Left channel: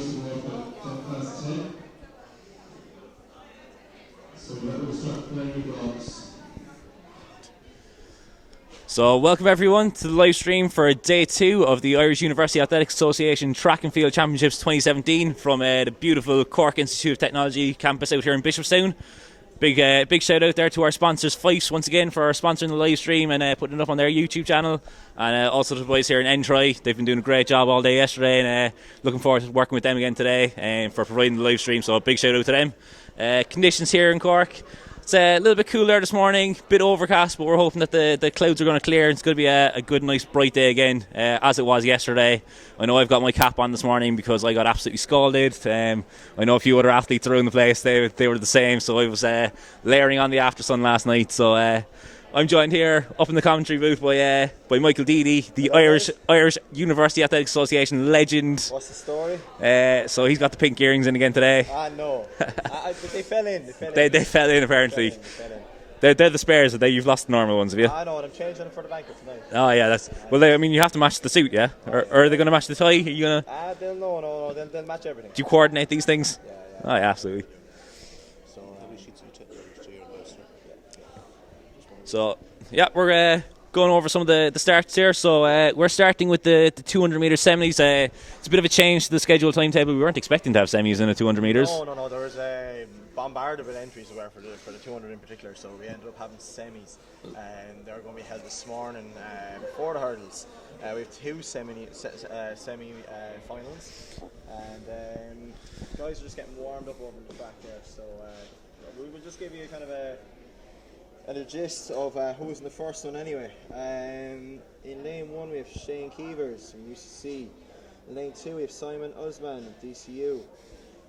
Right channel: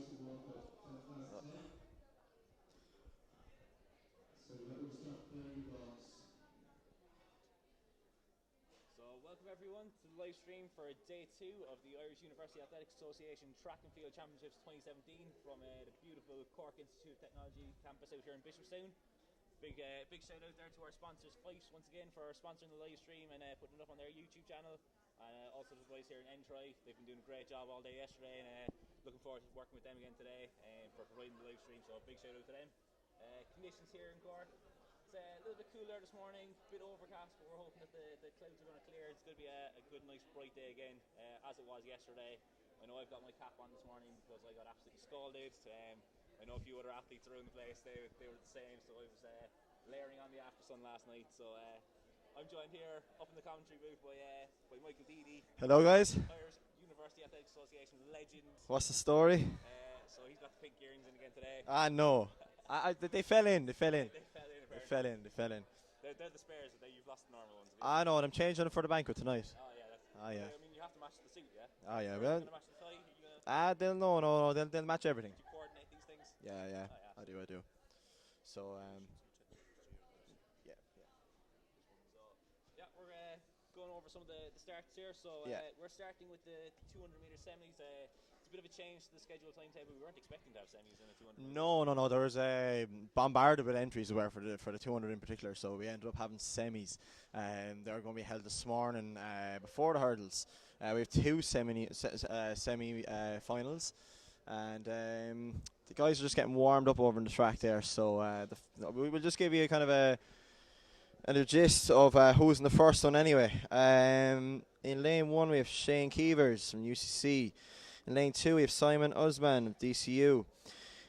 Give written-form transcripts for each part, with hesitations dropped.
boys to work at 10:10. So we'll start playing the blocks. So welcome everyone to the live stream for day 2 of the Irish University Athletics Association Track and Field Championships 2017 from the beautiful Cork Institute of Technology campus out here in Bishopstown. Big shout out there to our sponsors Fyffes once again for sponsoring the live stream and putting it up on their YouTube channel, and also to the boys here in Entry. They've been doing a great job all day yesterday, and looking forward to working with them again today for providing the live stream, so a big shout out to them. Conditions here in Cork, it's a little bit cooler this morning, bit overcast, but we're hoping that the clouds are going to clear. It's going to be a good, nice, bright day again, as it was yesterday. I know I've got my cap on this morning because I got absolutely scalded. I know a few other athletes around the place, they were the same, so I was layering on the after sun last night. So I'm joined here up in the commentary booth by Michael Deedy, the Irish University Athletics Association legend. What's the story? So he's got the pink earrings in again today. No. But they fell in. They fell in apparently. They're the spares. You've lost the normal ones, have you? I know, and I'm changing them for the banquet tonight. Oh yeah, you have to match the suit, yeah? Or are they going to match the tie? Are you gonna? They'll match everything. Do you coordinate these things? Yeah. Oh yeah, absolutely. So yeah, we're going over some of the starts here. So we're starting with the 200 meter semis. It's a bit of a change to the scheduled timetable. We weren't expecting to have semis in the 200 meters. No. There was a bombarded with entries for the 200 in particular. So we ended up having semis, and they're going to be held this morning before the hurdles. We have 2 semi finals, and guys are just getting warmed up over in the track there. So we will just give you a kind of a gist of who's in the first one anyway. In lane 1 we have Shane Keevers from UCC. In lane 2 we have Simon Usman of DCU.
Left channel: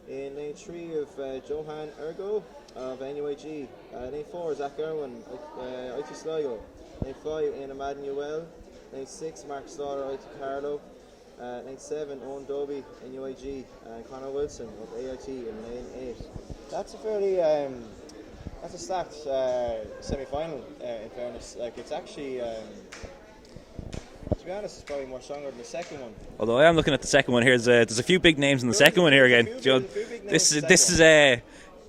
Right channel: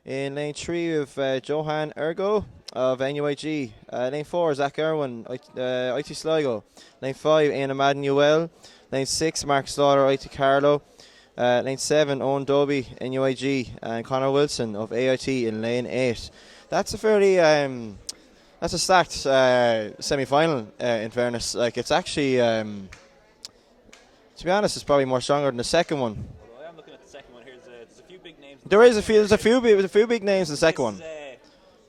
In lane 3 we have Johan Ergo of NUIG. Lane 4 Zach Irwin, IT Sligo. Lane 5 Ian Madden Lane 6 Mark Slaughter, IT Carlo. Lane 7 Owen Dobie, NUIG, and Connor Wilson of AIT in lane 8. That's a fairly that's a stacked semi-final, in fairness. Like, it's actually, to be honest, it's probably more stronger than the second one. Although I am looking at the second one here, there's a few big names in the second one here. There's a few big names in the second one. This is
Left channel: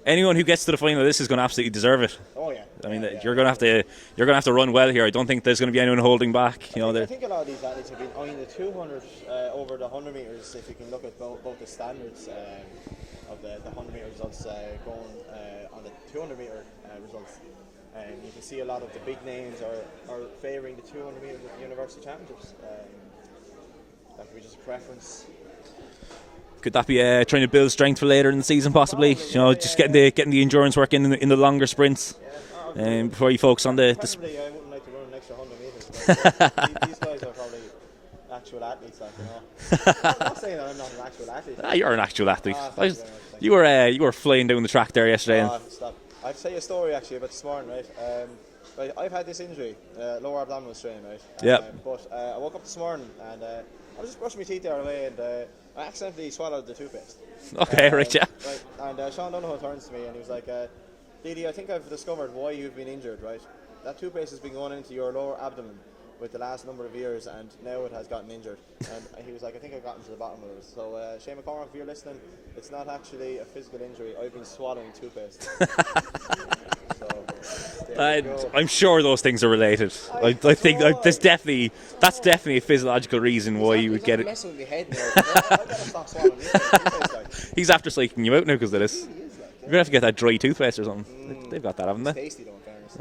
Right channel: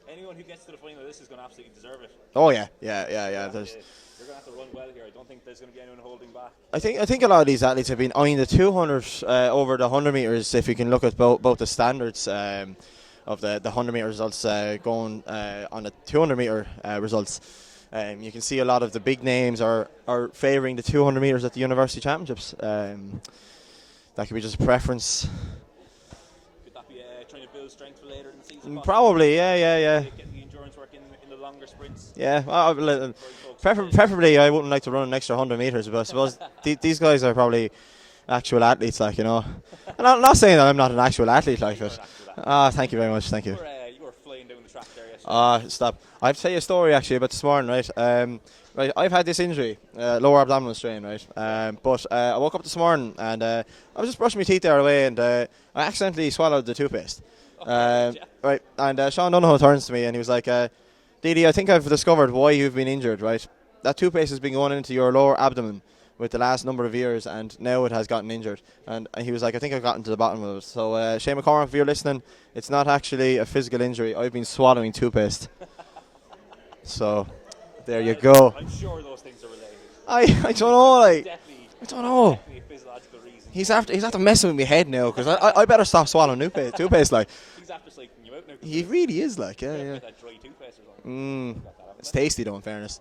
anyone who gets to the final, this is going to absolutely deserve it. Oh yeah. You're going to have to run well here. I don't think there's going to be anyone holding back. I think a lot of these athletes have been eyeing the 200 over the 100 meters. If you can look at both the standards of the 100 meter results going on the 200 meter results, you can see a lot of the big names are favouring the 200 meters at the University Championships. That could be just a preference. Could that be trying to build strength for later in the season, possibly? Probably, getting the endurance work in the longer sprints. Yeah, before you focus on the. Preferably, I wouldn't like to run an extra 100 meters, but I suppose these guys are probably actual athletes, like, you know. I'm not saying that I'm not an actual athlete. Like, you're an actual athlete. Thank you very much. Thank you. You were flying down the track there yesterday. Stop. I have to tell you a story actually about this morning, right? Right, I've had this injury, lower abdominal strain, right? But I woke up this morning and I was just brushing my teeth there away, and I accidentally swallowed the toothpaste. Okay, right, yeah. Right, and Sean Donohoe turns to me and he was like, Didi, I think I've discovered why you've been injured, right? That toothpaste has been going into your lower abdomen with the last number of years, and now it has gotten injured. And he was like, I think I've gotten to the bottom of it. So Shane McCormack, if you're listening, it's not actually a physical injury. I've been swallowing toothpaste. So there you go. I'm sure those things are related. I think that's definitely a physiological reason why you would he's get after messing with my head now, because I better stop swallowing toothpaste. Like, he's after psyching you out now because of this. He really is, like. You're gonna have to get that dry toothpaste or something. They've got that, haven't they? It's tasty though, in fairness.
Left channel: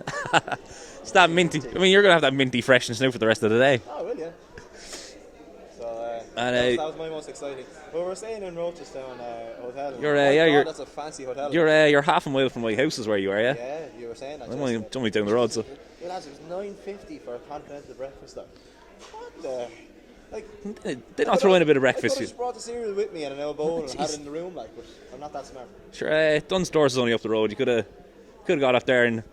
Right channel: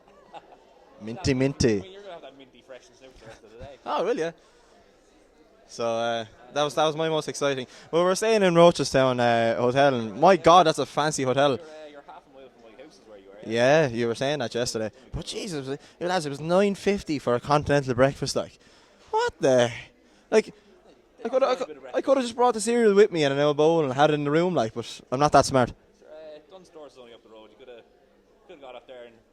It's that minty. I mean, you're gonna have that minty freshness now for the rest of the day. Oh, really? Yeah. So that was my most exciting. Well, we're staying in Rochestown Hotel. And God, that's a fancy hotel. You're half a mile from my house is where you are, yeah? Yeah, you were saying that yesterday. It's only down the road. Jesus, lads, it was $9.50 for a continental breakfast. Like, what the? Like, they not throw in a bit of breakfast. I could have just brought the cereal with me and an old bowl and had it in the room, like. But I'm not that smart. Sure, Dunn's Stores is only up the road. You could have got up there and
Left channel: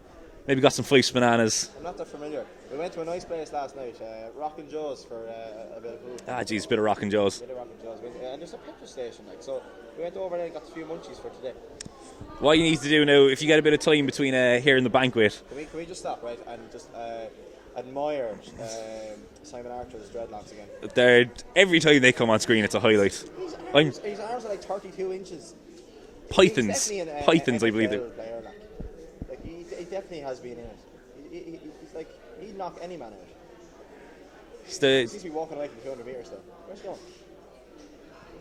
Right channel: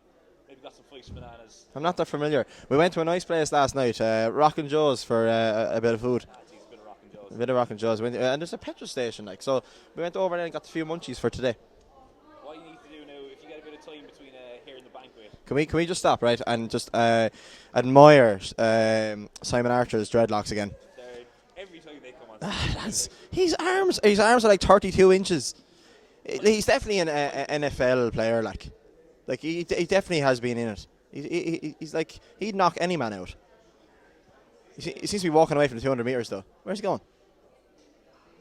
maybe got some Fyffes bananas. I'm not that familiar. We went to a nice place last night, Rock and Joe's, for a bit of food. Ah, geez, a bit of Rock and Joe's. And there's a petrol station, like. So we went over there and got a few munchies for today. What you need to do now, if you get a bit of time between here and the banquet. Can we just stop, right, and just admire Simon Archer's dreadlocks again? Every time they come on screen, it's a highlight. His arms are like 32 inches. Pythons. He's definitely an Pythons, I believe NFL player. Like he definitely has been in it. He's like, he'd knock any man out. He seems to be walking away from the 200 meters though. Where's he going?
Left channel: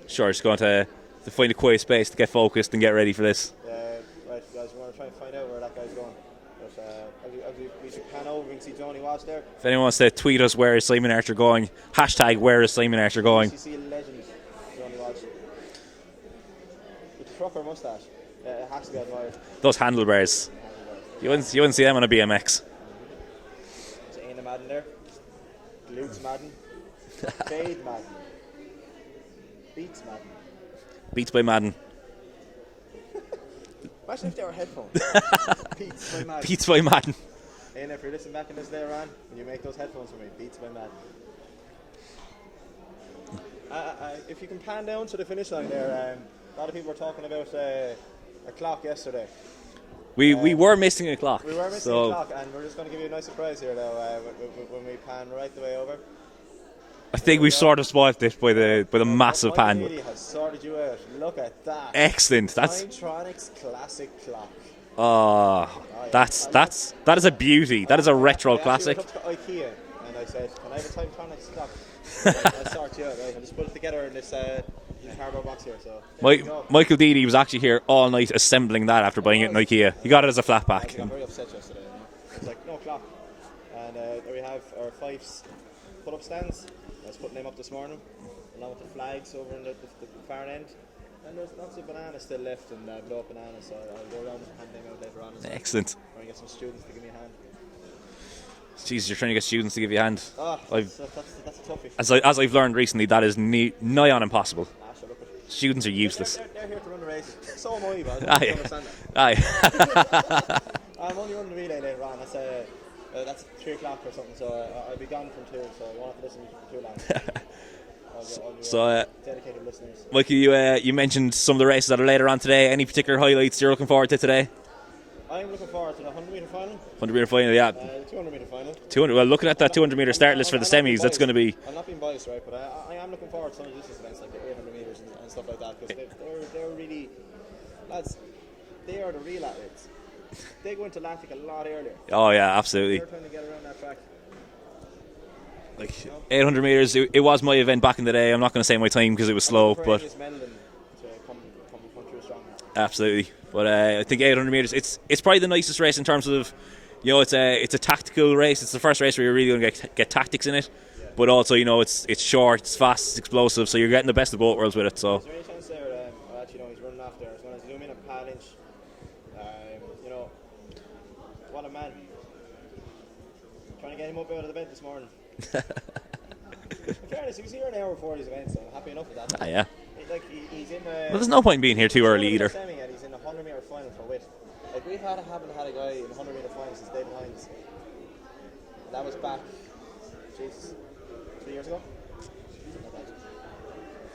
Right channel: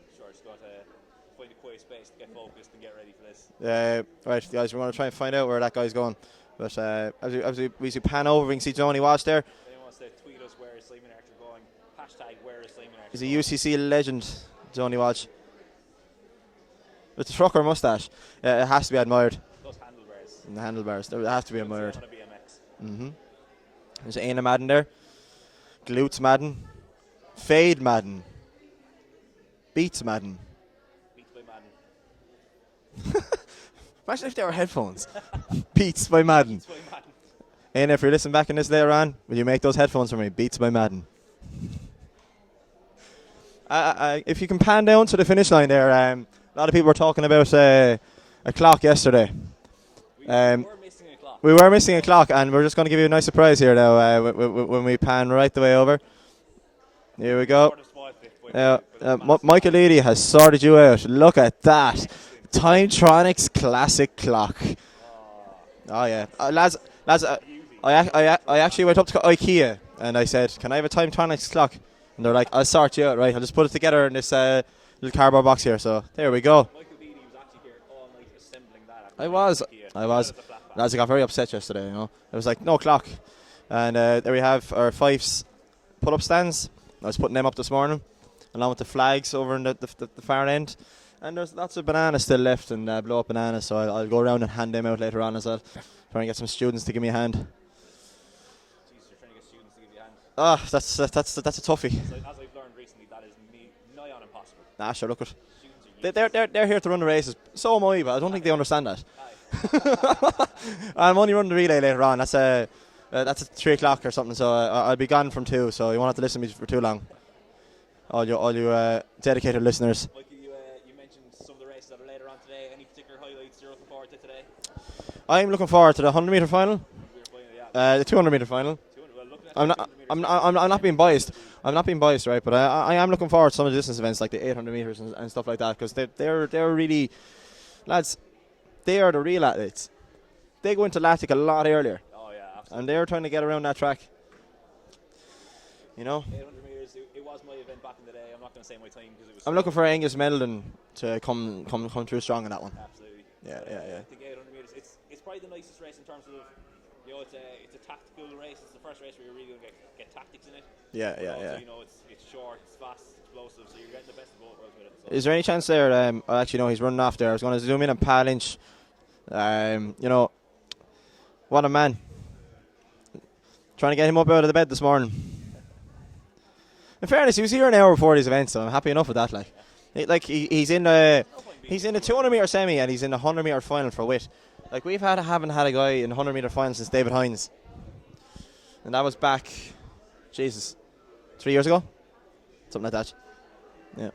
Sure, just going to find a quiet space to get focused and get ready for this. Right, guys, we're going to try and find out where that guy's going. But as we pan over, we can see Johnny Walsh there. If anyone wants to tweet us, where is Simon Archer going? # where is Simon Archer going? UCC legend, Johnny Walsh. With the trucker moustache, it has to be admired. Those handlebars. The handlebars. You wouldn't see them on a BMX. There's Aina Madden there. Glutes Madden. Fade Madden. Beats Madden. Beats by Madden. Imagine if they were headphones. Beats by Madden. Beats by Madden. And if you're listening back in this later on, will you make those headphones for me? Beats by Madden. If you can pan down to the finish line there, a lot of people were talking about a clock yesterday. We were missing a clock. We were missing a clock, and we're just going to give you a nice surprise here now when we pan right the way over. I think we sort of spoiled it by the massive Michael pan. Leedy has sorted you out. Look at that. Excellent. Timetronics classic clock. Oh, yeah. That's a beauty. That is a retro I classic. actually went up to IKEA and I said, can I have a Timetronics clock? And they're like, I'll sort you out, right? I'll just put it together in this little cardboard box here. So there we go. Michael Deedy was actually here all night assembling that after buying it in IKEA. He got it as a flat pack. I got very upset yesterday, you know. It was like, no clock. And there we have our Fyffes pull-up stands. I was putting them up this morning, along with the flags over in the far end. And there's lots of bananas still left, and blow up bananas, so I'll go around and hand them out later on as well. Excellent. Trying to get some students to give me a hand. Jesus, you're trying to get students to give you a hand. That's a toughie. As I've learned recently, that is nigh on impossible. Nah, sure, look at. Students are useless. They're here to run the races. So am I, but I don't think they understand that. Aye. I'm only running the relay later on. That's at 3 o'clock or something, so I'll be gone from 2, so you won't have to listen to me for too long. all you dedicated listeners. Mikey, you mentioned some of the races that are later on today. Any particular highlights you're looking forward to today? I'm looking forward to the 100-metre final. 100-metre final, yeah. The 200-metre final. 200. Well, looking at that 200-metre start list for the semis, that's going to be. I'm not being biased, right? But I am looking forward to some of the distance events like the 800 metres and stuff like that, because they're really, lads, they are the real athletes. They go into lactic a lot earlier. Oh yeah, absolutely. And they're trying to get around that track. Like, you know, 800 metres. It was my event back in the day. I'm not going to say my time because it was slow. I'm looking for Angus Meldon to come through strong in that one. Absolutely. Yeah. But I think 800 metres. It's probably the nicest race in terms of, you know, it's a tactical race. It's the first race where you're really going to get tactics in it. Yeah. But also, you know, it's short, it's fast, it's explosive. So you're getting the best of both worlds with it. So is there any chance there? Actually, no, he's running off there. I was going to zoom in on Pat Lynch. You know, what a man. Trying to get him up out of the bed this morning. In fairness, he was here an hour before these events, so I'm happy enough with that. Yeah. Like he's in. There's no point in being here too early. He's in the 200-metre semi, and he's in the 100-metre final for wit. Like haven't had a guy in the 100-metre final since David Hines, and that was back, Jesus, 3 years ago, something like that. Yeah.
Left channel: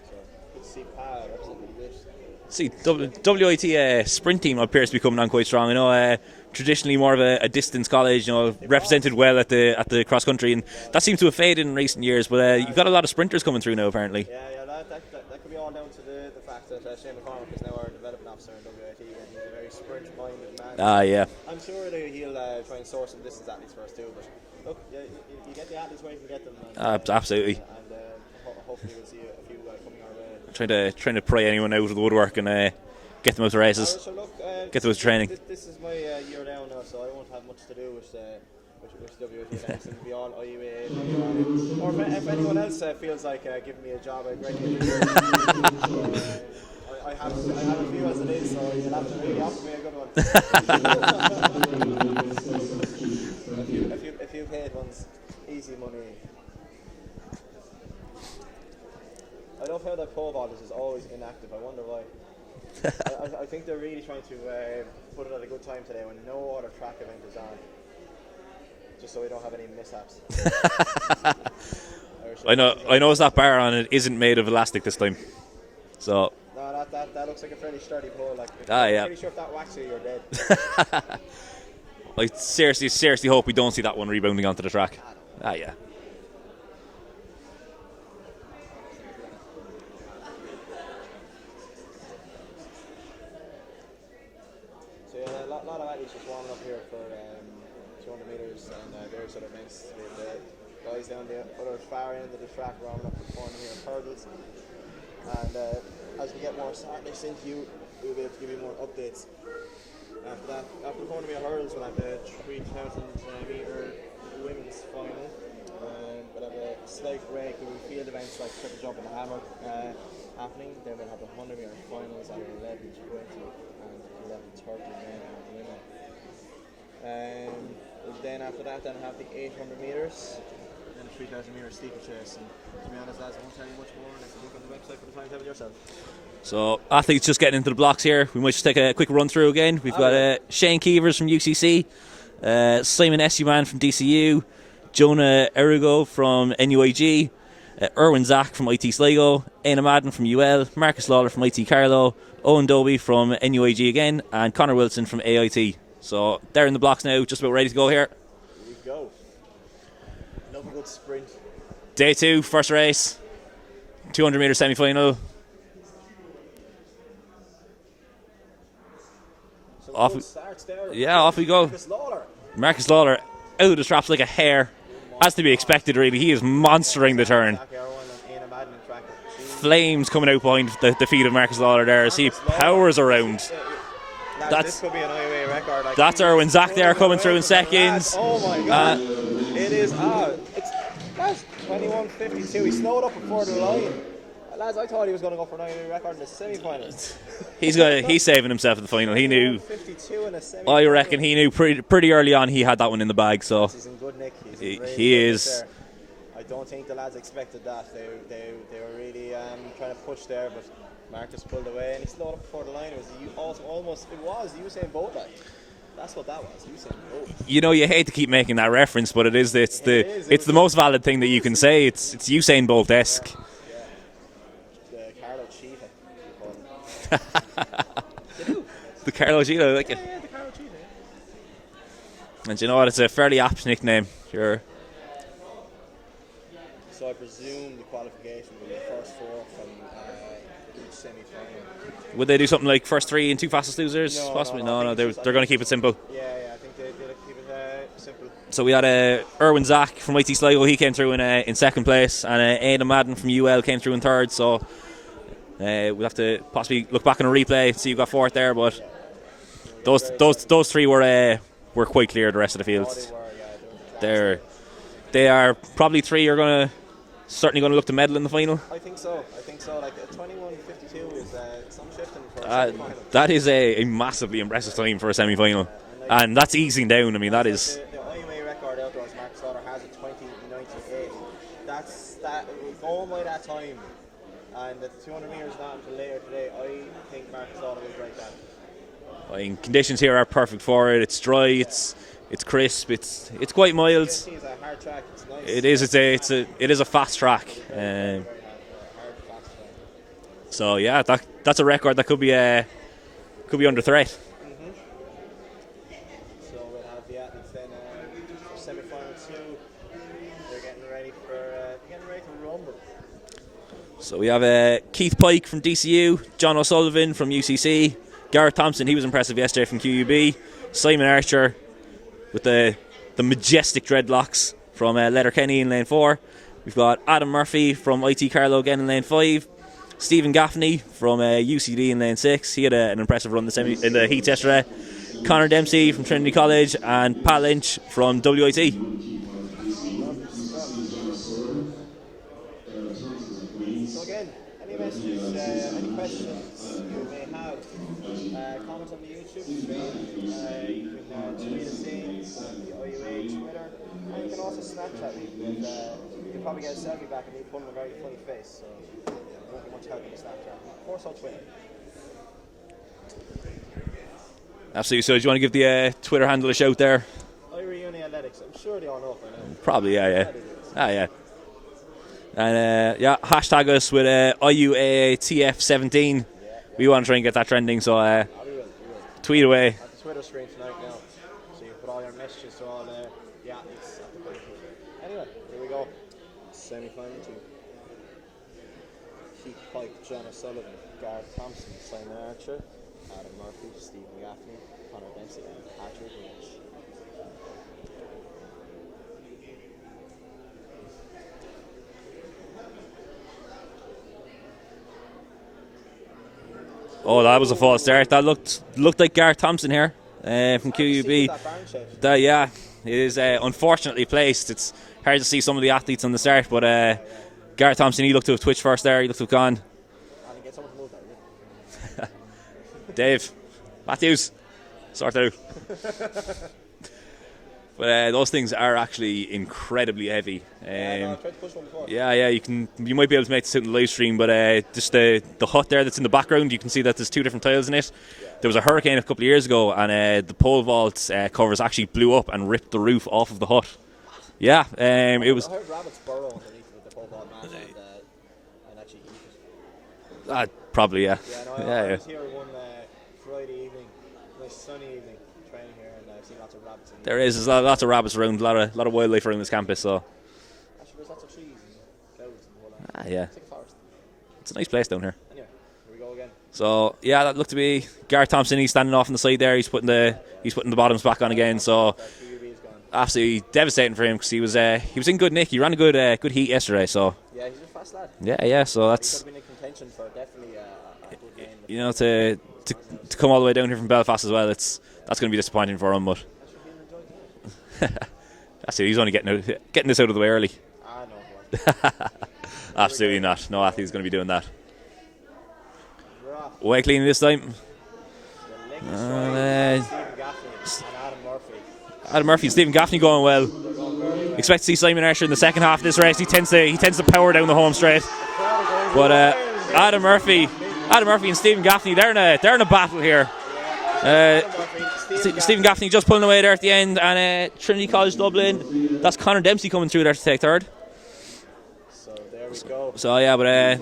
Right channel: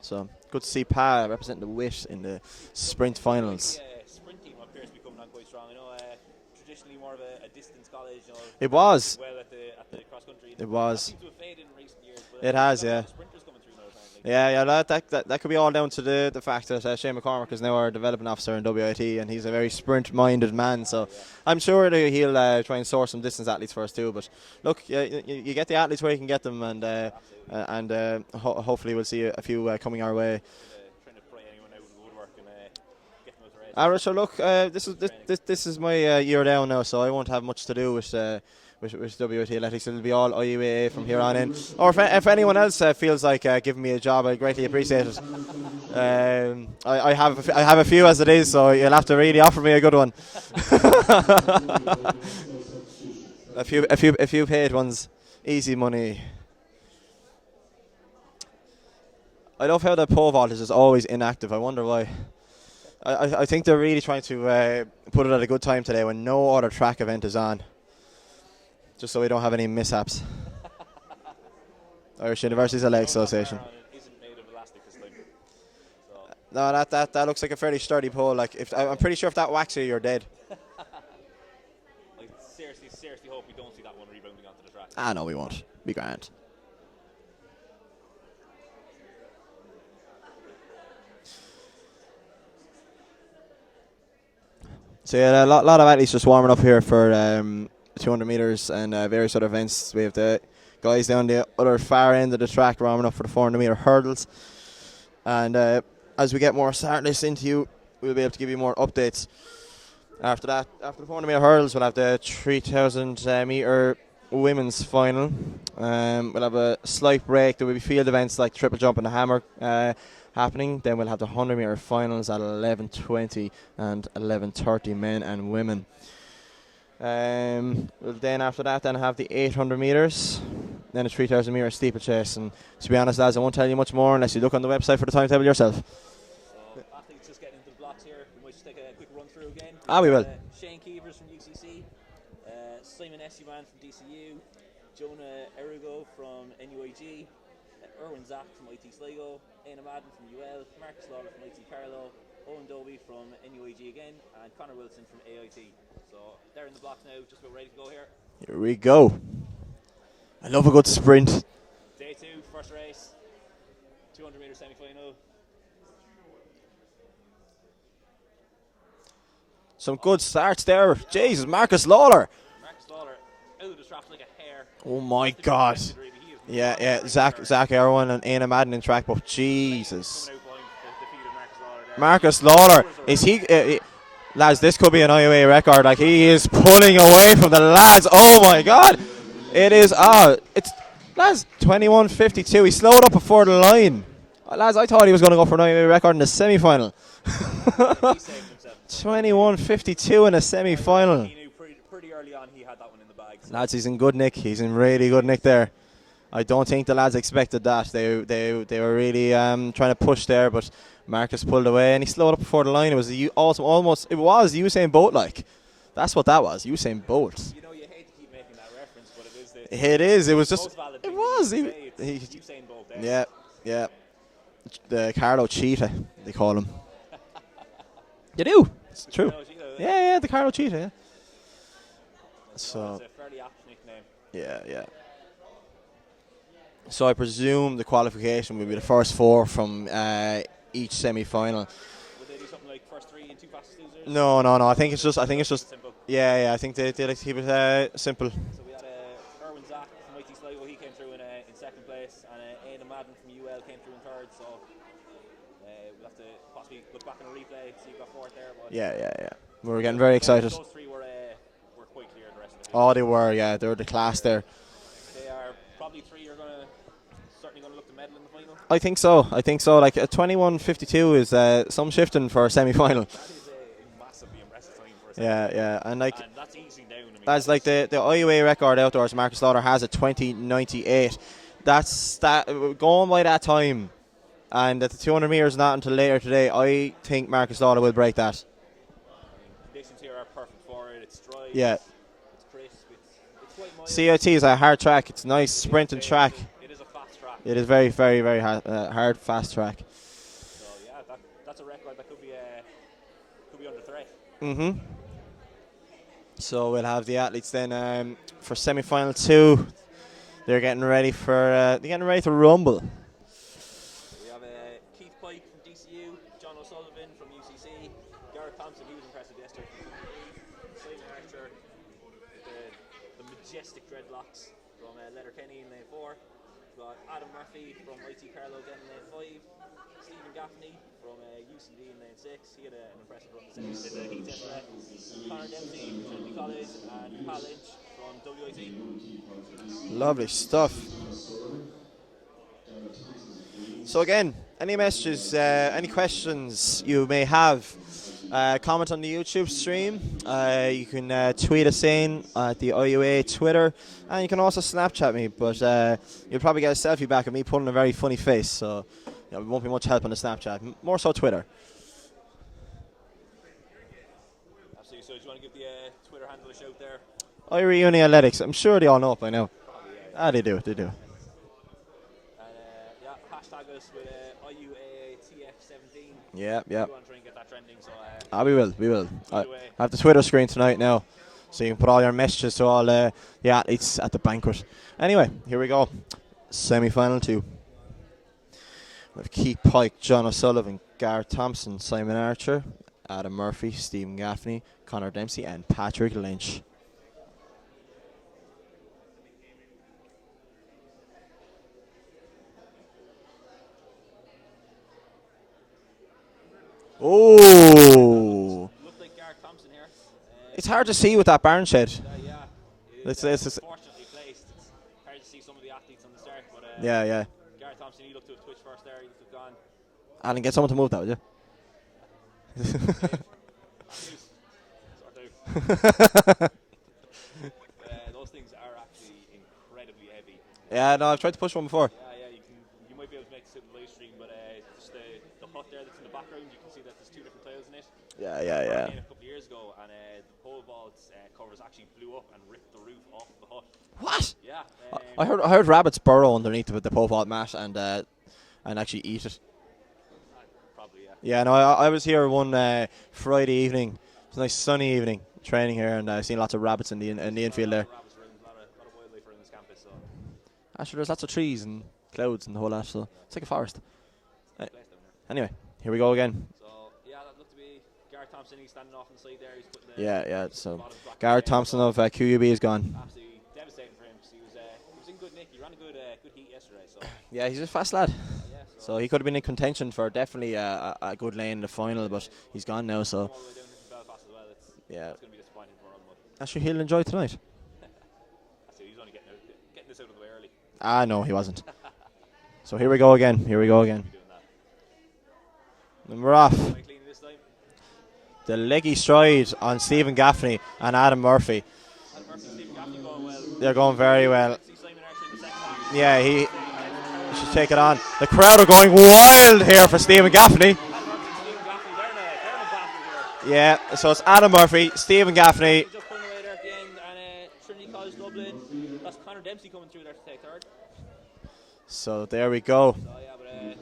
So good to see Pa representing the wit in the sprint finals. WIT sprint team appears to be coming on quite strong. I know. Traditionally more of a distance college, you know, represented well at the cross country, and that seems to have faded in recent years. But you've got a lot of sprinters coming through now, apparently. Yeah, that could be all down to the fact that Shane McCormick is now our development officer in WIT, and he's a very sprint-minded man. So I'm sure that he'll try and source some distance athletes for us too. But look, you get the athletes where you can get them, and absolutely. And hopefully we'll see a few coming our way. Trying to pry anyone out of the woodwork and. Get them out to races. So look, get them out to training. This is my year down now, so I won't have much to do with WIT Athletics. It'll be all IUAA from here on in. Or if anyone else feels like giving me a job, I greatly appreciate it. I have a few as it is, so you'll have to really offer me a good one. a few paid ones, easy money. I love how the pole vault is just always inactive. I wonder why. I think they're really trying to put it at a good time today when no other track event is on, just so we don't have any mishaps. I noticed that bar on it isn't made of elastic this time. So No, that looks like a fairly sturdy pole. Like, I'm pretty sure if that whacks you, you're dead. I seriously hope we don't see that one rebounding onto the track. No, we won't. Yeah. Be grand. So yeah, a lot of athletes just warming up here for 200 meters and various other events. We have the guys down the other far end of the track warming up for the 400 meter hurdles. And as we get more start lists into you, we'll be able to give you more updates. After that, after the 400 meter hurdles, we'll have the 3,000 meter women's final. We'll have a slight break. There will be field events like triple jump and the hammer happening. Then we'll have the 100 meter finals at 11:20 and 11:30, men and women. We'll then after that, then have the 800 meters, then the 3,000 meter steeplechase. And to be honest, lads, I won't tell you much more unless you look on the website for the timetable yourself. So athletes just getting into the blocks here. We might just take a quick run through again. We've got Shane Keevers from UCC, Simon Essuman from DCU, Jonah Erugo from NUIG, Erwin Zach from IT Sligo, Aina Madden from UL, Marcus Lawler from IT Carlow, Owen Dobie from NUIG again, and Connor Wilson from AIT. So they're in the blocks now, just about ready to go here. Here we go. I love a good sprint. Day 2, first race, 200 meter semi-final. Some good starts there. Yeah, off Jesus, we go. Marcus Lawler Out of the straps like a hare. Oh my Has to be God. expected, really. He is monstering the turn. Zach Erwin and Aina Madden in track, but Jesus. Flames coming out behind the feet of Marcus Lawler there. Marcus Lawler. Powers around. Lads, this could be an IUAA record. Like, he Erwin is Zach pulling there, away coming from through the in lads. seconds. Oh my God. It is, lads, 21:52. He slowed up before the line. Lads, I thought he was going to go for an IUAA record in the semi-finals. He's saving himself in the final. 21:52 in a semi-final. I reckon he knew pretty early on he had that one in the bag. So lads, he's in good nick. He's in really good nick there. I don't think the lads expected that. They were really trying to push there, but Marcus pulled away and he slowed up before the line. It was almost Usain Bolt like. That's what that was, Usain Bolt. You know, you hate to keep making that reference, but it's the most valid thing that you can say. It's Usain Bolt-esque. Yeah. The Carlo Cheetah, they call him. You do? The Carlo Cheetah. Yeah, the Carlo Cheetah, yeah. And you know what? It's a fairly apt nickname. Sure. Yeah. So I presume the qualification will be the first 4 from each semi-final. Would they do something like first 3 and 2 fastest losers? No. I think it's just. They're going to keep it simple. Yeah. I think they like to keep it simple. So we had Erwin Zach from IT Sligo. He came through in second place, and Aina Madden from UL came through in third. So we'll have to possibly look back on a replay, see who got fourth there. But yeah. We're getting very excited. Those 3 were quite clear of the rest of the field. Oh, they were. Yeah, they were the class there. They are probably 3 are certainly going to look to medal in the final. I think so. Like a 21:52 is some shifting for a semi-final. That is a massively impressive time for a semi-final. Yeah. And that's easing down. I mean, that's that is the IUAA record outdoors. Marcus Lawler has a 20:98. That's going by that time, and at the 200 meters not until later today. I think Marcus Lawler will break that. I mean, conditions here are perfect for it. It's dry. Yeah. It's crisp. It's quite mild. CIT is a hard track. It's nice. It is a fast track. It is very hard, fast track. So yeah, that's a record that could be under threat. Mhm. So we'll have the athletes then for semi-final 2. They're getting ready to rumble. So we have Keith Pike from DCU, John O'Sullivan from UCC, Gareth Thompson. He was impressive yesterday from QUB. Simon Archer with the majestic dreadlocks from Letterkenny in lane 4. We've got Adam Murphy from IT Carlow again in lane 5. Stephen Gaffney from UCD in lane 6. He had an impressive run in the heats yesterday. Connor Dempsey from Trinity College and Pat Lynch from WIT. Lovely stuff. So again, any messages, any questions you may have, comment on the YouTube stream. You can tweet us in at the IUAA Twitter, and you can also Snapchat me, but you'll probably get a selfie back of me putting a very funny face, so it won't be much help on the Snapchat. More so Twitter. Absolutely. So do you want to give the Twitter handle a shout there? IUAA Athletics. I'm sure they all know it by now. Probably, yeah. They do. Yeah. And hashtag us with IUAA TF17. Yeah. We want to try and get that trending, so We will. tweet away. I have the Twitter screen tonight now, so you can put all your messages to all the athletes at the banquet. Anyway, here we go. Semi-final 2. We have Keith Pike, John O'Sullivan, Gareth Thompson, Simon Archer, Adam Murphy, Stephen Gaffney, Connor Dempsey, and Patrick Lynch. Oh, that was a close there. That looked like Gareth Thompson here. It's from hard to QUB. see with that barn shed. Yeah, it is It's unfortunately placed. It's hard to see some of the athletes on the start, but Yeah. Gareth Thompson, he looked to have twitched first there. He looked to have gone. And get someone to move that, would you? Dave, Matthews, sort out. But those things are actually incredibly heavy. Yeah, no, I've tried to push one before. Yeah, you might be able to make this out in the live stream, but just the hut there that's in the background, you can see that there's 2 different tiles in it. There was a hurricane a couple of years ago, and the pole vault covers actually blew up and ripped the roof off of the hut. What? Yeah, I heard rabbits burrow underneath the pole vault mat and actually eat it. Probably, yeah. Yeah, no, I was here one Friday evening. It was a nice sunny evening training here, and I've seen lots of rabbits in the. There's lots of rabbits around, a lot of wildlife around this campus. So. Actually, there's lots of trees and clouds and the whole lot. So Yeah, it's like a forest. It's a nice place down here. Anyway, here we go again. So yeah, that looked to be Gareth Thompson. He's standing off on the side there. He's putting the bottoms back on again. Thompson So of QUB is gone. absolutely devastating for him because he was in good nick. He ran a good heat yesterday. So Yeah, he's a fast lad. yeah. So he could have been in contention for definitely a good lane in the final. to he's gone now. to come all the way down here from Belfast as well. That's Yeah. going to be disappointing for him. But Actually, he'll enjoy tonight. that's it. He's only getting this out of the way early. No, he wasn't. So here we Absolutely go again. not. Here No we go athlete's again. going to be doing that. And we're off. Way clean this time. The leggy stride on Stephen Gaffney and Adam Murphy. Adam Murphy and Stephen Gaffney going well. They're going very well. Expect to see Simon Archer in the second half of this Yeah, race. He tends to power down the home Take it straight. on. The crowd are going wild here for Stephen Gaffney. Adam Murphy and Stephen Gaffney, they're in a battle here. Yeah, so it's Adam Murphy, Stephen Gaffney. Stephen Gaffney just pulling away there at the end, and Trinity College Dublin. That's Connor Dempsey coming through there to take third. So there we go. So yeah, but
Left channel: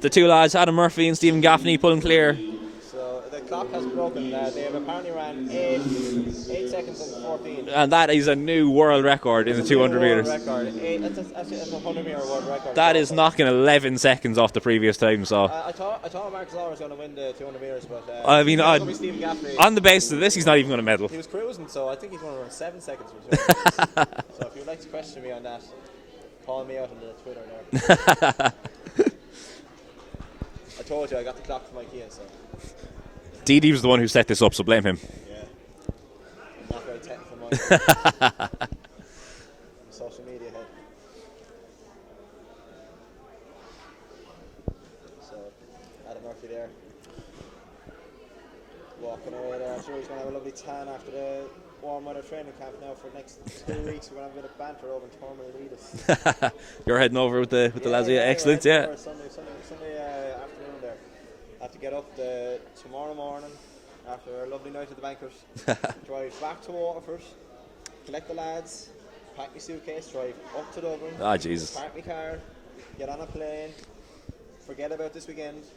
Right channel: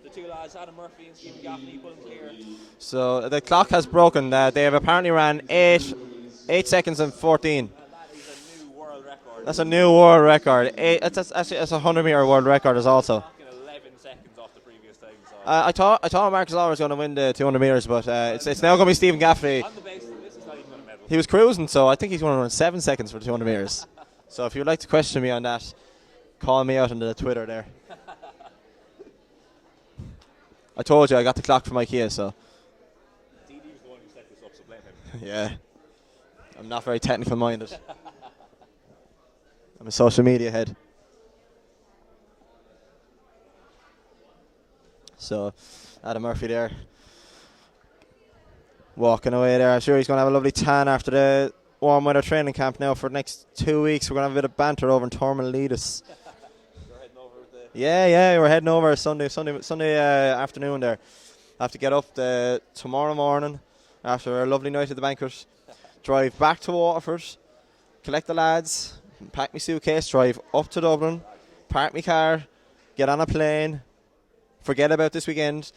the 2 lads, Adam Murphy and Stephen Gaffney, pulling clear. So the clock has broken. They have apparently ran 8 seconds and 14. And that is a new world record. That's a in new 200 world meters. record. That's a 100-meter world record. That as is also. knocking 11 seconds off the previous time. So I thought Marcus Lawler was going to win the 200 meters, but I mean, it's now going to be Stephen Gaffney. on the basis of this, he's not even going to medal. He was cruising, so I think he's going to run 7 seconds for 200 meters. So if you'd like to question me on that, call me out on the Twitter there. I told you I got the clock from IKEA, so. Dee was the one who set this up, so blame him. Yeah. I'm not very technical minded. I'm a social media head. So, Adam Murphy there. Walking away there. I'm sure he's going to have a lovely tan after the warm weather training camp now for the next 2 weeks. We're going to have a bit of banter over in Tormalides. You're heading over with the We're excellent, heading over Sunday afternoon there. I have to get up tomorrow morning after a lovely night at the banquet, drive back to Waterford, collect the lads, pack my suitcase, drive up to Dublin, Jesus. park my car, get on a plane, forget about this weekend.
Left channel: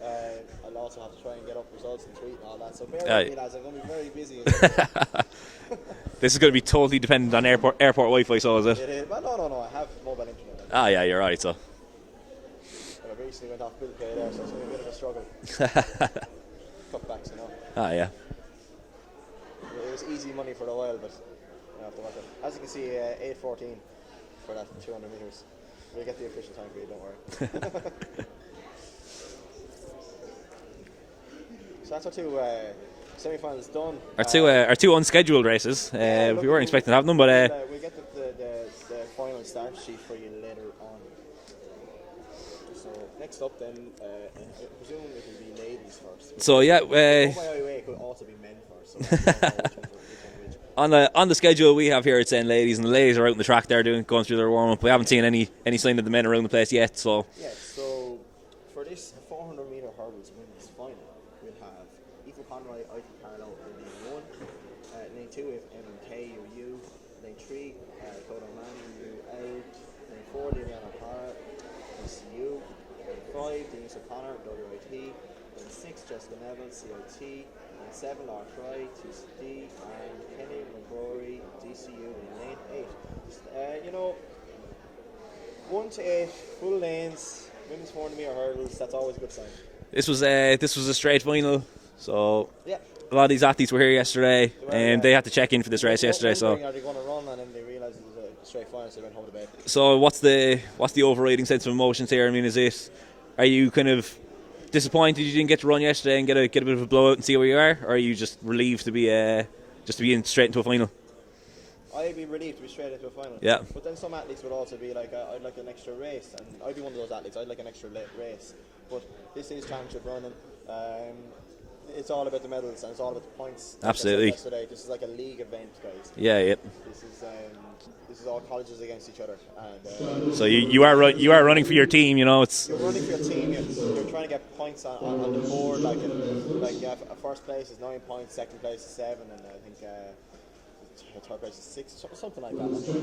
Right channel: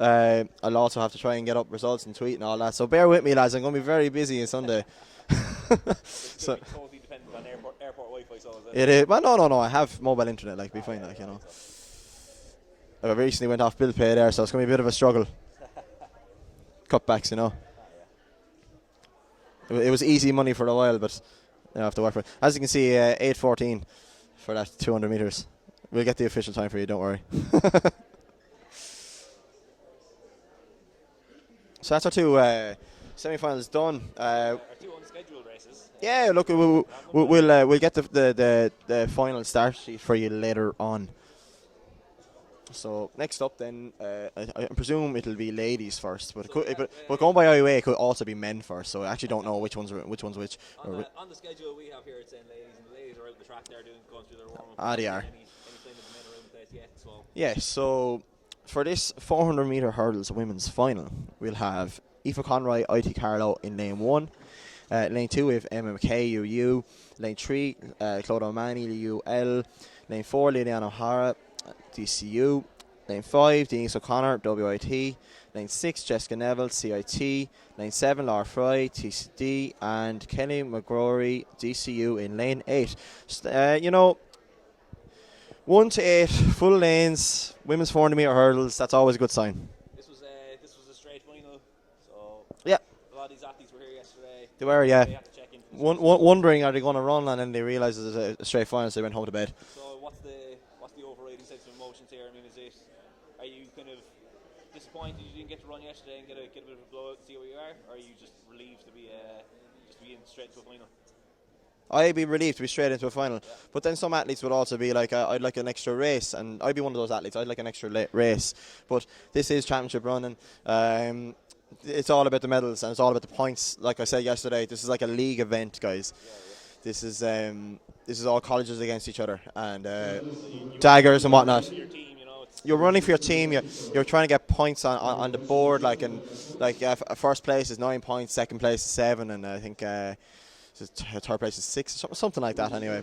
I'll also have to try and get up results and tweet and all that, so bear with me, lads. I'm going to be very busy on Sunday. This is going to be totally dependent on airport Wi-Fi, so is it? It is. Well, no, I have mobile internet. Yeah, you're right, so. I recently went off bill pay there, so it's going to be a bit of a struggle. Cutbacks, you know. Yeah. It was easy money for a while, but I have to work for it. As you can see, 8:14 for that 200 meters. We'll get the official time for you, don't worry. So that's our 2 semi-finals done. Our two unscheduled races. Yeah, look, we weren't expecting to have them, but we'll get the final start sheet for you later on. So next up, then I presume it'll be ladies first. But So, yeah, going by IUAA, it could also be men first. So I actually don't know which one's which. on the schedule we have here, it's saying ladies, and the ladies are out on the track there going through their warm up. We haven't seen any sign of the men around the place yet. So yeah, so for this 400-meter hurdles women's final, we'll have Aoife Conroy, IT Carlow in lane 1. Lane 2 we have Emma McKay, UU. Lane 3, Claude O'Mahony, UL. Lane 4, Liliana O'Hara, DCU. Lane 5, Denise O'Connor, WIT. Lane 6, Jessica Neville, CIT. Lane 7, Laura Fry, TCD. And Kelly McGrory, DCU in lane 8. 1 to 8, full lanes, women's 400 metre hurdles, that's always a good sign. This was a straight final, so yeah. A lot of these athletes were here yesterday. They were, yeah. They had to check in for this race yesterday. Wondering, are they going to run, and then they realised it was a straight final, so they went home to bed. So what's the overriding sense of emotions here? I mean, are you kind of disappointed you didn't get to run yesterday and get a bit of a blowout and see where you are, or are you just relieved to be in straight into a final? I'd be relieved to be straight into a final. Yeah. But then some athletes would also be like, I'd like an extra race, and I'd be one of those athletes. I'd like an extra race. But this is championship running. It's all about the medals and it's all about the points. Like Absolutely. I said yesterday, this is like a league event, guys. Yeah, yeah. This is all colleges against each other, and so you are running for your team. You're running for your team. You're trying to get points on the board. First place is 9 points, second place is 7, and I think third place is 6, something like that. Anyway,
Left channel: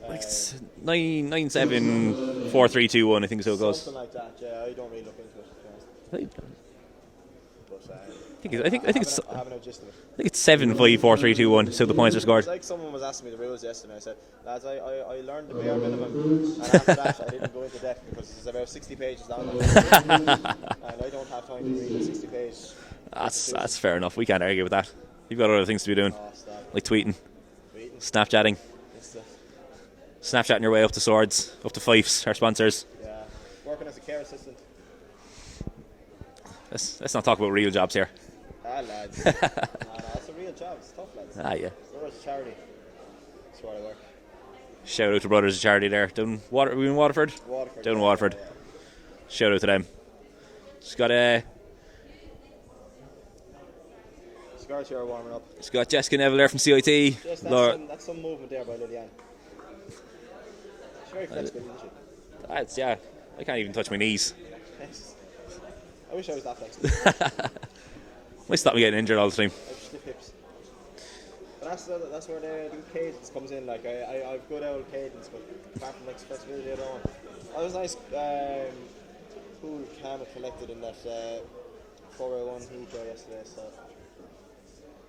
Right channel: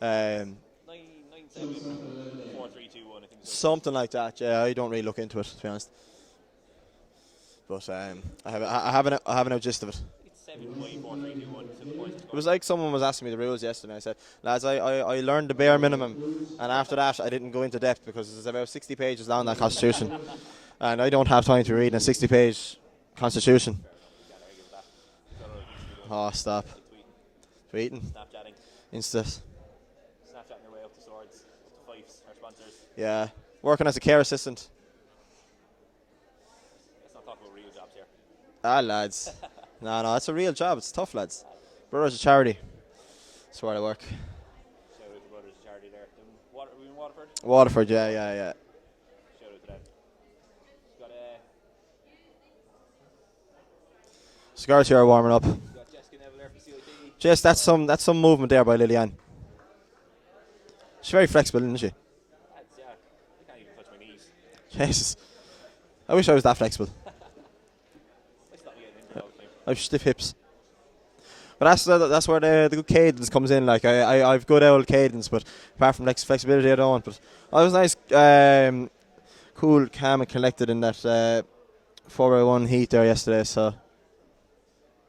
but 9, 7, 4, 3, 2, 1. I think so. It goes. Something like that. Yeah, I don't really look into it, to be honest. But I have no gist of it. I think it's 7, 5, 4, 3, 2, 1. So the points are It scored. was like someone was asking me the rules yesterday. I said, lads, I learned the bare minimum, and after that I didn't go into depth because it's about 60 pages long, that constitution, and I don't have time to read a 60-page constitution. That's fair enough. We can't argue with that. You've got other things to be doing. Oh, stop. Like tweeting, Snapchatting, Snapchatting your way up to Swords, up to Fyffes, our sponsors. Yeah, working as a care assistant. Let's not talk about real jobs here. Lads. No, it's a real job. It's tough, lads. Yeah. Brothers of Charity. That's where I work. Shout out to Brothers of Charity there. Are we in Waterford? Waterford, down Waterford. Yeah. Shout out to them. It's got Cigars here are warming up. It's got Jessica Neville there from CIT. Jess, that's some movement there by Liliane. She's very flexible, isn't she? Yeah. I can't even touch my knees. Jesus. I wish I was that flexible. Might stop me getting injured all the time. I've stiff hips. But that's where the good cadence comes in. Like I've good old cadence, but apart from flexibility, I don't want. But I was nice, cool, calm, and collected in that 4x1 heat there yesterday. So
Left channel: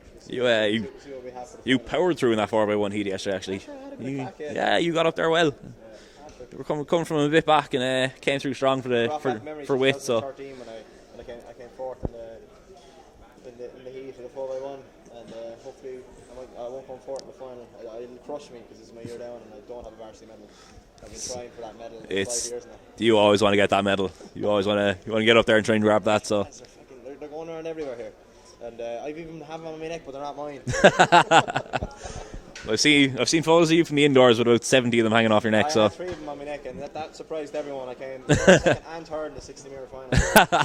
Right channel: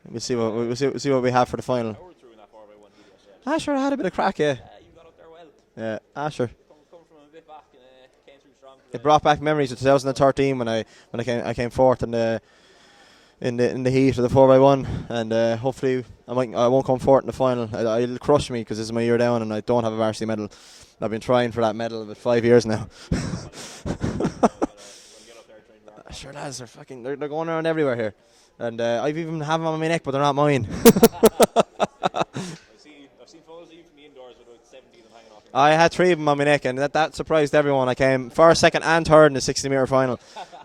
we'll see what we have for the final. You powered through in that 4x1 heat yesterday, actually. Sure, I had a bit of crack. Yeah. Yeah, you got up there well. Yeah. Sure. We're coming from a bit back and came through strong for the. Brought back memories of 2013 so. when I came fourth in the heat of the 4x1, and hopefully I won't come fourth in the final. It'll crush me because this is my year down and I don't have a varsity medal. I've been trying for that medal for 5 years now. You always want to get that medal. You always want to get up there and try and grab that. Sure, so they're going around everywhere here, and I've even have them on my neck, but they're not mine. I've seen photos of you from the indoors with about 70 of them hanging off your neck. I had 3 of them on my neck, and that surprised everyone. I came first, second, and third in the 60-metre final.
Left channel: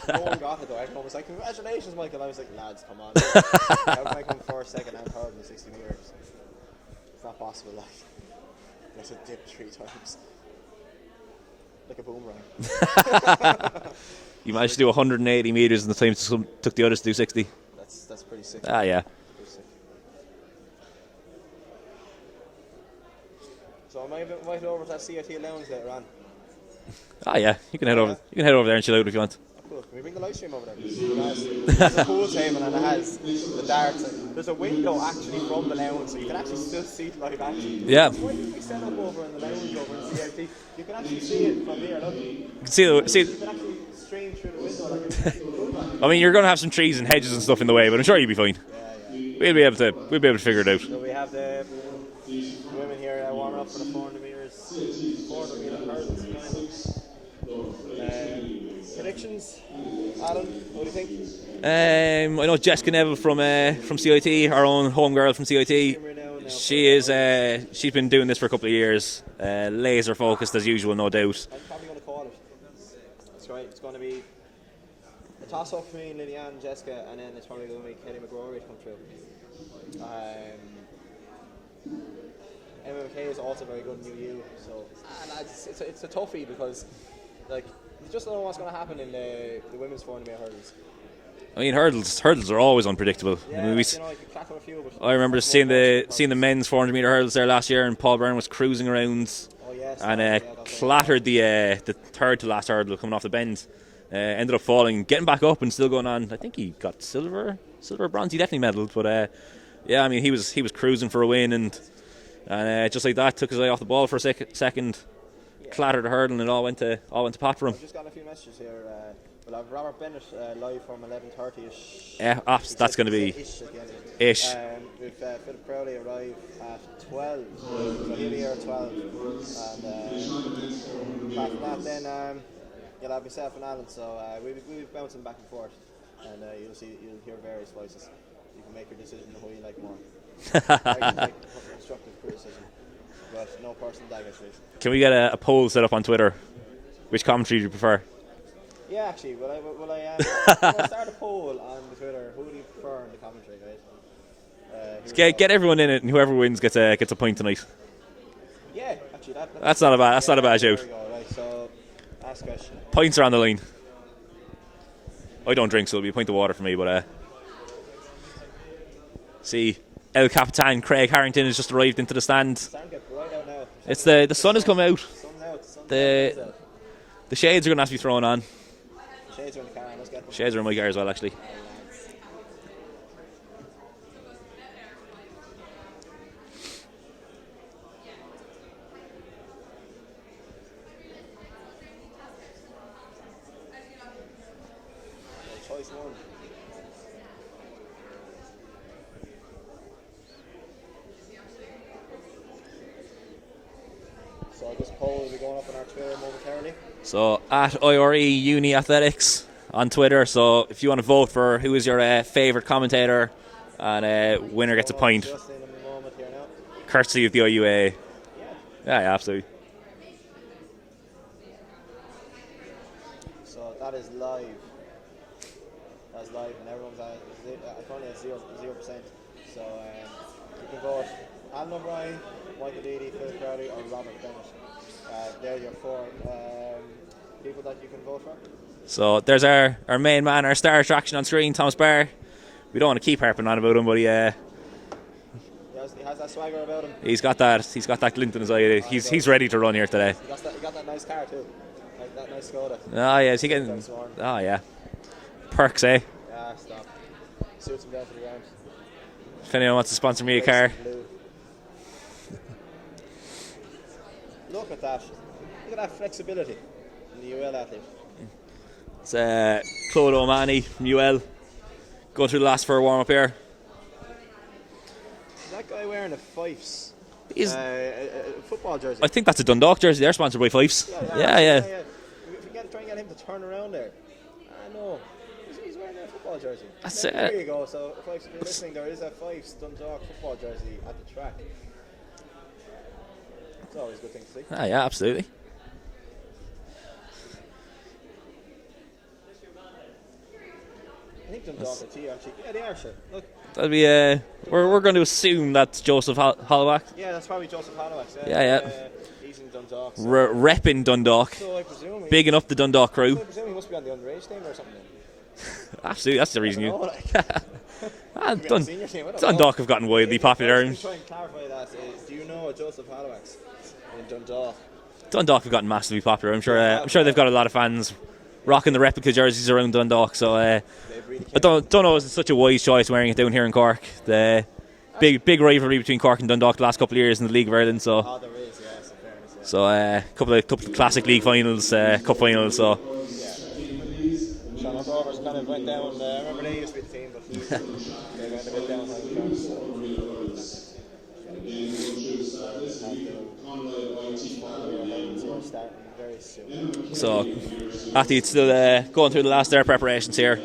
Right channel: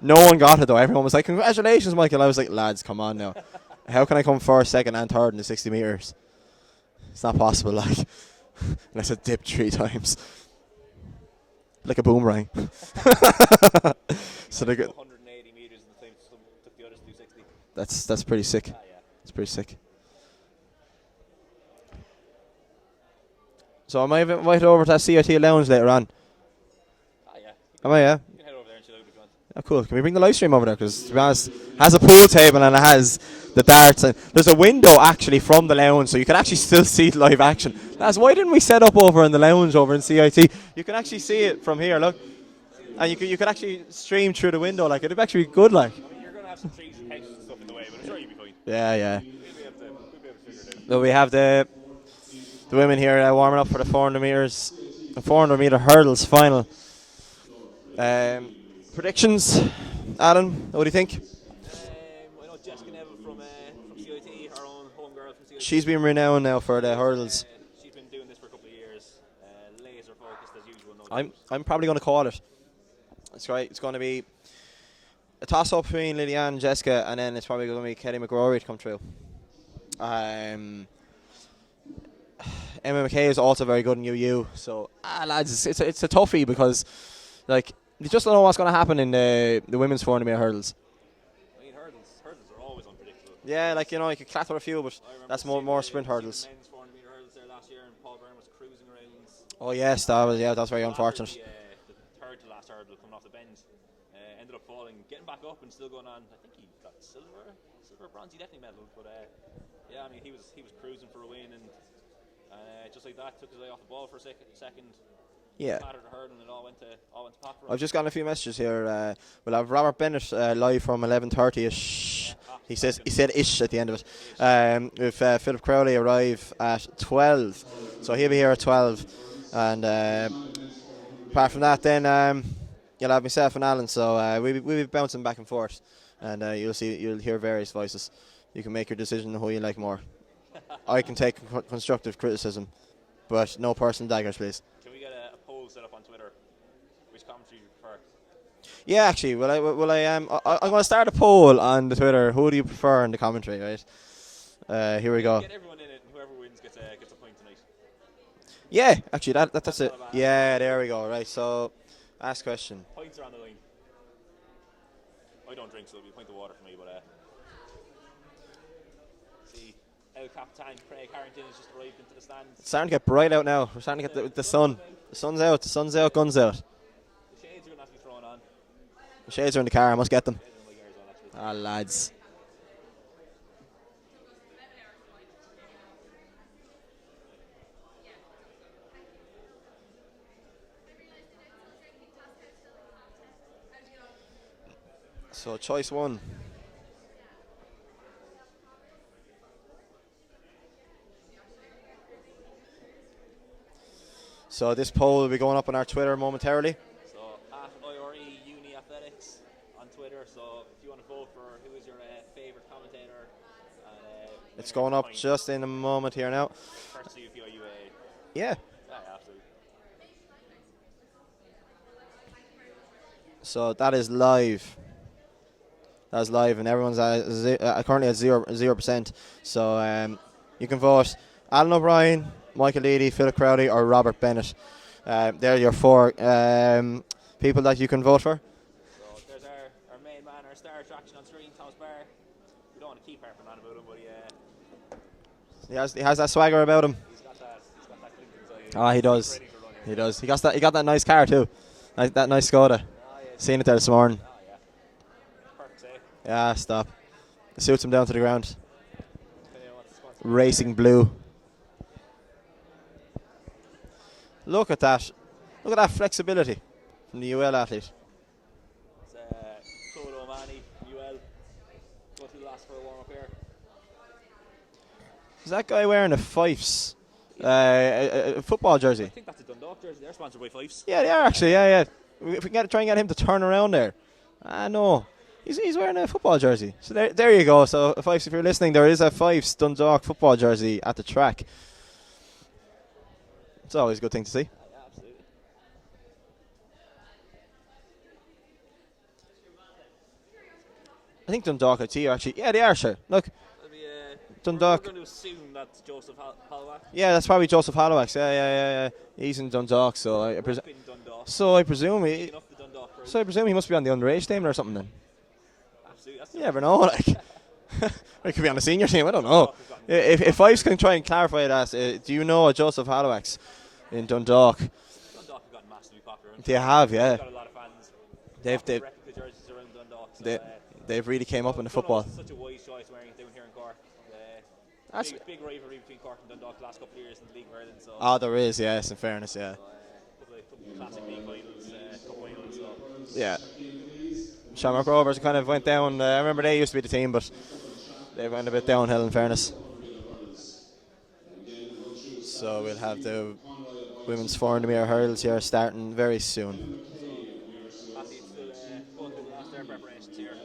No one got it though. Everyone was like, "Congratulations, Michael!" I was like, "Lads, come on! Now. How can I come first, second, and third in the 60 metres? It's not possible." Like, unless I dipped 3 times, like a boomerang. You managed to do 180 metres, and the time took the others to do 60. That's pretty sick. Yeah, it's pretty sick. So I might invite over to that CIT lounge later on. Yeah. You can head over there and chill out if you want. Oh, cool. Can we bring the live stream over there? Because, to be honest, it has a pool table and it has the darts. And there's a window, actually, from the lounge, so you can actually still see live action. Yeah. Why didn't we set up over in the lounge over in CIT? You can actually see it from here, look. You can actually stream through the window. Like, it'd actually be good, like. I mean, you're going to have some trees and hedges and stuff in the way, but I'm sure you'll be fine. Yeah. We'll be able to figure it out. So we have the women here warming up for the 400 metre hurdles final. Predictions, Adam, what do you think? I know Jessica Neville from CIT, our own home girl from CIT. She's been renowned now for the hurdles. She's been doing this for a couple of years. Laser focused as usual, no doubt. I'm probably going to call it. That's right. It's going to be a toss-up between Liliane and Jessica, and then it's probably going to be Kelly McGrory to come through. Emma McKay is also very good in UU. So, lads, it's a toughie because, like, you just don't know what's going to happen in the women's 400 metre hurdles. I mean, hurdles are always unpredictable. Yeah, I mean, like, you can clatter a few, but I remember that's seeing more the sprint men's 400 meter hurdles there last year, and Paul Byrne was cruising around. Oh yes, And that was very flattered unfortunate. the third to last hurdle coming off the bend. Ended up falling, getting back up, and still going on. I think he got silver, bronze. He definitely medalled, but yeah, I mean, he was cruising for a win, and just like that, took his eye off the ball for a second. Yeah. Flattered the hurdle, and it all went to pot for him. I've just gotten a few messages here. We'll have Robert Bennett live from 11:30ish. Yeah, that's going to be. He said ish at the end of it. Ish. If Philip Crowley arrive at 12, so he'll be here at 12. And apart from that, then you'll have myself and Alan. So we'll be bouncing back and forth, and you'll hear various voices. You can make your decision on who you like more. I can take constructive criticism, but no personal daggers, please. Can we get a poll set up on Twitter? Which commentary do you prefer? Yeah, actually, I'm going to start a poll on the Twitter. Who do you prefer in the commentary, right? Here we go. Get everyone in it, and whoever wins gets a point tonight. Yeah, actually, that's not a bad shout. There we go. Right, so ask question. Points are on the line. I don't drink, so it'll be a pint of water for me. But see, El Capitan Craig Harrington has just arrived into the stand. It's starting to get bright out now. It's the sun has come out. The sun's out. The sun's out. Guns out. The shades are going to have to be thrown on. The shades are in the car. I must get them. Shades are in my car as well, actually. Ah, lads. So choice one. So this poll will be going up on our Twitter momentarily. So at IRE Uni Athletics on Twitter. So if you want to vote for who is your favourite commentator, and winner gets a point. Just in a moment here now. Courtesy of the IUAA. Yeah. Yeah, absolutely. So that is live. That's live, and everyone's currently at 0%. So you can vote Alan O'Brien, Michael Leedy, Philip Crowley, or Robert Bennett. They're your four people that you can vote for. So there's our main man, our star attraction on screen, Thomas Barr. We don't want to keep harping on about him, but he has that swagger about him. He's got that glint in his eye. He's ready to run here today. He got that nice car too, that nice Skoda. Oh yeah, seen it there this morning. Oh yeah, perks, eh? Yeah, stop. It suits him down to the ground. If anyone wants to sponsor me a car. Racing blue. Look at that. Look at that flexibility from the UL athlete. It's Claude O'Mahony from UL. Going through the last for a warm up here. Is that guy wearing a Fyffes? A football jersey? I think that's a Dundalk jersey. They're sponsored by Fyffes. Yeah, they are actually. Yeah. If we can try and get him to turn around there. No. He's wearing a football jersey. So there you go. So Fyffes, if you're listening, there is a Fyffes Dundalk football jersey at the track. It's always a good thing to see. Yeah, absolutely. I think Dundalk are T actually. Yeah, they are, sure. Look. That'd be we're going to assume that's Joseph Holloway. Yeah, that's probably Joseph Holloway. Yeah. He's in Dundalk. So repping Dundalk. So I presume bigging up the Dundalk crew. So I presume he must be on the underage team or something then. Absolutely, that's the reason. I never know. He could be on the senior team. I don't know. Dundalk have gotten wildly popular. If I was going to try and clarify that, do you know a Joseph Holloway's in Dundalk? Dundalk have gotten massively popular. I'm sure. They've got a lot of fans rocking the replica jerseys around Dundalk. So they've really I don't know if it's such a wise choice wearing it down here in Cork. The big rivalry between Cork and Dundalk the last couple of years in the League of Ireland. So there is, yes, in fairness, yeah. So a couple of classic league finals, cup finals. So yeah. Shamrock Rovers kind of went down. I remember they used to be the team, but they went a bit downhill in fairness. So we'll have the women's 400 hurdles here starting very soon. So athletes still going through the last of their preparations here.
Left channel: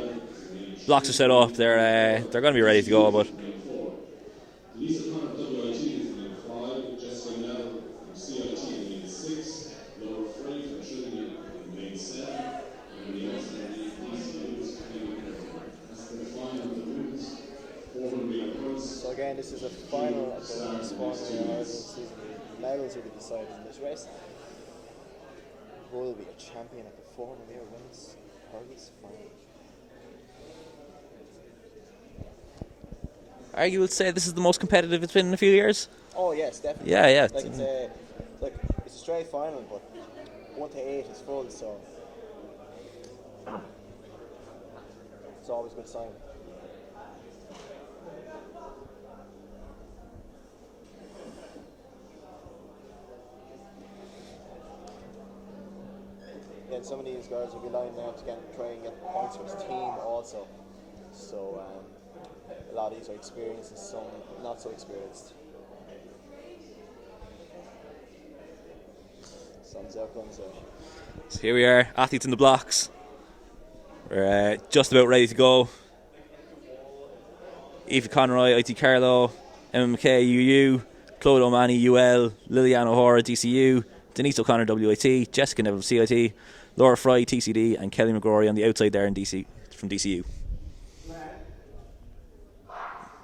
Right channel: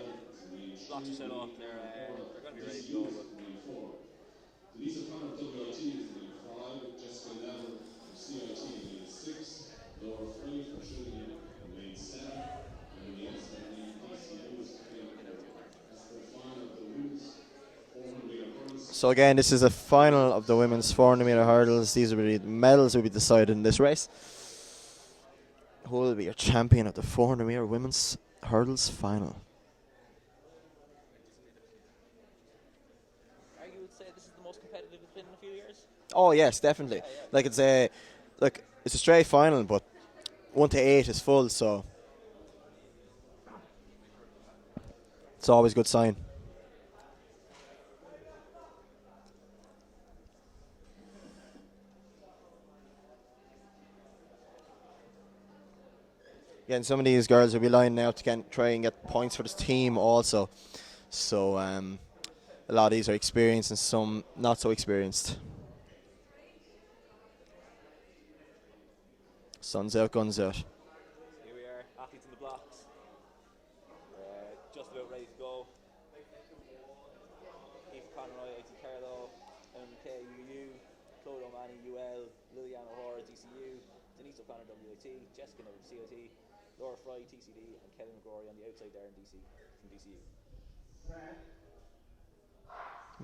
Blocks are set up. They're going to be ready to go, but. So again, this is a final of the women's 400 hurdles. These will be medals will be decided in this race. Who will be your champion of the 400 women's hurdles final? argue would say this is the most competitive it's been in a few years. Oh yes, definitely. Yeah. Like it's a straight final, but 1 to 8 is full, so it's always a good sign. Yeah, and some of these girls will be lining out to try and get points for this team also. So a lot of these are experienced and some not so experienced. Sun's out, guns out. So here we are, athletes in the blocks. We're just about ready to go. Aoife Conroy, IT Carlow, Emma McKay, UU, Claude O'Mahony, UL, Liliane O'Hara, DCU, Denise O'Connor, WIT, Jessica Neville, CIT, Laura Fry, TCD, and Kelly McGrory on the outside there from DCU.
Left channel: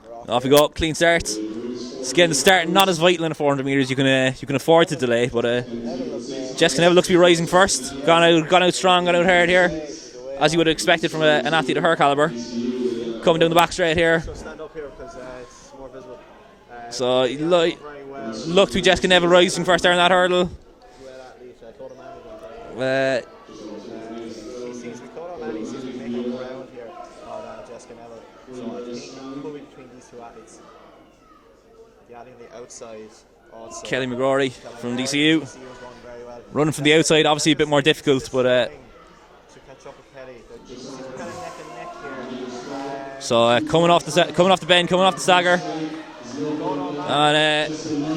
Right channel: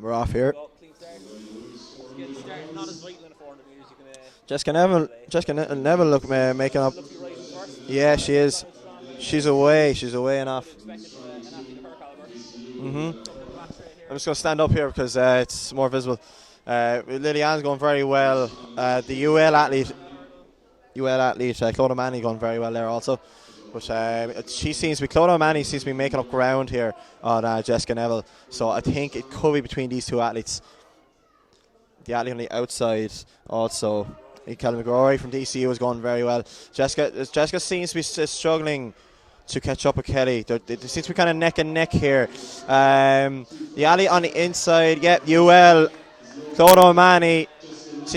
We're off we go, clean start. It's getting the start not as vital in the 400 metres. You can afford to delay. Jessica Neville looks to be rising first. Yeah, gone out strong, gone out hard here. She's away. As you would have expected from an athlete of her calibre. Coming down the back straight here. I'm just going to stand up here because it's more visible. So Liliane going very well. Look to Jessica Neville rising first there in that hurdle. UL athlete, Claude O'Mahony going very well there also. But Claude O'Mahony seems to be making up ground here on Jessica Neville. So I think it could be between these two athletes. The athlete on the outside also. Kelly McGrory from DCU. DCU was going very well. Running from the outside, obviously a bit more difficult. But struggling to catch up with Kelly. They seem to be kind of neck and neck here. Coming off the bend, coming off the stagger. Claude O'Mahony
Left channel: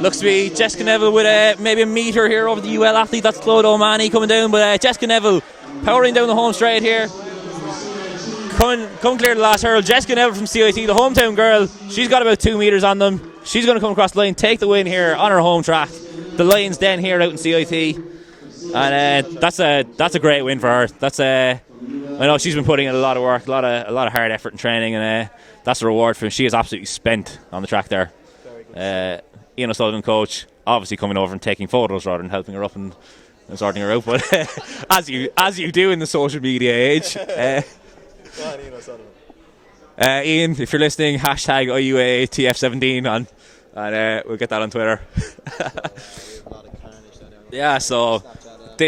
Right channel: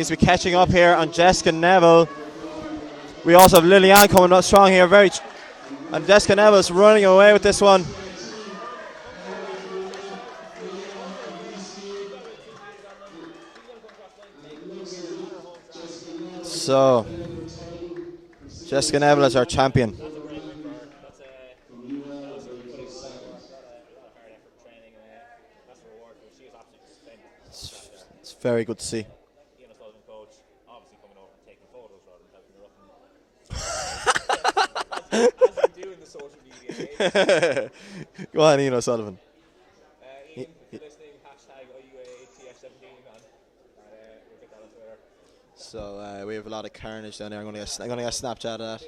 looks to be Jessica Neville with maybe a meter here over the UL athlete. That's Claude O'Mahony coming down, but Jessica Neville powering down the home straight here. Away with this one. Coming clear to the last hurdle. Jessica Neville from CIT, the hometown girl. She's got about 2 metres on them. She's going to come across the line, take the win here on her home track. The Lions Den here out in CIT. That's a great win for her. I know she's been putting in a lot of work, a lot of hard effort and training, and that's the reward for her. She is absolutely spent on the track there. It's very good to see. Ian O'Sullivan, coach, obviously coming over and taking photos rather than helping her up and sorting her out. But as you do in the social media age. Go on, Ian O'Sullivan. Ian, if you're listening, hashtag IUAA TF17 on, and we'll get that on Twitter. So we have a lot of carnage down there. Snapchat.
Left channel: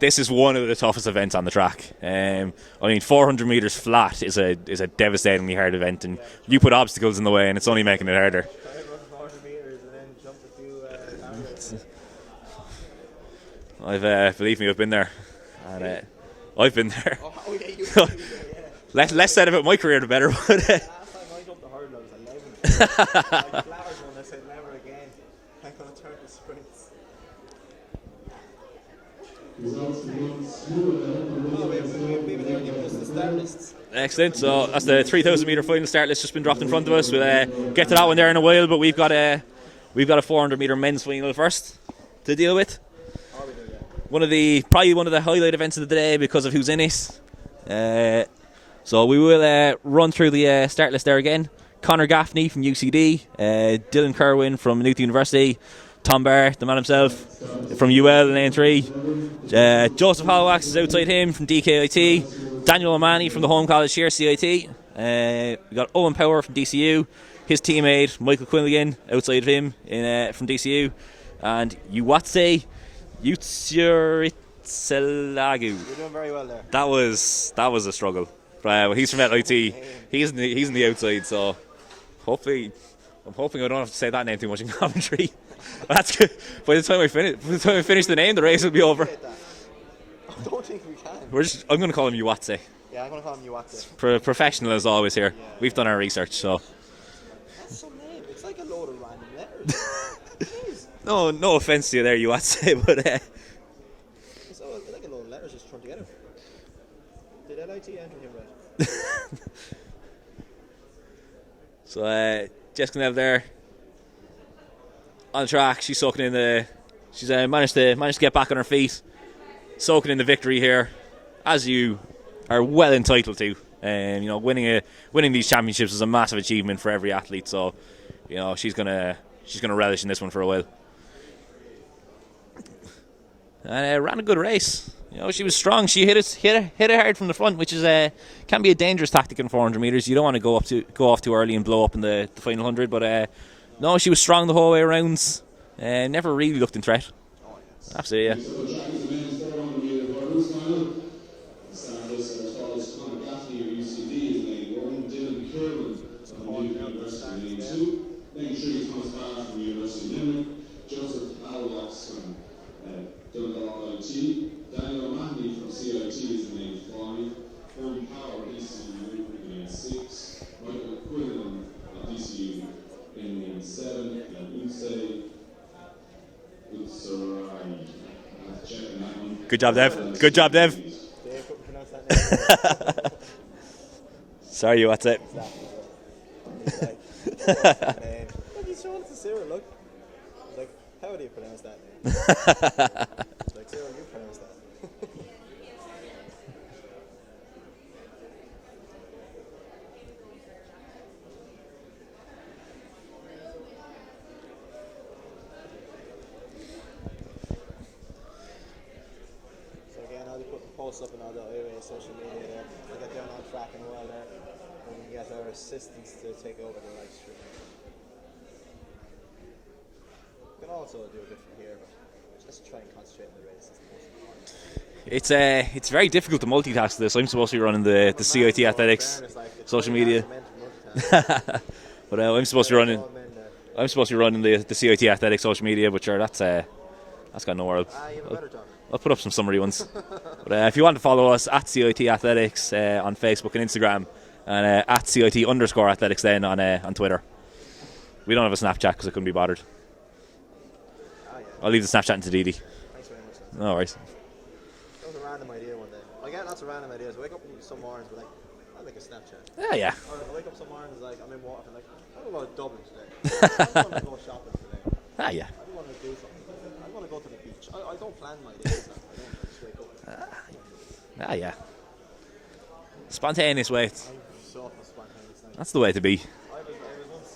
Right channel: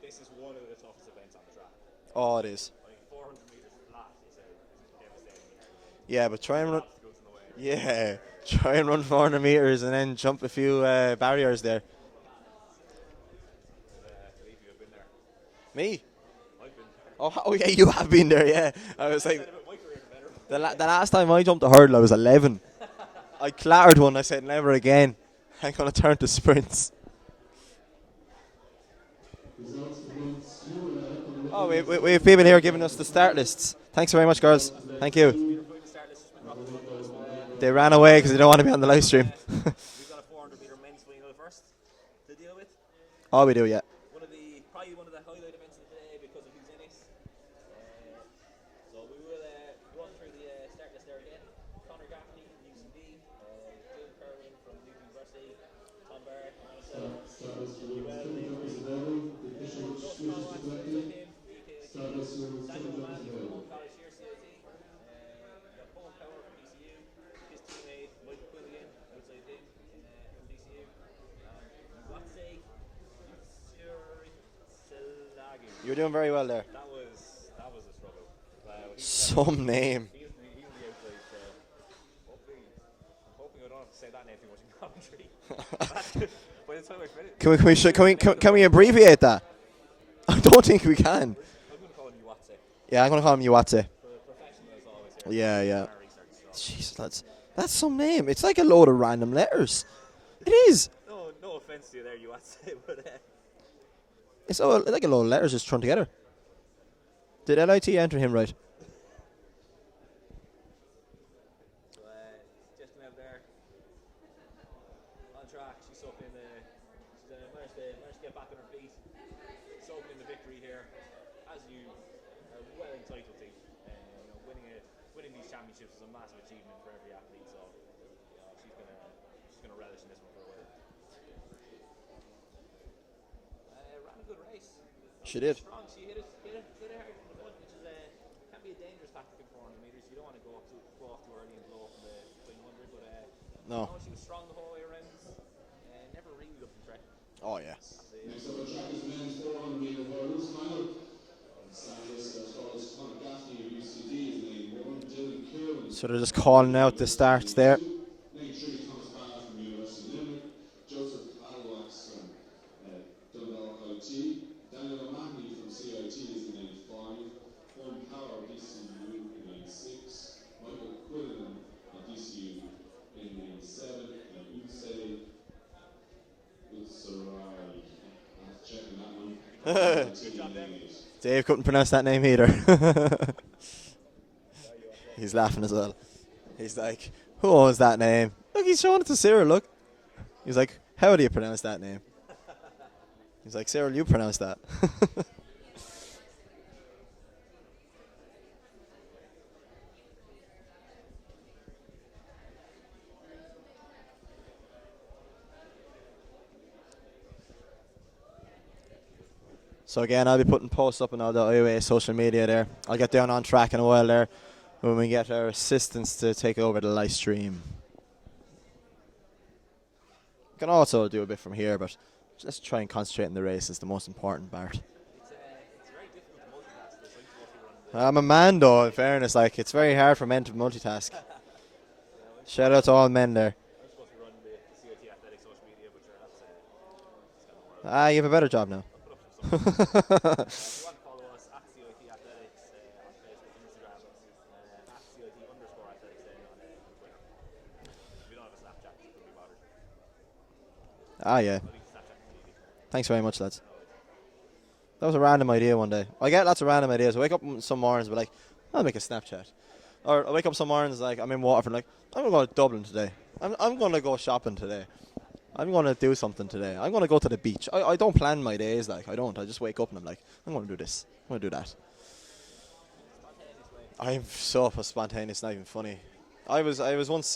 This is one of the toughest events on the track. I mean, 400 metres flat is a devastatingly hard event, and you put obstacles in the way, and it's only making it harder. Try and run 400 metres and then jump a few barriers there. Believe me, I've been there. Me? I've been there. Oh yeah, you have been there, yeah. Less said about my career, the better. The last time I jumped a hurdle, I was 11. I clattered one. I said, never again. I'm going to turn to sprints. Oh, we have people here giving us the start lists. Thanks very much, girls. That's the 3,000 metre final start list just been dropped in front of us. We'll get to that away one there in a while, but we've got a 400 metre men's final first to deal with. Oh, we do, yeah. Probably one of the highlight events of the day because of who's in it. So we will run through the start list there again. Conor Gaffney from UCD, Dylan Kerwin from Newton University, Tom Barr, the man himself, from UL in Lane 3. Joseph Holwax is outside him from DKIT. Daniel O'Mahony from the home college here, CIT. We got Owen Power from DCU. His teammate, Michael Quilligan, outside of him from DCU. And Uwatse Yutsuritzelagu. You're doing very well there. That was a struggle. He's from LIT. He's in the outside, so I'm hoping I don't have to say that name too much in commentary. That's good. By the time I finish, can we abbreviate that? I don't think we can. I'm going to call him Uwatse. Yeah, I'm going to call him Uwatse. Professional as always here. Yeah, We've done our research, so. Jeez, that's some name. It's like a load of random letters. It is. No offense to you there, Uwatse, but it's like a load of letters just thrown together. Did LIT enter him right? So Jessica Neville there on the track. She's soaking in she's managed to get back on her feet, soaking in the victory here, as you are well entitled to. Winning these championships is a massive achievement for every athlete. So, she's gonna relish in this one for a while. And ran a good race. You know, she was strong. She hit it hard from the front, which is can be a dangerous tactic in 400 meters. You don't want to go off too early and blow up in the final 100. But no, she was strong the whole way around. Never really looked in threat. Oh yeah, absolutely. Yeah. So they're just calling out the starts there. Good job, Dev. Good job, Dev. Dave couldn't pronounce that name either. Sorry, you, what's it? He's laughing as well. He's like, what was that name? Look, he's showing it to Cyril, look. He's like, how do you pronounce that name? He's like, Cyril, you pronounce that. So again, I'll be putting posts up on all the IUAA social media there. I'll get down on track in a while there when we get our assistants to take over the live stream. Can also do a bit from here, but let's try and concentrate on the race. It's the most important part. It's very difficult to multitask this. I'm supposed to be running the I'm a CIT man though, in athletics. fairness, like it's social very hard media. for men to multitask. But I'm supposed Shout to out to all men there. I'm supposed to be running the CIT athletics social media, but sure, that's got no world. You have a better job now. I'll put up some summary ones. But if you want to follow us at CIT Athletics on Facebook and Instagram, and at CIT_athletics then on Twitter. We don't have a Snapchat because I couldn't be bothered. Yeah. I'll leave the Snapchat to Didi. Thanks very much, lads. No worries. That was a random idea one day. I get lots of random ideas. I wake up some mornings, but like, I'll make a Snapchat. Yeah. Or I wake up some mornings like I'm in Waterford, like I'm going to go to Dublin today. I'm going to go shopping today. Yeah. I'm going to do something today. I'm going to go to the beach. I don't plan my days, like I don't. I just wake up and I'm like, I'm going to do this. I'll do that. Spontaneous way. I'm so a spontaneous night. That's the way to be. I was once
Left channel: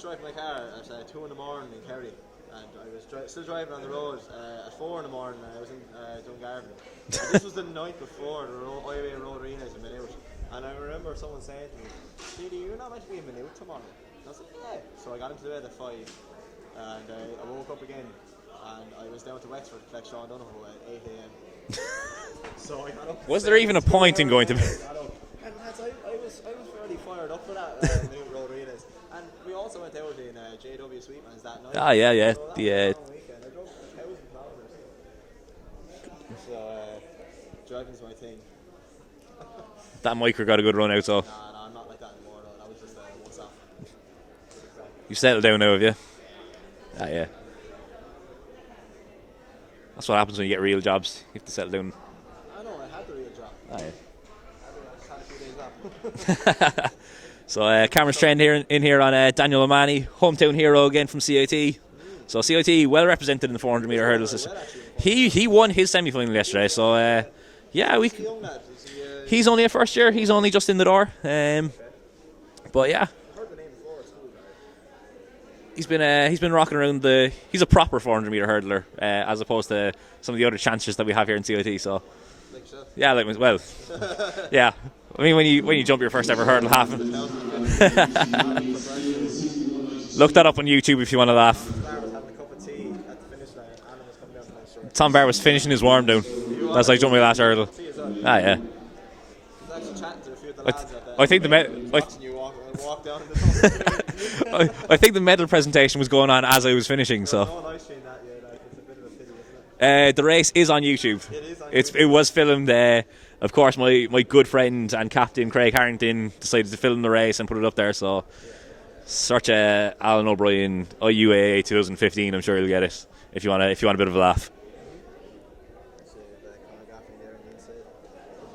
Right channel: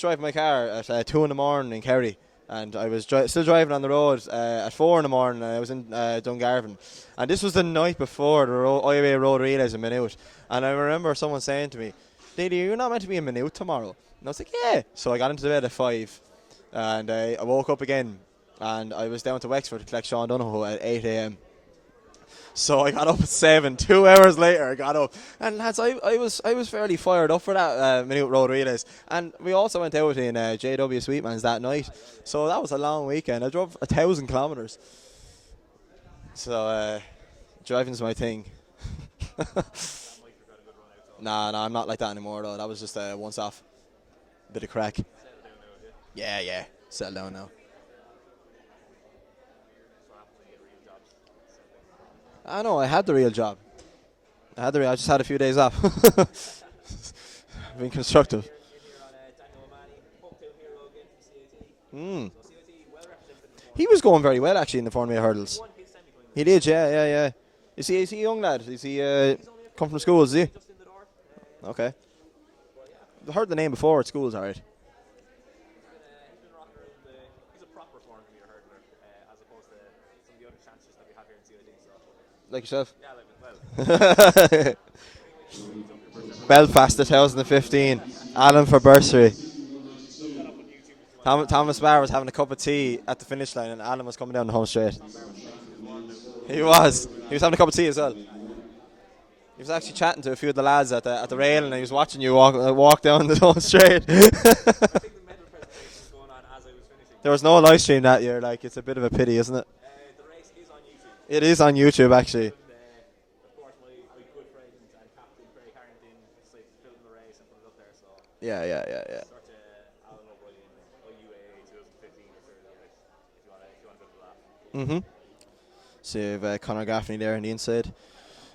driving my car at 2 in the morning in Kerry, and I was still driving on the road at 4 in the morning. And I was in Dungarvan, and this was the night before the IUAA road relays a minute. And I remember someone saying to me, "Lady, you're not meant to be a minute tomorrow." And I was like, "Yeah." So I got into bed at 5, and I woke up again, and I was down to Wexford to collect Sean Donoghue at 8 a.m. So I got up at 7. 2 hours later, I got up. And lads, I was fairly fired up for that minute road relays. And we also went out in JW Sweetman's that night. Yeah. So that was a long weekend. I drove 1,000 kilometres. So driving's my thing. That micro got a good run out, so. Nah, I'm not like that anymore though. That was just once off. Bit of crack. You've settled down now, have you? Yeah. Settled down now. That's what happens when you get real jobs. You have to settle down. I know, I had the real job. I just had a few days off. So Cameron's trained here on Daniel O'Mahony, hometown hero again from CIT. So CIT well represented in the 400 He was going very well actually in the 400 He won his semi-final yesterday. He's a young lad. He's only a first year. He's only just in the door. Okay. But yeah, I've heard the name before at school. Alright. He's been rocking around he's a proper 400 meter hurdler as opposed to some of the other chancers that we have here in CIT. So. Like yourself? Yeah, yeah. I mean, when you jump your first ever hurdle. Belfast 2015. Alan for bursary. Look that up on YouTube if you want to laugh. Thomas Barr was having a cup of tea at the finish line, and Alan was coming down the home straight. Tom Barr was finishing his warm down. He was. As I jumped my last he was having a hurdle. cup of tea as well. Yeah. He was actually chatting to a few of the lads at the think rail, the and he was watching you walk down the home straight. I think the medal presentation was going on as I was finishing. There was no live stream that year. Like, it's a bit of a pity, isn't it? The race is on YouTube. It is on YouTube. It was filmed. Of course, my good friend and captain Craig Harrington decided to film the race and put it up there. So yeah. Search Alan O'Brien IUAA 2015. I'm sure you'll get it if you want a bit of a laugh. So you have Conor Gaffney there on the inside.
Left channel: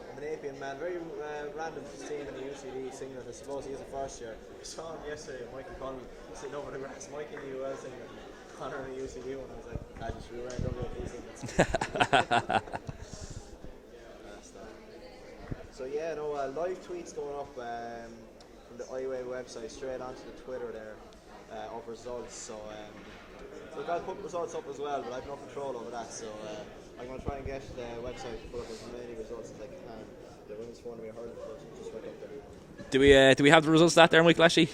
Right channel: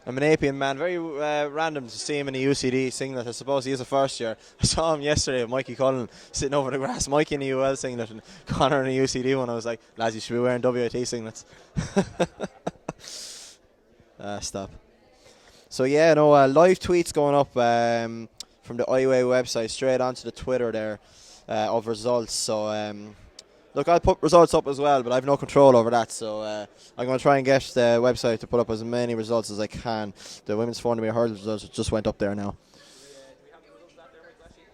I'm an Apian man. Very random to see him in a UCD singlet. I suppose he is a first year. I saw him yesterday with Mikey Cullen sitting over the grass. Mikey in a UL singlet and Conor in a UCD one. I was like, lads, you should be wearing WIT singlets. Stop. So yeah, live tweets going up from the IUAA website straight onto the Twitter there of results. So Look, I'll put results up as well, but I have no control over that, so I'm going to try and get the website to put up as many results as I can. The women's 400 metre hurdles results just went up there now. Do we have the results that there, Michael, actually?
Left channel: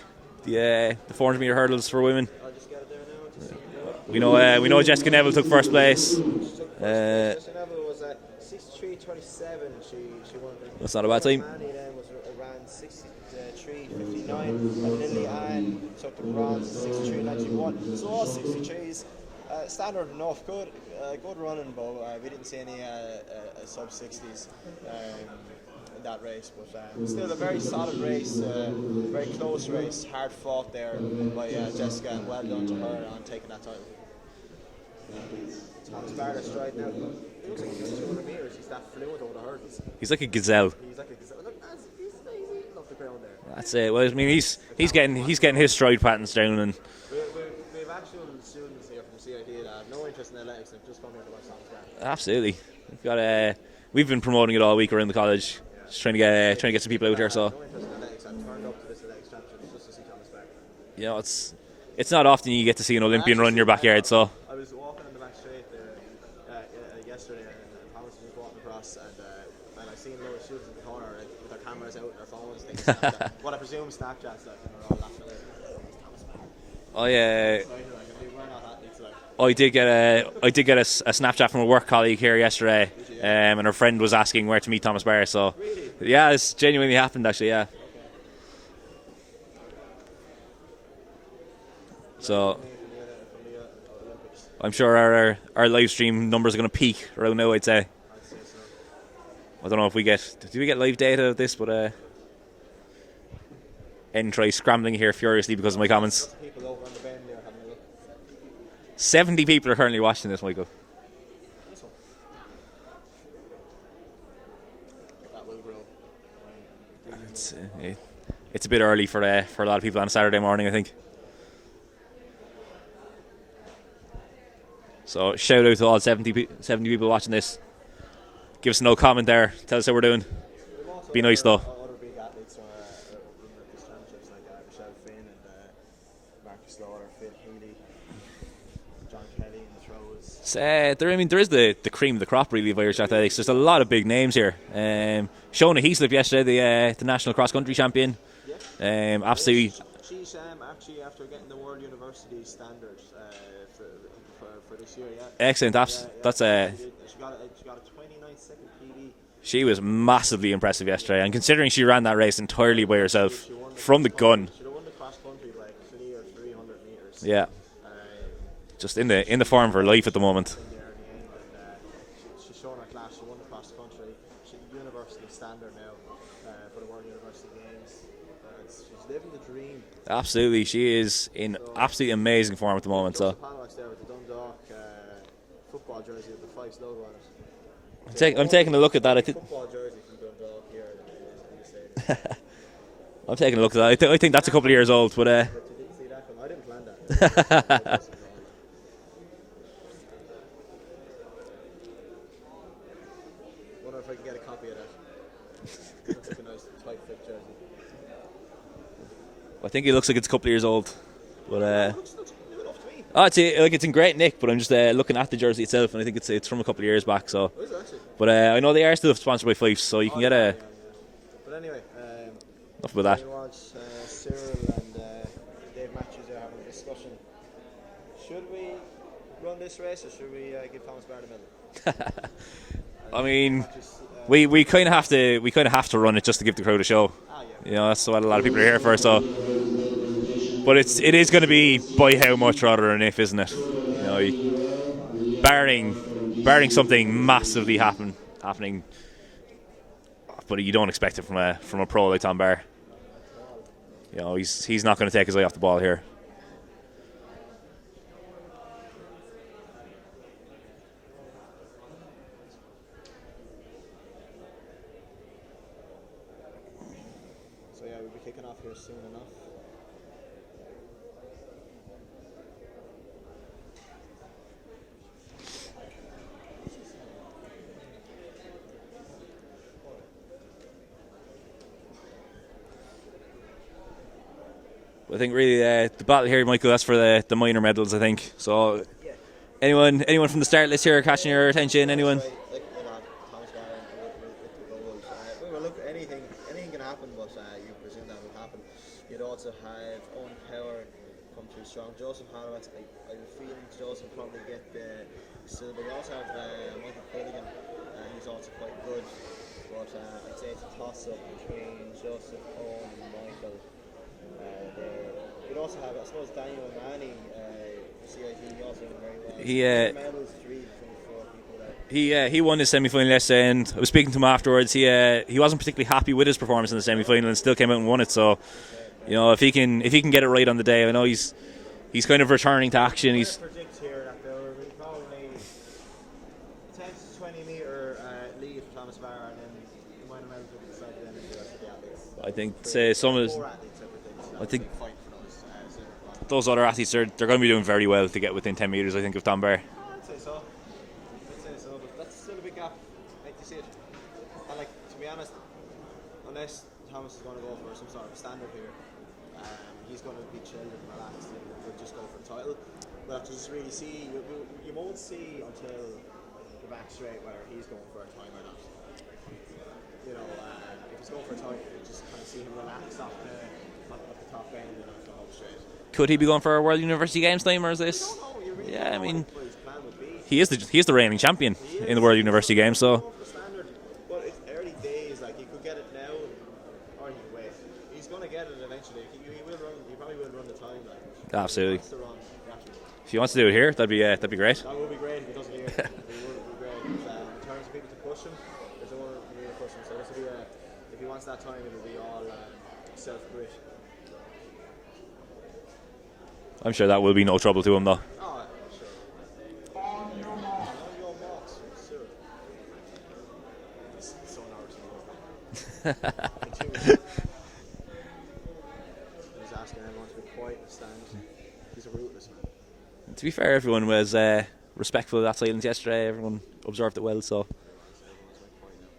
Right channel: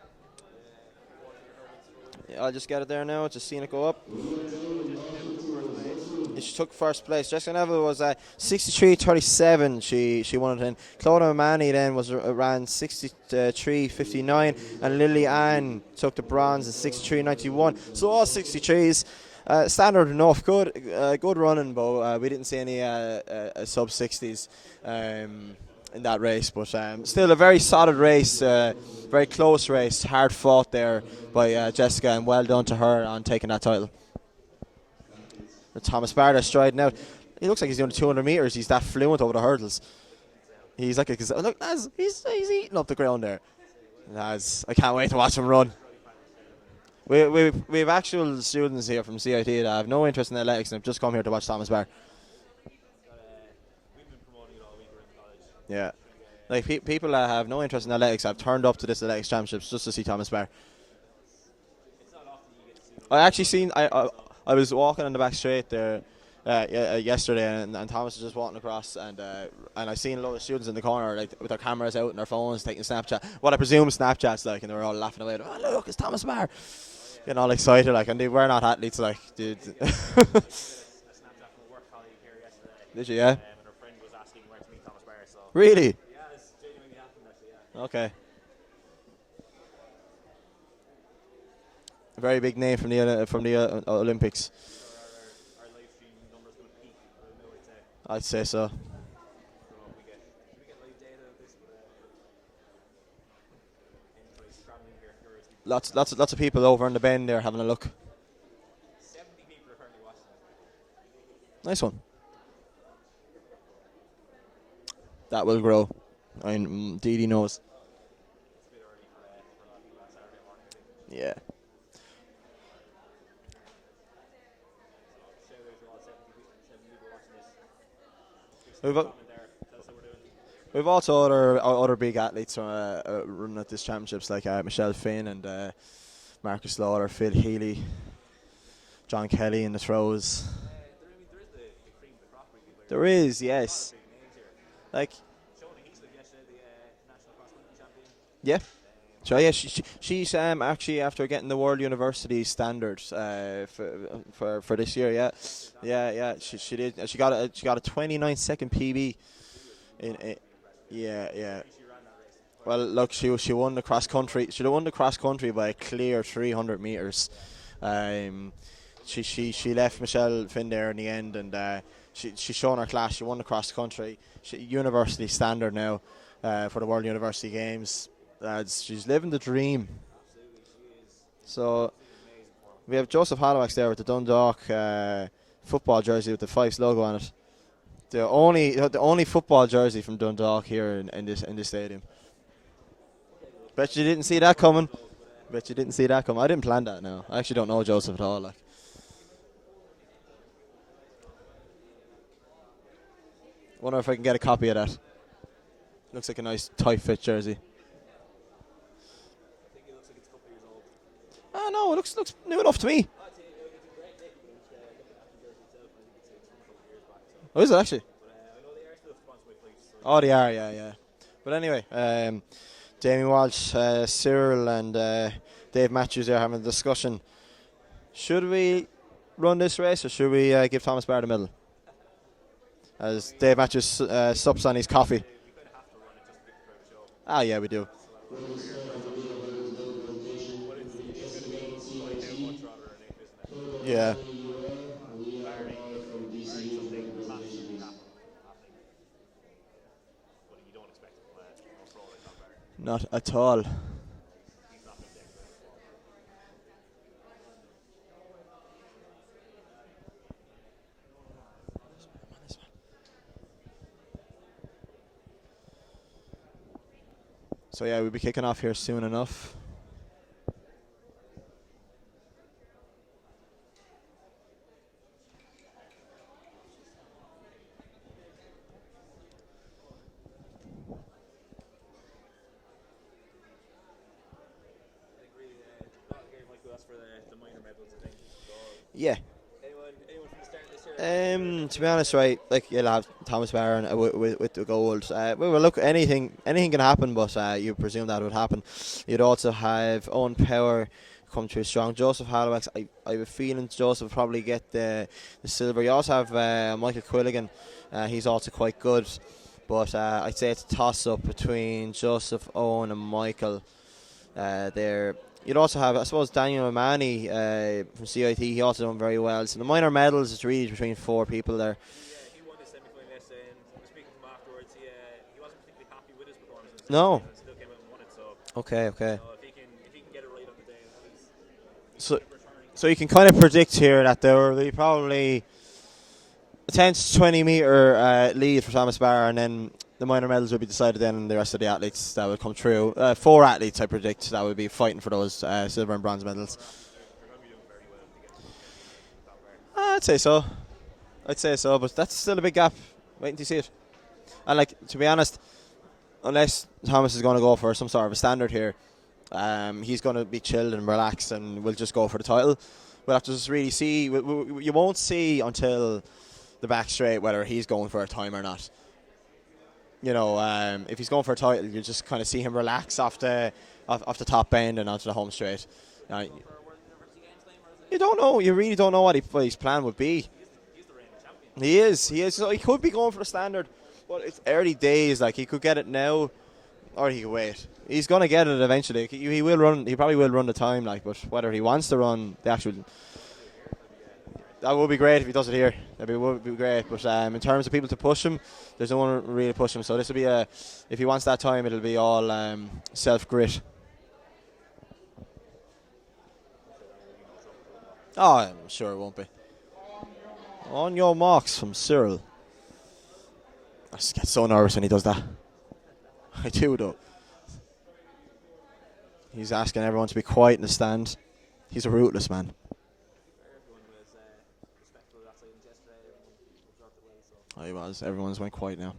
The 400 metre hurdles for women. I'll just get it there now. Just seeing it go up. We know Jessica Neville took first place. She took first place. Jessica Neville was 63.37. She won it in. That's not a bad time. Manny then ran 63.59, and Lily Ann took the bronze at 63.91. So all 63s. Standard enough, good running, but we didn't see any sub 60s in that race. But still a very solid race, very close race, hard fought there by Jessica, and well done to her on taking that title. Thomas Barter striding out. He looks like he's doing 200 metres. He's that fluent over the hurdles. He's like a gazelle. Look, he's eating up the ground there. That's it. Well, I mean, he's getting run. his stride patterns down, and we have actual students here from CIT that have no interest in athletics and have just come here to watch Thomas Barr. Absolutely. We've been promoting it all week around the college. Yeah. Just trying to get some people out there. Have no interest in athletics. I've turned up to this athletics championships just to see Thomas Barr. You know, it's not often you get to see an Olympian run in your backyard. So I was walking in the back straight there yesterday, and Thomas was just walking across, and I seen a lot of students in the corner with their cameras out and their phones taking Snapchat. What I presume Snapchat's like, and they were all laughing away. Oh, look, it's Thomas Barr. Oh yeah, and all excited and they were not athletes I did get a Snapchat from a work colleague here yesterday. Did you? Yeah. And her friend was asking where to meet Thomas Barr. So really? Yeah, it's genuinely happened actually. Yeah. Okay. A very big name from the Olympics. I'm sure our live stream numbers are going to peak around now. I'd say so. I don't know if we get live data of this, but try scrambling here furiously because of my comments. Lots of people over in the bend there having a look. 70 people are currently watching this, Michael. Nice one. That will grow. I mean, Dee knows. It's a bit early for a lot of people on a Saturday morning, I think. Yeah. So shout out to all 70 people watching this. Give us no comment there. Tell us how we're doing. We've also other big athletes running at these championships, like Michelle Finn and Marcus Slaughter, Phil Healy, John Kelly in the throws. There is the cream of the crop really of Irish athletics. There's a lot of big names here. Shona Heaslip yesterday, the national cross country champion. Yeah, absolutely. She's actually after getting the World University standards for this year. Yeah, excellent. She did. She got a 29-second PB. She was massively impressive yesterday, and considering she ran that race entirely by herself, she won the from the gun. gun. She won the cross country by a clear 300 meters. Yeah. Just in the form of her life at the moment. Finn there in the end, and she's shown her class. She won the cross country. University standard now for the World University Games. She's living the dream. Absolutely, she is in absolutely amazing form at the moment. Joseph Holloway's there with the Dundalk football jersey with the Fyffes logo on it. I'm taking a look at that. Only football jersey from Dundalk here in this stadium. I'm taking a look at that. I think that's a couple of years old, but you didn't see that come. I didn't plan that. No. I actually don't know Joseph at all. Wonder if I can get a copy of that. Looks like a nice tight fit jersey. I think it looks like it's a couple of years old. But, no, it looks new enough to me. It's in great nick, but I'm just looking at the jersey itself, and I think it's from a couple of years back. So. Oh, is it actually? But I know they are still sponsored by Fyffes, so you can get yeah. But anyway, Jamie Walsh, Cyril, and Dave Matthews there having a discussion. Should we run this race, or should we give Thomas Barr the medal? Dave Matthews, we kind of have to run it just to give the crowd a show. Yeah, we do. That's what a lot of people are here for. So, but it is going to be by how much rather than if, isn't it? Yeah. Barring something massively happening, but you don't expect it from a pro like Tom Barr. Not at all. He's not going to take his eye off the ball here. So we'll be kicking off here soon enough. Well, I think really the battle here, Michael, that's for the minor medals, I think. So Yeah. anyone from the start list here catching your attention? To be honest, Anyone? right, like you'll have Thomas Barron with the gold. Well, look, anything can happen, but you presume that would happen. You'd also have Owen Power come through strong. Joseph Halifax, I have a feeling Joseph will probably get the silver. You also have Michael Quilligan. He's also quite good, but I'd say it's a toss-up between Joseph, Owen and Michael there. You'd also have, I suppose, Daniel O'Mahony from CIT. He also done very well. So the minor medals, it's really between 4 people there. He won his semi-final yesterday, and I was speaking to him afterwards. He wasn't particularly happy with his performance in the semi-final and still came out and won it. So okay. You know, if he can get it right on the day, I know he's kind of returning to action. So you can kind of predict here that there will be probably a 10 to 20 metre lead for Thomas Barr, and then the minor medals will be decided then, and the rest of the athletes that would come through. 4 athletes, I predict, that would be fighting for those silver and bronze medals. Those other athletes, they're going to be doing very well to get within 10 metres, I think, of Tom Barr. I'd say so, but that's still a big gap. Waiting to see it. And, like, to be honest, unless Thomas is going to go for some sort of a standard here, he's going to be chilled and relaxed, and we'll just go for the title. We'll have to just really see. You won't see until the back straight whether he's going for a time or not. You know, if he's going for a title, you just kind of see him relax off the top bend and onto the home straight. Could he be going for a World University Games time, or is this? You don't know. You really don't know what his plan would be. He is the reigning champion in the World University Games. Games. He could be going for the standard. Well, it's early days. Like, he could get it now, or he could wait. He's going to get it eventually. He will run. He probably will run the time. Like, but whether he wants to run the actual. If he wants to do it here, that'd be great. That would be great if he does it here. Would be great. But in terms of people to push him, there's no one really push him. So this will be if he wants that time, it'll be all self grit. I'm sure that will be no trouble to him, though. Oh, I'm sure it won't be. On your marks from Cyril. I just get so nervous when he does that. I do, though. He's asking everyone to be quiet in the stand. He's a ruthless man. To be fair, everyone was respectful of that silence yesterday. Everyone observed it well, so. I was. Everyone's went quiet now.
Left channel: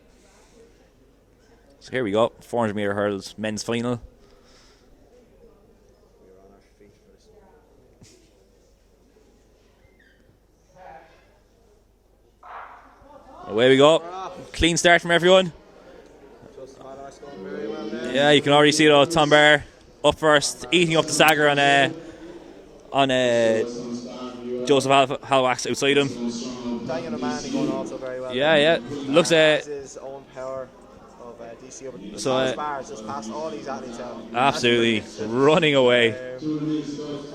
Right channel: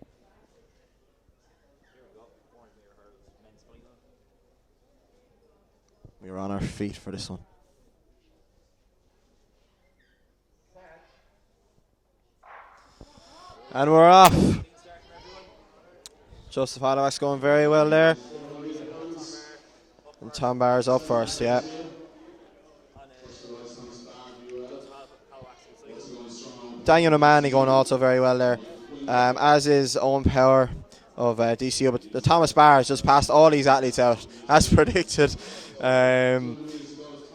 So here we go. 400 metre hurdles, men's final. We were on our feet for this one. Away we go. We're off. Clean start from everyone. Joseph Halifax going very well there. Yeah, you can already see it all. Tom Barr up first, eating up the first, stagger on Joseph Halifax outside him. Daniel O'Mahony going also very well there. Yeah. Looks as is Owen Power of DCU, but so, Thomas Barr has just passed all these athletes out. Absolutely, as predicted. running away.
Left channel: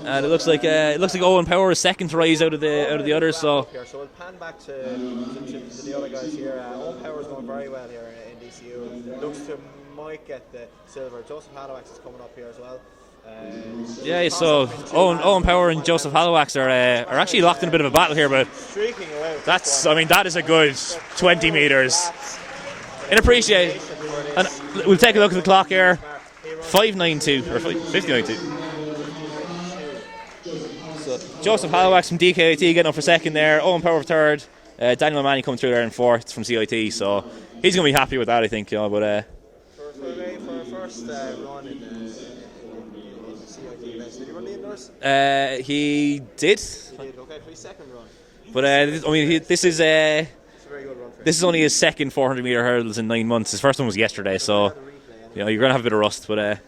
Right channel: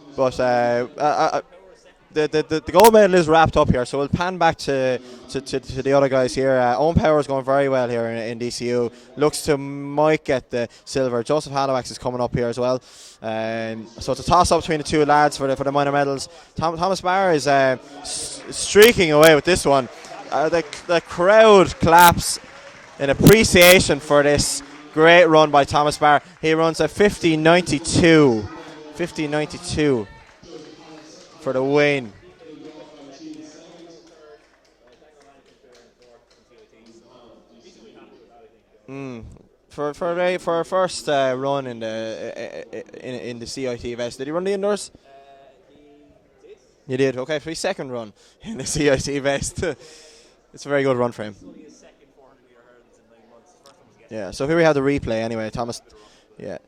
It looks like Owen Power is second to rise out of the gold medal is others, wrapped so. up here, so we'll pan back to the other guys here. Owen Power is going very well here in DCU. Looks to might get the silver. Joseph Halifax is coming up here as well. So it's a toss-up between the two lads. Owen Power and Joseph Halifax are actually locked in a bit of a battle here, but streaking away with this one. I mean, that is a good the 20 metres. Claps in appreciation for this we'll great run by here. Thomas Barr. He runs a 50.92. 50.92. Joseph Halifax from DKIT getting up for second there. Owen Power for third. Daniel O'Mahony coming through there in fourth from CIT. So he's going to be happy with that, I think. You know, but for a first run in the CIT events, did he run the indoors? He did. He did. Okay, for his second run. But I mean, this is it's a very good run for him. This is only his second 400 metre hurdles in 9 months. His first one was yesterday. Yeah, so here we have the replay anyway. You know, you're going to have a bit of rust, but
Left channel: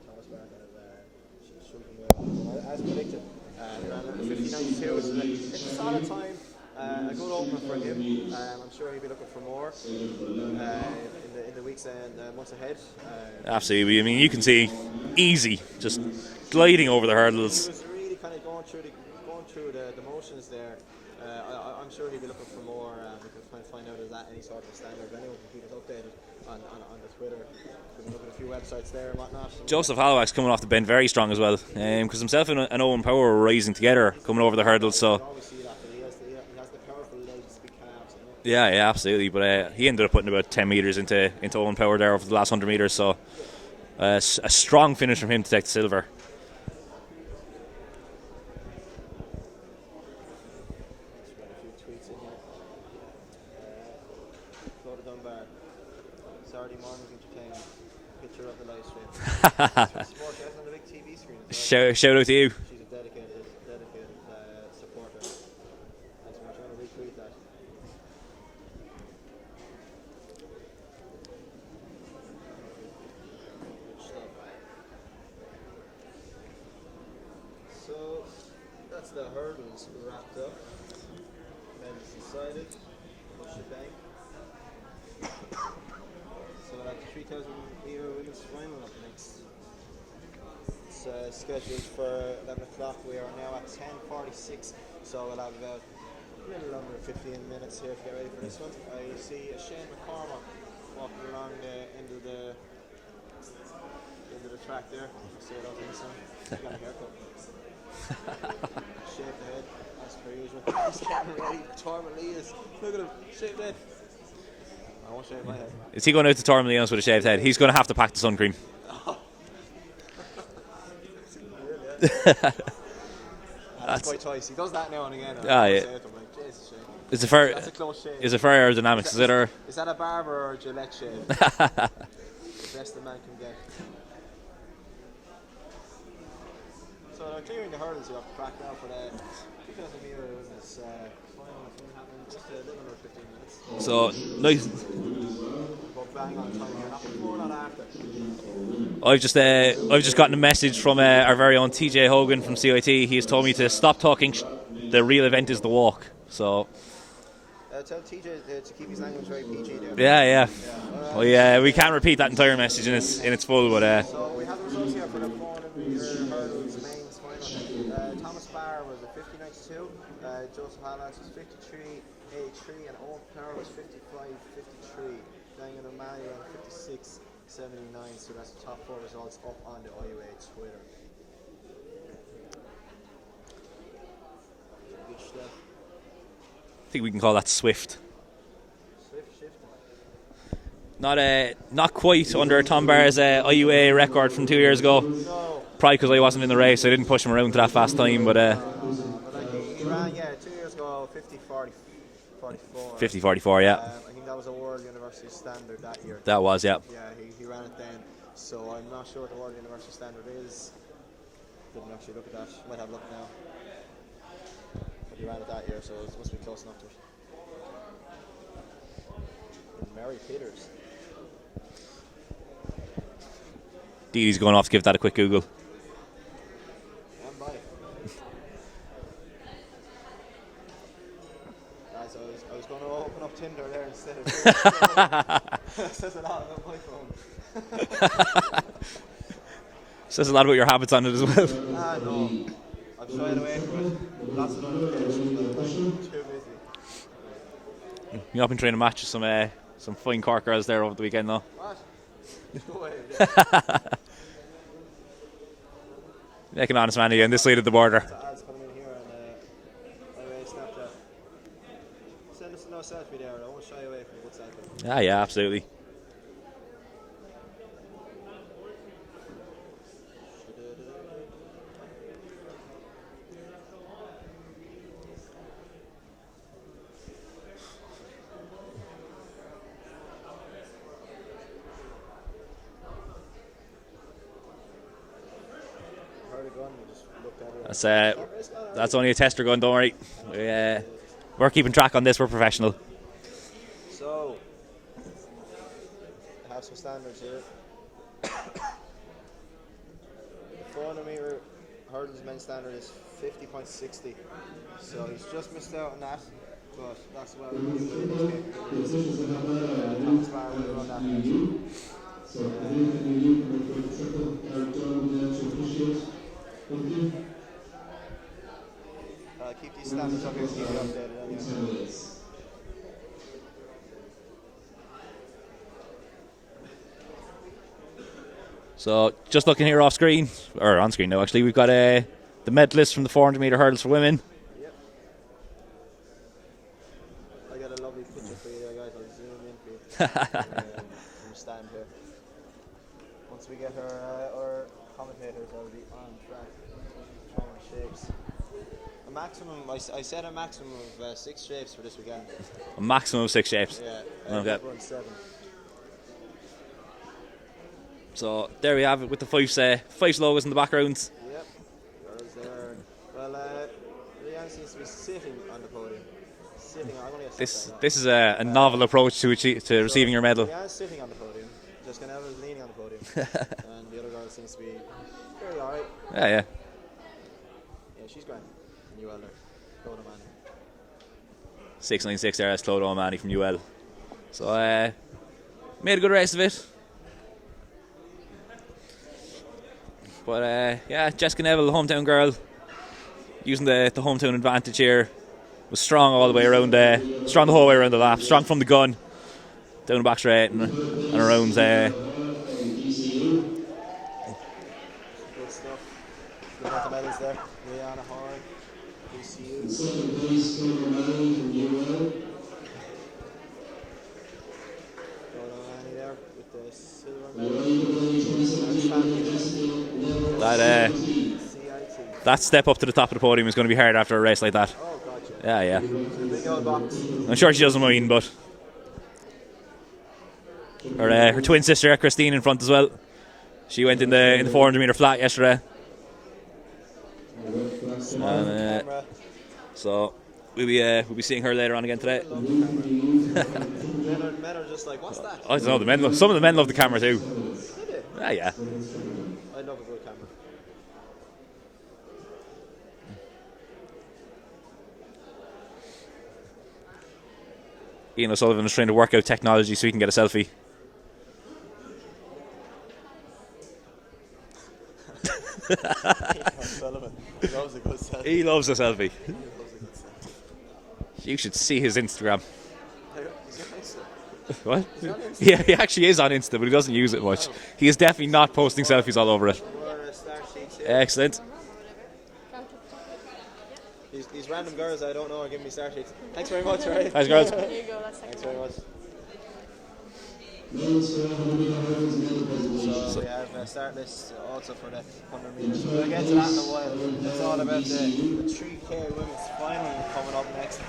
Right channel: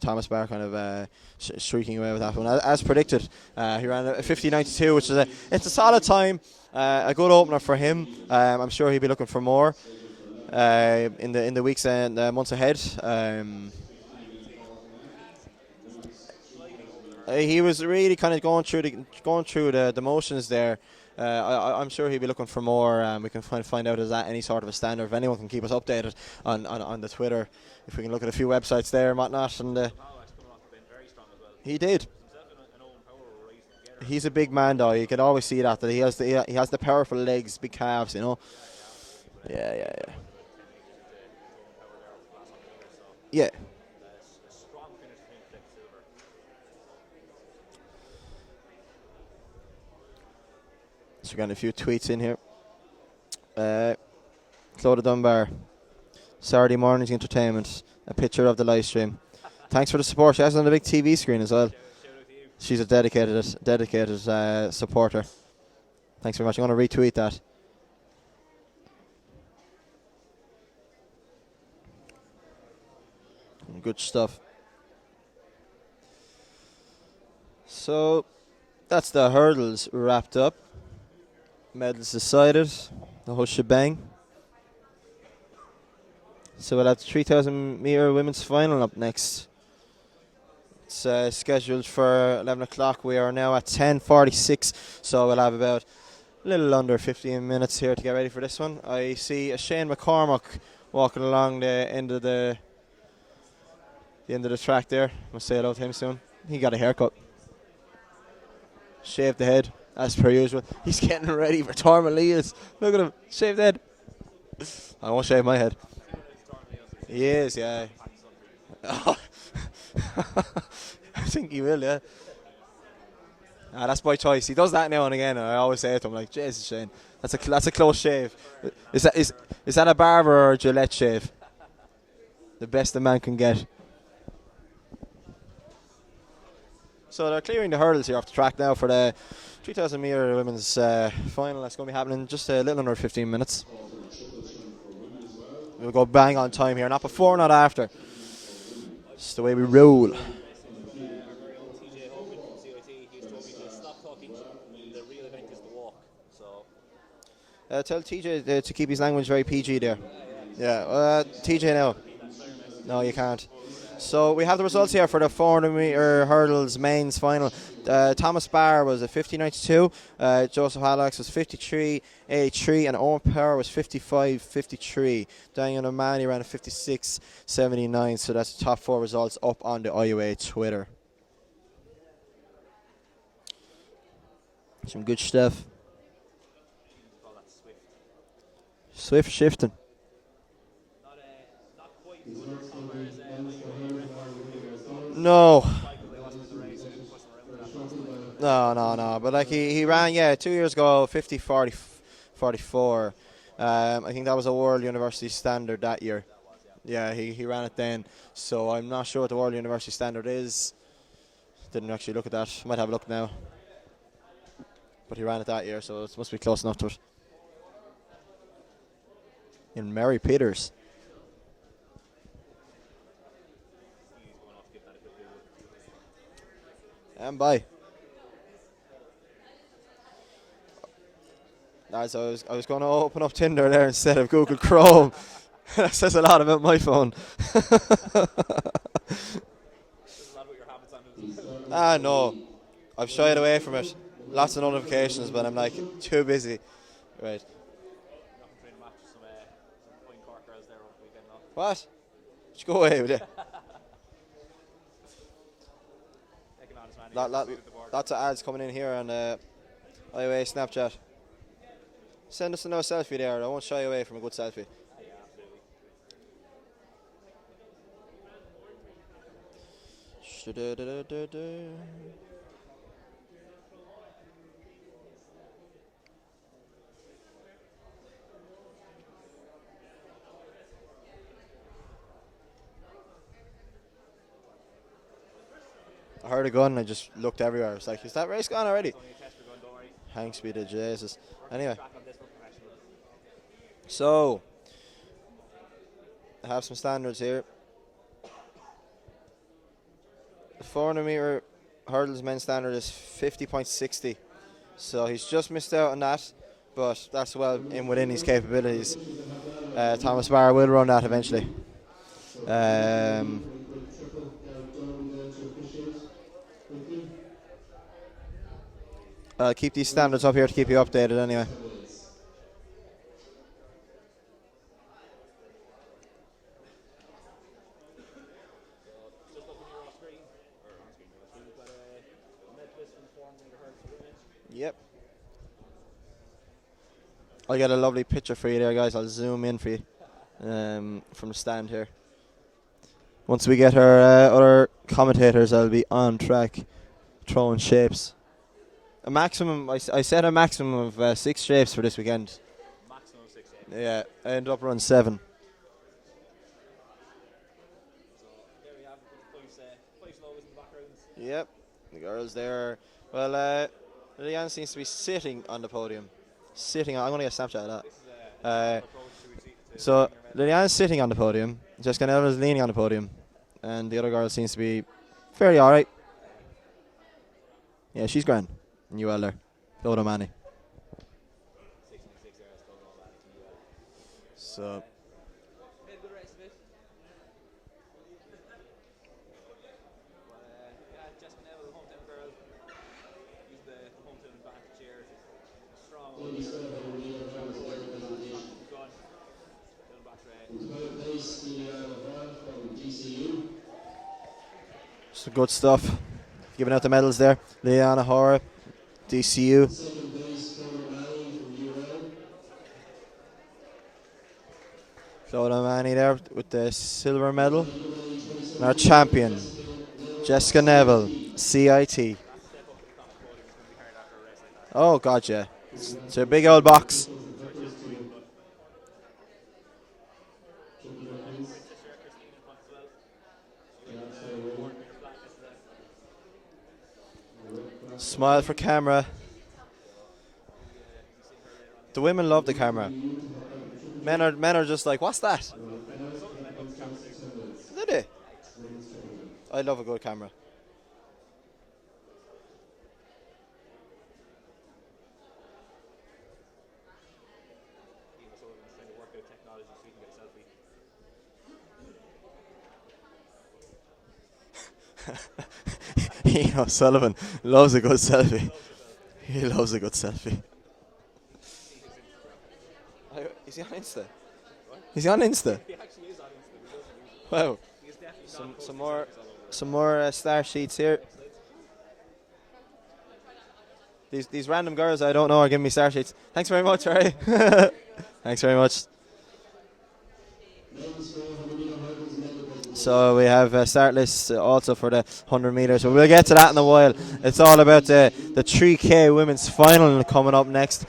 Thomas Barr kind of streaking away with that one as predicted. He ran a 50.92, which is it's a solid time, a good opener for him. I'm sure he'll be looking for more in the weeks and months ahead. Absolutely. I mean, you can see easy, just gliding over the hurdles. He was really kind of going through the motions there. I'm sure he'll be looking for more. We can find out, is that any sort of a standard. If anyone can keep us updated on the Twitter, if we can look at a few websites there and whatnot. And Joseph Halifax coming off the bend very strong as well. He did, because himself and Owen Power were rising together. He's coming over the hurdles. You can always see that he has the powerful legs, big calves, you know. Yeah, absolutely. But he ended up putting about 10 metres into Owen Power there over the last 100 metres. So yeah, a strong finish from him to take the silver. So we're getting a few tweets in here. Clodagh Dunbar, Saturday morning's entertainment. a picture of the live stream. Thanks for the support. She has it on the big TV screen as well. Shout out to you. She's a dedicated supporter. Thanks very much. I'm going to retweet that. Good stuff. So that's the hurdles wrapped up. Medals decided. The whole shebang. So we'll have the 3,000 metre women's final up next. It's scheduled for 11 o'clock. We are now at 10:46, so we'll have about a little under 15 minutes here to get ready for this one. I see a Shane McCormack walking along the end of the track there. Must say hello to him soon. He got a haircut. Shaved the head, as per usual. He's getting ready for Tormalinas. Look at him, shaved head. I won't shave my head. Is he going out to Tormalinas with a shaved head? He's going to have to pack the sun cream. I think he will, yeah. That's by choice. He does that now and again. I always say to him, like, Jesus, Shane. That's a close shave. Is it fair aerodynamics? Is that a barber or a Gillette shave? The best a man can get. So they're clearing the hurdles here off the track now for the 3,000 metre women's final. That's going to be happening in just a little under 15 minutes. So nice. We'll go bang on time here. Not before, not after. I've just gotten a message from our very own TJ Hogan from CIT. He has told me to stop talking. The real event is the walk. So tell TJ to keep his language very PG there. Yeah. We can't repeat that entire message in its full. But so we have the results here for the 400 metre hurdles mains final. Thomas Barr was a 50.92. Joseph Hallax was 53.83, and Owen Power was 55.53. Daniel O'Malley ran a 56.79. So that's the top 4 results up on the IUAA Twitter. Some good stuff. I think we can call that swift. Swift shifting. Not quite under Tom Barr's IUA record from 2 years ago. No. Probably because I wasn't in the race. I didn't push him around to that fast time. But No. But like he ran, 2 years ago, 50.44. 50.44, yeah. I think that was a World University standard that year. That was, yeah. Yeah, he ran it then. So I'm not sure what the World University standard is. Didn't actually look at that. Might have a look now. But he ran it that year, so it must be close enough to it. In Mary Peters. Dee Dee's going off to give that a quick Google. And bye. Guys, I was going to open up Tinder there instead of Google Chrome. That says a lot about my phone. Says a lot about your habits on it as well. No. I've shied away from it. Lots of notifications, but I'm like too busy. Right. You've been trying to match some fine Cork girls there over the weekend, though. What? Just go away with it. Make an honest man again, this side of the border. Lots of ads coming in here on IUA Snapchat. Send us a no selfie there. I won't shy away from a good selfie. Yeah, absolutely. I heard a gun and I just looked everywhere. Is that race gone already? That's only a tester gun, don't worry. Thanks. We're keeping track on this, we're professional. So, I have some standards here. The 400 metre hurdles men's standard is 50.60. So he's just missed out on that, but that's well within his capabilities. Thomas Barr will run that eventually. I'll keep these standards up here to keep you updated anyway. So just looking here off screen, or on screen now actually, we've got the medalists from the 400 metre hurdles for women. Yep. I'll get a lovely picture for you there, guys. I'll zoom in for you from the stand here. Once we get our other commentators, I'll be on track throwing shapes. A maximum, I set a maximum of 6 shapes for this weekend. A maximum of 6 shapes? Yeah, I ended up running 7. So there we have it with the Fyffes logos in the background. Yep, the girls there. Well, Leanne seems to be sitting on the podium. I'm going to get a snapshot of that. This is a novel approach to receiving your medal. Leanne's sitting on the podium. Jessica Neville is leaning on the podium. And the other girl seems to be fairly alright. Yeah. Yeah, she's grand. And UL there. Lodo Manny. 696 there, that's Clodagh O'Mahony from UL. So made a good race of it. But yeah, Jessica Neville, the hometown girl, using the hometown advantage here, was strong all the way around. Strong the whole way around the lap. Strong from the gun, down the back straight and around. Some good stuff. Giving out the medals there. Leanna Hora, DCU. Clodagh O'Mahony there with the silver medal. And our champion, Jessica Neville, CIT. That step up to the top of the podium is going to be hard after a race like that. Oh, God, yeah. Yeah. It's a big old box. I'm sure she doesn't mind, but her twin sister Christine in front as well. She went in the 400 meter flat yesterday. Smile for camera. So we'll be seeing her later on again. The today. women love the camera. men are just like, what's that? I don't know. The men some of the men love the camera too. Do they? Yeah. I love a good camera. Ian O'Sullivan is trying to work out technology so he can get a selfie. Ian O'Sullivan loves a good selfie. He loves a selfie. He loves a good selfie. You should see his Instagram. Is he on Insta? What? He's on Insta? Yeah, he actually is on Insta, but he doesn't use it much. Oh. He is definitely not posting selfies all over it. Some more star sheets here. Excellent. These random girls I don't know are giving me star sheets. Thanks very much, right? Thanks, guys. Thanks very much. So we have start lists also for the 100 metres. So we'll get to that in a while. It's all about the 3K women's final coming up next.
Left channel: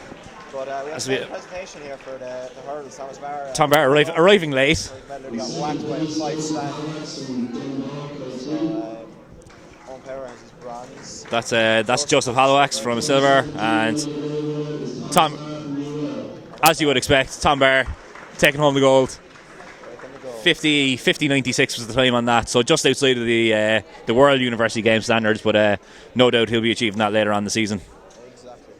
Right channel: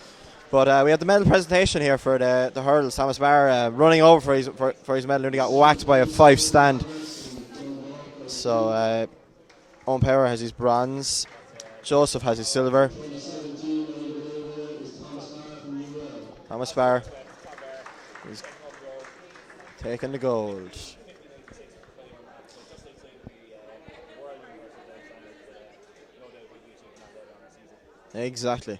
But we have the medal presentation here for the hurdles. Thomas Barr, arriving late for his medal, only got whacked by a 5 stand. So Owen Power has his bronze. That's Joseph Hallowacks from a silver, and Tom, as you would expect, Tom Barr taking home the gold. Taking the gold. 50.96 was the time on that, so just outside of the World University Game standards, but no doubt he'll be achieving that later on in the season. Exactly.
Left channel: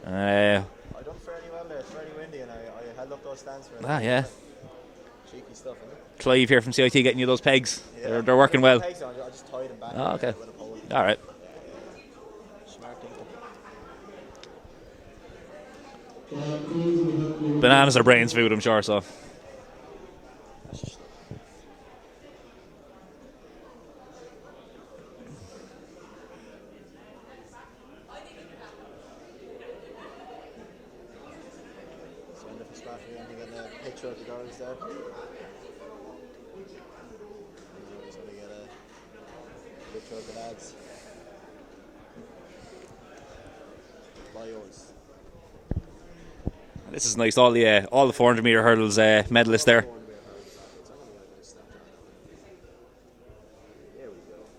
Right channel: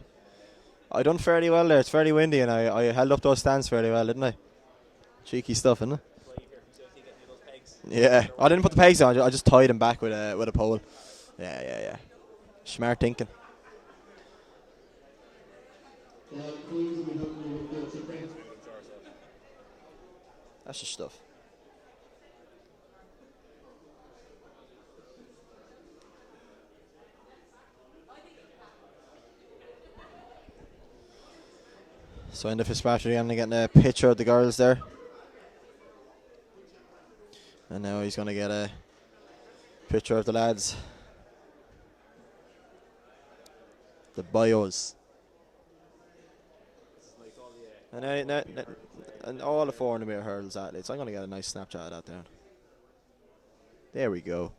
I done fairly well there. It's fairly windy, and I held up those stands fairly well, didn't I? Cheeky stuff, isn't it? Clive here from CIT getting you those pegs. Yeah, they're working I didn't well. put pegs on. I just tied them back with a pole. All right. Yeah. Smart thinking. Bananas are brains food, I'm sure. So that's just stuff. So in the Fitzpatrick, I'm getting a picture of the girls there. And now he's going to get a picture of the lads. The bios. this is nice. All the 400 meter hurdles medalists there. 400 meter hurdles athletes. I'm going to get a nice snapshot of that there. There we go.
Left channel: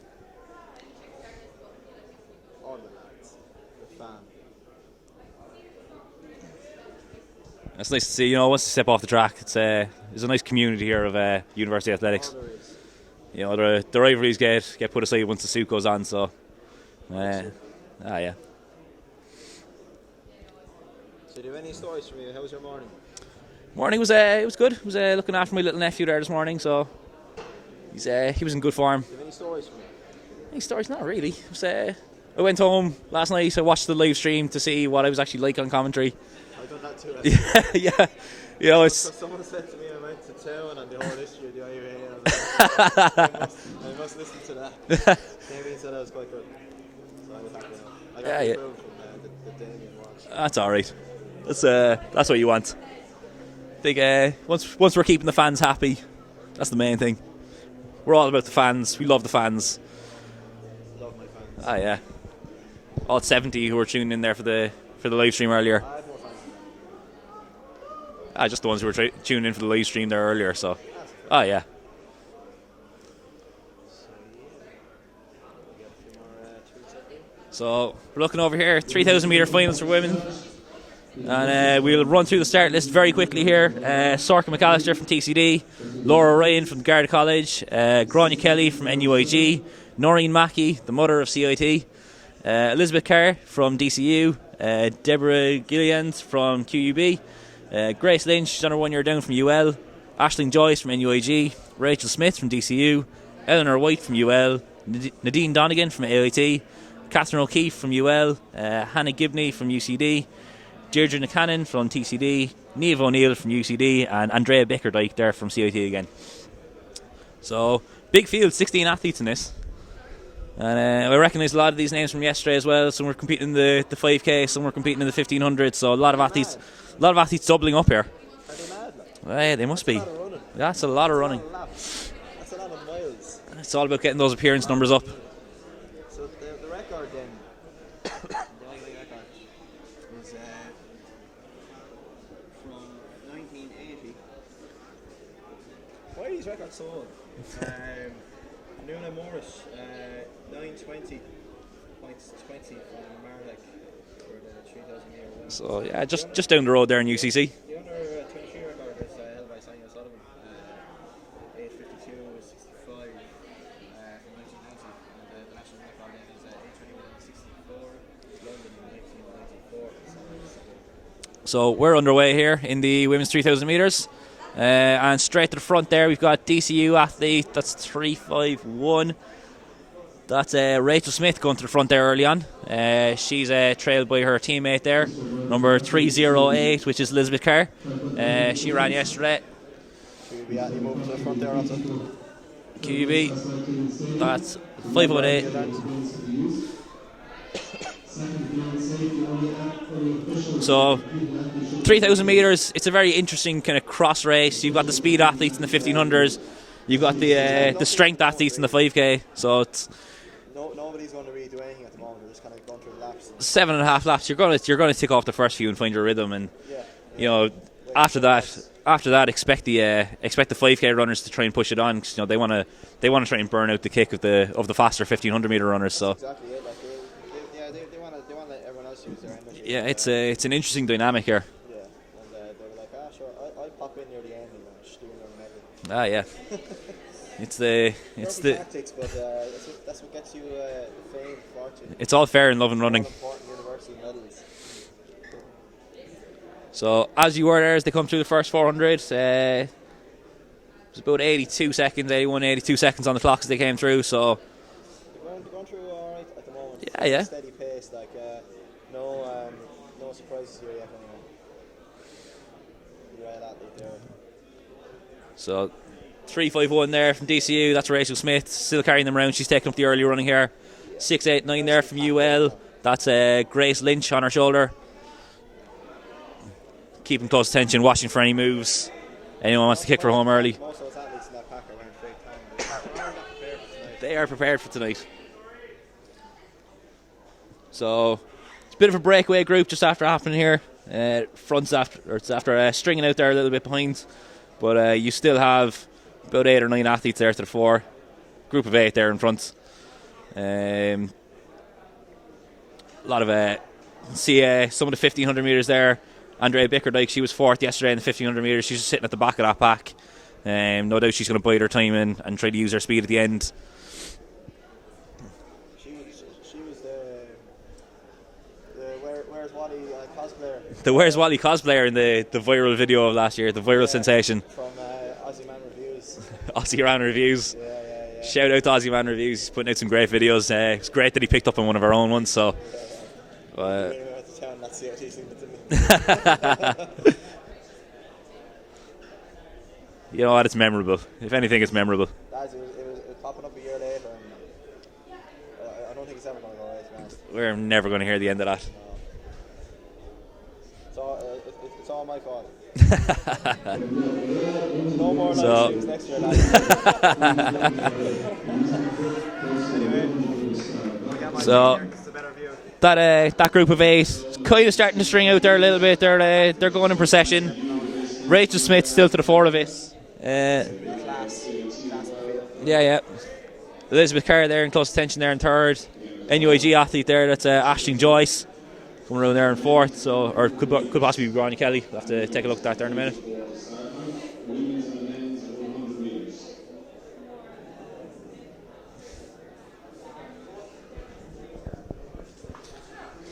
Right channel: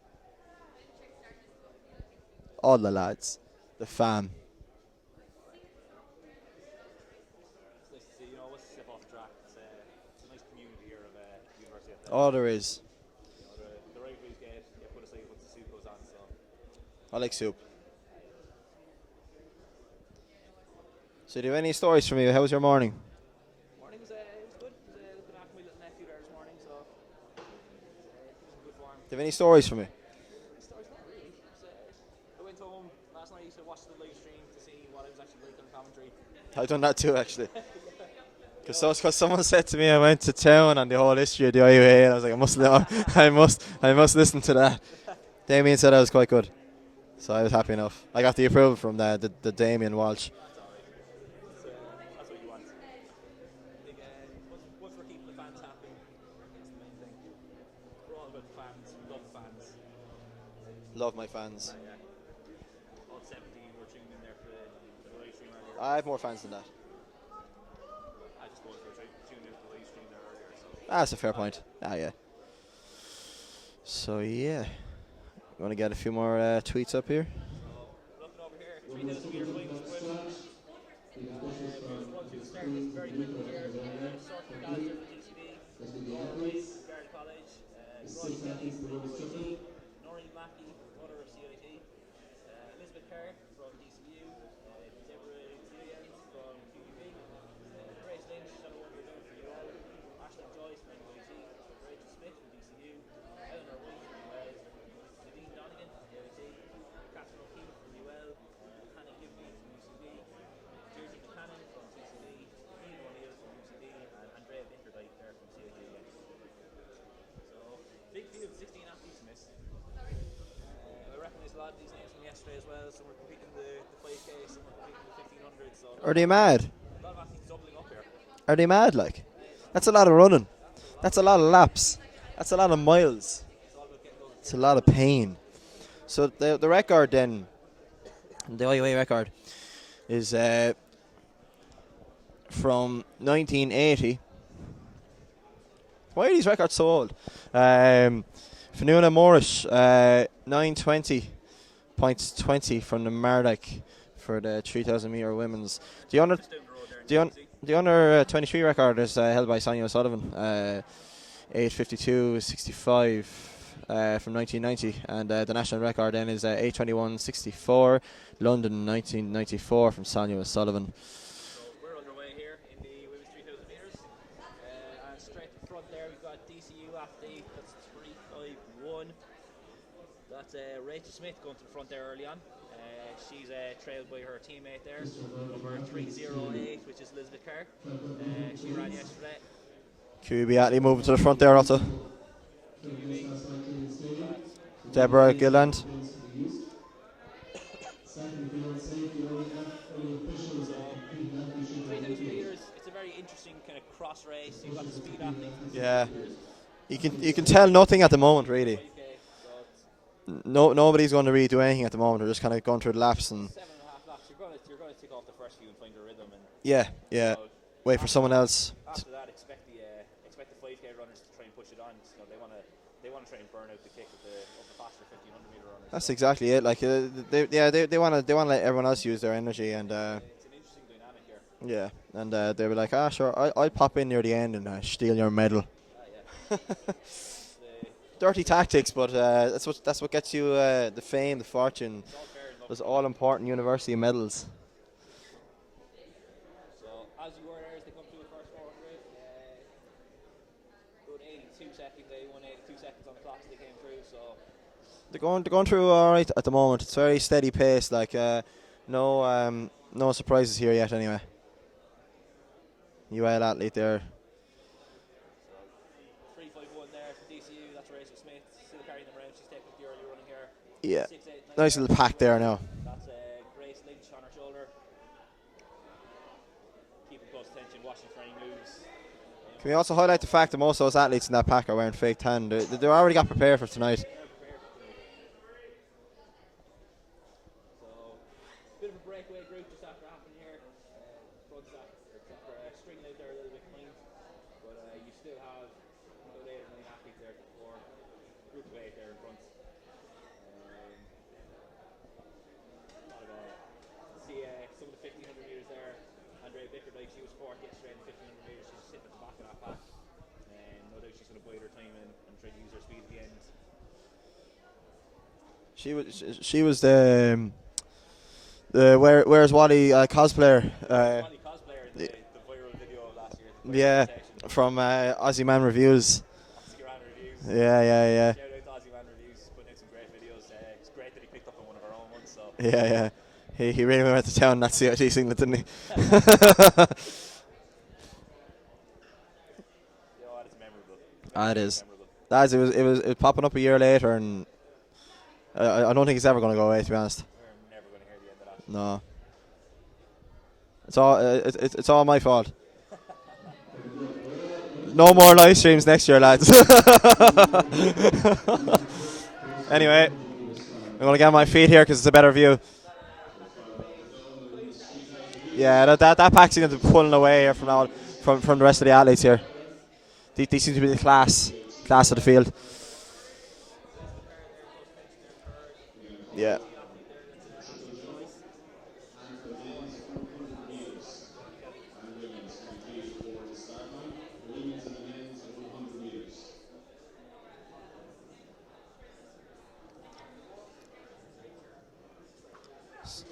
All the lads, the fam. It's nice to see, you know, once you step off the track, there's a nice community here of university athletics. Oh, there is. You know, the rivalries get put aside once the suit goes on, so. I like soup. Yeah. So do you have any stories for me? How was your morning? Morning was it was good. I was looking after my little nephew there this morning, so he was in good form. Do you have any stories for me? Any stories? Not really. It was, I went home last night. I watched the live stream to see what I was actually like on commentary. I've done that too, actually. Yeah. You know, because someone said to me I went to town on the whole history of the IUAA, and I was like, I must listen to that. Damien said I was quite good, so I was happy enough. I got the approval from the Damien Walsh. That's all right. That's what you want. I think once we're keeping the fans happy, that's the main thing. We're all about the fans. We love the fans. Love my fans. Ah, yeah. All 70 who were tuning in there for the live stream earlier. I have more fans than that. Just the ones who were tuning in for the live stream there earlier. So. That's a fair point. Yeah. So yeah, want to get a few more tweets up here. So we're looking over here, 3,000 metre finals for women. And we'll run through the start list very quickly here. Sorka McAllister from TCD, Laura Ryan from Garda College, Grania Kelly from NUIG, Noreen Mackey, the mother of CIT, Elizabeth Carr from DCU, Deborah Gillians from QUB, Grace Lynch, she's on her 1 year down from UL, Aisling Joyce from NUIG, Rachel Smith from DCU, Eleanor White from UL, Nadine Donegan from AIT, Catherine O'Keefe from UL, Hannah Gibney from UCD, Deirdre Nicannon from TCD, Niamh O'Neill from UCD, and Andrea Bickerdike there from CIT again. So, big field, 16 athletes in this. And I recognise a lot of these names from yesterday as well. Some were competing in the 5K, some were competing in the 1500. So a lot of athletes doubling up here. Are they mad? Like, they must be. That's a lot of running. That's a lot of laps. That's a lot of miles. It's all about getting those appearance numbers up. So the record then, the IUAA record, is from 1980. Why are these records so old? Fanuna Morris, 9:20.20 from the Mardyk for the 3,000 metre women's. So yeah, just down the road there in UCC. The under 23 record is held by Sonia O'Sullivan, 8:52.65 from 1990, and the national record then is 8:21.64, London 1994 from Sonia O'Sullivan. So we're underway here in the women's 3,000 metres. And straight to the front there, we've got DCU athlete, that's 351. That's Rachel Smith going to the front there early on. She's trailed by her teammate there, number 308, which is Elizabeth Carr. She ran yesterday. QB athlete moving to the front there also. QB, that's 508. So 3,000 metres, it's a very interesting kind of cross race. You've got the speed athletes in the 1500s, you've got the strength athletes in the 5K. So it's nobody's going to really do anything at the moment. They're just kind of going through the laps. And 7.5 laps. You're going to tick off the first few and find your rhythm. And you know, after that, expect the 5K runners to try and push it on, because they want to try and burn out the kick of the faster 1500 meter runners. That's exactly it. Like they want to let everyone else use their energy. Yeah, it's an interesting dynamic here. Yeah, and they were like, sure, I'll pop in near the end and steal your medal. Yeah. It's dirty tactics, but that's what gets you the fame, the fortune. It's all fair in love and running. All important university medals. So as you were there, as they come through the first 400, it was about 82 seconds on the clock as they came through. So they're going through all right at the moment. It's very steady pace. Like no surprises here yet. Anyway, UL athlete there. So 351 there from DCU. That's Rachel Smith still carrying them around. She's taking up the early running here. 689 nice there from UL. That's Grace Lynch on her shoulder. Keeping close attention, watching for any moves. Anyone wants to kick her home early. Most of those athletes in that pack are wearing fake tan. They already got prepared for tonight. They are prepared for tonight. So it's a bit of a breakaway group just after happening here. Fronts after stringing out there a little bit behind, but you still have about 8 or 9 athletes there to the fore. Group of 8 there in front. A lot of see some of the 1500 meters there. Andrea Bickerdike, she was 4th yesterday in the 1500 metres. She's just sitting at the back of that pack. No doubt she's going to bide her time in and try to use her speed at the end. She was the Where's Wally cosplayer. The Where's Wally cosplayer in the viral video of last year, the viral sensation. From Aussie Man Reviews. Aussie Man Reviews. Yeah. Shout out to Aussie Man Reviews. He's putting out some great videos. It's great that he picked up on one of our own ones. So yeah. He really went to town in that CIT singlet, didn't he? You know what? It's memorable. If anything, it's memorable. It was popping up a year later, and I don't think it's ever going to go away. To be honest, we're never going to hear the end of that. No. It's all my fault. No more live streams next year, lads. Anyway. I'm going to get my feet here because it's a better view. That group of 8 is kind of starting to string out there a little bit. They're going in procession. Rachel Smith still to the fore of it. They seem to be the class of the field. Yeah. Elizabeth Carr there in close attention there in third. NUAG athlete there, that's Aisling Joyce coming around there in fourth. So, or could possibly be Ronnie Kelly. We'll have to take a look at that there in a minute.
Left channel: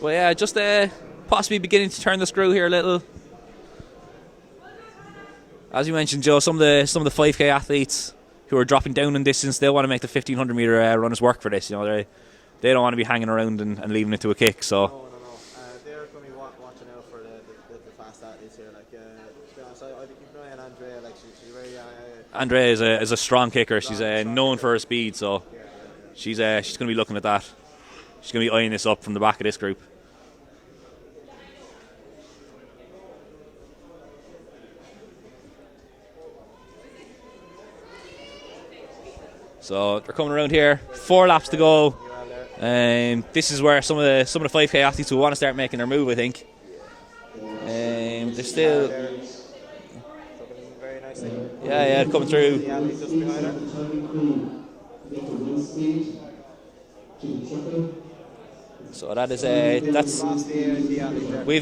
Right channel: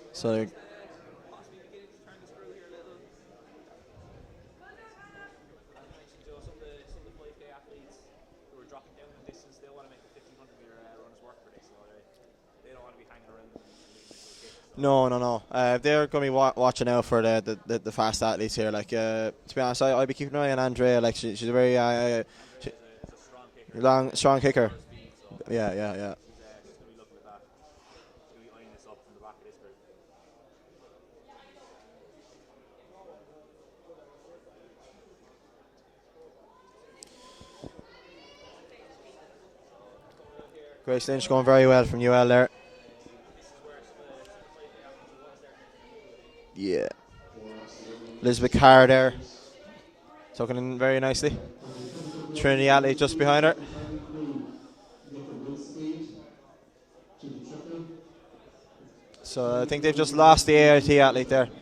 Well, yeah, just possibly beginning to turn the screw here a little. As you mentioned, Joe, some of the 5K athletes who are dropping down in distance, they'll want to make the 1500 metre runners work for this. You know, they don't want to be hanging around and leaving it to a kick. So no. They're going to be watching out for the fast athletes here. Like to be honest, I'd be keeping an eye on Andrea. Like she's a very Andrea is a strong kicker. She's known for her speed. So yeah. She's going to be looking at that. She's going to be eyeing this up from the back of this group. So they're coming around here. 4 laps to go. Well from UL there. This is where some of the 5K athletes will want to start making their move, I think. Yeah. Elizabeth Carr there. Tucking in very nicely. Yeah, coming through. Trinity athlete just behind her. So that is. I think they've just lost the AIT athlete there. We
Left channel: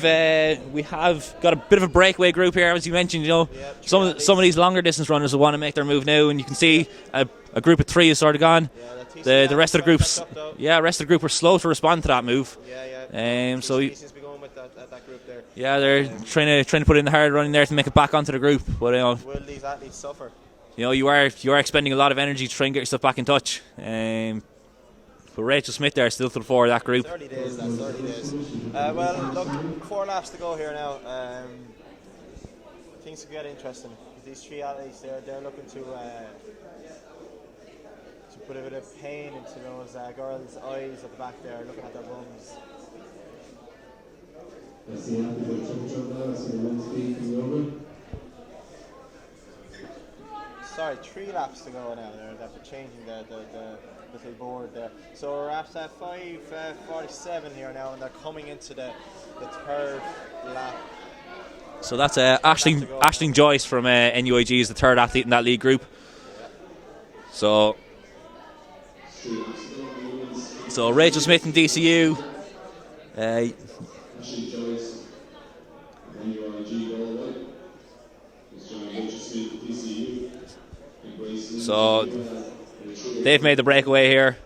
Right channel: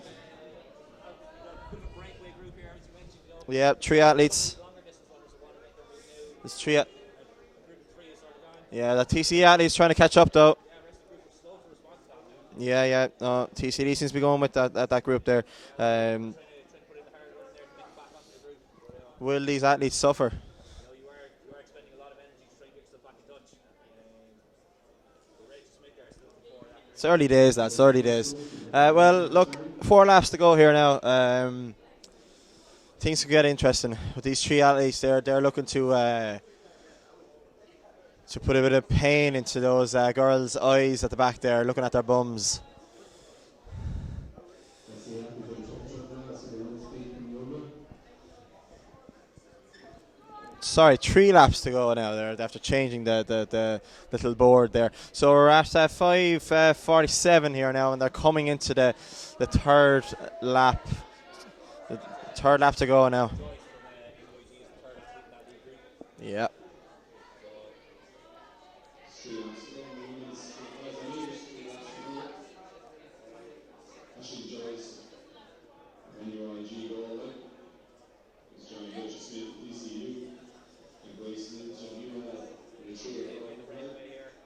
have got a bit of a breakaway group here, as you mentioned. You know, yeah, some of these longer distance runners will want to make their move now, and you can see a group of 3 is sort of gone. Yeah, the TC athlete's trying to catch up though. Yeah, the rest of the group were slow to respond to that move. Yeah. So he seems to be going with that group there. Yeah, they're trying to put in the hard running there to make it back onto the group. But will these athletes suffer? You know, you are expending a lot of energy to try and get yourself back in touch. But Rachel Smith there still to the fore of that group. It's early days, that's early days. Well, look, 4 laps to go here now. Things could get interesting with these 3 athletes. They're looking to put a bit of pain into those girls' eyes at the back there, looking at their bums. Sorry, 3 laps to go now there after changing the little board there. So we're at 5:47 here now, and they're coming into the 3rd lap. So that's Aisling Joyce from NUAG is the 3rd athlete in that league group. Yeah. So Rachel Smith in DCU. So they've made the breakaway here,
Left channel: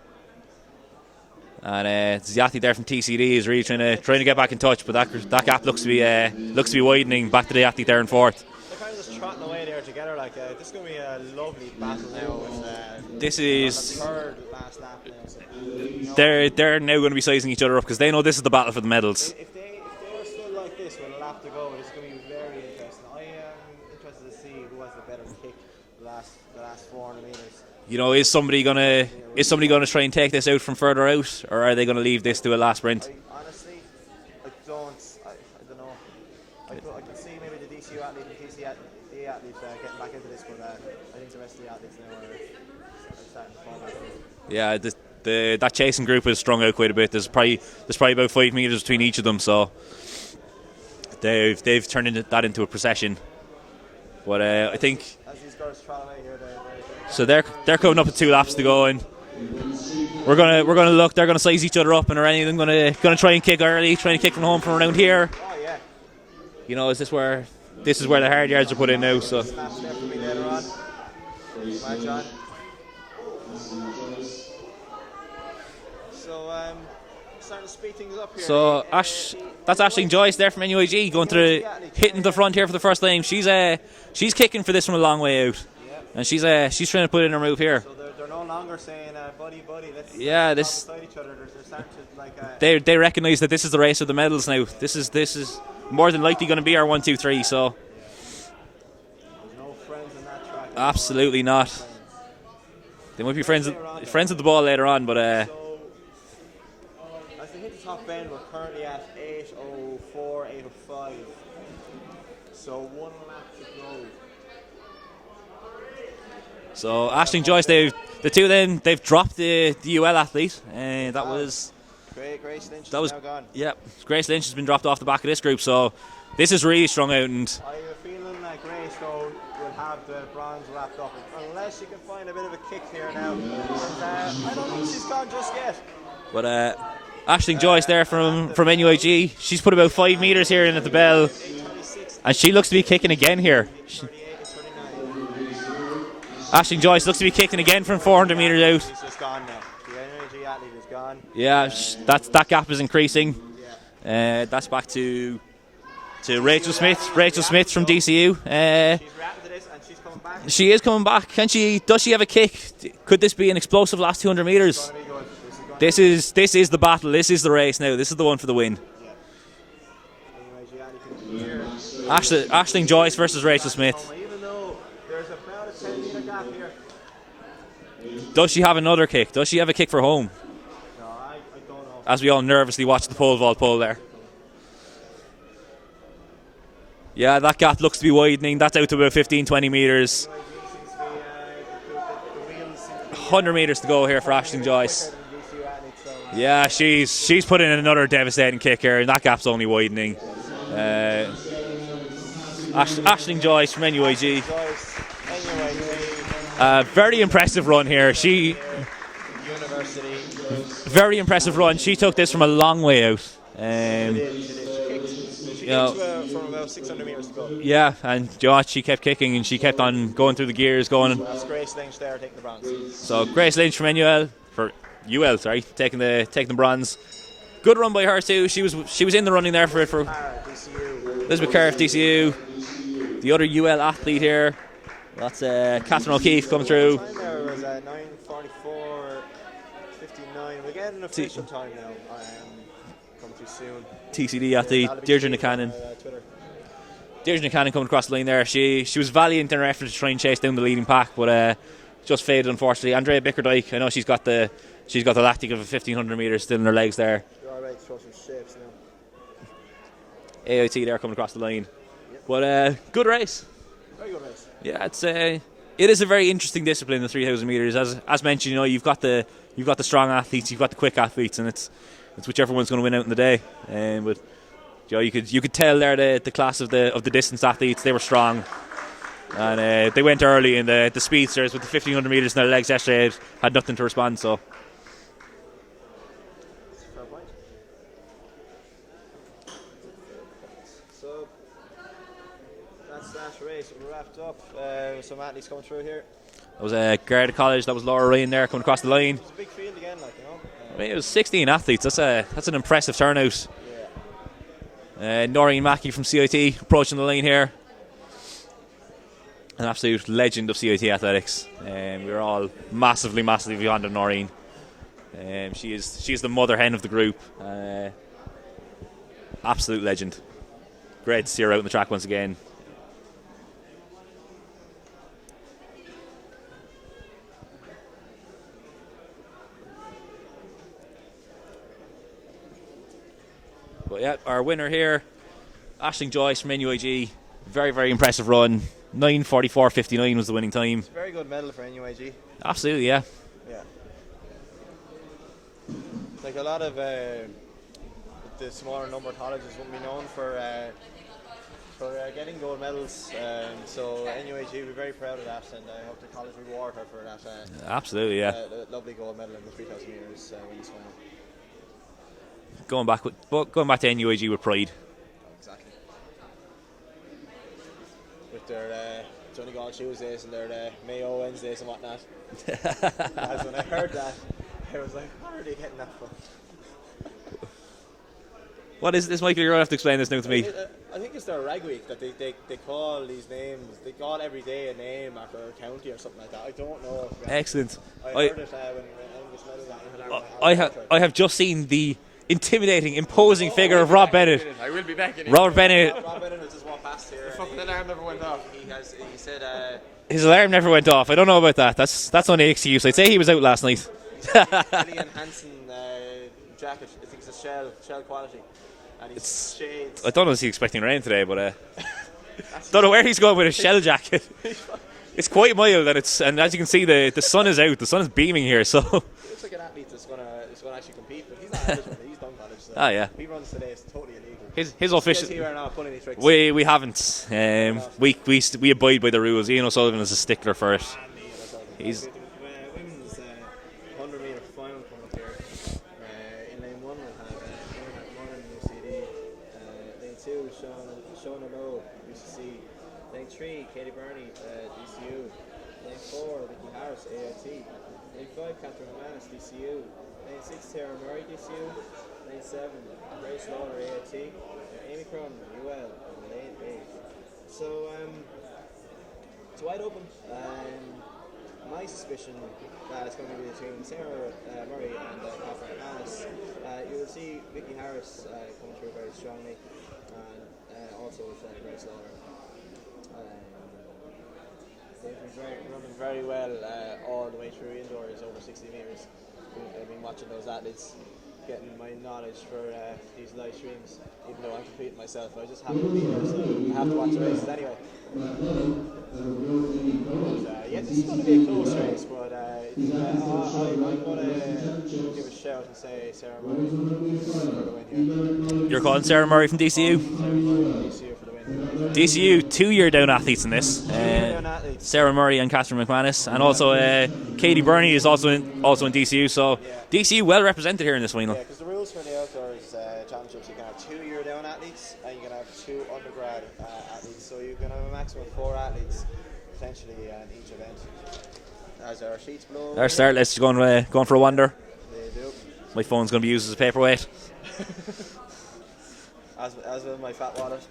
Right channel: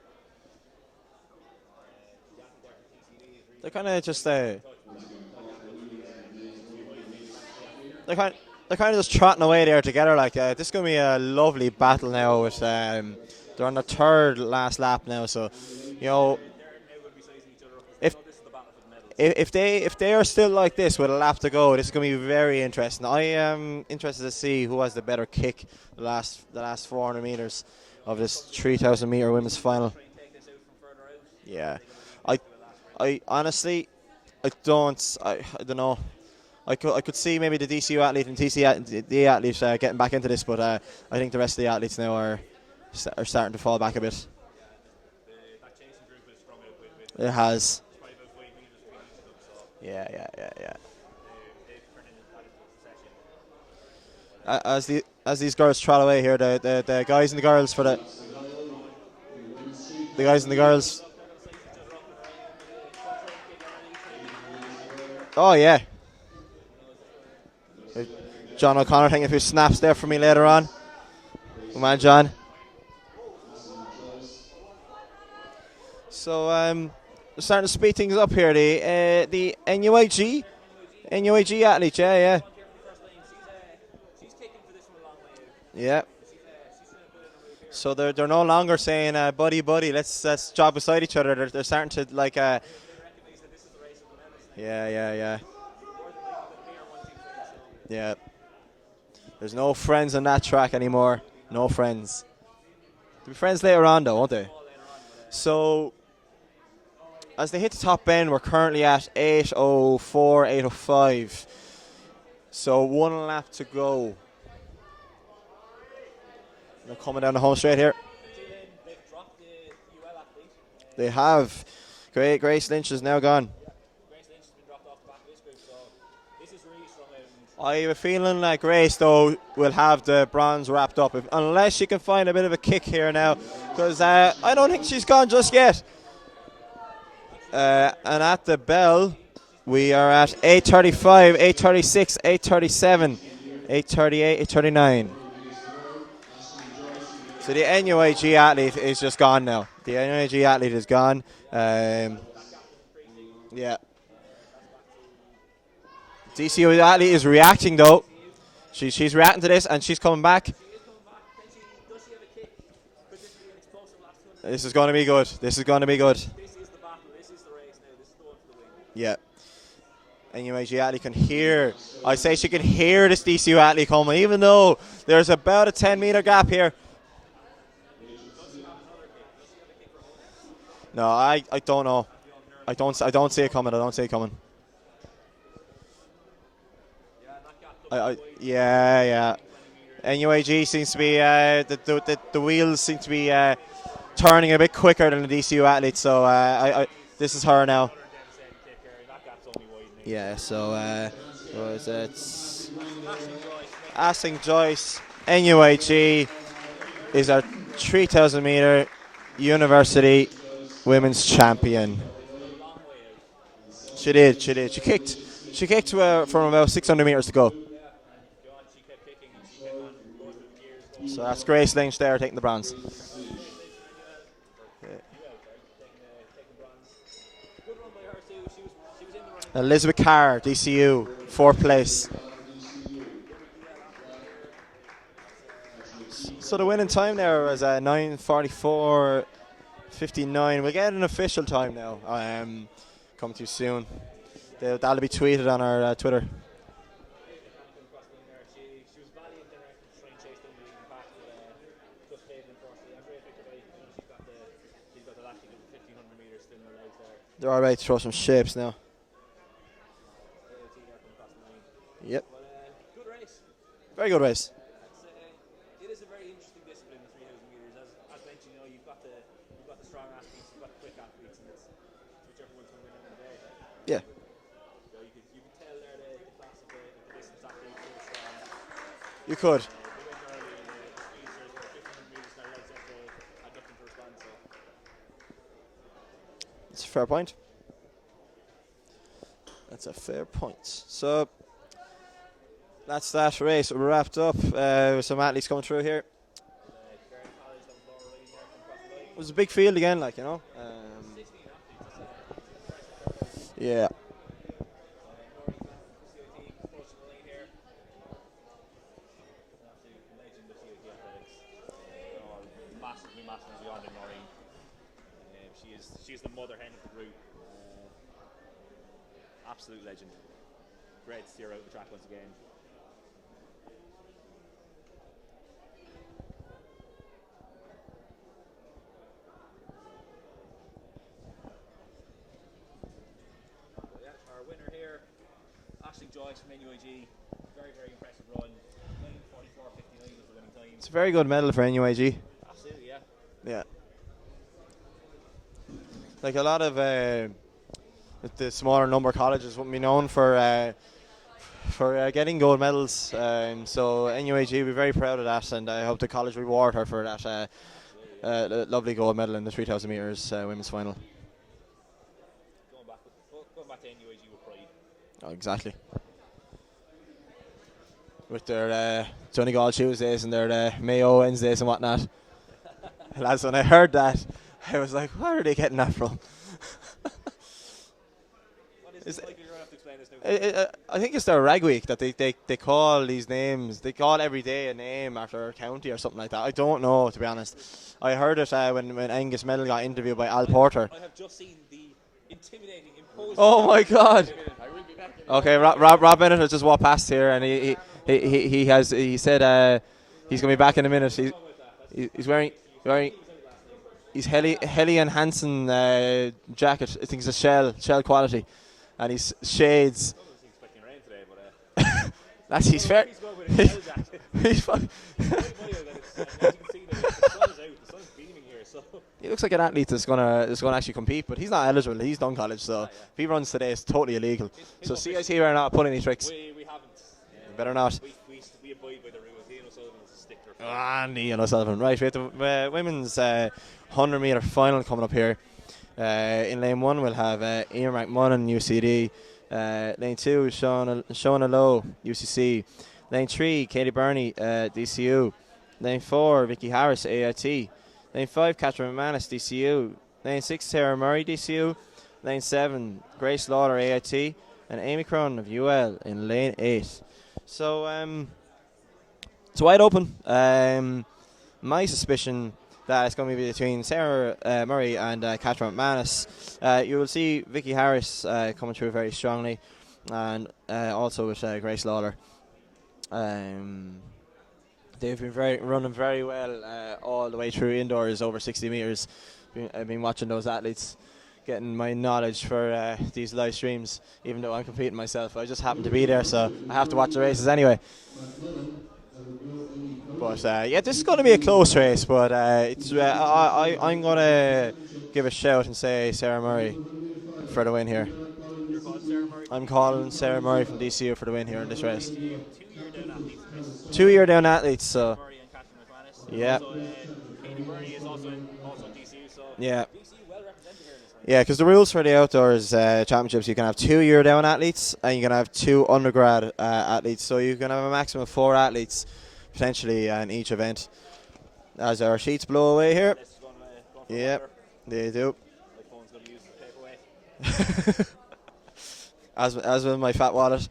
and the athlete there from TCD is really trying to get back in touch, but that gap looks to be widening back to the athlete there in 4th. They're kind of just trotting away there together like that. This is going to be a lovely battle now. With this is on the 3rd last lap now, so you know, they're now going to be sizing each other up because they know this is the battle for the medals. If they are still like this with a lap to go, this is going to be very interesting. I am interested to see who has the better kick the last 400 meters. You know, is somebody going to try and take this out from further out, or are they going to leave this to a last sprint? Honestly, I don't know. I could see maybe the DCU athlete and TCD athlete getting back into this, but I think the rest of the athletes now are starting to fall back a bit. Yeah, that chasing group has strung out quite a bit. There's probably about 5 meters between each of them, so yeah. They've turned that into a procession. But I think as these girls trot away here, the guys, so they're coming up with 2 laps to go, and we're gonna look. They're gonna size each other up, and are any of them gonna try and kick early, trying to kick from home from around here? Oh yeah. You know, is this where the hard yards are put in now? John O'Connor, if he snaps there for me later on. Come on, John. So we're starting to speed things up here. So that's Aisling Joyce there from NUAG going hitting the front here for the first time. She's kicking for this from a long way out. Yeah. And she's trying to put in her move here. So they're no longer saying buddy, let's jog beside each other. They're starting to like. They recognise that this is the race of the medals now. Yeah, this is more than likely going to be our 1, 2, 3. So yeah. There's no friends on that track anymore. Absolutely not. No friends. They might be friends later on, though. Friends at the ball later on, but so as they hit the top bend, we're currently at 8:04, 8:05. So 1 lap to go. So Aisling Joyce, the 2 of them, they've dropped the UL athlete. They have. Grace Lynch is now gone. Yeah, Grace Lynch has been dropped off the back of this group. So This is really strung out, and I have a feeling like Grace, though, will have the bronze wrapped up, unless she can find a bit of a kick here now, because I don't think she's gone just yet. but Aisling Joyce there and from bell, NUIG. She's put about we 5 are meters at here. 8:35, 8:36, and she looks to be kicking again here. 8:38, 8:39. Aisling Joyce looks to be kicking The again from NUIG 400 athlete meters out. is just gone now. The NUIG athlete is gone. Yeah, that gap is increasing. Yeah. That's back to DCU Rachel athlete is Smith reacting, from though. DCU. She's reacting to this, and she's coming back. She is coming back. Can she? Does she have a kick? Could this be an explosive last 200 meters? This is going to be good. This is going to be good. This is the battle. This is the race now. This is the one for the win. Yeah. NUIG athlete can hear. I say she can Aisling hear Joyce this versus DCU Rachel athlete Smith. coming, even though there's about a 10-meter gap here. Does she have another kick? Does she have a kick for home? No, I don't know. As we all nervously watch the pole vault pole I there. don't see it coming. Yeah, that gap looks to be widening. That's out to about 15, 20 meters. NUIG seems to be the wheels seem to be 100 meters to go here. turning a bit Joyce. quicker than the DCU athlete. So yeah, she's put in now. another devastating kick here, and that gap's only widening. Yeah, so Aisling Joyce from NUIG. Aisling Joyce, NUIG. Very impressive run here. 3,000 meter university. Very impressive champion. run. She took this from a long way out. She did. She kicked. She kicked from about 600 meters to go. Yeah, and you know what, she kept kicking and she kept on going through the gears, going. So that's Grace Lynch there taking the bronze. So Grace Lynch from UL taking the bronze. Good run by her too. She was in the running there. Elizabeth for Carr, DCU. Elizabeth Carr, DCU. The other UL athlete here. That's Catherine O'Keefe So coming the winning through. time there was 9:44.59. We'll get an official time now. Coming too soon. TCD athlete. That'll be Deirdre tweeted on Buchanan. our Twitter. Deirdre Buchanan coming across the line there. She was valiant in her effort to try and chase down the leading pack, but just faded unfortunately. Andrea Bickerdike, I know she's got the lactic of a 1500 meters still in her legs there. They're all right to throw some shapes now. AIT there coming across the line. Yep. But good race. Very good race. Yeah, it is a very interesting discipline, the 3,000 meters. As mentioned, you know, you've got the strong athletes, you've got the quick athletes, and it's whichever one's going to win out in the day. But you know, you could tell there the class of the distance athletes, they were strong. And they went early, and the speedsters with the 1,500 meters in their legs yesterday had nothing to respond. So that's a fair point. That's a fair point. So that's that race wrapped up. With some athletes coming through here. That was Garda College. That was Laura Ryan there coming across the line. It was a big field again, like, you know. I mean, it was 16 athletes. That's an impressive turnout. Yeah. Noreen Mackey from CIT approaching the line here. An absolute legend of CIT athletics. We're all massively beyond Noreen. She is the mother hen of the group. Absolute legend. Great to see her out on the track once again. But yeah, our winner here, Aisling Joyce from NUIG. Very, very impressive run. 9:44.59 was the winning time. It's a very good medal for NUIG. Absolutely, yeah. Yeah. Like a lot of the smaller number colleges won't be known for getting gold medals. So NUIG will be very proud of that, and I hope the college reward her for that. Absolutely, yeah. Lovely gold medal in the 3,000 meters women's final. Going back to NUIG with pride. Oh, exactly. With their Donegal Tuesdays and their Mayo Wednesdays and whatnot. Lads, when I heard that, I was like, where are they getting that from? What is this, Michael? You're going to have to explain this now to me. I think it's their rag week that they call these names. They call every day a name after a county or something like that. I don't know, to be honest. Excellent. I heard it when Angus Medal got interviewed by Al Porter. I have just seen the intimidating, imposing figure of Rob Bennett. I will be back in. Rob Bennett has just walked past here, and he said his alarm never went off. I don't know about that. That's he's only an excuse. I'd say he was out last night. He's Helly Hansen jacket. I think it's a shell quality, and he's shades. I don't know if he's expecting rain today, but Don't know where he's going with his shell jacket. It's quite mild, and as you can see, the sun is out. The sun is beaming here, so He looks like an athlete that's gonna actually compete, but he's not eligible. He's done college, so yeah. if he runs today, it's totally illegal. His so official. Here are not pulling any tricks. We haven't. not. We abide by the rules. Ian O'Sullivan is a stickler for it. And Ian O'Sullivan. Right, we have the women's 100 metre final coming up here. In lane 1, we'll have Ian McMullen, UCD. Lane 2, Shona Lowe, UCC. Lane 3, Katie Burney, DCU. Lane 4, Vicky Harris, AIT. Lane 5, Catherine McManus, DCU. Lane 6, Sarah Murray, DCU. Lane 7, Grace Lawler, AIT. And Amy Cronin of UL in lane 8. So, it's wide open. My suspicion that it's going to be between Sarah Murray and Catherine McManus. You will see Vicky Harris coming through very strongly, and also with Grace Lawler. They've been running very well all the way through indoors over 60 metres. I've been watching those athletes, getting my knowledge for these live streams, even though I'm competing myself. I just happen to be there, so I have to watch the races anyway. But yeah, this is going to be a close race, but I'm going to give a shout and say Sarah Murray for the win here. You're calling Sarah Murray from DCU? Sarah Murray from DCU for the win here in this race. DCU, 2-year down athletes in this. 2-year down athletes. Sarah Murray and Catherine McManus, and also Katie Burney is also in DCU. So DCU well represented here in this final. Yeah, because the rules for the outdoors championships, you can have 2-year down athletes and you can have 2 undergrad athletes. So you can have a maximum of 4 athletes potentially in each event. As our sheets blow away, our start list is going for a wander. They do. My phone's going to be used as a paperweight. as with my fat wallet.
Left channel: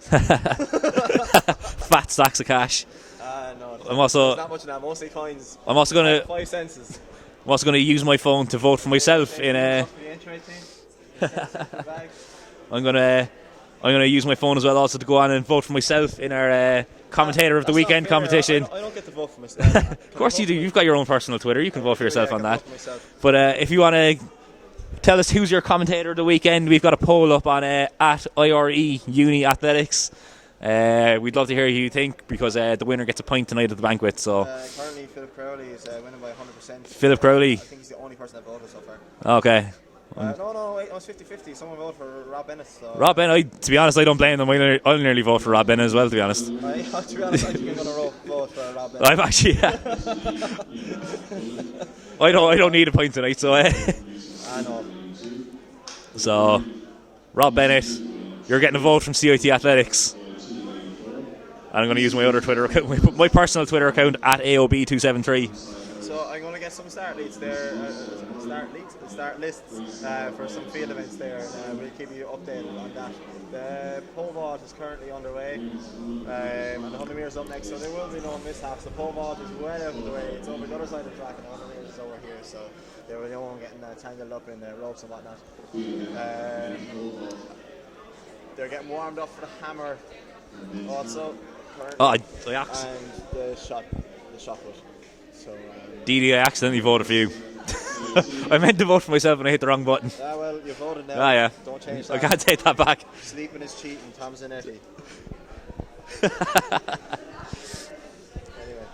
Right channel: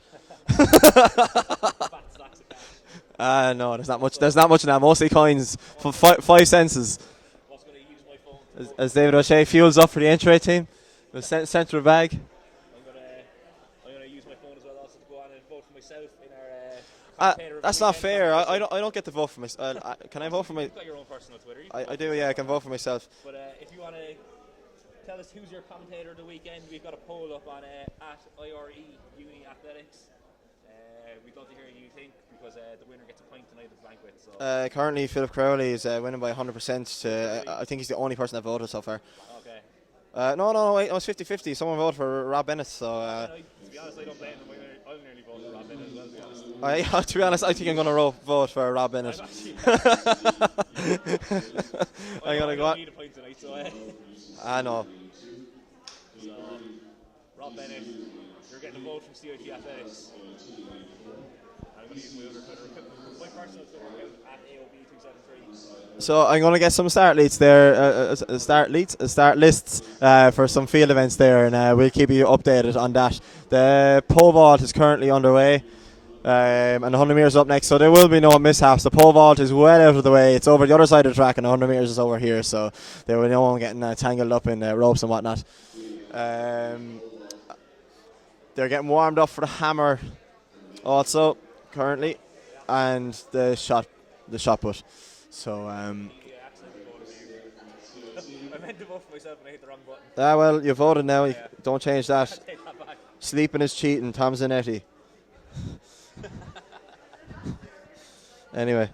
Fat stacks of cash. No, there's not much in that. Mostly coins. I'm also going to 5 cents. I'm also going to use my phone to vote for As myself. fuels up for the entry team. Central bag. I'm going to use my phone as well, also to go on and vote for myself in our commentator of the weekend competition. I don't get to vote for myself. Of course you do. You've got your own personal Twitter. You can vote for yourself on that. Vote for myself. But if you want to tell us who's your commentator of the weekend, we've got a poll up on at IRE Uni Athletics. We'd love to hear who you think, because the winner gets a pint tonight at the banquet. So currently Philip Crowley is winning by 100%. Philip Crowley. I think he's the only person that voted so far. Okay. No, wait, it was 50-50. Someone voted for Rob Bennett. So, Rob Bennett, to be honest, I don't blame them. I'll nearly vote for Rob Bennett as well, to be honest. To be honest, I think I'm going to vote for Rob Bennett. I've actually, I don't need a pint tonight, so I know. So, Rob Bennett, you're getting a vote from CIT Athletics. And I'm going to use my other Twitter account, my personal Twitter account at AOB273. So I'm going to get some start lists for some field events there, and we'll keep you updated on that. The pole vault is currently underway, and the 100 metres up next, so there will be no mishaps. The pole vault is well out of the way. It's over the other side of the track, and the 100 metres is over here, so there will be no one getting tangled up in ropes and whatnot. They're getting warmed up for the hammer also currently, and the shot put. So, Didi, I accidentally voted for you. I meant to vote for myself and I hit the wrong button. Well, you voted now. Yeah. Don't change that. I can't take that back. Sleeping is cheating, Tom Zanetti. Anyway,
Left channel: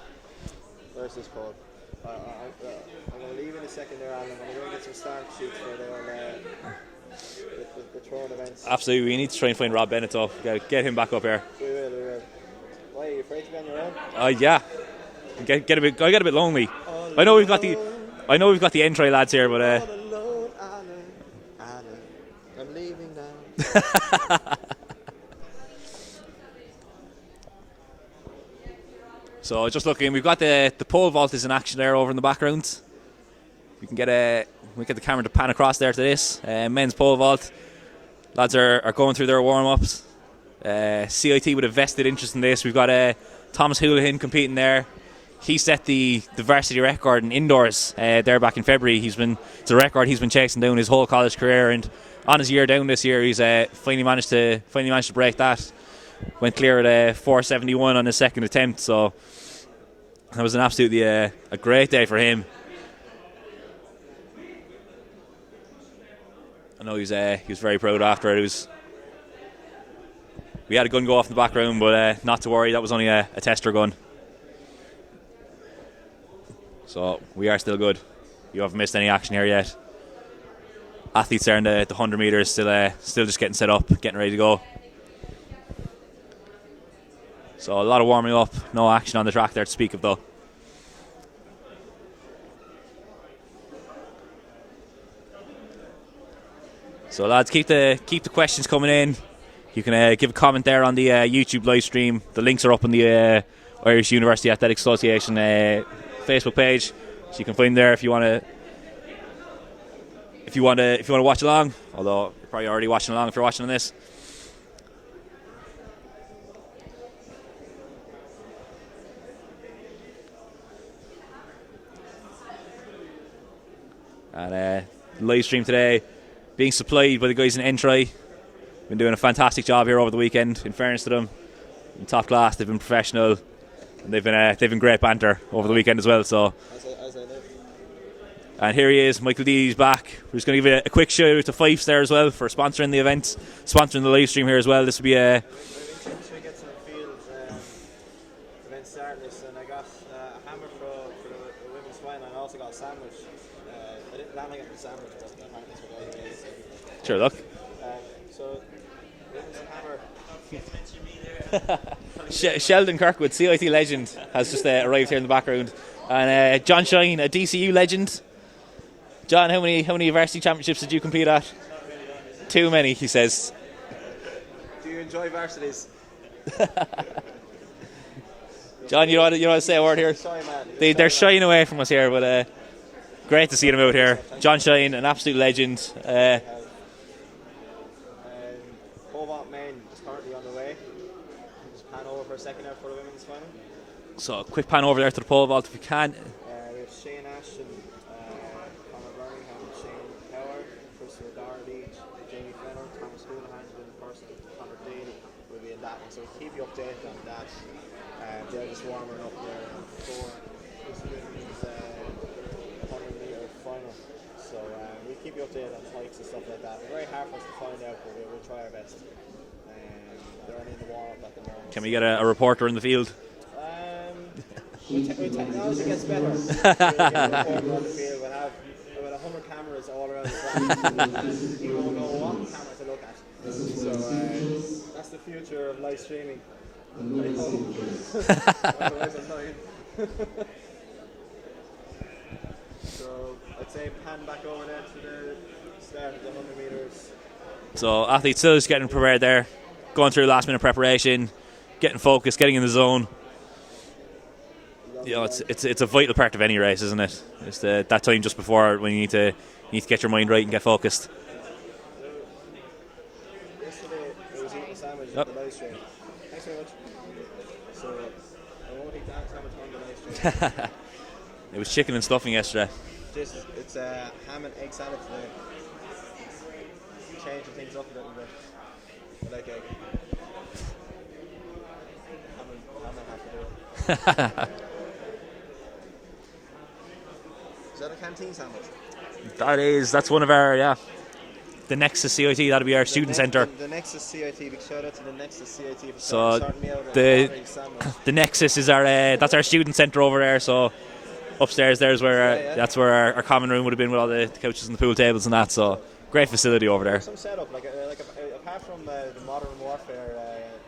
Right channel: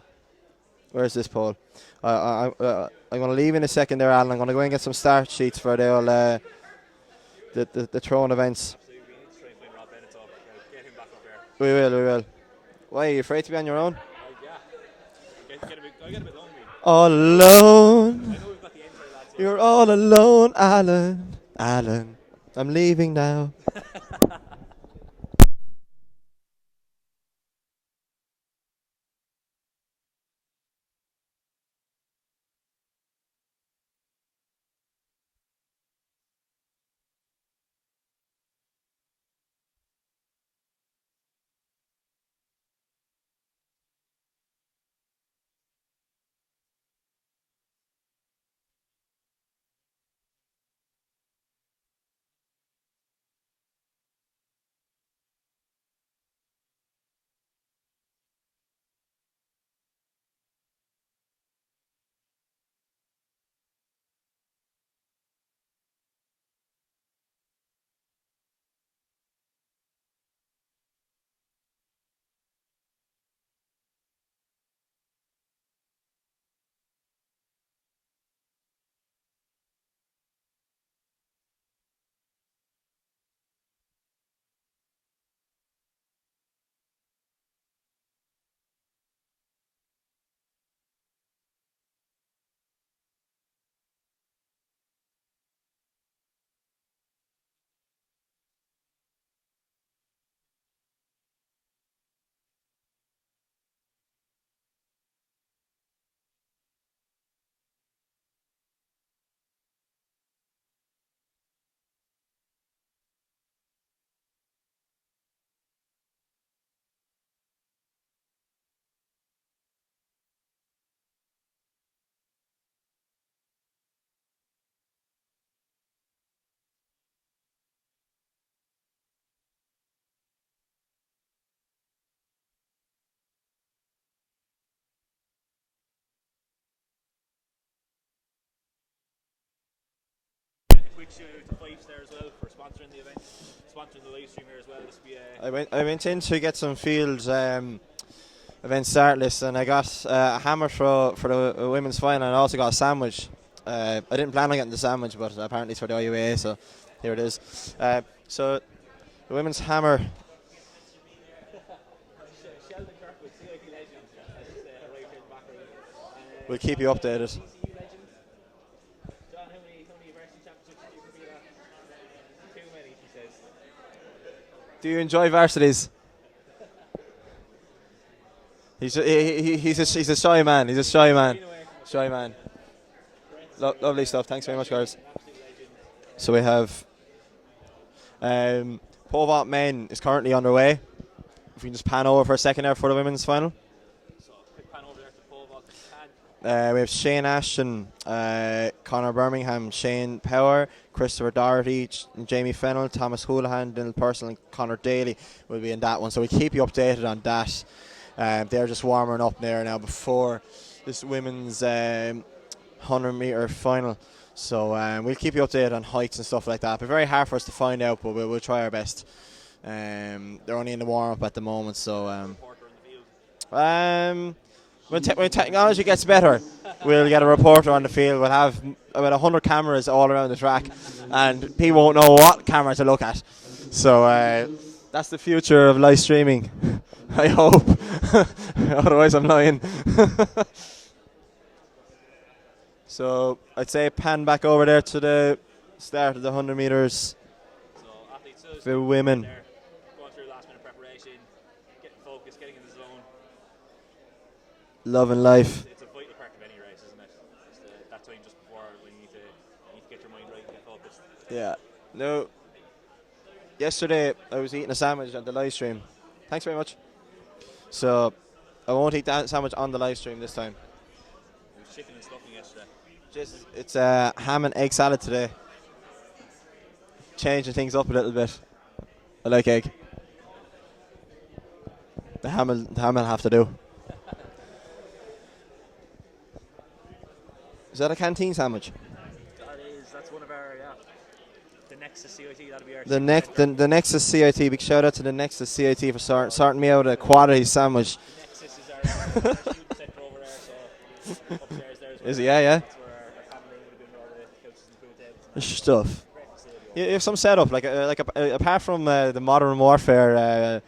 where's this poll? I'm going to leave in a second there, Alan. I'm going to go and get some start sheets for the throwing events. Absolutely, we need to try and find Rob Bennett, though. Get him back up here. We will. Why, are you afraid to be on your own? Yeah. I get a bit lonely. All alone. I know we've got the entry lads here, You're but all alone, Alan. I'm leaving now. So just looking, we've got the pole vault is in action there over in the background. We can get the camera to pan across there to this men's pole vault. Lads are going through their warm ups. CIT with a vested interest in this. We've got Thomas Houlihan competing there. He set the varsity record in indoors there back in February. It's a record he's been chasing down his whole college career, and on his year down this year, he's finally managed to break that. Went clear at 4:71 on his second attempt, so that was an absolutely a great day for him. I know he was very proud after it. We had a gun go off in the background, but not to worry, that was only a tester gun. So we are still good. You haven't missed any action here yet. Athletes there in the 100 metres, still just getting set up, getting ready to go. So a lot of warming up, no action on the track there to speak of though. So lads, keep the questions coming in. You can give a comment there on the YouTube live stream. The links are up on the Irish University Athletics Association Facebook page, so you can find them there if you want to watch along. Although you're probably already watching along if you're watching on this. And live stream today being supplied by the guys in Entry. Been doing a fantastic job here over the weekend. In fairness to them, in top class, they've been professional, and they've been great banter over the weekend as well. So, and here he is, Michael D's back. We're just going to give a quick shout out to Fyffes there as well for sponsoring the event, sponsoring the live stream here as well. This will be a. I went in to get some fields event start list, and I got a hammer for the women's final, and I also got a sandwich. I didn't plan on getting the sandwich, but apparently it's for the IUAA, so sure, look. So the women's hammer. Sheldon Kirkwood, CIT legend, has just arrived here in the background, and John Shine, a DCU legend. John, how many varsity championships did you compete at? Too many, he says. Do you enjoy varsities? John, you want to say a word here? He's a shy man. They're shying away from us here, but great to see them out here. John Shine, an absolute legend. So we have pole vault men is currently underway. If you can just pan over for a second there for the women's final. So a quick pan over there to the pole vault if we can. We have Shane Ashton, Conor Birmingham, Shane Power, Christopher Doherty, Jamie Fennell, Thomas Houlihan, Dylan Purcell and Conor Daly will be in that one. So we keep you updated on that. They're just warming up there now before this women's 100 metre final. So we'll keep you updated on heights and stuff like that. But very hard for us to find out, but we'll try our best. They're only in the warm-up at the moment. Can we get a reporter in the field? When technology gets better, we'll get a reporter on the field. We'll have about 100 cameras all around the track, and people won't know what camera to look at. So that's the future of live streaming, I hope. Otherwise I'm lying. So I'd say pan back over there to the start of the 100 metres. So athletes still just getting prepared there, going through last minute preparation, getting focused, getting in the zone. Loving life. It's a vital part of any race, isn't it? It's that time just before when you need to get your mind right and get focused. Yeah. No. Yesterday I was eating a sandwich at the live stream. Thanks very much. So I won't eat that sandwich on the live stream this time. It was chicken and stuffing yesterday. It's ham and egg salad today. Changing things up a little bit. I like egg. The ham will have to do. Is that a canteen sandwich? That's one of our, the Nexus CIT, that'll be our student centre. The Nexus CIT, big shout out to the Nexus CIT for starting me out a quality sandwich. The Nexus is that's our student centre over there, so upstairs there's where that's where our common room would have been with all the couches and the pool tables and that. So great facility over there. Some setup, apart from the Modern Warfare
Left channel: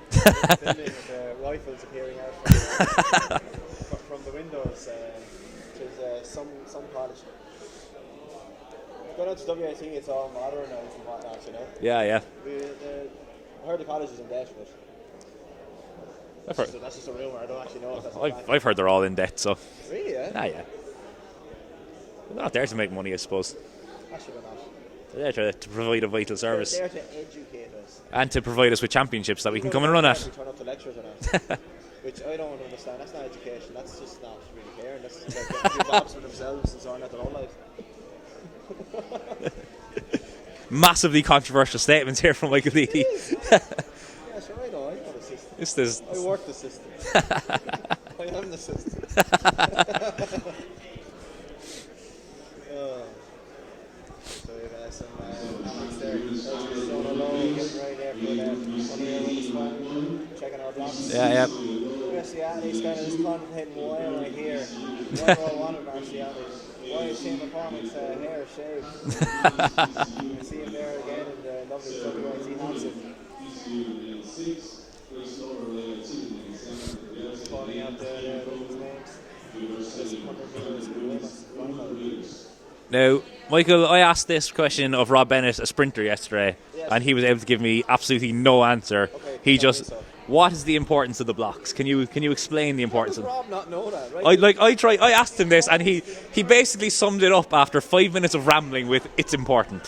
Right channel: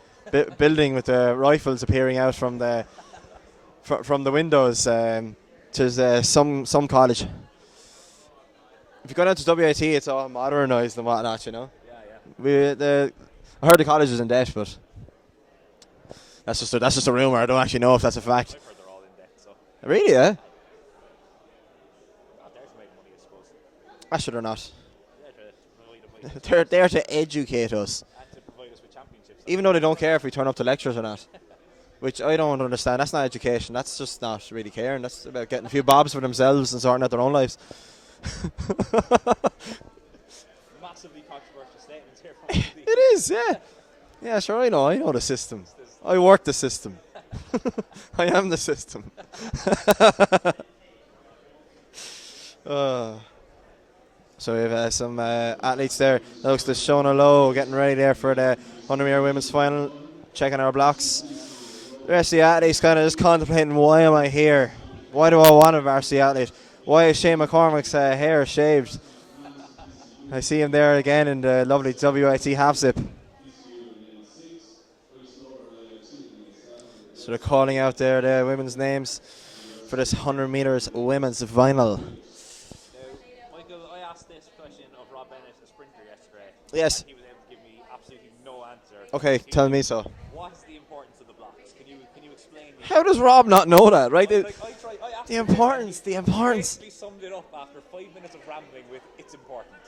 building with the rifles appearing out from the from the windows. There's some college. If you go down to WIT, it's all modernised and whatnot, you know. Yeah. I heard the college is in debt, but that's just a rumour. I don't actually know if that's a fact. I've heard they're all in debt, so. Really, yeah? Yeah. They're not there to make money, I suppose. Actually, they're not. They're there to provide a vital service. They're there to educate us. And to provide us with championships that even we can come and run care at. if we turn up to lectures or not. Which I don't understand. That's not education. That's just not really caring. That's about getting a few bobs for themselves and sorting out their own lives. Massively controversial statements here from Michael D. It is, yeah. Yeah, sure, I know the system. I work the system. I am the system. So we have some athletes there. That looks to Shona Lowe getting ready there for the 100 metre women's final, checking our blocks. Yeah. The rest of the athletes kind of just contemplating, why am I here? Why do I want a varsity athlete? Why is Shane McCormick's hair shaved? I see him there again in the lovely WIT half zip. So they're calling out there the women's names for this 100 metres women's final. Now, Michael, I asked this question of Rob Bennett, a sprinter, yesterday, Yes. and he was able to give me absolutely no answer. Okay, he tell just, me so. What is the importance of the blocks? Can you explain the How importance? does Rob not know that, right? I asked him this, and he importance. basically summed it up after 5 minutes of rambling with "it's important."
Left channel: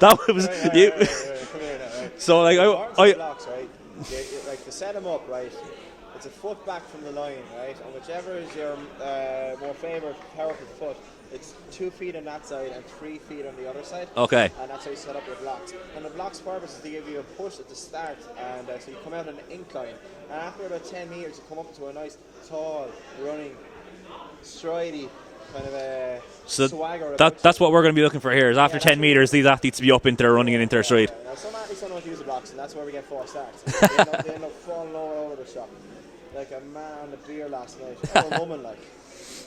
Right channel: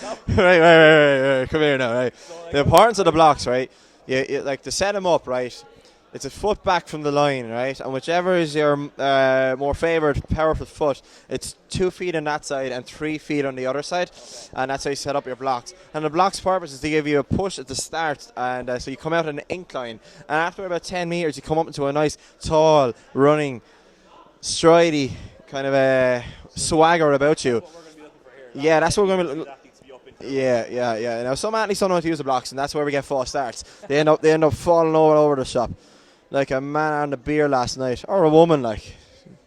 That was right. Come here now, right? So, like, the importance of the blocks, right? You like to set them up, right? It's a foot back from the line, right? And whichever is your more favoured, powerful foot, it's 2 feet on that side and 3 feet on the other side. Okay. And that's how you set up your blocks. And the blocks' purpose is to give you a push at the start, and so you come out on an incline. And after about 10 metres, you come up into a nice, tall, running, stridey kind of a swagger about you. That's what we're going to be looking for here. Is after 10 metres, these athletes be up into their running and into their stride. Yeah. Now some athletes don't know how to use the blocks, and that's where we get false starts. they end up falling over the shop, like a man on the beer last night, or a woman, like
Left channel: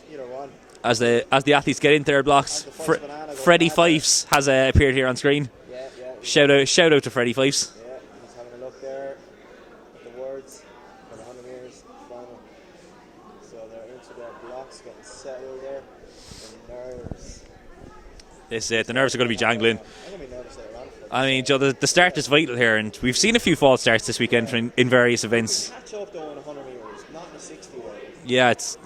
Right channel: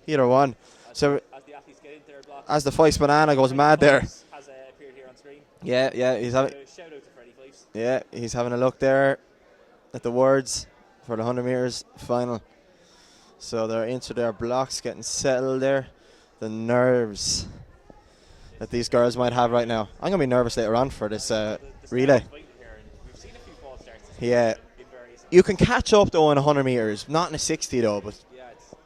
either one. As the athletes get into their blocks, as the Fyffes banana goes Freddie mad Fyffes has appeared here on screen. Yeah. Shout out to Freddie Fyffes. Yeah, he's having a look there at the words for the 100 metres final. So they're into their blocks, getting settled there. The nerves. The nerves are going to be jangling. Right, I'm going to be nervous later on for this. I mean, the start is vital here, and we've seen a few false starts this weekend in various events. You can catch up though in 100 metres, not in a 60 though. But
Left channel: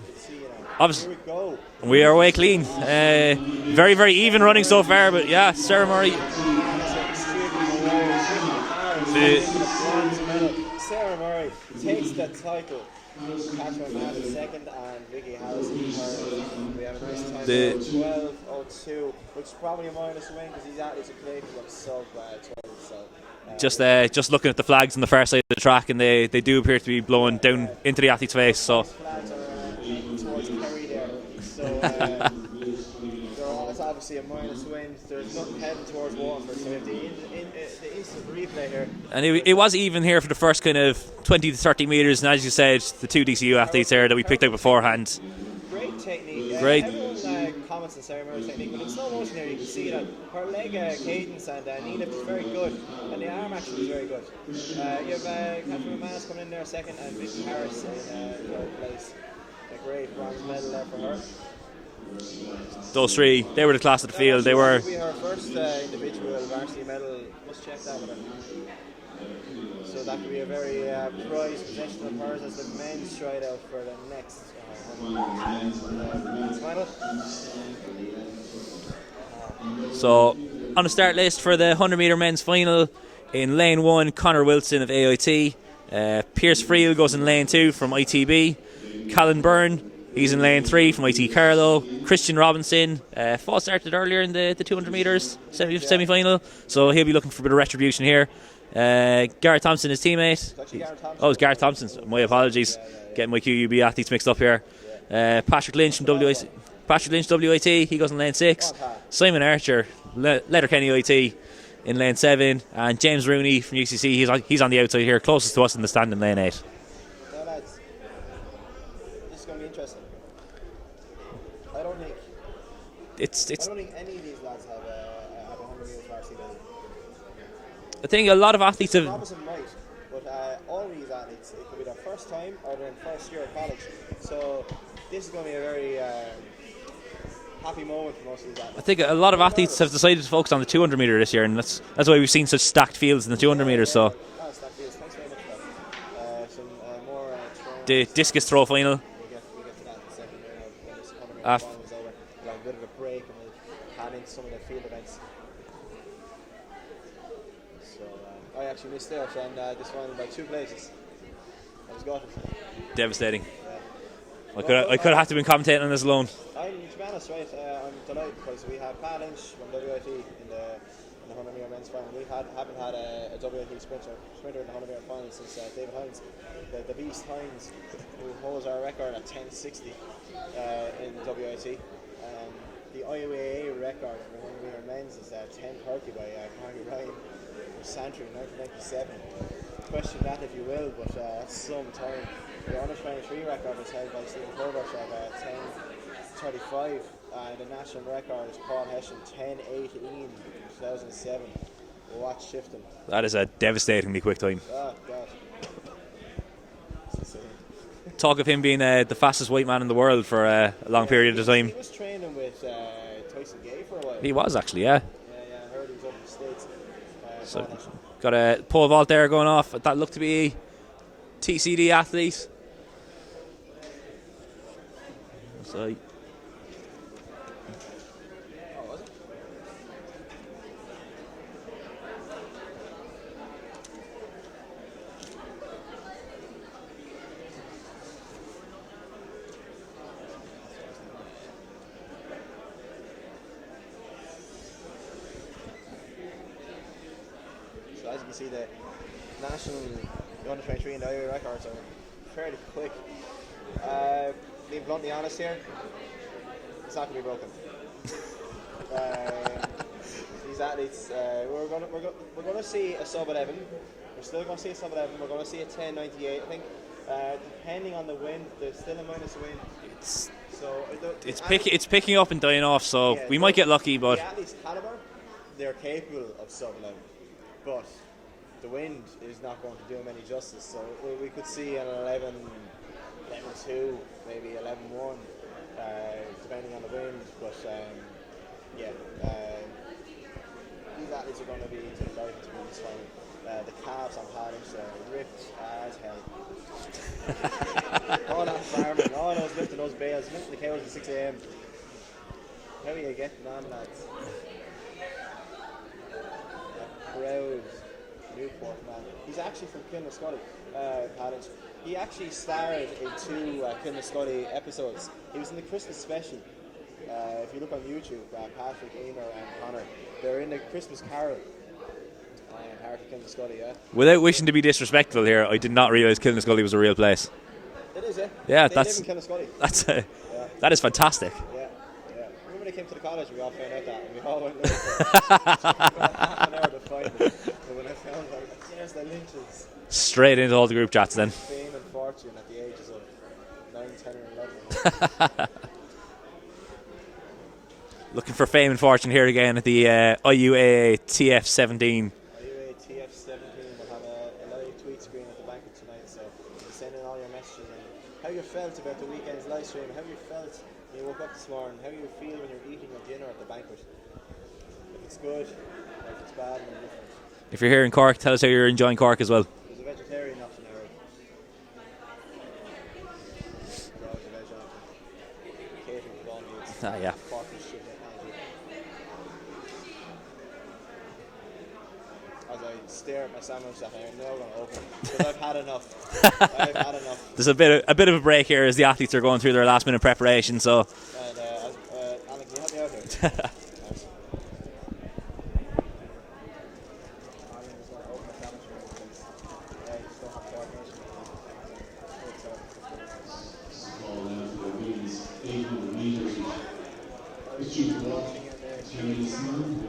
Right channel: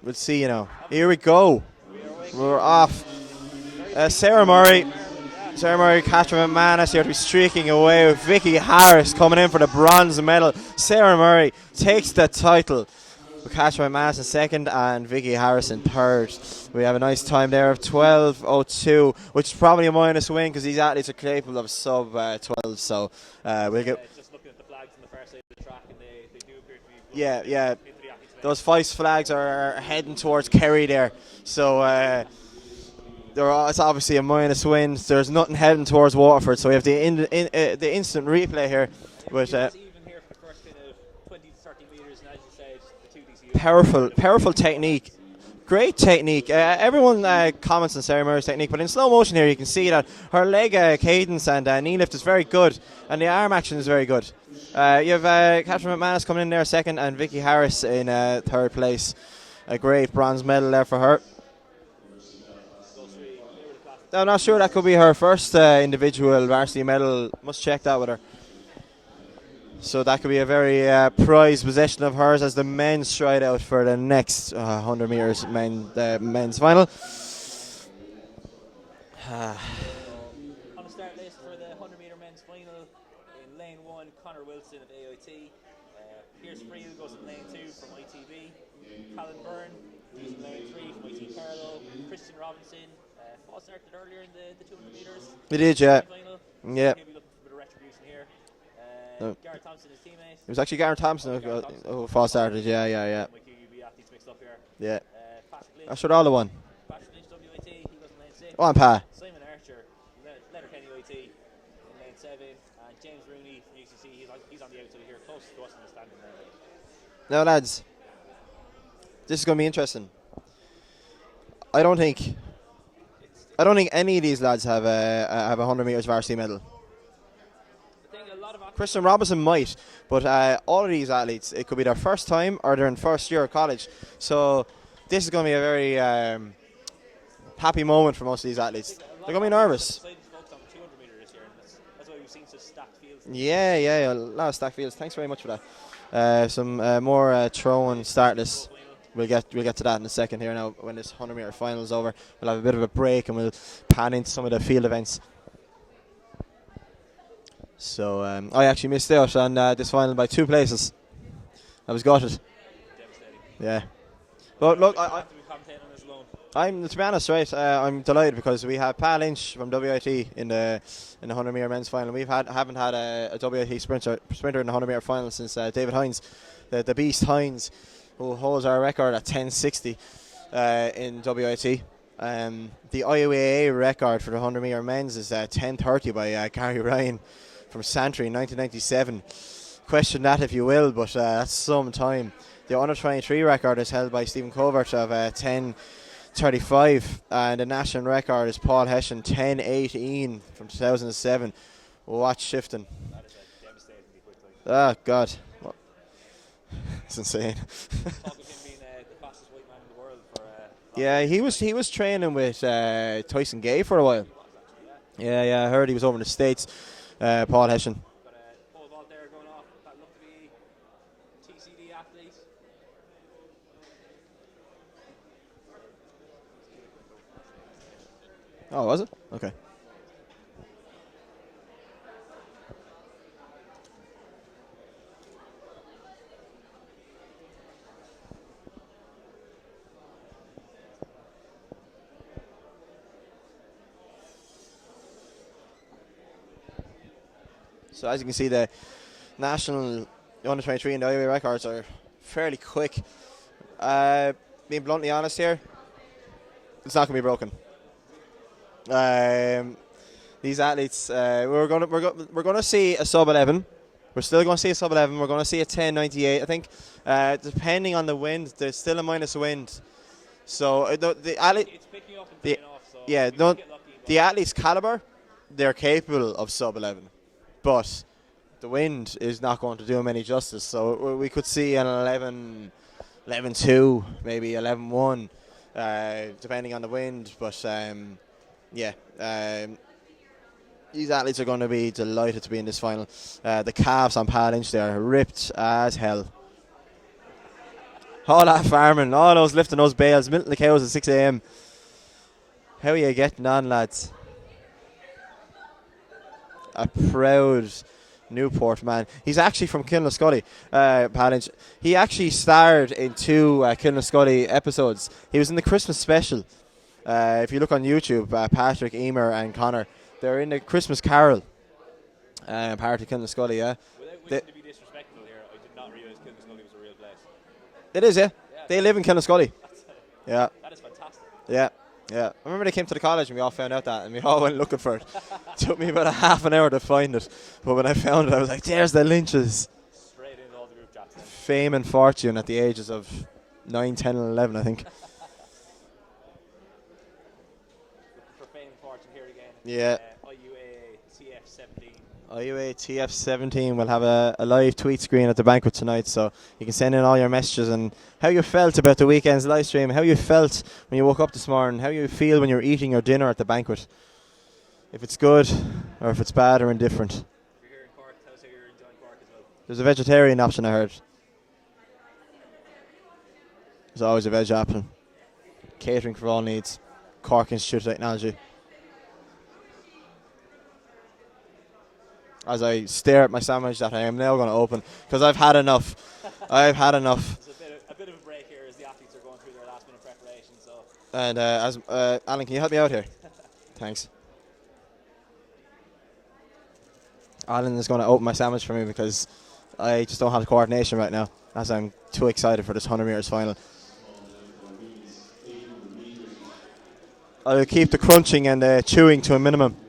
we'll see, Obviously, here we go. We are away clean. Very even running so far, but Sarah Murray, Catherine McManus here to be streaking away with Vicky Harris coming in for the bronze medal. Sarah Murray takes the title. Catherine McManus in second and Vicky Harris in third. We have a nice time there of 12:02, which is probably a minus win because these athletes are capable of sub 12. So just looking at the flags on the far side of the track, and they do appear to be blowing down into the athlete's face. Those Fyffes flags are heading towards Kerry there. So it's obviously a minus win. There's nothing heading towards Waterford, so we have the instant replay here. And it was even here for the first kind of 20 to 30 metres, and as you said, the 2 DCU athletes here that we picked up beforehand. Great technique. Everyone comments on Sarah Murray's technique, but in slow motion here you can see that her leg cadence and knee lift is very good, and the arm action is very good. You have Catherine McManus coming in there second, and Vicky Harris in third place. A great bronze medal there for her. Those three, they were the class of the field. I'm not sure that could be her first individual varsity medal. Must check that with her. So that could be a very prized possession of hers as the men stride out for the next 100 metres men's final. So on the start list for the 100 metre men's final, in lane 1, Connor Wilson of AIT. Pierce Friel goes in lane 2 from ITB. Callan Byrne, he's in lane 3 from IT Carlow. Christian Robinson, false started earlier in the 200 metres semi-final, so he'll be looking for a bit of retribution here. Garrett Thompson, his teammate. It was actually Garrett Thompson. Oh, it was Garrett Thompson. My apologies. Getting my QUB athletes mixed up here. Patrick Lynch from WIT, he goes in lane 6. Go on, Pa. Simon Archer, Letterkenny IT, in lane 7. And James Rooney from UCC, he's on the outside here, closest to us in the stand in lane 8. Now, lads, this is going to be interesting. I don't think any of these lads have a 100 metres varsity medal. I think a lot of athletes. Christian Robinson might, but all of these athletes, it could be their first time or they're in first year of college. So this is going to be a very happy moment for most of these athletes. I think a lot of athletes have decided to focus on the 200 metre this year, and that's why we've seen such stacked fields in the 200 metres. Yeah, a lot of stacked fields. Thanks very much for that. Some more throwing. The discus throw final. We'll get to that in a second here now. When this 100 metre final is over, we'll have a bit of a break and we'll pan into some of the field events. So I actually missed out on this final by 2 places. I was gutted. Devastating. Yeah. I could have to been commentating on this alone. To be honest, right, I'm delighted because we have Pa Lynch from WIT in the 100 metre men's final. Haven't had a WIT sprinter in the 100 metre final since David Hines, the beast Hines, who holds our record at 10:60 in WIT. the IUAA record for the 100 metre men's is 10:30 by Gary Ryan from Santry in 1997. Question that if you will, but that's some time. The under 23 record is held by Stephen Covert of 10:35, and the national record is Paul Hessian 10:18 from 2007. Watch shifting. That is a devastatingly quick time. Oh God, it's insane. Talk of him being the fastest white man in the world for a long period of time. He was training with Tyson Gay for a while. He was actually, yeah. Yeah, I heard he was over in the States. Paul Hessian. Got a pole vault there going off. That looked to be TCD athlete. So. Oh, was it? Okay. So as you can see, the national under 23 and the IUA records are fairly quick. Being bluntly honest here, it's not going to be broken. These athletes, we're going to see a sub 11. We're still going to see a sub 11. We're going to see a 10:98. I think, depending on the wind, there's still a minus wind. So it's picking up and dying off. So yeah, we might get lucky. But the athletes' caliber, they're capable of sub 11. But the wind is not going to do them any justice. So we could see an 11-2, maybe 11-1, depending on the wind. But these athletes are going to be delighted to be in this final. The calves on Pad Inch there are ripped as hell. All that farming, all those lifting those bales, milking the cows at 6 a.m. How are you getting on, lads? A proud Newport man. He's actually from Kilnascully, Pat Inch. He actually starred in 2 Kilnascully episodes. He was in the Christmas special. If you look on YouTube, Patrick, Emer and Connor, they're in the Christmas Carol. Part of Kilnascully, yeah. Without wishing to be disrespectful here, I did not realise Kilnascully was a real place. It is, yeah. Yeah, they live in Kilnascully. Yeah, that is fantastic. Yeah. I remember they came to the college and we all found out that, and we all went looking for it. It took me about half an hour to find it, but when I found it, I was like, "There's the Lynches." Straight into all the group chats then. Fame and fortune at the ages of 9, 10 and 11, I think. Looking for fame and fortune here again at the IUAA TF17. IUAA TF17 will have a live tweet screen at the banquet tonight, so you can send in all your messages and how you felt about the weekend's live stream, how you felt when you woke up this morning, how you feel when you're eating your dinner at the banquet. If it's good or if it's bad or indifferent. If you're here in Cork, tell us how you're enjoying Cork as well. There's a vegetarian option, I heard. There's always a veg option. Catering for all needs. Yeah. Cork Institute of Technology. As I stare at my sandwich that I am now going to open, because I've had enough. I've had enough. There's a bit of a break here as the athletes are going through their last minute preparation. So, and Alan, can you help me out here? Thanks. Alan is going to open my sandwich for me because I just don't have the coordination right now, as I'm too excited for this 100 meters final. I'll keep the crunching and the chewing to a minimum.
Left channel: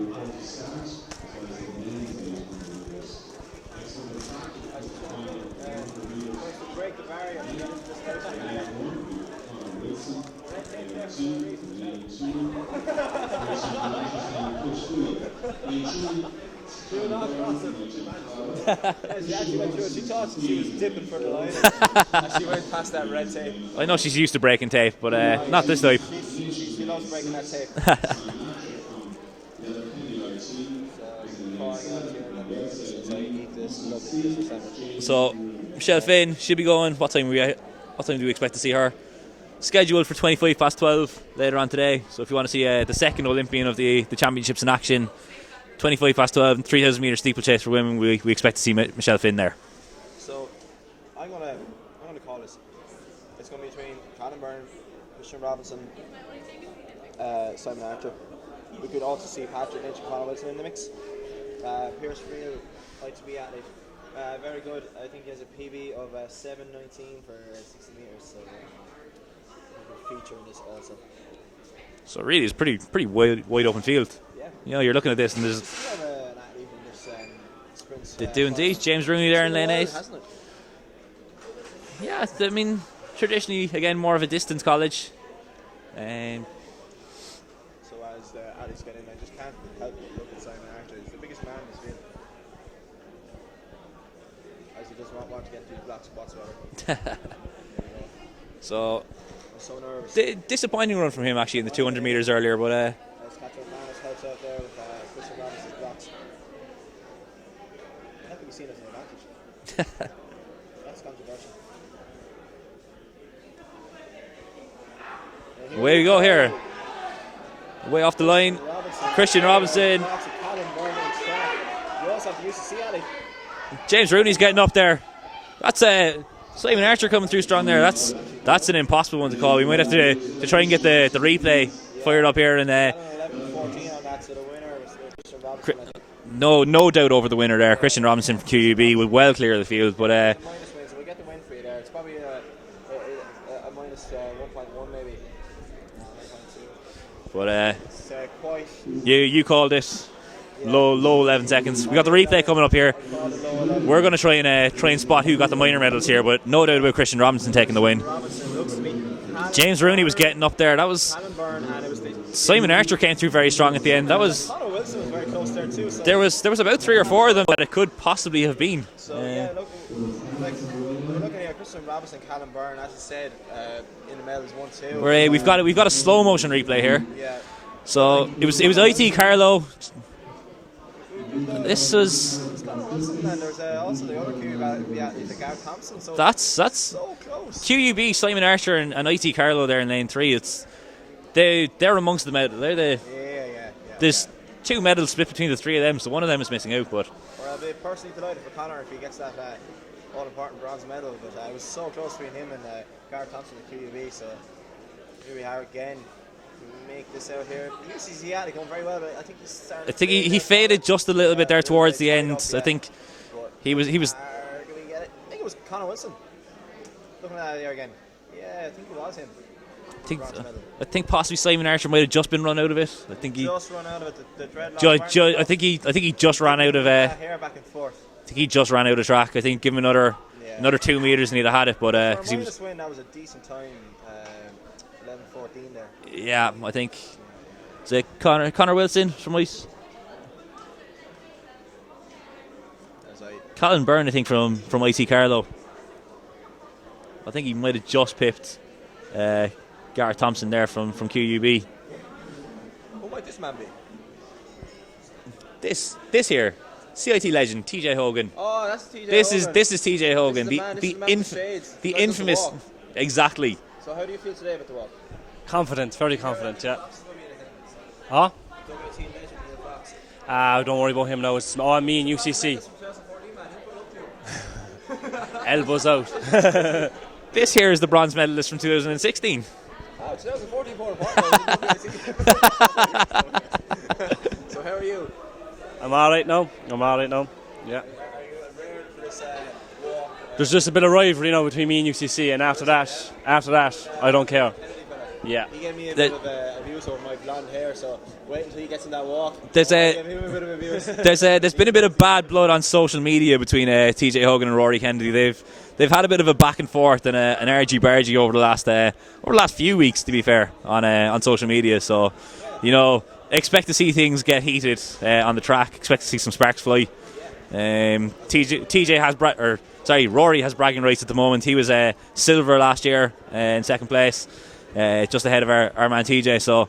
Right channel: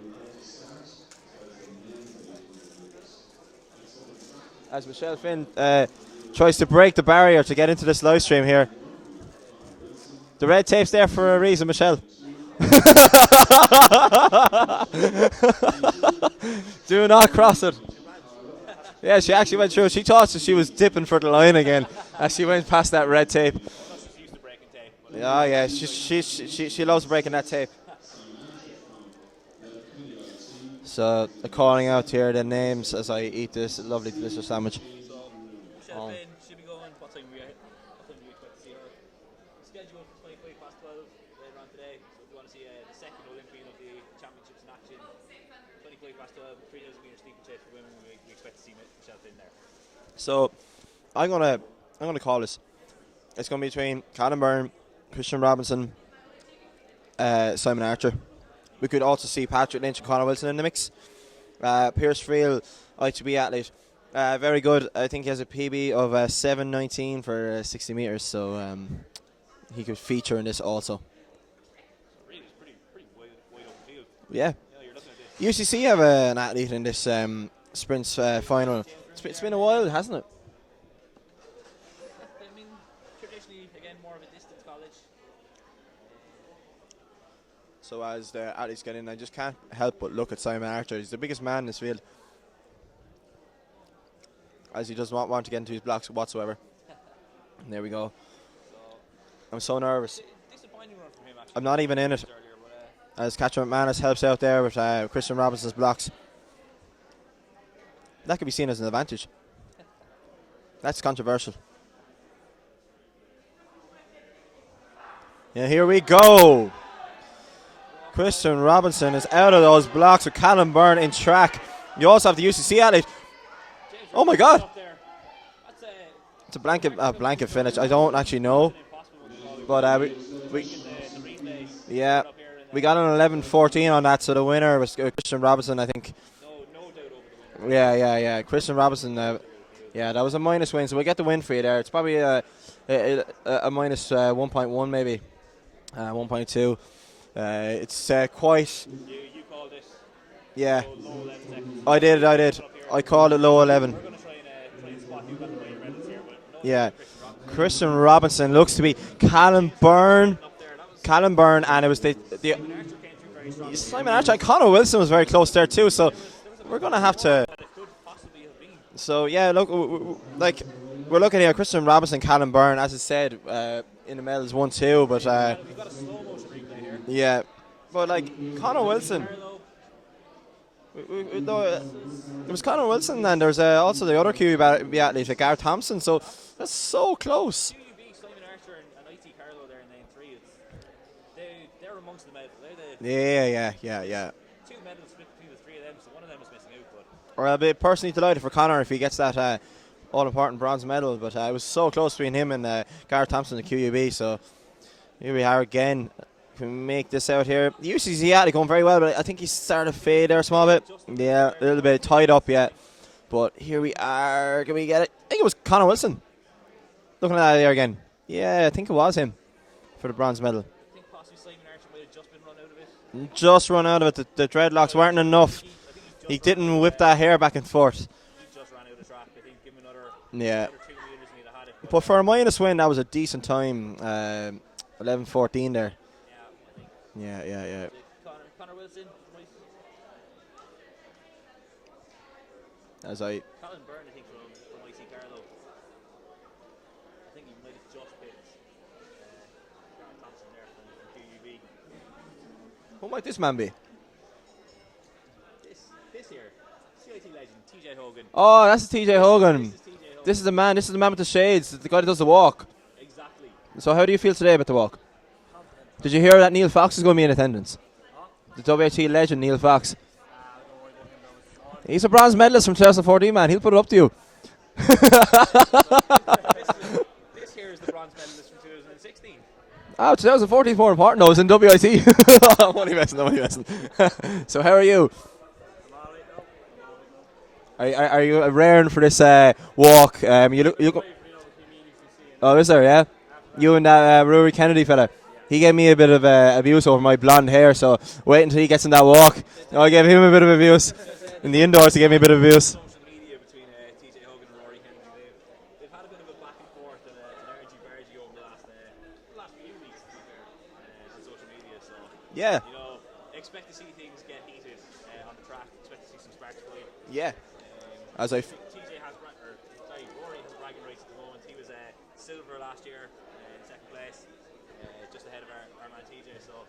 As Michelle Finn tries to break the barrier to get into this live stream here. The red tape's there for a reason, Michelle. Do not cross it. Yeah, she actually went through. She thought she was dipping for the line again as she went past that red tape. I know she's used to breaking tape, but not this type. She loves breaking that tape. So calling out here the names as I eat this lovely delicious sandwich. So Michelle Finn should be going. What time do we expect to see her? Scheduled for 12:25 later on today. So if you want to see the second Olympian of the championships in action, 12:25 and 3,000 metre steeplechase for women, we expect to see Michelle Finn there. So I'm gonna call this. It's gonna be between Callum Byrne, Christian Robinson, Simon Archer. We could also see Patrick Lynch and Conor Wilson in the mix. Pierce Friel, ITB athlete, very good. I think he has a PB of 7:19 for 60 metres, so he could feature in this also. So really, it's pretty wide open field. Yeah. You know, you're looking at this. And UCC have an athlete in this sprints they do final. indeed. James Rooney there in been a lane while, 8. hasn't it? Yeah, I mean, traditionally, again, more of a distance college. So as the athletes get in, I just can't help but look at Simon Archer. He's the biggest man in this field. As he does not want to get into his blocks whatsoever. There we go. So I'm so nervous. Disappointing run from him actually I'm in the not even 200 in meters earlier, but as Catcher McManus helps out there with Christian Robinson's blocks. That could be seen as an advantage. That's controversial. Yeah, here we go. Here. Way off the Christian line. Robinson Christian is out of those Robinson. blocks with Callum Byrne in track. You also have the UCC athlete. James Oh my Rooney's God. getting up there. That's Simon blanket- Archer coming blanket too strong finish. there. I That's, don't actually know. that's an impossible one to call. We might have to try and get the replay fired up here. And he got an 11:14 on that, so the winner was Christian Robinson, I think. no doubt over the winner there. Yeah, Christian yeah, Robinson yeah. for Christian QUB Robinson, would well yeah. clear the field. Yeah, but that was a minus win, so we'll get the win for you there. It's probably a minus 1.1 maybe, 1.2. But it's quite. You called this. Yeah. Low 11 seconds. We I got the did, I replay did. coming up here. I called it low 11. We're going to try and spot who got the minor medals here, but no doubt about Christian Robinson taking the win. Christian Robinson looks to be Callum James Byrne. Rooney was getting up there. That was Callum Byrne, and it was Simon Archer came through very strong at the end. That was Connor Wilson was very close there too. So there was about 3 or 4 of them that it could possibly have been. So yeah, look, we're looking here. Christian Robinson, Callum Byrne, as I said, in the medals 1-2. We've got a slow motion replay here. Yeah. So it was IT Carlo. This was. It was Connor Wilson, and there's also the other QUB athlete, Gareth Thompson. So that's so close. QUB, Simon Archer, and IT Carlo there in lane 3. They're amongst the medal. Yeah. There's 2 medals split between the 3 of them, so one of them is missing out. But I'll be personally delighted for Connor if he gets that all-important bronze medal. But it was so close between him and Gareth Thompson, the QUB. So here we are again. Can we make this out here? The UCC athlete going very well, but I think he started. I think he faded just a little bit there towards the end. Up, I think, but he was. Can we get it? I think it was Connor Wilson. Looking at that there again. Yeah, I think it was him for the bronze medal. I think possibly Simon Archer might have just been run out of it. I think he just run out of it. The dreadlocks weren't enough. I think he just ran out of it. With that hair back and forth. I think he just ran out of track. I think give him another 2 meters and he'd have had it. But for a minus win, that was a decent time. 11:14 there. Yeah, I think. Yeah. Is it Connor Wilson from Ice? Colin Byrne, I think, from IT Carlo. I think he might have just pipped Gareth Thompson there from QUB. What might this man be? This here, CIT legend TJ Hogan. Oh, that's TJ Hogan. This is TJ Hogan. This is the man. This is the man with the shades. The guy does the infamous walk. Exactly. So how do you feel today about the walk? Confident. Did you hear that Neil Fox is going to be in attendance? Huh? The WHT legend Neil Fox. Don't worry about him now. It's me. He's a bronze medalist from 2014, man. He'll put it up to you. Elbows out. This here is the bronze medalist from 2016. Oh, 2014 more important. No, it was in WIT. Only messing. So how are you? I'm all right now. Yeah. Are you raring for this walk? There's just a bit of rivalry now between me and UCC, and after that, you and that Rory Kennedy fella. Yeah. He gave me a bit of abuse over my blonde hair, so wait until he gets in that walk. I'll give him a bit of abuse. There's been a bit of bad blood on social media between TJ Hogan and Rory Kennedy. They've had a bit of a back and forth and an argy-bargy over the last few weeks, to be fair, on social media. So expect to see things get heated on the track. Expect to see some sparks fly. Yeah. Rory has bragging rights at the moment. He was silver last year in second place, just ahead of our man TJ. So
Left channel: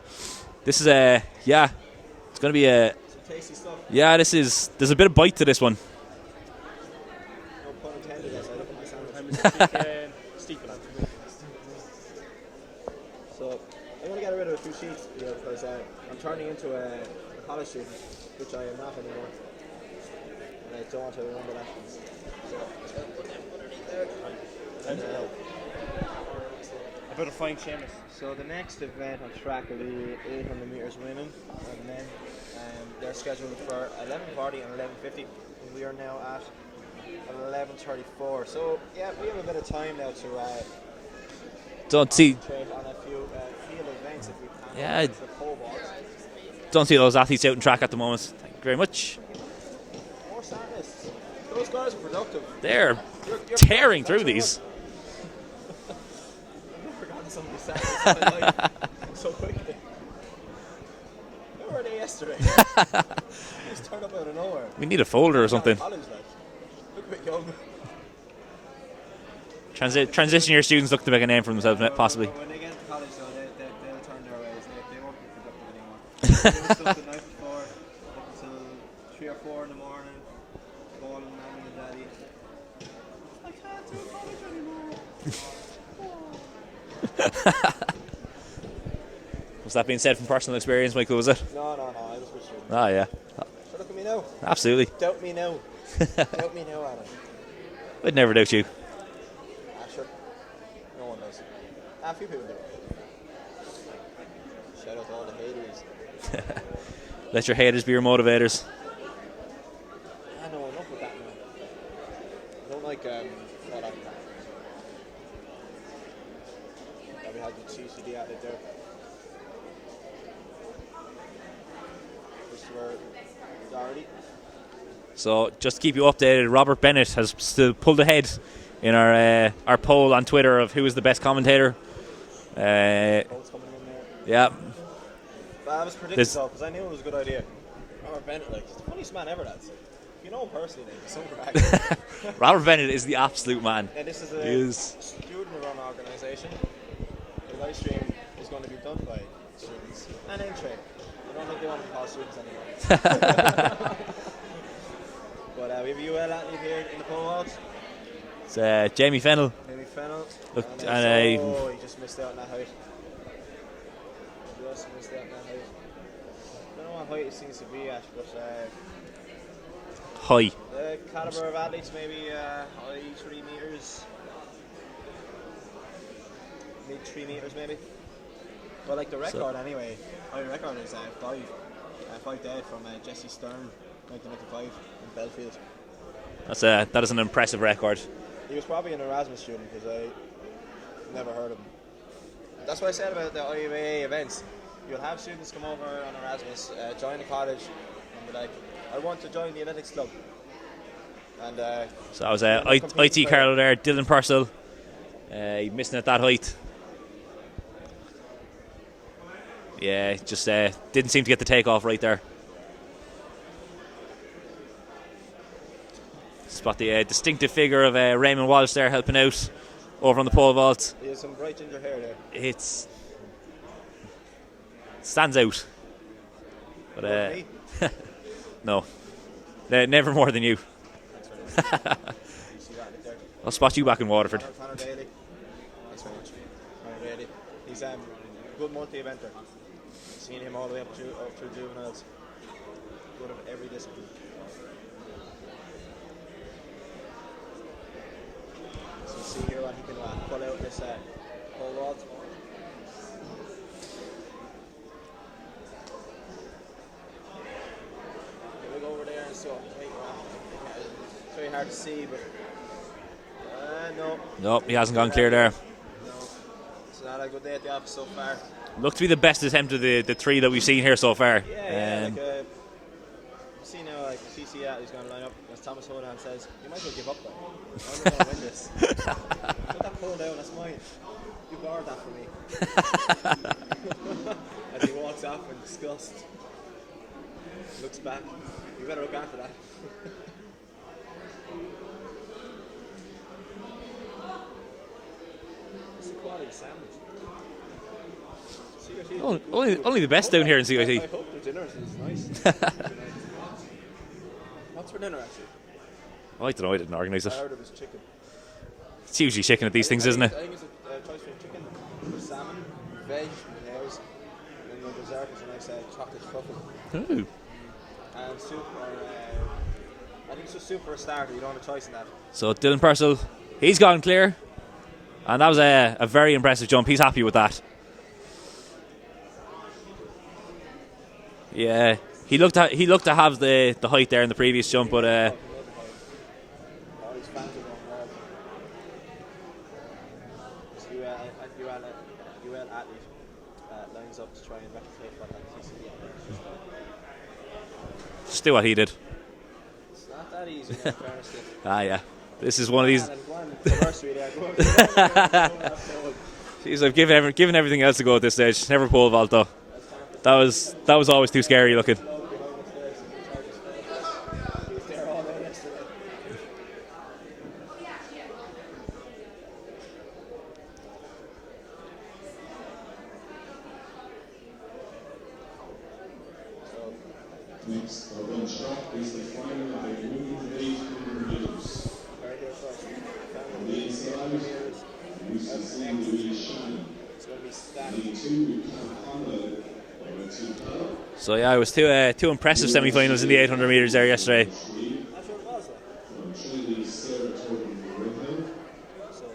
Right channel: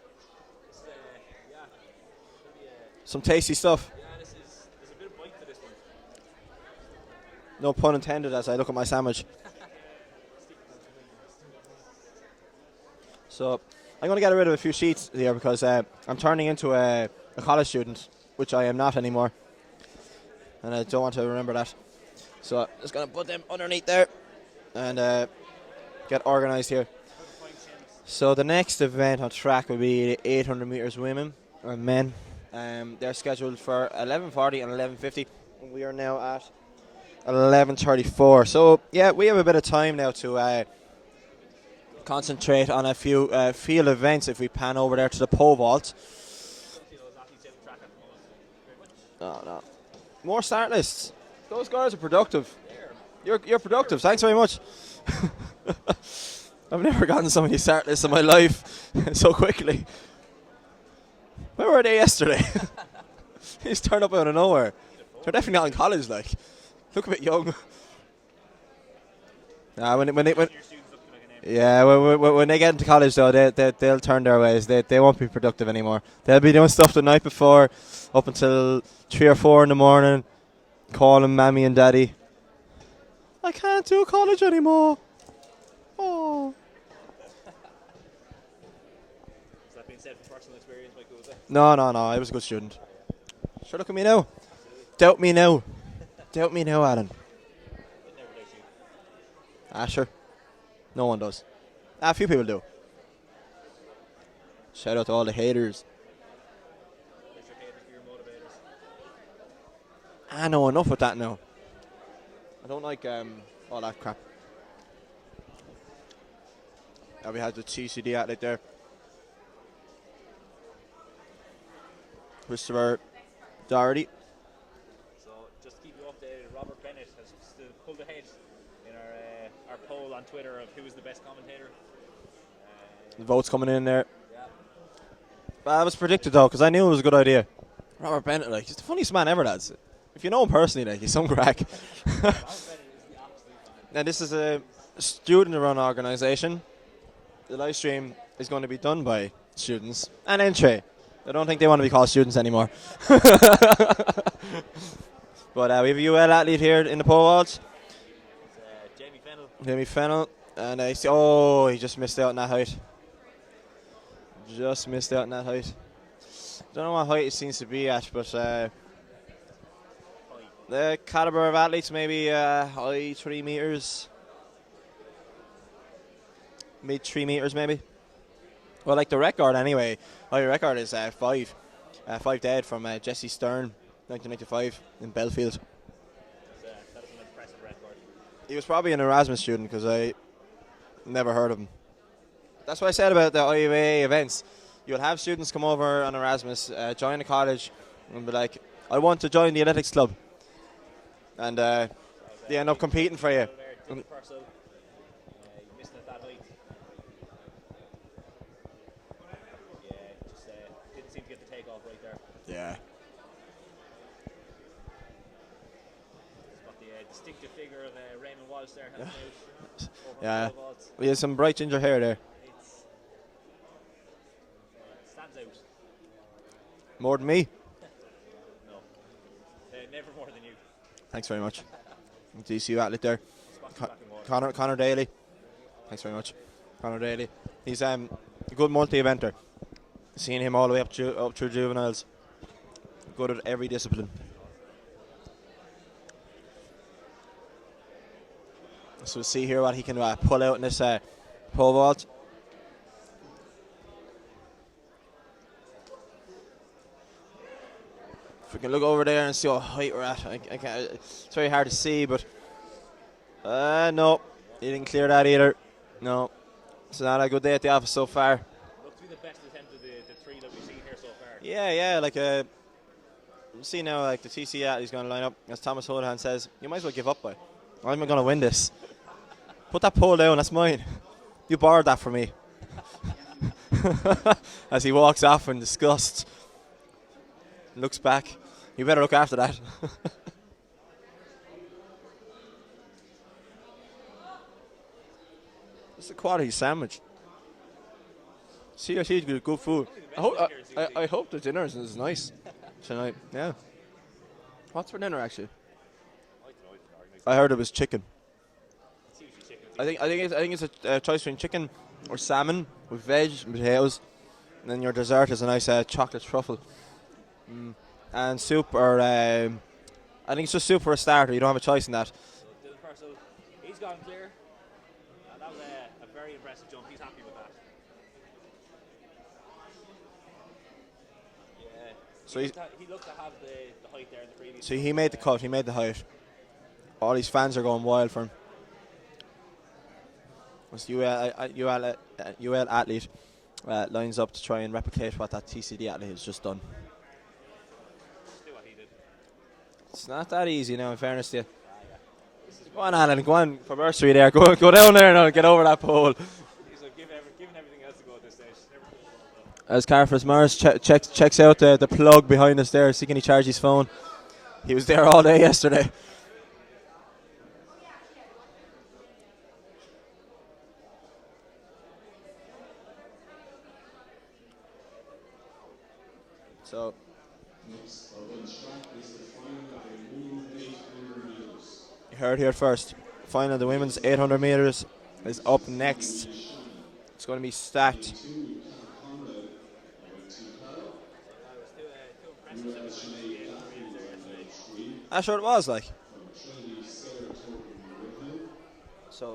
this is it's going to be some tasty stuff. Yeah, there's a bit of bite to this one. No pun intended as I look at my sandwich. So I'm going to get rid of a few sheets here because I'm turning into a college student, which I am not anymore. And I don't want to remember that. So I'm just going to put them underneath there and get organised here. I better find Seamus. So the next event on track will be 800 metres women and men. They're scheduled for 11:40 and 11:50. We are now at 11:34. So yeah, we have a bit of time now to concentrate on a few field events if we pan over there to the pole vault. Don't see those athletes out in track at the moment. Thank you very much. No. More start lists. Those guys are productive. They're You're tearing productive. Thanks very much. I've never gotten so many start lists in my life so quickly. Where were they yesterday? They just turned up out of nowhere. We need a folder or something. College, like. Look a bit young. Transition year students look to make a name for themselves. When they get into college, though, they'll turn their ways. They won't be productive anymore. They'll be doing stuff the night before, up until 3 or 4 in the morning, calling mommy and daddy. I can't do college anymore. Oh. Was that being said from personal experience, Michael, was it? No. I was a good student. Ah, yeah. Sure, look at me now. Absolutely. Doubt me now. Doubt me now, Alan. I'd never doubt you. Sure. No one does. A few people do. Shout out to all the haters. Let your haters be your motivators. I know enough with that now. I don't like all that crap. We had the TCD athlete there. Christopher Doherty. So just to keep you updated, Robert Bennett has still pulled ahead in our poll on Twitter of who is the best commentator. Votes coming in there. Yeah. I was predicted though, because I knew it was a good idea. Robert Bennett, like, he's the funniest man ever, lads. If you know him personally, like, he's some crack. Robert Bennett is the absolute man. And this is a student-run organisation. The live stream is going to be done by students and entry. I don't think they want to be called students anymore. But we have a UL athlete here in the pole vault. It's Jamie Fennell. Jamie Fennell. And he just missed out on that height. Just missed out on that height. Don't know what height he seems to be at, but high. The caliber of athletes, maybe high 3 meters, mid 3 meters, maybe. Well, like the record anyway. High record is 5 dead from Jesse Stern, 1995 in Belfield. That is an impressive record. He was probably an Erasmus student because I never heard of him. That's what I said about the IUAA events. You'll have students come over on Erasmus, join the college, and be like, I want to join the athletics club. And so I was IT Carlo there, Dylan Purcell. He missing at that height. Yeah, just didn't seem to get the takeoff right there. Yeah. Spot the distinctive figure of Raymond Walsh there helping out over on the pole vault. He has some bright ginger hair there. It stands out. But, more than me? No. Never more than you. Thanks very much. DCU athlete there. I'll spot you back in Waterford. Connor Daly. Thanks very much. Connor Daly. He's a good multi-eventer. Seen him all the way up through juveniles. Good at every discipline. So we'll see here what he can pull out in this pole vault. If we can look over there and see what height we're at. It's very hard to see, but no. Nope, he hasn't gone clear there. No. It's not a good day at the office so far. Looked to be the best attempt of the 3 that we've seen here so far. Yeah, like see now, like the TC he's going to line up. As Thomas Holohan says, you might as well give up, boy. I'm going to win this. Put that pole down, that's mine. You borrowed that from me. As he walks off in disgust. Looks back. You better look after that. It's a quality sandwich. CIT did good food. Only the best down here in CIT. I hope the dinner is nice tonight. Yeah. What's for dinner actually? I don't know. I didn't organise it. I heard it was chicken. It's usually chicken at these things, isn't it? I think it's a choice between chicken or salmon with veg and potatoes. And then your dessert is a nice chocolate truffle. Ooh. And soup or I think it's just soup for a starter. You don't have a choice in that. So Dylan Purcell, he's gone clear. And that was a very impressive jump. He's happy with that. Yeah, he looked to have the height there in the previous jump, but he made the height. All these fans are going wild for him. this UL athlete lines up to try and replicate what that TCD athlete has just done. Just do what he did. It's not that easy now, in fairness to you. Yeah. This is one of these. Alan, go on, commercial there. Go down there now, get over that pole. Jeez, I've given everything else a go at this stage. Never pole vault though. As Carfus that was always too scary the looking. plug behind us there. See, can he charge his phone? He was there all day yesterday. So, Next stop is the final of the women's 800 meters. Heard here first. Final of the women's 800 meters is up next. It's going to be stacked. So yeah, it was two impressive semi-finals in the 800 meters there yesterday. I'm sure it was like. So,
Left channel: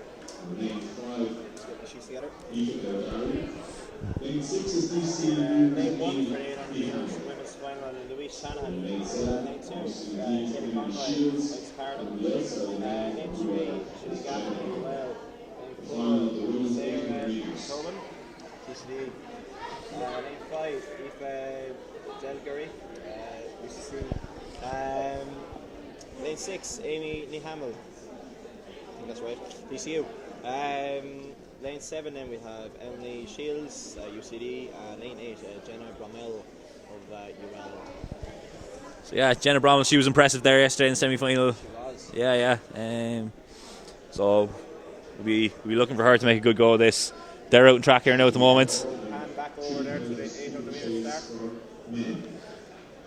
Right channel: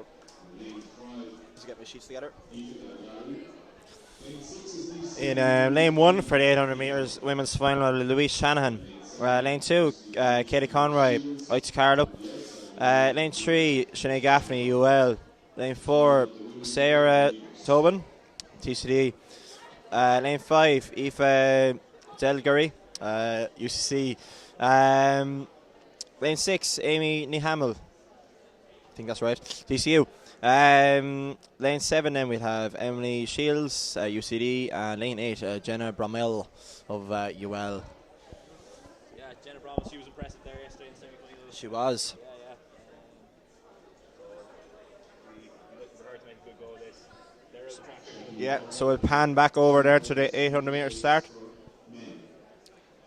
let's get the sheets together. In lane 1 for the 800 meters women's final, Louise Shanahan. Lane 2, Katie Conroy, Oitz Carlo. Lane 3, Sinead Gaffney, UL. Lane 4, Sarah Tobin, TCD. Lane 5, Aoife Delgary, UCC. Lane 6, Amy Nihamel. I think that's right. DCU. Lane 7 then we have Emily Shields, UCD, and lane 8, Jenna Bromell of UL. So yeah, Jenna Bromell, she was impressive there yesterday in the semi-final. She was. Yeah. So we'll be looking for her to make a good go of this. They're out in track here now at the moment. So we'll pan back over there to the 800 meter start.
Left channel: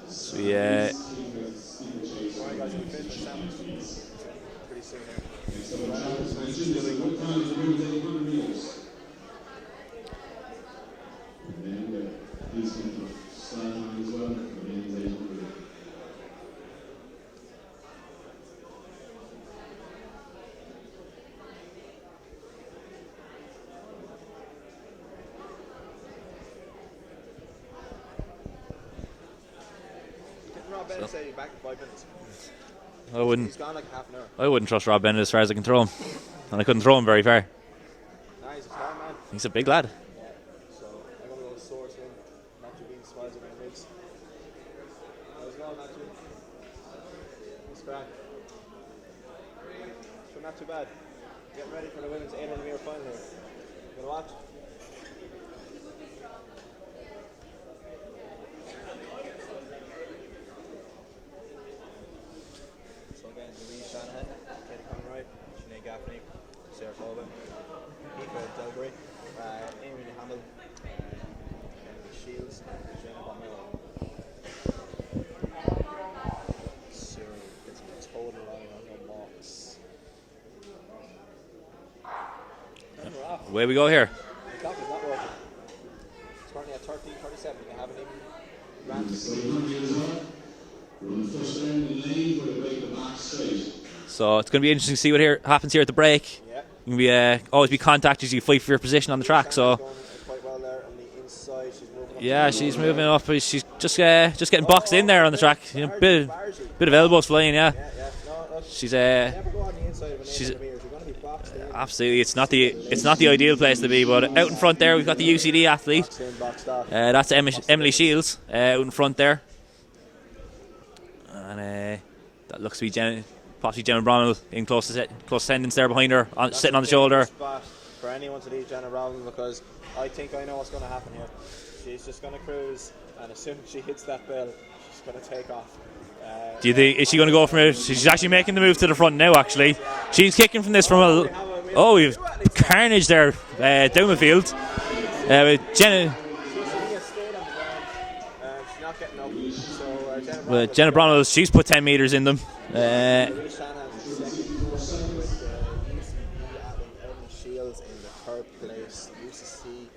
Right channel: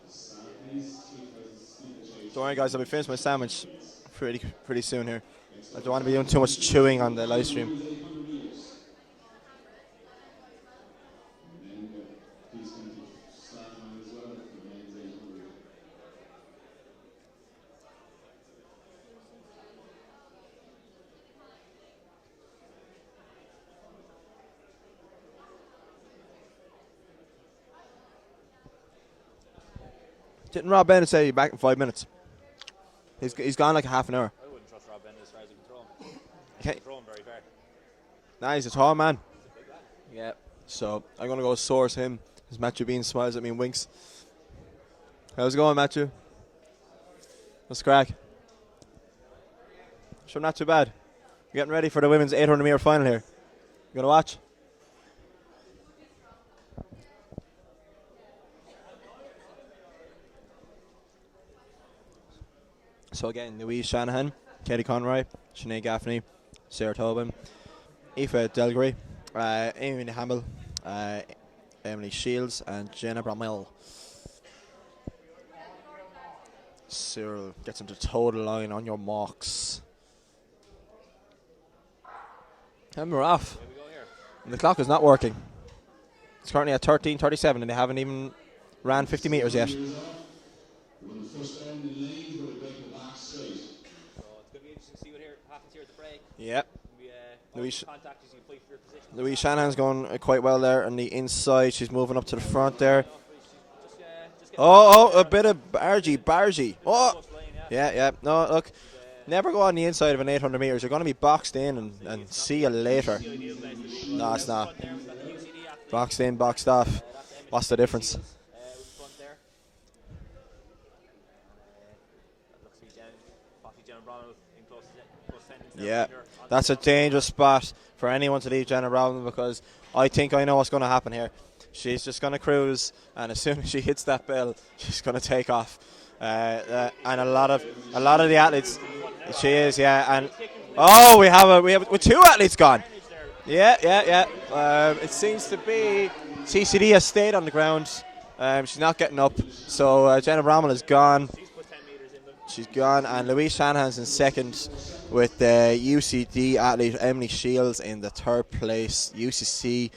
So yeah. Don't worry guys, I'll be finished my sandwich pretty soon here. I don't want to be doing too much chewing on the live stream. Didn't Rob Bennett say he'd be back in 5 minutes? He's gone like a half an hour. I wouldn't trust Rob Bennett as far as I can throw him. And I couldn't throw him very far. Nah, he's a tall man. He's a big lad. Yeah. So I'm going to go source him. As Matthew Bean smiles at me and winks. How's it going, Matthew? What's the crack? Sure, not too bad. We're getting ready for the women's 800 meter final here. You going to watch? So again, Louise Shanahan, Katie Conroy, Sinead Gaffney, Sarah Tobin, Aoife Delgary, Amy Hamill, Emily Shields, and Jenna Bromell. Cyril gets into total line on your marks. And we're off. Away we go here. And the clock is not working. It's currently at 13:37 and they haven't even ran 50 metres yet. So it's going to be interesting to see what happens here at the break. Yeah. Always be contacted as you fight for your position on the track. Shannon's going quite well there on the inside. She's moving up to the front. Yeah, she's there. moving up. She's just getting boxed in there on the track. Bargy. Bit of elbows flying, yeah. Yeah. No, look. She's never go on the inside of an 800 metres. You're going to be boxed in. Absolutely. It's not the ideal place to be, but out in front there we've got the UCD athlete. Boxed in, boxed off. That's Emily Shields out in front there. And that looks to be possibly Jenna Bromell in close attendance there behind her, sitting on the shoulder. That's a spot for anyone to leave Jenna Bromell because I think I know what's going to happen here. She's just going to cruise, and as soon as she hits that bell, she's going to take off. Do you think is she going to go from it? She's actually making the move to the front now. Actually, she is, yeah, she's kicking from this. We have two athletes gone. Carnage there. Down the field. It seems Jenna TCD has stayed on the ground. She's not getting up, so Jenna Bromell is gone. She's put 10 metres in them. She's gone, and Louise Shanahan's in second with the UCD athlete Emily Shields in the third place. UCC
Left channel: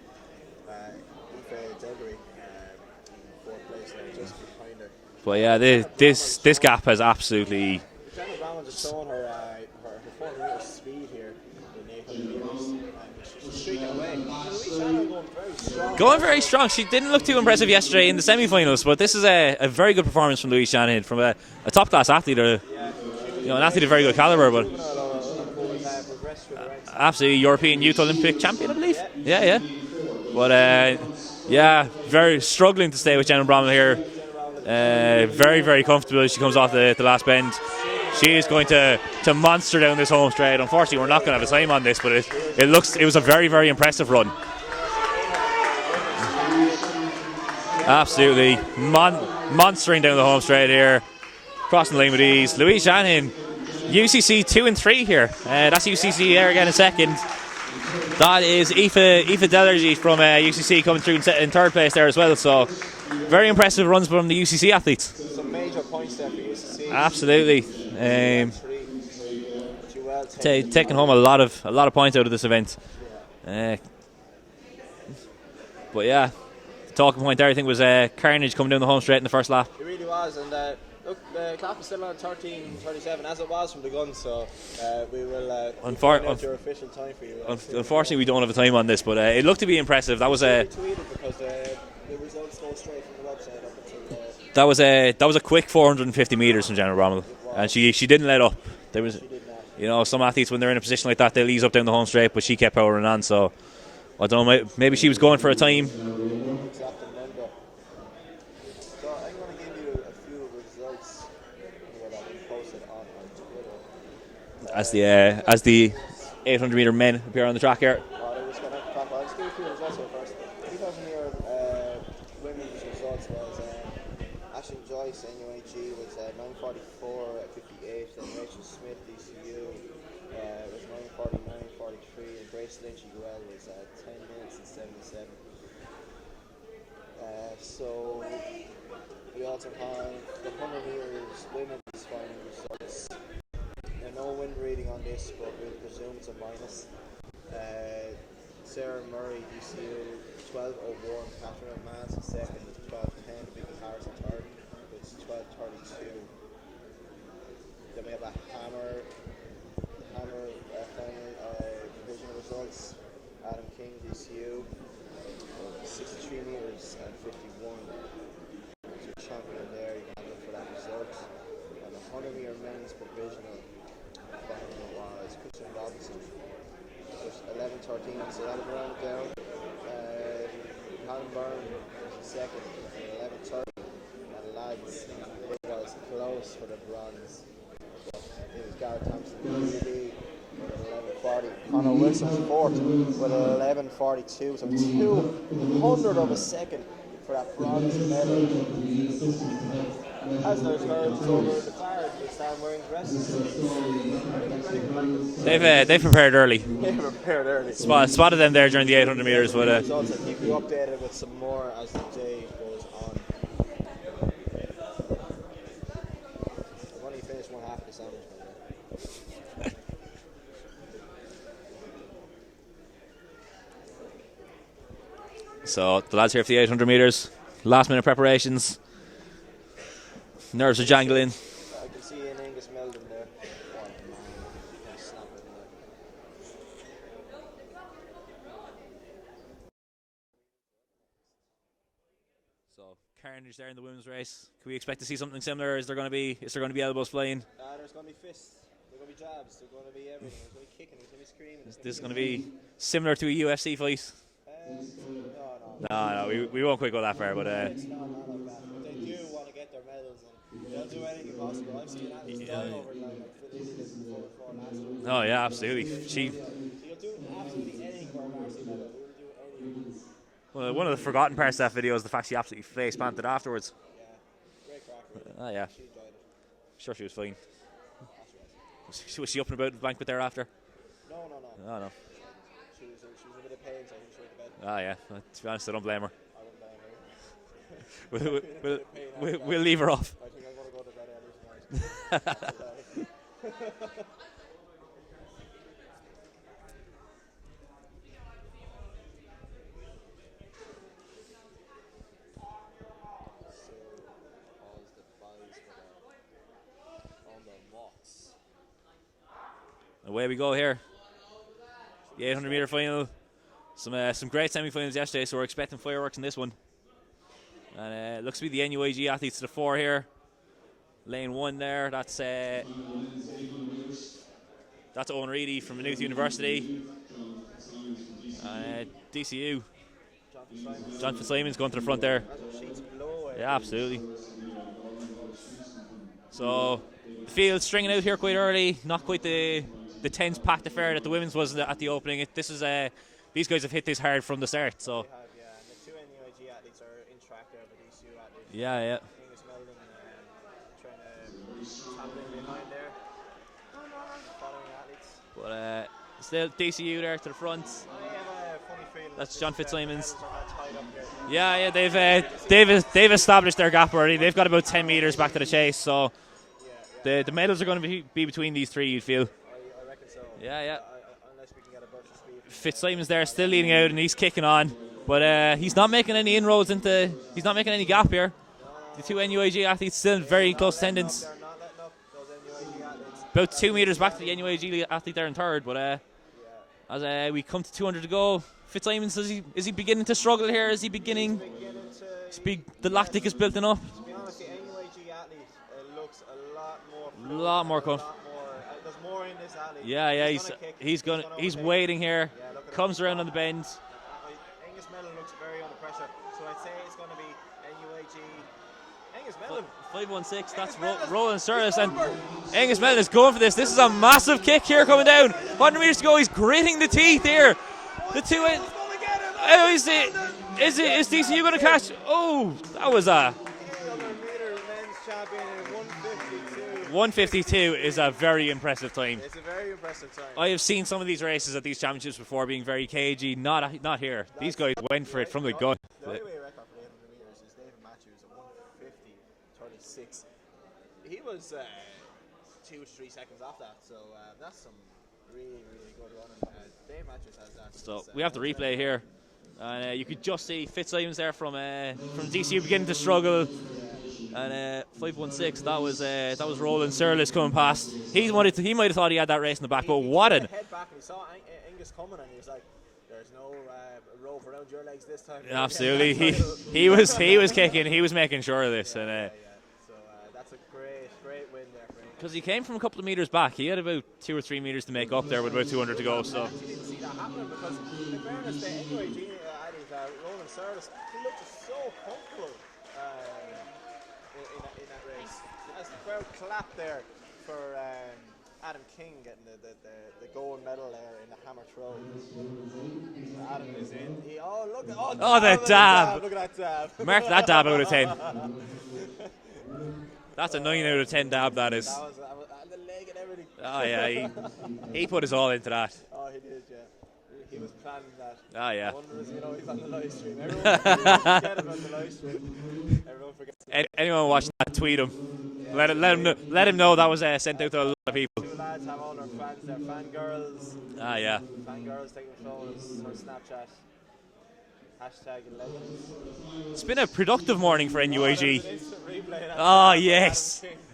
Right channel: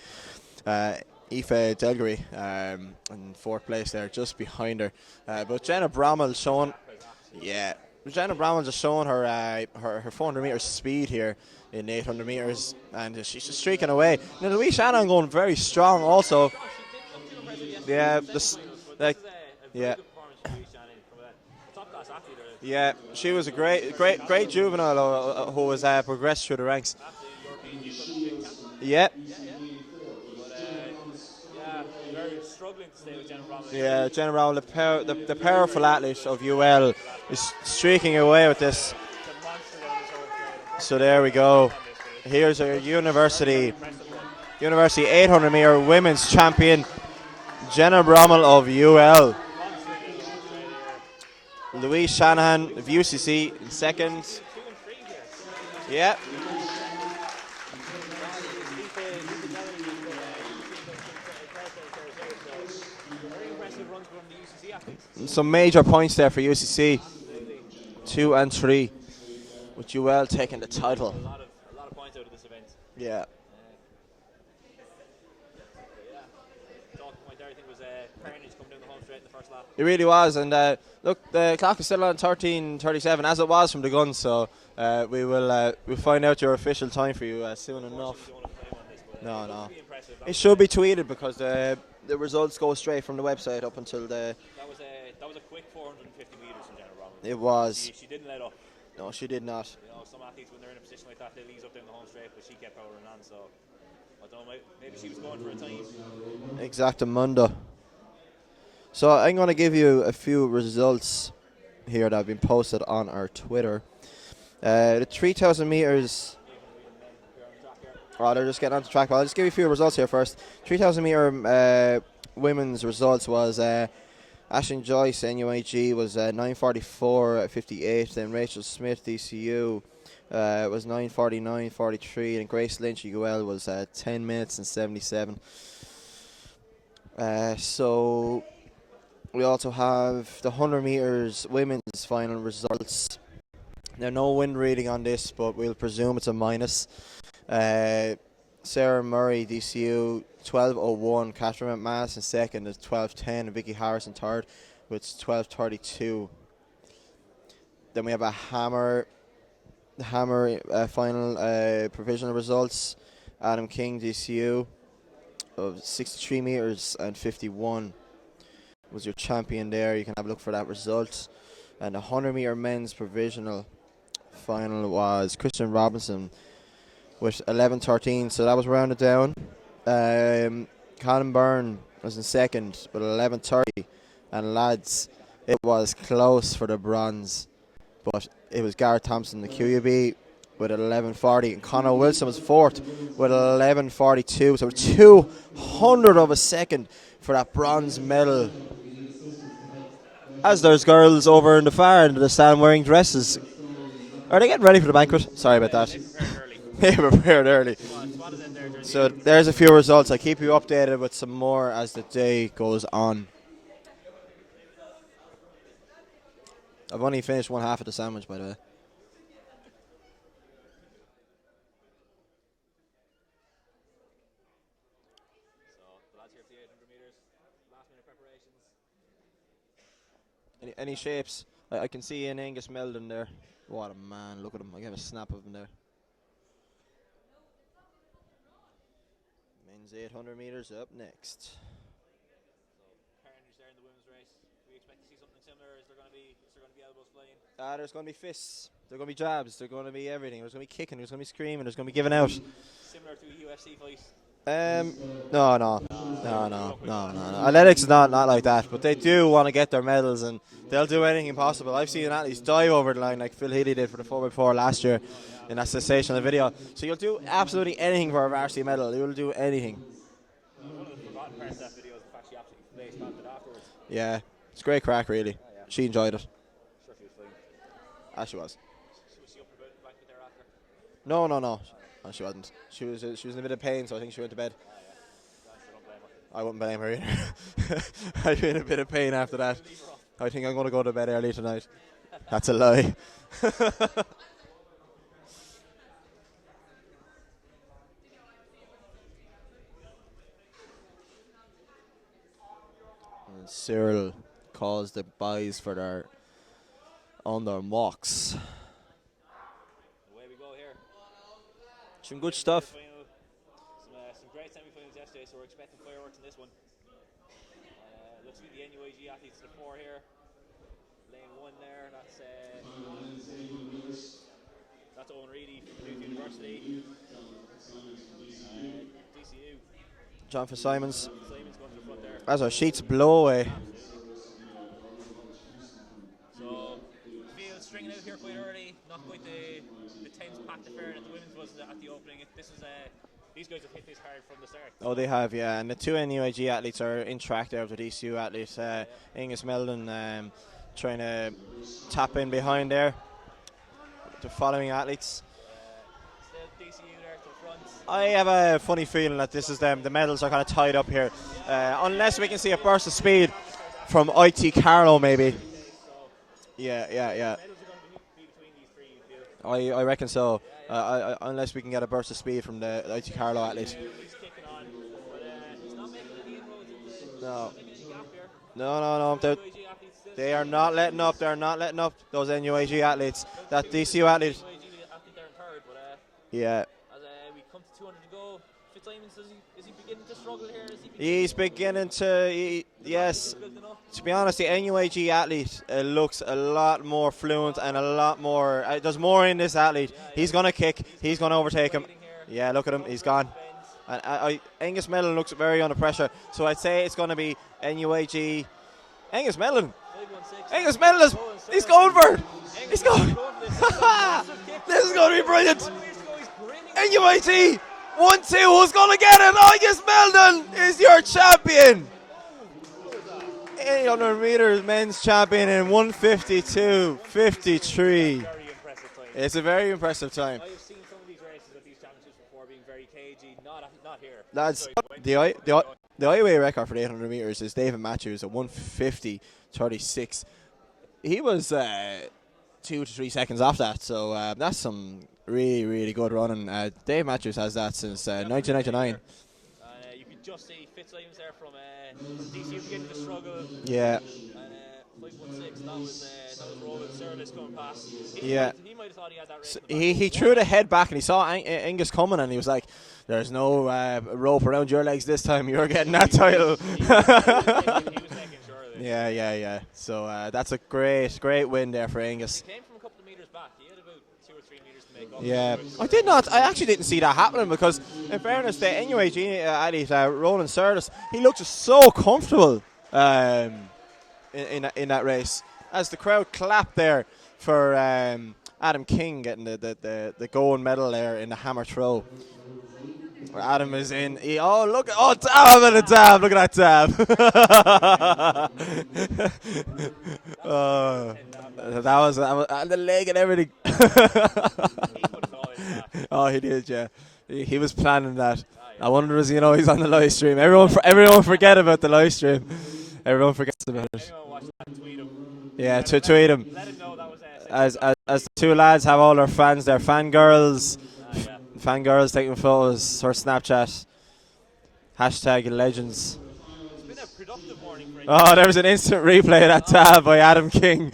Aoife Delgary in fourth place there, just behind her. But yeah, this gap has absolutely Jenna Brown just showing her 400 metres speed here in 800 metres, and she's just streaking away. Now, Louise Shannon going very strong. Very strong. She didn't look too impressive yesterday in the semi-finals, but this is a very good performance from Louise Shannon, from a top-class athlete. Yeah, she was an athlete of very good calibre. Great juvenile who was progressed through the ranks. Absolutely, European Youth Olympic champion, I believe. Yeah. But very struggling to stay with Jenna Bramall here. Jenna Bramall, very comfortable. She comes off the last bend. Streaking away. She's going to monster down this home straight. Unfortunately, we're not going to have time on this, but it was a very impressive run. University 800 metre women's champion, Jenna Bramall of UL. Monstering down the home straight here. Crossing the lane with ease. Louise Shannon, UCC 2 and 3 here. That's UCC there again in second. That is Aoife Delergy from UCC coming through in third place there as well. So very impressive runs from the UCC athletes. Some major points there for UCC. Absolutely. 2 and 3. With UL taking home a lot of points out of this event. Yeah. But yeah, the talking point there I think was carnage coming down the home straight in the first lap. It really was, and look, the clock is still on 13:37 as it was from the gun, so we'll find out your official time for you. Unfortunately, we don't have a time on this, but it looked to be impressive. That should be tweeted because the results go straight from the website up until the. That was a quick 450 metres from Jenna Bramall. It was. And she didn't let up. She did not. You know, some athletes when they're in a position like that, they'll ease up down the home straight, but she kept powering on. So I don't know. Maybe she was going for a time. Exactamundo. So I'm going to give you a few results here that have been posted on our Twitter. As the 800 metre men appear on the track here. Oh, they're just getting on the track. Well, I'll just give you a few results here first. 3,000 metre women's results was Ashton Joyce, NUIG, was 9:44.58. Then Rachel Smith, DCU, was 9:49.43. And Grace Lynch, UL, was 10 minutes and 77. So we also have the 100 metres women's final results. Now, no wind reading on this, but we'll presume it's a minus. Sarah Murray, DCU, 12:01. Catherine McManus in second is 12:10. And Vicky Harrison third with 12:32. Then we have a hammer final provisional results. Adam King, DCU, of 63 metres and 51 was your champion there. You can have a look for that result. And the 100 metre men's provisional final was Christian Robinson with 11:13, so that was rounded down. Colin Byrne was in second with 11:30, and lads, it was close for the bronze, but it was Gareth Thompson, the QUB, with 11:40. Conor Wilson was fourth with 11:42, so 200 of a second for that bronze medal. As there's girls over in the far end of the stand wearing dresses. Are they getting ready for the banquet? Sorry about that. They prepared early. They prepared early. Spotted them there during the 800 metres. There's a few results. I'll keep you updated with some more as the day goes on. I've only finished one half of the sandwich, by the way. So the lads here for the 800 metres. Last minute preparations. Nerves are jangling. I can see an Angus Meldon there. What a man. Look at him. I'm going to snap it in there. Men's 800 metres up next. So carnage there in the women's race. Can we expect to see something similar? Is there going to be elbows flying? There's going to be fists. There's going to be jabs. There's going to be everything. There's going to be kicking. There's going to be screaming. There's going to be giving out. Similar to a UFC fight. No. We won't quite go that far. Athletics is not like that, but they do want to get their medals and they'll do anything possible. I've seen athletes dive over the line like Phil Healy did for the 4x4 last year. Oh yeah, absolutely. In that sensational video. So you'll do absolutely anything for a varsity medal. You'll do anything. Well, one of the forgotten parts of that video is the fact she absolutely face planted afterwards. Yeah, it's great crack, really. Oh yeah, she enjoyed it. Sure, she was fine. She was. Was she up and about the banquet thereafter? No. Oh, no, she wasn't. She was in a bit of pain, so I think she went to bed. Ah, yeah. To be honest, I don't blame her. I wouldn't blame her either. I'd be in a bit of pain after that. We'll leave her off. I think I'm going to go to bed early tonight. That's a lie. Cyril calls the boys for their on their marks. Away we go here. Some good 800 meter stuff. final. Some great semi-finals yesterday, so we're expecting fireworks in this one. And looks to be the NUAG athletes to the fore here. Lane 1 there. That's Owen Reedy from Maynooth University. DCU. John Fitzsimons. John Fitzsimons going to the front there. As our sheets blow away. Yeah, absolutely. So the field stringing out here quite early. Not quite the tense packed affair that the women's was at the opening. These guys have hit this hard from the start. So. Oh, they have, yeah. And the 2 NUAG athletes are in track there with the DCU athletes. Yeah. Angus Meldon trying to tap in behind there. The following athletes. But still DCU there to the front. I have a funny feeling that this John is them. The medals are kind of tied up here. They've established their gap already. They've got about 10 metres back to the chase. So the medals are going to be between these three, you'd feel. I reckon so. Yeah. Unless we can get a burst of speed from Fitzsimons there, still leading out, and he's kicking on. But he's not making any inroads into. No. He's not making any gap here. No. The 2 NUAG athletes still very close attendance. They're not letting up, those NUAG athletes. About 2 metres back from the NUAG athlete there in third. But as we come to 200 to go, Fitzsimons, is he beginning to struggle here? Is he beginning? He's beginning to. The lactic is building up. To be honest, the NUAG athlete looks a lot more fluent and a lot more. There's more in this athlete. Yeah, he's going to kick. He's going to overtake him. He's waiting here. Yeah, look at him. Comes around the bend. Angus Mellon looks very under pressure. So I'd say it's going to be NUAG. Angus Mellon. 516. Angus Mellon is going for it. Angus Mellon is going for this. This is a massive kick here coming down. Brilliant. 100 metres to go. He's gritting the teeth here. 1-2, who's going to get it? Angus Meldon is your champion. Oh, that was a 800 metres men's champion in 1:52. 1:52 is a very impressive time. It's a very impressive time. I have seen some of these races at these championships before being very cagey. Not here. These guys went from the gun. The IUAA record for the 800 metres is David Matthews at 1:50.36. He was 2 to 3 seconds off that, so that's some really good running. Dave Matthews has that since 1999. And you could just see Fitzsimons there from DCU beginning to struggle. Yeah. And 516, that was Roland Surlis coming past. He might have thought he had that race in the back. He threw the head back and he saw Angus coming and he was like, "There's no rope around your legs this time. You're getting that title." He was kicking. He was making sure of this. Yeah. So that's a great win there for Angus. He came from a couple of metres back. He had about 2 or 3 metres to make up there with about 200 I did not. I actually didn't see that happening because, in fairness, the NUAG athlete Roland Surlis, he looked so comfortable in that race as the crowd clapped there for Adam King getting the gold medal there in the hammer throw. Where Adam is in. Dab and a dab. Look at that dab. Mark that dab out of 10. That's a 9 out of 10 dab, that is. That was and the leg and everything. He put his all into that. Oh, he did, yeah. He was planning that. Oh, yeah. I wonder, he's on the live stream. Everyone forget about the live stream. Everyone forgets about it. Anyone watching that, tweet him. Yeah, tweet him. Let him know that was sent out to as 2 lads have all their fans, their fangirls. Yeah. Fangirls taking photos or Snapchat. # legends. It's been a productive morning for NUAG. Oh, there was an instant replay of that tab by Adam King.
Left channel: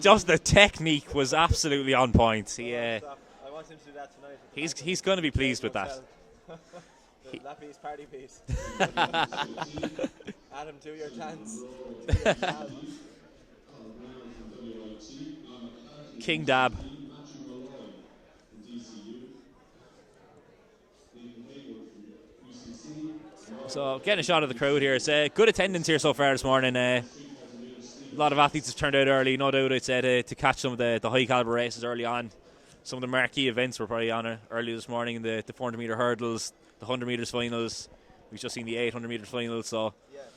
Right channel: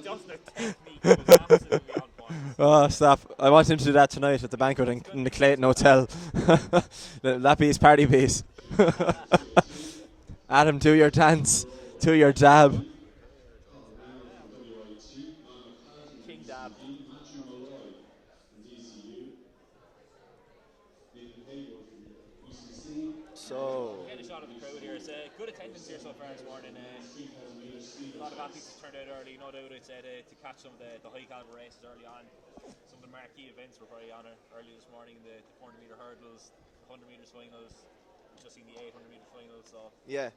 Just the technique was absolutely on point. Stop. I want him to do that tonight at the banquet. He's going to be Clayton Hotel. That be his party piece. Adam, do your dance. Do your dab. King dab. So getting a shot of the crowd here. It's good attendance here so far this morning. A lot of athletes have turned out early, no doubt, I'd say, to catch some of the high caliber races early on. Some of the marquee events were probably on early this morning. The 400 metre hurdles, the 100 metres finals. We've just seen the 800 metres finals. So yeah.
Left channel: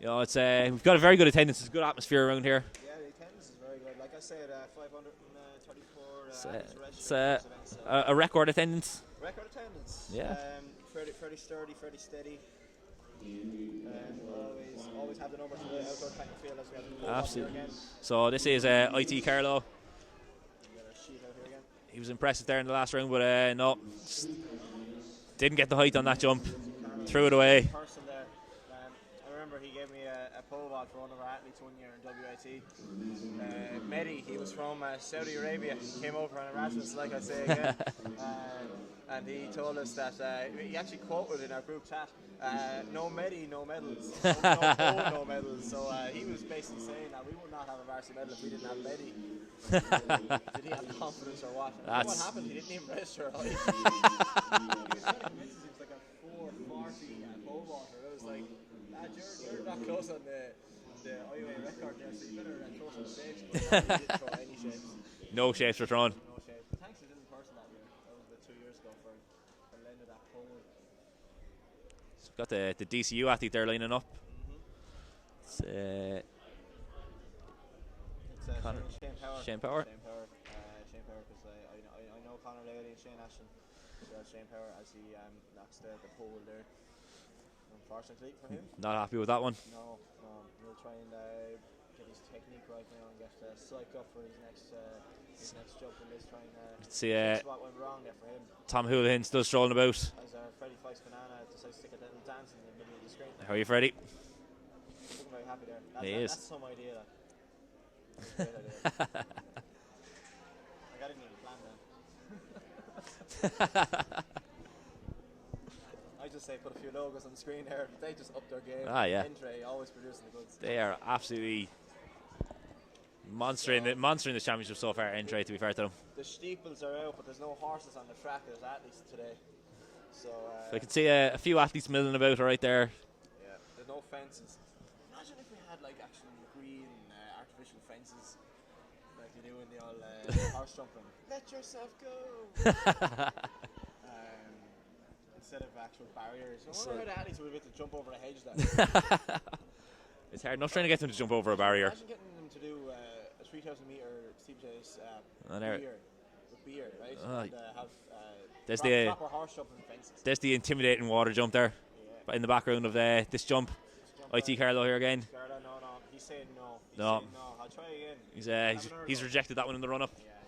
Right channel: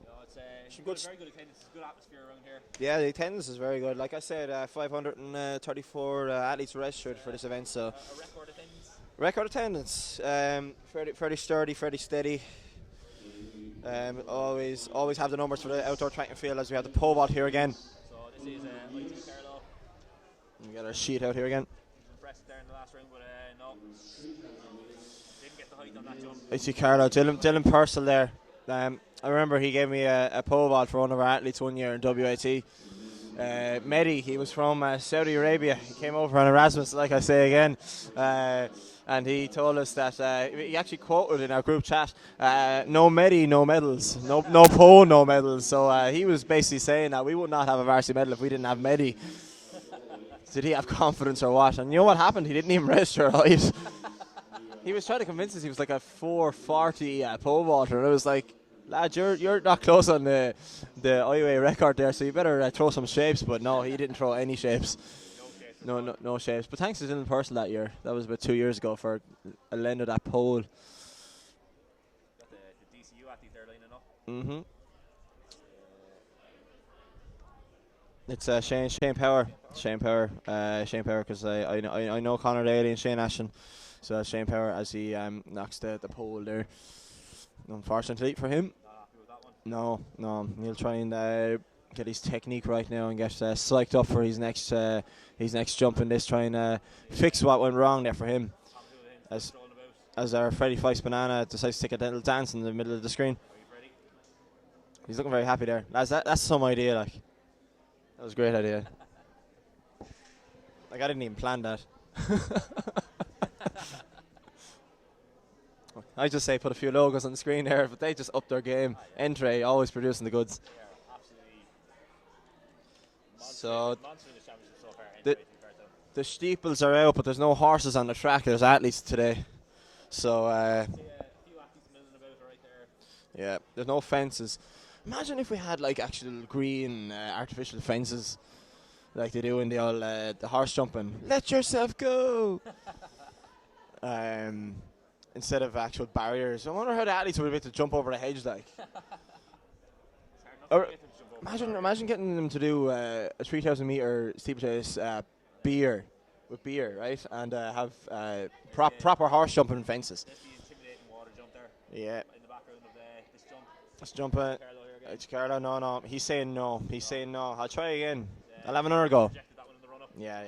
It's we've got a very good attendance. It's a good atmosphere around here. Yeah, the attendance is very good. Like I said, 534 athletes registered for this event. So a record attendance. Record attendance. Yeah. Fairly sturdy, fairly steady. Always have the numbers for the outdoor track and field as we have the pole vault here again. So this is IT Carlo. We got our sheet out here again. He was impressive there in the last round, but no, didn't get the height on that jump. IT Carlo, Dylan Purcell there. I remember he gave me a pole vault for one of our athletes one year in WAT. Mehdi, he was from Saudi Arabia. He came over on Erasmus, like I say again. And he told us that he actually quoted in our group chat, no Mehdi, no medals. No pole, no medals. So he was basically saying that we would not have a varsity medal if we didn't have Mehdi. Did he have confidence or what? And you know what happened? He didn't even register. He was trying to convince us he was like a 440 pole vaulter. And it was like, lad, you're not close on the IUAA record there, so you better throw some shapes. But no, he didn't throw any shapes. No shapes were thrown. No shapes. But thanks to Dylan Person that year. That was about 2 years ago for a lend of that pole. Got the DCU athlete there lining up. Mm-hmm. It's Shane Power. Shane Power, because I know Conor Daly and Shane Ashton. So Shane Power as he knocks the pole there. Unfortunately for him. Not happy with that one. No. He'll try and get his technique right now and get psyched up for his next jump in this, trying to fix what went wrong there for him. Tom Houlihan still strolling about. As our Freddie Fyffes Banana decides to take a little dance in the middle of the screen. How are you, Freddie? He's looking very happy there. That's some idea, like. That was a great idea. Like, I didn't even plan that. I just say put a few logos on the screen there, but they just upped their game. Entry, always producing the goods. They are absolutely monstering the championship so far. Entry, to be fair to them. The steeples are out, but there's no horses on the track. There's athletes today. So I see a few athletes milling about right there. Yeah, there's no fences. Imagine if we had like actual green artificial fences, like they do in the old the horse jumping. Let yourself go. Instead of actual barriers. I wonder how the athletes would be able to jump over the hedge like. It's hard enough trying to get them to jump over a barrier. Imagine getting them to do a 3,000 meter steeplechase with beer, right? And have proper horse jumping fences. There's the intimidating water jump there. Yeah. In the background of this jump. Let's jump by T. Carlo here again. Carlo, no. He's saying no. Saying no. I'll try again. I'll have another go. He's rejected that one in the run-up. Yeah.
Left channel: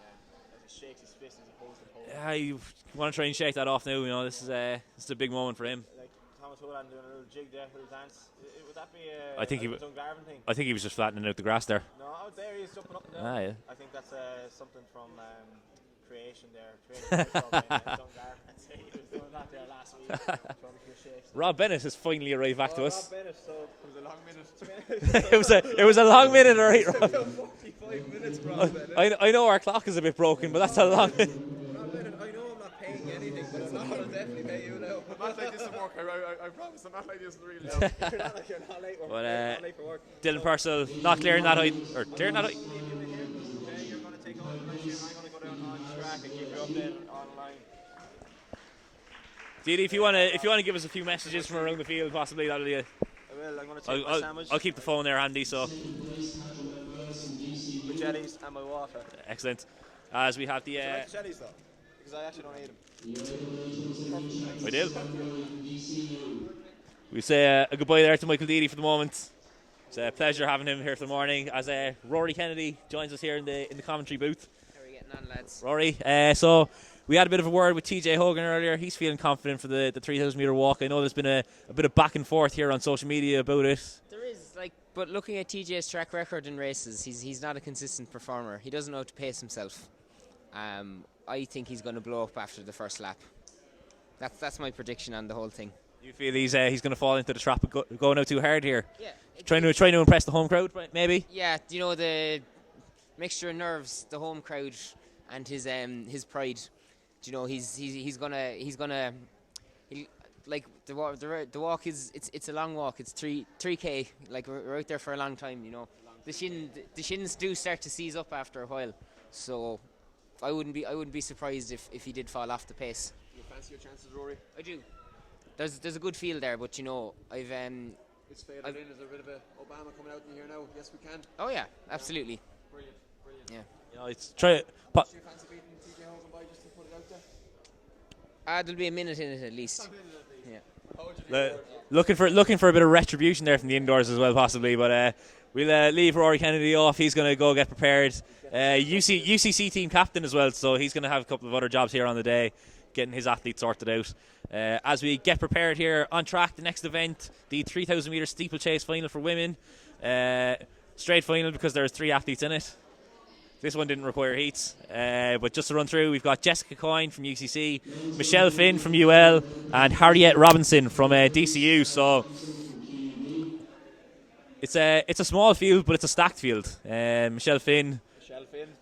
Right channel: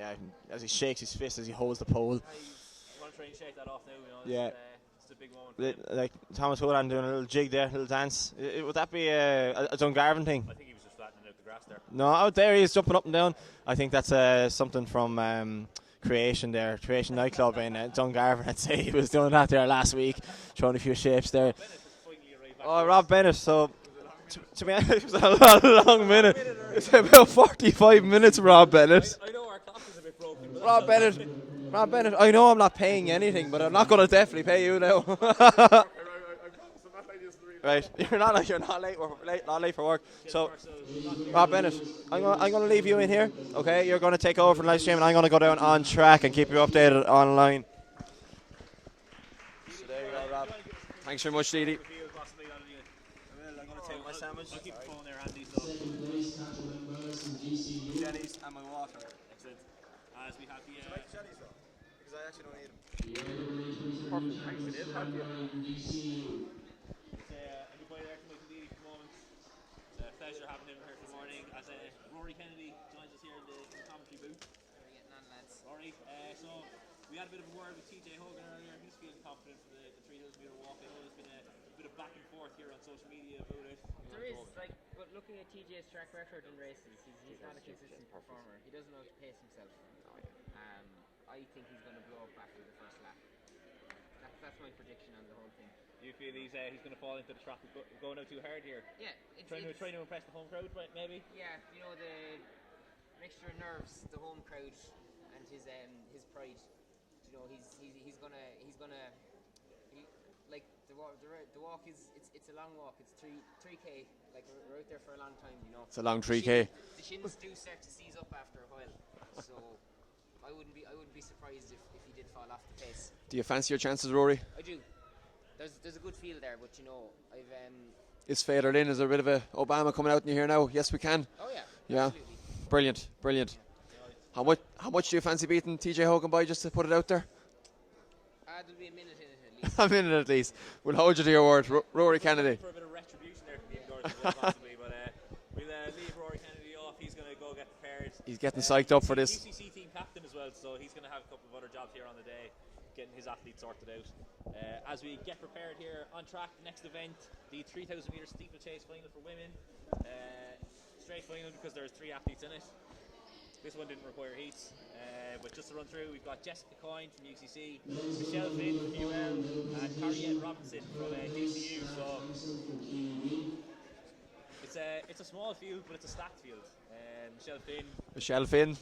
As he shakes his fist as he holds the pole. Yeah, you want to try and shake that off now. You know, this is a big moment for him. Like Thomas Houlihan doing a little jig there, a little dance. Would that be a Dungarvan thing? I think he was just flattening out the grass there. No, out there he is jumping up and down. I think that's something from Creation nightclub in Dungarvan. I'd say he was doing that there last week, throwing a few shapes there. Rob Bennett has finally arrived back to us. Rob Bennett, so to be honest, it was a long minute, alright. About 45 minutes, Rob Bennett. I know our clock is a bit broken, but that's a long minute. Rob Bennett, I know I'm not paying anything, but I'm not going to definitely pay you now. I promise I'm not late. Right, you're not late for work. Dylan Purcell not clearing that height. I'm going to leave you in here. Okay, you're going to take over for the live stream, and I'm going to go down on track and keep you updated online. Didi, if you want to give us a few messages from around the field, possibly that'll be. I'm going to take my sandwich. I'll keep the phone there handy. So. Jellies and my water. Excellent. As we have the. Jellies though, because I actually don't eat them. We do. We say a goodbye there to Michael Deedy for the moment. It's a pleasure having him here for the morning. As Rory Kennedy joins us here in the commentary booth. How are we getting on, lads? Rory, so we had a bit of a word with TJ Hogan earlier. He's feeling confident for the 3,000 metre walk. I know there's been a bit of back and forth here on social media about it. There is, but looking at TJ's track record in races, he's not a consistent performer. He doesn't know how to pace himself. I think he's going to blow up after the first lap. That's my prediction on the whole thing. You feel he's going to fall into the trap of going out too hard here? Yeah. Trying to impress the home crowd, maybe? Yeah, the mixture of nerves, the home crowd, and his pride. He's gonna like the walk is it's a long walk. It's 3K. Like we're out there for a long time. It's a long 3K. The shins do start to seize up after a while, so I wouldn't be surprised if he did fall off the pace. Do you fancy your chances, Rory? I do. There's a good feel there, but I've It's faded in. Is there a bit of a Obama coming out in you here now? Yes, we can. Oh yeah, absolutely. Brilliant. Yeah. How much do you fancy beating TJ Hogan by, just to put it out there? There'll be a minute in it at least. A minute at least. Yeah. We'll hold you to your word. Looking for a bit of retribution there from the indoors as well, possibly. But we'll leave Rory Kennedy off. He's going to go get prepared. He's getting psyched up for this. UCC team captain as well, so he's going to have a couple of other jobs here on the day, getting his athletes sorted out. As we get prepared here on track, the next event, the 3,000 metre steeplechase final for women. Straight final because there's 3 athletes in it. This one didn't require heats, but just to run through, we've got Jessica Coyne from UCC, Michelle Finn from UL, and Harriet Robinson from DCU. So it's a small field, but it's a stacked field. Michelle Finn,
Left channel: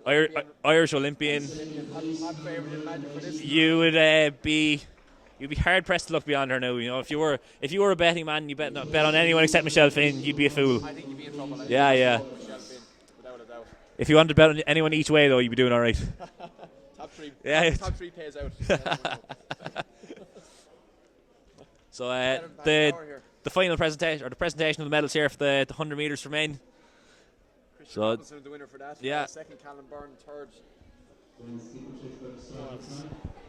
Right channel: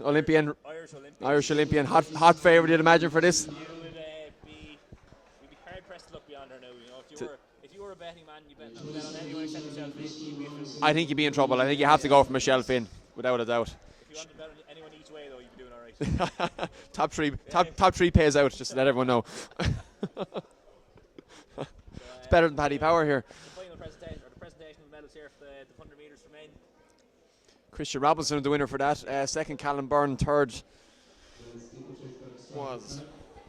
Olympian, Irish Olympian, hot favourite, you'd imagine, for this. You would you'd be hard pressed to look beyond her now. You know, if you were a betting man, and you bet on anyone except Michelle Finn, you'd be a fool. I think you'd be in trouble. I think you have to go for Michelle Finn, without a doubt. If you wanted to bet on anyone each way, though, you'd be doing all right. top three pays out. Just to let everyone know. So it's better than Paddy Power here. The final presentation, or the presentation of the medals here for the 100 metres for men. Christian Robinson, the winner for that. Yeah. Second, Callum Byrne. Third was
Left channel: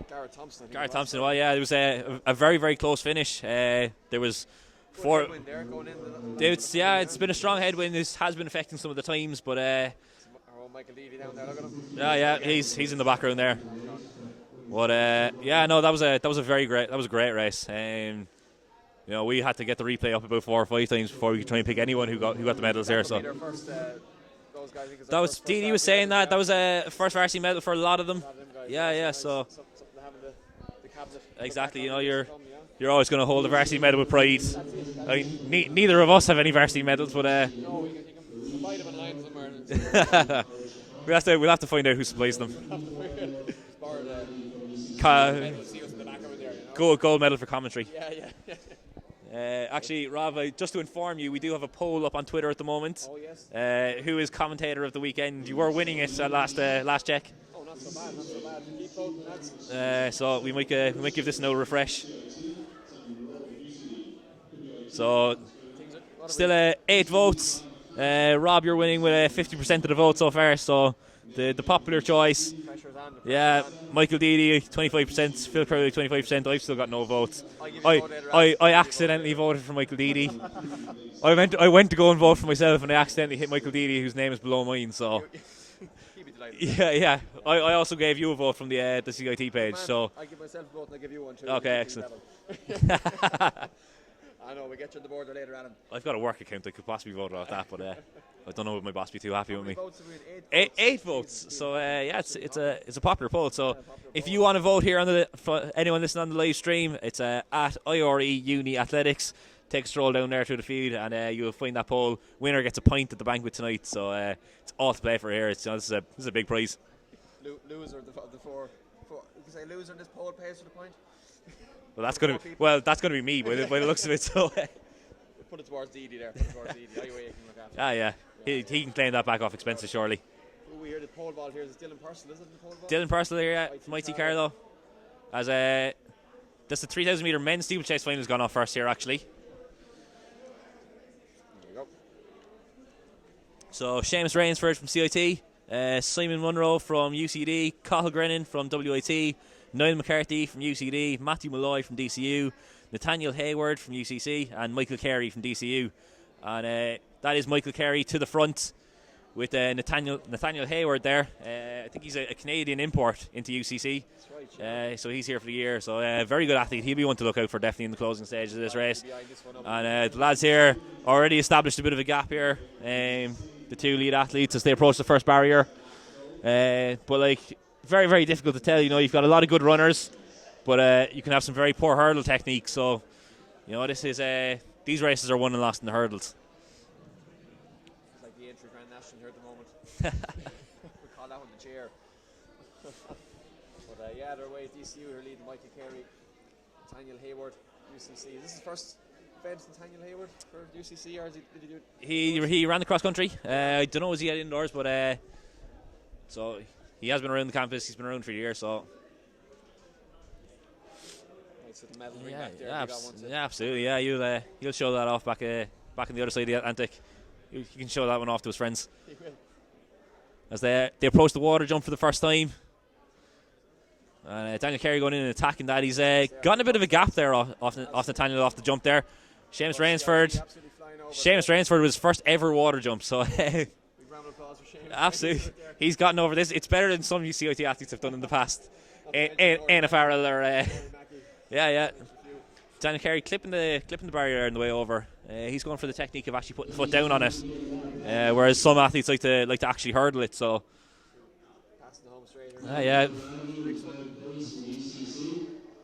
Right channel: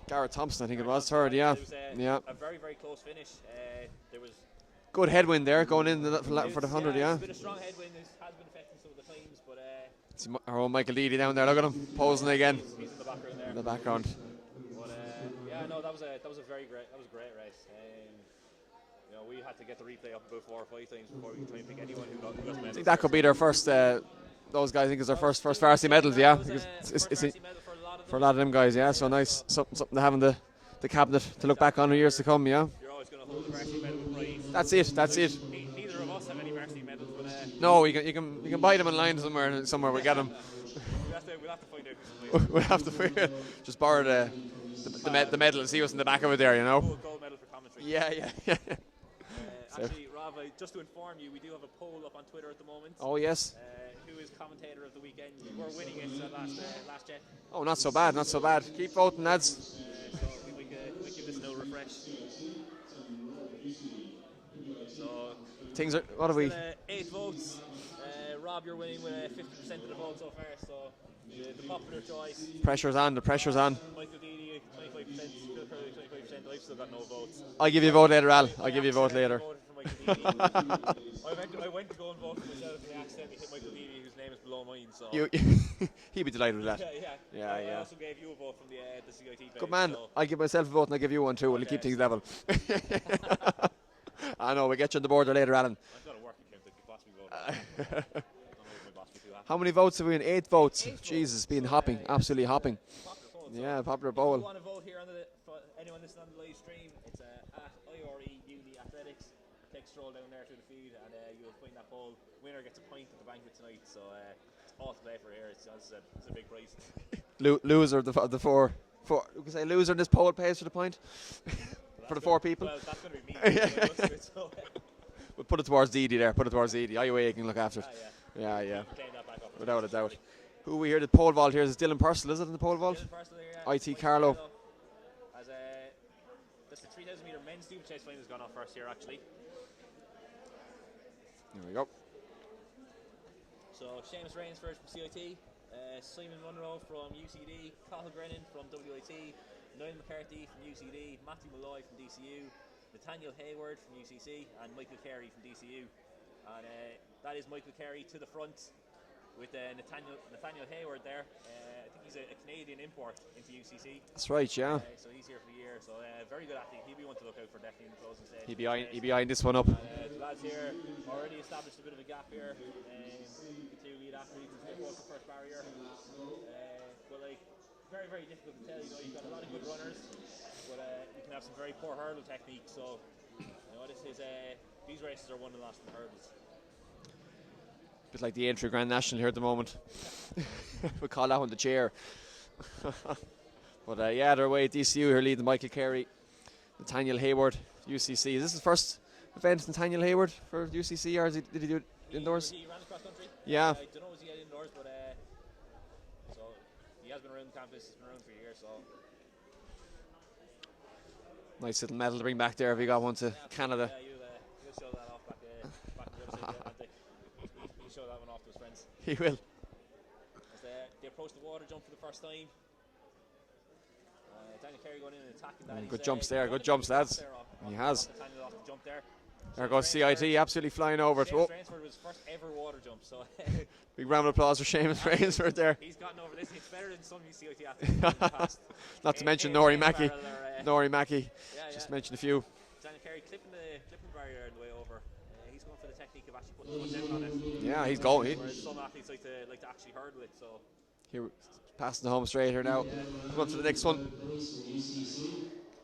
Garrett Thompson. I think Garrett it was. Thompson. Third, It was a very, very close finish. There was good headwind there going in for the 100. It's been a strong headwind. This has been affecting some of the times, but it's our own Michael Deedy down there. Look at him. Again. He's in the background there. In the background. But that was a great race. You know, we had to get the replay up about 4 or 5 times before we could try and pick anyone who got the medals. That could be their first. Those guys, I think, is their first varsity medals. That was a first varsity medal for a lot of them. For a lot of them guys, so nice. Something to have in the cabinet to look back on in years to come. Yeah, you're always going to hold a varsity medal with pride. That's it. Neither of us have any varsity medals, but no, you can buy them online somewhere. We'll get them. We'll have to find out who supplies them. We'll have to just borrow the medal and see what's in the back of it there. You know, gold medal for commentary. Yeah. Actually, Rob, just to inform you, we do have a poll up on Twitter at the moment. Oh yes. Who is commentator of the weekend? You were winning it at last check. Oh, not so bad. Keep voting, lads. So we might give this no refresh. So things are still 8 votes. Rob, you're winning with 50% of the vote so far. So the popular choice. The pressure's on. Michael Deedy, 25%. Phil Crowley, 25%. I've still got no votes. I'll give you a vote later. I accidentally voted for Michael Deedy. I went to go and vote for myself, and I accidentally hit Michael Deedy, whose name is below mine. So he'd be delighted with that. Yeah. I also gave you a vote from the CIT page. So I give myself a vote, and I give you one too. Okay, we'll keep things level. I know, we'll get you on the board later, Alan. I've got a work account that could possibly vote about that, but I don't know if my boss be too happy. How many votes have we in? 8 votes. 8 votes. Jesus, it's been hopping, absolutely hopping. It's a popular poll, so popular if you want to vote here for anyone listening on the live stream, it's at IUAA Uni Athletics. Take a stroll down there through the field, and you'll find that poll. Winner gets a pint at the banquet tonight, so it's all to play for here. This is a big prize. Loser of the four. We can say loser in this poll pays for the point. Well, that's going to be me by the looks of it. So we'll put it towards Deedy there. IUAA can look after it. He can claim that back off expenses, surely. Who we hear the pole vault here is Dylan Purcell, is it in the pole vault? Dylan Purcell here, yeah. IT Carlo. As that's the 3,000 metre men's steeplechase final has gone off first here, actually. There we go. So Seamus Rainsford from CIT, Simon Munro from UCD, Cathal Grennan from WIT, Niall McCarthy from UCD, Matthew Malloy from DCU, Nathaniel Hayward from UCC, and Michael Carey from DCU. And that is Michael Carey to the front with Nathaniel Hayward there. I think he's a Canadian import into UCC. That's right, yeah. So he's here for the year. So very good athlete. He'll be one to look out for definitely in the closing stages of this race. He'll be eyeing this one up. And the lads here already established a bit of a gap here. The 2 lead athletes as they approach the first barrier. But very, very difficult to tell. You know, you've got a lot of good runners, but you can have some very poor hurdle technique. So, you know, these races are won and lost in the hurdles. It's like the entry Grand National here at the moment. We call that one the chair. But they're away at DCU here leading Michael Carey, Nathaniel Hayward, UCC. Is this his first event, Nathaniel Hayward, for UCC, or did he do it indoors? He ran the cross country. Yeah. I don't know, was he at indoors, but so he has been around the campus. He's been around for a year, so nice little medal to bring back there. If you got one to absolutely. Canada. Yeah, you'll show that off back in the other side of the Atlantic. You can show that one off to his friends. He will. As they approach the water jump for the first time. Daniel Carey going in and attacking that. He's gotten a bit of a gap there off Nathaniel off the jump there. Seamus Rainsford absolutely flying over. Seamus Rainsford was his first ever water jump, so big round of applause for Seamus Rainsford there. He's gotten over this. It's better than some CIT athletes have done in the past. Not to mention Nori Mackey. Mackey. Yeah. Just mention a few. Daniel Carey clipping the barrier on the way over. He's going for the technique of actually putting the foot down on it. Yeah, he's going. Whereas some athletes like to actually hurdle it. So Here, passing the home straight here now. Yeah. Go to the next one.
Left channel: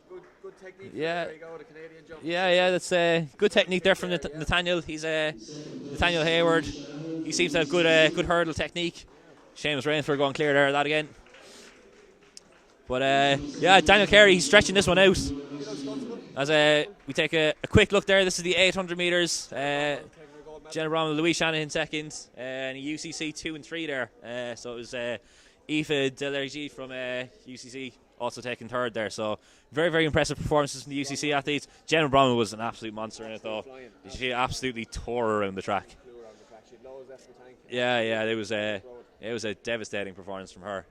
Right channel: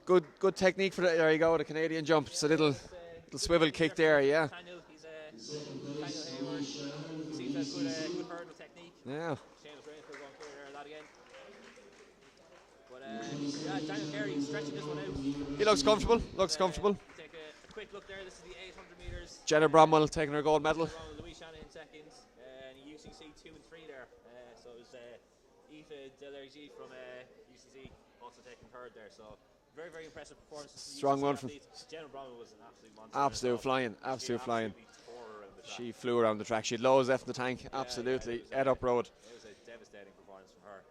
Good technique for that. There you go, the Canadian jump. Yeah, that's good technique there from yeah. Nathaniel. He's Nathaniel Hayward. He seems to have good hurdle technique. Yeah. Seamus Rainford going clear there, that again. But yeah, Daniel Carey, he's stretching this one out. He looks comfortable. We take a quick look there. This is the 800 metres. Jenna Bromwell taking her gold medal. Jenna Bromwell, Louise Shanahan second, and UCC 2 and 3 there. So it was Aoife Delergy from UCC also taking third there. So very, very impressive performances from the UCC athletes. Jenna Bromwell was an absolute monster. Absolute flying. She absolutely tore around the track. She flew around the track. She had lows left in the tank. Yeah, it was up road. It was a devastating performance from her.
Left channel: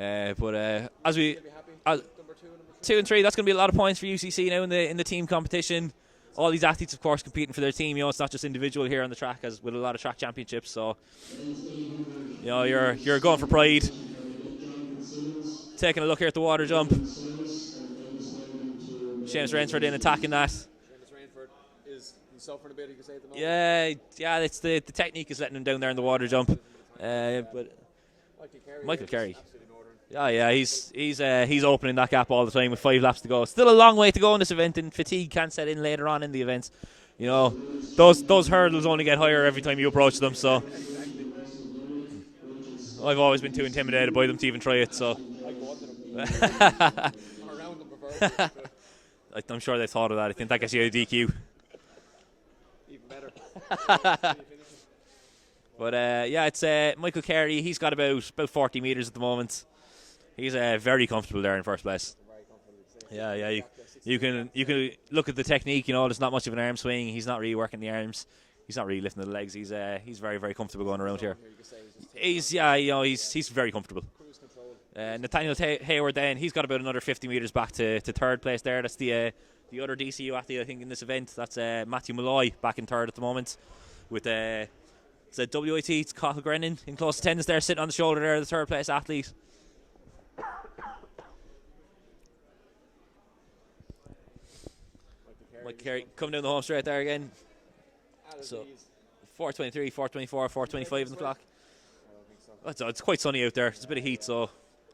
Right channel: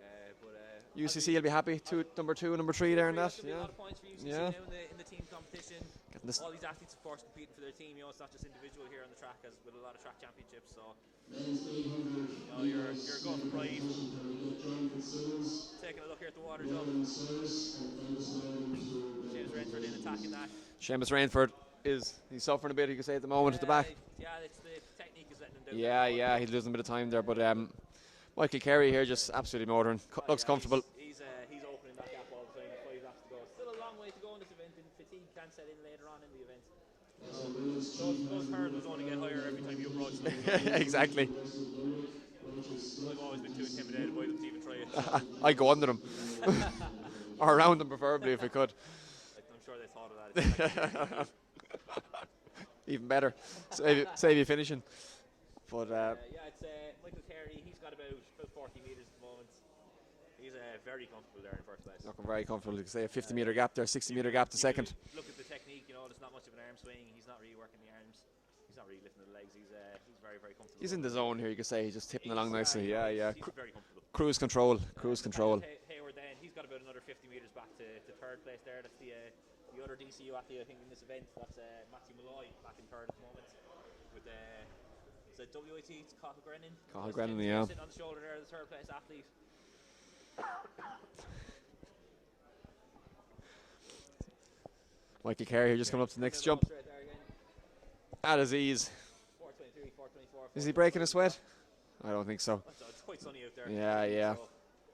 UCC as we will be happy. Number 2 and number 3. 2 and 3. That's going to be a lot of points for UCC now in the team competition. All these athletes, of course, competing for their team. It's not just individual here on the track, as with a lot of track championships. So, you're going for pride. Taking a look here at the water jump. Seamus Rainford in attacking that. Seamus Rainford he's suffering a bit, you could say, at the moment. Yeah, it's the technique is letting him down there in the water jump. He's losing a bit of time there, but Michael Carey here just absolutely motoring. He's opening that gap all the time with 5 laps to go. Still a long way to go in this event, and fatigue can set in later on in the event. Those hurdles only get higher every time you approach them. So exactly. I've always been too intimidated by them to even try it. So I go under them or around them preferably if I could. I'm sure they thought of that. I think that gets you a DQ. Even better. Save you finishing. But it's Michael Carey. He's got about 40 metres at the moment. He's very comfortable there in first place. Looking very comfortable. You can say a 50 metre gap there, 60 you metre gap. You can look at the technique. There's not much of an arm swing. He's not really working the arms. He's not really lifting the legs. He's very, very comfortable going around here. You could say he's just he's very comfortable. Cruise control. Nathaniel Hayward then, he's got about another 50 metres back to third place there. That's the other DCU athlete I think in this event. That's Matthew Malloy back in third at the moment with it's a WIT. It's Cathal Grennan in close attendance there, sitting on the shoulder there, the third place athlete. Michael Carey just coming up to the next down the home straight there again. At his ease. 4:23, 4:24, 4:25. Is he breaking a sweat? I don't think so. It's quite sunny out there. It's a bit of heat, so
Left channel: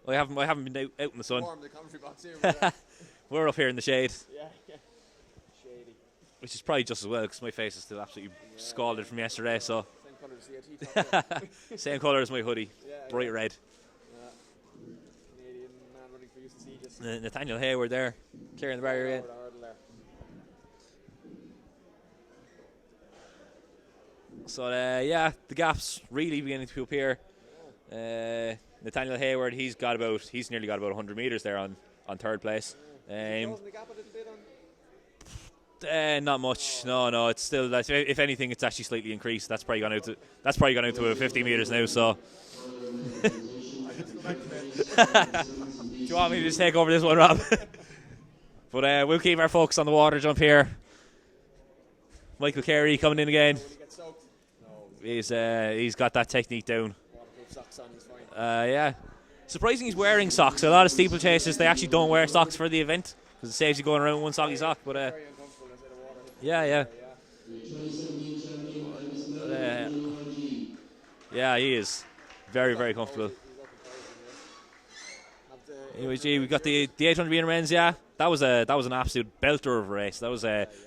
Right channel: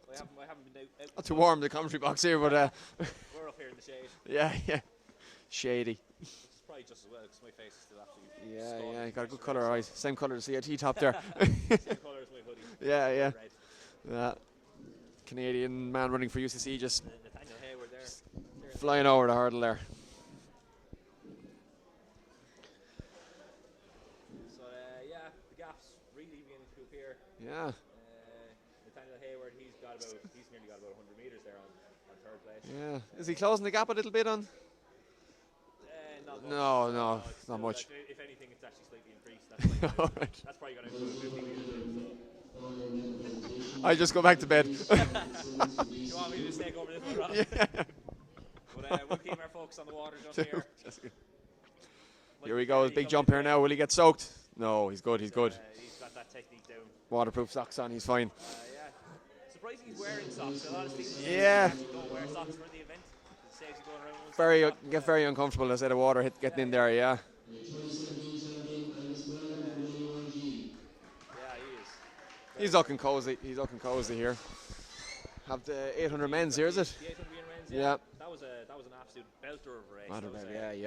I haven't been out in the sun. It's warm the commentary box here, but we're up here in the shade. Yeah, shady. Which is probably just as well because my face is still absolutely scalded from yesterday. So same colour as the CIT top there. Same colour as my hoodie. Bright red. Yeah. Canadian man running for UCC just Nathaniel Hayward there, clearing the flying over the hurdle there. So the gap's really beginning to appear. Yeah. Nathaniel Hayward, he's nearly got about 100 metres there on third place. Yeah. Is he closing the gap a little bit on? Not much. No. It's still if anything, it's actually slightly increased. That's probably gone out. That's probably gone out to 50 metres now. So I just go back to bed. Do you want me to just take over this one, Rob? But we'll keep our focus on the water jump here. Michael Carey coming in again. Now. Will he get soaked? No, he's good. He's got that technique down. Waterproof socks on, he's fine. Surprising he's wearing socks. A lot of steeplechasers, they actually don't wear socks for the event because it saves you going around one sock. You get very uncomfortable as the water get in there, he is. Very, very comfortable. He's looking cozy here. Have the 800 men's got the 800 metre men's, that was an absolute belter of a race. That was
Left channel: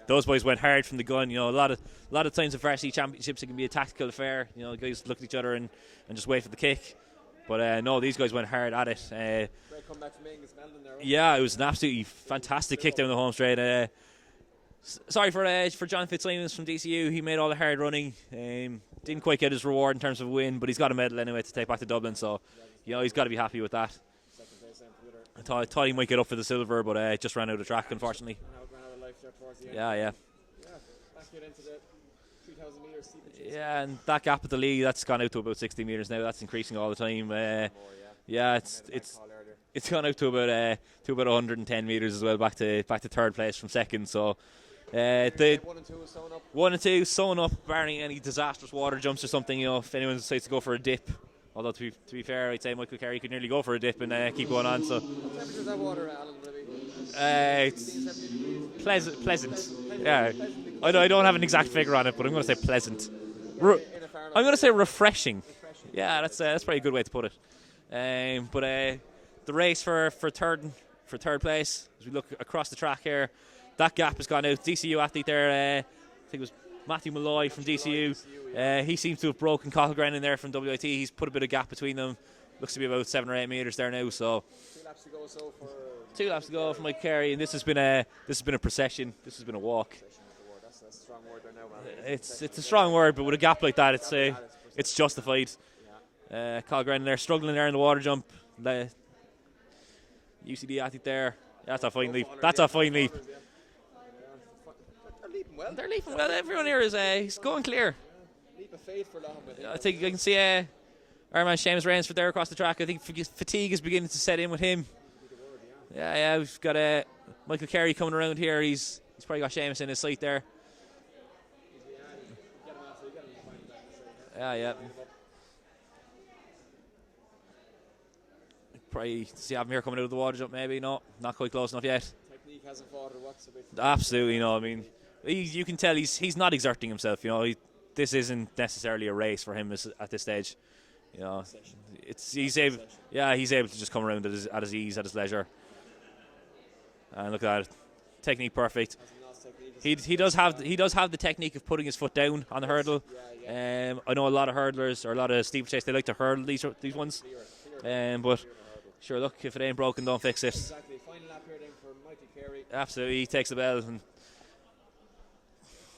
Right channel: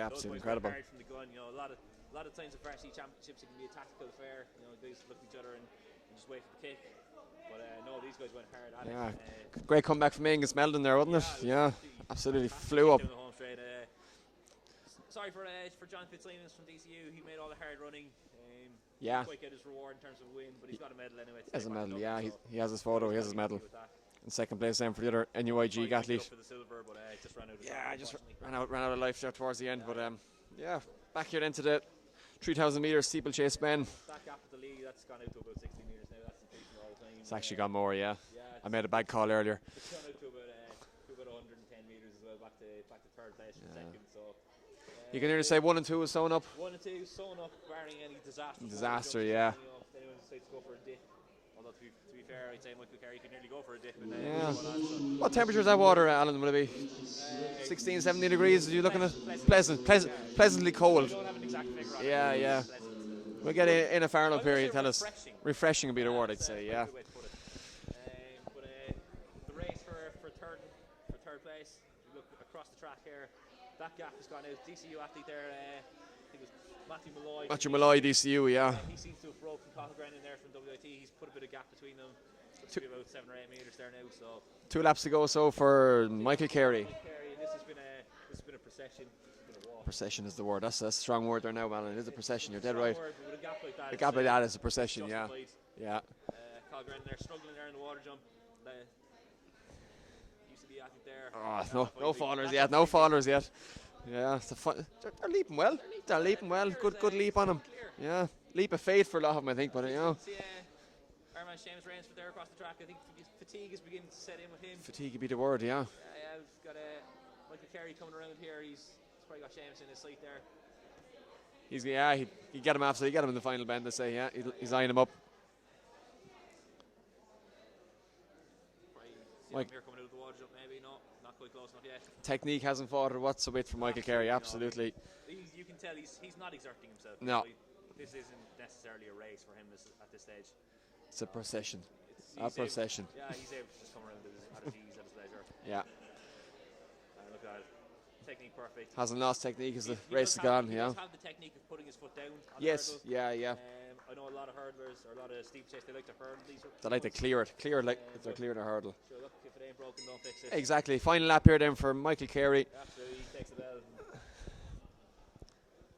those boys went hard from the gun. A lot of times in varsity championships it can be a tactical affair. Guys look at each other and just wait for the kick. But no, these guys went hard at it. Great comeback from Angus Meldon there, wasn't it? Yeah, it was an absolutely fantastic kick down the home straight. Sorry for John Fitzsimons from DCU. He made all the hard running. Didn't quite get his reward in terms of a win, but he's got a medal anyway to take back to Dublin. So he's got to be happy with that. In second place then for the other NUAA. Thought he might get up for the silver, but just ran out of track, unfortunately. Ran out of life there towards the end. Yeah. Back here then to the 3,000 metre steeplechase men. And that gap at the lead, that's gone out to about 60 metres now. That's increasing all the time. It's actually got more, I made a bad call earlier. It's gone out to about 110 metres as well, back to third place from second. So. Say 1 and 2 is sewn up. 1 and 2 sewn up, barring any disastrous water jumps or something. If anyone decides to go for a dip. Although to be fair, I'd say Michael Carey could nearly go for a dip and keep going on. So, what temperature is that water, Alan? Will it be 16, 17 degrees? Pleasantly cold. I don't have an exact figure on it, but I'm going to say pleasant. We'll get in a Fahrenheit. I'm going to say refreshing. Refreshing. That's probably a good way to put it. But the race for third place, as we look across the track here, that gap has gone out. DCU athlete there, I think it was Matthew Malloy from DCU. Yeah. He seems to have broken Cochran in there from WIT. He's put a bit of gap between them. Looks to be about 7 or 8 meters there now. So 2 laps to go. So for Michael Carey. Mike Carey, and this has been a procession. This has been a walk. Procession is the word. That's a strong word there now, Alan. It's a strong word, but with a gap like that, it's a procession, it's justified. Yeah. Cochran there struggling there in the water jump. The UCD athlete there. That's a fine leap. That's a fine leap. No fallers yet. Yeah, they're leaping well. They're leaping well. Everyone here is going clear. Yeah, leap of faith for a lot of them, I think. You can see our man Seamus Rainsford there across the track. I think fatigue is beginning to set in with him. Fatigue would be the word, yeah. Yeah, we've got Michael Carey coming around here. He's probably got Seamus in his sight there. He'd get him after. He'd get him in the final bend, they say, He's eyeing him up. Probably see him here coming out of the water jump, maybe. No, not quite close enough yet. Technique hasn't faltered whatsoever from Absolutely, Michael Carey. Absolutely. I mean, you can tell he's not exerting himself. You know, this isn't necessarily a race for him at this stage. It's a procession. He's able to just come around at his ease, at his leisure. Yeah. And look at that. Technique perfect. Hasn't lost technique. He does have the technique of putting his foot down on the hurdle. Yeah. I know a lot of hurdlers or a lot of steeplechase, they like to hurdle these ones. To clear the hurdle. Sure, look, if it ain't broken, don't fix it. Exactly. Final lap here then for Michael Carey. Absolutely, he takes the bell. And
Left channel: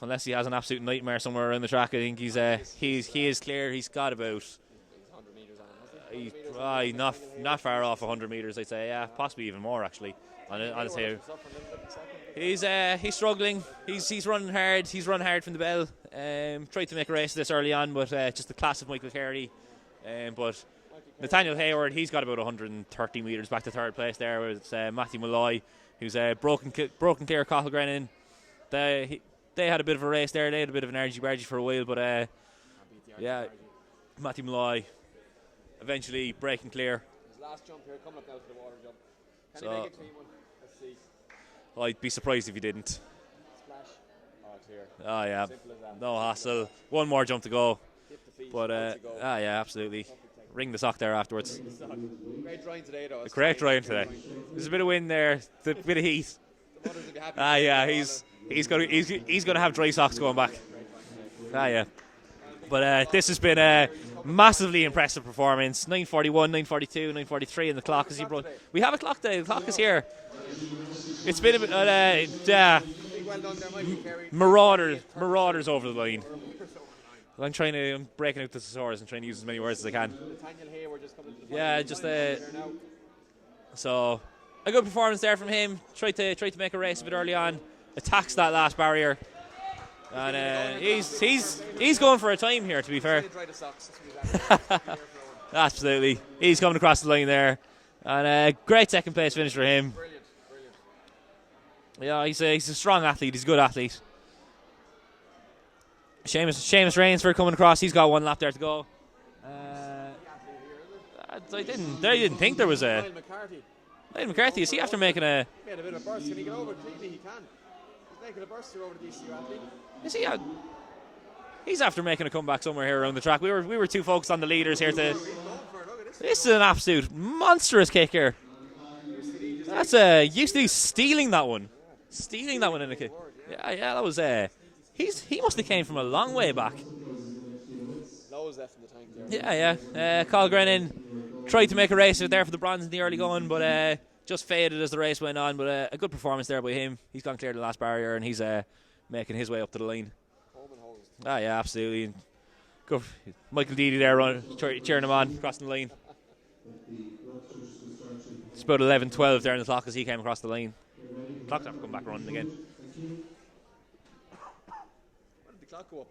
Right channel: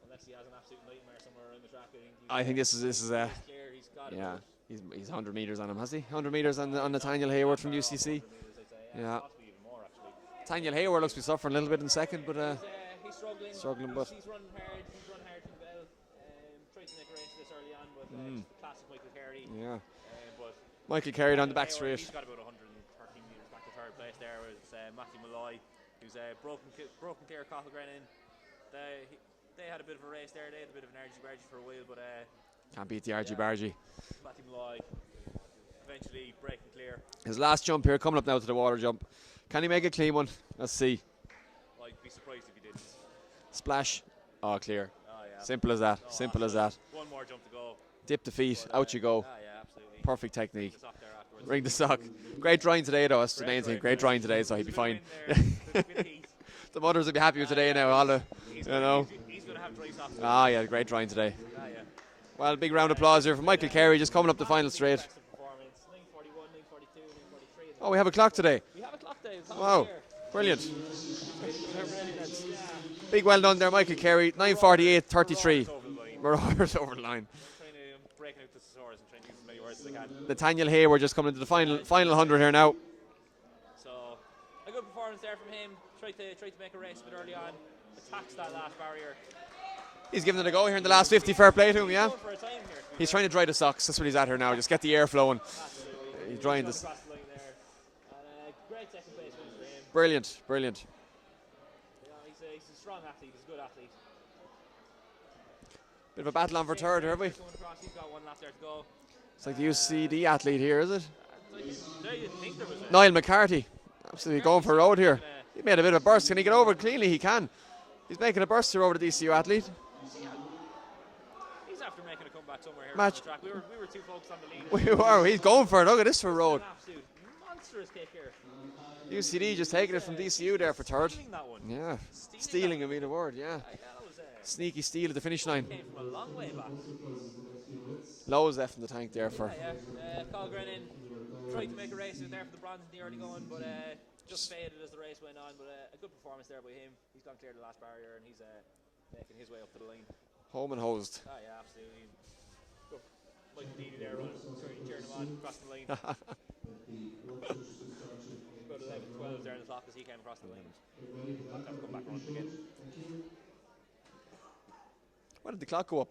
unless he has an absolute nightmare somewhere around the track, I think he is clear. He's got about. He's 100 metres on him, has he? 100 metres on Nathaniel Hayward. Not far off 100 metres, I'd say. Yeah, possibly even more actually. Nathaniel Hayward must be suffering a little bit in second, but he's struggling. He's running hard. He's running hard from the bell. Tried to make a race of this early on, but just the class of Michael Carey. Yeah. But Michael Carey, Nathaniel Hayward, he's got about 130 metres back to third place there with Matthew Malloy, who's broken clear Cochran in. They had a bit of a race there. They had a bit of an argy-bargy for a while, but can't beat the argy-bargy. Matthew Malloy eventually breaking clear. His last jump here, coming up now to the water jump. Can he make a clean one? Let's see. I'd be surprised if he didn't. Splash. Oh, clear. Oh, yeah. Simple as that. No Simple as that. One more jump to go. Dip the feet, out you go. Yeah, absolutely. Perfect technique. Ring the sock there afterwards. Ring the sock. Great drying today, though. Great drying today. So there's a bit of wind there, a bit of heat. The mothers will be happy with today. He's going to have dry socks going back. Yeah, great drying today. Yeah. Well, big round of applause. This has been Michael Carey just coming up massively impressive performance. 9:41, 9:42, 9:43 in the clock. We have a clock today. We have a clock today. The clock is here. Brilliant. It's been a bit, big well done there, Michael Carey. 9:48.33. Marauders over the line. Marauders over the line. I'm breaking out the thesaurus and trying to use as many words as I can. Nathaniel Hayward just coming into the final 100 here now. So, a good performance there from him. Tried to make a race of it early on. Attacks that last barrier. He's giving it a go here in the last 50. Fair play to him. He's going for a time here, to be fair. He's trying to dry the socks. That's what he's at here now. Just get the air flowing. Absolutely. He's coming across the line there. And great second place finish for him. Brilliant. Yeah, he's a strong athlete. He's a good athlete. Seamus Rainsford coming across. He's got one lap there to go. It's like the UCD athlete here, is it? I didn't think there was a... Niall McCarthy. He made a bit of a burst. Can he get over it cleanly? He can. He's making a burst here over the DCU athlete. Is he? He's after making a comeback somewhere here around the track. We were too focused on the leaders here. He's going for it. Look at this. This is an absolute monstrous kick here. UCD just that's UCD stealing that one. Yeah, stealing that one in the kick. Yeah, that was sneaky steal. The finish he must have came from a long way back. Lowe's left in the tank there. Yeah. Cochran in tried to make a race there for the bronze in the early going, but just faded as the race went on. But a good performance there by him. He's gone clear the last barrier and he's making his way up to the line. Home and hosed. Yeah, absolutely. Go Michael Deedy there cheering him on, crossing the line. It's about 11:12 there in the clock as he came across the line. Clock's have to come back running again. When did the clock go up?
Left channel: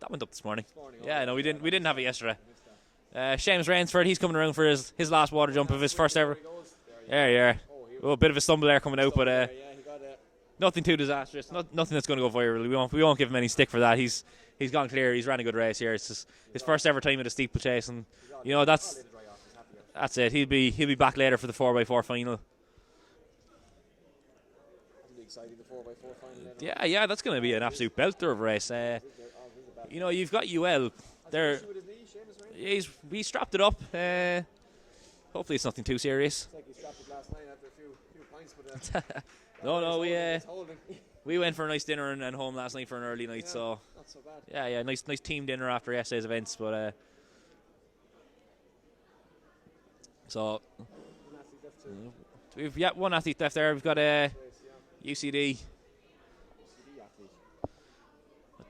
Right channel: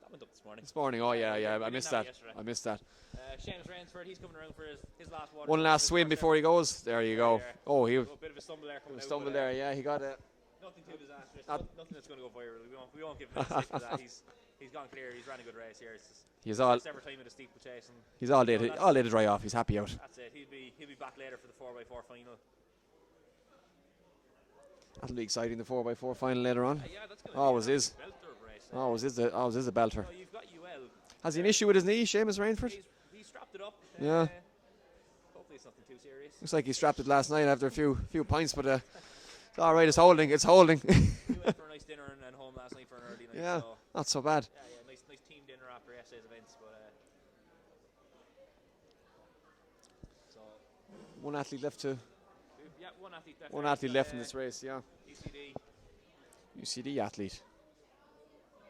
That went up this morning. We didn't have it yesterday. I missed that. Seamus Rainsford, he's coming around for his last water jump of his first ever. Before he goes. There you go. Yeah. Oh, a bit of a stumble there coming out, but he got it. Nothing too disastrous. Nothing that's going to go viral. We won't give him any stick for that. He's gone clear. He's ran a good race here. It's his first ever time at a steeplechase, and he's all laid to dry off. He's happy out. That's it. He'll be back later for the 4x4 final. That'll be exciting. The 4x4 final later on. Yeah, that's going to be an absolute belter of a race. This is a belter. You've got UL. Has he an issue with his knee, Seamus Rainsford? He strapped it up. hopefully it's nothing too serious. Looks like he strapped it last night after a few pints, but it's all Oh, right. It's holding. It's holding. We went for a nice dinner and home last night for an early night, Yeah, so not so bad. yeah, nice team dinner after yesterday's events. But so One athlete left to. we've one athlete left One there. athlete We've got left in this race, yeah. UCD. athlete. I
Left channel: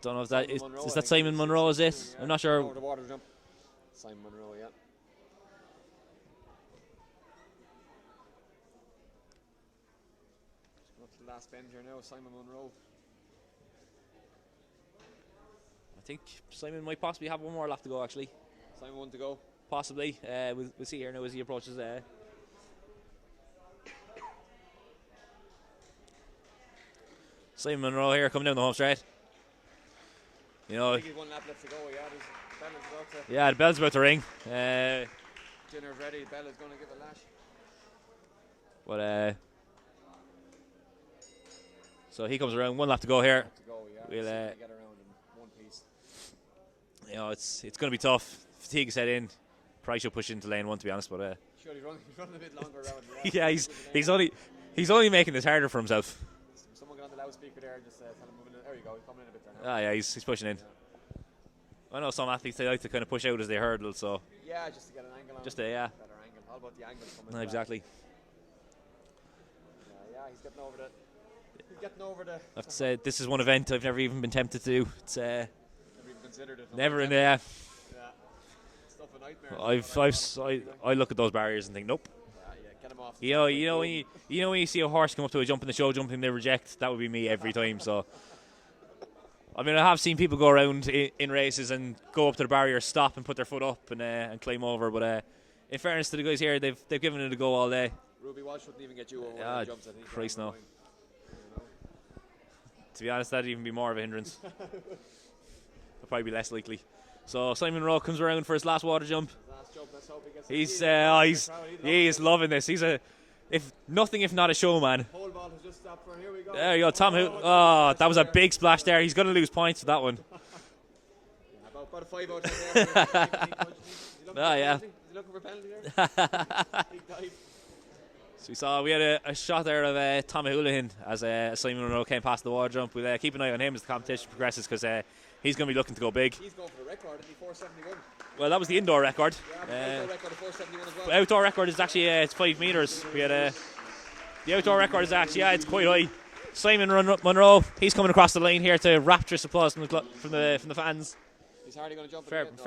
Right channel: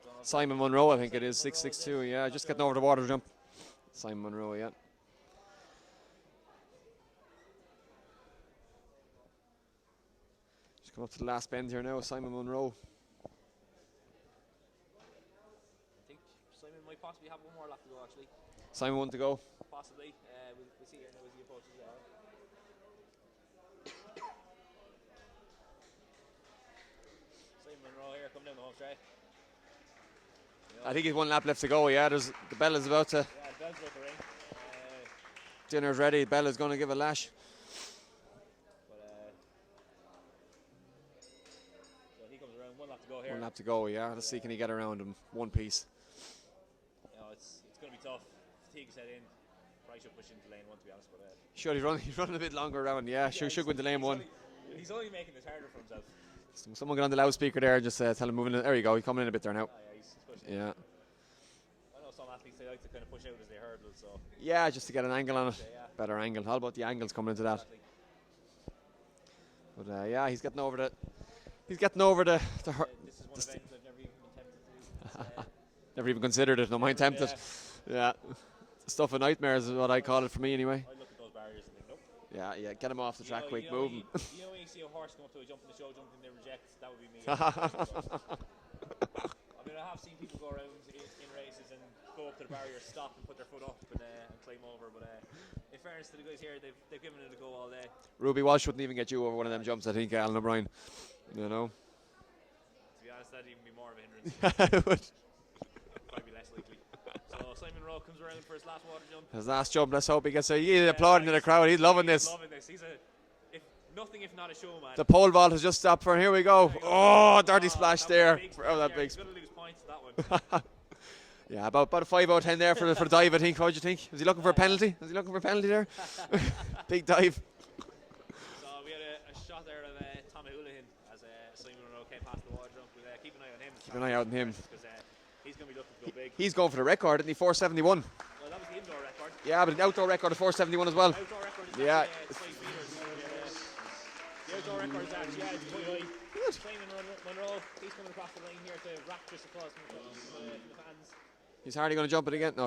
don't know if Simon that is, Monroe. is I that think Simon is, Monroe, is it? 6'2", yeah, I'm not just getting sure. over the water jump. Simon Monroe, yeah. Just come up to the last bend here now, Simon Monroe. I think Simon might possibly have one more left to go, actually. Simon one to go. Possibly. We'll see here now as he approaches. Simon Monroe here coming down the home straight. You know, I think he's one lap left to go, yeah. The bell is about to. yeah, the bell's about to ring. Dinner's ready. The bell is going to give a lash. But so he comes around. One lap to go here. One lap to go, yeah. We'll, see can he get around him. One piece. You know, it's going to be tough. Fatigue set in. Probably should push into lane one, to be honest. But Sure, he's running a bit longer around. Yeah, yeah, should go into lane he's one. he's only making this harder for himself. Someone get on the loudspeaker there and just tell him moving in. There you go. He's coming in a bit there now. Ah, yeah, he's pushing in. Yeah. I know some athletes, they like to kind of push out as they hurdle, so Yeah, just to get an angle on just it. yeah, Better angle. All about the angles coming into exactly. that. But yeah, he's getting over the. He's getting over the. This is one event I've never even been tempted to do. It's Never even considered it. No, never, tempted. yeah. Yeah. Stuff of nightmares is what I call it for me anyway. I look at those barriers and think, nope. Yeah, get him off. The You track, know, quick, you know move when him. you know when you see a horse come up to a jump in the show jumping, they reject. That would be me every time. So, I mean, I have seen people go around in races and go up to the barrier, stop and put their foot up and climb over. But in fairness to the guys here, they've given it a go all day. Ruby Walsh wouldn't even get you over one of them jumps. I think Christ Alan no. O'Brien. You know. To be honest, that'd even be more of a hindrance. It would. It'd probably be less likely. So Simon Rowe comes around for his last water jump. His last jump. Let's hope he gets. He's He's applauding the crowd. He's loving this. He's loving this. He's if not a showman. The pole vault has just stopped for him. Here we go. There you go. Oh, dirty splash that was there. a big splash there. Big. He's going to lose points for that one. Yeah, about a 5 out of 10 there for the dive, I think. What do you think? Was he looking for a penalty? Was he looking for a penalty there? Big dive. So we had a shot there of Tommy Houlihan as Simon Monroe came past the water jump. We'll keep an eye on him as the competition progresses because he's going to be looking to go big. He's going for the record, isn't he? 471. Well, that was the indoor record. Yeah, but the outdoor record of 471 as well. The outdoor record is actually it's 5 metres. We had the outdoor record is actually it's quite high. Simon Monroe, he's coming across the line here to rapturous applause from the fans. He's hardly going to jump it again. No,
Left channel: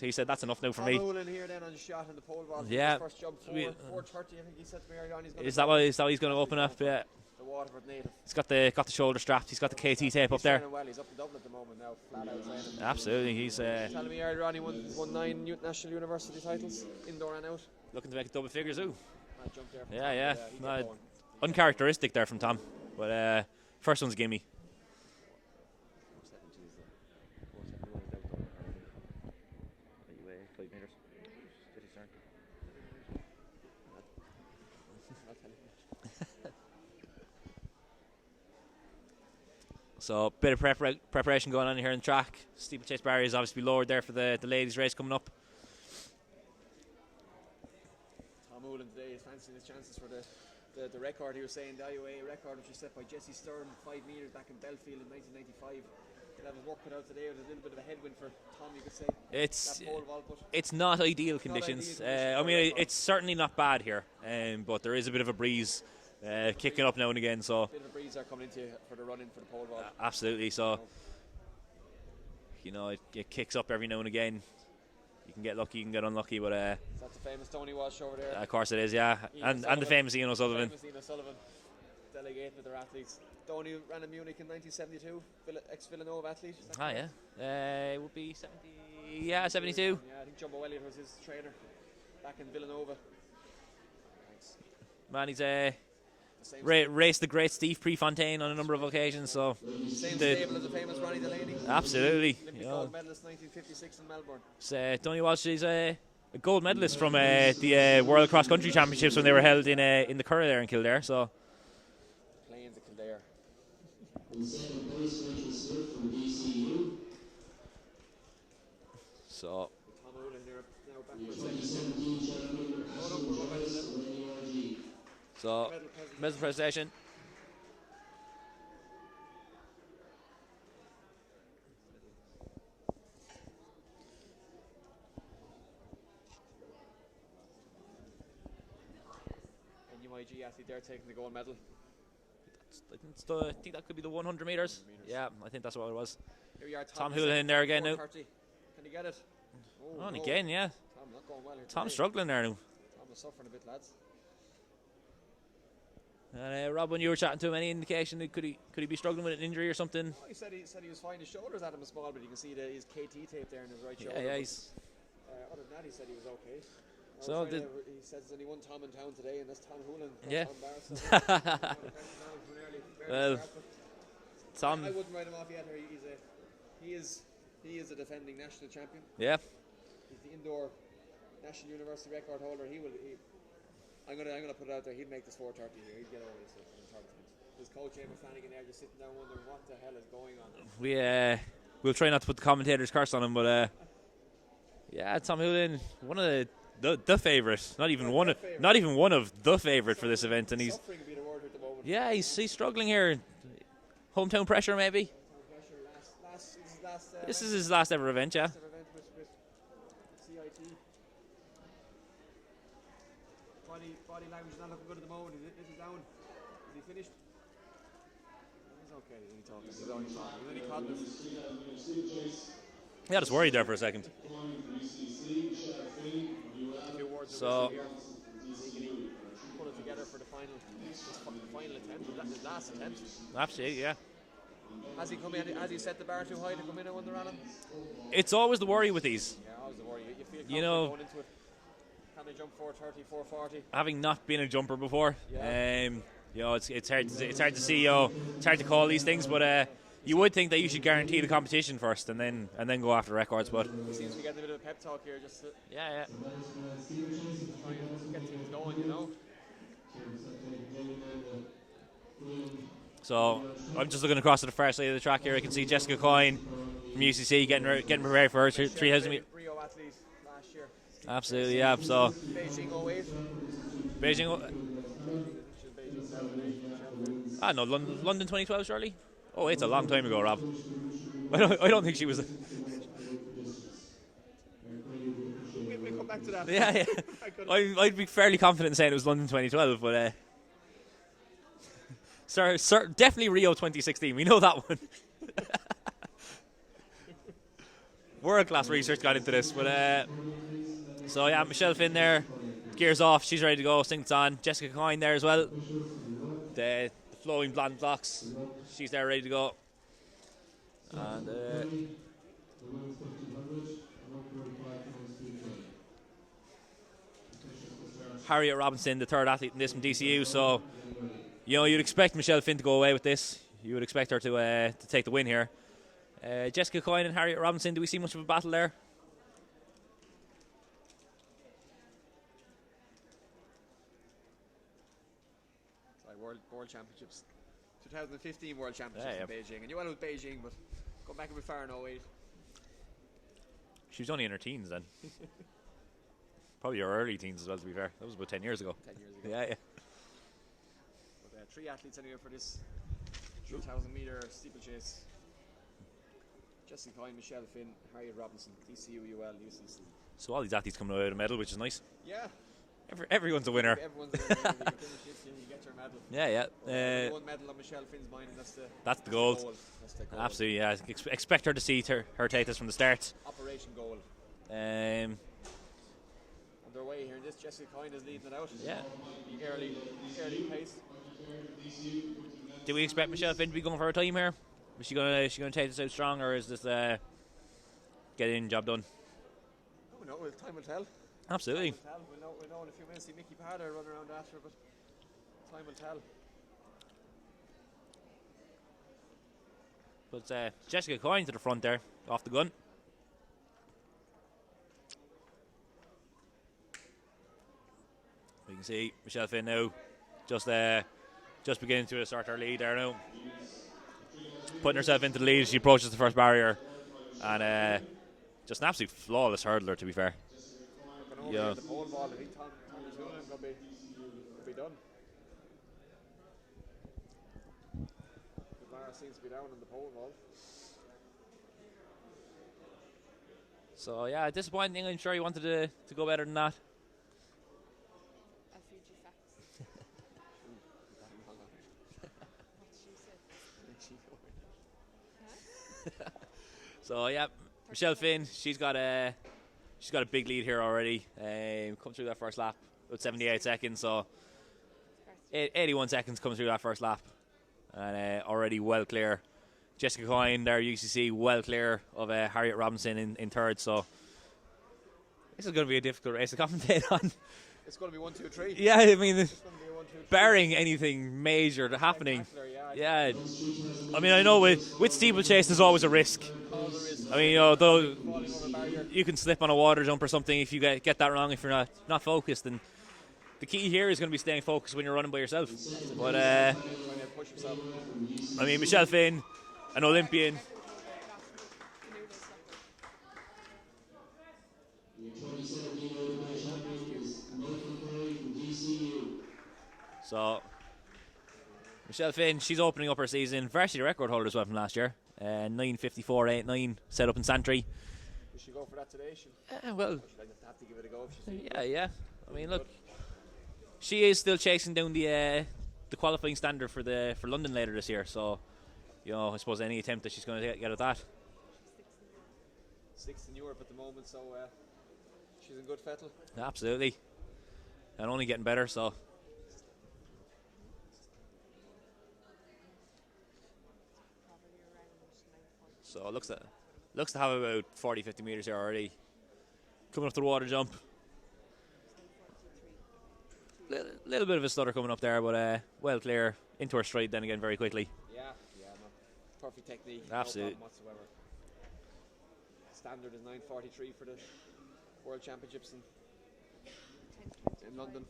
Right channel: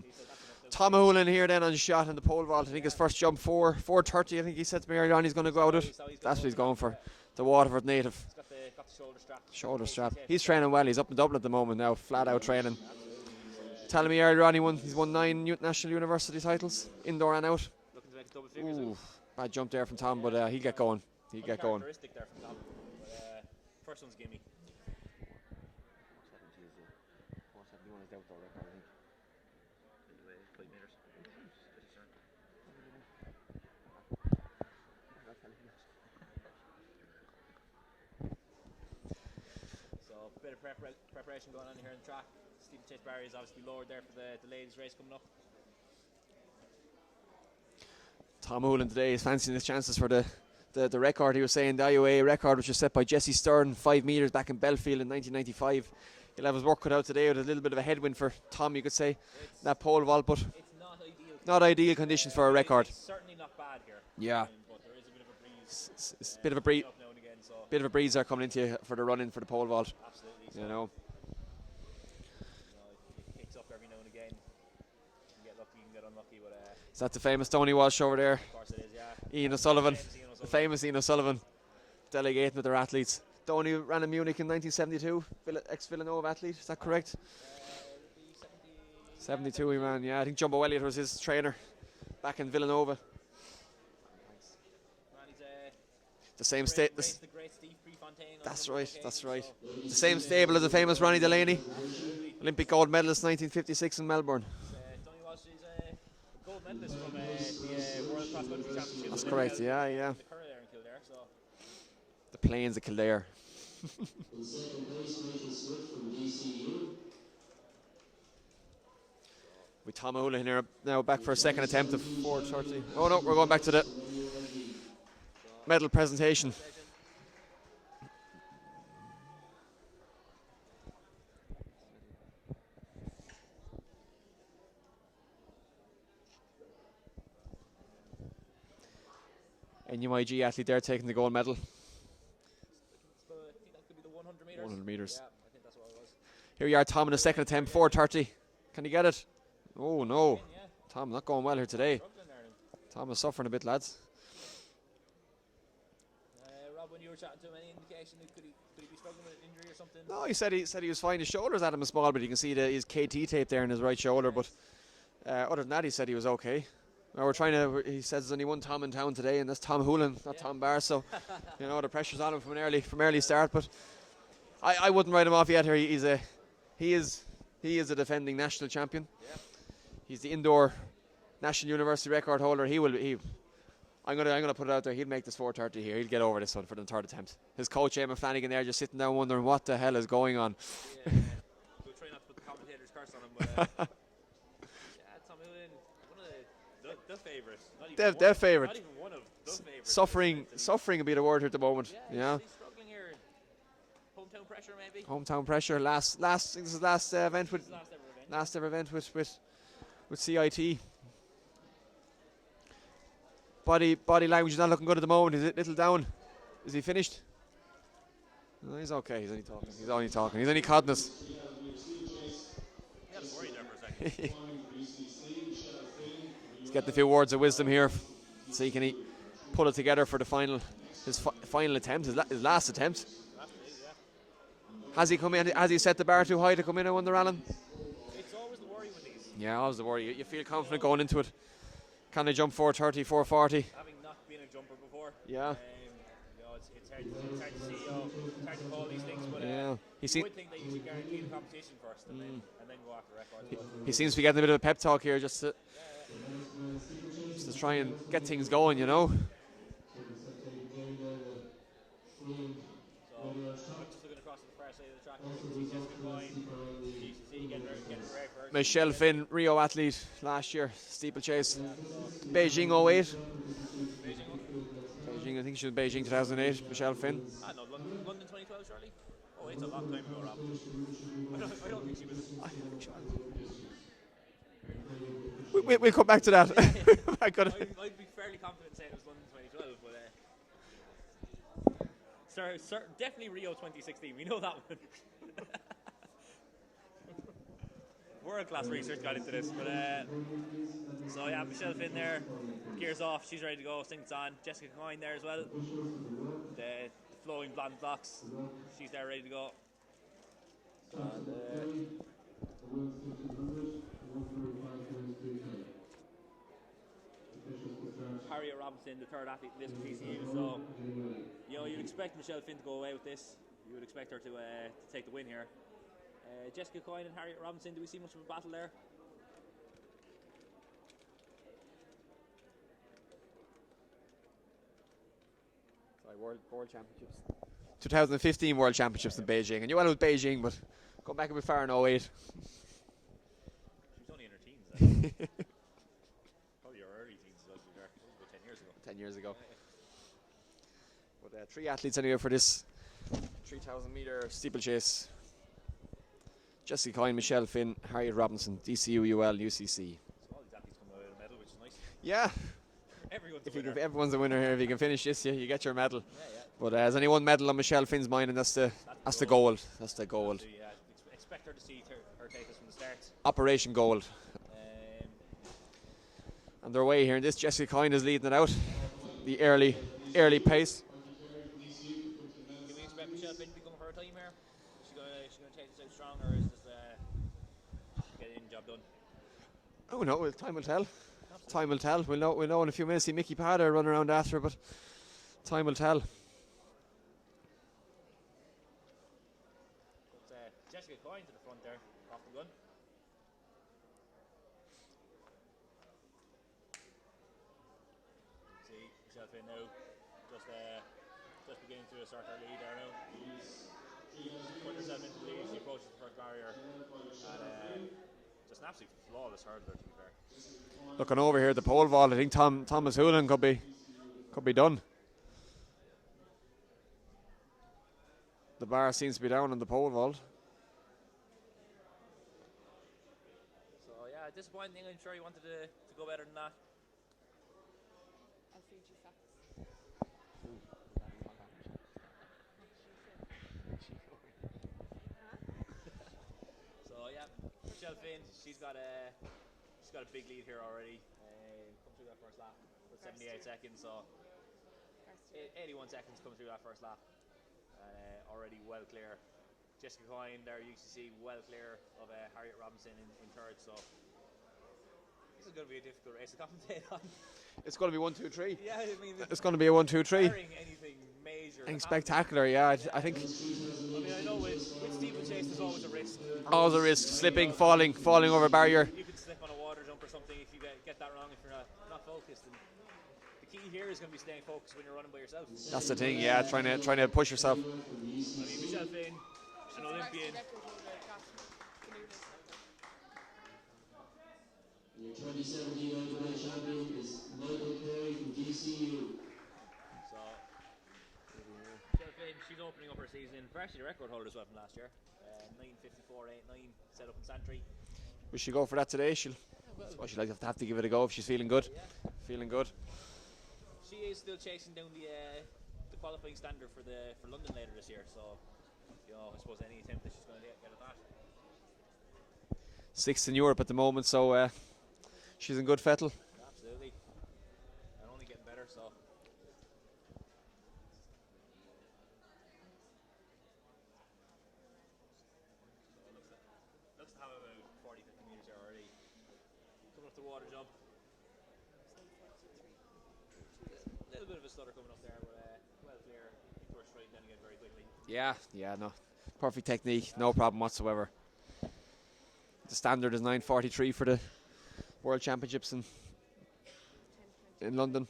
he said that's enough now for Tom me. Houlihan here then on shot in the pole vault. I think his first jump 4:30. I think he said to me earlier on he's going to go. Is that he's going to open up? For the Waterford native. He's got the shoulder strapped. He's got the KT tape. He's training well. He's up in Dublin at the moment now, flat out training. Absolutely, he's telling me earlier on he's won 9 national university titles, indoor and out. Looking to make double figures. Ooh. Bad jump there from Tom, but he'll get going. Uncharacteristic there from Tom, but first one's a gimme. So a bit of preparation going on here in the track. Steeplechase barrier is obviously lowered there for the ladies' race coming up. Tom Houlihan today is fancying his chances for the record. He was saying the IUAA record, which was set by Jesse Stern, 5 metres back in Belfield in 1995. He'll have his work cut out today with a little bit of a headwind for Tom, you could say. It's that pole vault, but it's not ideal conditions. Not ideal conditions for a record. It's certainly not bad here. Yeah. But there is a bit of a breeze. It's a bit of a kicking up now and again. So bit of a breeze are coming into you for the run in for the pole vault. Absolutely. So it kicks up every now and again. You can get lucky, you can get unlucky, but is that the famous Tony Walsh over there? Of course it is, yeah. Ian and the famous Ian O'Sullivan. Famous Ian O'Sullivan, delegating with their athletes. Tony ran in Munich in 1972, ex-Villanova athlete, is that correct? Yeah. It would be 70. 72. Yeah, I think Jumbo Elliott was his trainer back in Villanova. Man, he's the same raced the great Steve Prefontaine on a number of occasions. So the same stable as the famous Ronnie Delaney. Absolutely. Olympic gold medalist 1956 in Melbourne. Tony Walsh is a gold medalist from the World Cross Country Championships when they were held in the Curragh there in Kildare. So the plains of Kildare. So with Tom Houlihan here now back for a second attempt of 4:30. Oh no, we're going back to the medal presentation. NUIG athlete there taking the gold medal. I think that could be the 100 meters. 100 meters. Yeah, I think that's what it was. Here you are, Tom, in the second attempt, 4:30. Can he get it? Oh, no. Again, yeah. Tom not going well here today. Tom's struggling there now. Tom is suffering a bit, lads. Rob, when you were chatting to him, any indication that could he be struggling with an injury or something? No, he said he was fine. His shoulders at him is small, but you can see his KT tape there in his right shoulder. But other than that, he said he was okay. He says there's only one Tom in town today, and that's Tom Houlihan, not Tom Barr. So you know the pressure's on him from early start. But I wouldn't write him off yet. Here he is a defending national champion. Yeah, he's the indoor national university record holder. I'm gonna put it out there. He'll make this 4:30 here. He'll get over this one for the third attempt. His coach Eamon Flanagan there just sitting down wondering what the hell is going on. We'll try not to put the commentator's curse on him, but yeah, Tom Houlihan, one of the favourite, not even one of the favourite for this event, and suffering a bit of word here at the moment. Yeah, he's struggling here. Hometown pressure, maybe. Hometown pressure. This is his last event. This is his last ever event. Last ever event with CIT. Body language is not looking good at the moment. Is it little down? Is he finished? No, he's okay. He's only talking. He's only codding us. Yeah, I was worried there for a second. He's getting a few words of wisdom here. See, can he pull it together for the final attempt, his last attempt? Absolutely, yeah. Has he come in? Has he set the bar too high to come in and win the Rallye? It's always the worry with these. Yeah, always the worry. You feel confident going into it. Can they jump 4:30, 4:40? Having not been a jumper before, yeah. It's hard to see. It's hard to call these things, but you would think that you should guarantee the competition first, and then go after records. But he seems to be getting a bit of a pep talk here, just to try and get things going, you know. So I'm just looking across to the far side of the track here. I can see Jessica Coyne from UCC getting prepared for her. Michelle Finn, Rio athlete last year, Steeplechase. Absolutely, yeah. So Beijing 08. Beijing, I think she was Beijing 2008. Michelle Finn. No, London 2012, surely. Oh, it's a long time ago, Rob. I don't think she was. We'll come back to that. Yeah. I'd be fairly confident in saying it was London 2012, but definitely Rio 2016. We know that one. World-class research got into this, but so yeah, Michelle Finn there, gears off, she's ready to go, sinks on. Jessica Coyne there as well, the flowing blonde locks, she's there ready to go. And Harriet Robinson, the third athlete in this from DCU, so you'd expect Michelle Finn to go away with this. You would expect her to take the win here. Jessica Coyne and Harriet Robinson, do we see much of a battle there? World Championships. 2015 World Championships in Beijing. And you went with Beijing, but go back a bit far in 08. She was only in her teens then. Probably her early teens as well, to be fair. That was about 10 years ago. 10 years ago. Yeah. But 3 athletes anyway for this 3,000 metre steeplechase. Jessica Coyne, Michelle Finn, Harriet Robinson, DCU, UL, UCC. So all these athletes coming away with a medal, which is nice. Yeah. Everyone's a winner. Everyone's a winner here. If you can finish this, you get your medal. Yeah. But there's only one medal on Michelle Finn's mind, and that's the goal. That's the goal. Absolutely, yeah. Expect her to see her take this from the start. Operation Gold. And their way here, and this Jessica Coyne is leading it out. Yeah. The early pace. Do we expect Michelle Finn to be going for a time here? Is she gonna take this out strong, or is this get in, job done? Oh no, time will tell. Absolutely. Time will tell. We'll know in a few minutes. See Mickey Padder running around after, but time will tell. But Jessica Coyne to the front there, off the gun. We can see Michelle Finn now just beginning to assert her lead there now. Putting herself into the lead as she approaches the first barrier. And just an absolute flawless hurdler, to be fair. Looking over here at the pole vault, I think Thomas Hoolan could be done. The bar seems to be down on the pole vault. So yeah, disappointing. I'm sure he wanted to go better than that. I'll feed you facts. So yeah, Michelle Finn, she's got a big lead here already. Come through that first lap, about 78 seconds. So 81 seconds come through that first lap, and already well clear. Jessica Coyne there, UCC, well clear of Harriet Robinson in third. So this is going to be a difficult race to commentate on. It's going to be 1, 2, 3. Yeah, I mean, it's going to be a 1, 2, 3. Barring anything major happening. Spectacular, yeah. I mean, I know with steeplechase there's always a risk. Always a risk. I mean, slipping, falling over a barrier. You can slip on a water jump or something if you get that wrong, if you're not focused. And the key here is going to be staying focused when you're running by yourself. That's the thing, trying to push yourself. I mean, Michelle Finn, an Olympian. So, Michelle Finn, she's opening up her season. Varsity record holder as well from last year. 9:54.89 set up in Santry. Will she go for that today? She'll she'll have to give it a go if she's feeling good. Yeah, feeling look, good. She is still chasing down the qualifying standard for London later this year. So, I suppose any attempt that she's going to get at that. 6th in Europe at the moment, so she's in good fettle. Absolutely, and only getting better. So. So it looks to have about 40-50 metres here already. Coming up the water jump. Little bit of a stutter coming up there, but well clear. Into her stride then again very quickly. Yeah, no. Perfect technique, Absolutely. No problem whatsoever. The standard is 9:43 for the World Championships in London.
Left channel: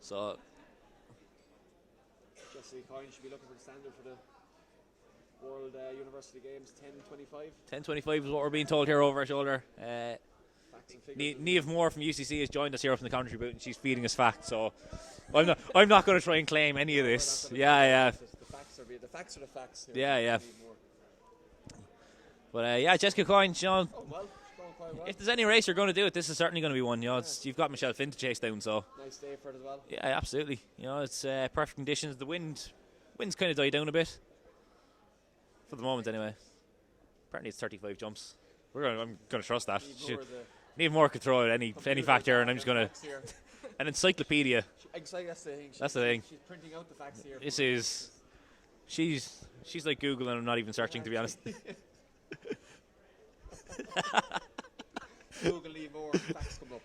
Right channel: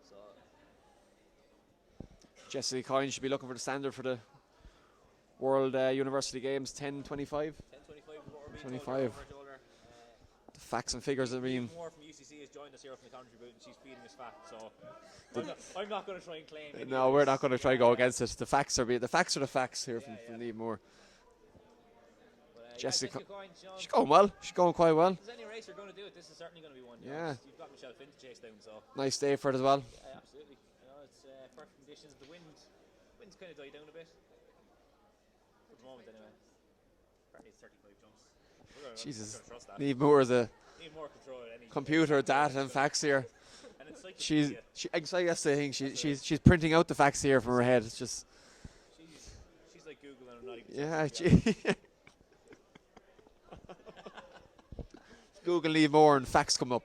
So Jessica Coyne should be looking for the standard for the World University Games. 10:25. 10:25 is what we're being told here over our shoulder. The facts and figures. Niamh Moore from UCC has joined us here from the commentary booth, and she's feeding us facts. So I'm not going to try and claim any of this. No, we're not going to try to go against it. The facts are the facts here. Yeah. Niamh Moore. But Jessica Coyne, she's going well. She's going quite well. If there's any race you're going to do it, this is certainly going to be one. You've got Michelle Finn to chase down. So nice day for it as well. Yeah, absolutely. It's perfect conditions. The wind's kind of died down a bit for the moment, anyway. Apparently, it's 35 jumps. I'm going to trust that. Niamh Moore could throw out any factor, and I'm just going to. An encyclopedia. That's the thing. She's printing out the facts here from her head. She's like Google, and I'm not even searching, to be honest. Google Niamh Moore and facts come up.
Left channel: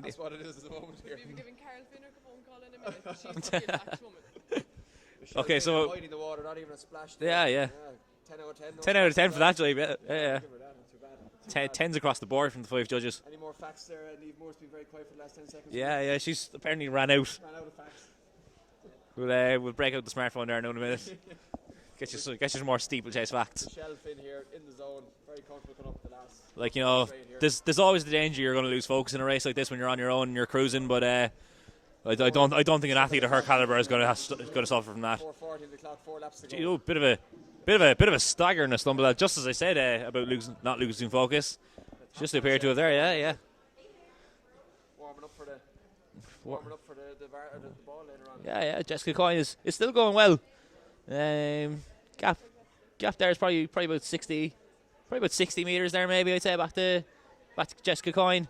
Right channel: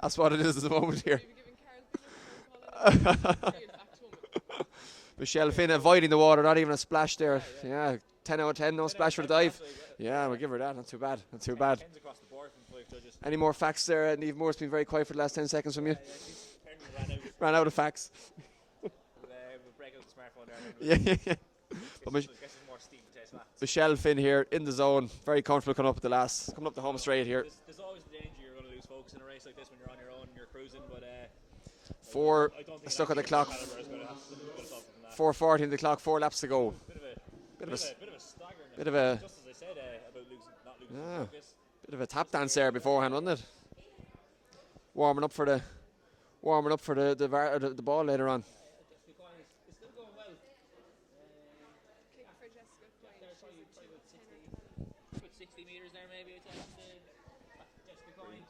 That's what it is at the moment here. Michelle Finn avoiding the water, not even a splash there. Yeah. 10 out of 10. No 10 out of 10 for that dive. Yeah, we'll give her that. Not too bad. 10s across the board from the 5 judges. Any more facts there? Niamh Moore's been very quiet for the last 10 seconds. Yeah, she's apparently ran out. Ran out of facts. We'll break out the smartphone there in a minute. Guess there's more steeplechase facts. Michelle Finn here in the zone, very comfortable coming up with the last. Straight here. There's always the danger you're going to lose focus in a race like this when you're on your own and you're cruising, but I don't think an athlete of her caliber is going to suffer from that. 4:40 in the clock, 4 laps to go. Bit of a stagger and a stumble. Just as I said about not losing focus. Bit of a tap just dance appeared there. Yeah. Warming up for the ball later on. Yeah. Jessica Coyne is still going well. Gap there is probably about 60 metres there, maybe I'd say back to Jessica Coyne,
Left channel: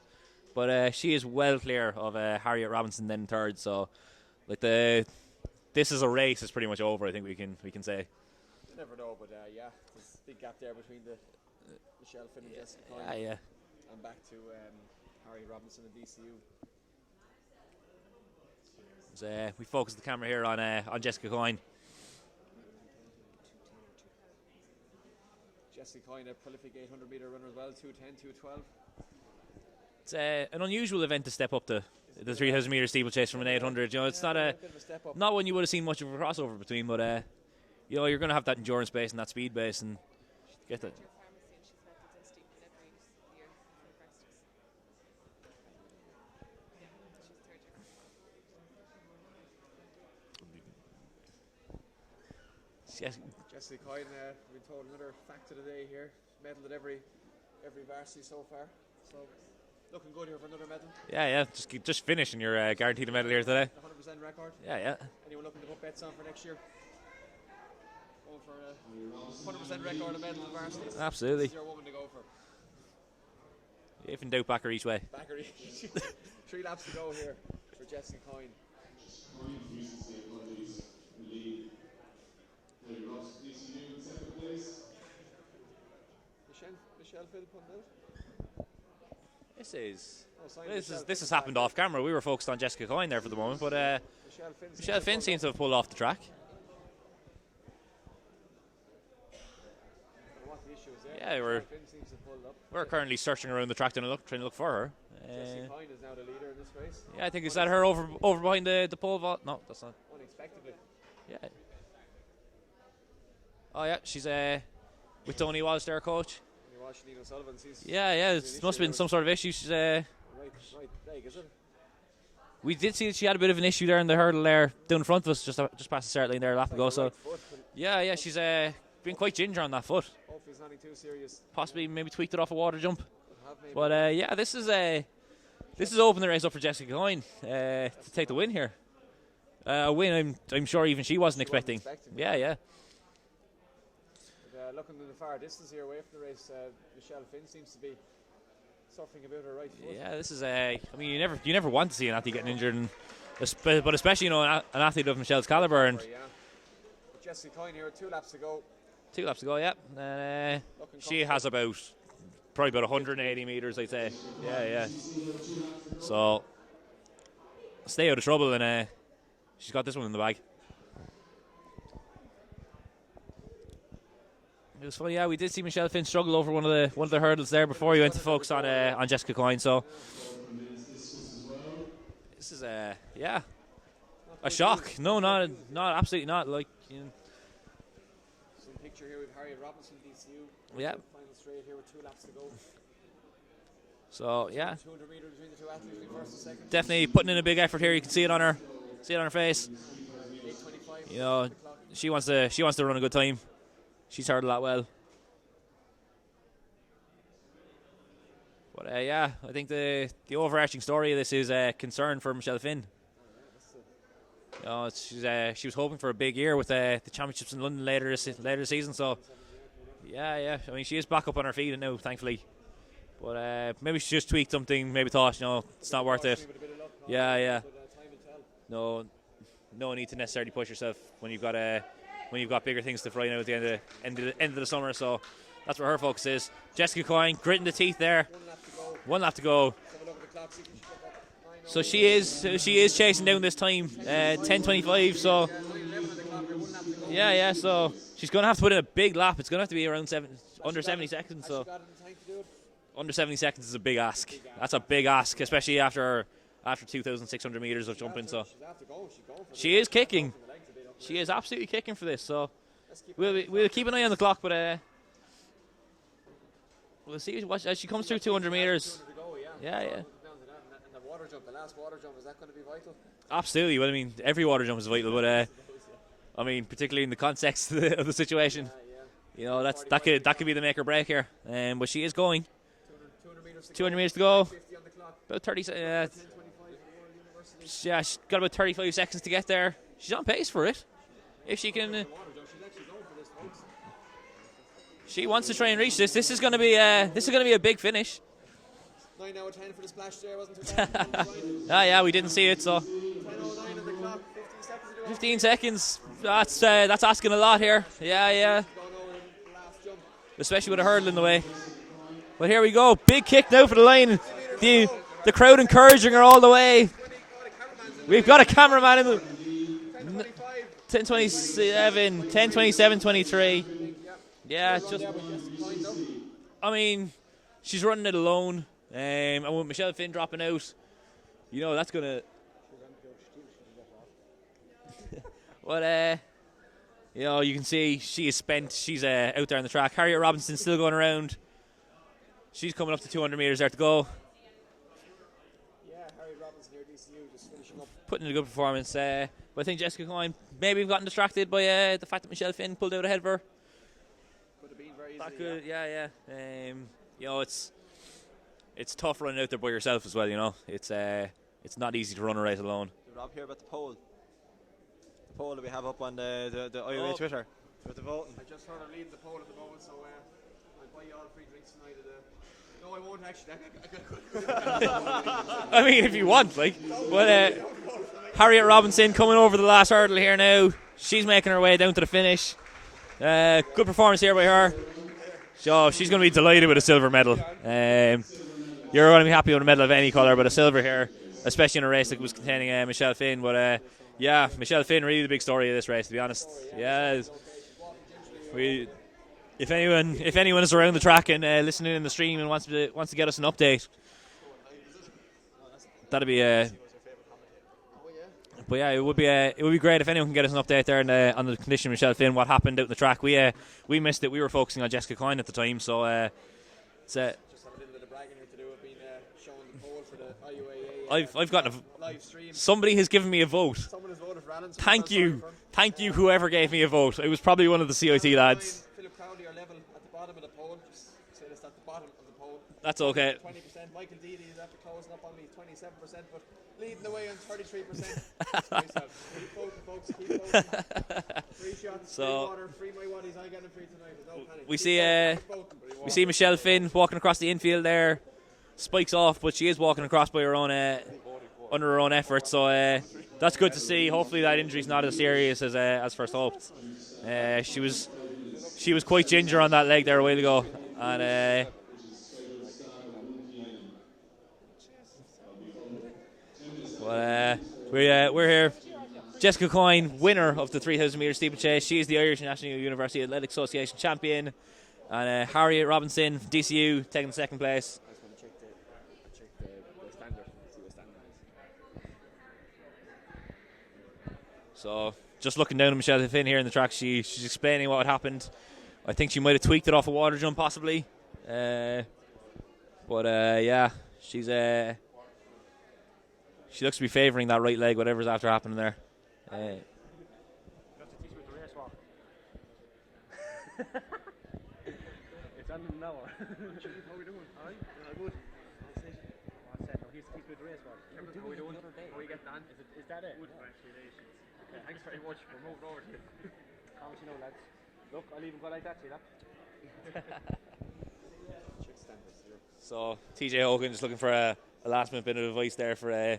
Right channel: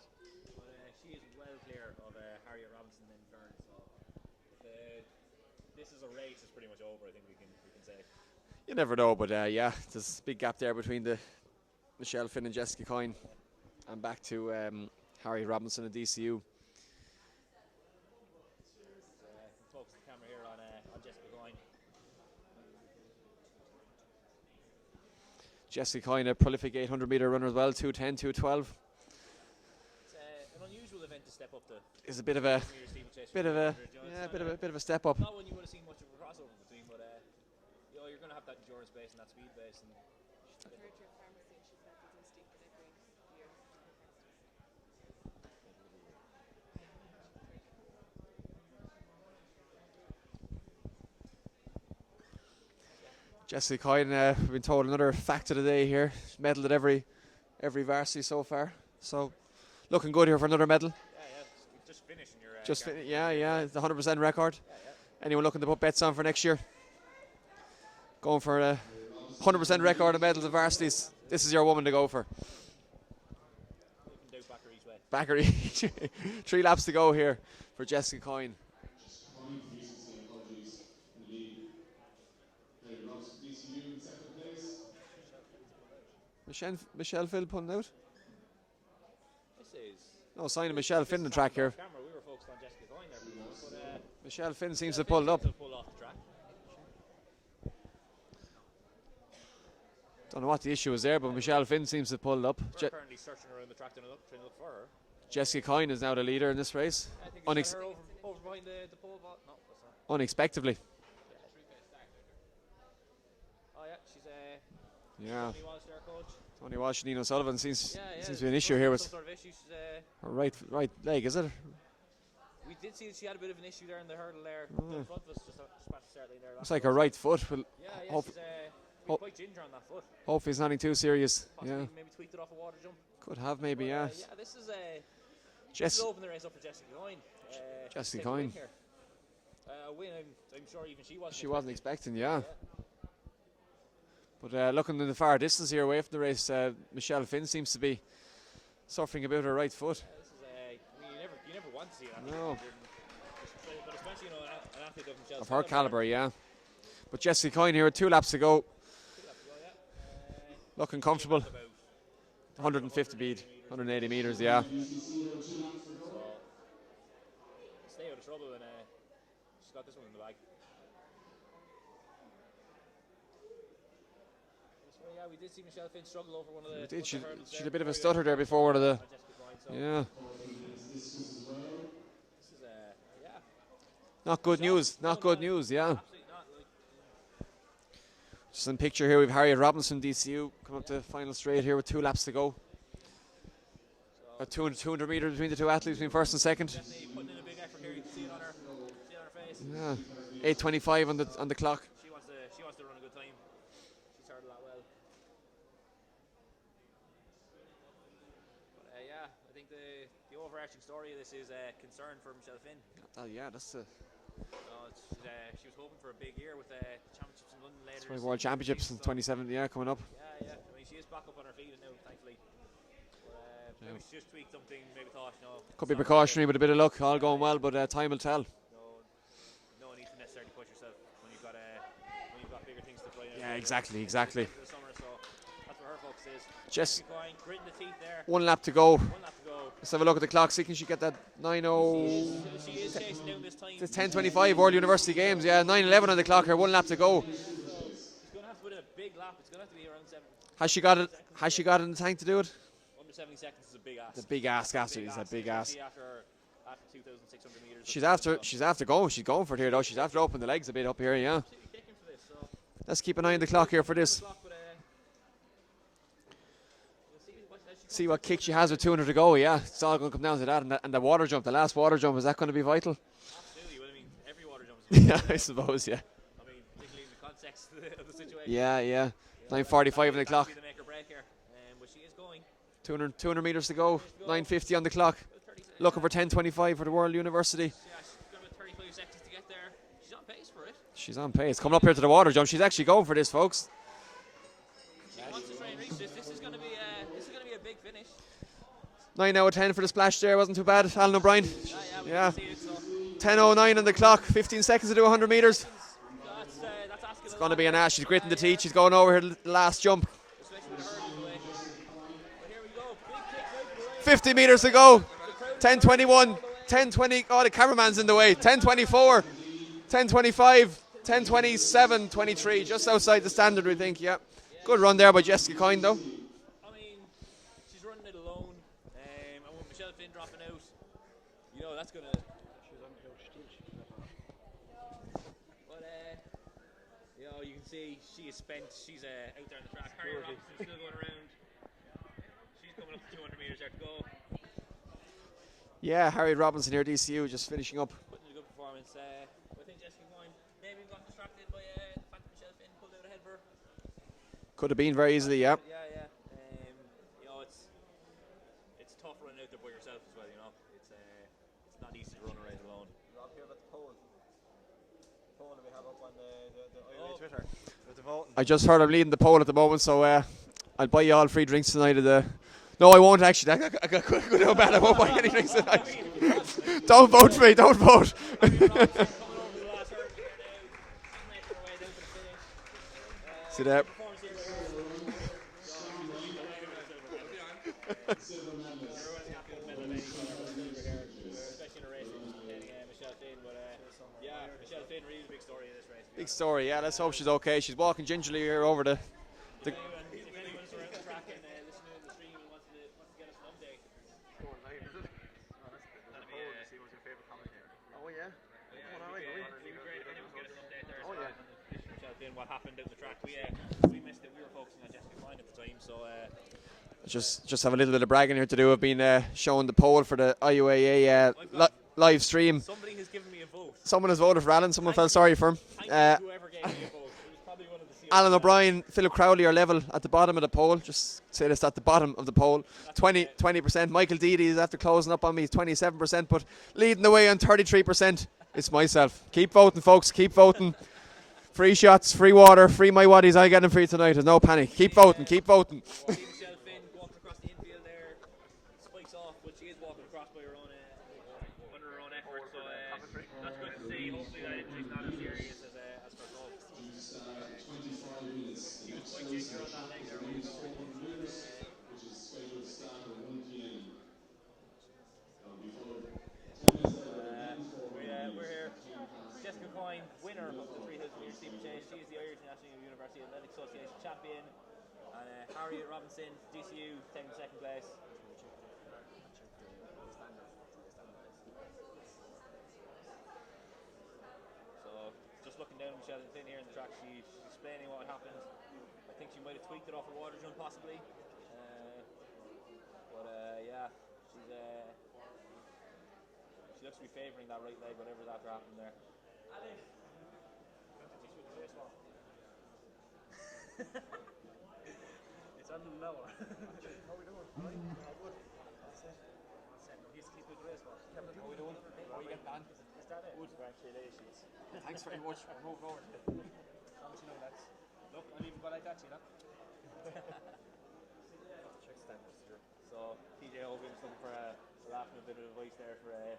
but she is well clear of Harriet Robinson then third. So this is a race. It's pretty much over. I think we can say. You never know, but there's a big gap there between the Michelle Finn and Jessica Coyne. And back to Harriet Robinson and DCU. We focus the camera here on Jessica Coyne. Jessica Coyne, a prolific 800-metre runner as well, 2:10, 2:12. It's an unusual event to step up to. It's a 300-metre steeplechase from an 800. It's not a bit of a step up. Not one you would have seen much of a crossover between, but you know, you're going to have that endurance base and that speed base, and get that. Yes. Jessica Coyne, we've been told another fact of the day here. She's medalled at every varsity so far. So looking good here for another medal. Yeah. Just finishing your guaranteed medal here yeah, today. The 100% record. Yeah. Anyone looking to put bets on for next year? Going for a 100% record of medals at varsities. Absolutely. This is your woman to go for. If in doubt, back her each way. Back her each. 3 laps to go here for Jessica Coyne. Michelle Phil pulling out? This is... No sign of Michelle Finn. This has happened off camera. We were focused on Jessica Coyne there for the moment, but Michelle Finn seems Michelle to Finn seems to have pulled off the track. Don't know what the issue is there, but Michelle Finn seems to have pulled up. We're currently searching around the track trying to look for her. Jessica Coyne is now the leader in this race. Yeah, I think is that her over behind the pole vault? No, that's not. Unexpectedly. Yeah. Oh yeah, she's with Tony Walsh, their coach. Tony Walsh, Nino Sullivan seems. Yeah. Seems There an must issue have here been some sort of issue. She's right leg, is it? We did see that she had a bit of an issue there in the hurdle there down in front of us, just past the start line there. It's like her right foot. Yeah. She's been quite ginger on that foot. Hopefully it's nothing too serious. Possibly maybe tweaked it off a water jump. Could have maybe. But this is open the race up for Jessica Coyne to take the win here. A win I'm sure even she wasn't expecting. Yeah. But looking in the far distance here away from the race, Michelle Finn seems to be suffering about her right foot. Yeah, this is I mean, you never want to see an athlete getting injured, but especially an athlete of Michelle's caliber. Yeah. But Jessica Coyne here with 2 laps to go. 2 laps to go, yeah. Looking comfortable. She has probably about 180 metres. 180 metres, yeah. So stay out of trouble, and she's got this one in the bag. It was funny, yeah. We did see Michelle Finn struggle over one of the hurdles there before we went to focus on Jessica Coyne. So this is not good shock. news. No, not good news. No, absolutely not. Like, just in picture here, we've Harriet Robinson, DCU, coming up to final straight here with 2 laps to go. So 200 metres between the 2 athletes, between first and second. Definitely putting in a big effort here. You can see it on her face. Yeah. 8:25 on the clock. She wants to run a good time. She's hurdled that well. But I think the overarching story of this is concern for Michelle Finn. That's she was hoping for a big year with the championships in London later this season. So 27, coming up. Yeah. I mean, she is back up on her feet now, thankfully. But maybe she just tweaked something. Maybe thought, could be precautionary with a bit of luck. All going well, but time will tell. No need to necessarily push yourself when you've got bigger things to fly now at the end of the summer. So that's where her focus is. Jessica Coyne gritting the teeth there. 1 lap to go. Let's have a look at the clock. See, can she get that 9:00? So she is chasing down this time. 10:25 World University Games. So 9:11 on the clock here. 1 lap to go. Yeah. So she's going to have to put in a big lap. It's going to have to be around 7. Has she got it in the tank to do it? Under 70 seconds is a big ask. That's a big ask, especially after 2,600 metres. She's after going. She's going for it. She is kicking. Have to open the legs a bit up here. She is absolutely kicking for this. So let's keep an eye on the clock here. Keep an eye on the clock, but we'll see as she comes through 200 metres. She has 200 to go. Yeah, it's all going to come down to that. And the water jump, the last water jump, is that going to be vital? Absolutely. Well, I mean, every water jump is vital. But I suppose, yeah. I mean, particularly in the context of the situation. Yeah. That could be the make or break here. But she is going. 200 metres to go. 200 metres to go. 9:50 on the clock. About 30 seconds. Looking for 10:25 for the World University. Yeah, she's got about 35 seconds to get there. She's on pace for it. She's on pace. Coming up here to the water jump. She's actually going for this, folks. She wants to try and reach this. This is going to be a big finish. 9 out of 10 for the splash there. Wasn't too bad. Alan O'Brien. We didn't see it. So 10:09 on the clock. 15 seconds to do 100 metres. 15 seconds. That's asking a lot here. She's gritting the teeth. She's going over her last jump. Especially with a hurdle in the way. But here we go. Big kick now for the line. 50 metres to go. The crowd encouraging her all the way. 10:20. Oh, the cameraman's in the way. We've got a cameraman. 10:25. 10:27. 10:27. 23. Standard, we think. Yeah. Good run there by Jessica Coyne, though. I mean, she's running it alone. And with Michelle Finn dropping out, that's going to... But, You know, you can see she is spent. She's out there on the track. Harriet Robinson still going around. She's coming up to 200 metres there to go. Yeah, Harriet Robinson here, DCU, just finishing up. Putting in a good performance. But I think Jessica Coyne maybe have gotten distracted by the fact that Michelle Finn pulled out ahead of her. Could have been very easily, yeah. Yeah. You know, it's tough running out there by yourself as well. You know, it's not easy to run a race alone. Rob, here about the poll. The poll that we have up on the IUAA Twitter with the voting. I just heard I'm leading the poll at the moment, so I'll buy you all free drinks tonight at the... No, I won't actually. I got good bad. I won't buy any drinks tonight. I mean, if you want, like. Don't vote for me, don't vote. Harriet Robinson coming over the last hurdle here now. She's making her way down to the finish. Good performance here by her. So she's going to be delighted with a silver medal. You're going to be happy with a medal of any colour, but a silver here, especially in a race that was containing Michelle Finn. But yeah, Michelle Finn, really the big story of this race, to be honest. Story, yeah. Let's hope she's okay. She's walking gingerly here over the... If anyone is around the track and listening in the stream and wants to get us an update, that'd be But yeah, it would be great if anyone can get us an update there on the condition of Michelle Finn, what happened out in the track. We missed it. We were focusing on Jessica Coyne at the time, so just have a little bit of bragging here to do. I've been showing the poll for the IUAA I've got live stream. Somebody has given me a vote. Someone has voted for Alan. Someone felt sorry for him. Thank you, whoever gave me a vote. It was probably one of the COT Alan lads. O'Brien, Philip Crowley are level at the bottom of the poll. Just say this, at the bottom of the poll. That's 20%. Michael Deedy is after closing up on me, 27%, but leading the way on 33%. It's myself. Keep voting, folks. Keep voting. Free shots, free water, free my waddies. I get them free tonight. There's no panic. Keep voting. Keep voting. We see Michelle Finn walking across the infield there. Spikes off, but she is walking across by her own under her own effort. So that's good to see. Hopefully that injury's not as serious as first hoped. She was quite ginger on that leg there a while ago, and we're here. Jessica Coyne, winner of the 3,000 metre steeplechase. She is the Irish National University Athletic Association champion, and Harriet Robinson, DCU, taking second place. So, just looking down at Michelle Finn here in the track, she's explaining what had happened. I think she might have tweaked it off a water jump, possibly. Yeah, she looks to be favouring that right leg, whatever's after happening there. It's on now. How are we doing? How are we doing? How are you getting on? Is that it? Congratulations. Thanks very much. We're moving over to it. How much you know, lads? Look, I'll even go like that, see that? So, TJ Hogan just looking for a last minute bit of advice there for the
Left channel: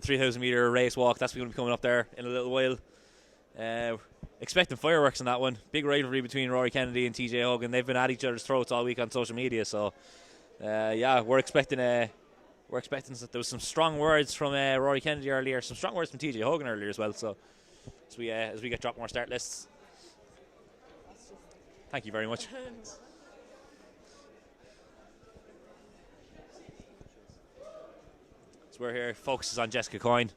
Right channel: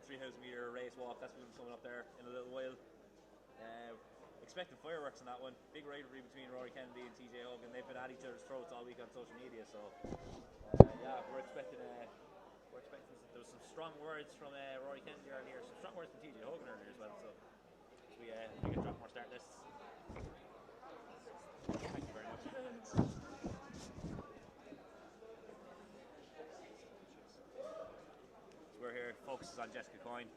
3,000 metre race walk. That's going to be coming up there in a little while. Expecting fireworks on that one. Big rivalry between Rory Kennedy and TJ Hogan. They've been at each other's throats all week on social media. So, yeah, we're expecting there was some strong words from Rory Kennedy earlier, some strong words from TJ Hogan earlier as well. So, as we get drop more start lists. Thank you very much. So we're here. Focuses on Jessica Coyne.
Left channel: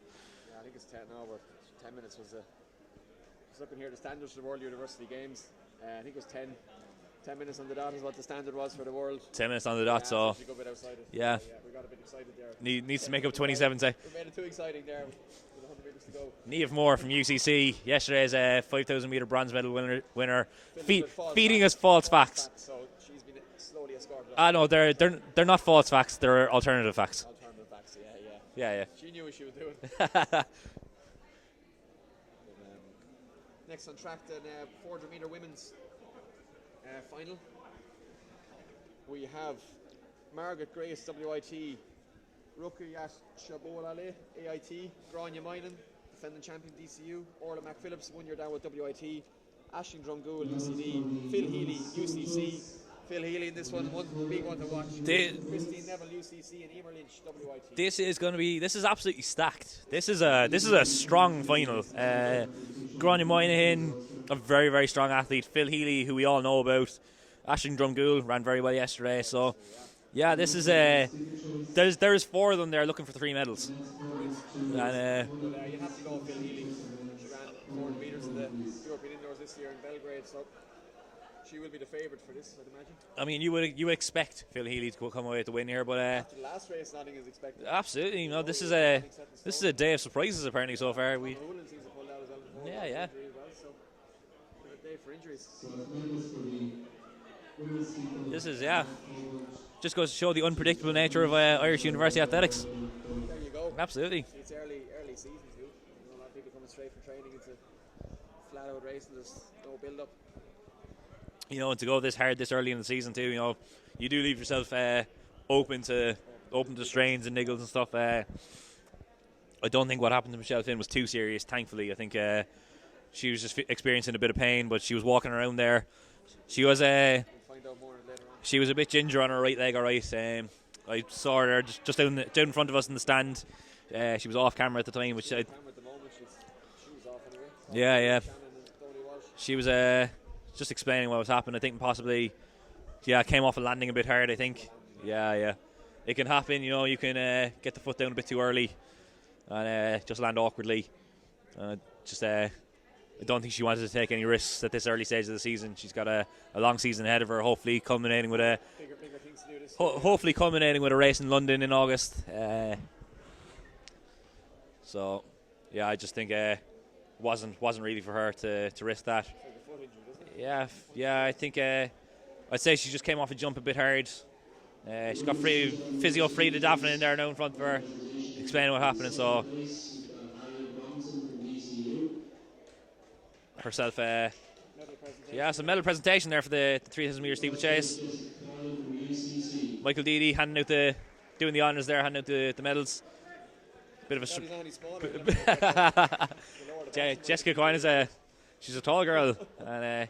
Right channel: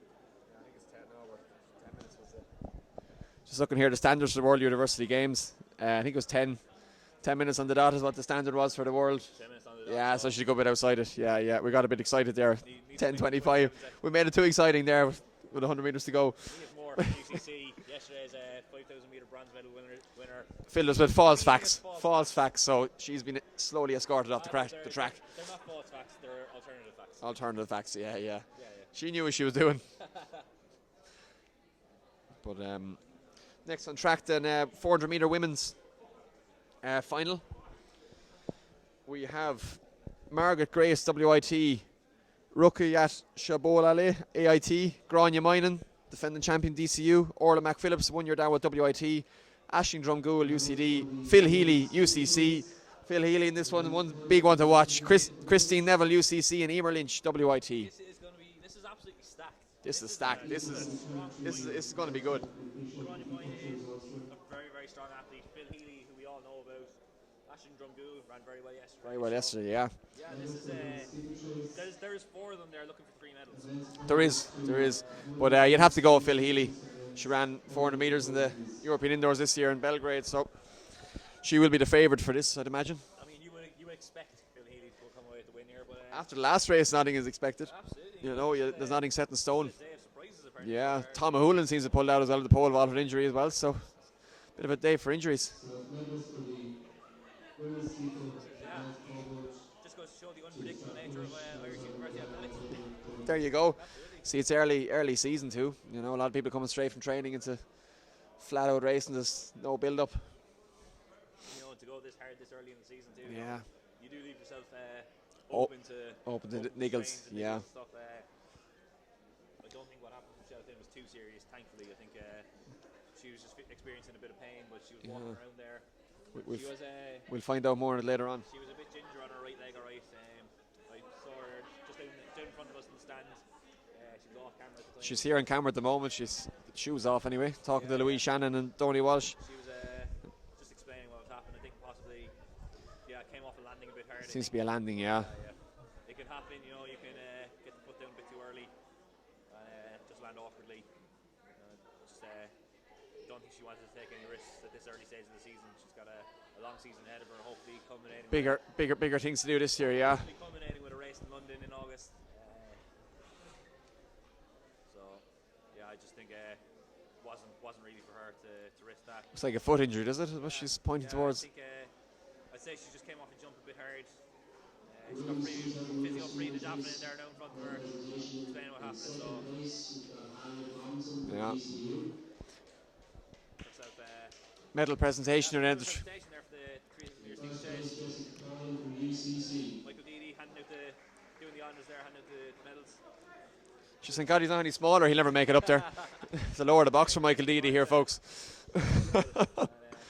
Yeah, I think it's 10 now, but 10 minutes was just looking here, the standards for the World University Games. I think it was 10 minutes on the dot is what the standard was for the world. 10 minutes on the dot. Yeah, so she's a good bit outside it. Yeah, we got a bit excited there. Needs to make it 27 seconds. We made it too exciting there with 100 metres to go. Niamh Moore from UCC, yesterday's 5,000 metre bronze medal winner. Filled us with false facts. So she's been slowly escorted up. No, they're not false facts. They're alternative facts. Alternative facts. Yeah. She knew what she was doing. But next on track, then 400 metre women's final. We have Margaret Grace, WIT, Ruqayyat Shabolale, AIT, Grania Minan, defending champion DCU, Orla McPhillips, 1 year down with WIT, Aisling Drumgool, UCD, Phil Healy, UCC. Phil Healy in this one big one to watch. Christine Neville, UCC, and Emer Lynch, WIT. This is absolutely stacked. This is a strong final. Grania Moynihan, a very, very strong athlete. Phil Healy, who we all know about. Aisling Drumgool ran very well yesterday. Yeah, this is there's 4 of them there looking for 3 medals. There is. But you'd have to go with Phil Healy. She ran 400 metres in the European Indoors this year in Belgrade, so she will be the favourite for this, I'd imagine. I mean, you would expect Phil Healy to come away with the win here, but After the last race, nothing is expected. absolutely, There's there's nothing set in this stone. is a day of surprises apparently so far. Tom O'Houlihan seems to pull out as well with the pole vault with yeah. injury as well, so bit of a day for injuries. This is just goes to show the unpredictable nature of Irish University athletics. There you go. Absolutely. See, it's early season too. You know, a lot of people coming straight from training into flat out racing. There's no build up. You know, and to go this hard this early in the season too, you know, you do leave yourself open to strains and niggles and stuff. I don't think what happened to Michelle Finn was too serious, thankfully. I think she was just experiencing a bit of pain, but she was walking around there. She was we'll find out more on it later on. She was a bit ginger on her right leg, all right. I saw her there just down in front of us in the stand. She was off camera at the time. She's here on camera at the moment. She's shoes off anyway. Talking Yeah, to yeah. Shannon and Donny Walsh. She was just explaining what was happening. I think possibly, came off a landing a bit hard. Seems I think. to be a landing, yeah. It can happen. You know, you can get the foot down a bit too early and just land awkwardly. I don't think she wanted to take any risks at this early stage of the season. She's got a long season ahead of her, hopefully culminating with a bigger things to do this year. hopefully culminating with a race in London in August. I just think wasn't really for her to risk that. It's like a foot injury, does it? She's pointing towards. I think I'd say she just came off a jump a bit hard. She's got physio free to Daphne in there now in front of her, explaining what happened. So herself medal presentation. medal presentation there for the 3,000 metre steeplechase. Michael Deedy doing the honours there, handing out the medals. Thank God he's not any smaller. He'll never make it up there. The lower the box for Michael Deedy here, folks. She's a tall girl, and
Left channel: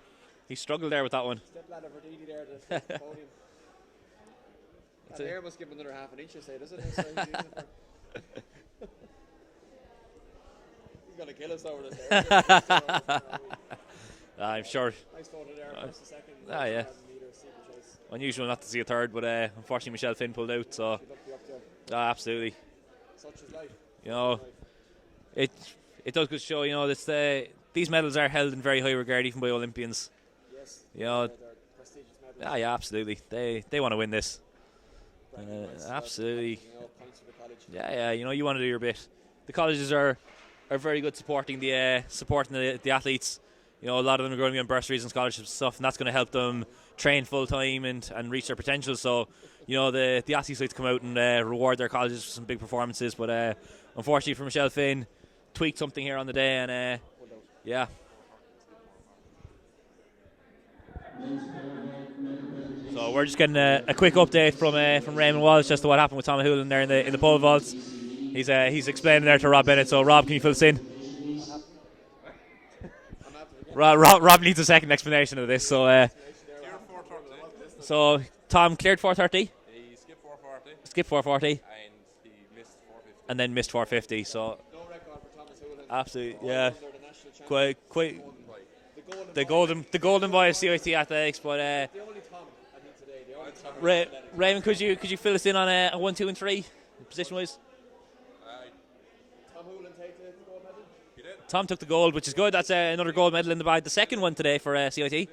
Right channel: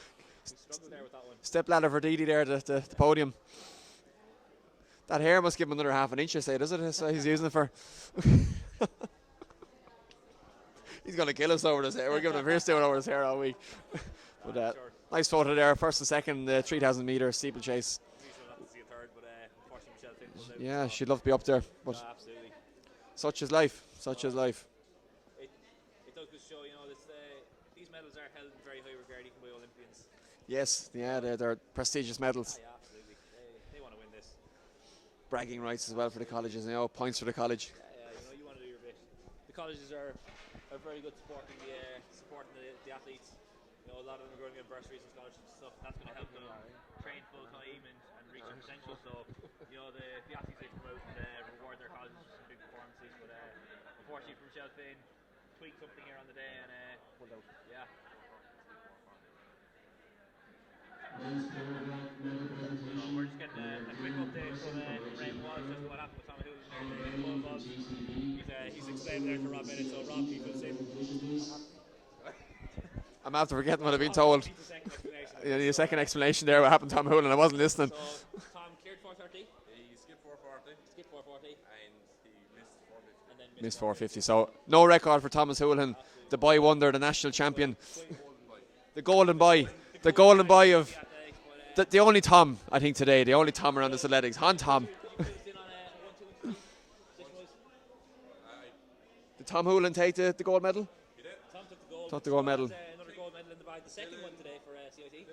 he struggled there with that one. Step ladder for Deedy there at the podium. That hair must give him another half an inch, I say, does it? So he's using it for. He's going to kill us over his hair. We're giving him Chris over his hair all week. I'm sure. Nice photo there, first and second, 3,000 metre steeplechase. Unusual not to see a third, but unfortunately Michelle Finn pulled out. Yeah, so she'd love to be up there. Absolutely. Such is life. Such is life. It does good show, you know, these medals are held in very high regard even by Olympians. Yes, they're prestigious medals. Yeah, absolutely. They want to win this. Bragging rights as well for the colleges, points for the college. Yeah, you know, you want to do your bit. The colleges are very good supporting the athletes. You know, a lot of them are going to be on bursaries and scholarships and stuff, and that's going to help them train full time and reach their potential. So, you know, the athletes like to come out and reward their colleges for some big performances. But unfortunately for Michelle Finn, tweaked something here on the day, and So we're just getting a quick update from Raymond Walsh as to what happened with Tom O'Houlihan there in the pole vaults. He's explaining there to Rob Bennett. So Rob, can you fill us in? I'm after forgetting. Rob needs a second explanation of this. So second explanation there. What happened to Tom O'Houlihan? I wasn't listening. So Tom cleared 430. He skipped 440. And he missed 450. And then missed 450. So no record for Thomas O'Houlihan. Absolutely. The boy wonder, the national champion. The golden boy. The golden boy of athletics. But the only Tom, I think, today. The only Tom around this athletics. Raymond, could you fill us in on a 1, 2, and 3 position wise? Did Tom O'Houlihan take the gold medal? Tom took the gold, which is good. That's another gold medal in the bag. The second one today for CIT.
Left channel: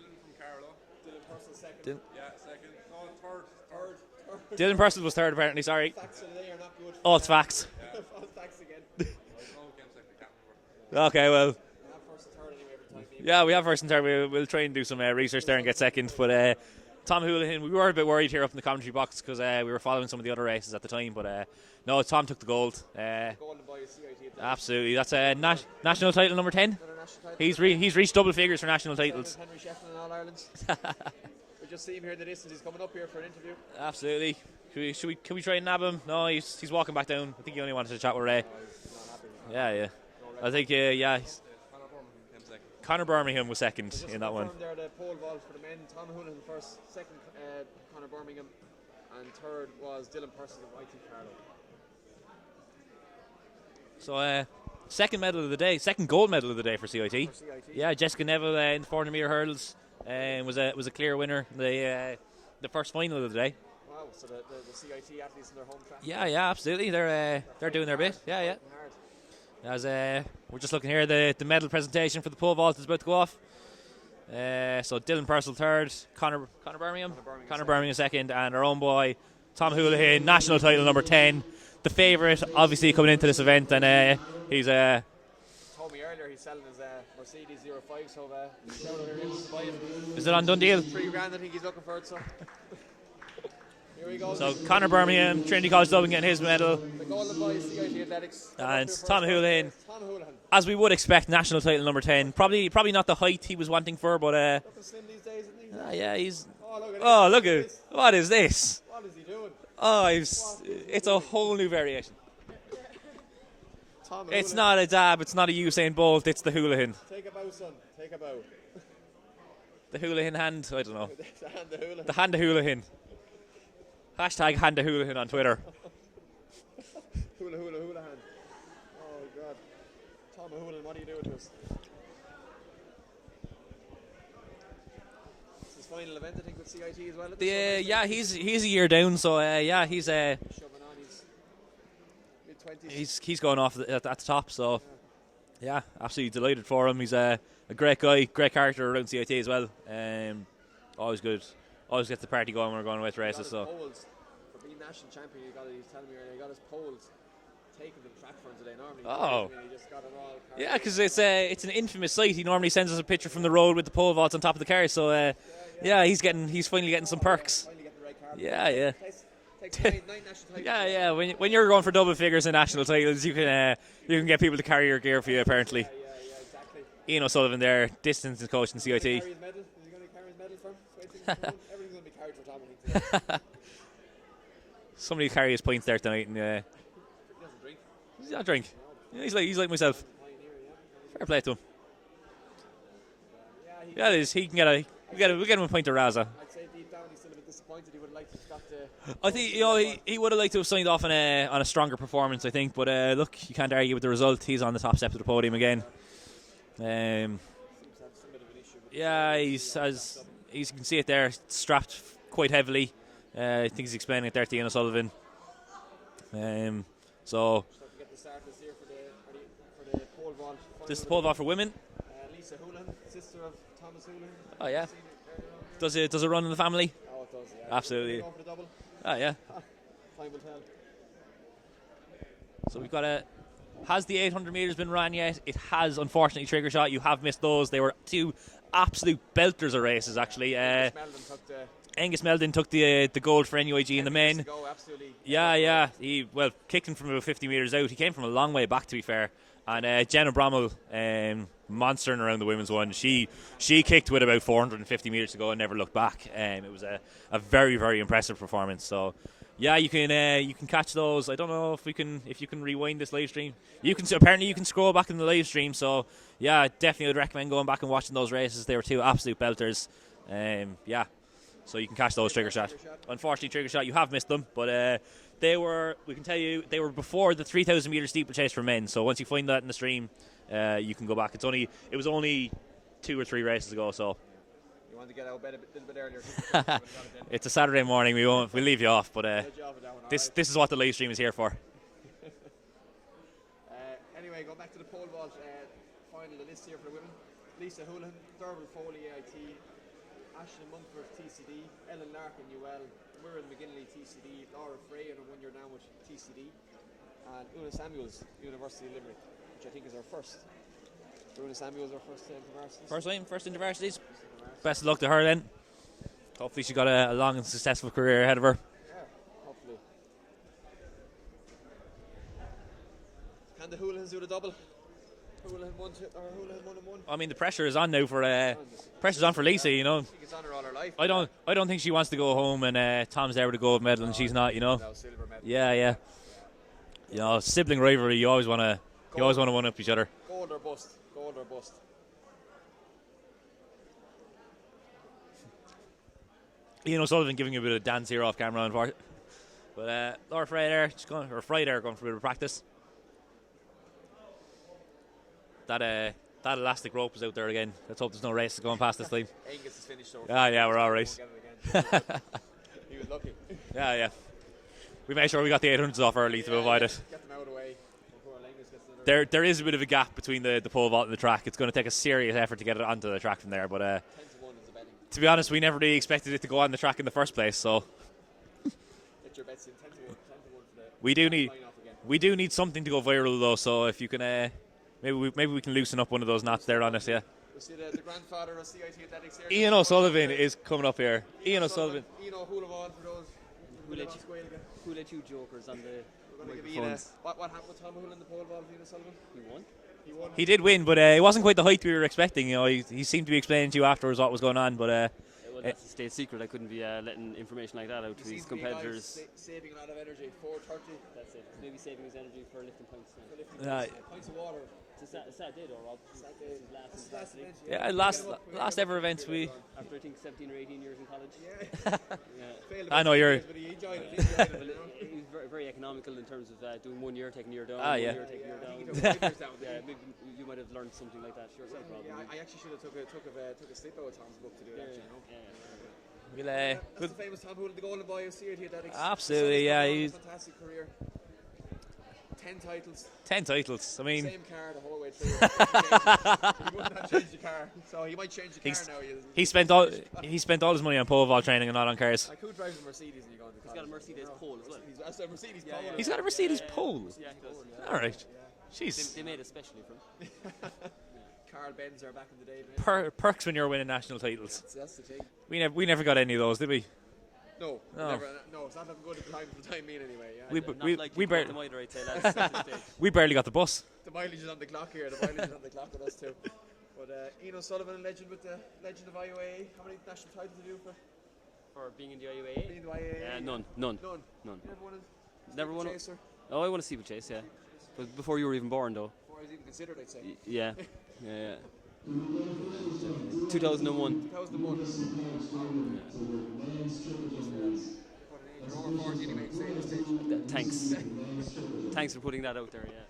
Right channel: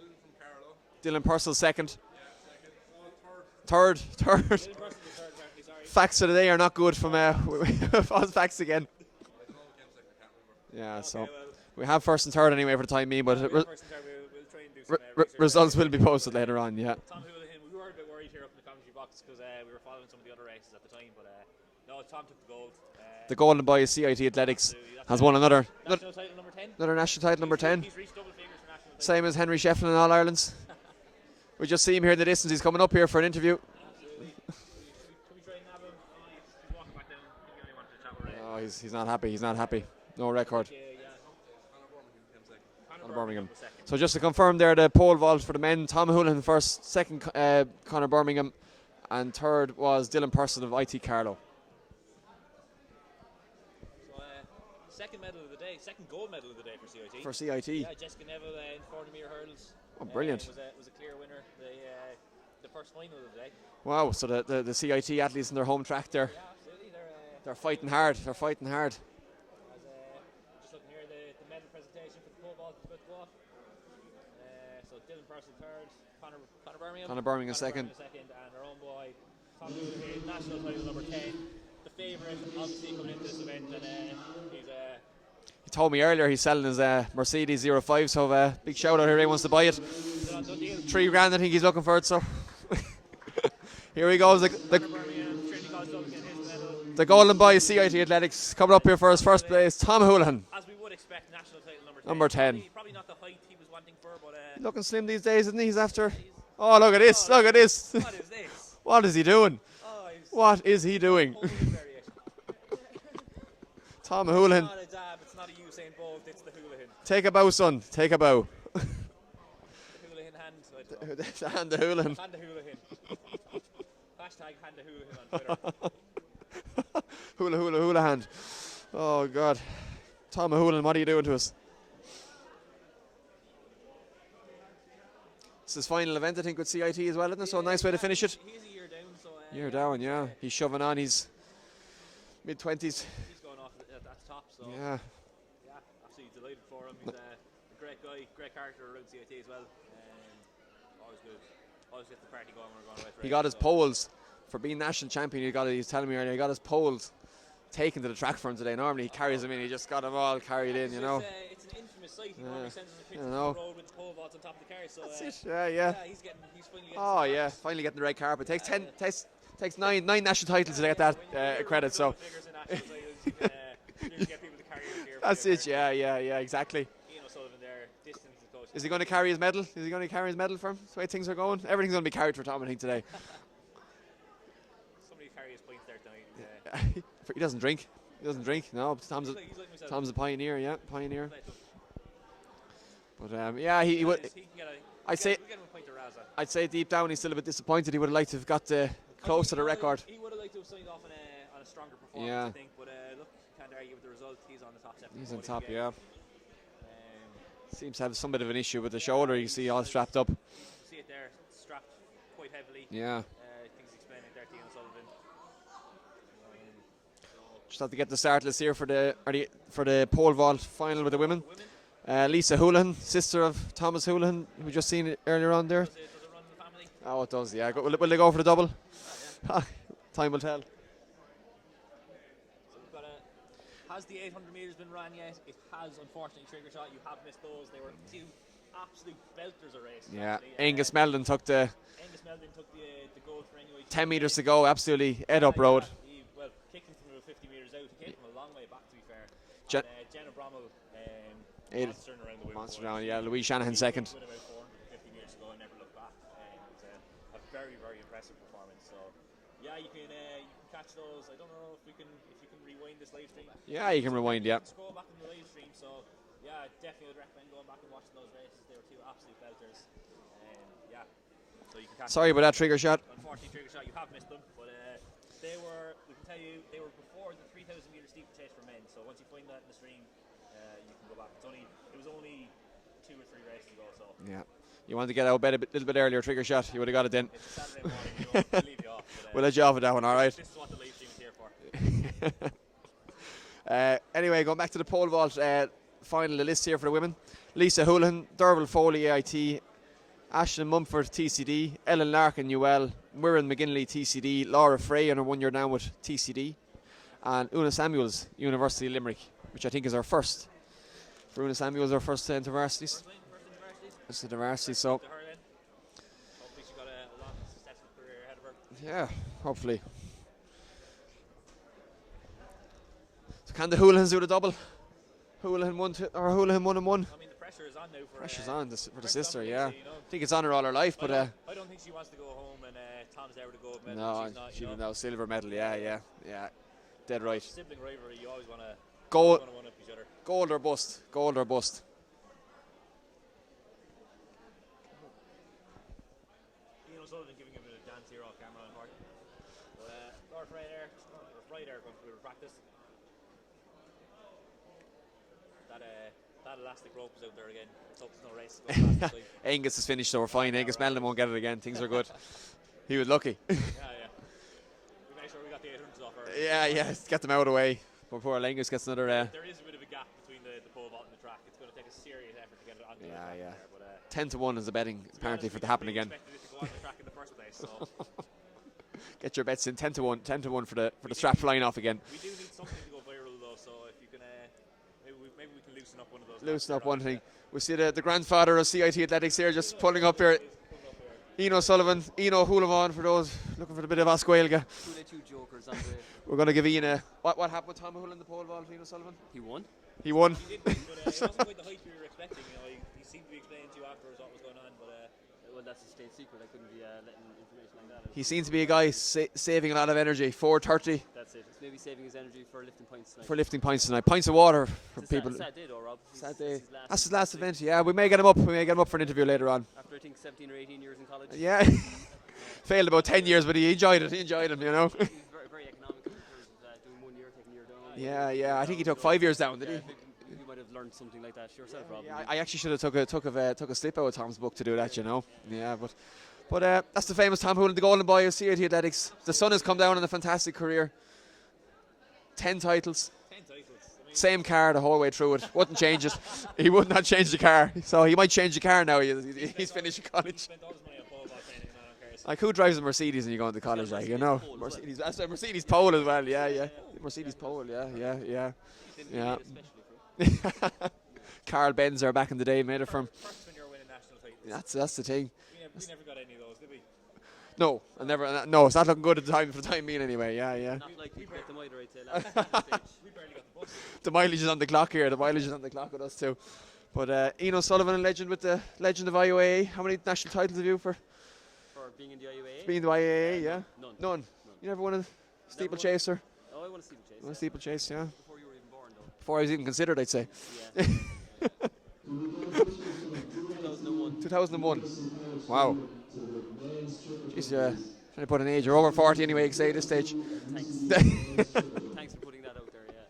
Dylan Purcell second. Yeah, second. No, Third. Dylan Purcell was third, apparently. Sorry. Facts of the day are not good. It's facts. Facts again. Yeah, okay, well, we have first and third anyway for the time being. But we have first and third. We'll try and do some research results there and get will seconds. Be posted later on, yeah. Tom O'Houlihan, we were a bit worried here up in the commentary box because we were following some of the other races at the time, but no, Tom took the gold. The golden boy is CIT Athletics. Absolutely, that's won another national title number 10. Another national title number 10. He's reached double figures for national titles. Same as Henry Shefflin in All Ireland's. We just see him here in the distance. He's coming up here for an interview. Absolutely. Can we try and nab him? No, he's walking back down. I think he only wanted to chat with Ray. No, he's not happy. He's not happy. Yeah. No record. I think Conor Birmingham was second. So just to confirm there, the pole vault for the men: Tom O'Houlihan first, second Conor Birmingham, and third was Dylan Purcell of IT Carlow. So second medal of the day, second gold medal of the day for CIT. For CIT. Yeah, Jessica Neville in the 400 metre hurdles was a clear winner. The first final of the day. Wow, so the CIT athletes in their home track there. Yeah, absolutely. They're fighting doing their hard. bit. They're fighting hard. As we're just looking here. The medal presentation for the pole vault is about to go off. So Dylan Purcell third, Conor Birmingham second, and our own boy Tom Houlihan, national title number 10, the favourite, obviously coming into this event, and he's He told me earlier he's selling his Mercedes 05, so big shout out if he wants to buy it. Is it on done deal? $3,000 I think he's looking for it, so here he goes. So Conor Birmingham, Trinity College Dublin getting his medal. The golden boy of CIT Athletics coming up here for his first place, Tom Houlihan. As we would expect, national title number 10. Number 10. Probably not the height he was wanting for, but looking slim these days, isn't he? He's after. yeah, he's. Oh, look at this! Oh, look at this! What is this? What is he doing? Oh, What is he doing? It's a whole new variation. Tom It's Houlihan. not a dab. It's not a Usain Bolt. It's the Houlihan. Take a bow, son. Take a bow. The Houlihan hand. I don't know. The hand of Houlihan. The hand of Houlihan. Hashtag hand of Houlihan on Twitter. Hula hand. Oh God. Tom Houlihan, what are you doing to us? It's his final event, I think, with CIT as well, isn't it? So nice way to finish it. He's a year down, so He's shoving on. He's mid-20s. He's going off at the top, so yeah, absolutely delighted for him. He's a great guy, great character around CIT as well. Always good. Always gets the party going when we're going away to races. He got his poles for being national champion. He was telling me earlier, he got his poles taken to the track for him today. Normally he carries them in, he just got them all carried in. Yeah, because it's an infamous sight. He normally sends us a picture from the road with the pole vaults on top of the car. So he's finally getting some perks. Yeah, finally getting the red carpet. Takes nine national titles to get that. When you're going for double figures in national titles, you can get people to carry your gear for you. Apparently, yeah, exactly. Ian O'Sullivan there, distance and coach. Is he going to carry his medal? Is he going to carry his medal for him? That's the way things are going. Everything's going to be carried for Tom, I think, today. Somebody carry his points there tonight. And, he doesn't drink. He doesn't drink. No, he's like myself. Tom's a pioneer, Fair play to him. But he can get we'll get him a pint of Raza. I'd say deep down he's still a bit disappointed. He would have liked to have got the record. He would have liked to have signed off on a stronger performance, I think. But look, you can't argue with the result. He's on the top step of the podium again. Seems to have some bit of an issue with the shoulder. You see all strapped up. You can see it there, strapped quite heavily. Yeah. I think he's explaining it there to Ian O'Sullivan. So just have to get the start list here for the pole vault final with the women. For women. Lisa Houlihan, sister of Thomas Houlihan. You've just seen it earlier on there. Does it run in the family? Oh, it does, yeah. Absolutely. Will they go for the double? Oh, yeah. Time will tell. So we've got has the 800 metres been run yet? It has, unfortunately. Trigger shot, you have missed those. They were two absolute belters of races, actually. Angus Meldon took the gold for NUIG 10 in the metres main. to go, absolutely head up road. He kicked him from about 50 metres out. He came from a long way back, to be fair. And Jenna Brommel monstering around the women's one. She kicked with about 450 metres to go and never looked back. It was a very, very impressive performance. So yeah, you can catch those. I don't know if you can rewind this live stream. Yeah, you can scroll back in the live stream. So yeah, definitely would recommend going back and watching those races. They were two absolute belters. So you can catch those. Sorry about that trigger shot. Unfortunately, trigger shot. You have missed them, but we can tell you they were before the 3,000 metre steeplechase for men. So once you find that in the stream, you can go back. It was only 2 or 3 races ago. So yeah, you want to get out of bed a little bit earlier, trigger shot. You would have got it then. It's a Saturday morning. We'll leave you off, but we'll let you off with that one. All right. This is what the live stream is here for. Anyway, going back to the pole vault final, the list here for the women: Lisa Houlihan, Derval Foley AIT, Ashton Mumford TCD, Ellen Larkin UL, Mirren McGinley TCD, Laura Frey on her 1 year down with TCD, and Una Samuels University of Limerick, which I think is our first. For Una Samuels, our first intervarsities. First intervarsities. Best of luck to her then. Hopefully she got a long and successful career ahead of her. Yeah, hopefully. So can the Houlihans do the double? Houlihan 1 and 1. I mean, the pressure is on now for pressure's on for Yeah. Lisa. You know, I think it's on her all her life. I don't think she wants to go home and Tom's there with a gold medal and she's not. You know, no silver medal. Yeah. You know, right. sibling rivalry. You always want to one up each other. Gold or bust. Gold or bust. Ian O'Sullivan giving a bit of dance here off camera, unfortunately. But Laura Frey there, going for a bit of practice. That elastic rope is out there again. Let's hope there's no race going past this time. Angus is finished, so we're fine. Yeah, Angus we're all right. won't get it again. Things are good. He was lucky. Yeah. We made sure we got the 800s off early to avoid it. Get them out of the way. Before Lengus gets another. There is a bit of a gap between the pole vault and the track. It's going to take a serious effort to get it onto the track from there. But 10-1 is the betting. To be honest, we never really expected it to go on the track in the first place. So get your bets in 10-1. 10-1 for the we strap flying off again. We do need something to go viral though. So if you can, maybe we can loosen up one of those knots there on us. Yeah. We see the grandfather of CIT Athletics here. Ian just O'Sullivan up there. is coming up here. Ian O'Sullivan, Ian O'Houlivan for those looking for a bit of Osquailga. Two jokers on the. We're going to give Ian a. What happened with Tom Hull in the pole vault, Ian O'Sullivan? He won. He won. He did win, but it wasn't quite the height we were expecting. You know, he seemed to be explaining to you afterwards what was going on, but. Well, that's a state secret. I couldn't be letting information like that out. He seems to be a guy saving a lot of energy. 4:30. That's it. He's maybe saving his energy for lifting points tonight. For lifting points tonight. Pints of water for It's a people. sad day though, Rob. Sad day. That's his last event. Yeah, we may get him up. We may get him up for an interview later on. After I think 17 or 18 years in college. Yeah. Failed about 10 years, but he enjoyed it. He enjoyed him, you know. He's very, very economical in terms of doing 1 year, taking a year down. Yeah. I think he took 5 years down, didn't he? You might have learned something like that yourself, Rob. I actually should have took a slip out of Tom's book to do that, you know. Yeah, but But that's the famous Tom Hoolan, the golden boy of CIT Athletics. Absolutely, The son has come down in a fantastic career. 10 titles. 10 titles. I mean, same car the whole way through it. Wouldn't change it. He would not change the car. So he might change the car now. He spent all his money on pole vault training and not on cars. Like, who drives a Mercedes when you go into college? Like, you know, Mercedes. That's a Mercedes pole as well. Mercedes pole. Mercedes pole. Yeah. All right. Yeah. Jeez. They made especially from. Carl Benzer back in the day made it from. Perks when you're winning national titles. That's the thing. We never got any of those, did we? No, never. No, it's not looking good at the time for the time being anyway. Yeah, we barely got the bus. The mileage is on the clock here. The mileage is on the clock with us too. But Ian O'Sullivan, a legend with the legend of IUAA. How many national titles have you for being in the IUAA? Being in the IUAA, yeah. None. You never won a steeplechase, or? Oh, I won a steeplechase. Yeah. Steeplechase, yeah. Before you were even born, though. Before I was even considered, I'd say. Yeah. 2001. 2001. Wow. Just trying to put an age. You're over 40 anyway, you can say at this stage. Thanks. Thanks for putting that out there, yeah.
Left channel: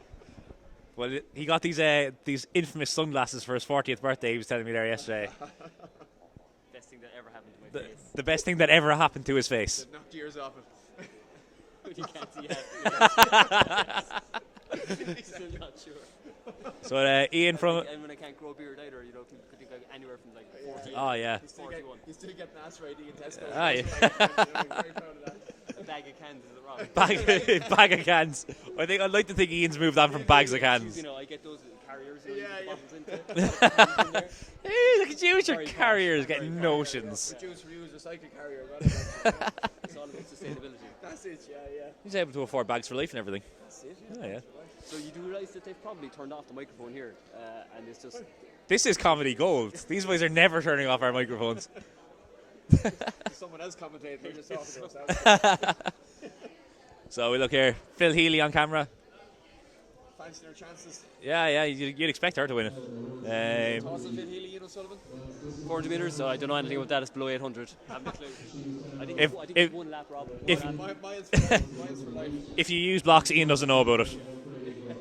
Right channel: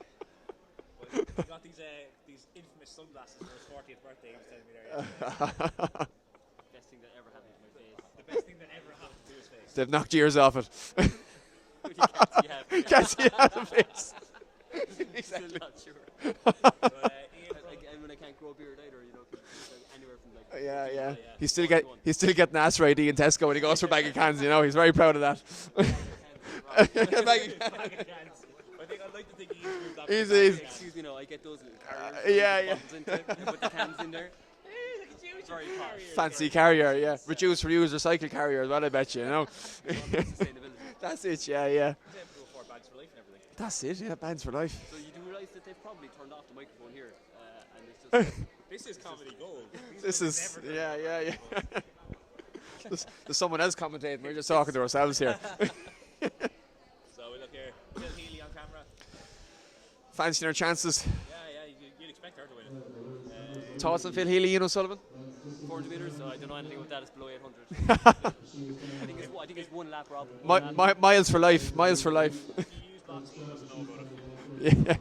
Well, he got these infamous sunglasses for his 40th birthday, he was telling me there yesterday. Best thing that ever happened to my face. The best thing that ever happened to his face. They've knocked years off it. Can't see Exactly. Not sure. So Ian from and when I can't grow a beard either, you know, anywhere from like. Oh yeah. He's still getting asked ID in Tesco when he goes for a bag of cans. You know, he's very proud of that. Bag of cans. I'd like to think Ian's moved on from bags of cans. You know, I get those carriers. Yeah. Hey, look at you with your carriers. Fancy carrier, yeah. Reduce, reuse, recycle carrier as well, I bet you, you know. That's it, yeah. He's able to afford bags for life and everything. That's it, yeah, bags for life. So you do realise that they've probably turned off the microphone here, and it's just... This is comedy gold. These boys are never turning off our microphones. There's someone else commentating, we're just talking to ourselves here. So we look here, Phil Healy on camera. Fancying our chances. Yeah, you'd expect her to win it. Thoughts on Phil Healy, Ian O'Sullivan? 400 metres, I don't know anything about that, it's below 800. I think it's one lap, Rob. Miles for life, miles for life. If you use blocks, Ian doesn't know about it. Yeah.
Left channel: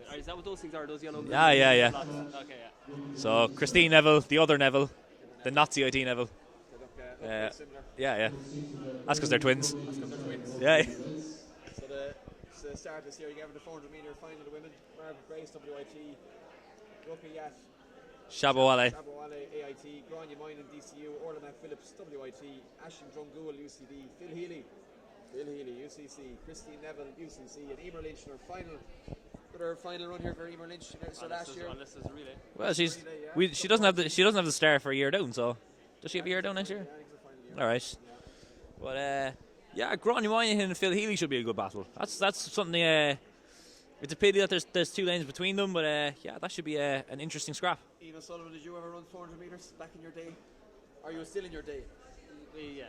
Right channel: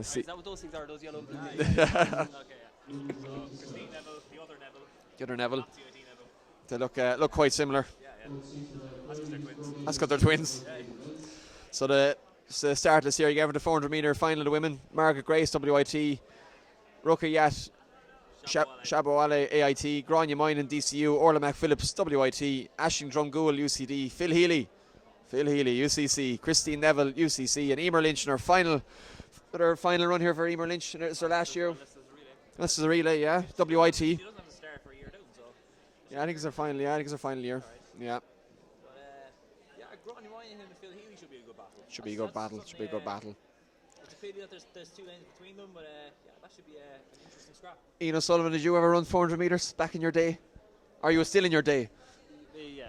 Is that what those things are, those yellow? Yeah. Okay, yeah. So Christine Neville, the other Neville. The not CIT Neville. They look quite similar. Yeah. That's because they're twins. Yeah. So the start this year, you gave her the 400 metre final of the women. Margaret Grace, WIT. Ruka Yat, Shabawale, AIT. Grania Moynan, DCU. Orla McPhillips, WIT. Ashing Drumgool, UCD. Phil Healy, UCC. Christine Neville, UCC. And Emer Lynch in her final run here for Emer Lynch. It's her last year. That's the relay, yeah. She doesn't have the star for a year down, so does she have a year down next year? Yeah, I think it's her final year. All right. Yeah. But Grania Moynihan and Phil Healy should be a good battle. That's something. It's a pity that there's two lanes between them, but that should be an interesting scrap. Ian O'Sullivan, did you ever run 400 metres back in your day? Are you still in your day? Yeah.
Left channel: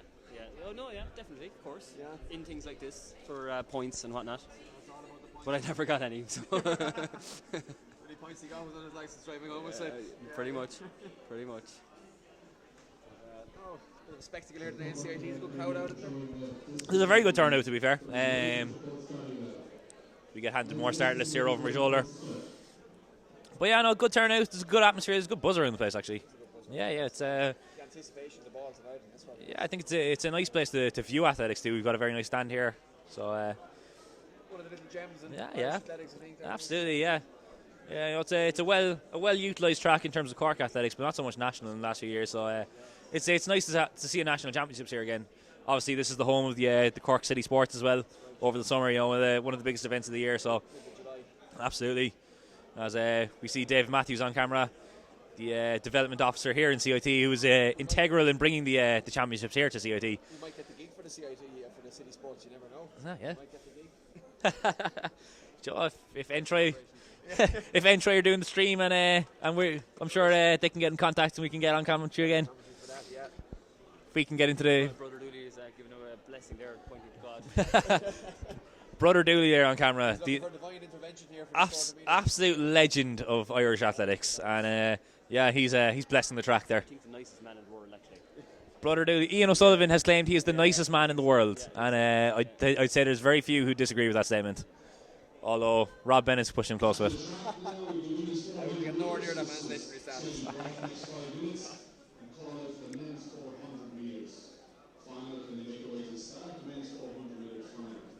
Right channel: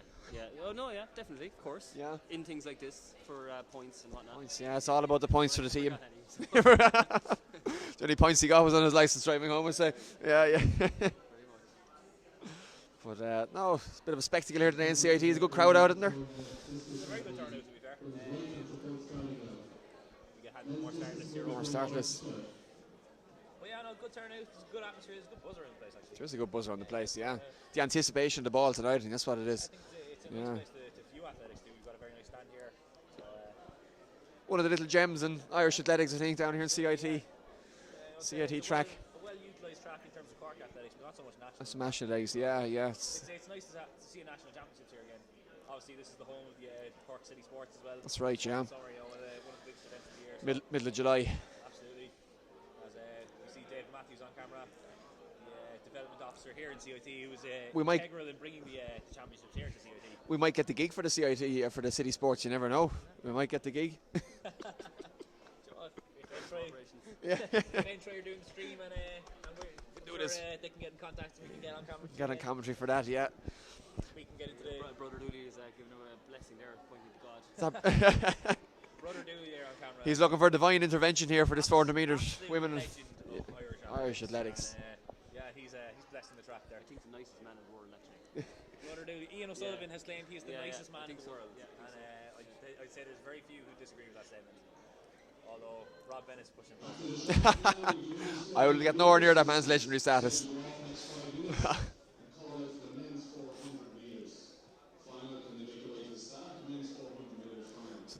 Oh no, yeah, definitely, of course. Yeah. In things like this for points and whatnot. Yeah, it's all about the points for the team. I never got any. So. The only points he got was on his licence driving home, I say. Yeah. Pretty much. But no, it's a bit of a spectacle here today in CIT. There's a good crowd out, isn't there? There's a very good turnout, to be fair. We get handed more start lists here over my shoulder. But yeah, no, good turnout. There's a good atmosphere. There's a good buzzer in the place, actually. There's a good buzzer in the place. Yeah, the anticipation of the ball tonight, I think that's what it is. Yeah, I think it's a nice place to view athletics too. We've got a very nice stand here. So one of the little gems in Yeah, Irish yeah. athletics, I think, down Absolutely, here in CIT. yeah. Yeah, I'd say it's CIT a well utilised track in terms of Cork athletics, but not so much national in the last few years. So yeah. it's nice to see a national championships here again. Obviously, this is the home of the Cork City Sports as well. That's right. Over the summer, one of the biggest events of the year. So middle of July. Absolutely. As we see David Matthews on camera, the development officer here in CIT, who was integral in bringing the championships here to CIT. We might get the gig for the CIT for the City Sports. You never know. Yeah. We might get the gig. Joe, if Entry, if Entry are doing the stream and I'm sure they can get in contact and we can get on commentary again. Commentary for that, yeah. We can get into the Brother Dooley is giving him a blessing there, pointing to God. Brother Dooley there on camera. He's looking for divine intervention here for this 400 metres. Absolute legend of Irish athletics. And he's blessing the track there. I think the nicest man in the world, actually. Brother Dooley. Ian O'Sullivan has claimed he is the nicest man in the world, and I'd say there's very few who disagree with that statement. Although Rob Bennett's pushing him close with it. I will get nowhere near that man's legendary status.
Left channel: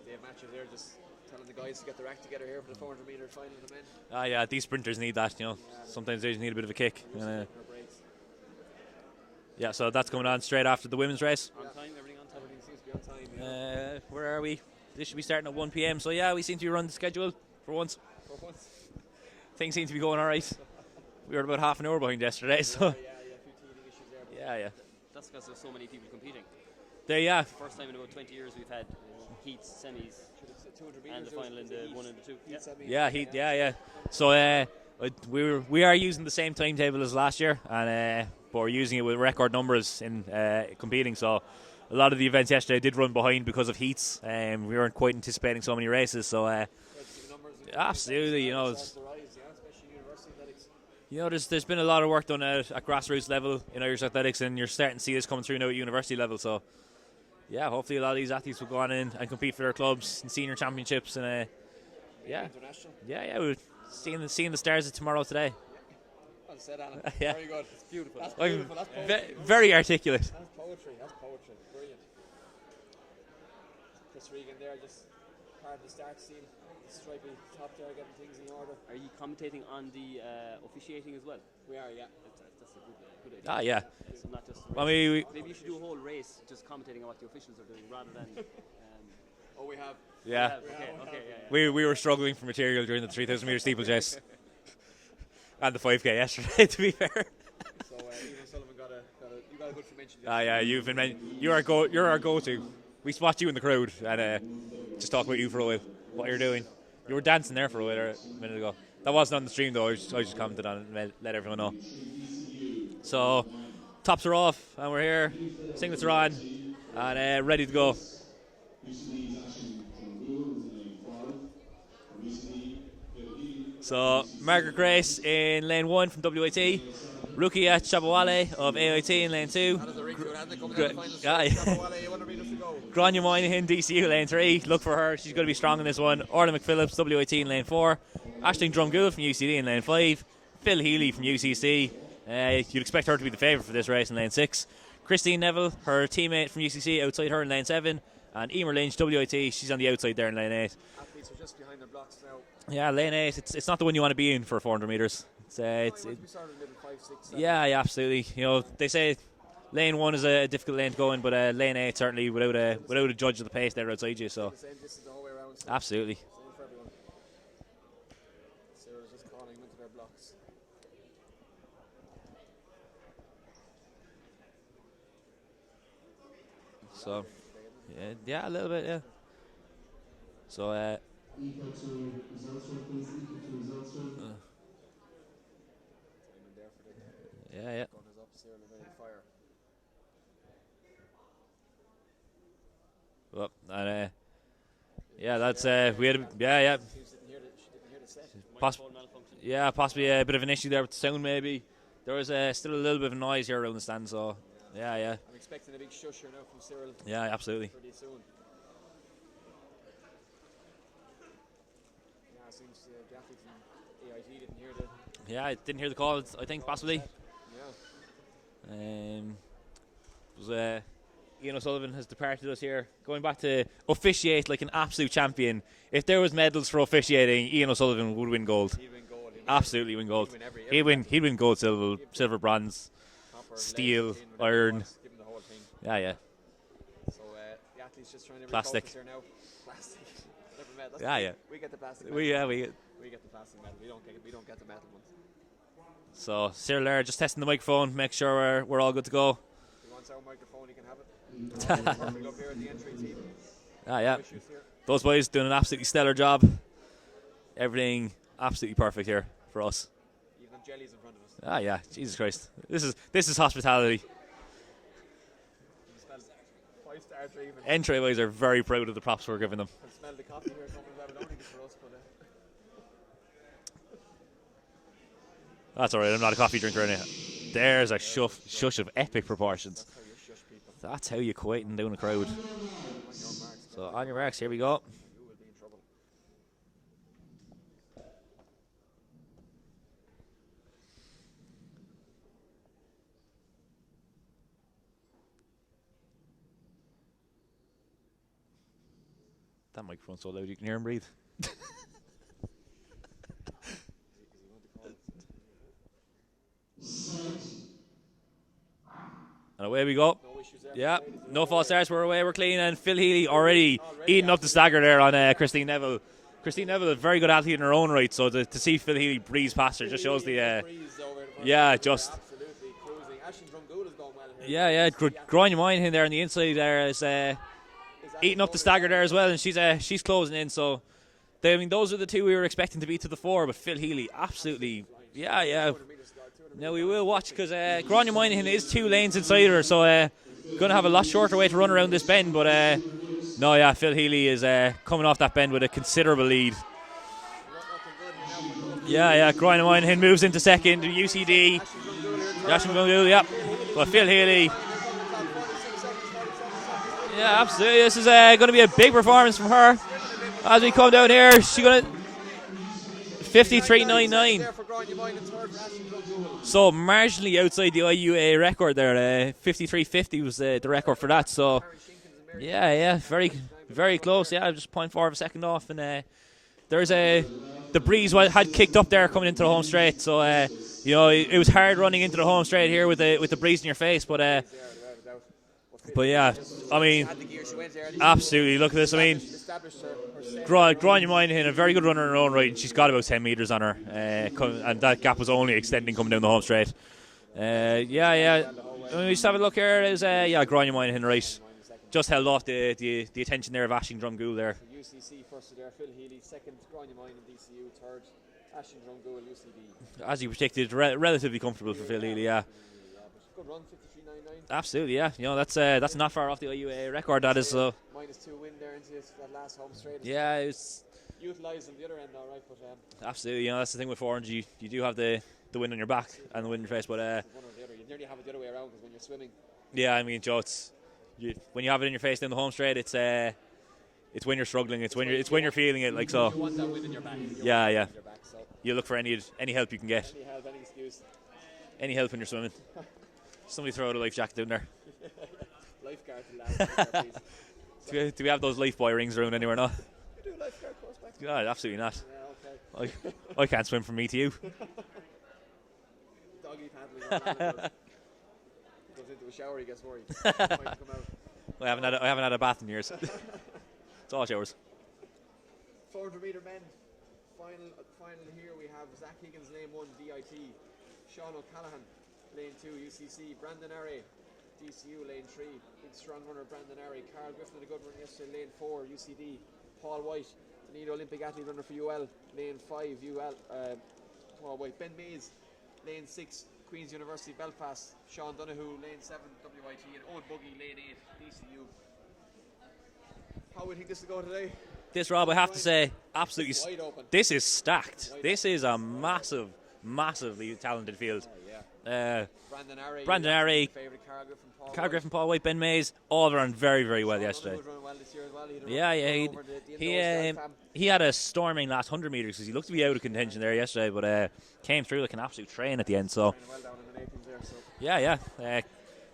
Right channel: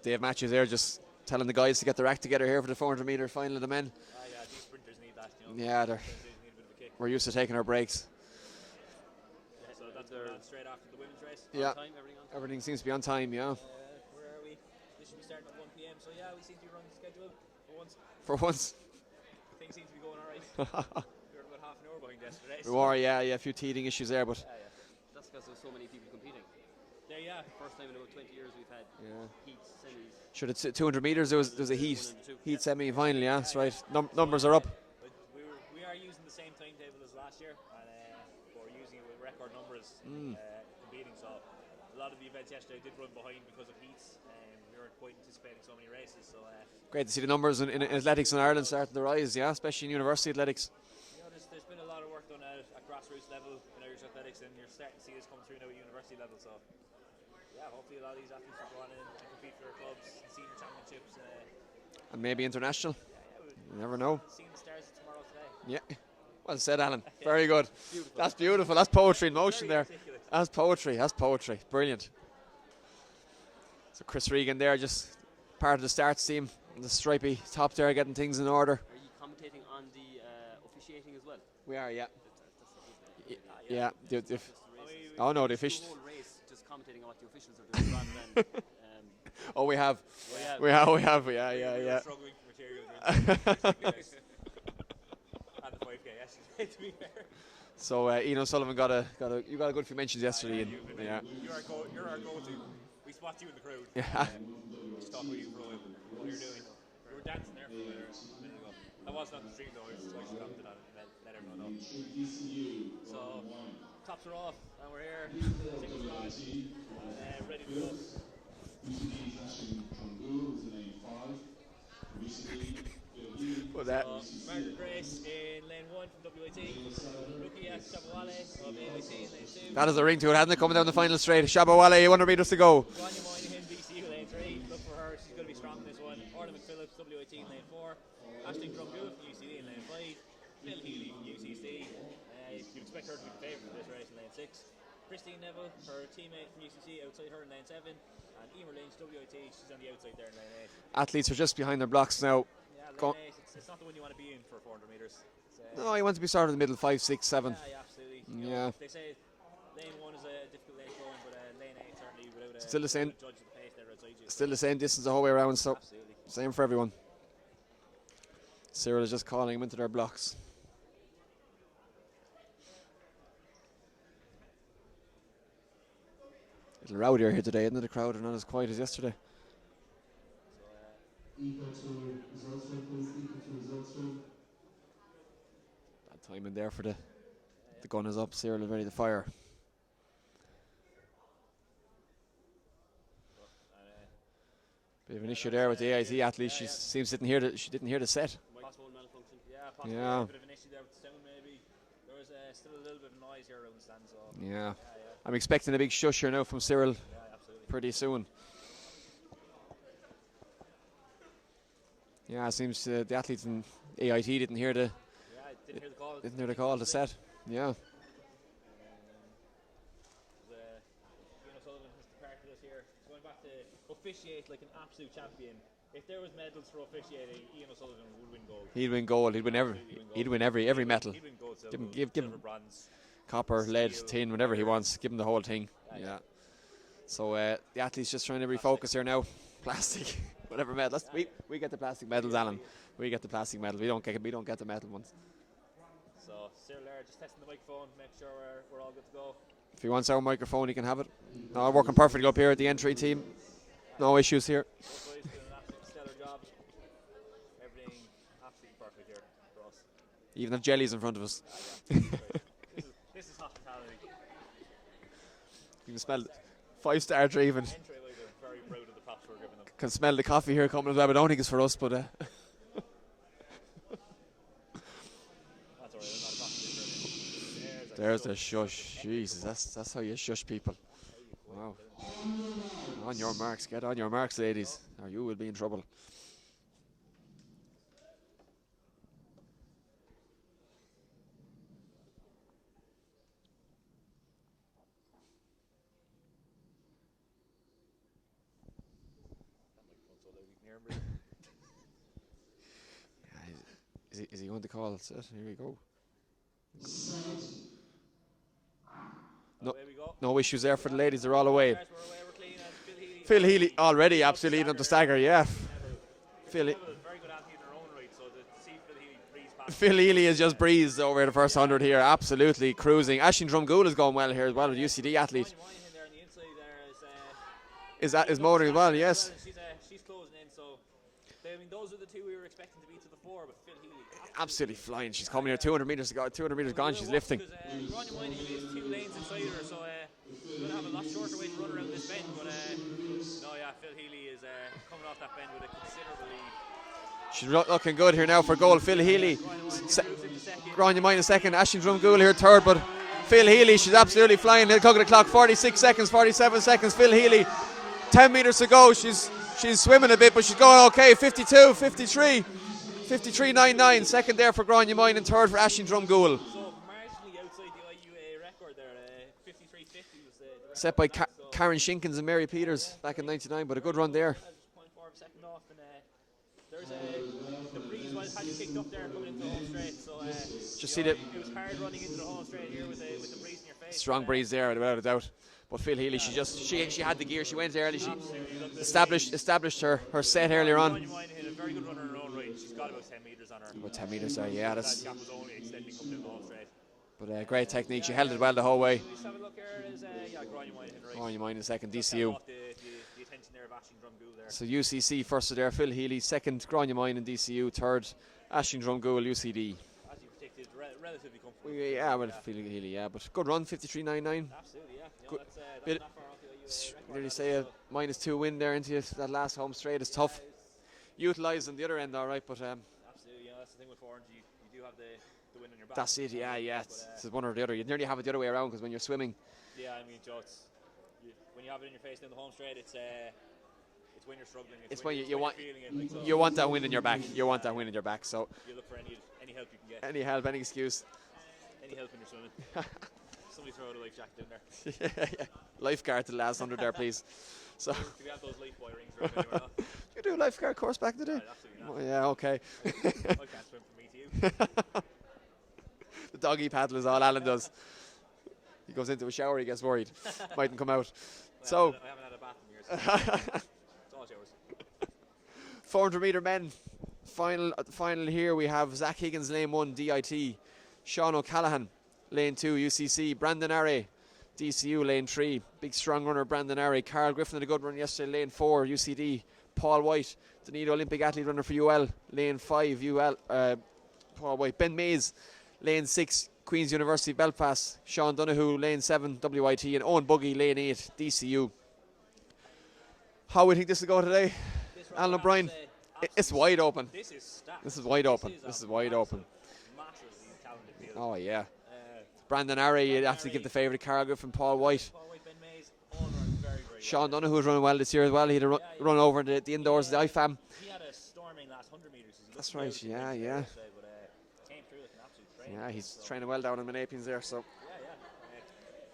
Dave Matthews there just telling the guys to get their act together here for the 400 metre final of the men. Yeah, these sprinters need that, you know. Yeah, sometimes they just need a bit of a kick. We're used to taking our breaks. Yeah, so that's coming on straight after the women's race. Yeah, On time, everything on time. everything seems to be on time. Yeah, where are we? This should be starting at 1 p.m. So yeah, we seem to be running the schedule for once. for once. Things seem to be going all right. We were about half an hour behind yesterday. Yeah, a few teething issues there, but yeah. That's because there's so many people competing. Yeah. First time in about 20 years we've had heats, semis. Sure, it's 200 metres. There was a heat, semi, Yeah, final. yeah. Numbers are up. We are using the same timetable as last year, and but we're using it with record numbers in competing. So a lot of the events yesterday did run behind because of heats. We weren't quite anticipating so many races. So great to see the numbers in athletics in Ireland starting to rise. Yeah, especially in university athletics. You know, there's been a lot of work done at grassroots level in Irish athletics, and you're starting to see this coming through now at university level. So yeah, hopefully a lot of these athletes will go on in and compete for their clubs in senior championships and maybe international. Yeah, we'll never know. Seeing the stars of tomorrow today. Yeah. Well said, Alan. Yeah. Very good. Beautiful. That's beautiful. That's poetry in motion. Very there. articulate. That's poetry. Brilliant. So Chris Regan there, just part of the starts team. The stripy top there, getting things in order. Are you commentating on the officiating as well? We are, yeah. That's a good idea. Yeah. I mean, the The officials. whole race just commentating on what the officials are doing rather than. Oh, we have. Yeah. We have. Yeah. We were struggling for material during the 3,000 metre steeplechase and the 5k yesterday. To be fair. So Ian O'Sullivan got a good few mentions yesterday. Yeah, you've been you're our go-to. We spot you in the crowd and just talk about you for a while. What you're doing. You were dancing there for a while a minute ago. That wasn't on the stream though. I just commented on it and let everyone know. So tops are off and we're here. Singlets are on and ready to go. So Margaret Grace in lane 1 from WIT. Rukia Shabawale of AIT in lane 2. That is the ring to it, hasn't it? Coming down the final straight. Shabawale, 100 metres to go. Grania Moynihan, DCU lane 3. Look for her. She's going to be strong in this one. Orla McPhillips, WIT in lane 4. Aisling Drumgool from UCD in lane 5. Phil Healy from UCC. You'd expect her to be the favourite for this race in lane 6. Christine Neville, her teammate from UCC, outside her in lane 7. And Emer Lynch, WIT, she's on the outside there in lane 8. Athletes are just behind their blocks now. Yeah, lane 8. It's not the one you want to be in for 400 metres. No, you want to be sort of in the middle, 5, 6, 7. Yeah, absolutely. You know, they say lane 1 is a difficult lane to go in, but lane 8 certainly without a judge of the pace there outside you. Still the same distance the whole way around. So absolutely. Same for everyone. Cyril is just calling them into their blocks. A little rowdier here today, isn't it? The crowd are not as quiet as yesterday. So, timing there for the gun is up. Cyril is ready to fire. Well, and, that's seems she didn't hear the set. Possibly a bit of an issue there with the sound maybe. There was still a little bit of noise here around the stand, so yeah. I'm expecting a big shush here now from Cyril. Yeah, absolutely. Pretty soon. Yeah, it seems the athletes in AIT didn't hear the. Yeah, I didn't hear the call. I think possibly. The set. Yeah. It was Ian O'Sullivan has departed us here. Going back to officiate like an absolute champion. If there was medals for officiating, Ian O'Sullivan would win gold. He'd win gold. He'd win Absolutely win gold. He'd win every he'd medal. He'd win gold, silver, bronze, copper, steel, lead, tin, whatever iron. he wants. Give him the whole thing. Yeah. So the athlete's just trying to Plastic. refocus here now. Plastic, whatever medal. We get the plastic medal. We get the plastic medal. We don't get the metal ones. So Cyril there just testing the microphone, make sure we're all good to go. If he wants our microphone, he can have it. Working perfectly up here at the entry team. No issues here. Those boys doing an absolutely stellar job. Everything absolutely perfect here for us. Even have jellies in front of us. Jesus Christ. This is hospitality. You can smell 5-star even. Entry boys are very proud of the props we're giving them. Can smell the coffee here coming as well, but I don't think it's for us, but that's alright, I'm not a coffee drinker anyhow. There's a shush of epic Jesus, proportions. That's how you shush people. That's how you quieten down a crowd. On your marks, get So on your marks, here we ladies, go. or you will be in trouble. That microphone's so loud you can hear him breathe. Is he going to call? Here we go. And away we go. No issues there for the ladies. They're no all false away. starts, we're away, we're clean. And Phil Healy Already eating up the stagger there on Christine Neville. Christine Phil Neville, a very good athlete in her own right, so to see Phil Healy breeze past her. Phil Healy has just breezed over the first 100 here, absolutely cruising. Ashton Drumgool is going well here. Grania Moynihan there on the inside there is eating up the stagger there as well, and she's closing in, so those are the two we were expecting to be to the fore, but Phil Healy absolutely flying. She's coming in 200 metres to go. 200 metres we gone. will She's watch lifting. because Grania Moynihan is 2 lanes inside her, so going to have a lot shorter way to run around this bend, but Phil Healy is coming off that bend with a considerable lead. She's looking good here now for goal. Phil Healy. Grania Moynihan moves into second. Grania Moynihan second. Ashton Drumgool here third. Phil Healy, she's Phil absolutely Healy. flying. They'll cover the clock. 46 seconds, 47 seconds. Phil Healy. Absolutely. This is going to be a big performance from her. She's swimming a bit, but she's As we going come down okay. here, 52, 53. 53.99. 53.99. Second there for Grania Moynihan, third for Ashton Drumgool. So marginally outside the IUAA record there. 53.50 was the record for that. So Karen Shinkins and Mary Peters. Back in 99, but very a good close. run there. Yeah, just 0.4 of a second off, and there's the breeze had kicked up there coming into the home straight. So it was hard running into the home straight here with the breeze in your face. Strong but breeze there, without a doubt. But Phil Healy, she had the gear. She went early. Absolutely. Look at this. Established her set earlier on. Grania Moynihan, a very good runner in her own right, and she's got about 10 metres on her. And that gap was only extending coming down the home straight. Great technique. She held it well the whole way. We just have a look here. Is Grania Moynihan right? Grania Moynihan second. Just held off the attention there of Ashing Drumgool there. So UCC first there. Phil Healy second. Grania Moynihan DCU third. Ashing Drumgool UCD. As you predicted, relatively comfortable for Phil Healy. But good run, 53.99. Absolutely, yeah. That's not far off the IUA record. That is -2 win there into that last home straight. It's tough. It's utilised on the other end, all right. But absolutely, that's the thing with 400. You do have the wind on your back and the wind in your face, but it's one or the other. You nearly have it the other way around because when you're swimming. Yeah, I mean, Joe, when you have it in your face down the home straight, it's when you're struggling. It's when you're feeling it like so. You want that wind in your back. You want that wind in your back. So you look for any help you can get. Any help, any excuse. Any help when you're swimming. Somebody throw out a life jacket down there. Lifeguard to the last 100 there, please. So do we have those life buoy rings around anywhere now? You do a lifeguard course back there? No, absolutely not. Oh, yeah, okay. I can't swim from me to you. The doggy paddle is all Alan does. He goes into a shower, he gets worried. Mightn't come out. I haven't had a bath in years. It's all showers. 400 metre men. Final here we have Zach Higgins, lane 1, DIT. Sean O'Callaghan, lane 2, UCC. Brandon Array, DCU, lane 3. Big strong runner, Brandon Array. Carl Griffin had a good run yesterday, lane 4, UCD. Paul White, Dunedin Olympic athlete runner for UL, lane 5, UL. Paul White. Ben Mays, lane 6, Queen's University Belfast. Sean Donoghue, lane 7, WIT. And Owen Buggy, lane 8, DCU. How we think this will go today? This, Rob, I have to say, absolutely. It's wide open. This is stacked. This is wide open. This is a massively talented field. Oh, yeah. Brandon Array, the favourite. Carl Griffin, Paul White. Ben Mays, all run very, very well. Sean Donoghue was running well this year as well. He had a run over the indoors, the IFAM. He had a storming last 100 metres because he looked to be out of contention there yesterday, but came through like an absolute train at the end. So training well down in Menapians there. So yeah.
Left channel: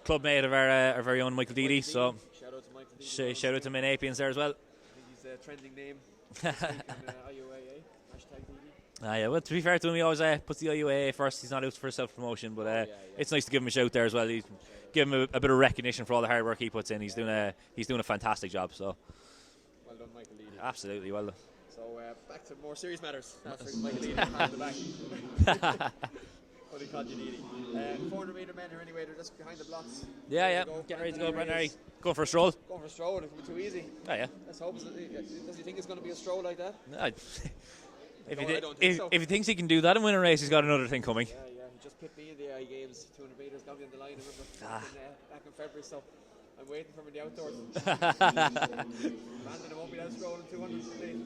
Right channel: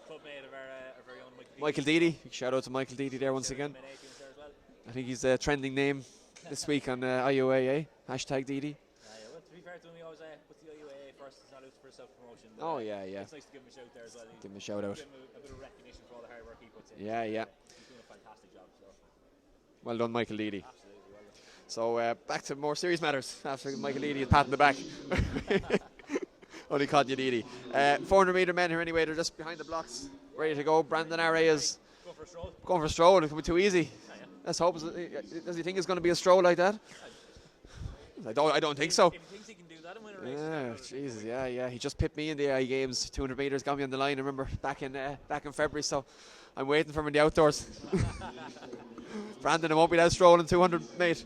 clubmate of our very own Michael Deedy. Michael Deedy. Shout out to Michael Deedy there once Shout out again. to Main Apians there as well. I think he's the trending name this week on IUAA. Hashtag Deedy. Yeah, well, to be fair to him, he always puts the IUAA first. He's not out for self-promotion, but yeah. it's nice to give him a shout there as well. Give him a shout out. Give him a bit of recognition for all the hard work he puts in. He's doing a fantastic job. So, well done, Michael Deedy. Absolutely, well done. So back to more serious matters after Michael Deedy pat on the back. Only called you Deedy. 400 metre men here anyway. They're just behind the blocks. Ready to go. Brandon Array is going for a stroll. Going for a stroll. It could be too easy. Oh, yeah. Let's hope. Does he think it's going to be a stroll like that? I don't think so. If he thinks he can do that and win a race, he's got another thing coming. Yeah. He just pipped me in the AI Games 200 metres, got me on the line. I remember back in February. So I'm waiting for him in the outdoors. Brandon, I won't be that strolling 200, mate.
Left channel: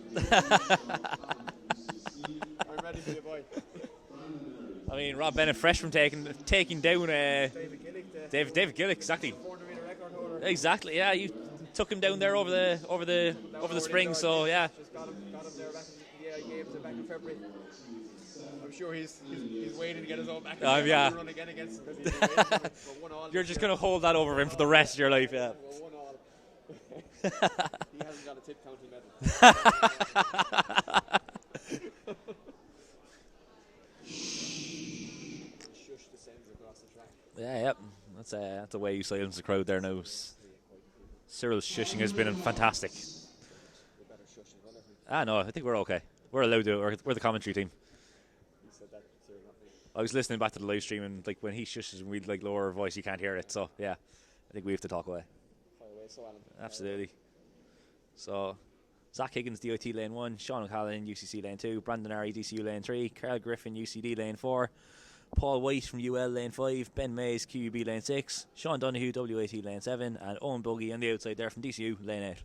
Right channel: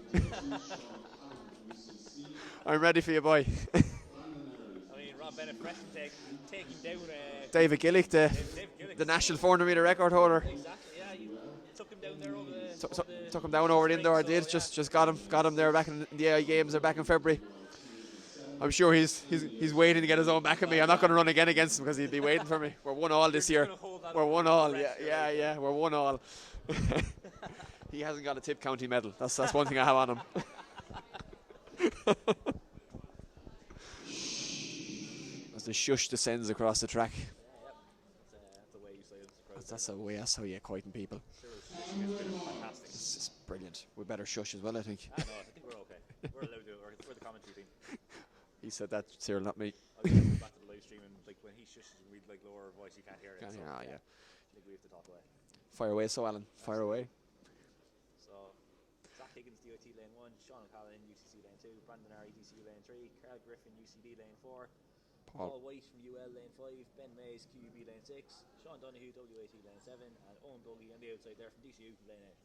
I'm ready for you, boy. I mean, Rob Bennett, fresh from taking down David Gillick, David Gillick, the national 400 metre record holder. Exactly. Yeah, you took him down there over the took him down over the spring, indoor. so, just got him there back in the AI Games. They're back in February. I'm sure he's waiting to get his own back on me. I'm not going to run again against him because he'll be waiting for me. We're 1-1 this year. You're just going to hold that over him for the rest of your life. Yeah, we're 1-1. He hasn't got a Tip County medal. That's one thing I have on him. As the shush descends across the track. Yeah. That's the way you silence the crowd there now. That's how you quieten people. Cyril's shushing has been fantastic. It's brilliant. We better shush as well, I think. No, I think we're okay. We're allowed to. We're the commentary team. He said that, Cyril, not me. I was listening back to the live stream, and like when he shushes and we'd like lower our voice, you can't hear it. So I think we have to talk away. Fire away, so Alan. Absolutely. Fire away. So Zach Higgins, DOT lane 1, Sean O'Callaghan, UCC lane 2, Brandon Arry, DCU lane 3, Carl Griffin, UCD lane 4, Paul White from UL lane 5, Ben Mays, QUB lane 6, Sean Donoghue, WAT lane 7, and Owen Buggy on the outside there from DCU lane 8.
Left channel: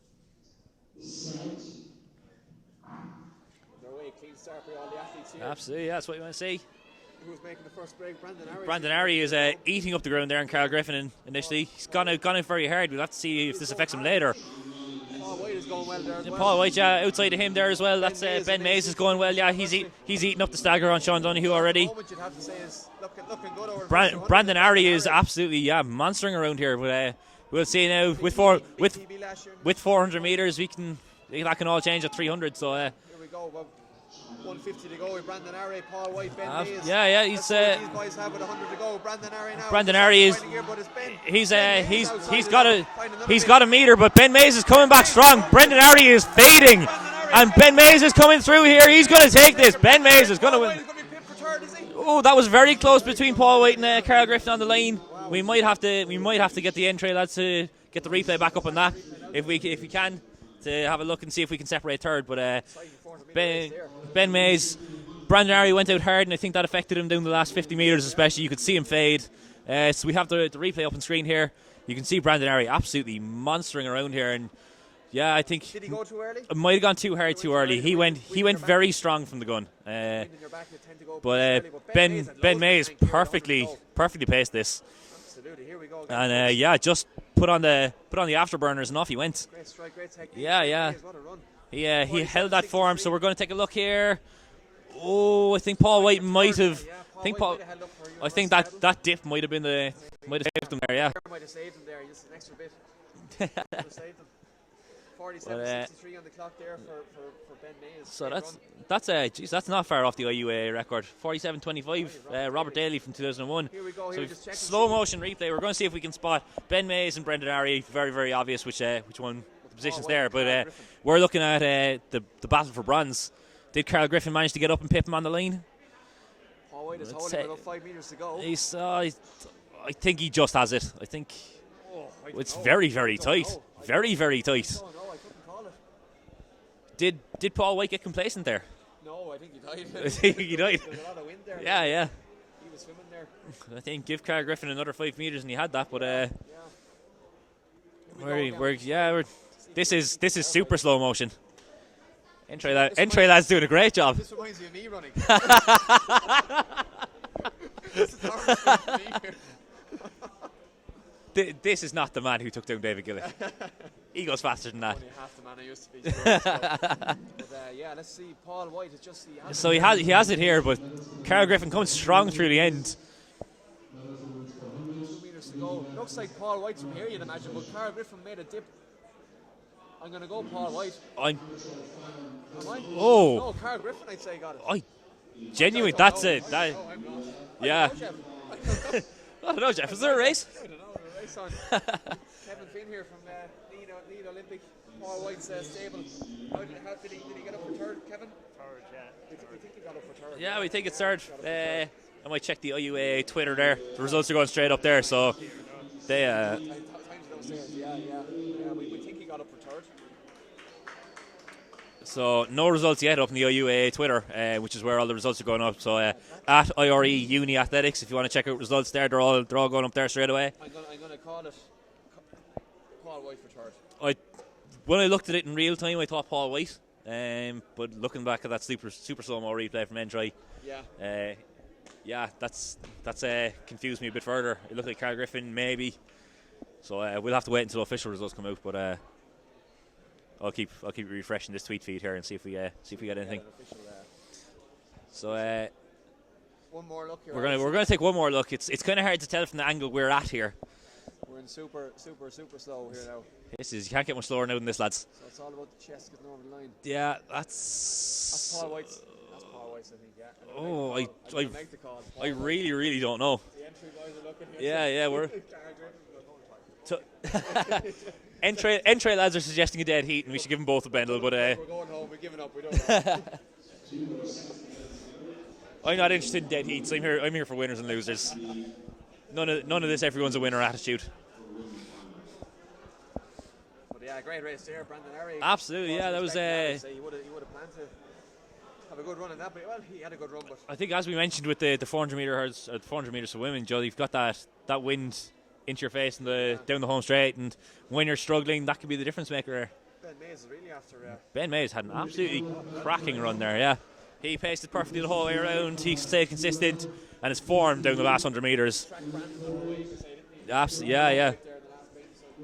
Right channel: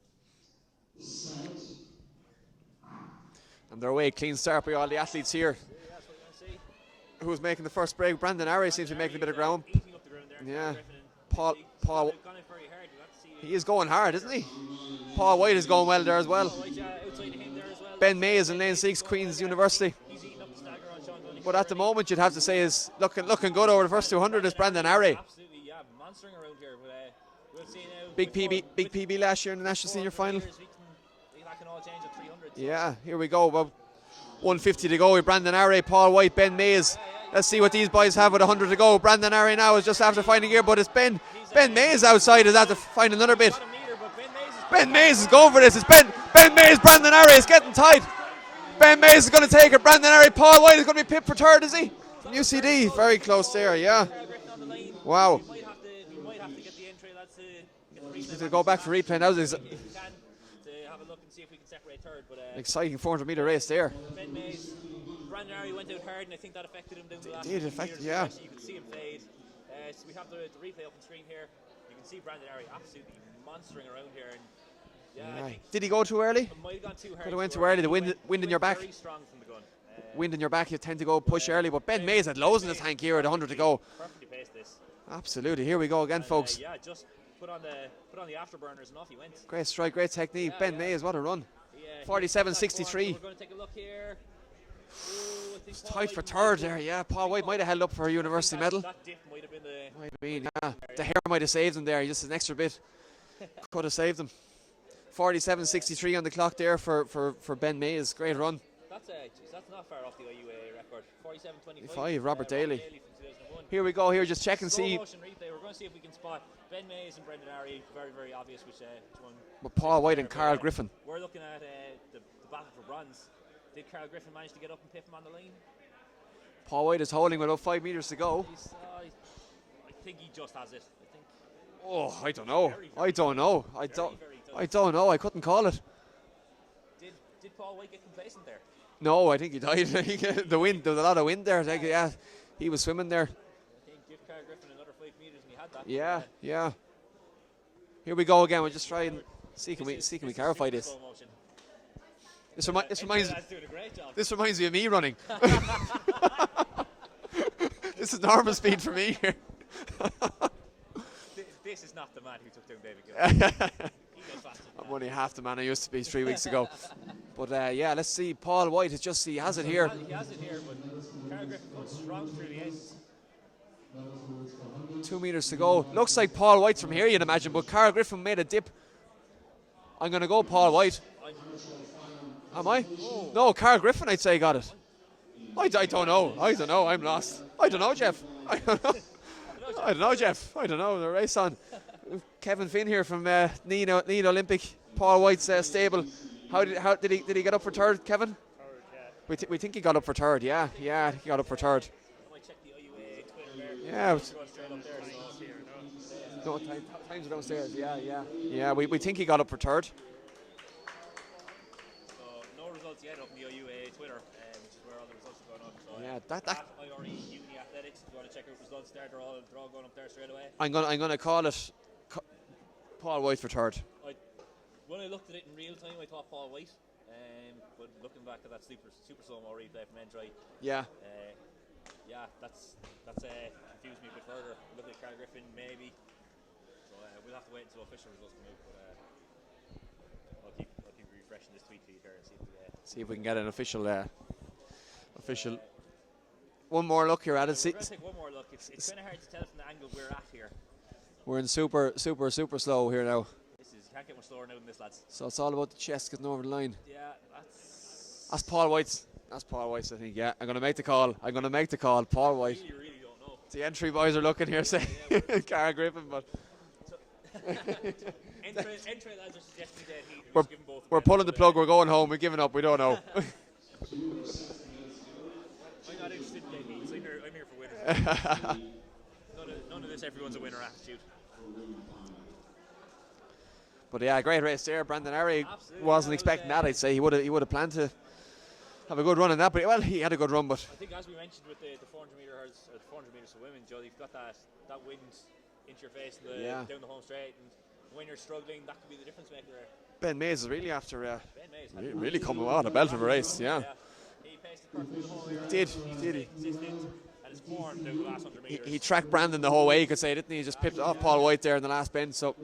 And they're away, clean start by all the athletes here. Absolutely, that's what you want to see. Who's making the first break? Brandon Arry. Brandon Arry is eating up the ground there, and Carl Griffin initially. He's gone out very hard. We'll have to see if this affects him later. Paul White is going well there as well. Paul White, outside of him there as well. Ben Mays is going well. Yeah, he's eating up the stagger on Sean Donoghue already. At the moment, you'd have to say is looking good over the first 200. Brandon Arry is absolutely monstering around here. But we'll see now with PB last year in the with 400 meters, that can all change at 300. So here we go. About 150 to go with Brandon Arry, Paul White, Ben Mays. Let's see what these boys have with 100 to go. Brandon Arry now is just after finding gear, but it's Ben Mays outside. Find another He's got a meter, but Ben Mays is coming back strong. Brandon Arry is fading. And Ben Mays is coming through here. He's going to take this. Ben Mays Paul White is going to be pipped for third, is he? Oh, that was very close between Paul White and Carl Griffin on the line. Wow. We might have to get the entry lads to get the replay back up on that. If we can. To have a look and see if we can separate third. But exciting 400 metre race there. Ben Mays, Brandon Arry went out hard, and I think that affected him down the last 50 metres especially. You could see him fade. So we have the replay up on screen here. You can see Brandon Arry absolutely monstering around here, and I think did he go too early? It might have gone too hard too early. He went very strong from the gun. Wind in your back, you tend to go push early, but Ben Mays had Ben loads Mays of tank perfectly paced this. Absolutely, here we go again, and folks. Just put on the afterburners and off he went. Great strike, great technique. Ben Mays, what a run. He held that form, so we're going to take a look here. Oh, I think Paul White might have. Yeah, Paul White might have held up for a university medal. I think that dip might have been might have saved him there. The hair might have saved him there. Just an extra bit could have saved him. 47.63 on the clock there for Ben Mays. Great run. That's not far off the IUAA record. 47.25. Robert Daly from 2001. Here we go. Here, just checking. Slow motion replay. We're going to see if we can spot Ben Mays and Brandon Arry. Very, very obvious which one positions there. But we're looking at the battle for bronze. Did Carl Griffin manage to get up and pip him on the line? Paul White is holding with about 5 metres to go. I think he just has it. I think. Oh, I don't it's know. very, very tight. Very, very tight. I don't know. I couldn't call it. Did Paul White get complacent there? No, I think he died. There was a lot of wind there. Yeah. He was swimming there. I think give Carl Griffin another 5 metres and he had that. But Here we go again. This is super slow motion. Entry lad's doing a great job. This reminds me of me running. This is normal speed for me here. This is not the man who took down David Gillick. He goes faster than that. Only half the man I used to be 3 weeks ago. But let's see. Paul White he has it. So he has it here, but Carl Griffin comes strong through the end. 2 metres to go. Looks like Paul White's from here, you'd imagine, but Carl Griffin made a dip. I'm going to go Paul White. Am I? Oh. No, Carl Griffin, I'd say, got it. Genuinely, I that's don't it. know. I don't know, I'm lost. I don't know, Jeff. I don't know. I don't know, Jeff. I Is don't there know, a race? Jeff. I don't know, the race on. Kevin Finn here from Need Olympic, Paul White's stable. How did he get up for third, Kevin? Third, yeah. We think he got up for third, Yeah, we think it's third. He got up for third. I might check the IUAA Twitter there. Yeah. The results are going straight up there, so they. Yeah, we think he got up for third. So no results yet up in the IUAA Twitter, which is where all the results are going up. So at IRE Uni Athletics, if you want to check out results there, they're all going up there straight away. I'm gonna call it Paul White for third. When I looked at it in real time, I thought Paul White. But looking back at that super slow-mo replay from Entry, that's confused me a bit further. It looked like Carl Griffin maybe. So we'll have to wait until official results come out. But I'll keep refreshing this tweet feed here and see if we get an official. One more look here. We're going to take one more look. It's kind of hard to tell from the angle we're at here. We're in super slow here now. You can't get much slower now than this, lads. So it's all about the chest getting over the line. Yeah, that's Paul White's. That's Paul White's, I think. Yeah, I'm going to make the call. I'm going to make the call. Paul White. Really don't know. The entry boys are looking here. Yeah, we're Carl Griffin, but. Entry lads are suggesting a dead heat, and we should give them both a bend. We're pulling the plug. We're going home. We're giving up. We don't know. I'm not interested in dead heats. I'm here for winners and losers. None of this. Everyone's a winner attitude. But yeah, great race there. Brandon Arry absolutely wasn't expecting that. I'd say he would have planned to have a good run in that. But he had a good run. But I think, as we mentioned with the 400 meters, 400 meters for women, Joe, you've got that wind into your face and down the home straight, and when you're struggling, that could be the difference maker. Ben Mays is really after. Ben Mays had an really absolutely come on a belt of a race run there. Yeah. He paced it perfectly the whole way around. He stayed consistent, and his form down the last 100 meters. He tracked Brandon the whole way, you could say, didn't he? He just pipped off Paul White there in the last bend. So.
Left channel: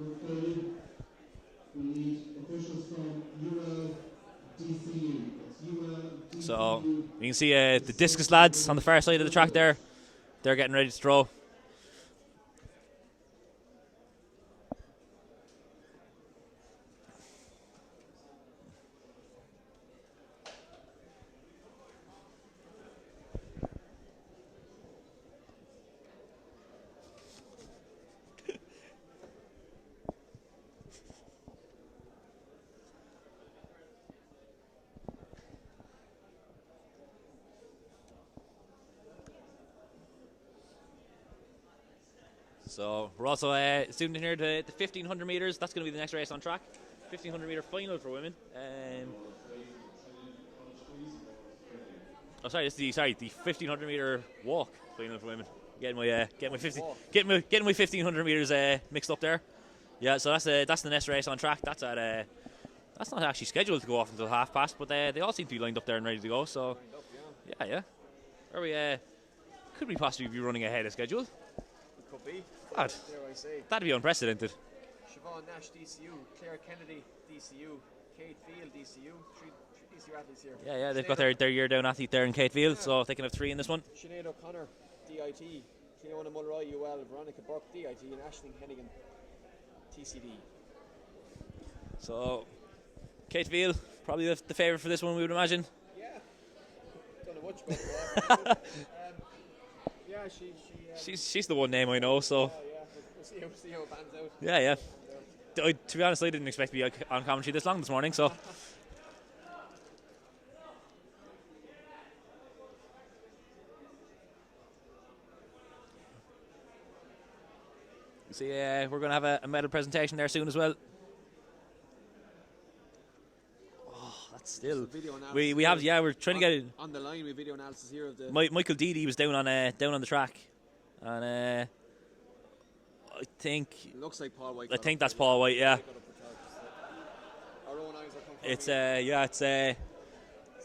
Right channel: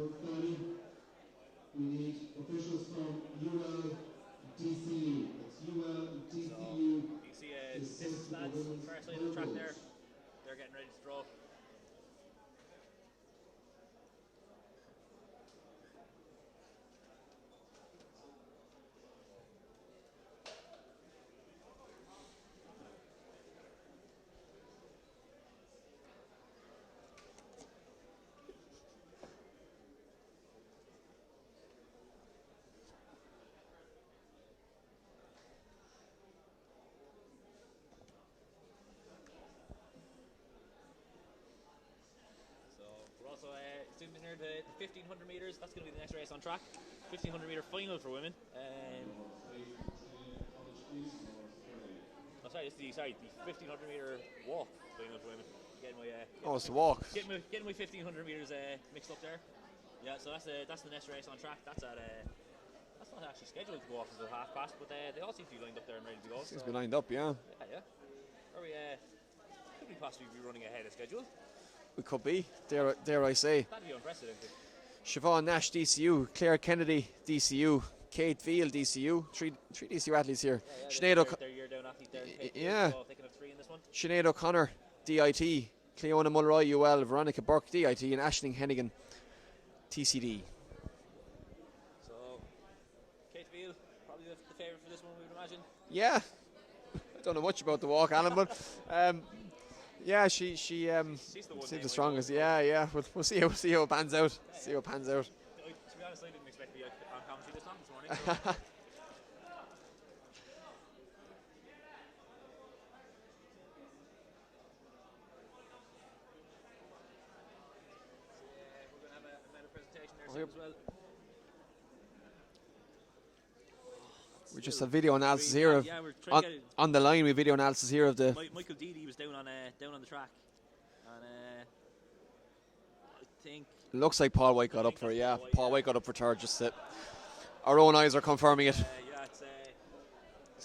So you can see the discus lads on the far side of the track there. They're getting ready to throw. So we're also zoomed in here to the 1500 meters. That's going to be the next race on track. 1500 meter final for women. The 1500 meter walk final for women. Getting my 1500 meters mixed up there. Yeah, so that's the next race on track. That's not actually scheduled to go off until past, but they all seem to be lined up there and ready to go. So lined up, yeah. Yeah. Could we possibly be running ahead of schedule? We could be, dare I say. That'd be unprecedented. Siobhan Nash, DCU. Claire Kennedy, DCU. Kate Field, DCU. Three DCU athletes here. Yeah, they've got their year down athlete there in Kate Field, so they can have 3 in this one. Sinead O'Connor, DIT. Cleona Mulroy, UL. Veronica Burke, DIT. And Aisling Hennigan, TCD. So, Kate Field, probably the favourite for this one, we would imagine. Yeah. I don't know much about the walk, Alan, but... yeah, she's the one name I know. So yeah, we'll see how it pans out. Yeah. See how it pans out. To be honest, I didn't expect to be on commentary this long this morning. So see, we're going to have a medal presentation there soon as well. Just a video analysis. We're trying to get it on the line. We video analysis here of the. Michael Deedy was down on the track, and I think it looks like Paul White. I think that's Paul White. Paul White got up for third. Just that our own eyes are confirming it. Yeah, it's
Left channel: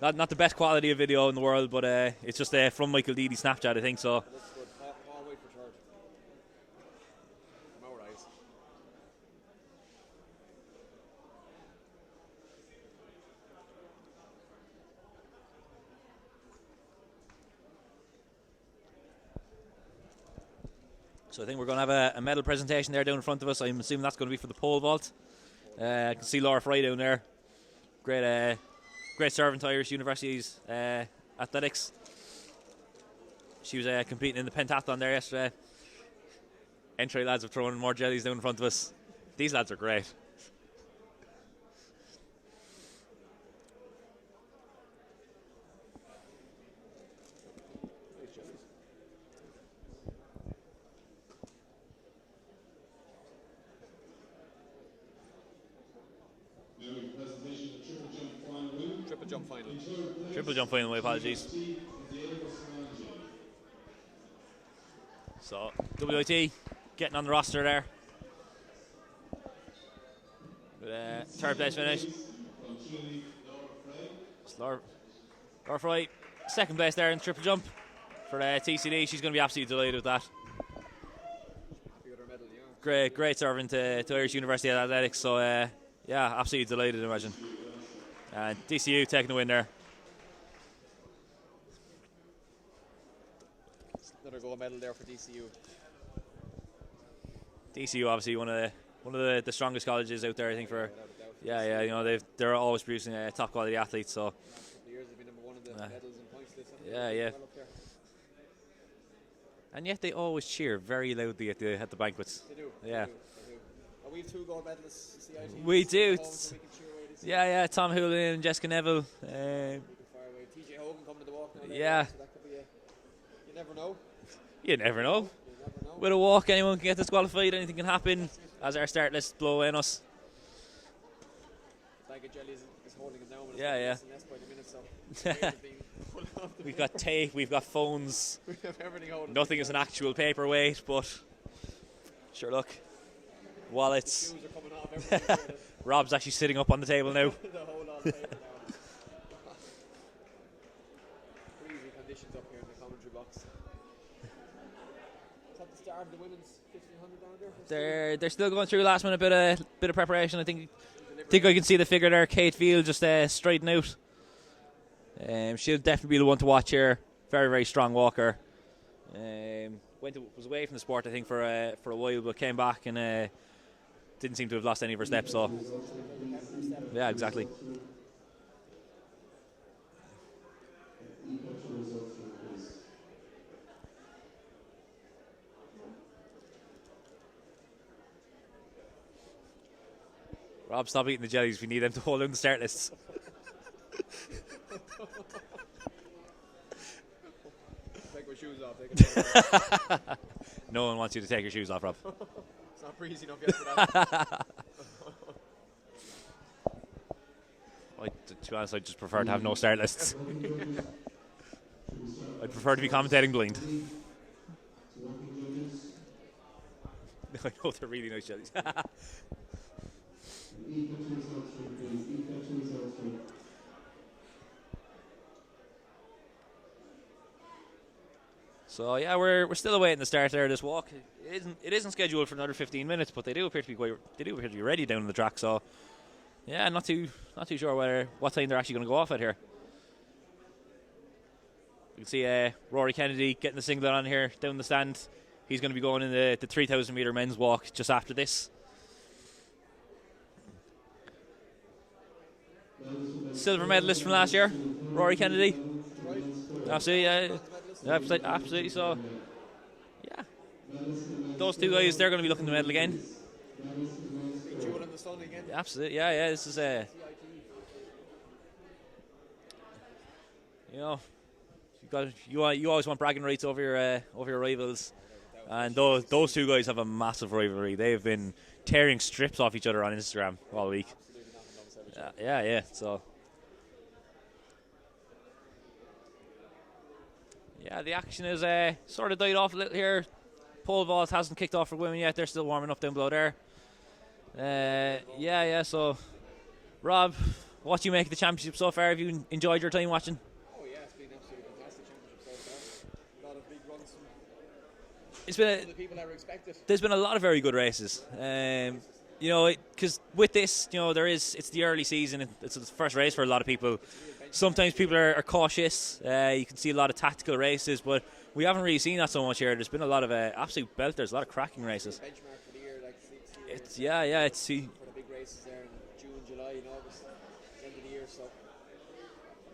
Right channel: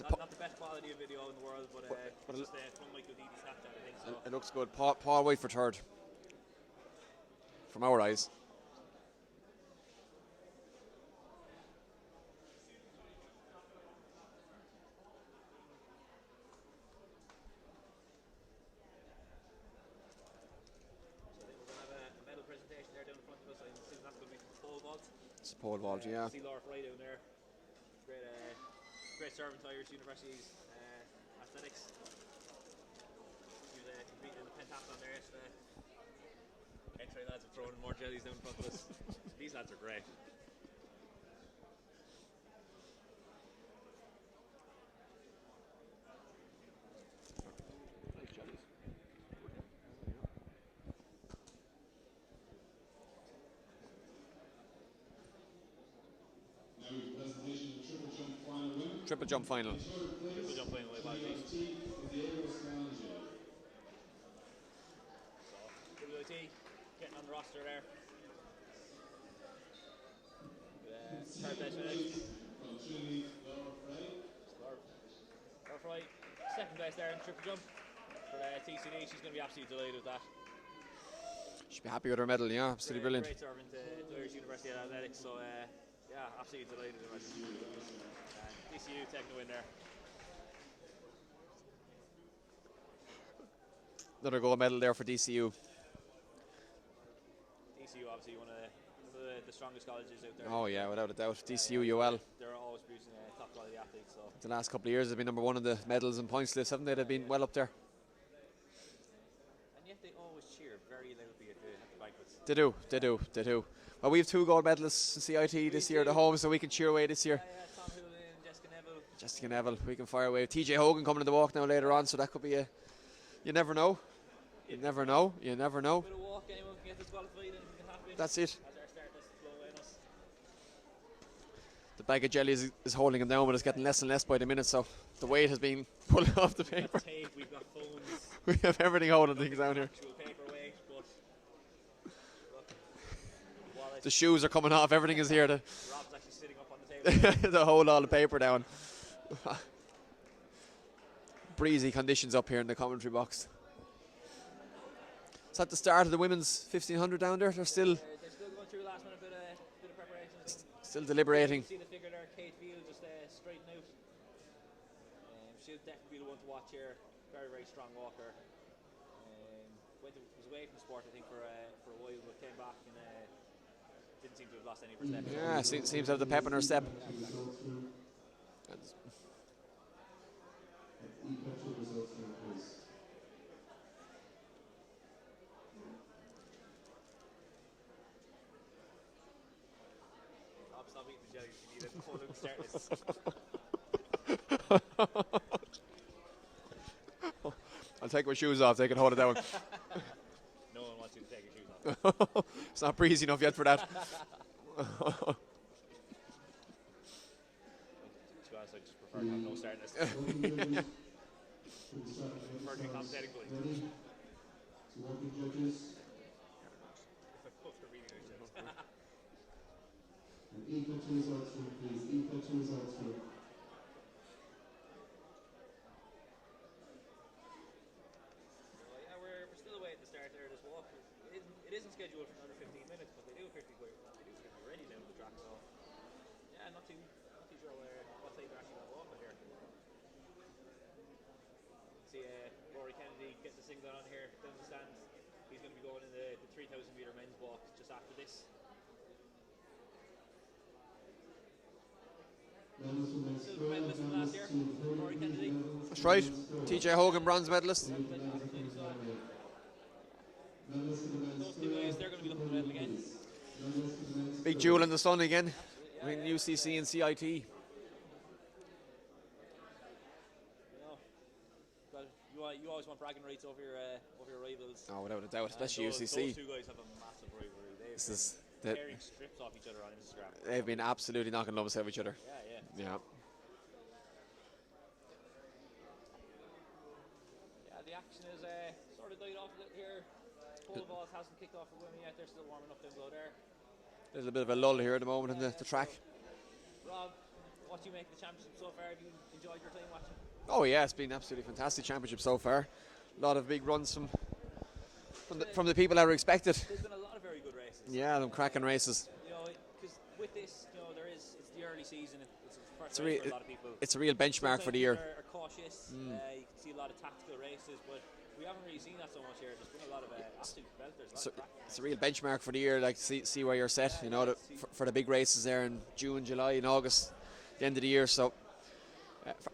not the best quality of video in the world, but it's just from Michael Deedy Snapchat, I think so. It looks good. Paul White for third. From our eyes. So I think we're going to have a medal presentation there down in front of us. I'm assuming that's going to be for the pole vault. Pole vault, I can see Laura Fry down there. Great servant to Irish University's athletics. She was competing in the pentathlon there yesterday. Entry lads have thrown more jellies down in front of us. These lads are great. Triple jump final. Triple jump final, my apologies. So, WIT getting on the roster there. With third place finish. Laura Fry, second place there in triple jump for TCD. She's going to be absolutely delighted with that. She'll be happy with her medal, yeah. Great servant to Irish University Athletics. So, yeah, absolutely delighted, I imagine. And DCU taking the win there. Another gold medal there for DCU. DCU obviously one of the strongest colleges out there. I think yeah, without a doubt. Yeah, DCU, you know, they're always producing top quality athletes. So the last couple of years they've been number one in the medals and points list, haven't they? They've been well up there. And yet they always cheer very loudly at the banquets. They do. Well, we have 2 gold medalists in CIT we this year do. at home, so we can cheer away this year. Yeah, Tom Houlihan and Jessica Neville. We can fire away. TJ Hogan coming to the walk now later on, so that could be a... You never know. You never know. You never know. With a walk, anyone can get disqualified. Anything can happen. That's it. As our start list blow in us. The bag of jelly is holding him down, but it's getting less and less by the minute, so the weight has been pulled off the We've paper. got tape, we've got phones. We have everything holding. Nothing is an actual paperweight, but sure, look. Wallets. The shoes are coming off, everything is here. Rob's actually sitting up on the table now. To hold all the paper down. Breezy conditions up here in the commentary box. Is that the start of the women's 1500 down there? They're still going through last minute bit of preparation. I think still deliberating. I think I can see the figure there. Kate Field just striding out. She'll definitely be the one to watch here. Very, very strong walker. Was away from the sport I think for a while, but came back and didn't seem to have lost any of her steps. So seems to have the pep in her step. Yeah, exactly. Rob, stop eating the jellies. We need them to hold down the start lists. I'll take my shoes off. They can hold it down. No one wants you to take your shoes off, Rob. It's not breezy enough yet for that. To be honest, I just prefer to have no start lists. I prefer to be commentating blind. I know they're really nice jellies. So yeah, we're still awaiting the start there of this walk. It isn't scheduled for another 15 minutes, but they do appear to be ready down on the track. So yeah, not too sure what time they're actually going to go off at here. You can see Rory Kennedy getting the singlet on here down the stand. He's going to be going in the 3,000 metre men's walk just after this. Silver medalist from last year, Rory Kennedy. That's right. TJ Hogan, bronze medalist. Absolutely. So, yeah, those 2 guys, they're going to be looking to medal again. Big jewel in the sun again. Absolutely. Yeah. This is, and CIT. You know, you always want bragging rights over your rivals. Oh, without a doubt. And those 2 guys have a massive rivalry. They have been tearing strips off each other on Instagram all week. They've been absolutely knocking lovers out of each other. Yeah. So. Yeah, the action is sort of died off a little here. Pole vault hasn't kicked off for women yet. They're still warming up down below there. There's a bit of a lull here at the moment. Yeah. So, Rob, what do you make of the championship so far? Have you enjoyed your time watching? Oh yeah, it's been absolutely fantastic championship so far. A lot of big runs from the people that were expected. There's been a lot of very good races. Yeah, cracking races. You know, because with this, you know, it's the early season. It's the first race for a lot of people. It's a real benchmark. Sometimes people are cautious. You can see a lot of tactical races, but We haven't really seen that so much here. There's been a lot of absolute belters, a lot of cracking It's a races. real benchmark for the year, like see where you're set. Yeah, you yeah, know, it's for the big races there in June, July, and August, the end of the year. So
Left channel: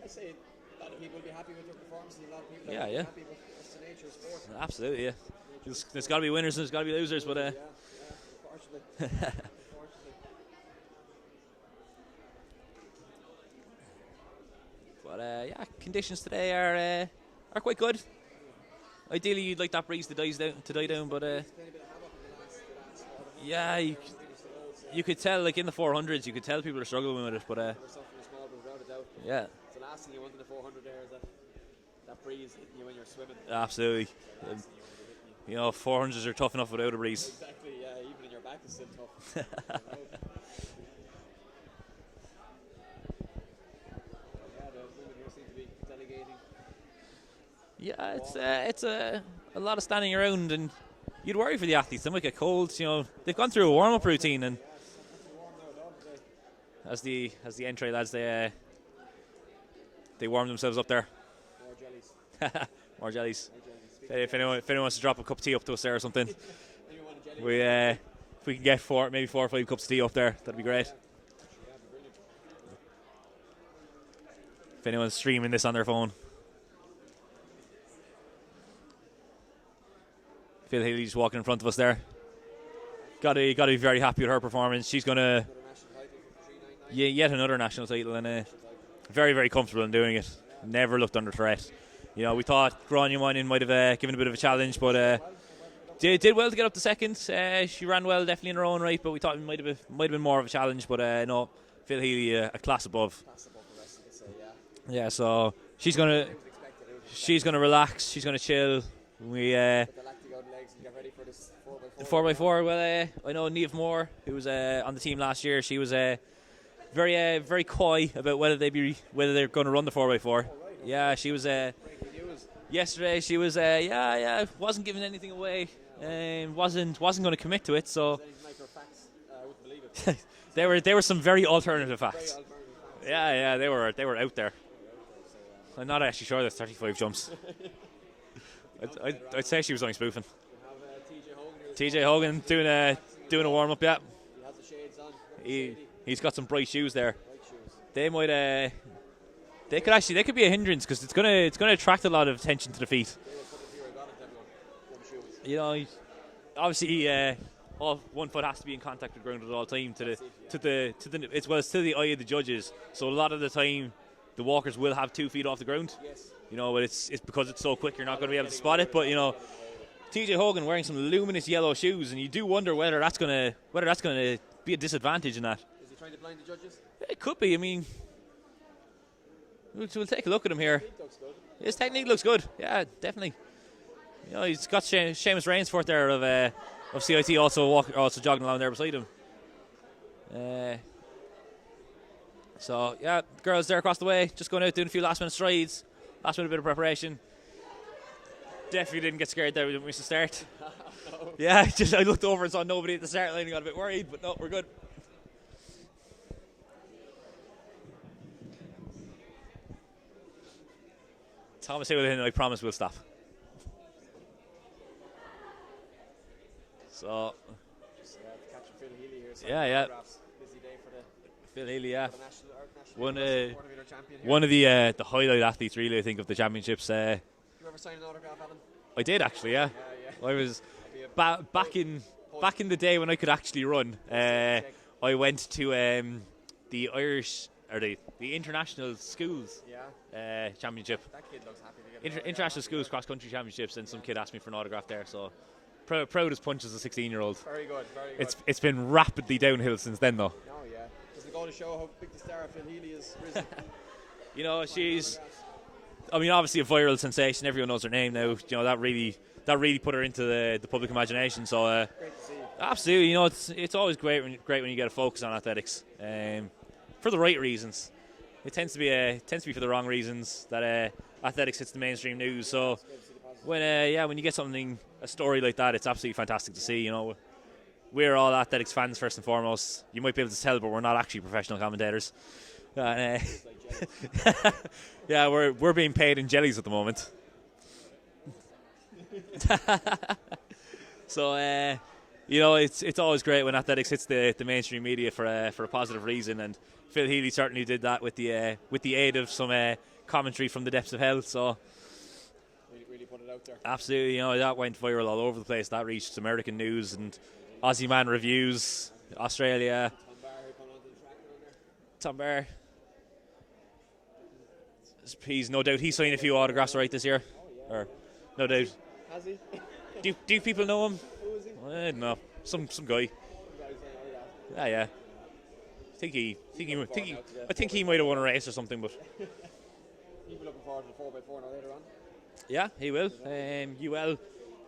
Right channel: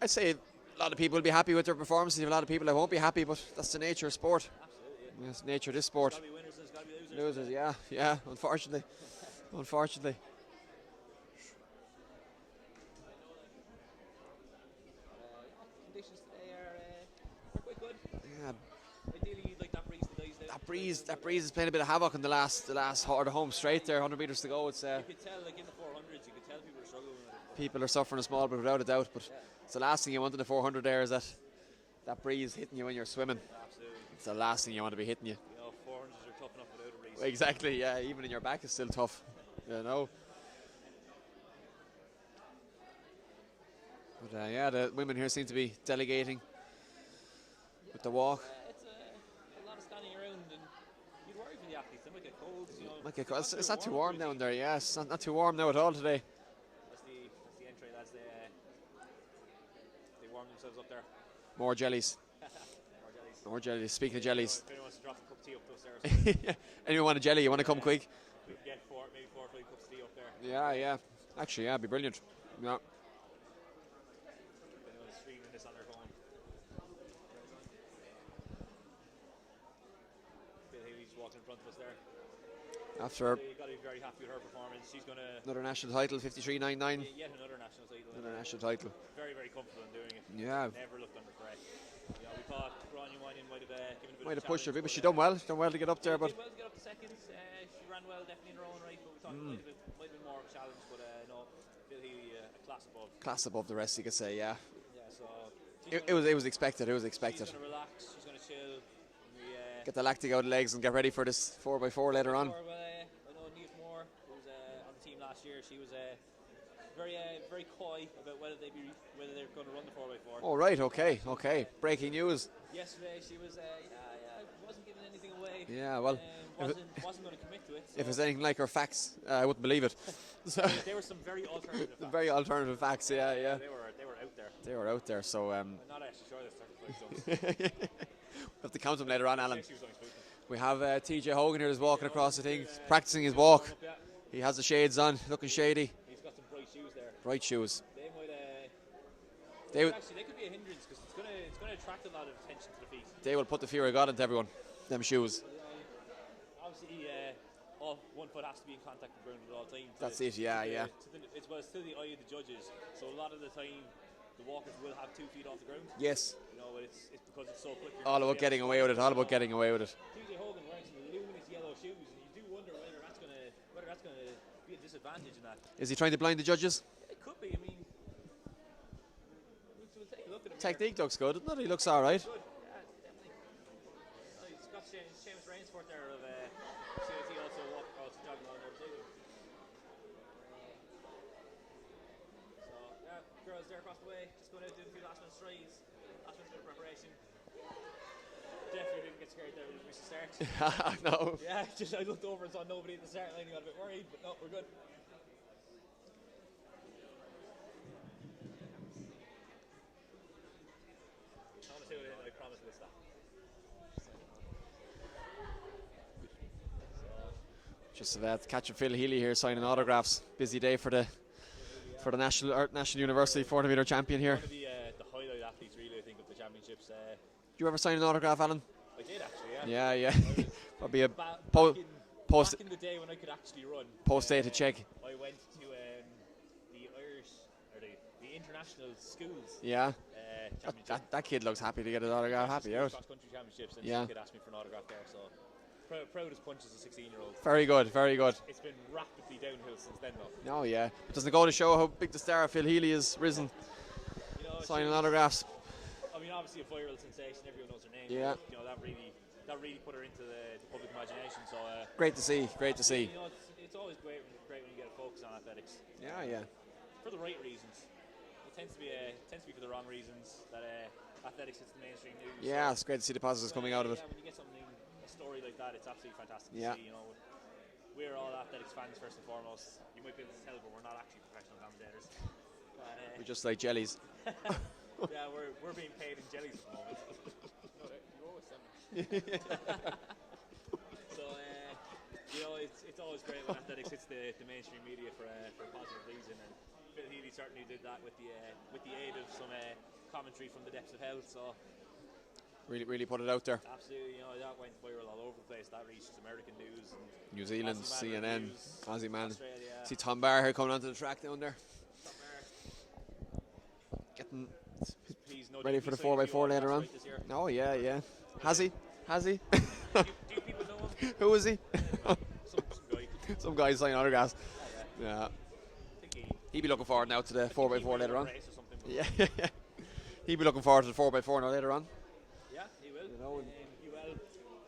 I'd say a lot of people will be happy with their performances. A lot of people that won't be happy, but that's the nature of sport. Absolutely, yeah. It's the nature of the There's sport. got to be winners and there's got to be losers, but yeah, unfortunately, unfortunately. But yeah, conditions today are quite good. Ideally, you'd like that breeze to die down, That but breeze is playing a bit of havoc in the last or the home yeah, straight there, 100 metres to go. It's you could tell, like in the 400s, you could tell people are struggling with it. But people are suffering a small bit without a doubt. But yeah, it's the last thing you want in the 400 there is that breeze hitting you when you're swimming. Absolutely, it's the last thing you want to be hitting you. You know, 400s are tough enough without a breeze. Exactly, yeah. Even in your back is still tough. You know. But yeah, the women here seem to be delegating. Yeah, the walk. It's a lot of standing around, and you'd worry for the athletes. They might get cold. You know, they've gone It's through a not too warm-up warm routine. down And there, yeah, it's not too warm now at all today. As the entry lads, they warm themselves up there. More jellies. More jellies. More jellies. Speaking of if jellies. if anyone wants to drop a cup of tea up to us there or something. Anyone want a jelly? You want to come quick? If we can get maybe 4 or 5 cups of tea up there, that'd be great. Yeah. Actually, yeah, it'd be brilliant. Yeah. If anyone's streaming this on their phone. Phil Healy's walking in front of us there. Got to be very happy with her performance. She's gonna another national title, 53.99. Yeah, yet another national title, and national title. Very, very comfortable in doing it. Yeah. Never looked under threat. You know, we thought Grania Moynihan might have given a bit of a challenge, but done well to get up. Did well to get up to second. She ran well, definitely in her own right, but we thought it might have been more of a challenge. But no, Phil Healy a class above. Class above the rest, you could say. Yeah. Yeah. So she's It was expected. She's gonna relax. She's gonna chill. We get the lactic out of the legs and get ready for this 4x4. 4x4. Well, I know Niamh Moore, who was on the team last year. She was very coy about whether they're going to run the 4x4. Oh right, okay. Yeah, she was breaking news. Yesterday she was wasn't giving anything away. Yeah, well, wasn't going to commit to it. So if it was anything like her facts, I wouldn't believe it. There were some very alternative facts. Very alternative facts. Yeah, they were out there. They were out there. So I'm not actually sure there's 35 jumps. Have to count them later on. I'd say she was only spoofing. We have TJ Hogan here. TJ Hogan practicing his doing a warm up. Yeah. He has the shades on, looking shady. He's got some bright shoes there. Bright shoes. They might they could be a hindrance because it's gonna attract a lot of attention to the feet. They will put the fear of God into everyone. Them shoes. You know, obviously, one foot has to be in contact with the ground at all time. It's to the eye of the judges. So a lot of the time, the walkers will have 2 feet off the ground. Yes. You know, but it's because it's so quick, you're not going to be able to spot spot it. But you know, getting away with it. TJ Hogan wearing some luminous yellow shoes, and you do wonder whether that's gonna be a disadvantage in that. Is he trying to blind the judges? It could be. I mean, we'll take a look at him here. His technique looks good. His technique looks good. Yeah, definitely. You know, he's got Seamus Rainsford there of CIT also jogging along there beside him. So yeah, girls there across the way, just going out doing a few last minute strides, last minute bit of preparation. Definitely didn't get scared there. We didn't miss the start. No. Yeah, I looked over and saw nobody at the start line and got a bit worried, but no, we're good. Thomas Houlihan, I promise we'll stop. So, just catching Phil Healy here signing autographs. Busy day for the Phil Healy, for the National University 400-meter champion here. One of the highlight athletes, really, I think, of the championships. Did you ever sign an autograph, Alan? I did actually, yeah. Yeah. I was be a back in the day when I could actually run. Check. I went to the Irish or the international schools. Yeah. Championship. That kid looks happy to get an autograph. International schools cross country championships, and some kid asked me for an autograph there. So proud as punch as a 16-year-old. Very good, very good. It's been rapidly downhill since then, though. Oh yeah. Doesn't it go to show how big the star Phil Healy has risen? You know, signing autographs. I mean, obviously a viral sensation. Everyone knows her name now. You know, that really put her into the public imagination. So great to see. Absolutely. You know, it's always great when you get a focus on athletics, for the right reasons. It tends to be for the wrong reasons that athletics hits the mainstream news. Yeah, so it's great to see the positives. When you get a story like that, it's absolutely fantastic to see. You know, we're all athletics fans first and foremost. You might be able to tell, but we're not actually professional commentators. Just like jellies. Yeah, we're being paid in jellies at the moment. So, you know, it's always great when athletics hits the mainstream media for a positive reason, and Phil Healy certainly did that with the aid of some commentary from the depths of hell. So Really put it out there. absolutely, you know, that went viral all over the place. That reached American news and New Zealand, Aussie Man CNN, reviews, Aussie Man. Australia. See Tom Barr here coming onto the track down there. Tom Barr. Getting He's no doubt ready he's for the signed a few 4x4 autographs later on. right this year. Oh yeah, Or- yeah. No Has doubt. he? Has he? Do people know him? Who is he? I don't know. Some guy. Some guy signing autographs. Yeah. Yeah. I think he. He'd be looking forward now to the I think he 4x4 might have won a later on. race or something, but Yeah. He'd be looking forward to the 4x4 now later on. yeah, he will. UL,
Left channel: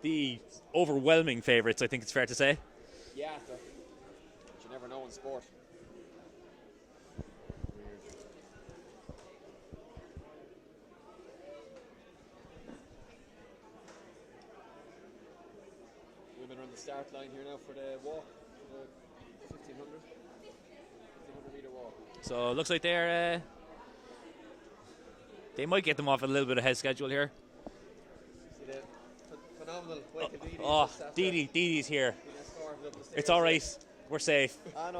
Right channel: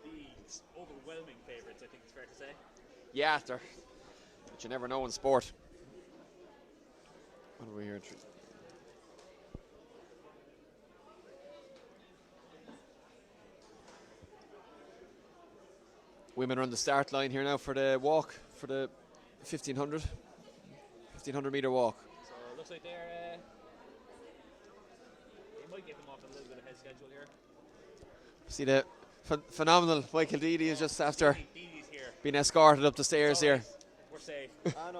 the overwhelming favourites, I think it's fair to say. Yeah, but you never know in sport. What weird. Women are on the start line here now for the walk, for the 1500 metre walk. So it looks like they might get them off a little bit ahead schedule here. See the phenomenal Michael Deedy is just after Deedee's here. being escorted up the stairs It's all here. right. We're safe.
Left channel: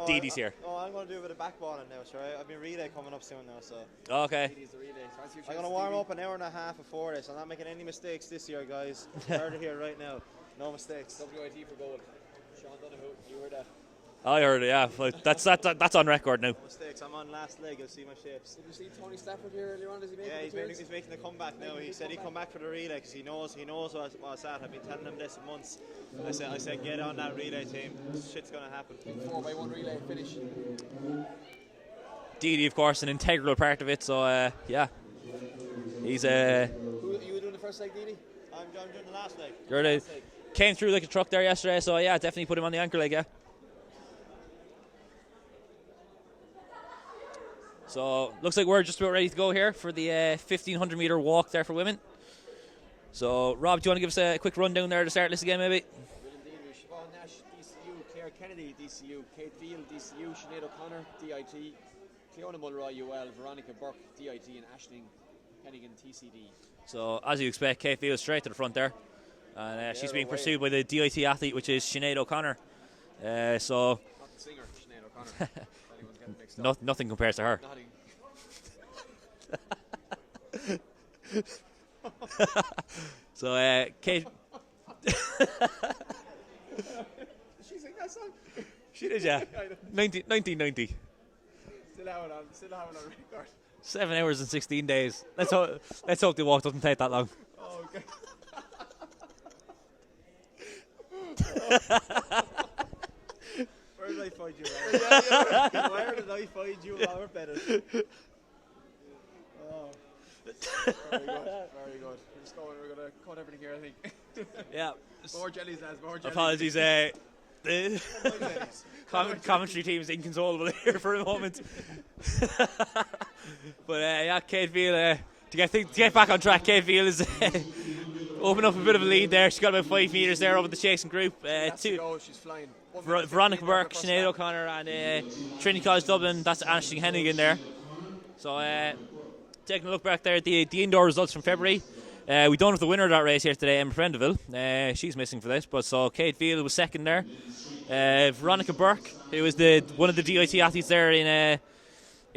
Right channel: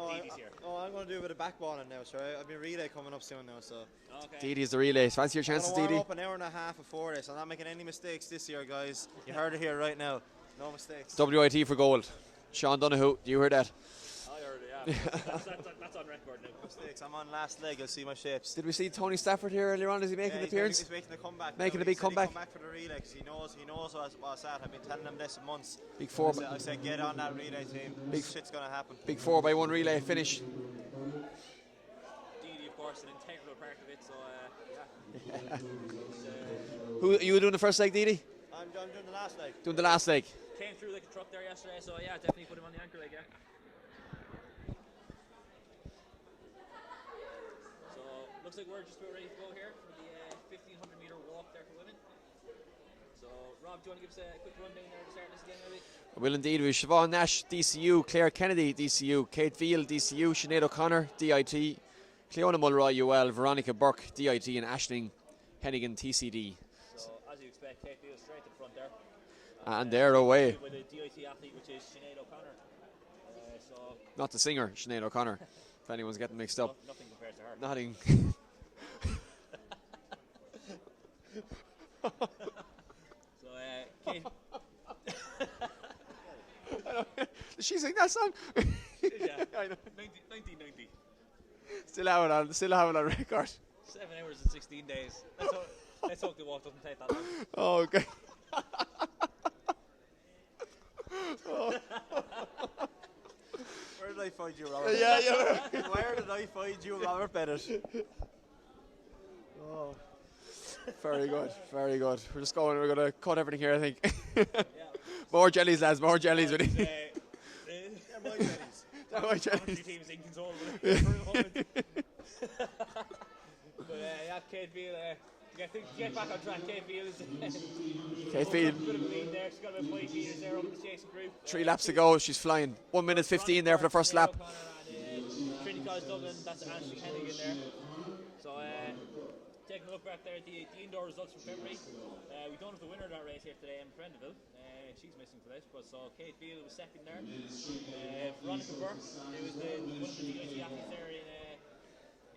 Deedee's here. Oh, I'm going to do a bit of backballing now, so I've been relay coming up soon now, so Okay. Deedy's the relays. Fancy your I'm chances, going to warm Deedy? up an hour and a half before this. I'm not making any mistakes this year, guys. You heard it here right now. No mistakes. WIT for gold. Sean Donoghue, do you hear that? I heard it, yeah. But that's on record now. No mistakes. I'm on last leg. You'll see my shapes. Did we see Tony Stafford here earlier on? Is he making an he's appearance? He's making a comeback. Making now. a big He said comeback? He'd come back for the relay because he knows what's that. I've been telling him this for months. Big four. I said get on that relay team. Big shit's going to happen. Big 4x1 relay finish. Deedy, of course, an integral part of it. So yeah, he's Who you were doing the first leg, Deedy? I'm doing the last leg. Doing the last leg. came through like a truck there yesterday. So yeah, definitely put him on the anchor leg. Yeah. So looks like we're just about ready to go here for the 1500 metre walk there for women. So Rob, do you want to give us a quick rundown there to start this again, maybe? I will indeed. We have Siobhan Nash, DCU, Claire Kennedy, DCU, Kate Veal, DCU, Sinead O'Connor, DIT, Cleona Mulroy, UL, Veronica Burke, DIT, and Aisling Hennigan, TCD. So as you expect, Kate Veal straight to the front there. And she's they're being away. pursued by the DIT athlete, which is Sinead O'Connor. So Not the singer, Sinead O'Connor, if anyone's getting mixed up. nothing compares to her. Nothing. So Kate, Did she sing that song? she did, yeah. I know. 1990. Still have it on record. 7 hours and 16 days. Let's hope the walk doesn't take that long. Oh, okay. Where did I find you, Robert? Where did I find you, Robert Bennett? Oh. Very good, very good. We're going to cut everything here, I think. Yeah. More jellies, lads, more jellies. Apologies, the commentary team's inconsolable here for a moment. But yeah, Kate Veal, to get back on track, Kate Veal is opening up a bit of a lead there. She's got about 5 metres there over the chasing group. 3 laps to go, she's flying. 1 minute 15 Veronica there for Burke, the first Sinead lap. O'Connor and Trinity College Dublin, that's Aisling Hennigan there. So taking a look back there at the indoor results from February. We don't have the winner of that race here today, Emma Prendeville. She's missing for this, but so Kate Veal was second there. Veronica Burke, who was one of the DIT athletes there in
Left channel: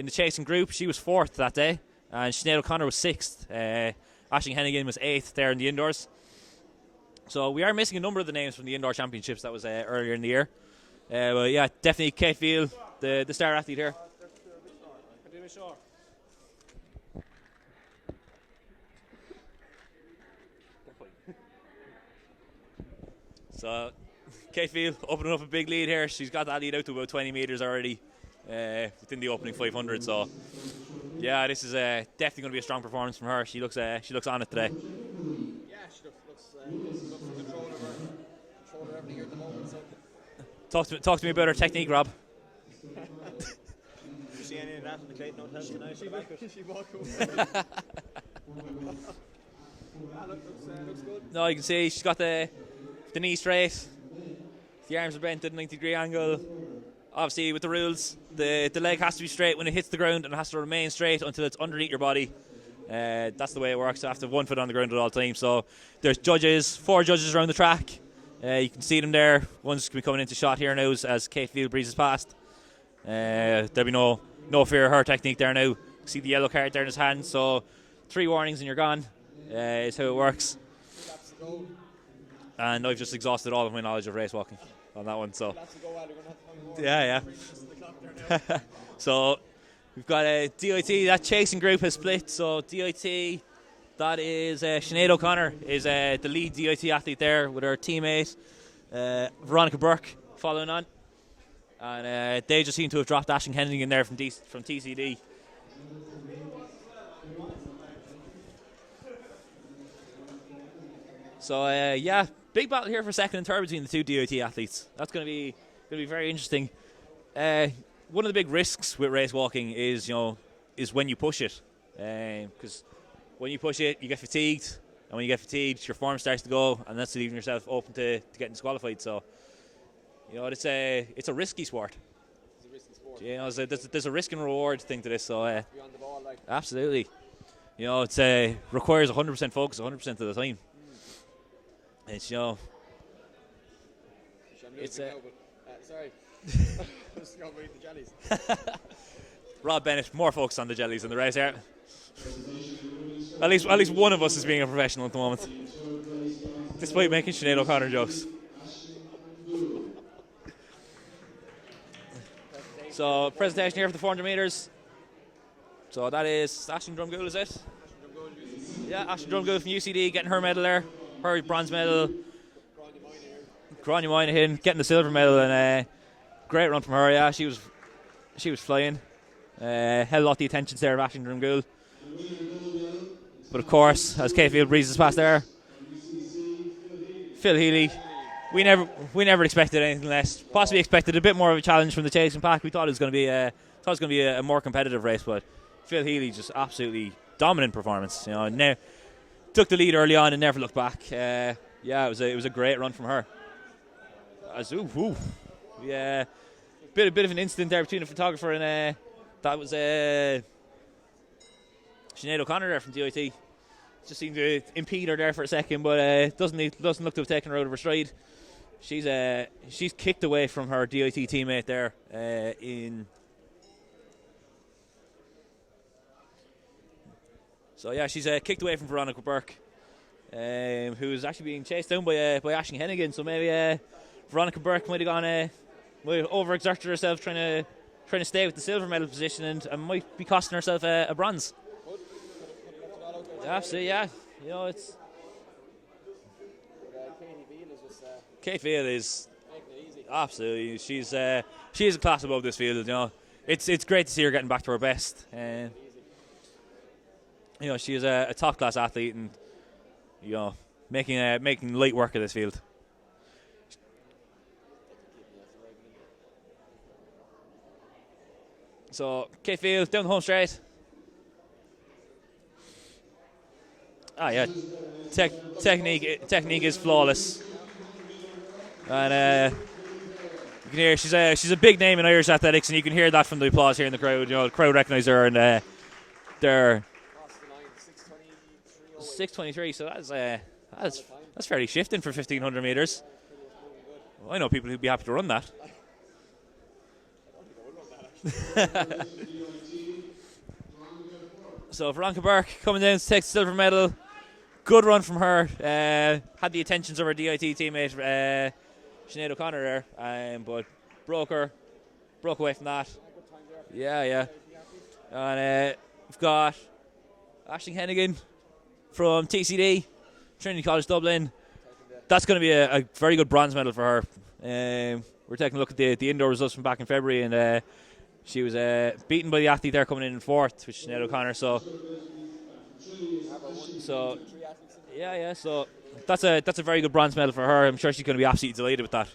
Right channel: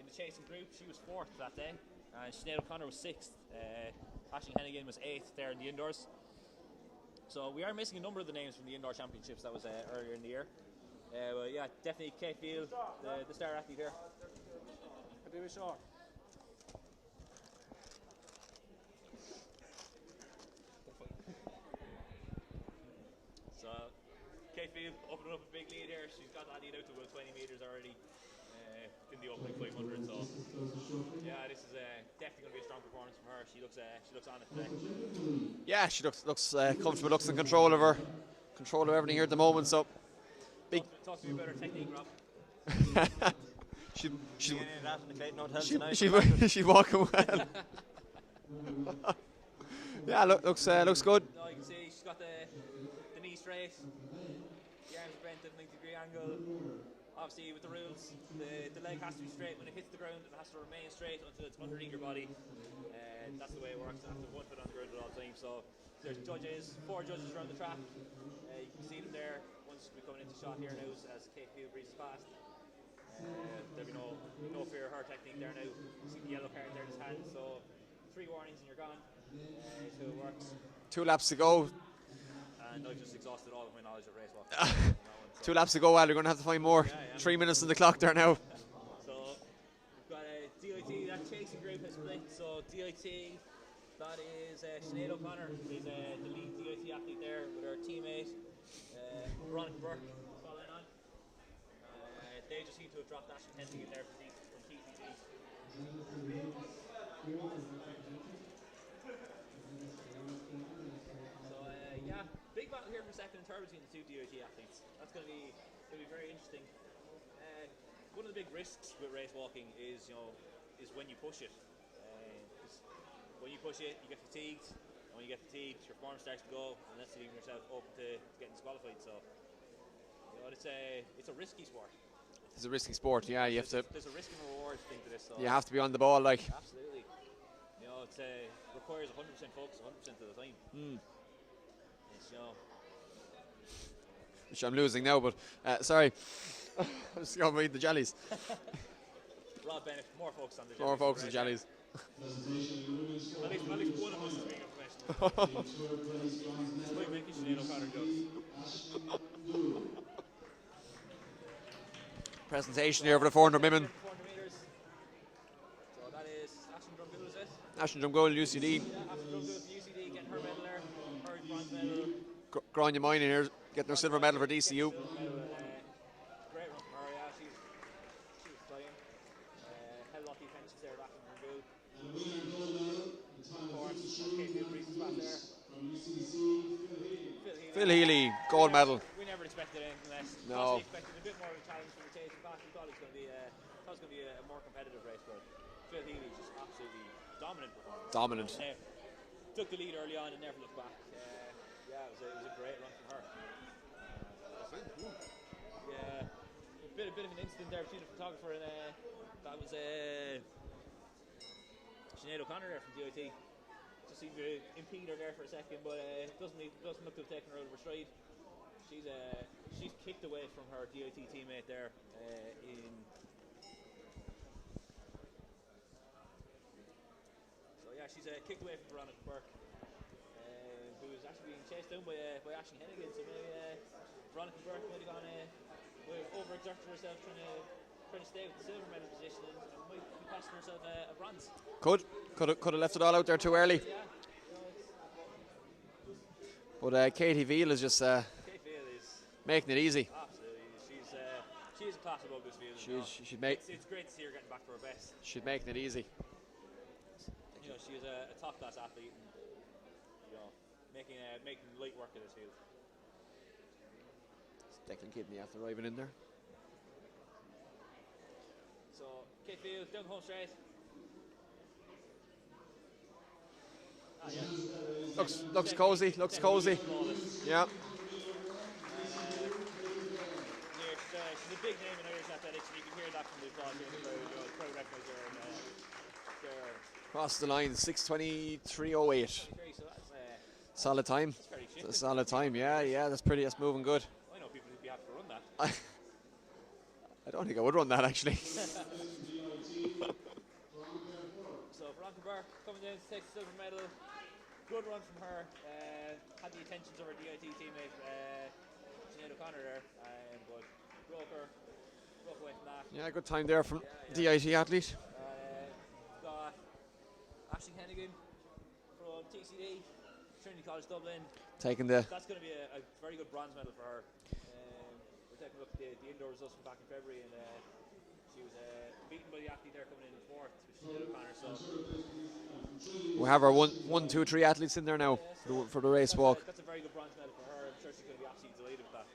the chasing group, she was fourth that day, and Sinead O'Connor was sixth. Aisling Hennigan was eighth there in the indoors. So we are missing a number of the names from the indoor championships that was earlier in the year. But yeah, definitely Kate Veal, the star athlete here. So Kate Veal opening up a big lead here. She's got that lead out to about 20 metres already within the opening 500. So yeah, this is definitely going to be a strong performance from her. She looks on it today. Yeah, she looks comfortable, looks in control of everything here at the moment. So Talk to me about her technique, Rob. she's walking well. Yeah, looks good. No, you can see she's got the knee straight. The arms are bent at a 90-degree angle. Obviously, with the rules, the leg has to be straight when it hits the ground, and it has to remain straight until it's underneath your body. That's the way it works. I have to have 1 foot on the ground at all times. So there's judges, 4 judges around the track. You can see them there. One's going to be coming into shot here now as Kate Field breezes past. There'll be no fear of her technique there now. See the yellow card there in his hand. So 3 warnings and you're gone is how it works. 2 laps to go. And I've just exhausted all of my knowledge of race walking on that one. So 2 laps to go, Al. You're going to have to find more. Yeah. 3 minutes on the clock there now. So we've got a DIT. That chasing group has split. So DIT, that is Sinead O'Connor is the lead DIT athlete there with her teammate Veronica Burke following on. And they just seem to have dropped Ashton Henning in there from TCD. So yeah, big battle here for second and third between the 2 DIT athletes. That's going to be very interesting. One of the big risks with race walking is when you push it, because when you push it, you get fatigued, and when you get fatigued, your form starts to go, and that's leaving yourself open to getting disqualified. So it's a risky sport. It's a risky sport. Yeah, so there's a risk and reward thing to this. So you have to be on the ball, like. Absolutely. It's requires 100% focus 100% of the time. It's which I'm losing now, but sorry. I'm just going to eat the jellies. Rob Bennett, more focused on the jellies in the race here. At least one of us is being a professional at the moment, despite making Sinead O'Connor jokes. Presentation here for the 400 presentation here for the 400 metres. So that is Ashton Drumgool, is it? Ashton Drumgool, UCD. Yeah, Ashton Drumgool from UCD getting her medal there. Her bronze medal. Grania Moynihan here. Grania Moynihan getting the silver medal, and great run from her. Yeah, she was flying. Held a lot of the attention there of Ashton Drumgool. But of course, as Kate Field breezes past there, Phil Healy. We never expected anything less. No. Possibly expected a bit more of a challenge from the chasing pack. We thought it was going to be a more competitive race, but Phil Healy just absolutely dominant performance. Took the lead early on and never looked back. It was a great run from her. Bit of an incident there between the photographer and that was Sinead O'Connor there from DIT. Just seemed to impede her there for a second, but doesn't look to have taken her out of her stride. She's kicked away from her DIT teammate there So yeah, she's kicked away from Veronica Burke, who's actually being chased down by Aisling Hennigan. So maybe Veronica Burke might have might have overexerted herself trying to stay with the silver medal position, and might be costing herself a bronze. Could have left it all out there too early. Yeah, it's. But Katie Veal is just. Kate Veal is making it easy. Absolutely, she's a class above this field. It's great to see her getting back to her best. She's making it easy. She is a top class athlete, and making light work of this field. Declan Kidney after arriving in there. So Kate Field down the home straight. Technique is flawless. Yeah. And you can hear she's a big name in Irish athletics, and you can hear that from the applause here in the crowd. The crowd recognise her, and they're crossed the line 6:23.08. 6:23. So that's solid time. That's fairly shifting for 1,500 metres. Yeah, that's moving good. Well, I know people who'd be happy to run that. I don't think I would run that actually. So Veronica Burke coming down to take the silver medal. Good run from her. Had the attentions of her DIT teammate Sinead O'Connor there, but broke away from that. Yeah, good time there from DIT athlete. And we've got Aisling Hennigan from TCD, Trinity College Dublin. That's going to be a very good bronze medal for her. We're taking a look at the indoor results from back in February, and she was beaten by the athlete there coming in fourth, which is Sinead O'Connor. So we have our 1, 2, 3 athletes in there now. Yeah, so for the race. That's a very good bronze medal for her. I'm sure she's going to be absolutely delighted with that.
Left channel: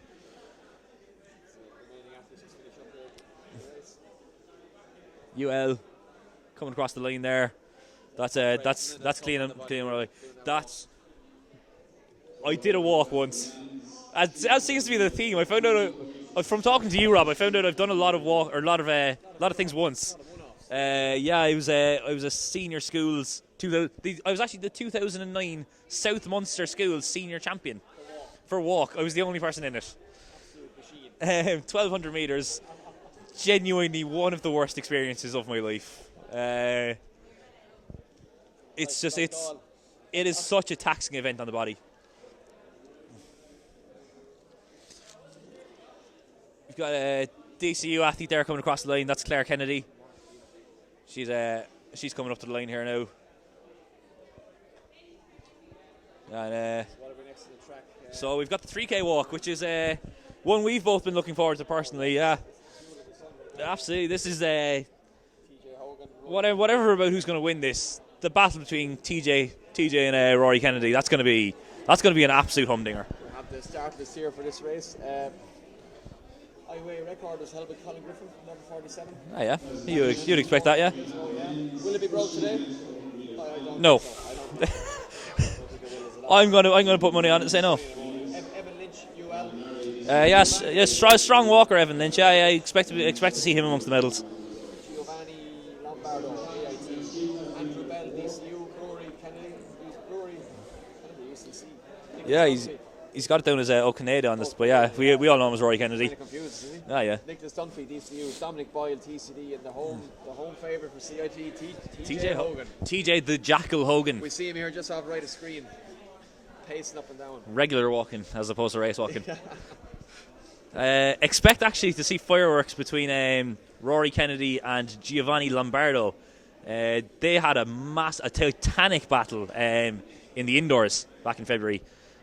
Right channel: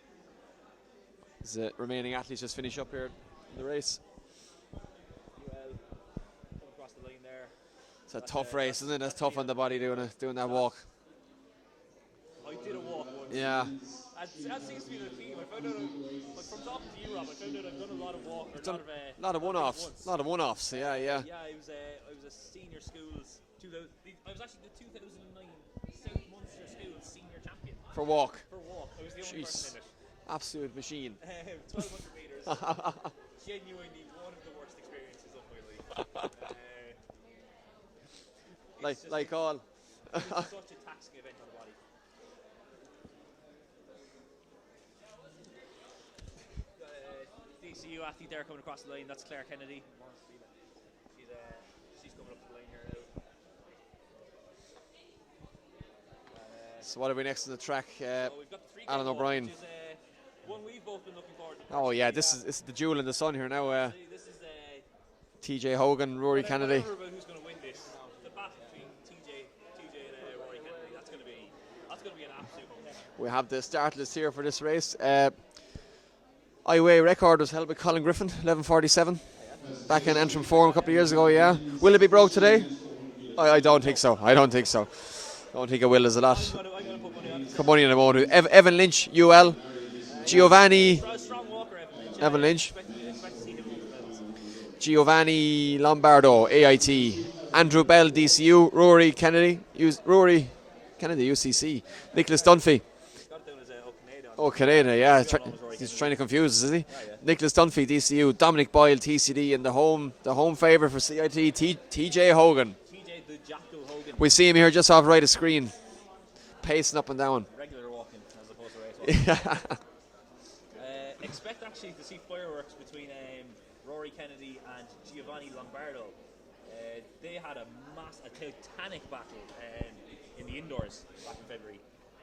The remaining athletes just finish up here in the race. UL coming across the line there. That's tough on the body doing that walk. I did a walk once. Yeah. That seems to be the theme. I found out From talking to you, Rob, I found out I've done a lot of walk or a lot of things once. A lot of one-offs. Yeah, I was a senior schools. I was actually the 2009 South Munster Schools senior champion For walk. I was the only person in it. Absolute machine. 1,200 meters. Genuinely one of the worst experiences of my life. It is such a taxing event on the body. We've got a DCU athlete there coming across the line. That's Claire Kennedy. She's coming up to the line here now. And, so what have we next on the track? So we've got the 3K Alan walk, O'Brien. which is one we've both been looking forward to personally. Oh yeah, this is the jewel in the sun here now. Absolutely, this is TJ Hogan, Rory whatever about who's going to win this. The battle between TJ and Rory Kennedy. That's going to be an absolute humdinger. We have the start list here for this race. IUAA record was held by Colin Griffin, 11:47. Oh yeah, Back in Antrim a couple of years ago. Yeah, will it be broke today? I don't think so. I don't think so. Don't think it will. Is a lot. I'm gonna put money on it. Say no. Money on the motor. Evan Lynch, UL. Giovanni. Yes, strong walker, Evan Lynch. Yeah, Evan I Lynch. expect to see him amongst the medals. Giovanni Lombardo, AIT. Andrew Bell, DCU. Rory Kennedy, UCC. Nicholas Dunphy. He's got it down as O'Canada on this. O'Canada, we all know him as Rory Kennedy. He's trying to confuse us, is he? Yeah. Nicholas Dunphy, DCU. Dominic Boyle, TCD, and the home favourite for CIT, TJ Hogan. TJ the Jackal Hogan. We see him here just off right of screen, pacing up and down. Regular walking as opposed to race walking. Expect actually to see fireworks between Rory Kennedy and Giovanni Lombardo. They had a titanic battle in the indoors back in February.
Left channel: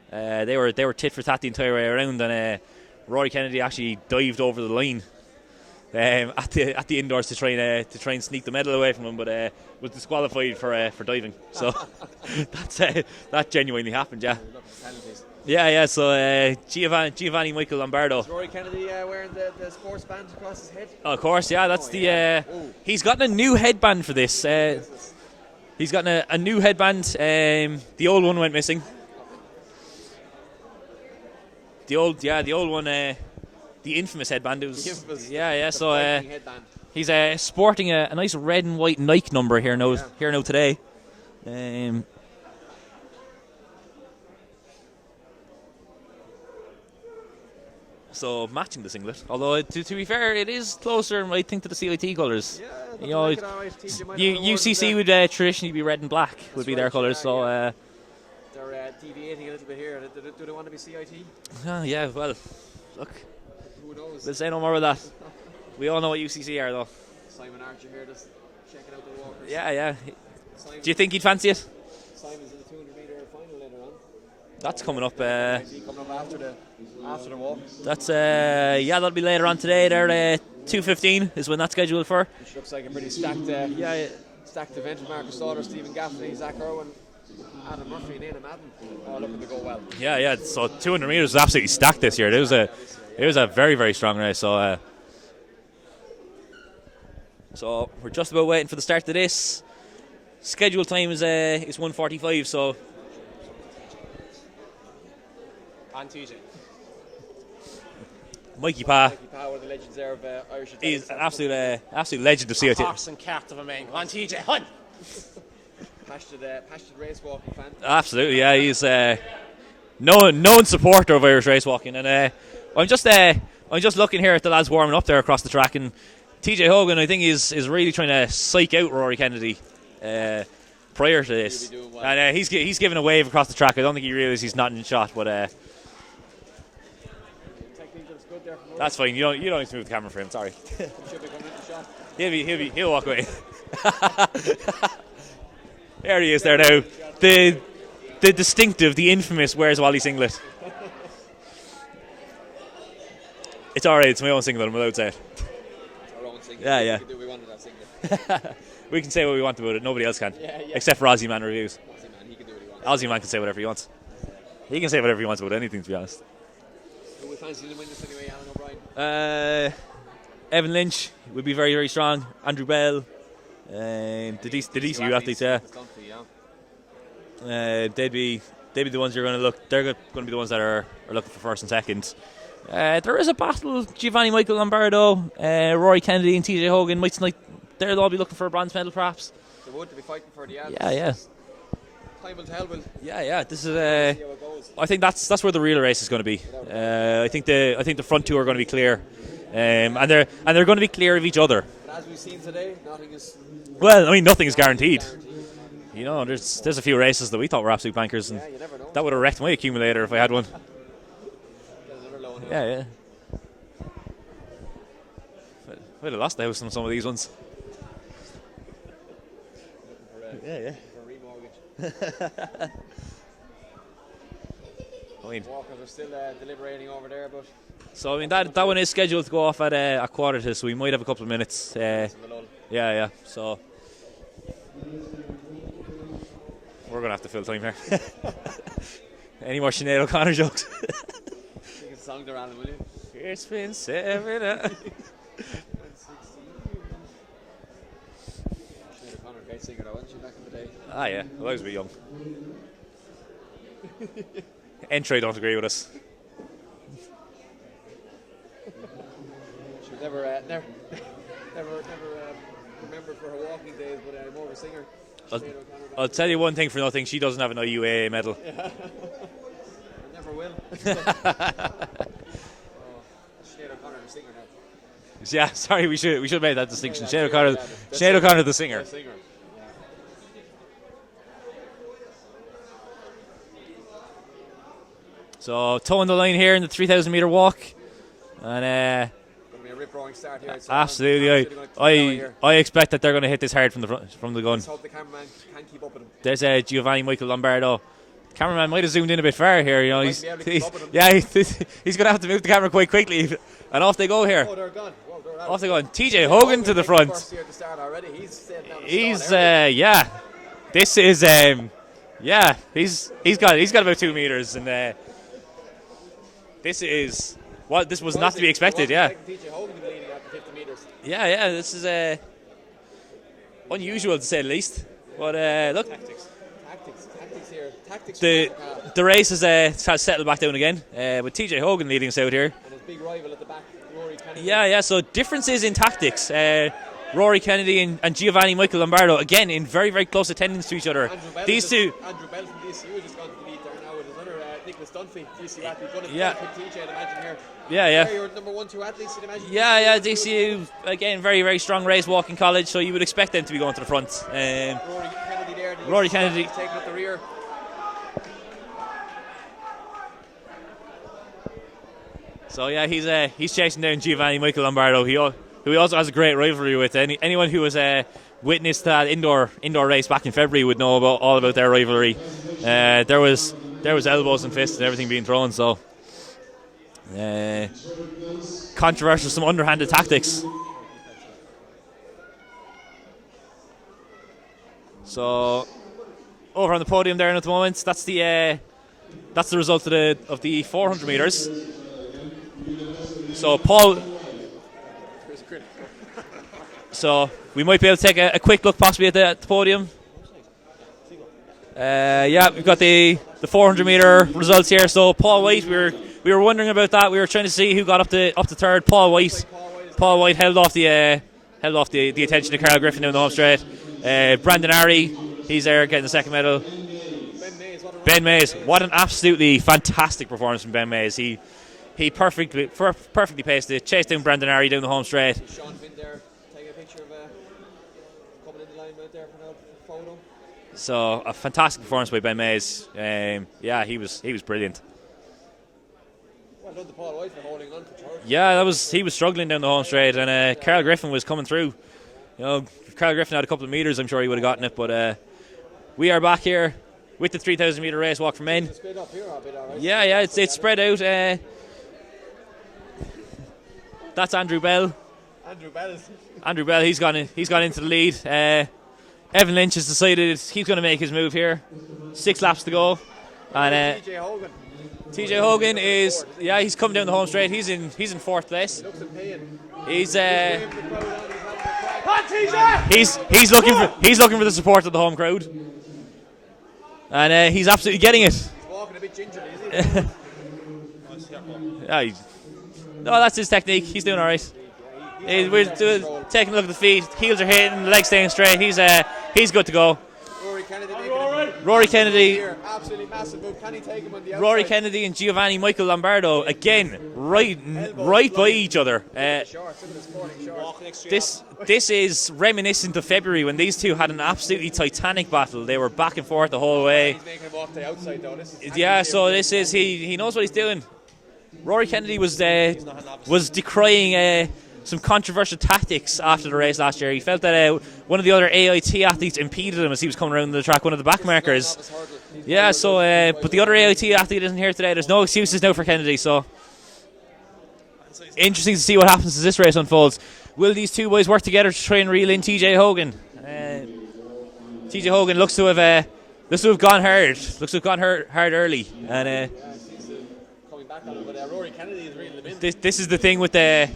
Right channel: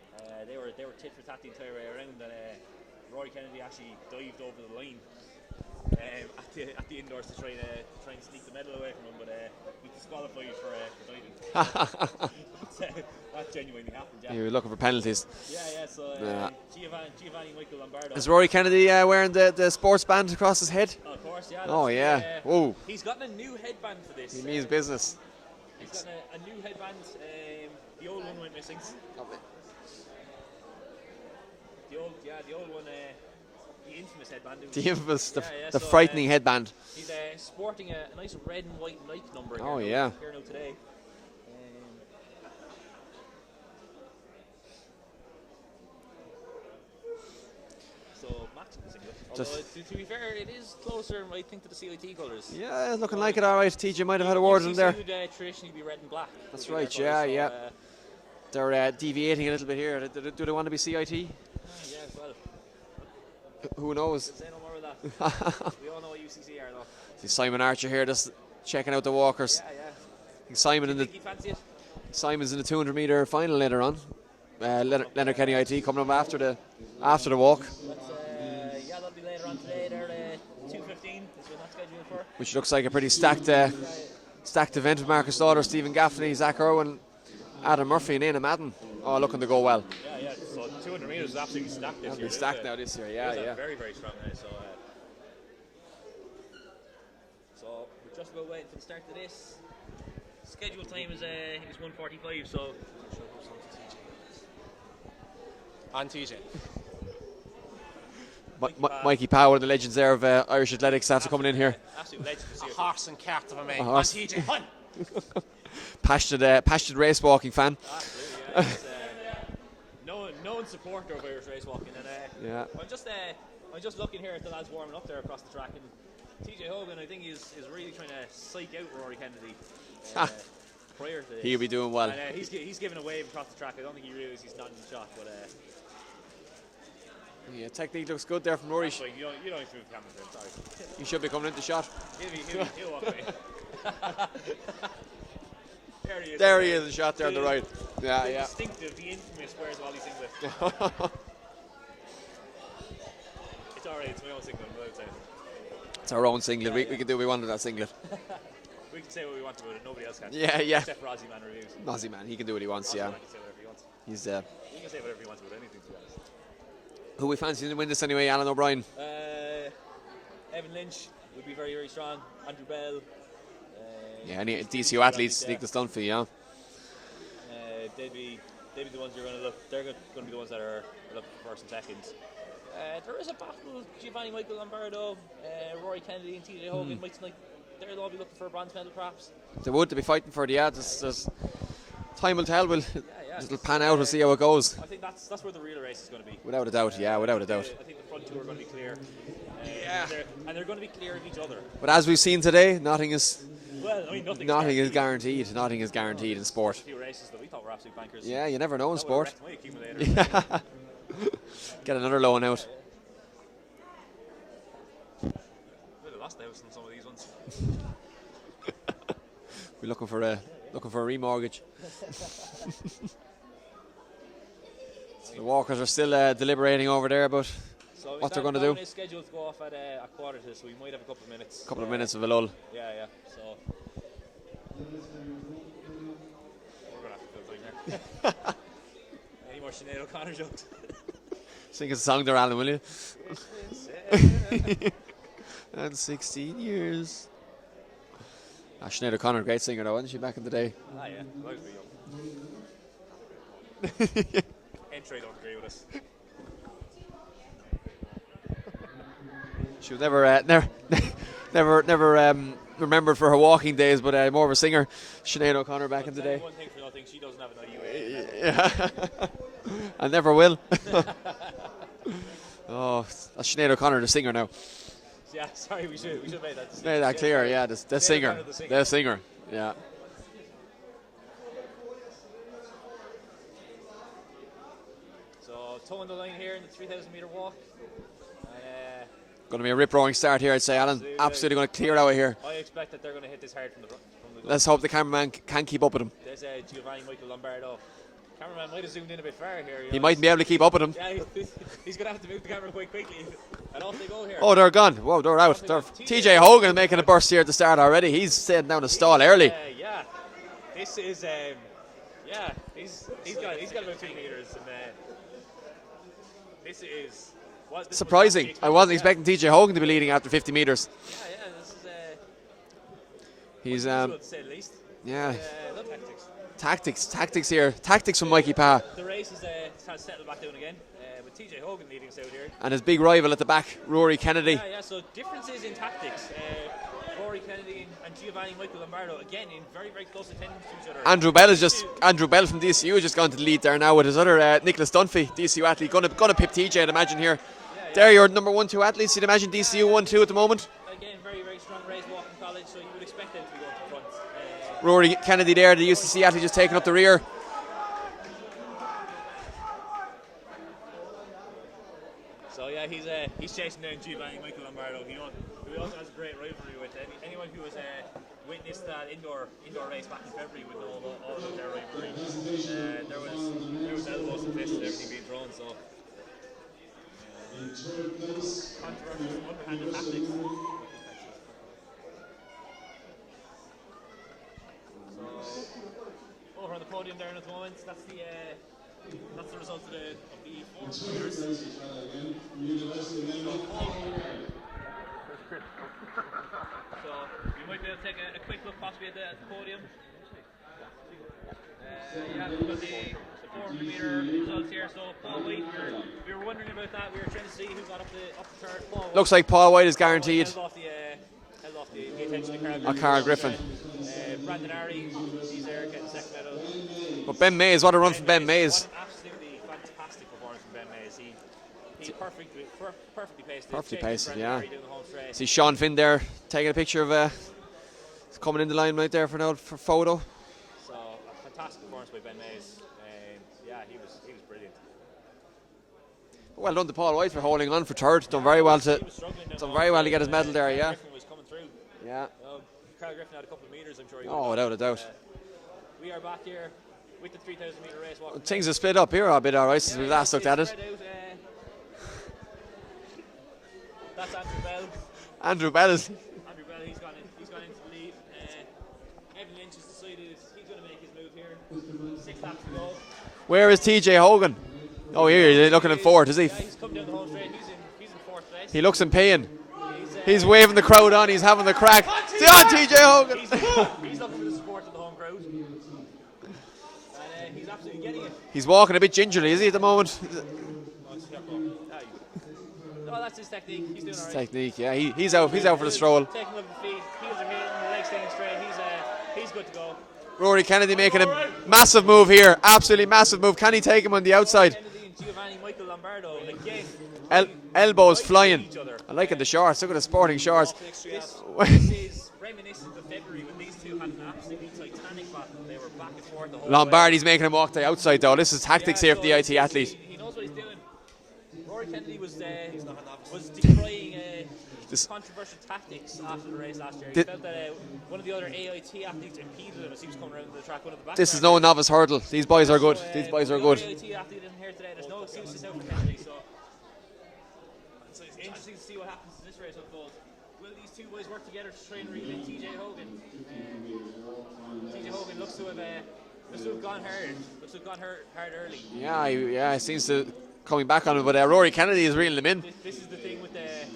They were tit for tat the entire way around, and Rory Kennedy actually dived over the line at the indoors to try and sneak the medal away from him, but was disqualified for diving. So that genuinely happened. Yeah, we were looking for penalties. Yeah. So Giovanni Michael Lombardo. Is Rory Kennedy wearing the sports band across his head? Oh, of course, yeah. That's he's gotten a new headband for this. Business. He's gotten a new headband. The old one went missing. The old one, the infamous headband. It was the infamous, the so, frightening headband. He's sporting a nice red and white Nike number here now today. So matching the singlet. Although to be fair, it is closer, I think, to the CIT colours. Yeah, looking like it. All right, TJ might have had a word UCC would traditionally be red and black. Would be their colours. So. They're deviating a little bit here. Do they want to be CIT? Yeah, well, look. Who knows? We'll say no more of that. We all know what UCC are, though. Simon Archer here, just checking out the walkers. Yeah. Simon. Do you think he'd fancy it? Simon's in the 200-metre final later on. That's coming up. IT coming up after the walk. That's that'll be later on today. There, 2:15 is when that's scheduled for. Which looks like a pretty stacked event with Marcus Slaughter, Stephen Gaffney, Zach Irwin, Adam Murphy and Aina Madden. Oh, looking to go well. Yeah. So 200 metres was absolutely stacked this year. It was a very, very strong race. So we're just about waiting for the start of this. Scheduled time is 1:45. So. On TJ. Mikey Pa, one of the legends there of Irish athletics. That's coming in here. Absolute legend of CIT. Horse and cart of a man. On TJ. Hunt. Passionate race walking fan. Absolutely, yeah. He's known supporter of Irish race walking, and I'm just looking here at the lads warming up there across the track, and TJ Hogan, I think, is really trying to psych out Rory Kennedy prior to this. He'll be doing well, and he's giving a wave across the track. I don't think he realises he's not in shot, but technique looks good there from Rory. That's fine. You don't need to move the camera for him. Sorry. He should be coming into shot. He'll walk away. There he is there now. The distinctive, the infamous Where's Wally singlet. It's alright, it's my own singlet, I'm allowed to say it. It's our own singlet. Yeah. We can do what we want with that singlet. We can say what we want about it, nobody else can. Yeah. Except for Aussie Man Reviews. Aussie Man, he can do what he wants. Aussie Man can say whatever he wants. He can say whatever he wants about anything, to be honest. Who we fancy to win this anyway, Alan O'Brien? Evan Lynch would be very, very strong. Andrew Bell. The DCU athletes, Nicholas Dunphy, they'd be the ones you're going to look. They're going to be the ones that are looking for first and second. There is a battle. Giovanni Michael Lombardo, Rory Kennedy and TJ Hogan might tonight. They'll all be looking for a bronze medal perhaps. They would to be fighting for the Yeah. Time will tell. We'll This is we'll see how it goes. I think that's where the real race is going to be. Without a doubt, I think the front two are going to be clear, and they're going to be clear of each other. But as we've seen today, nothing is. Well, I mean, nothing is Nothing guaranteed. Nothing is guaranteed. in sport. There's a few races that we thought were absolute bankers. Yeah, you never know. That would have wrecked my accumulator if I had one. Get another loan out. Yeah. I'd have lost the house on some of these ones. We're looking for a remortgage. The walkers are still deliberating over there, but so I mean that one is scheduled to go off at a quarter to, so we might have a couple of minutes. Minutes of a lull. Yeah. So we're gonna have to fill time here. Any more Sinead O'Connor jokes? Sing us a song there, Alan, will you? It's been 7 and 16 years. Sinead O'Connor, great singer though, wasn't she, back in the day? Yeah, well, I was a bit young. Entry don't agree with us. She was never remembered for her walking days, but more of a singer. Sinead O'Connor back in the day. I'll tell you one thing for nothing, she doesn't have an IUAA medal. Yeah. I never will. Oh, that's Sinead O'Connor, the singer now. Yeah, sorry, we should have made that distinction. Sinead O'Connor, the singer. The singer, yeah. So, toeing the line here in the 3,000 metre walk. And going to be a rip-roaring start here, I'd say. Absolutely. Alan. Absolutely going to clear out here. I expect that they're going to hit this hard from the gun. Let's hope the cameraman can keep up with him. There's Giovanni Michael Lombardo. Cameraman might have zoomed in a bit far here. You know, he might be able to keep up with him. Yeah, he's going to have to move the camera quite quickly. And off they go here. Oh, they're gone. Whoa, they're out. Off they go. TJ Hogan to the front. A burst here at the start already. He's setting down a stall early. Yeah. This is he's got about 2 meters, and this is this was not to be expected. I wasn't expecting TJ Hogan to be leading after 50 meters. Yeah. This is unusual to say the least. Yeah. But look. Tactics here. Tactics from Mikey Pa. The race has settled back down again with TJ Hogan leading us out here. And his big rival at the back, Rory Kennedy. Yeah, so differences in tactics. Rory Kennedy and Giovanni Michael Lombardo, again, in very, very close attendance to each other. Andrew Bell from DCU has just gone to the lead there now with his other Nicholas Dunphy, DCU athlete. Going to pip TJ, I'd imagine here. Yeah. They're your number 1-2 athletes, you'd imagine. DCU 1-2 at the moment. Again, very, very strong race walking college, so you would expect them to be going to the front. Rory Kennedy there, the UCC athlete, is taking up the rear. So yeah, he's chasing down Giovanni Michael Lombardo, who he also has a great rivalry with. Anyone who has witnessed that indoor race back in February would know all about their rivalry. There was elbows and fists and everything being thrown. So controversial, some underhanded tactics. So over on the podium there at the moment, that's the result of the 400 meters. So Paul. So we might be able to take a quick look possibly at the podium. We've got the 400 meter results here. So Paul White, we were wondering about that. We were trying to see who got up to third. Paul White. Looks like Paul White is guaranteed. Paul White held off the attention of Carl Griffin down the home straight. Brandon Ari, he's there getting the second medal. But Ben Mays, what a run! Ben Mays. What an absolutely fantastic performance from Ben Mays. He perfectly paced it, chased down Brandon Ari down the home straight. See Sean Finn there taking a picture of coming in the line right there for photo. So a fantastic performance by Ben Mays. He was brilliant. Well done to Paul White for holding on for third. Yeah, he was struggling down the home straight, and Carl Griffin was coming through. Yeah. You know, if Carl Griffin had a couple of meters, I'm sure he would have gotten it. But we are back here with the 3,000 meter race walk for men. Things are split up here a bit, all right. Yeah, it's spread out. That's Andrew Bell. Andrew Bell, he's gone into the lead. Evan Lynch has decided he's going to make his move here. 6 laps to go. Where is TJ Hogan? Here he's looking in fourth, is he? Yeah, he's come down the home straight. He's in fourth place. He looks in pain. He's waving the crowd on. He's having the crack. TJ Hogan. He's looking for the support of the home crowd, and he's absolutely getting it. He's walking a bit gingerly, is he, at the moment? Yeah, No, that's his technique. He's doing all right. Technique, yeah. He's out for the stroll. Taking a look at the feet. Heels are hitting. Legs staying straight. He's good to go. Rory Kennedy making a massive move here. Absolutely massive move. Can he take him on the outside? Rory Kennedy and Giovanni Michael Lombardo again, elbows right flying by each other. I like the shorts. Look at the sporting shorts. This is reminiscent of February when these two had an absolutely titanic battle. They were back and forth the whole way. Lombardi's making him walk to the outside though. This is tactics here. So for the this IT is he knows what he's doing. Rory Kennedy was decrying some controversial tactics after the race last year. He felt that one of the other AIT athletes impeded him as he was coming around the track. One of the back This markers. is no novice hurdle. These boys are good. But the other AIT athlete isn't here today. There's no excuses now for Kennedy. So interesting to see what happens as this race unfolds. Will these two boys work together to try and reel in TJ Hogan? TJ Hogan looks to have gone hard. Looks to have gone hard early. Yeah, he seems to coming back on it. But Rory Kennedy is reeling him in. This is the thing with the.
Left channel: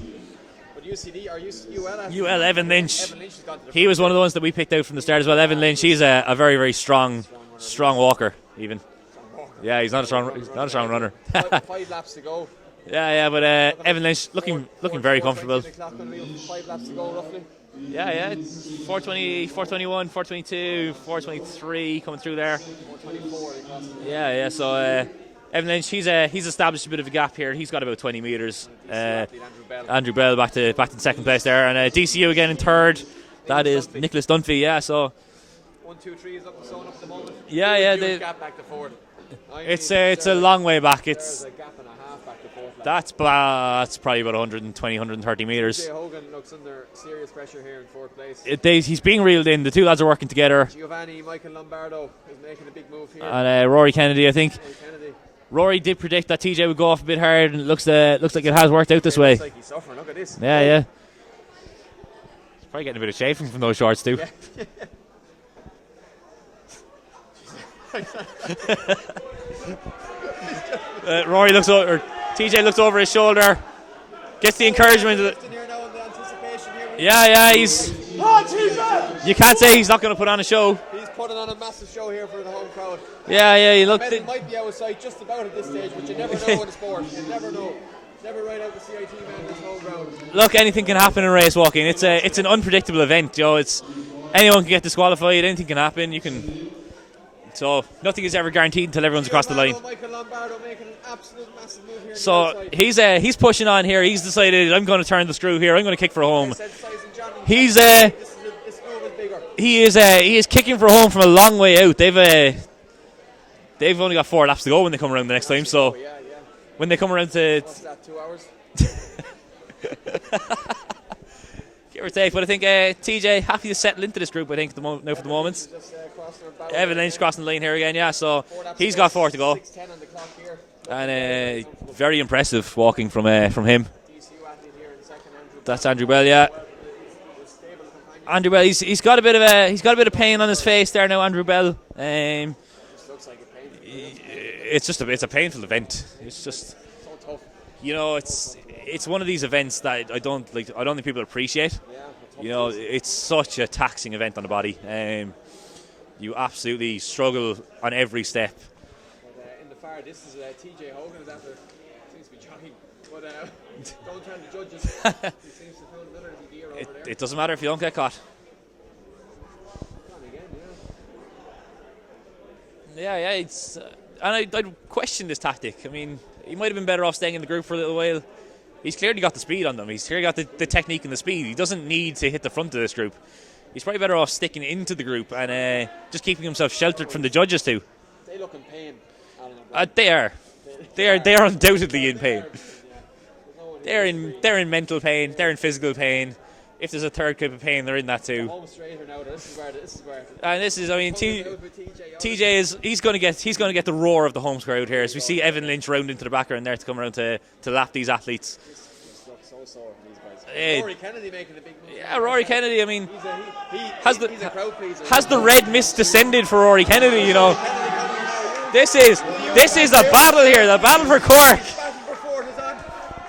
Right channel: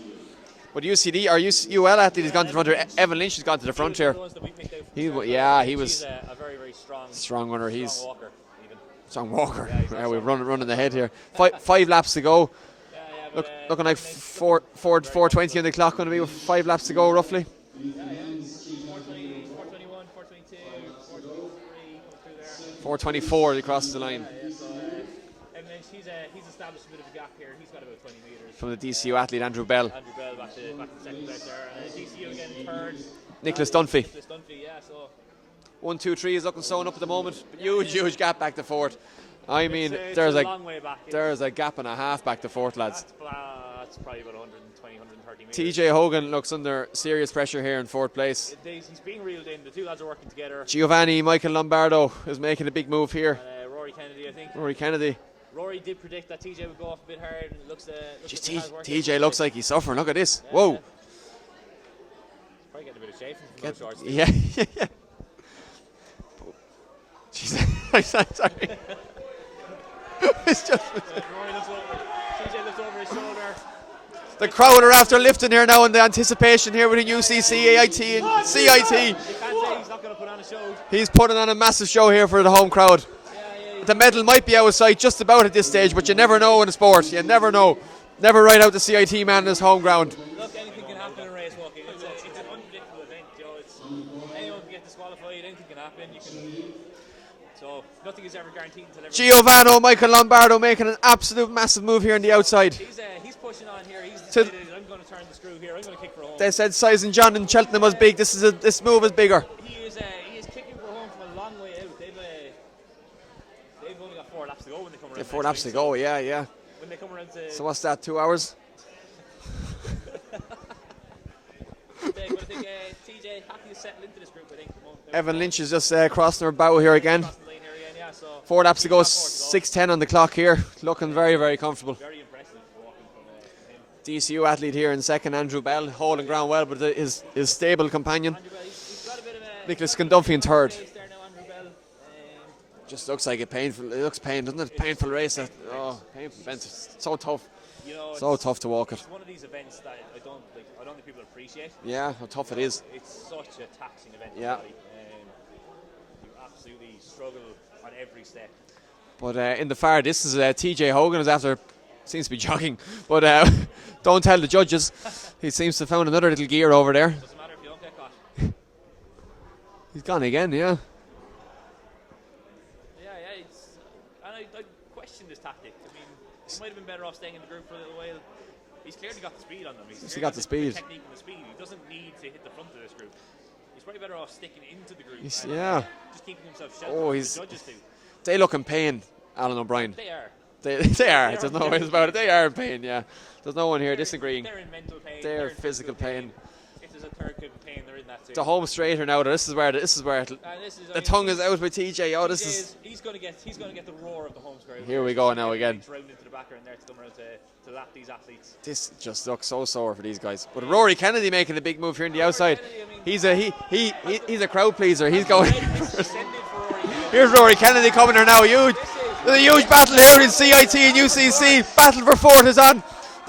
But UCD or UL athlete Evan Lynch. Evan Lynch has gone to the front. He was one here. of the ones that we picked out from the start as well. Evan Lynch, he's a very, very strong runner. Strong walker, even. Strong walker. Yeah, he's not a strong runner. 5 laps to go. Yeah, but Evan Lynch looking very 4:20 on the clock, going to be with 5 laps to go roughly. Yeah, it's 4:20, 4:21, 4:22, 4:23 coming through there. 4:24 he crosses the line. Yeah. So Evan Lynch, he's established a bit of a gap here. He's got about 20 metres. From the DCU athlete Andrew Bell. Andrew Bell back to second place there, and DCU again in third. Nicholas Dunphy. Nicholas Dunphy, yeah. So 1, 2, 3 is looking sewn up at the moment. Huge gap back to fourth. It's a long way back. There's a gap and a half back to fourth, lads. That's probably about 120, 130 metres. TJ Hogan looks under serious pressure here in fourth place. He's being reeled in. The two lads are working together. Giovanni Michael Lombardo is making a big move here. And Rory Kennedy, I think. Rory did predict that TJ would go off a bit hard, and it looks like it has worked out this way. Looks like he's suffering. Look at this. Yeah. He's probably getting a bit of chafing from those shorts too. Yeah. Rory looks over. TJ looks over his shoulder. The crowd are after lifting here now in the anticipation here with the AIT and CIT. You can't say he's not going to put on a show. He's putting on a massive show here for the home crowd. Yeah. The medal might be out of sight just about at this stage, but you never know in a sport. You never know. Never write out the CIT man in his home ground. Look, anything can happen in race walking. It's an unpredictable event. Anyone can get disqualified. Anything can happen. So nothing is ever guaranteed until everyone's Giovanni Michael Lombardo making an absolute massive move here on the outside. He's pushing on here. He's decided I'm going to turn the screw here. I'm going to kick for home. They said Size and John and big. This move is bigger. He is kicking for home from a long way out. They've only got 4 laps to go when they come around the next time. So yeah. When they come around to so what's that? 2 hours. Give or take, but I think TJ happy to settle into this group. I think Evan Lynch is just crossing her bow here Evan again. Lynch crossing the lane here again, yeah. So 4 laps he's to go. got 4 to go. 6:10 on the clock here, looking very, very comfortable. Very impressive walking from him. DCU athlete here in second, Andrew Bell. That's Andrew Bell, yeah. Well, but his stable companion. Andrew Bell, he's got a bit of pain on his face there now. Andrew Bell. Just looks like painful. It looks painful, doesn't it? It's a painful event. It's just so tough. It's so tough to walk. It's one of these events that I don't think people appreciate. Yeah, how tough it is. It's such a taxing event on the body. You absolutely struggle on every step. But in the far distance, TJ Hogan is after seems to be jogging, but don't tell the judges. He seems to have found another little gear over there. It doesn't matter if you don't get caught. He's gone again, yeah. Yeah. It's and I'd question this tactic. I mean, he might have been better off staying in the group for a little while. He's clearly got the speed on them. He's clearly got the technique and the speed. He doesn't need to hit the front of this group. He's probably better off sticking into the group and just keeping himself sheltered from the judges too. They look in pain, Alan O'Brien. They are. They are undoubtedly in pain. They are in pain, yeah. There's no one here disagreeing. They're in mental pain. They're in physical pain. If there's a third clip of pain, they're in that too. The home straighter now. This is where and this is. The tongue is out with TJ. TJ he's going to get the roar of the home crowd here. So you see Evan Lynch round into the background there to come around to lap these athletes. This just looks so sore for these guys. Rory Kennedy making a big move here in the outside. Rory Kennedy, I mean, he's a crowd pleaser. Has the red mist descended for Rory Kennedy? Here's Rory Kennedy coming here now. This is the battle here. The battle for court. Battle for fourth is on.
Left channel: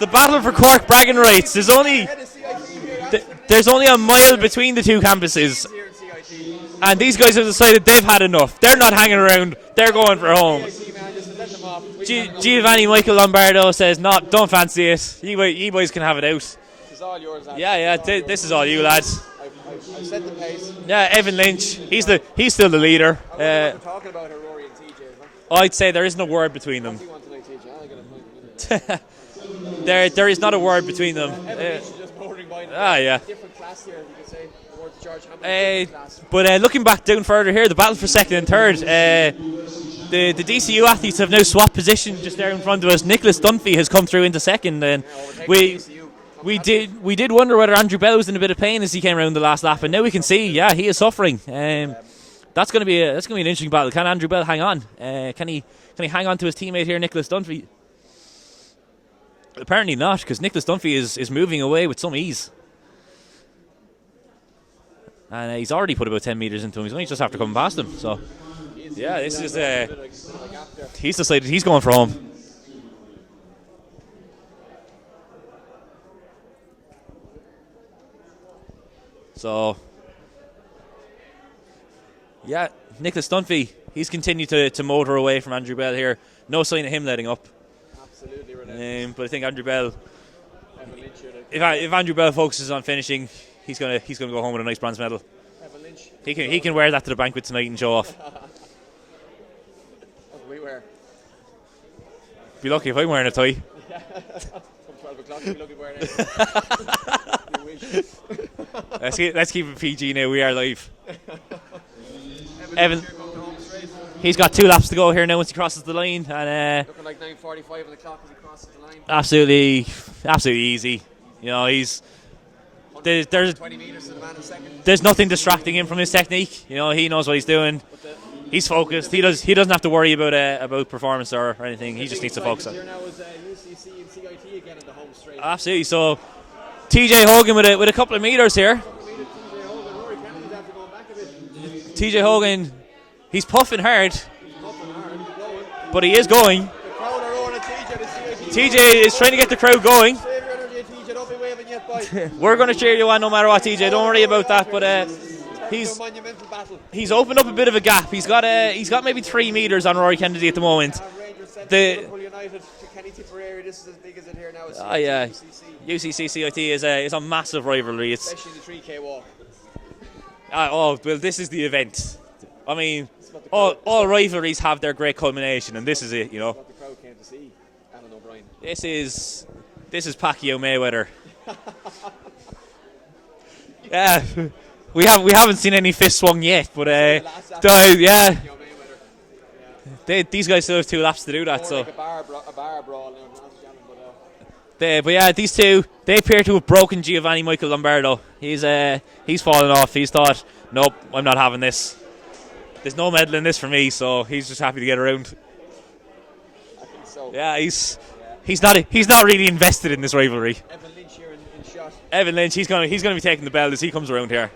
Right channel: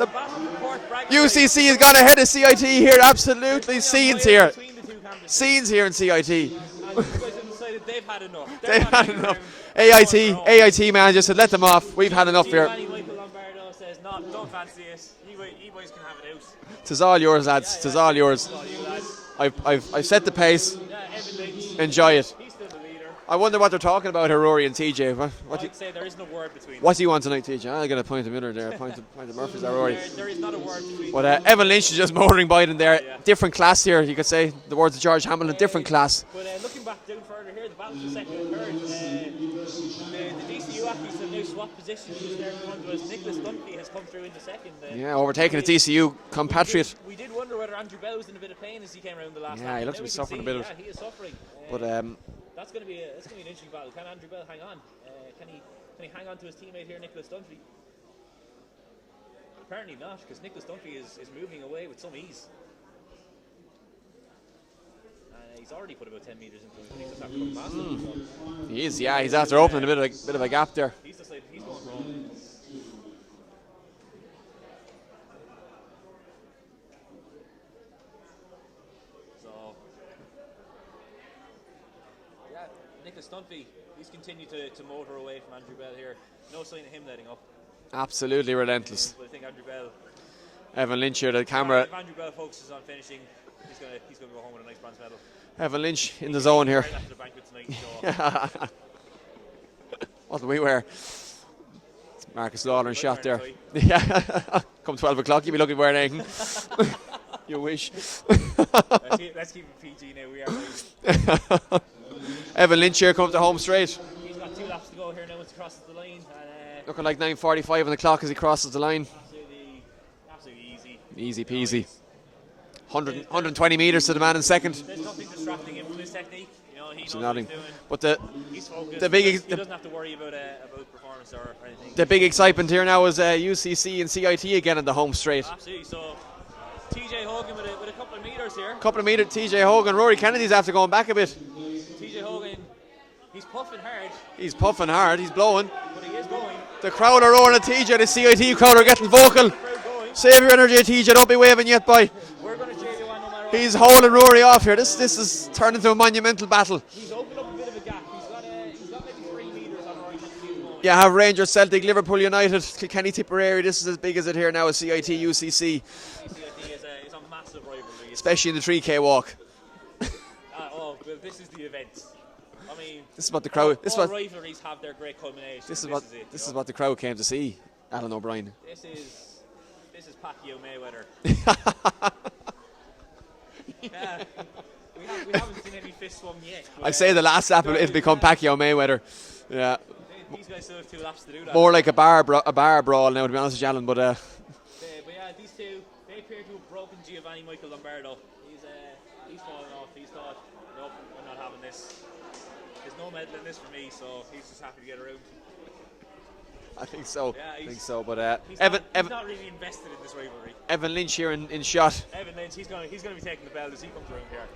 The battle for Cork bragging rights. UCC has gone ahead of CIT here, absolutely. There's only a Scenes mile here. between the two campuses. Scenes here in CIT. And these guys have decided they've had enough. They're not hanging around. They're going for home. AIT manager said, let them off. We've had enough here. Giovanni Michael Lombardo says, no, don't fancy it. You boys can have it out. It's all yours, lads. Yeah, It's all yours. this is all you, lads. I've set the pace. Yeah, Evan Lynch. Enjoy it. He's still the leader. I wonder what they're talking about here, Rory and TJ. I'd say there isn't a word between them. What do you want tonight, TJ? I'll get a point of minute there. Point of Murphy's or Rory. There is not a word between them. Evan Lynch is just motoring by them there. Yeah. Different class here, you could say. The words of George Hamilton, different class. But looking back down further here, the battle for second and third, the DCU athletes have now swapped position just there in front of us. Nicholas Dunphy has come through into second. And overtaking the DCU compatriot. We did wonder whether Andrew Bell was in a bit of pain as he came around the last lap, and now we can see, he is suffering. That's going to be an interesting battle. Can Andrew Bell hang on? Can he hang on to his teammate here, Nicholas Dunphy? Apparently not, because Nicholas Dunphy is moving away with some ease. And he's already put about 10 metres into him. He's only just after coming past him. So he's after opening a bit of a gap there. He's decided he's going for home. So, yeah, Nicholas Dunphy, he's continued to motor away from Andrew Bell here. No sign of him letting up. Absolutely relentless. But I think Andrew Bell, Evan Lynch here, the camera. If Andrew Bell focuses on finishing, he's gonna go home with a nice bronze medal. Evan Lynch in he the can, zone he can here. wear that to the banquet tonight and show off. What do we wear? Marcus Be lucky if I'm wearing a tie. Yeah. Come 12 o'clock, you'll be lucky wearing anything. You wish. Let's keep it PG now. We are live. Evan Lynch here comes to home straight. He's got 2 laps to go here now once he crosses the line. And looking like 9:45 on the clock as he crosses the line. Absolutely easy. Easy. You know, he's 120 metres to the man in second. There's nothing distracting him from his technique. You know, he knows what he's doing. But he's focused. He doesn't have to worry about performance or anything. The big excitement here now is UCC and CIT again in the home straight. Absolutely. So TJ Hogan with a couple of metres here. Couple of metres, TJ Hogan. Rory Kennedy's after going back a bit. TJ Hogan, he's puffing hard. He's puffing hard, he's blowing. But he is going. The crowd are roaring at TJ, the CIT crowd TJ is trying to get the crowd going. Save your energy, TJ, don't be waving yet, boy. We're going to cheer you on no matter what, he's TJ. holding Rory off here. But, this is turning into a monumental battle. He's opened up a bit of a gap. He's got maybe 3 metres on Rory Kennedy at the moment. Yeah, have Rangers, Celtic, Liverpool United, Kilkenny, Tipperary. This is as big as it here now as CIT, UCC. UCC, CIT is a massive rivalry. Especially in the 3K walk. Well, this is the event. I mean, this is what the crowd, all rivalries have their great culmination, and this is it. You know, this is what the crowd came to see. Alan O'Brien. This is Pacquiao Mayweather. Yeah, we haven't seen any fist swung yet, but I say the last lap Pacquiao Mayweather. Yeah, these guys still have 2 laps to do that. More like a bar brawl now, to be honest with you, Alan. But yeah, these two, they appear to have broken Giovanni Michael Lombardo. He's fallen off. He's thought, nope, I'm not having this. There's no medal in this for me, so he's just happy to get around. I think so. Yeah, he's not really invested in this rivalry. Evan Lynch here in shot. Evan Lynch, he's gonna be taking the belt as he comes around here.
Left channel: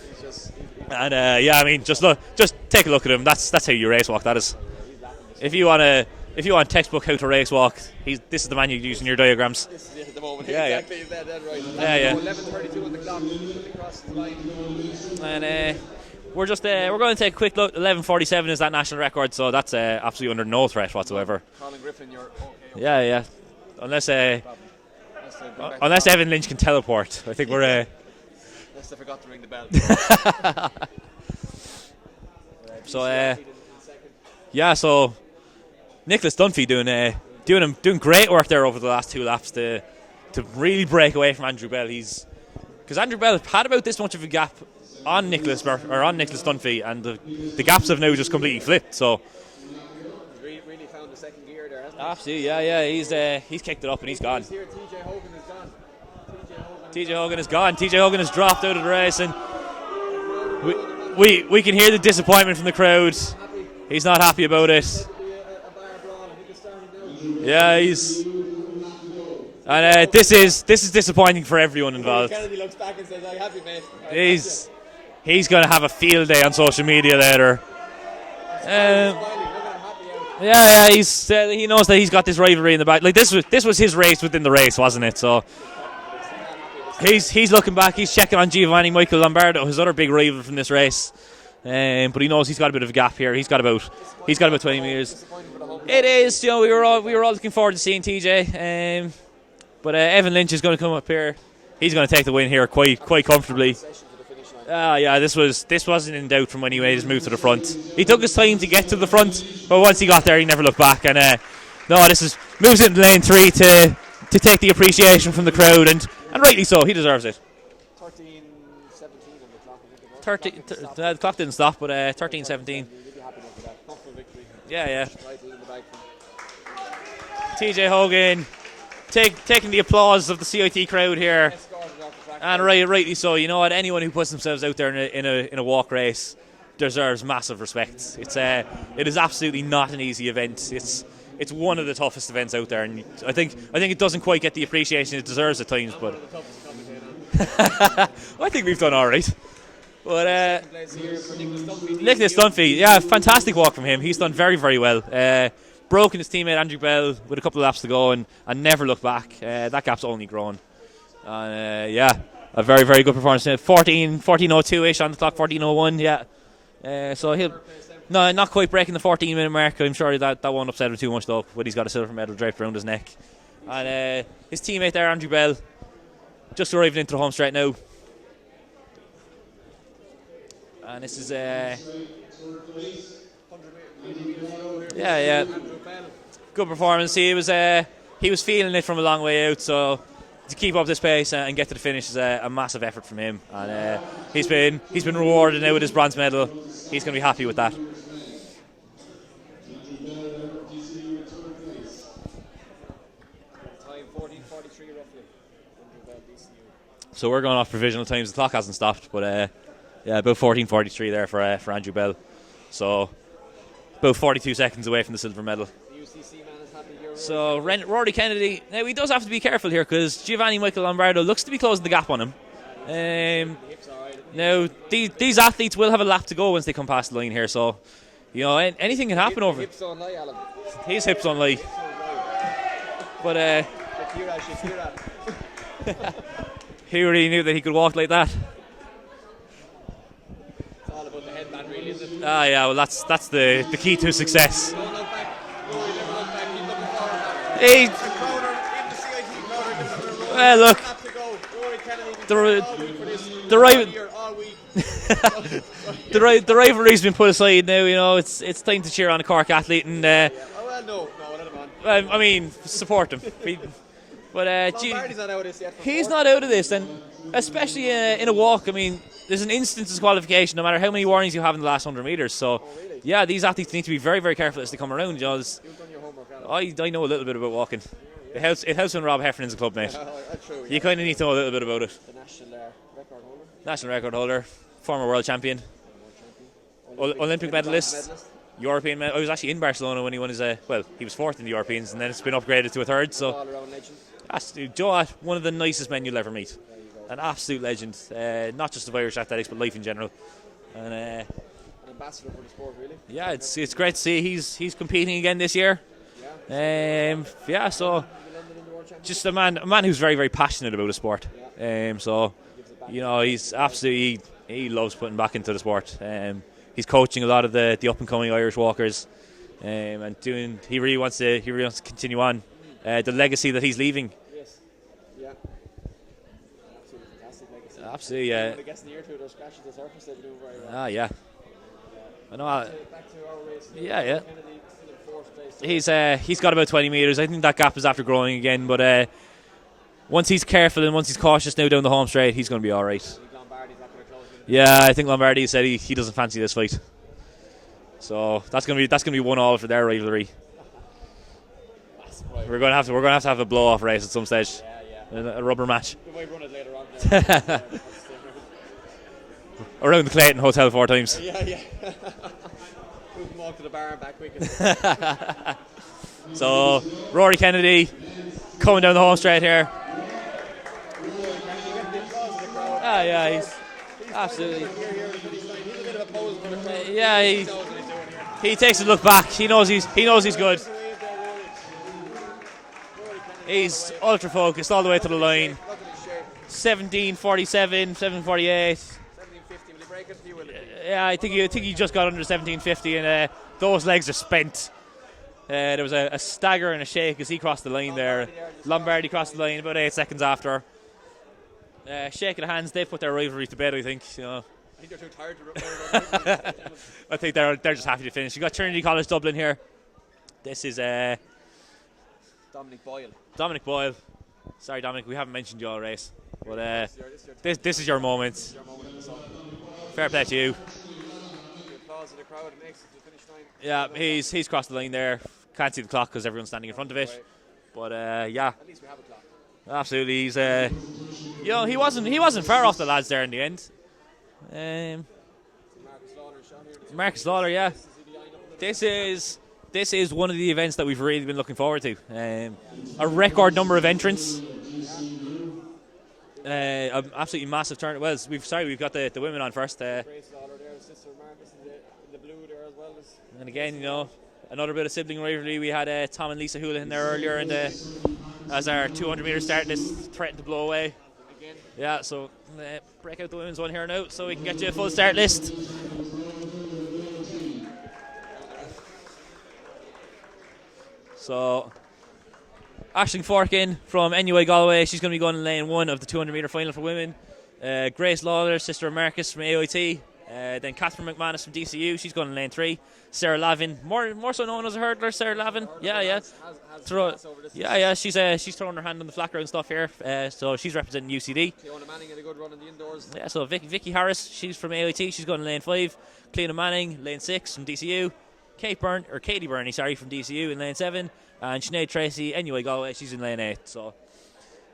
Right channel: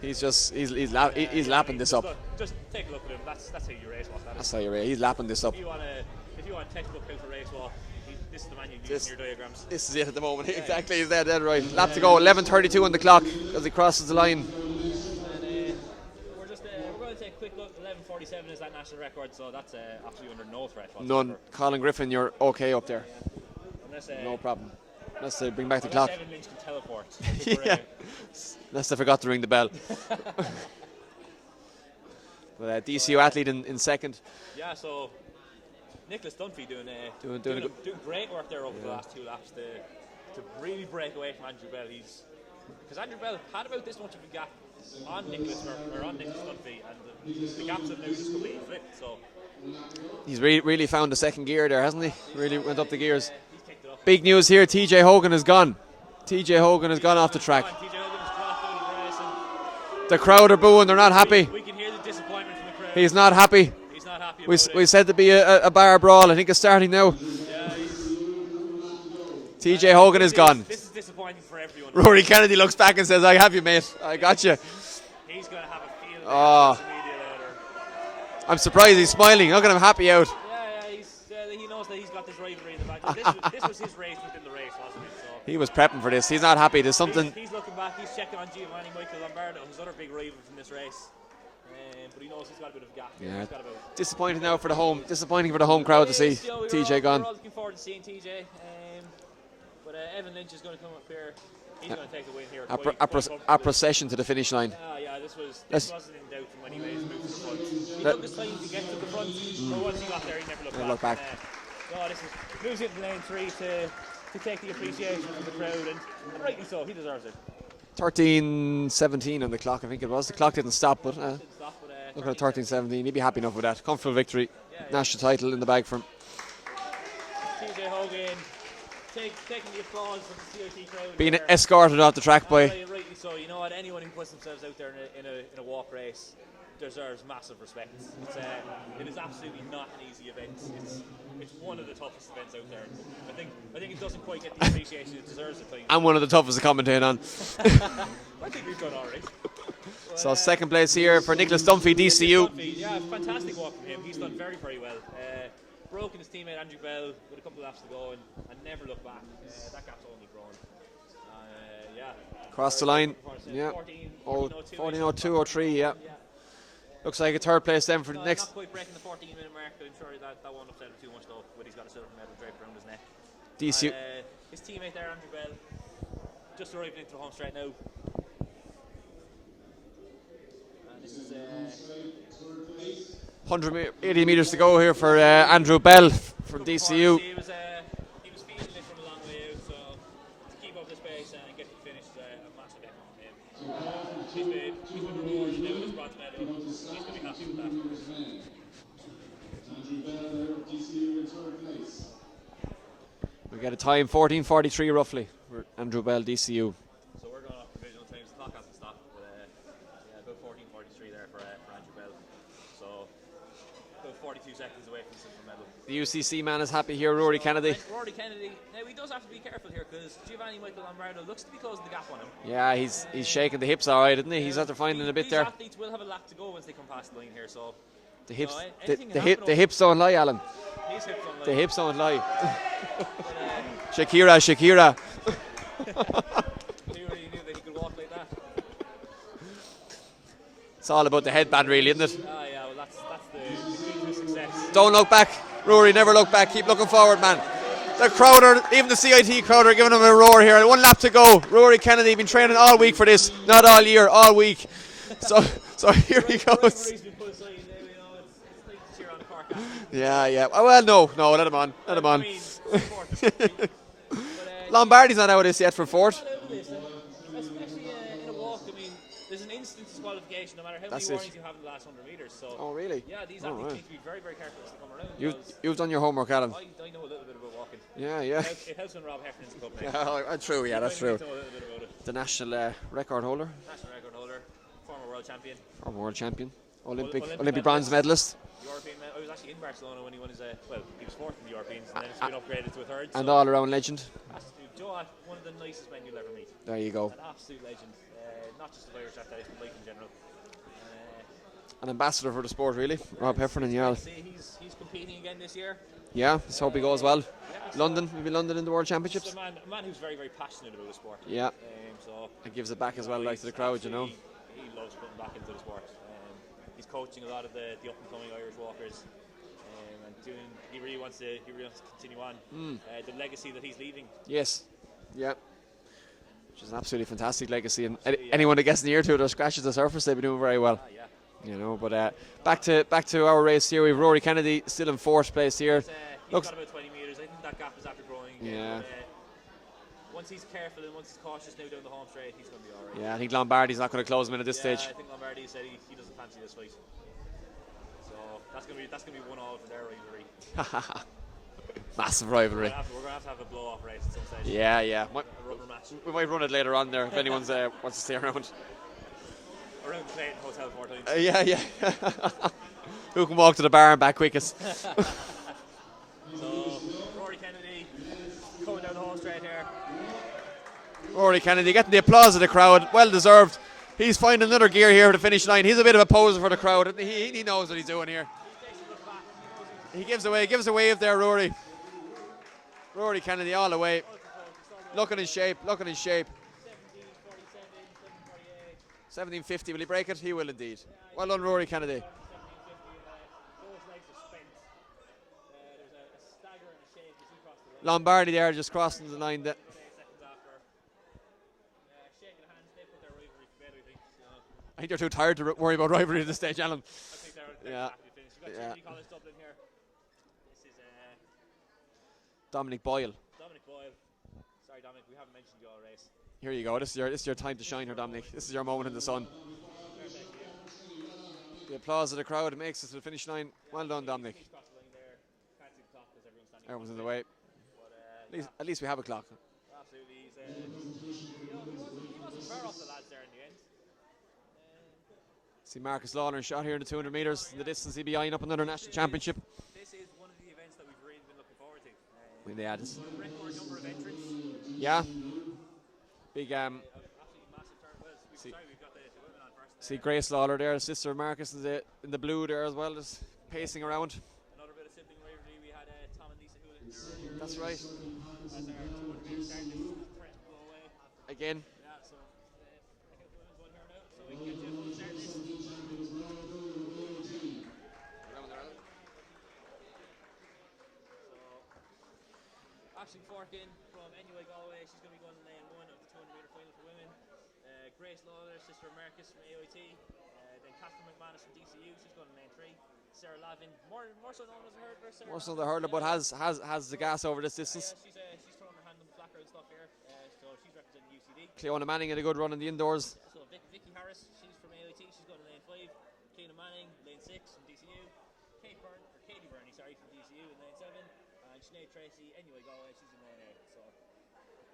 He's I mean, just take a look at him. That's how you race walk. That is. He's lapping this. If you want textbook how to race walk, this is the man you use in your diagrams. This is it at the moment. Yeah, exactly, he's there, dead right. Lap to go. 11:32 on the clock as he crosses the line. And we're going to take a quick look. 11:47 is that national record, so that's absolutely under no threat whatsoever. Colin Griffin, you're okay. Yeah. Unless no problem. They bring back unless Evan Lynch can teleport, I think we're. Unless they forgot to ring the bell. But DCU athlete in second. Yeah, so Nicholas Dunphy doing great work there over the last 2 laps to really break away from Andrew Bell. Because Andrew Bell had about this much of a gap on Nicholas Dunphy, and the gaps have now just completely flipped. So he's really found the second gear there, hasn't he? Absolutely, really he's kicked it up. Big news here: TJ Hogan is gone. TJ Hogan has gone off the track. TJ Hogan has dropped out of the race, and the crowd are booing. They're not happy. We can hear the disappointment from the crowd. He's not happy. He's not happy about it. We said to be a bar brawl. I think it's starting now. Yeah, he's. TJ Hogan is gone. This is disappointing for everyone. Rory Kennedy looks back and says, "I have you, mate. I got you." He's going to have a field day on social media later. I'm surprised he's smiling. Look at him happy out. Yeah, he knows that he's got this rivalry in the back. Like this was his race within the race, wasn't it? So he was prepping for this. He's not happy. There's something. He's looking back. He's checking on Giovanni Michael Lombardo, his other big rival from this race. But he knows he's got a bit of a gap here. He's got about 20 metres. Disappointing for the home crowd. It is. You know, we were all looking forward to seeing TJ. But Evan Lynch is going to come up here. He's going to take the win here quite comfortably. A procession to the finish line. Yeah, this wasn't in doubt from when he made his move to the front. He took his time to get to the front, but once he got there, he never looked back. And moves into lane 3 to take the appreciation from the crowd, and rightly so. He deserves it. 13:17 on the clock, I think it was. The clock didn't stop. The clock didn't stop, but 13:17. 13:17. He'd be happy enough with that. Comfortable victory. Yeah. National title in the bag for him. TJ Hogan taking the applause of the CIT crowd Being here. escorted off the track by. Rightly so. You know what? Anyone who puts themselves out there in a walk race deserves massive respect. It is absolutely not an easy event. It's one of the toughest events out there, and I think it doesn't quite get the appreciation it deserves at times. I'm one of the toughest to commentate on. I think we've done all right. But, so second place here for Nicholas Dunphy, DCU. Nicholas Dunphy, yeah, fantastic walk from him. He's done very, very well. Broken his teammate Andrew Bell with a couple of laps to go and never looked back. That gap's only grown. A very, very good performance. 14:02-ish on the clock, 14:01, yeah. Looks so like third place then for not quite breaking the 14-minute mark. I'm sure that won't upset him too much though, but he's got a silver medal draped around his neck. And, his teammate there, Andrew Bell, just arriving into the home straight now. And this is 180 metres to go here for Andrew Bell. Good performance. He was feeling it from a long way out, so to keep up this pace and get to the finish is a massive effort from him. And he's been rewarded now with his bronze medal. He's going to be happy with that. We get a time 14:43 roughly for Andrew Bell, DCU. So we're going off provisional times. The clock hasn't stopped, but about 14:43 there for Andrew Bell. So about 42 seconds away from the silver medal. The UCC man is happy here, Rory Kennedy. Rory Kennedy, now he does have to be careful here because Giovanni Michael Lombardo looks to be closing the gap on him. Yeah, he's shaking the hips all right, isn't he? Now, these athletes will have a lap to go once they come past the line here, so anything can happen. The hips don't lie, Alan. His hips don't lie. The hips don't lie. But Shakira. He really knew that he could walk like that. It's all about the headband, really, isn't it? Yeah, well, that's the key to success. Don't look back, Rory. Never look back. Keep looking forward, man. The crowd, even the CIT crowd, are giving him a roar here. One lap to go. Rory Kennedy been training all week for this, not all year, all week. The rivalry's been put aside now. You know, it's time to cheer on a Cork athlete. And, Well, no, let him on. I mean, support him. But Lombardi's not out of this yet for fourth. He's not out of this, and especially in a walk. I mean, there's an instant disqualification no matter how many warnings you have in the last 100 metres. So, really? Yeah, these athletes need to be very, very careful as they come around. You've done your homework, Adam. I know a little bit about walking. Yeah. It helps when Rob Heffernan's a club mate. True, yeah. You kind of need to know a little bit about it. The national record holder. Former world champion. Olympic medalist. European medal. I was actually in Barcelona when he won his. He was fourth in the Europeans, and then it's been upgraded to a third. And all-around legend. Joe, one of the nicest men you'll ever meet. There you go. An absolute legend, not just of Irish athletics, but life in general. And an ambassador for the sport, really. Yeah, it's great to see he's competing again this year. Yeah, so he goes well. Yeah, so London, will be London in the World Championships. Just a man who's very, very passionate about the sport. Yeah. So it gives it back. He's absolutely he loves putting back into the sport. He's coaching a lot of the up and coming Irish walkers, and he really wants to continue on the legacy that he's leaving. Yes. Yeah. Which is an absolutely fantastic legacy. Absolutely, anyone that gets near to it or scratches the surface, they've been doing very well. Yeah. You know, but back to our race here. We have Rory Kennedy still in fourth place here. He's got about 20 metres. I think that gap is after growing again, but once he's careful and once he's cautious now down the home straight, he's going to be all right. Yeah, I think Lombardi's not going to close him in at this point. point. I think Lombardi said he doesn't fancy this fight. So that's going to be 1-1 for their rivalry. Massive rivalry. We're going to have to have a blow-off race at some stage. Yeah. A rubber match. We might run it later on there. Wants to stay around. Around the Clayton Hotel 4 times. Yeah. Who can walk to the bar and back quickest? So Rory Kennedy coming down the home straight here. Rory Kennedy getting the applause of the crowd. Well deserved. He's finding another gear here at the finish line. He's a bit of a poser for the crowd. Yeah, he knows what he's doing here. He takes a look back. He knows he's good. Gives a wave there, Rory. Rory Kennedy all the way. He's ultra focused all the way to the line. Look at his shape. 17:47, 7:48. 17:50. Will he break it? He will indeed. Yeah, I think he just got under 17:50, and those legs are spent. There was a stagger and a shake as he crossed the line. Lombardi crossed the line about 8 seconds after. Shake of the hands. They've put their rivalry to bed, I think. I think they're too tired to worry about rivalry at this stage, Alan. I think they're just happy to finish. You got Trinity College Dublin here. This is Dominic Boyle. Sorry, Dominic, we haven't mentioned your race. Here you go. This is your moment. This is your moment in the sun. Fair play to you. The applause of the crowd makes it to the finish line. Yeah, he's crossed the line there. Can't see the clock because everyone's standing in front of it. But yeah, at least we have a clock. Absolutely, he's he wasn't far off the lads there in the end. See Marcus Lawler shot here in the 200 Marcus meters. Lawler, yeah. Distance he'll be eyeing up another national championship. This is one of the events that we've really been looking forward to. A record number of entrants. Yeah. Absolutely massive turn. Well, we've got the women on first. Grace Lawler there, sister of Marcus in the blue there as well. And again, another bit of sibling rivalry. We had Tom and Lisa Houlihan there earlier, as our 200-meter start list threatened to blow away. Again. Yeah, so break out the women's one here now, so we can get you a full start list. So, Aisling Forkin from NUA Galway, she's going to be going in lane 1 of the 200-metre final for women. Grace Lawler, sister of Marcus from AOT. Then Catherine McManus from DCU, she's going in lane 3. Sarah Lavin, more so known as a hurdler, Sarah Lavin. Has the gas over this. Yeah, she's throwing her hand on the flat ground stuff here. So she's representing UCD. Cleona Manning had a good run in the indoors. Yeah, so Vicky Harris, she's from AOT, she's going in lane 5. Cleona Manning, lane 6 from DCU. Katie Burney, from DCU in lane 7. And Sinead Tracy, NUA Galway, she's in lane 8. So,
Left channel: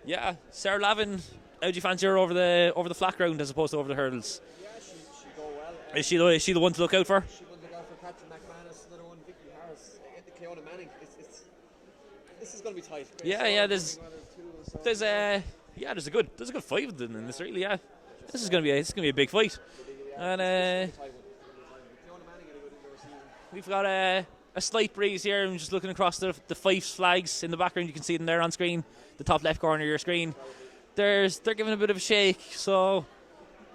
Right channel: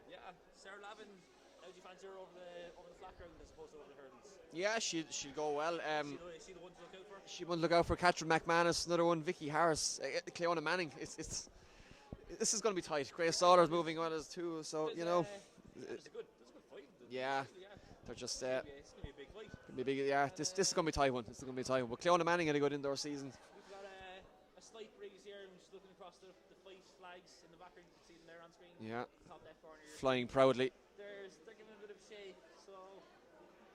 yeah, Sarah Lavin, how do you fancy her over the flat ground as opposed to over the hurdles? Yeah, she'll go well. Is she the one to look out for? She will look out for Catherine McManus, another one, Vicky Harris, Cleona Manning. This is going to be tight. Grace moving well as two. So there's a good 5 of them in this, really. Yeah, this is going to be a big fight. This is going to be a tight one. But Cleona Manning had a good indoor season. We've got a slight breeze here. I'm just looking across the Fyffes flags in the background. You can see them there on screen. Yeah. The top left corner of your screen. Proudly. They're giving a bit of a shake, so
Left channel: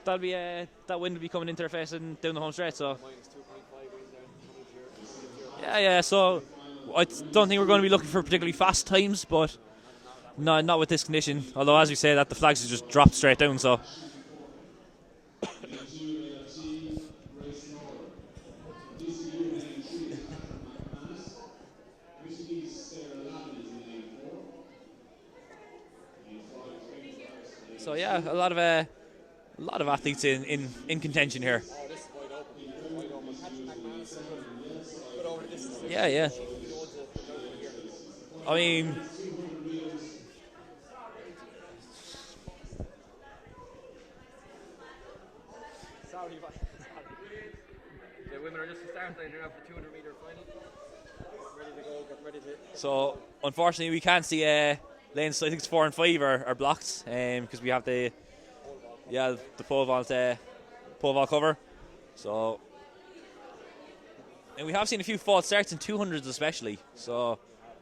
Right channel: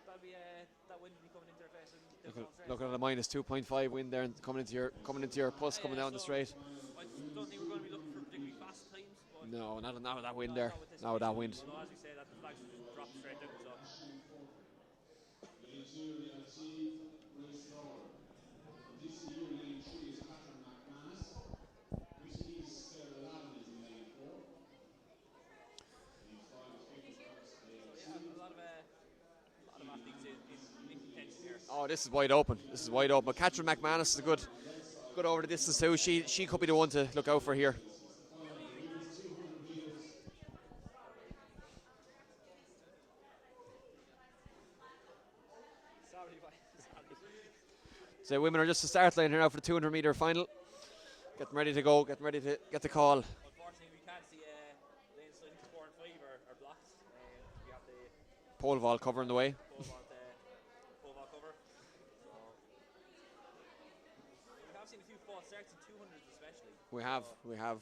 that'll be that wind will be coming into their face and down the home stretch. So a minus 2.5 wind there and coming into your. Yeah. So I don't think we're going to be looking for particularly fast times, but not with this condition. Although, as we say, that the flags have just dropped straight down. So. So yeah, a lot of athletes in contention here. Oh, this is wide open. But Catherine McManus is a good over the distance too. She could be the one to look out for here. I mean, so women are just the start line here now for the 200-meter final. Getting ready to go. Getting ready to get the call. Unfortunately, we can't see lanes. I think it's 4 and 5 are blocked because we have the pole vault cover the way. The pole vault cover. So, and we have seen a few false starts in 200s especially. We have.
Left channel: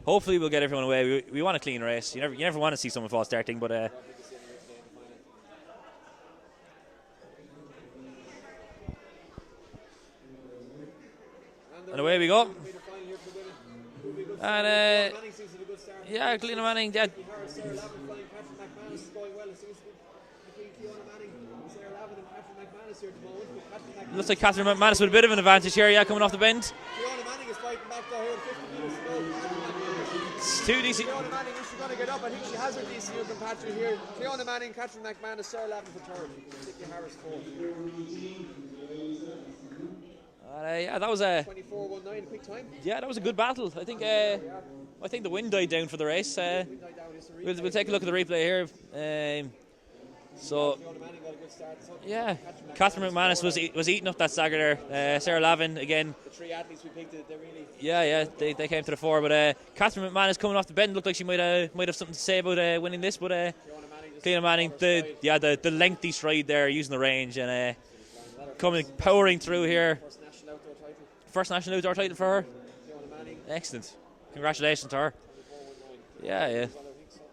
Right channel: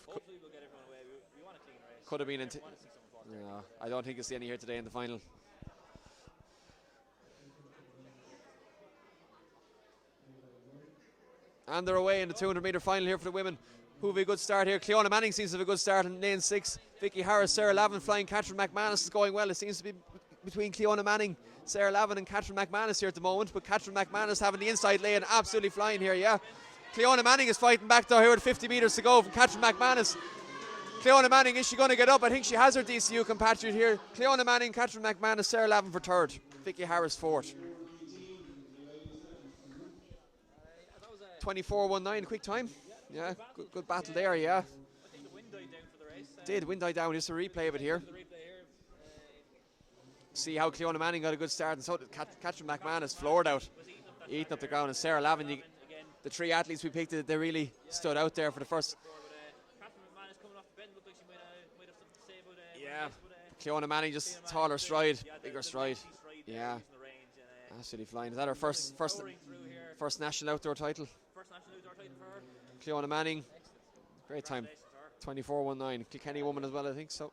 Hopefully we'll get everyone away. We want a clean race. You never want to see someone false starting, but I don't think you'll see any here today in the final. And they're away. We go. 200-meter final here for the women. Who will be a good start here? Cleona Manning seems to have a good start. Yeah, Cleona Manning. Vicky Harris, Sarah Lavin flying. Catherine McManus is going well. It seems to be between Cleona Manning, Sarah Lavin and Catherine McManus here at the moment. But Catherine McManus looks like Catherine McManus with a bit of an advantage here. Yeah, coming off the bend. Cleona Manning is fighting back though here with 50 metres to go from Catherine McManus. Cleona Manning, is she going to get up? I think she has her DCU compatriot here. Cleona Manning, Catherine McManus, Sarah Lavin for third. Vicky Harris fourth. Yeah, that was a 24:19, quick time. Yeah, that was a good battle. I think the wind died down for the race. The wind died down. Just a replay. We'll take a look at the replay here. See how Cleona Manning got a good start, and so did Catherine McManus was eating up that stagger there. Sarah Lavin again. The 3 athletes we picked, they really stood out they came to the fore. But Catherine McManus coming off the bend looked like she might have something to say about winning this. But Cleona Manning just the lengthy stride there, using the range and coming powering through here. First national outdoor title. First national outdoor title for her. Cleona Manning. Excellent. Congratulations to her. 24:19. As well, I think so.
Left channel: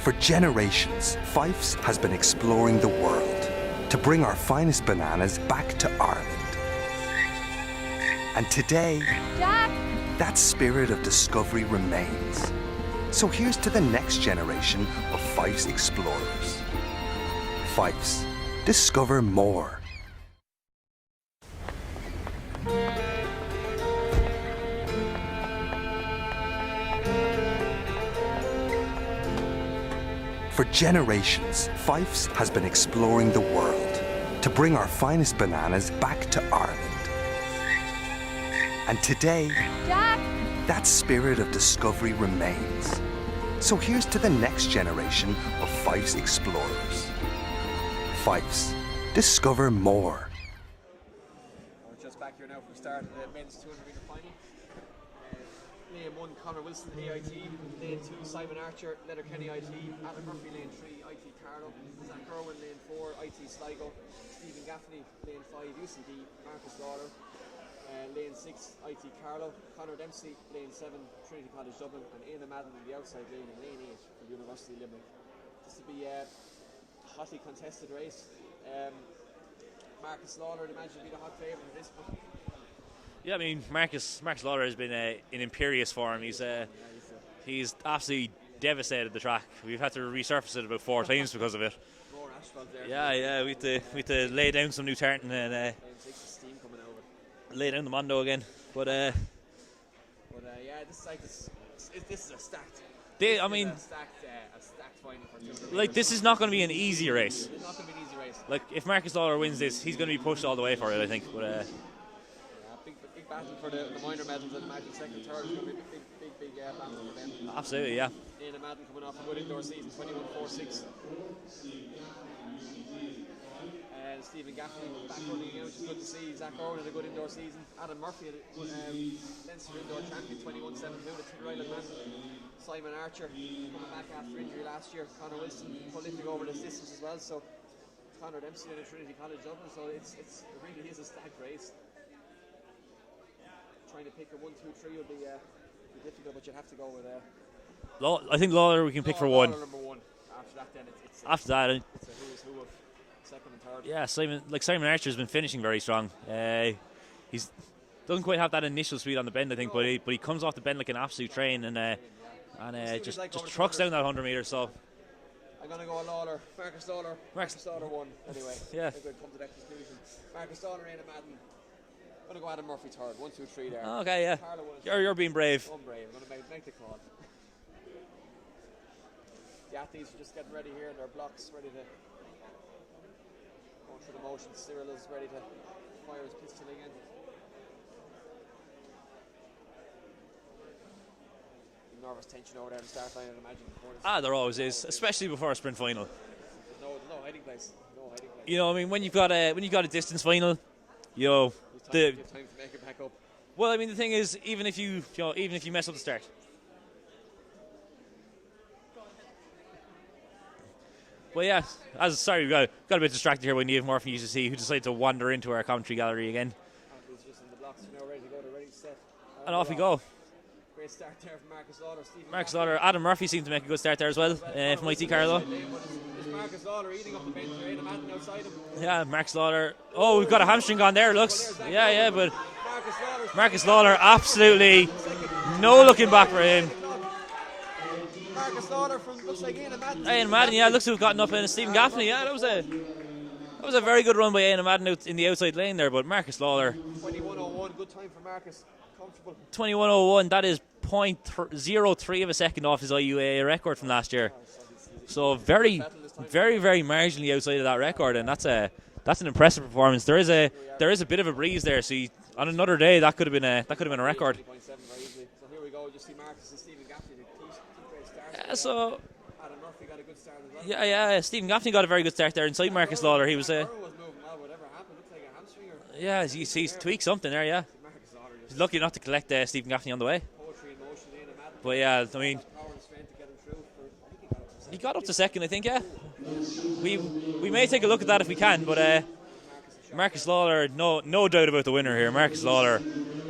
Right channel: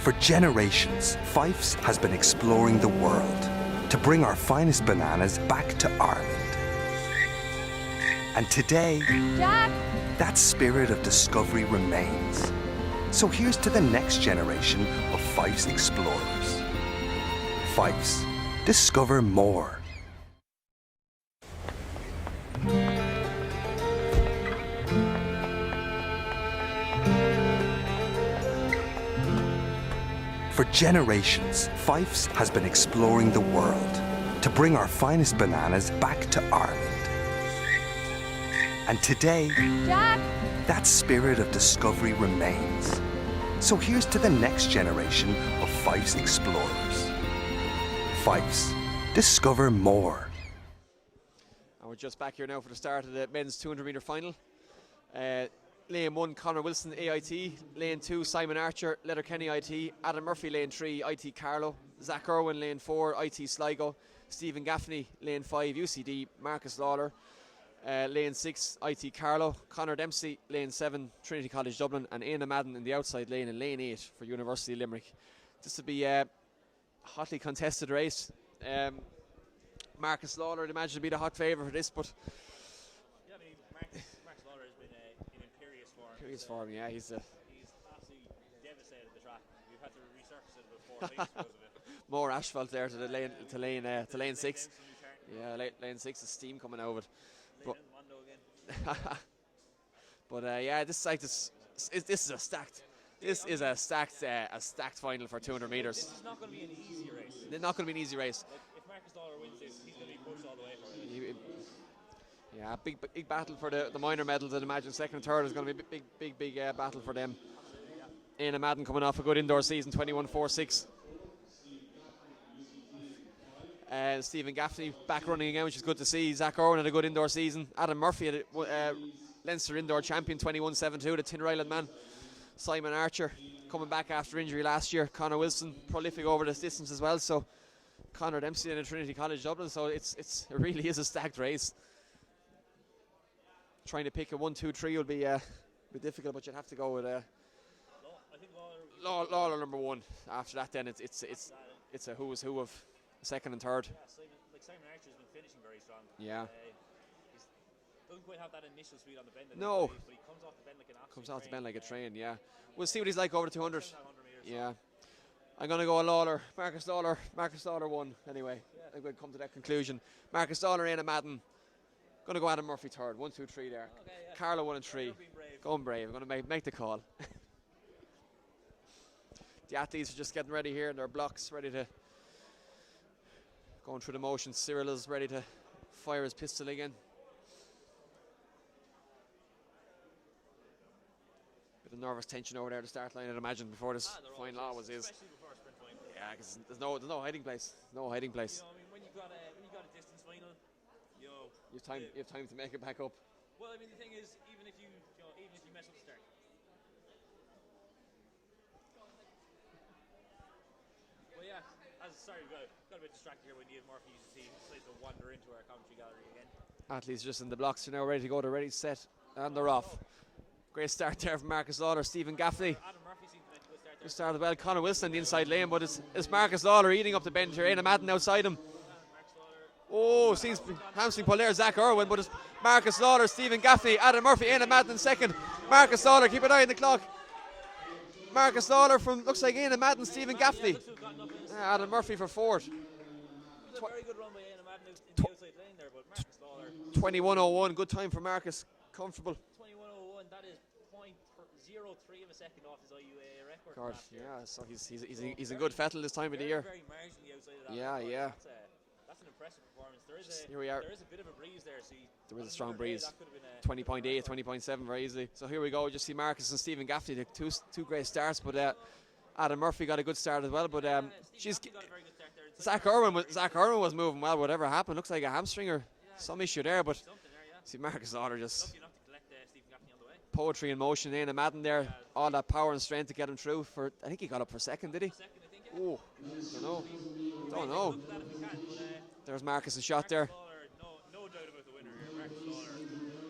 For generations, Fyffes has been exploring the world to bring our finest bananas back to Ireland. And today, Jack! that spirit of discovery remains. So here's to the next generation of Fyffes explorers. Fyffes, discover more. For generations, Fyffes has been exploring the world to bring our finest bananas back to Ireland. And today, Jack! that spirit of discovery remains. So here's to the next generation of Fyffes explorers. Fyffes, discover more. And we're just back here now for the start of the men's 200 metre final. Lane 1, Conor Wilson, AIT. Lane 2, Simon Archer, Letterkenny IT. Adam Murphy, Lane 3, IT Carlow. Zach Irwin, Lane 4, IT Sligo. Stephen Gaffney, Lane 5, UCD. Marcus Lawler, Lane 6, IT Carlow. Conor Dempsey, Lane 7, Trinity College Dublin. And Aina Madden in the outside lane in Lane 8 for University of Limerick. This will be a hotly contested race. Marcus Lawler, I'd imagine, would be the hot favourite for this, but yeah, I mean, Marcus Lawler has been in imperious form. He's absolutely devastated the track. We've had to resurface it about 4 times because of it. More asphalt there. We had to lay down some new tartan and lane 6 is steam coming out of it. Lay down the Mondo again. But this is a stacked. This is a stacked final for 200 metres. Like, this is not going to be an easy race. It's not going to be an easy race. Like, if Marcus Lawler wins this, he's going to be pushed all the way for it, I think. But big battle for the minor medals. I'd imagine second and third is going to be a big battle for them. Absolutely, yeah. Aina Madden coming off a good indoor season, 21.46. Stephen Gaffney back running again, which is good to see. Zach Irwin had a good indoor season. Adam Murphy had a Leinster indoor champion, 21.72, the Tinryland man. Simon Archer coming back after injury last year. Conor Wilson prolific over this distance as well. So Conor Dempsey in a Trinity College Dublin. So it really is a stacked race. Trying to pick a 1, 2, 3 will be difficult, but you'd have to go with I think Lawler we can pick for one. Number 1. After that, then it's after that it's a who is who of second and third. Yeah, Simon Archer's been finishing very strong. Yeah. He's doesn't quite have that initial speed on the bend, I think, but he comes off the bend like an absolute train, and we'll see what he's like over the trucks down that 100 metres. So I'm going to go Lawler, Marcus Lawler 1 anyway. Yeah, I think we'll come to that conclusion. Marcus Lawler, Aina Madden. Going to go Adam Murphy third. 1, 2, 3 there. Okay, yeah. Carlo 1 and 3. You're being brave. I'm brave. I'm going to make the call. The athletes are just getting ready here in their blocks, ready to going through the motions. Cyril is ready to fire his pistol again. Nervous tension over there at the start line, I'd imagine, before this. There always is, especially before a sprint final. Yeah, cause there's no hiding place. No hiding place. You know, I mean, when you've got a distance final, you have time to make it back up. Well, I mean, the thing is, even if you mess up the start. Well, yeah. We got a bit distracted here when Niamh Murphy used to see who decided to wander into our commentary gallery again. Athletes just in the blocks are now ready to go. They're ready to set. And off we go. Great start there from Marcus Lawler, Stephen Marcus Gaffney. Lawler, Adam Murphy seemed to make a good start there as well. Conor Wilson inside lane, but is Marcus Lawler eating up the bench here? Aina Madden outside him. Yeah, Marcus Lawler. We've got a hamstring gone there. Looks. But Marcus Lawler, absolutely no looking back for him. Marcus Lawler from looks like Aina Madden. Aina Madden, yeah, looks to have gotten up in Stephen Gaffney. Yeah, that was a very good run by Aina Madden out in the outside lane there. But Marcus Lawler, 21:01, good time for Marcus. Comfortable. 21:01. That is 0.03 of a second off his IUAA record from last year. So he's very marginally outside of that record, and that's an impressive performance. There is a bit of a breeze there, so On another day, that could have been a record. 20.7 very easily. So here we go. Just see Marcus and Stephen Gaffney, the two great starts. But, So Adam Murphy got a good start as well. yeah, but, Stephen Gaffney got a very good start there inside Marcus Lawler. He was Zach Irwin was moving well. Whatever happened, looks like a hamstring or he's tweaked something there. Yeah, see Marcus Lawler just lucky not to collect Stephen Gaffney on the way. poetry in motion. Anna Madden But there. yeah, I all mean, that power and strength to get him through. For I think he got up for second. He got up did to second, I think. Yeah, Oh. we may take a look at that if we can. But There's Marcus' shot Marcus there. Lawler, no doubt about the winner here. Marcus Lawler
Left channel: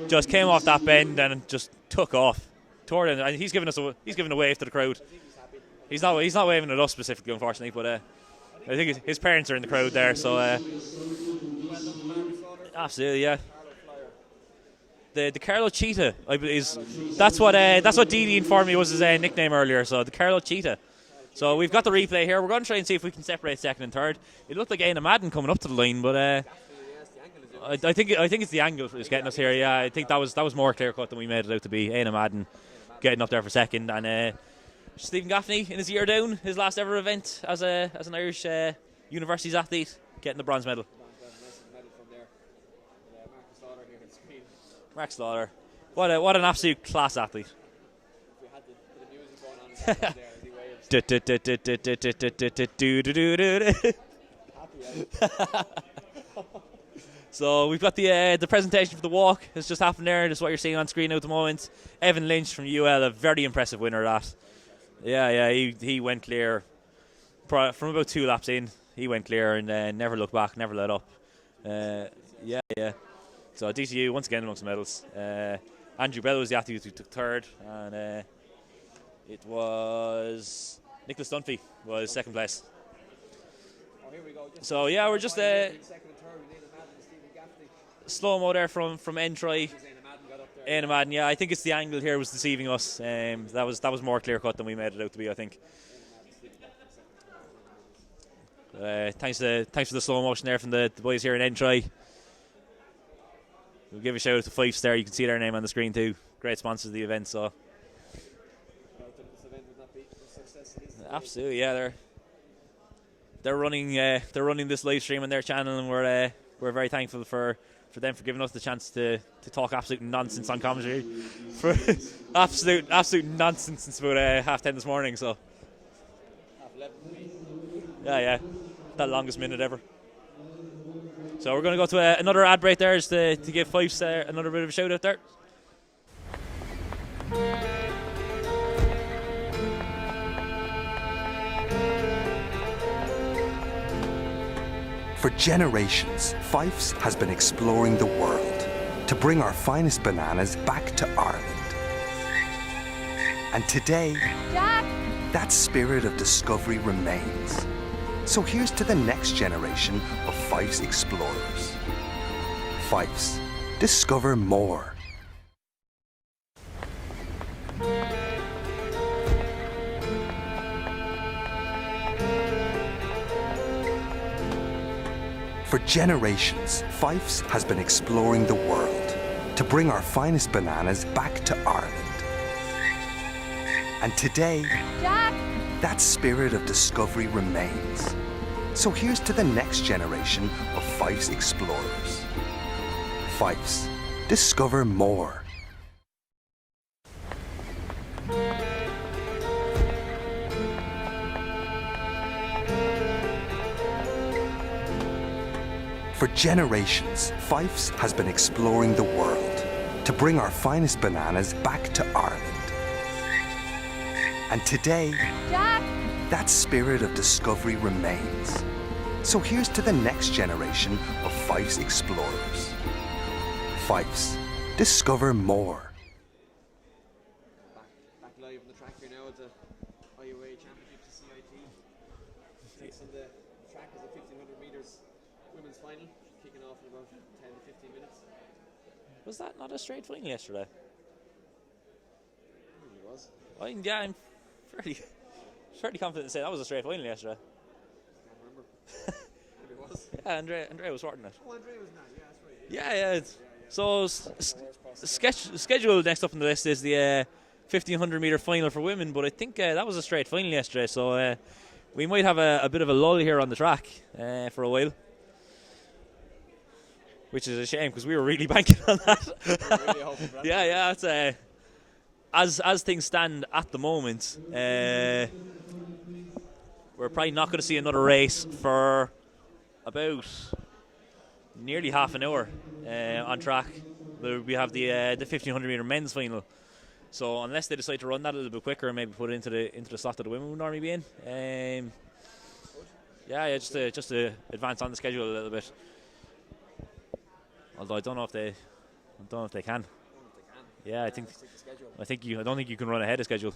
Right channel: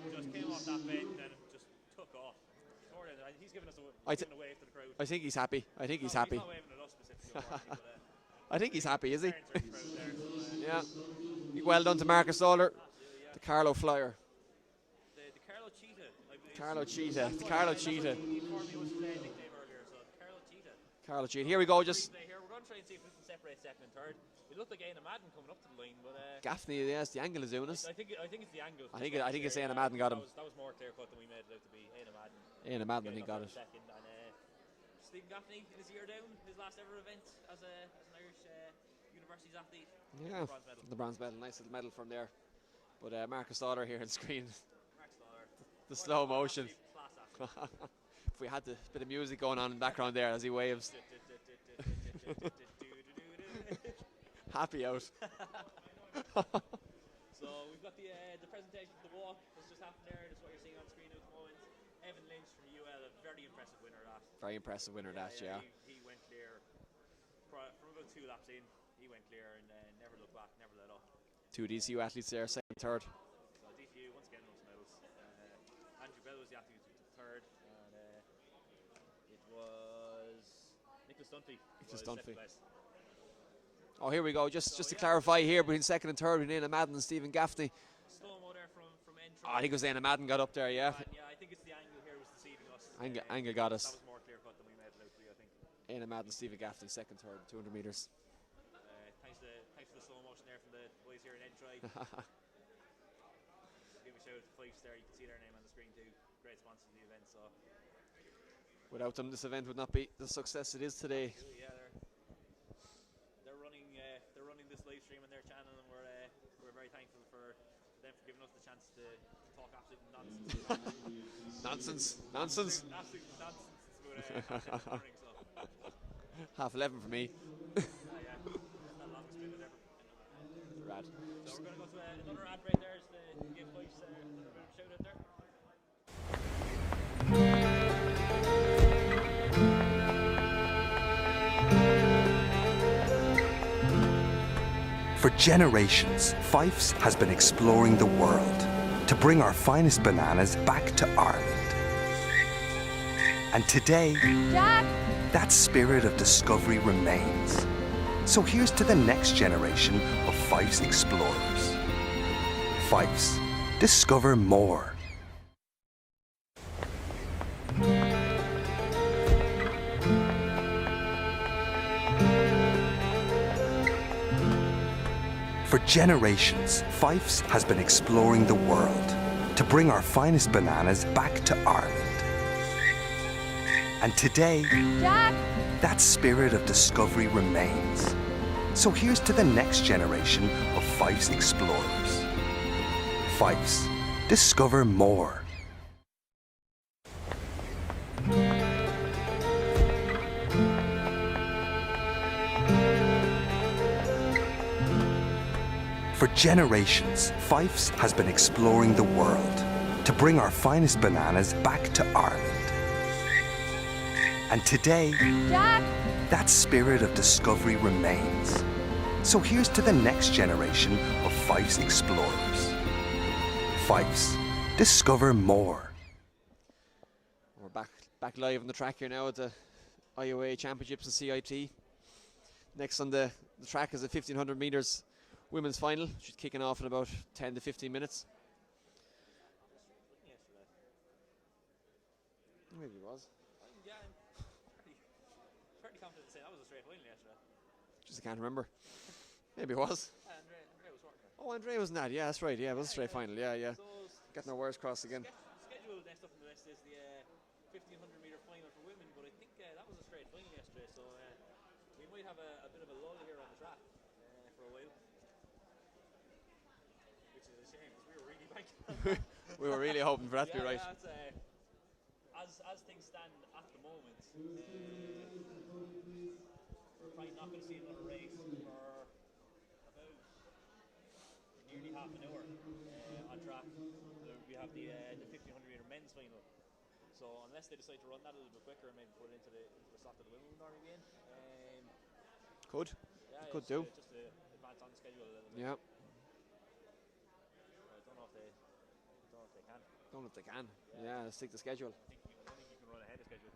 just came off that bend and just took off. And he's giving a wave to the crowd. I think he's happy. He's not waving at us specifically, unfortunately, but I think his parents are in the crowd there, so yeah. Well done to Marcus Lawler. Absolutely, yeah. Carlo Flyer. The Carlo Cheetah is Carlo Cheetah. that's what Didi informed me was his nickname earlier. So the Carlo Cheetah. So we've got the replay here. We're going to try and see if we can separate second and third. It looked like Aina Madden coming up to the line, but Gaffney, yes, the angle is doing us. I think it's the angle is getting us here. Yeah, I think that was more clear cut than we made it out to be. Aina Madden getting up there for second, and Stephen Gaffney in his year down, his last ever event as an Irish universities athlete, getting the bronze medal. The bronze medal, nice medal from there. But Marcus Lawler here on the screen. Marcus Lawler, what an absolute class athlete. If we had the bit of music going on in the background there as he waves. Happy out. So we've got the presentation for the walk. It's just happened there. This is what you're seeing on screen now at the moment. Evan Lynch from UL, a very impressive winner of that. Very impressive winner. Yeah, he went clear from about 2 laps in. He went clear and never looked back, never let up. 2 DCU athletes there. Yeah. Third. So DCU once again amongst the medals. Andrew Bell was the athlete who took third, and it was Nicholas Dunphy was second place. Oh, here we go. Just so to yeah, we're clarify just here between second and third between Aina Madden and Stephen Gaffney. Slow mo there from Entry. I think it was Aina Madden got up there. Aina Madden, yeah. I think it's the angle here was deceiving us. That was more clear cut than we made it out to be. I think. Aina Madden, Stephen Gaffney, second, third, 200 meters. Thanks for the slow motion there from the boys here in Entry. We'll give a shout out to Fyffes there. You can see their name on the screen too. Great sponsors of the event. So without them, this event would not be the success it is today. Absolutely, yeah. They're running this live stream on their channel, and we're very thankful for them for giving us the chance to talk absolute nonsense on commentary. For absolute nonsense since about 10:30 this morning. So 11:30 for me. Yeah, that longest minute ever. So we're going to go to another ad break there, just to give Fyffes another bit of a shout out there. For generations, Fyffes has been exploring the world to bring our finest bananas back to Ireland. And today, Jack! that spirit of discovery remains. So here's to the next generation of Fyffes explorers. Fyffes, discover more. For generations, Fyffes has been exploring the world to bring our finest bananas back to Ireland. And today, Jack! that spirit of discovery remains. So here's to the next generation of Fyffes explorers. Fyffes, discover more. For generations, Fyffes has been exploring the world to bring our finest bananas back to Ireland. And today, Jack! that spirit of discovery remains. So here's to the next generation of Fyffes explorers. Fyffes, discover more. We're back live on the track here now at the IUAA Championships and CIT. Next on the track is the 1500 metres women's final, which is kicking off in about 10 to 15 minutes. Was that not a straight final yesterday? Maybe it was. I'm fairly confident to say that was a straight final yesterday. Just I can't remember. Maybe it was. Yeah, Andrea was sorting it. Oh, Andrea was not. Yeah, that's right. Yeah, yeah. So the schedule next up on the list is the 1500 metre final for women, but I think that was a straight final yesterday. So we might have a bit of a lull here on the track for a while. which is a shame because we were really banking on that. We were really hoping for that. Yeah, it's as things stand at the moment, we're probably not going to see another race for about nearly half an hour on track. We have the 1500 meter men's final. So unless they decide to run that a little bit quicker and maybe put it into the slot that the women would normally be in, Good. yeah, just to advance on the schedule a little bit. Yep. Although I don't know if they can. I don't know if they can. Yeah, I think. Stick to schedule. I don't think you can run ahead of schedule.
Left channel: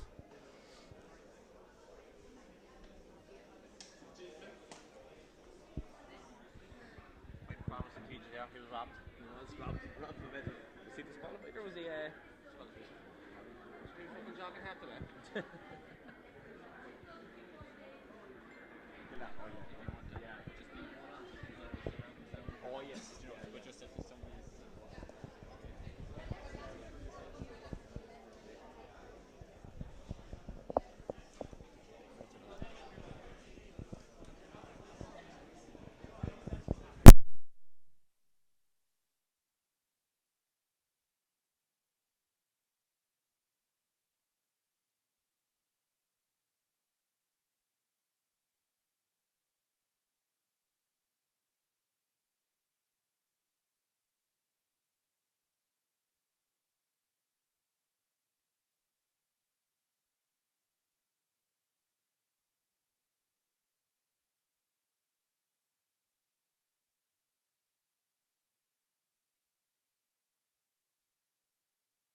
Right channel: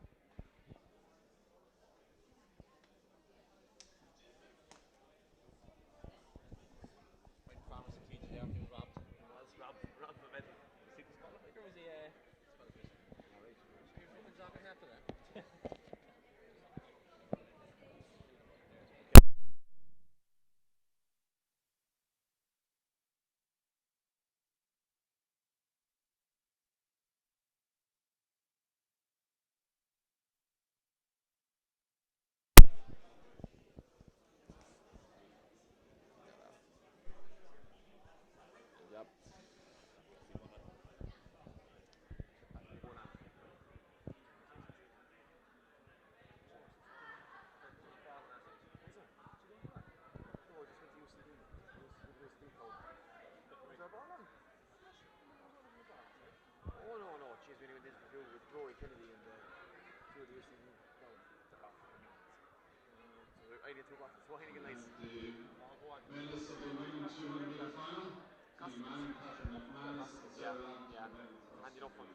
Medalists of the women 200 meter final, Kenny Manning, Catherine McManus, and Sarah Lamb to the medal cross.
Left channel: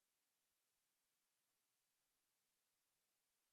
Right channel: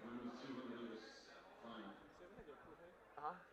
Women's 200 meters final.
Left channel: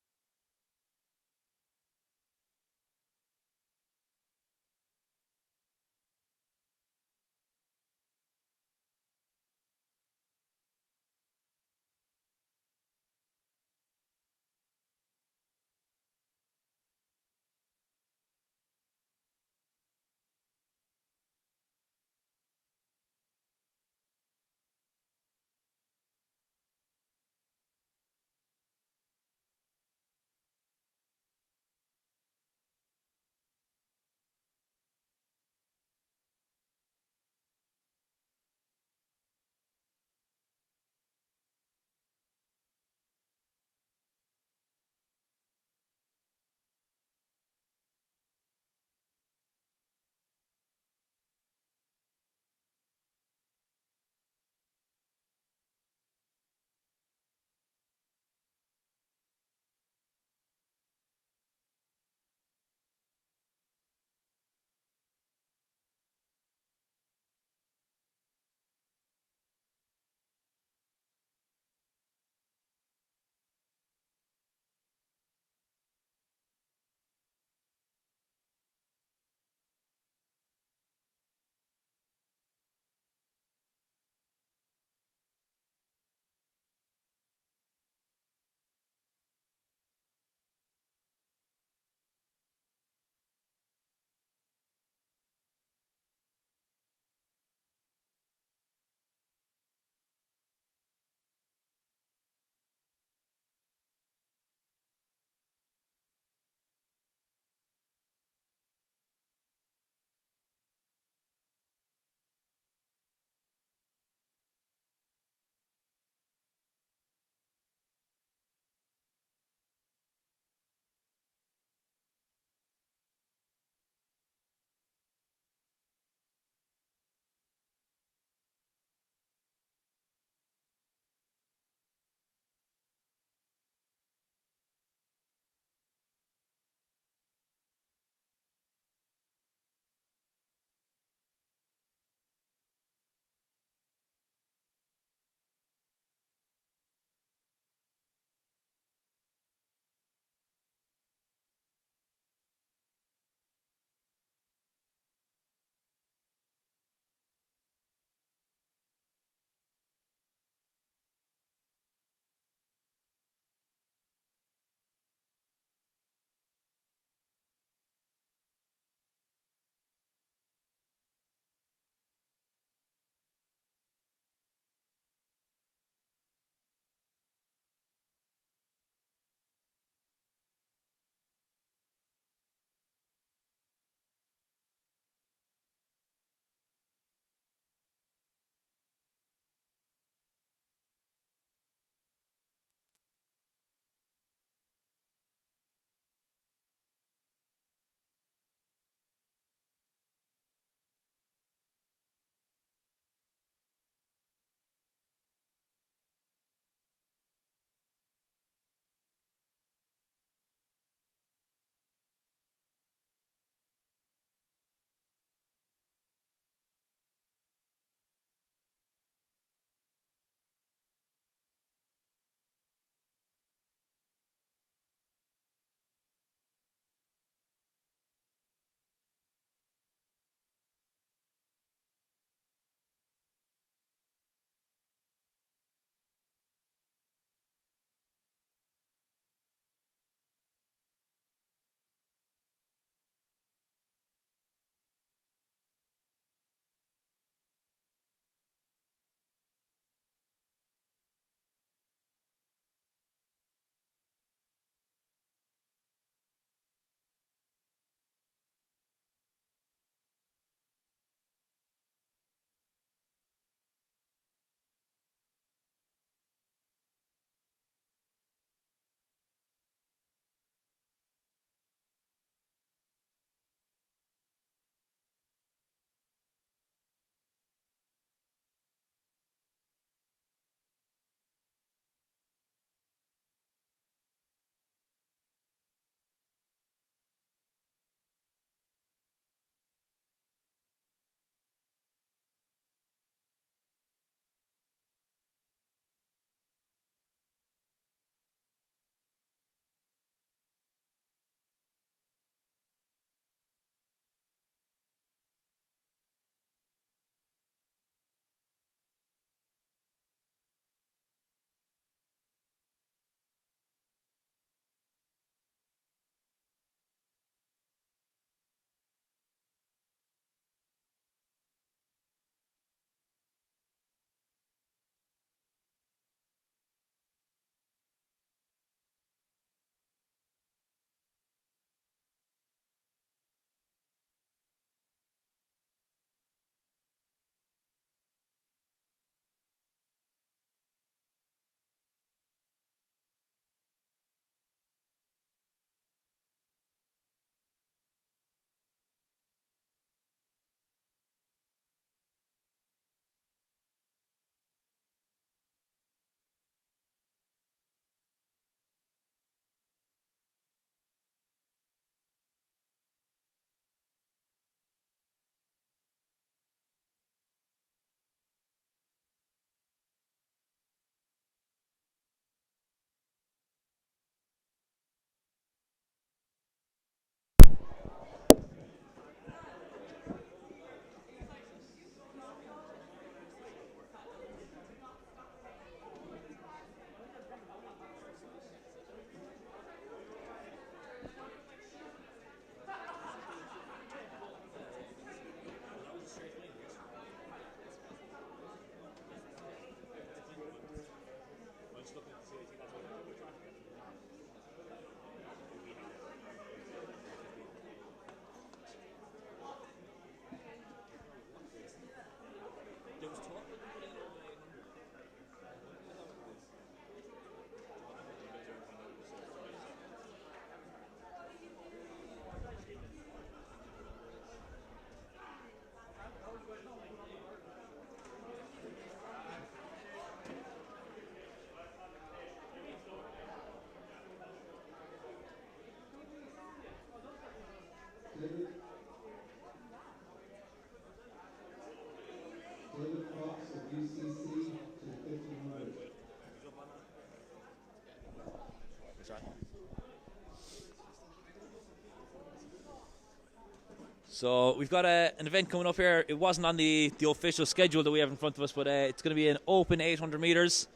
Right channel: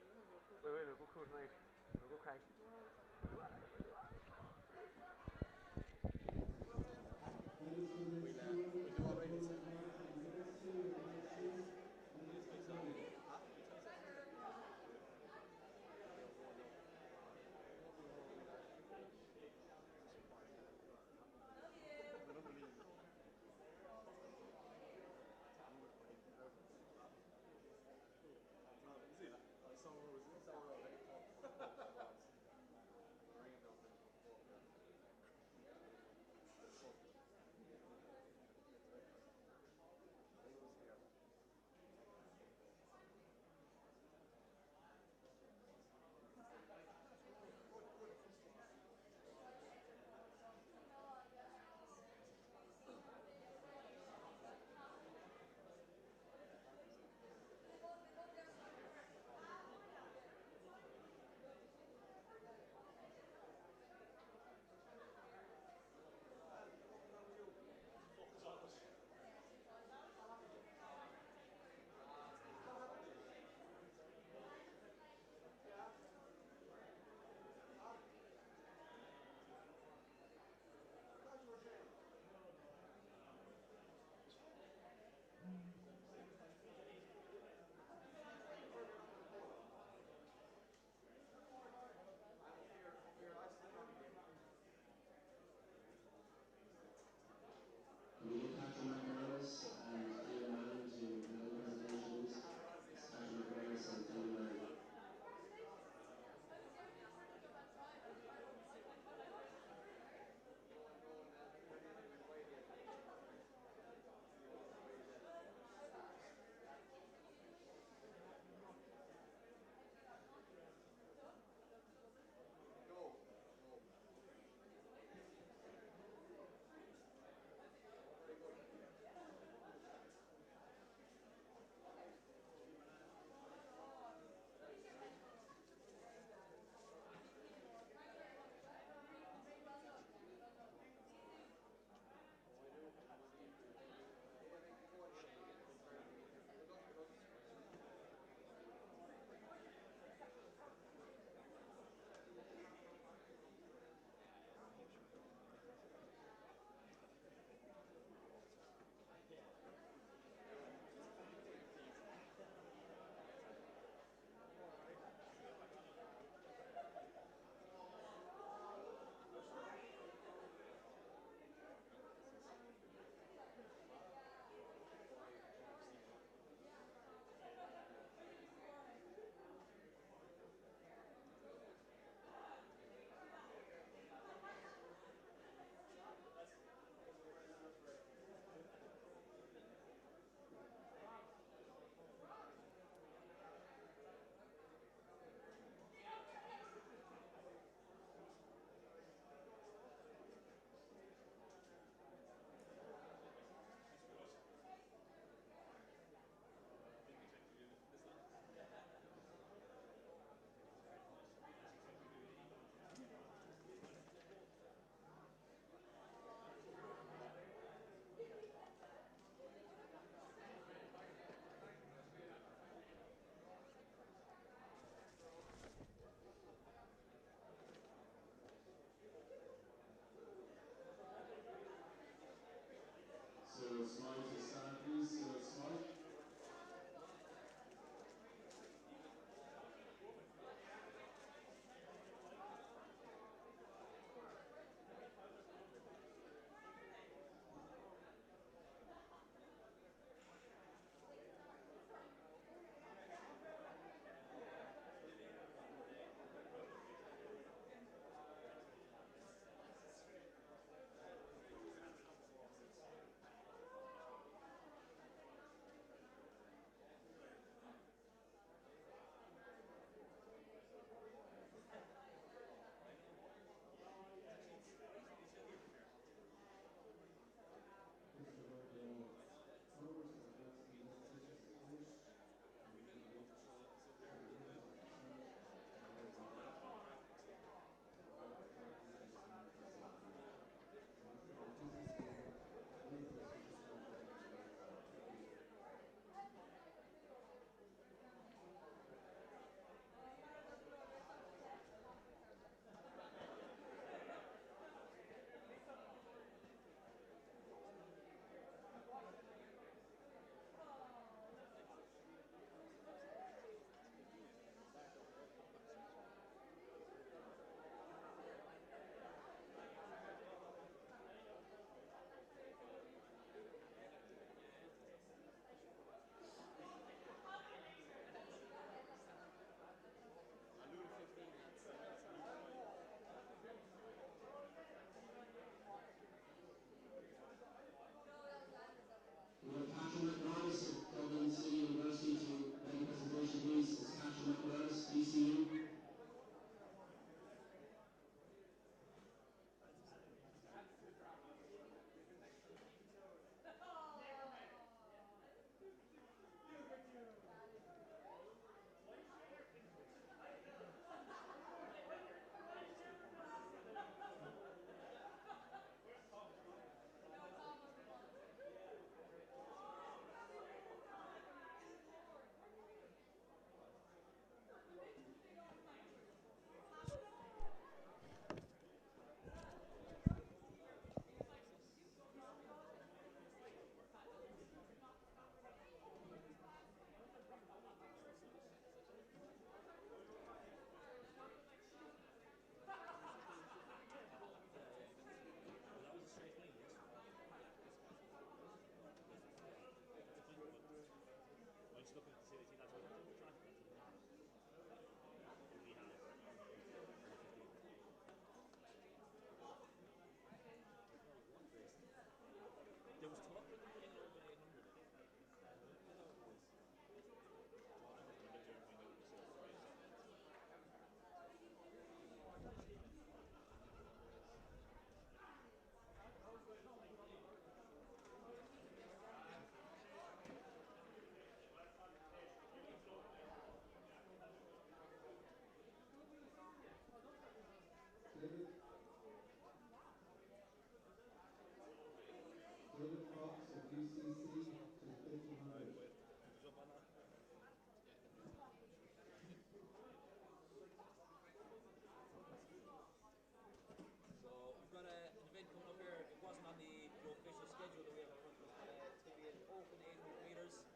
So we've got an event coming up here. It wasn't on the official schedule that we have in front of us, but it's going to be an open 800 metres.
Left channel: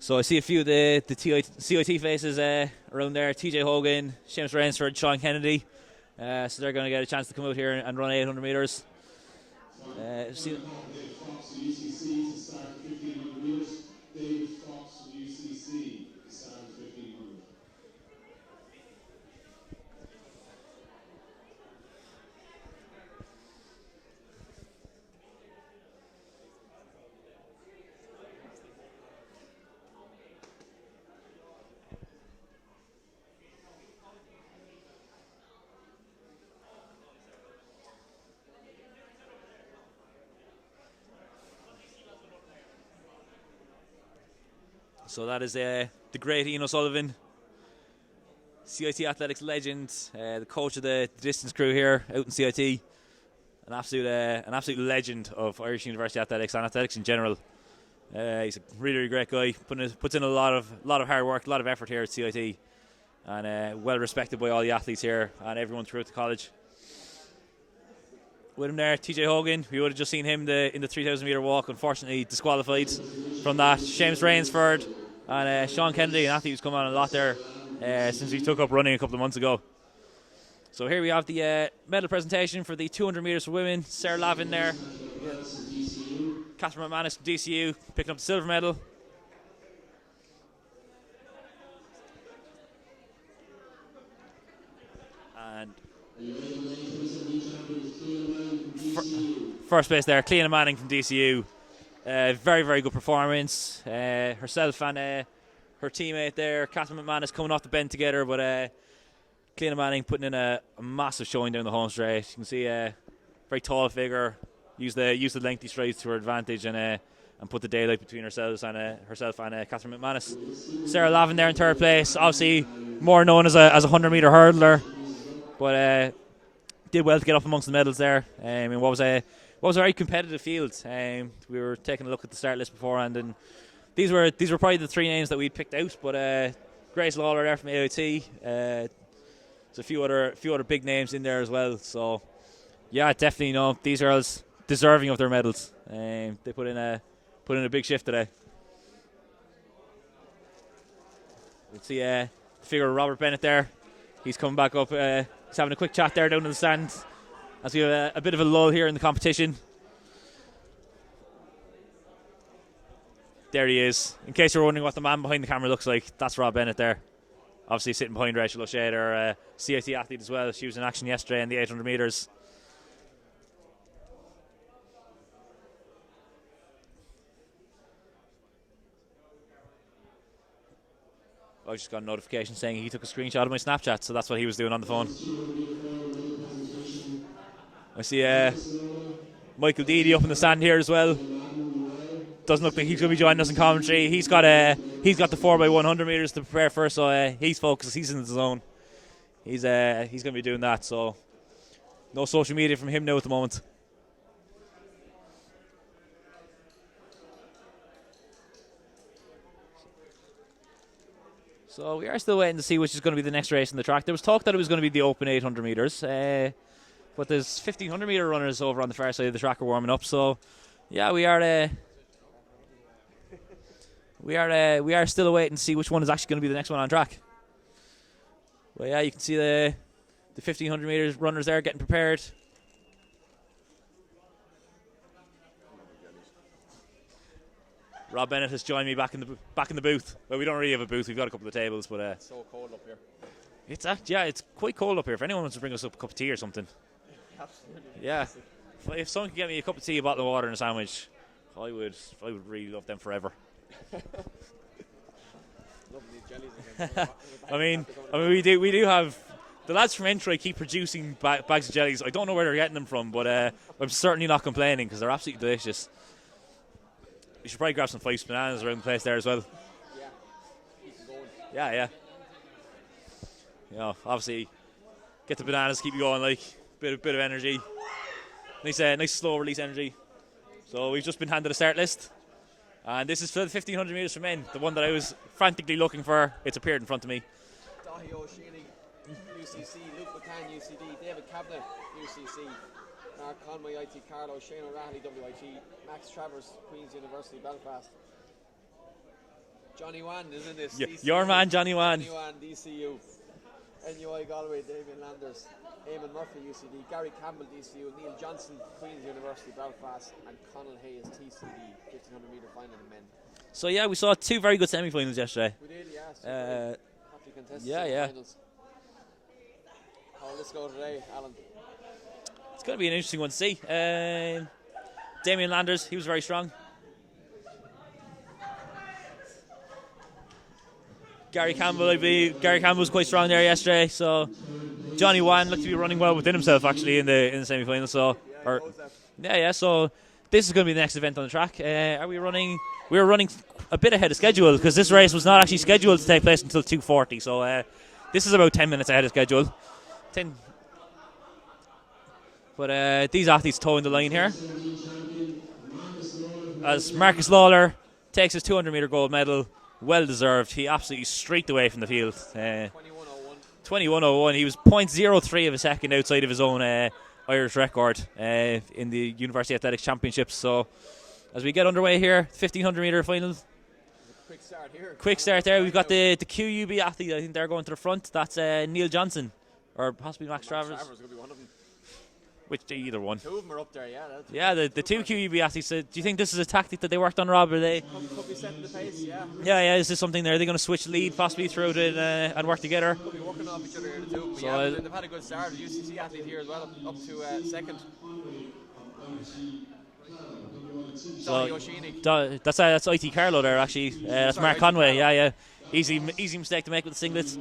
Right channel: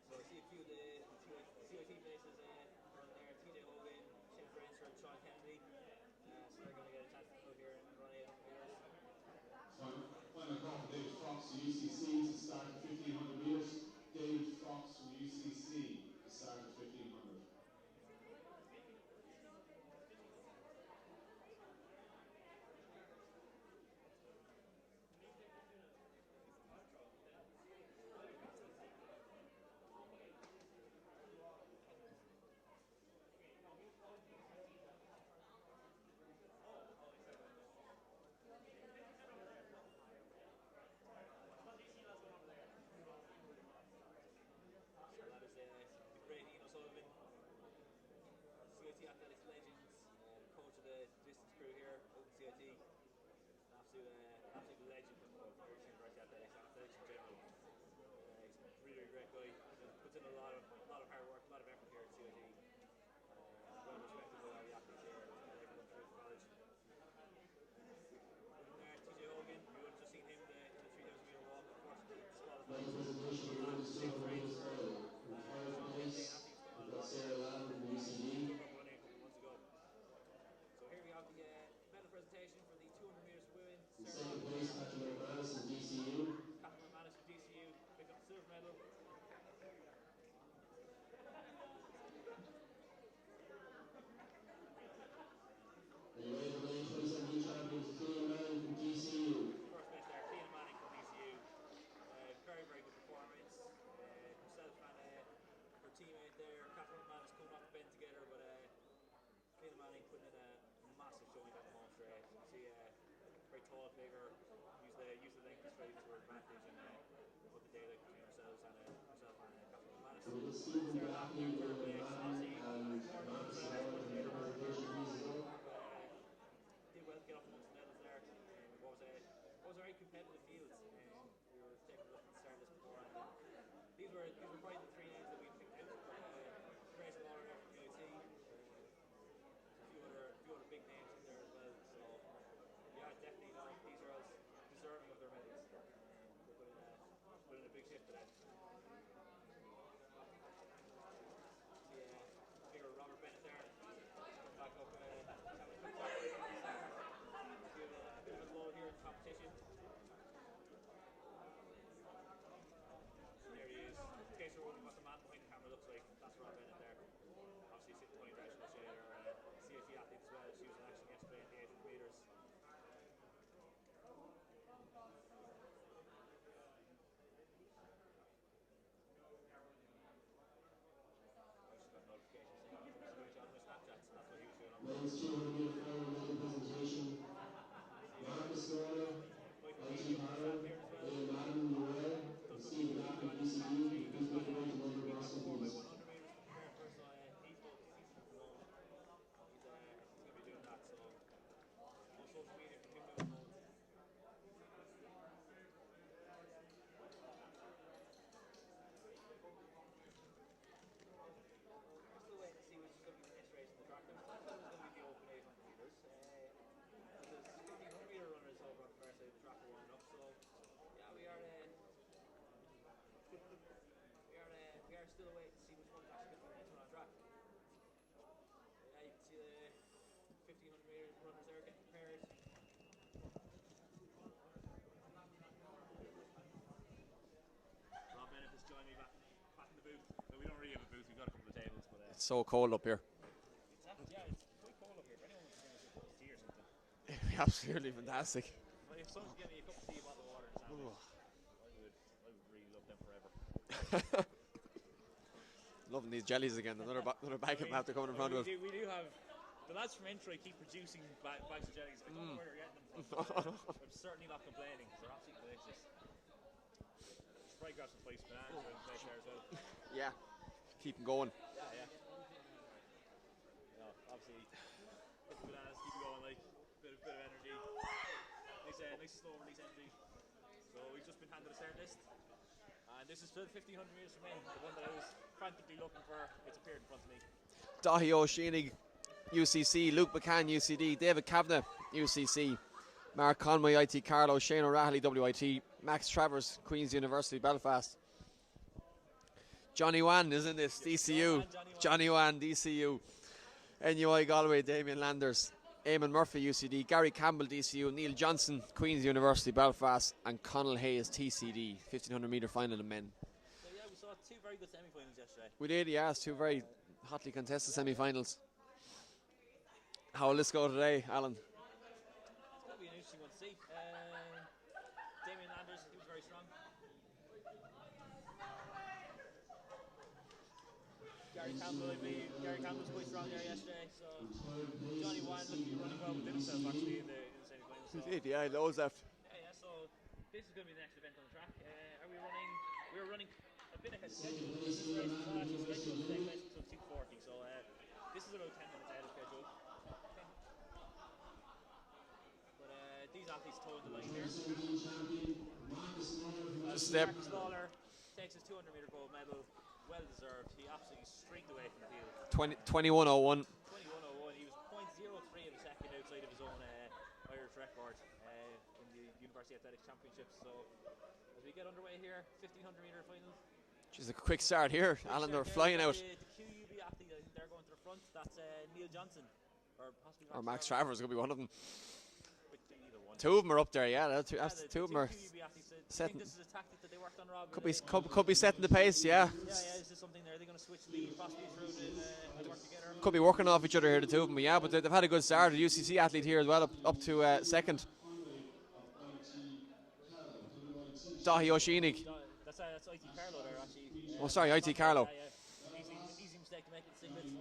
So I see a few of the CIT faces around there. TJ Hogan, Seamus Rainsford, Sean Kennedy. So they're going to get a chance to come out here and run 800 metres. So that is the great Ian O'Sullivan, CIT athletics legend, the coach of the distance crew here out in CIT, an absolute legend of Irish University athletics and athletics in general. He's a really great guy. Puts in a lot of hard work, a lot of effort here at CIT, and well respected by all the athletes here and everyone throughout the college. With him there, TJ Hogan. We would have just seen him in the 3,000 metre walk. Unfortunately, disqualified from that. Seamus Rainsford and Sean Kennedy, an athlete who's come on a lot there since he took up running a couple of months ago. So here we have the medal presentation for the 200 metres for women. Sarah Lavin there. Catherine McManus from DCU picking up the silver medal. And first place there, Cleana Manning from DCU. Very, very good performance. Herself and her teammate there, Catherine McManus, coming off the bend together, but Cleana Manning putting in a massive showing down the home straight. You can see a very tall figure, use the lengthy strides to her advantage, and put the daylight between herself and Catherine McManus. Sarah Lavin there in third place, obviously more known as a 100 metre hurdler, but did well to get up amongst the medals there. What was a very competitive field. We were taking a look at the start list beforehand, and these were probably the three names that we'd picked out. But Grace Lawler there from AIT. There's a few other big names in there as well. So yeah, definitely, these girls deserving of their medals. They put in a big shift today. We'll see the figure of Robert Bennett there. He's coming back up. He's having a quick chat there down in the stand, as we have a bit of a lull here in the competition. There he is. In case you're wondering what the man behind the camera looks like, that's Rob Bennett there. Obviously sitting behind Rachel O'Shea, our CIT athlete as well. She was in action yesterday in the 800 metres. I just got a notification saying he took a screenshot of my Snapchat, so that's what he was doing on the phone. I see Michael Deedy up in the stand here as well. Doesn't look like he's going to be joining us in commentary. He's got the 4x100 metres to prepare for, so he's focused. He's in the zone. He's going to be doing that. So no social media from him now at the moment. So we are still waiting to see which is going to be the next race in the track. There was talk that it was going to be the open 800 metres, but there's 1,500 metre runners over on the far side of the track are warming up. So yeah, we are still waiting to see which one is actually going to be the next one on track. Well, yeah, you can see the 1,500 metres runners there getting prepared. Rob Bennett has joined me back in the booth. Well, we don't really have a booth. We've got a couple of tables, but it's so cold up here. It's quite cold up here. If anyone wants to bring us up a cup of tea or something. Absolutely. Yeah. If someone could get me a cup of tea, a bottle of water, and a sandwich, I would really love them forever. Loving these jellies again. I mean, we do have the lads from Entry keep producing bags of jellies. I don't know where they're getting them from, but I'm certainly not complaining because they're absolutely delicious. You should probably grab some Fyffes bananas around the place there as well. Yeah, keep them going. Yeah. Obviously, get the bananas, keep you going, like bit of energy. Nice slow release energy. So we've just been handed a start list, and this is for the 1,500 metres for men. The one that I was frantically looking for. It's appeared in front of me. Dahi O'Sheeney UCC, Luke McCann, UCD, David Kavanagh, UCC, Mark Conway, IT Carlow, Shane O'Reilly, WIT, Max Travers, Queen's University, Belfast. Johnny Wan is in this. DCU. Your man, Johnny Wan. Johnny Wan, DCU. NUI Galway, Damien Landers. Eamon Murphy, UCD. Gary Campbell, DCU. Neil Johnson, Queen's University, Belfast. And Connell Hayes, TCD. 1500 metre final in men. So yeah, we saw 2 very good semi-finals yesterday. We did, yeah. 2 very hotly contested semi-finals. How will this go today, Alan? It's going to be an interesting one to see. Damien Landers, he was very strong. Gary Campbell was quite strong there yesterday. So Johnny Wan looked to be running well within himself actually in the semi-final. So so this is going to be the next event on the track. We were running a bit ahead of schedule because this race was not actually scheduled to take place until 2:40. So this is about 10 minutes ahead of schedule. But these athletes towing the line here as Marcus Lawler takes his 200 metre gold medal. Well deserved. He absolutely streaked away from the field. 21:01. 21:01. He was 0.03 of a second outside of his own Irish record in the University Athletics Championships. So as we get underway here, 1500 metre final. Just a quick start here. Quick start there. We've got the QUB athlete. I think they're going to the front. That's Neil Johnson, or possibly Max Travers. Max Travers could be one of them. Either one. 2 of them are up there, yeah. The 2 QUB athletes. Do you think this is a tactic that they worked on, Rob? Or they could be setting the pace, yeah. Yeah. Is this something there? Are they going to switch lead possibly throughout it and work together? Could be working off each other here, the 2 of them. So but they've had a good start. The UCC athlete here as well, up to second. Dahi O'Sheeney. That's IT Carlow there actually. That's Mark Conway. Yeah. Easy mistake to make with the singlets.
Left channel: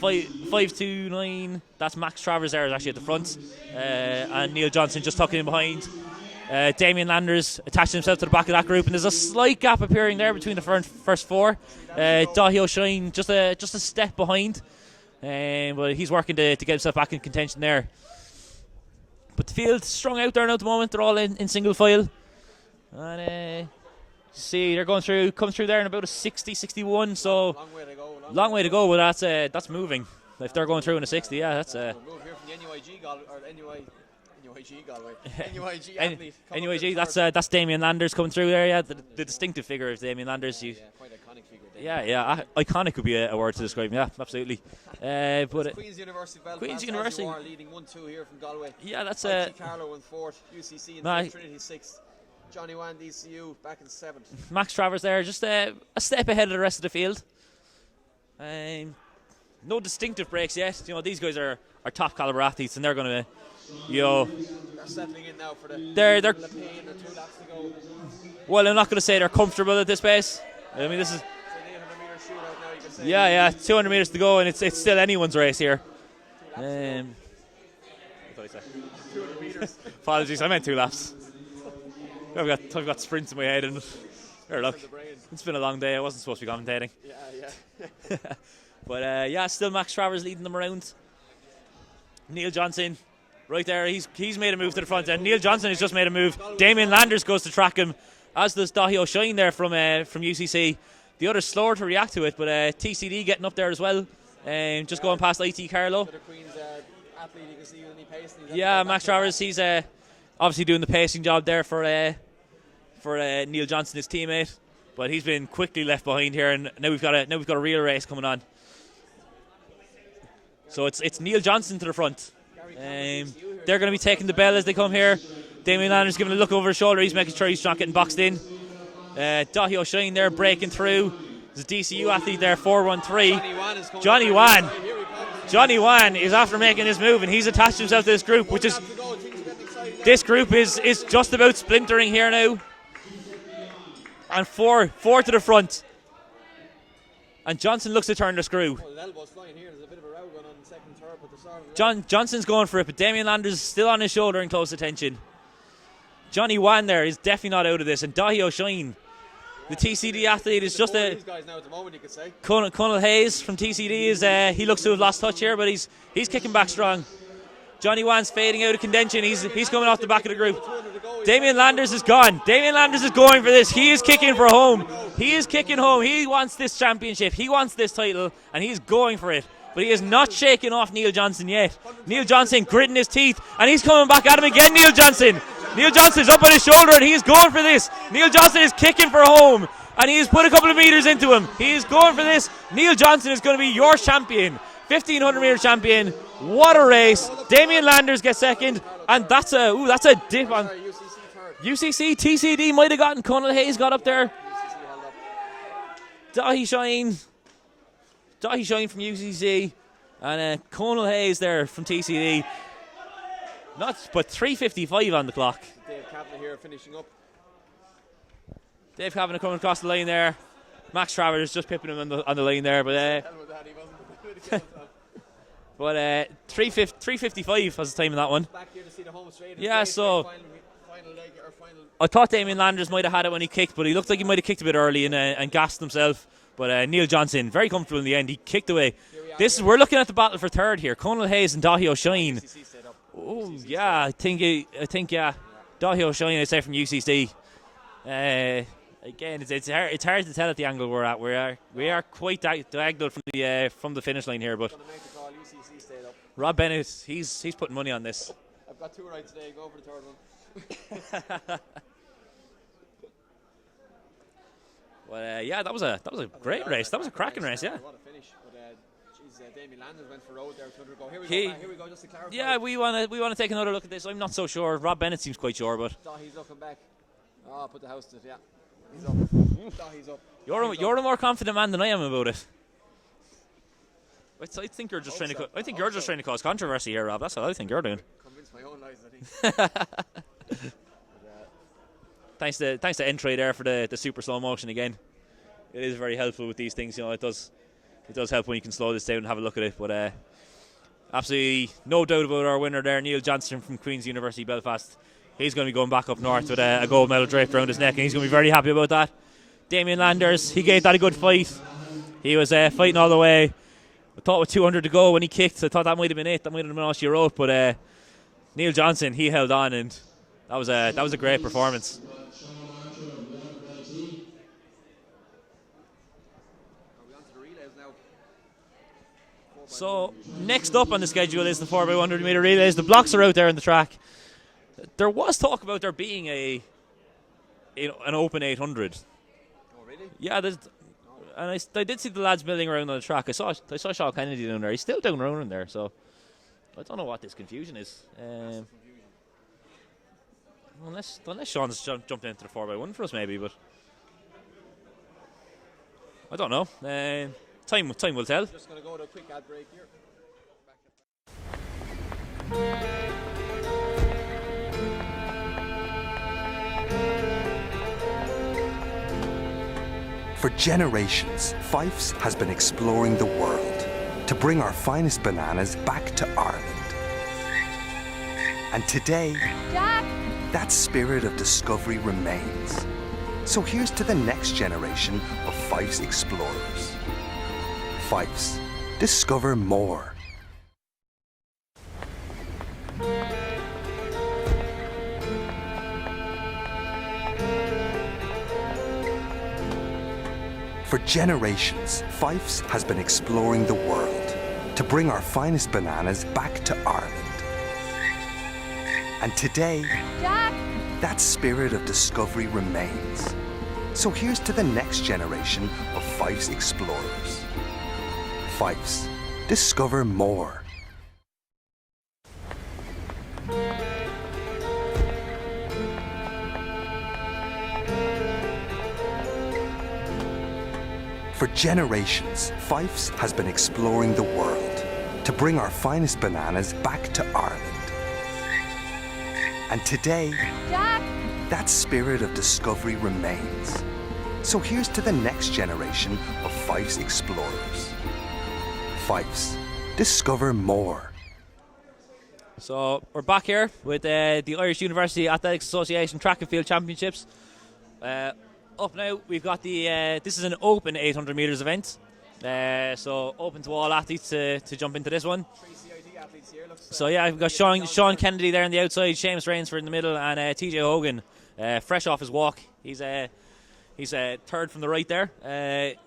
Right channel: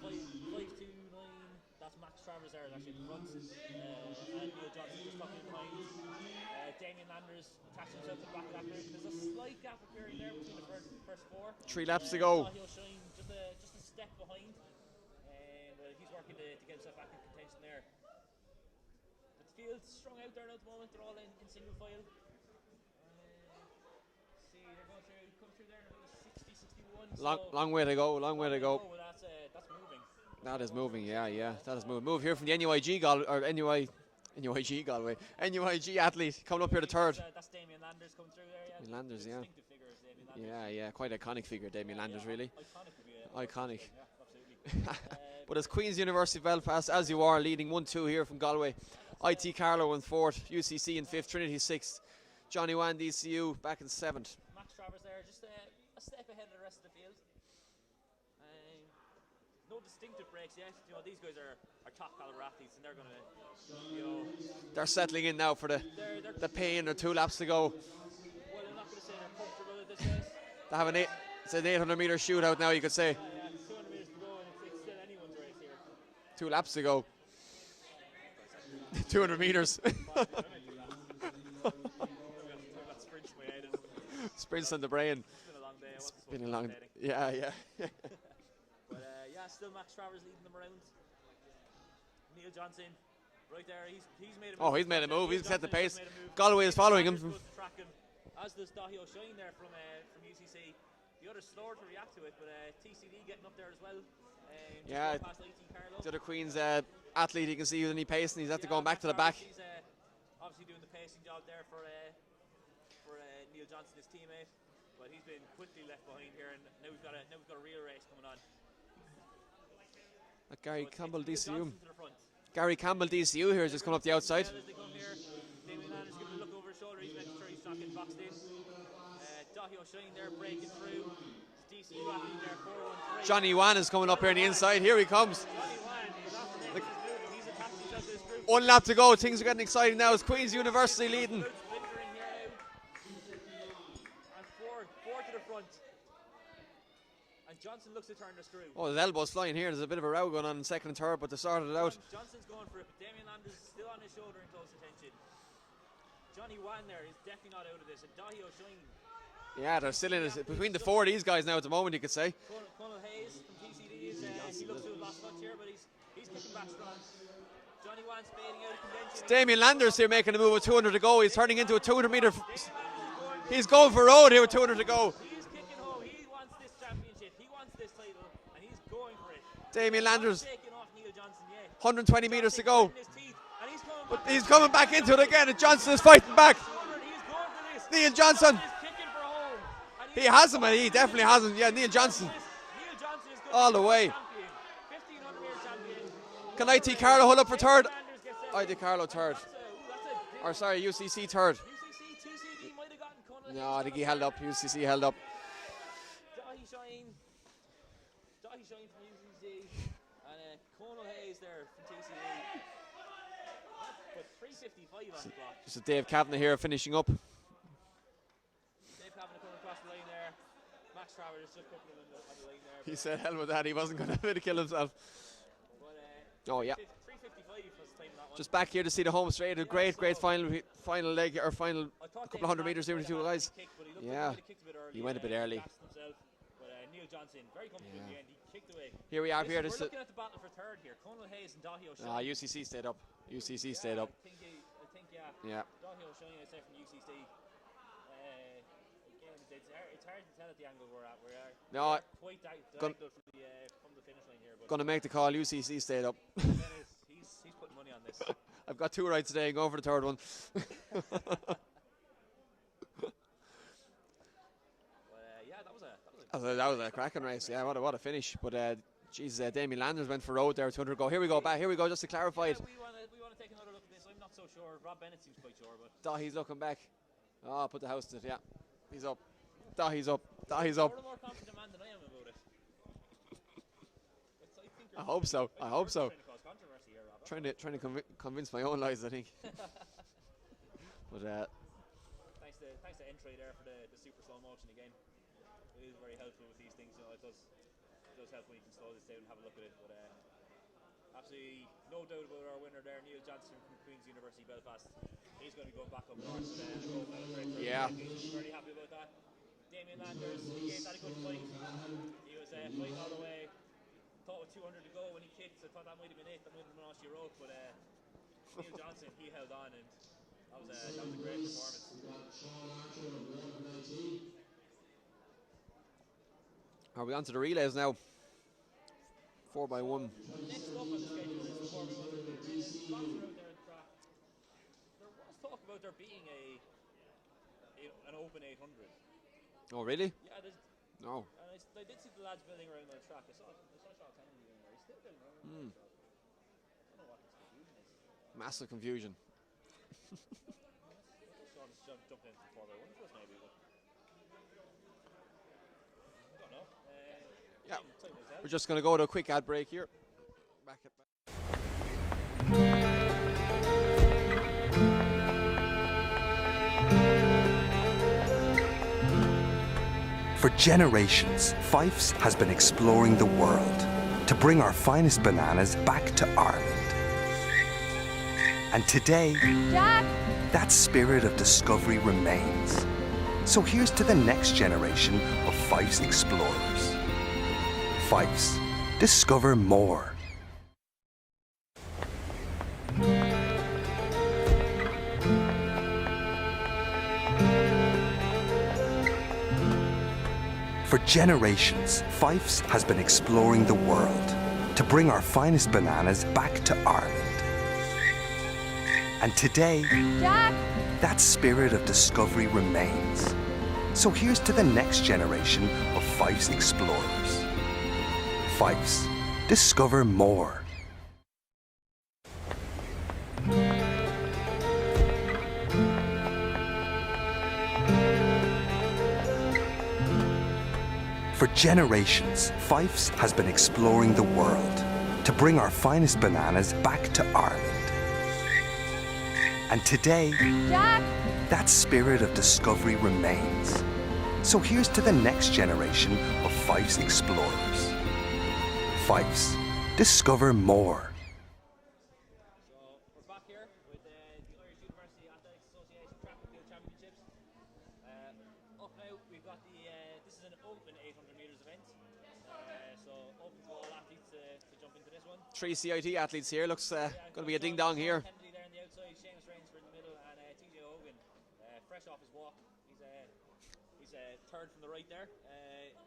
5-2-9. That's Max Travers there, is actually at the front, and Neil Johnson just tucking in behind. Damien Landers attaching himself to the back of that group, and there's a slight gap appearing there between the first 4. Dahi O'Sheen just a step behind, but he's working to get himself back in contention there. But the field strung out there now at the moment. They're all in single file, and see they're come through there in about a 60-61. So long way to go. Long way to go, but that's moving. If they're going through in a 60, that's a move here from the NUIG Galway. NUIG athlete. NUIG, that's Damien Landers coming through there. Yeah, the distinctive figure of Damien Landers. Quite iconic figure. Iconic would be a word to describe him. Yeah, absolutely. But it's Queen's University Belfast, as you are, leading 1-2 here from Galway. Yeah, that's IT Carlow in 4th, UCC in 5th, Trinity 6th. Johnny Wan, DCU, back in 7th. Max Travers there, just a step ahead of the rest of the field. No distinctive breaks yet. These guys are top caliber athletes, and they're going to, they're settling in now for the pain or 2 laps to go. Well, I'm not going to say they're comfortable at this pace. This is an 800 metre shootout now, you could say. Yeah, 200 metres to go, and it's still anyone's race here. 2 laps to go. What did I say? 200 metres. Apologies, I meant 2 laps. I've got sprints in my head and sprints in the brain. It's been a long day. I wasn't supposed to be commentating. Yeah. But still Max Travers leading them around. Neil Johnson, right there. He's made a move to the front end. Neil Johnson has just made a move. Damien Landers goes to track him, as does Dahi O'Sheen there from UCC. The other's slower to react to it, but TCD getting up there as well. Just going past IT Carlow. The Queen's athlete, you can see with any pace. Max Travers, he's obviously doing the pacing job there for Neil Johnson, his teammate, but he's been quickly left behind here, and now we've got a real race coming on. So it's Neil Johnson to the front. Gary Campbell, DCU here. They're going to be taking the bell as they come here. Damien Landers giving a look over his shoulder. He's making sure he's not getting boxed in. Dahi O'Sheen there breaking through. There's a DCU athlete there, 413. Johnny Wan is coming Johnny Wan. Here he comes. Johnny Wan is after making this move, and he's attached himself to this group. 1 lap to go. Things are getting exciting now. This group is just about splintering here now. And four to the front. And Johnson looks to turn the screw. Oh, the elbow's flying here. There's a bit of a row going on in 2nd and 3rd, but they sorted it out. Johnson's going for it, but Damien Landers is still on his shoulder in close attention. Johnny Wan there is definitely not out of this, and Dahi O'Sheen, the TCD athlete, is just these guys now at the moment, you could say. Connell Hayes from TCD is he looks to have lost touch here, but he's kicking back strong. Johnny Wan's fading out of contention. He's coming off the back of the group. Damien Landers is gone. Damien Landers is going for this. He is kicking for home. He is kicking home. He wants this championship. He wants this title, and he's going for it. But he is not shaking off Neil Johnson yet. 120 Neil Johnson meters to go. gritting his teeth, and he's coming back at him again, Neil coming back into Johnson. it again, and Johnson's Neil Johnson's fighting up on back. his shoulder, and he's going for this. Neil Neil Johnson. Johnson is kicking for home, and he has put a hasn't, couple of but he meters into definitely him. hasn't. Yeah, He is Neil going for Johnson. this. Neil Johnson is going to All be the your way. champion. 1500 meter champion. What I a think race. Carlo hold up for Damien third? Landers gets I second, think Carlo and third. that's a dip Or on sorry, UCC third. UCC. TCD might have gotten Conal Hayes got up He there. held UCC held up. Dahi Shine from UCC, and Conal Hayes there from TCD. But 3:55 on the clock. So Dave Kavanagh here finishing up. Dave Kavanagh coming across the line there. Max Travers just pipping him on the line there, but Hell with that, he wasn't going to kill himself. 3:55 was the time in that one. Back here to see the home straight. Yeah, so final leg or final. I thought Damien 100 Landers might have had it when he kicked, but he looked like he might have kicked a bit early and gassed himself. But Neil Johnson, very comfortable in the end. He kicked away. Here we are. We're looking at the battle for third here. Conal Hayes and Dahi O'Shine. UCC stayed up. Oh, UCC yeah, I stayed think Dahi O'Shine, I'd say, from UCC. Again, it's hard to tell at the angle we're at. We are quite diagonal from the finish line here. But going to make the call. UCC stayed up. Rob Bennett, he's putting money on this. I've got 2 rides today. Go for the third one. Well, yeah, that was a great race. That was a cracking race. Yeah. What a finish. But Damien Landers went for road there. 200 go. Here we go. Here we go. Just to clarify. Yeah, we want to take another look at this. I'm not so sure. Rob Bennett seems quite sure, but He's looking back. Oh, put the house to it. Yeah, he's up. He's up. You're a more confident man than I am about it. I think you're just trying to. I think you're just trying to cause controversy here, Rob. That's what I think you're doing. Convince my own lies, I think. But thanks to Entry there for the super slow motion again. It is very helpful with these things. You know, it does help when you can slow this down and have a look at it. But absolutely no doubt about our winner there, Neil Johnson from Queen's University Belfast. He's going to be going back up north with a gold medal draped around his neck, and he's going to be very happy about that. Damien Landers, he gave that a good fight. He was fighting all the way. I thought with 200 to go when he kicked, I thought that might have been it. That might have been all she wrote. But Neil Johnson, he held on, and that was a great performance. are we on to the relays now? So next up on the schedule is the 4x100 meter relays. The blocks are out there on the track. There was talk about there being an open 800. Oh really? Yeah, and I did see the lads milling around on the track. I saw Sean Kennedy down there. He's still down around in there, so I don't know what this confusion is. Massive confusion. Unless Sean's jumped into the 4x1 for us, maybe, but I don't know. Time will tell. Just going to go to a quick ad break here. For generations, Fyffes has been exploring the world to bring our finest bananas back to Ireland. And today, Jack! that spirit of discovery remains. So here's to the next generation of Fyffes explorers. Fyffes, discover more. For generations, Fyffes has been exploring the world to bring our finest bananas back to Ireland. And today, Jack! that spirit of discovery remains. So here's to the next generation of Fyffes explorers. Fyffes, discover more. For generations, Fyffes has been exploring the world to bring our finest bananas back to Ireland. And today, Jack! that spirit of discovery remains. So here's to the next generation of Fyffes explorers. Fyffes, discover more. So we're back here with the Irish University Athletics Association Track and Field Championships. Up now, we've got this is an open 800 metres event. So open to all athletes to jump into this one. 3 CIT athletes here. Looks. So yeah, we've got Sean Kennedy there on the outside, Seamus Rainsford in the middle, and TJ Hogan, fresh off his walk. He's He's third from the right there.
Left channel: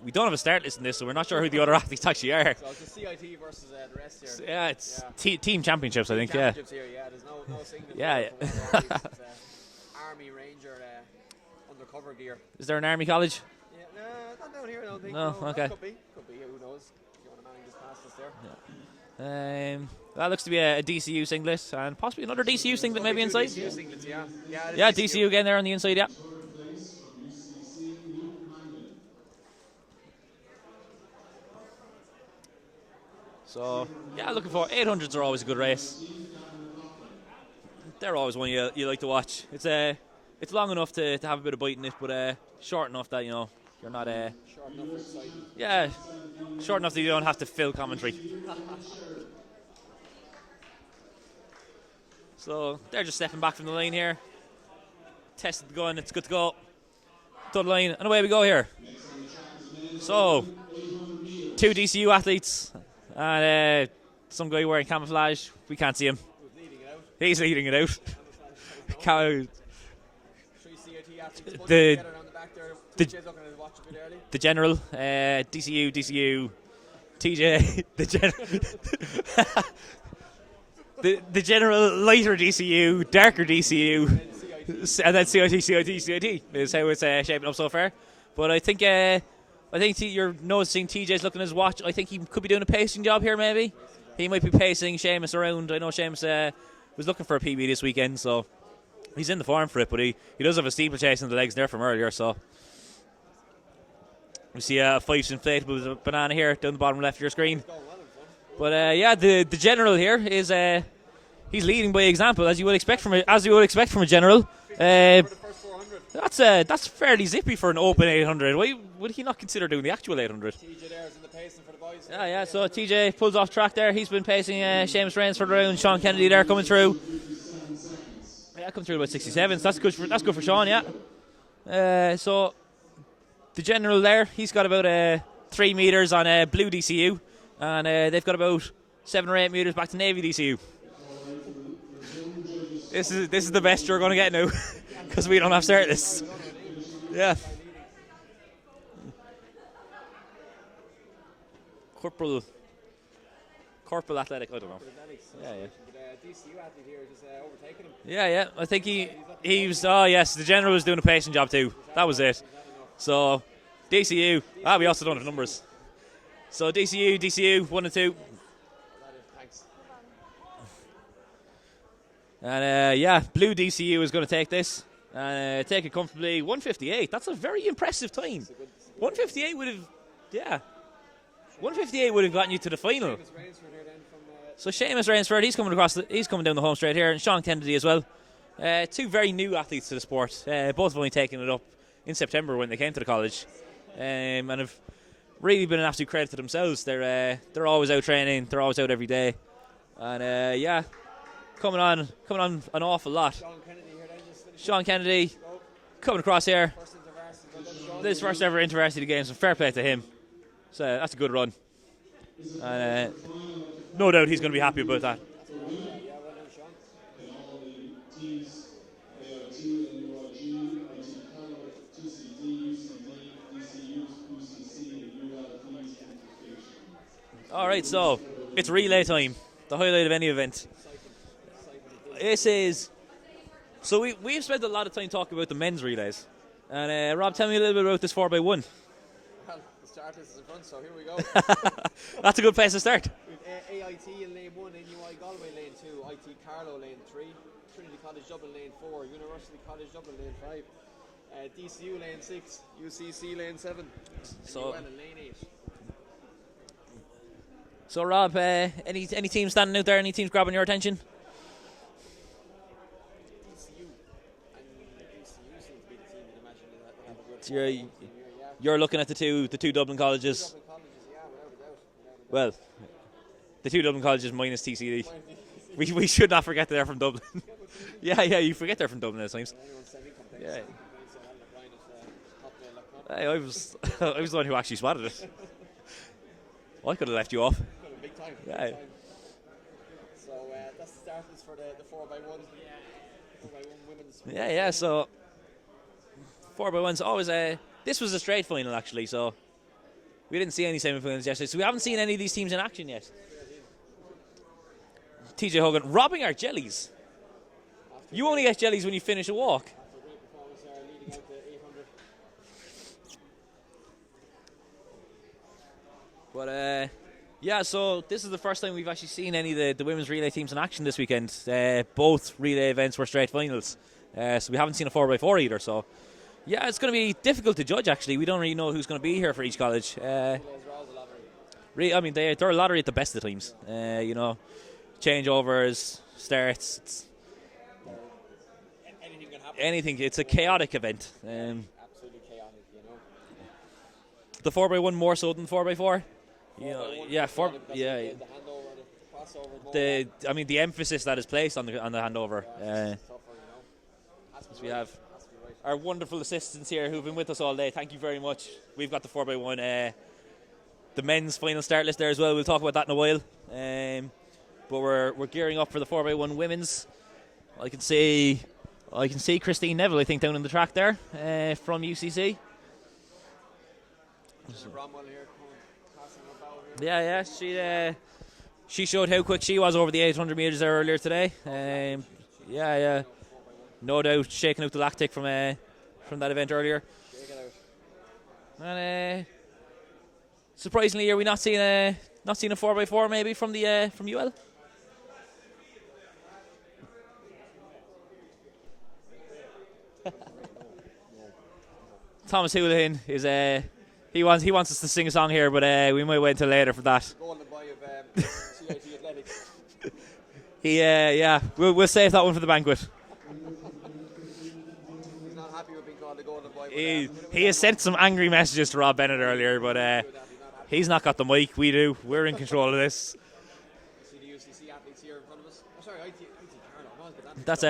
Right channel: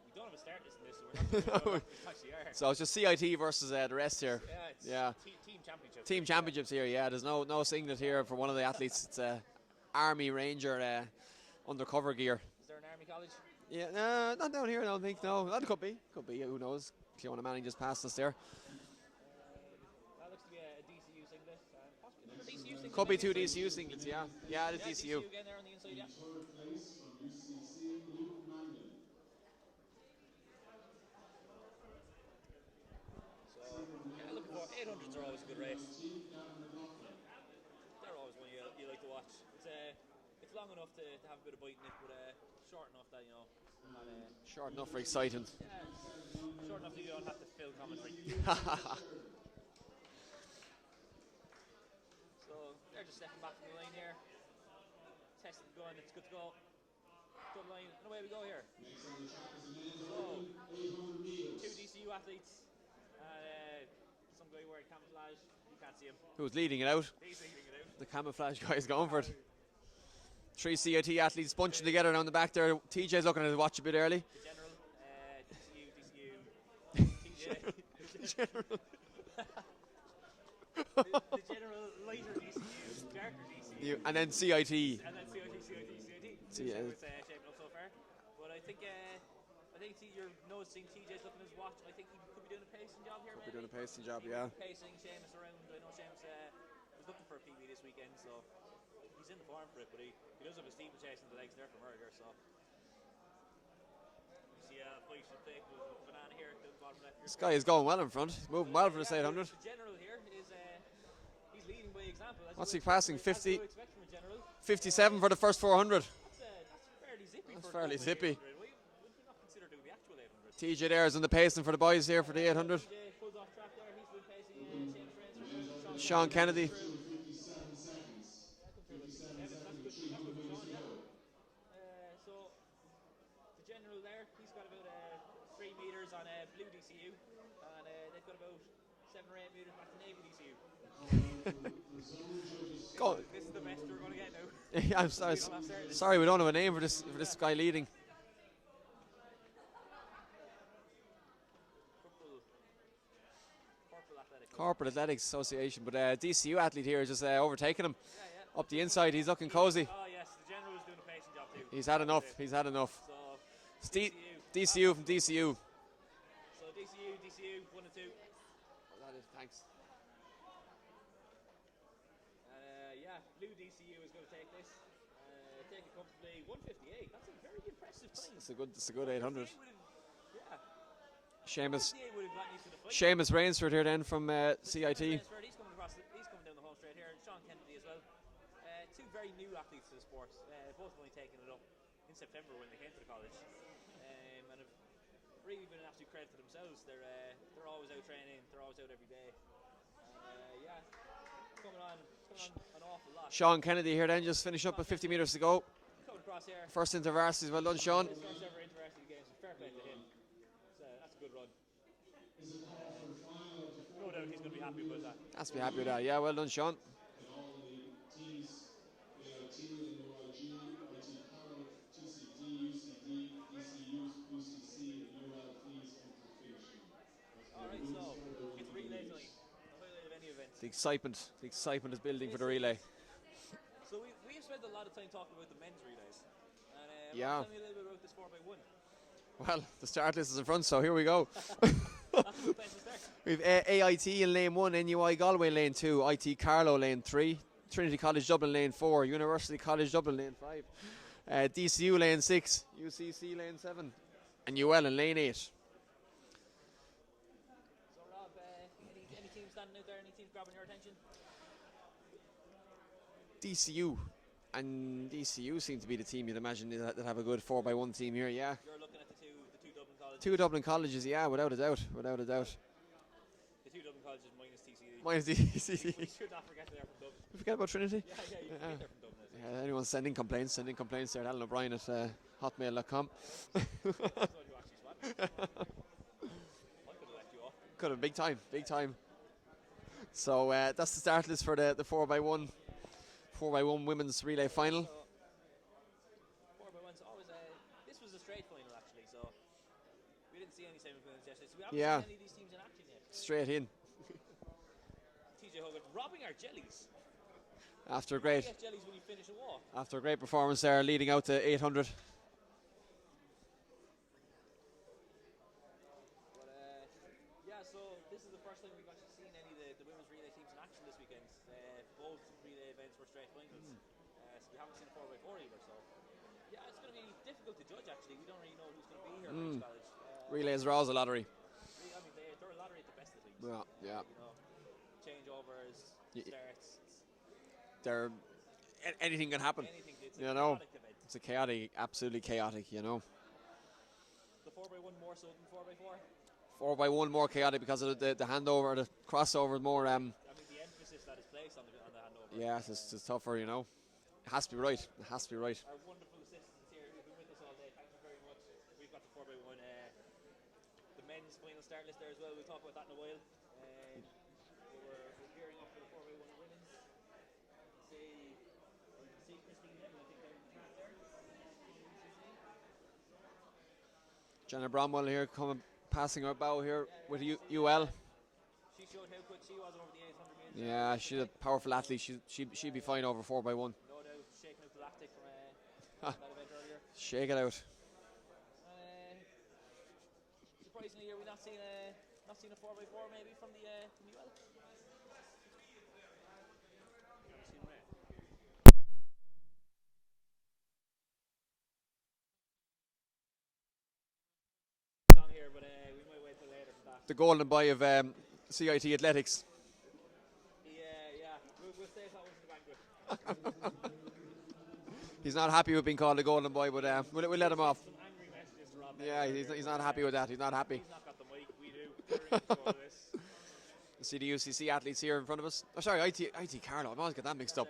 We don't have a start list in this, so we're not sure who the other athletes actually are. So it's just CIT versus the rest here. Yeah, it's team championships, I think. Championships here, yeah. There's no singlet here for one of the athletes. It's Army Ranger undercover gear. Is there an Army college? Yeah, not down here, I don't think. No, No, okay. that could be. Who knows? Fiona Manning just passed us there. That looks to be a DCU singlet and possibly another DCU singlet maybe inside. DCU singlets, yeah. Yeah, DCU again there on the inside, yeah. So, yeah, looking for 800s are always a good race. They're always one you like to watch. It's long enough to have a bit of bite in it, but short enough that, you know, you're not... short enough for exciting. Yeah, short enough that you don't have to fill commentary. So they're just stepping back from the line here. Tested the gun, it's good to go. Dud line, and away we go here. So, 2 DCU athletes, and some guy wearing camouflage. We can't see him. Who's leading it out? He's leading it out. The camouflage guy's going. 3 CIT athletes bunching together down the back there. TJ's looking at the watch a bit early. The general, DCU, TJ, the general. The general lighter DCU, darker DCU, and then CIT, and then CIT is how it's shaping up so far. But I think you're noticing TJ's looking at his watch. I think he could be doing a pacing job here. Maybe he might be pacing Seamus around. I know Seamus was looking for a PB this weekend, so he's in the form for it. But he does have a steeplechase in the legs there from earlier. So we see a Fyffes inflatable banana here down the bottom left of your screen. He's going well in front. But yeah, the general here is he's leading by example, as you would expect from a general. 57 for the first 400. That's fairly zippy for an open 800. Why would he not consider doing the actual 800? TJ there is on the pacing for the boys here. Yeah, so TJ pulls off track there. He's been pacing Seamus Rains for the round. Sean Kennedy there coming through. Yeah, coming through about 67. So that's good for Sean. Yeah. So the general there, he's got about 3 meters on blue DCU, and they've got about 7 or 8 meters back to navy DCU. This is the best you're going to get now, because we don't have start lists. Sorry, we don't have a name for this guy leading. Corporal Athletic. Corporate Athletics Association, but DCU athlete here is just overtaking him. Yeah. I think he's looking he cozy. was. Oh yes, the general was doing a pacing job too. That was it. He's had enough. So DCU. We also don't have numbers. So DCU 1 and 2. Thanks. And blue DCU is going to take this and take it comfortably. 158. That's a very impressive time. It's a good 158 would have, 158 Seamus would have gotten you to the final. Seamus Rainsford here then from. So CIT. Seamus Rainsford, he's coming down the home straight here, and Sean Kennedy as well. 2 very new athletes to the sport. Both have only taken it up in September when they came to the college, and have really been an absolute credit to themselves. They're always out training. They're always out every day, and coming on an awful lot. Sean Kennedy here then, just finished Sean up Kennedy 50 minutes to go. Coming across here. First InterVarsity, well done, Sean. This first ever InterVarsity game, so fair play to him. So that's a good run. And no doubt he's going to be happy about that. That's me happy with that. Yeah, well done, Sean. All right, so it's relay time, the highlight of any event. Excitement is building. This is. So we've spent a lot of time talking about the men's relays. And Rob, tell me a little bit about this 4x1. Well, the start list is in front, so here we go. That's a good place to start. We've AIT in lane 1, NUI Galway lane 2, IT Carlow lane 3, Trinity College Dublin lane 4, University College Dublin lane 5, DCU lane 6, UCC lane 7, and UL in lane 8. So Rob, any teams standing out there? Any teams grabbing your attention? DCU. And DCU seem to be the team you'd imagine that have a good 4x1 team here, yeah. You're looking at the two Dublin colleges. 2 Dublin colleges, yeah, without a doubt. Well, the 2 Dublin colleges minus TCD. Minus TCD. We should not forget that they're from Dublin. Forget about Trinity? Yeah, you forget they're from Dublin at times. Anyone sending complaints, there. Alan O'Brien at hotmail.com. Hey, I was the one who actually spotted it. I could have left you off. Could have, big time. Yeah. So that's the start list for the 4x1 women's relay final. So 4x1's always This was a straight final actually, so we didn't see any semi-finals yesterday, so we haven't seen any of these teams in action yet. Straight in. TJ Hogan robbing our jellies. You only get jellies when you finish a walk. After a great performance there, leading out to 800. But yeah, so this is the first time we've actually seen any of the women's relay teams in action this weekend. Both relay events were straight finals, so we haven't seen a 4x4 either. So yeah, it's going to be difficult to judge actually. We don't really know who's going to be here for each college. Relays are always a lottery. I mean, they're a lottery at the best of teams. You know, changeovers, starts. Anything can happen. Anything. It's a chaotic event. It's a chaotic, absolutely chaotic, you know. The 4x1 more so than 4x4. 4x1 more chaotic because of the handover, the crossover more. I mean, the emphasis that is placed on the handover. Yeah, it's tougher, you know. It has to be right. It has to be right. Our wonderful assistants here who've been with us all day, thank you very much. We've got the 4x1, the men's final start list there as well. We'll talk about that in a while. But we're gearing up for the 4x1 women's. I can see Christine Neville, I think, down in the track there from UCC. Jenna Bramwell here passing her bow here. Yeah, she showed how quick she was over the 800 metres there earlier today. She'd be fine over 4x1. No doubt, shaking out the lactic from that event earlier. Shake it out. And surprisingly, are we not seeing a 4x4 maybe from UL? Thomas Houlihan is he wants us to sing a song here, but we might wait until later for that. The golden boy of CIT athletics. We'll save that one for the banquet. He's not happy with being called the golden boy. But, he has sent some angry messages to Rob Bennett earlier, but he's not got the mic. We do. We're in control of this. See the UCC athletes here in front of us. Oh, sorry, IT Carlo. I'm always getting that mixed up.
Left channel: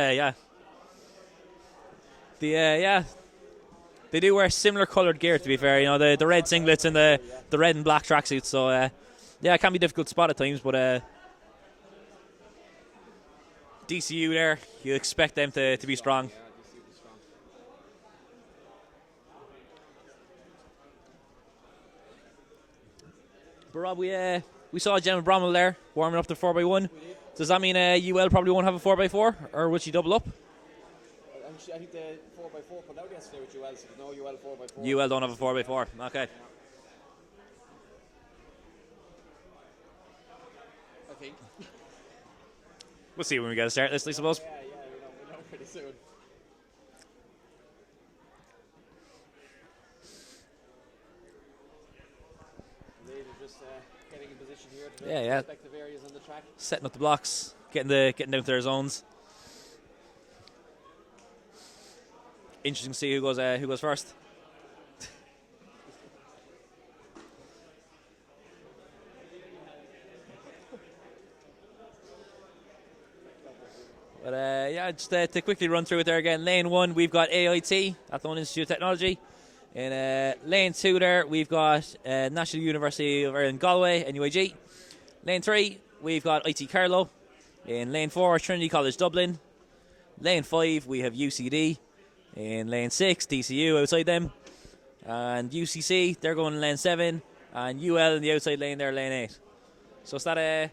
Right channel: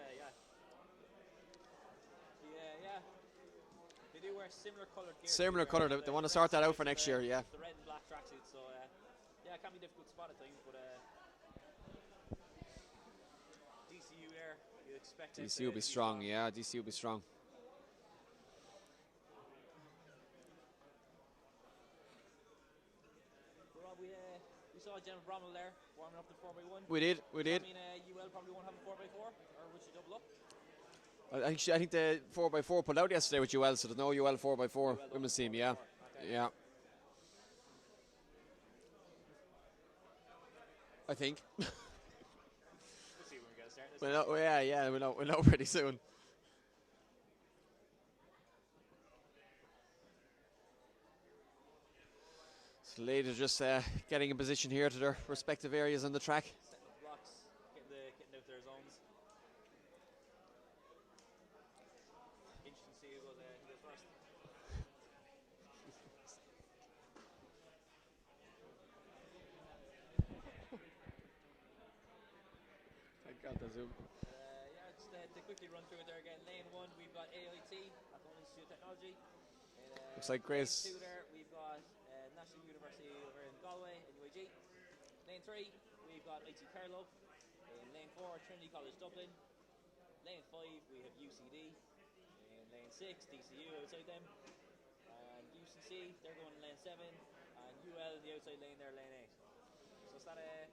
That's They do wear similar coloured gear, to be fair. You know, the red singlets and the red and black tracksuits. So, it can be difficult to spot at times. But DCU there, you expect them to be strong. Yeah, DCU will be strong. But Rob, we saw Gemma Bromwell there warming up the 4x1. We did. Does that mean UL probably won't have a 4x4, or will she double up? I think the 4x4 pulled out yesterday with UL, so there's no UL 4x4. UL don't have a 4x4. Okay. Yeah. I think. We'll see when we get a start list, I suppose. Yeah, we'll know pretty soon. So the ladies are just getting in position here to their respective areas on the track. Setting up the blocks, getting down to their zones. Interesting to see who goes first. But just to quickly run through it there again. Lane 1, we've got AIT, Athlone Institute of Technology. In lane 2 there, we've got National University of Ireland Galway, NUIG. Lane 3, we've got IT Carlow. In lane 4, Trinity College Dublin. Lane 5, we have UCD. In lane 6, DCU outside them. And UCC, they're going in lane 7. And UL in the outside lane there, lane 8. So is that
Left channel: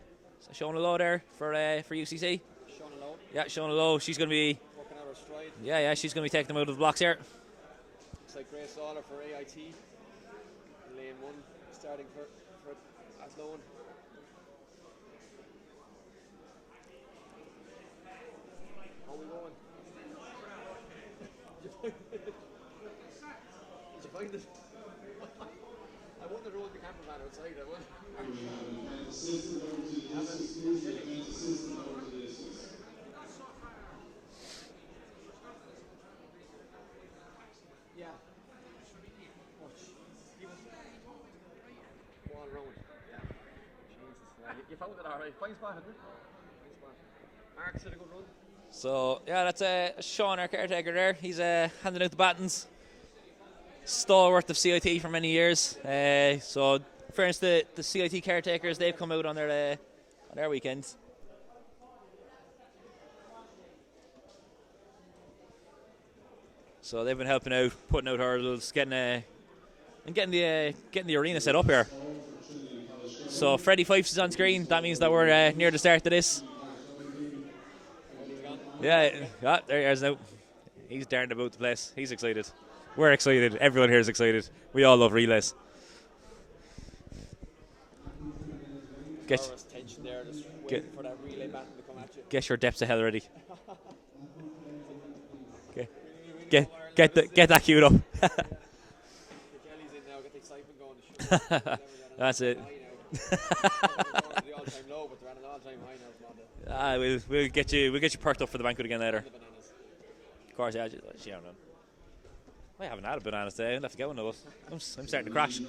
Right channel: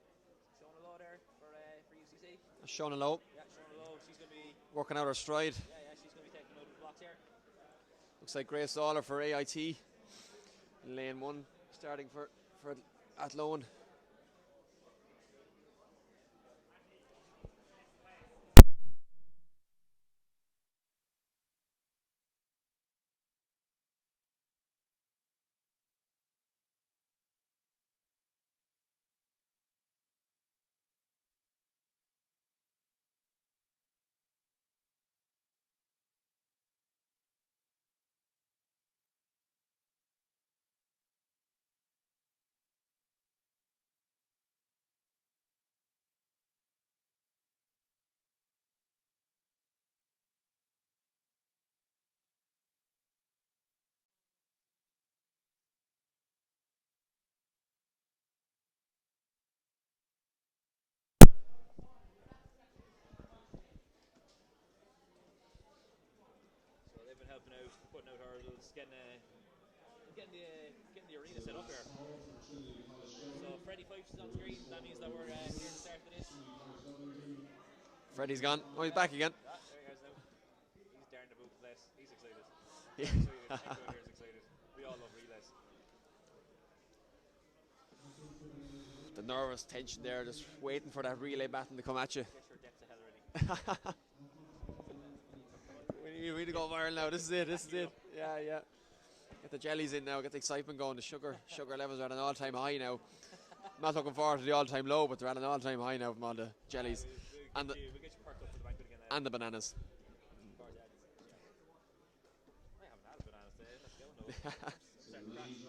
showing a low there for UCC? Showing a low. Yeah, showing a low. She's going to be working out her stride. Yeah, she's going to be taking them out of the blocks here. Looks like Grace Lawler for AIT. In lane 1, starting for Athlone. How are we going? Did you find it? I wonder who was the cameraman outside. I wonder. Yeah. All around. Yeah. Jesus. You found it all right. Fine spot, isn't it? Fine spot. Mark's had a good run. So, that's Sean, our caretaker there. He's handing out the batons. Stalwart of CIT for many years. So, in fairness, the CIT caretakers, they've come out on their weekends. So they've been helping out, putting out hurdles, getting the arena set up here. So Freddie Fyffes is on screen. That means that we're near the start of this. Freddie's gone. Yeah, there he is now. He's darting about the place. He's excited. We're excited. Everyone here is excited. We all love relays. Nervous tension there, just waiting for that relay baton to come at you. Get your depths of hell ready. Get that queued up. Yeah. The jelly's in now, get the excitement going, the sugar levels are at an all-time high now. Not looking forward to the all-time low, but they're at an all-time high now from all the jellies. We'll get you perked up for the banquet again later. And the bananas. Of course, yeah. I haven't had a banana today. I'll have to get one of those. I'm starting to crash.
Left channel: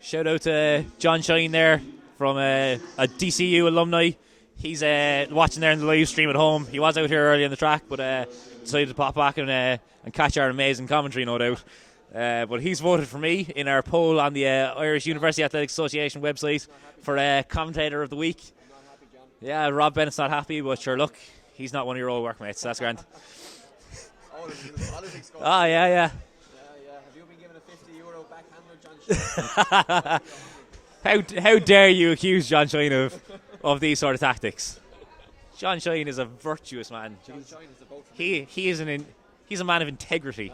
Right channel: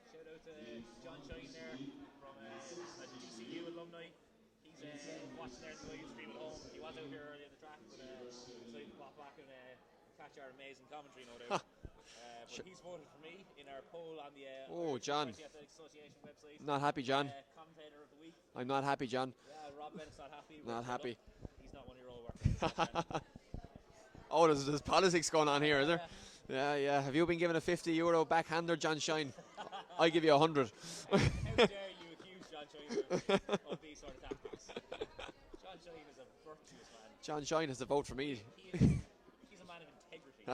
Shout out to John Shine there from a DCU alumni. He's watching there in the live stream at home. He was out here early on the track, but decided to pop back and catch our amazing commentary, no doubt. But he's voted for me in our poll on the Irish University Athletics Association website for commentator of the week. I'm not happy, John. Yeah, Rob Bennett's not happy, but not sure, happy. Look, he's not one of your old workmates. That's grand. Oh, there's politics going on. Oh, yeah, here. Yeah. Have you been given a €50 backhander, John Shine? I'll give you 100. How dare you accuse John Shine of these sort of tactics? John Shine is a virtuous man. John Shine has a vote for me. He's a man of integrity.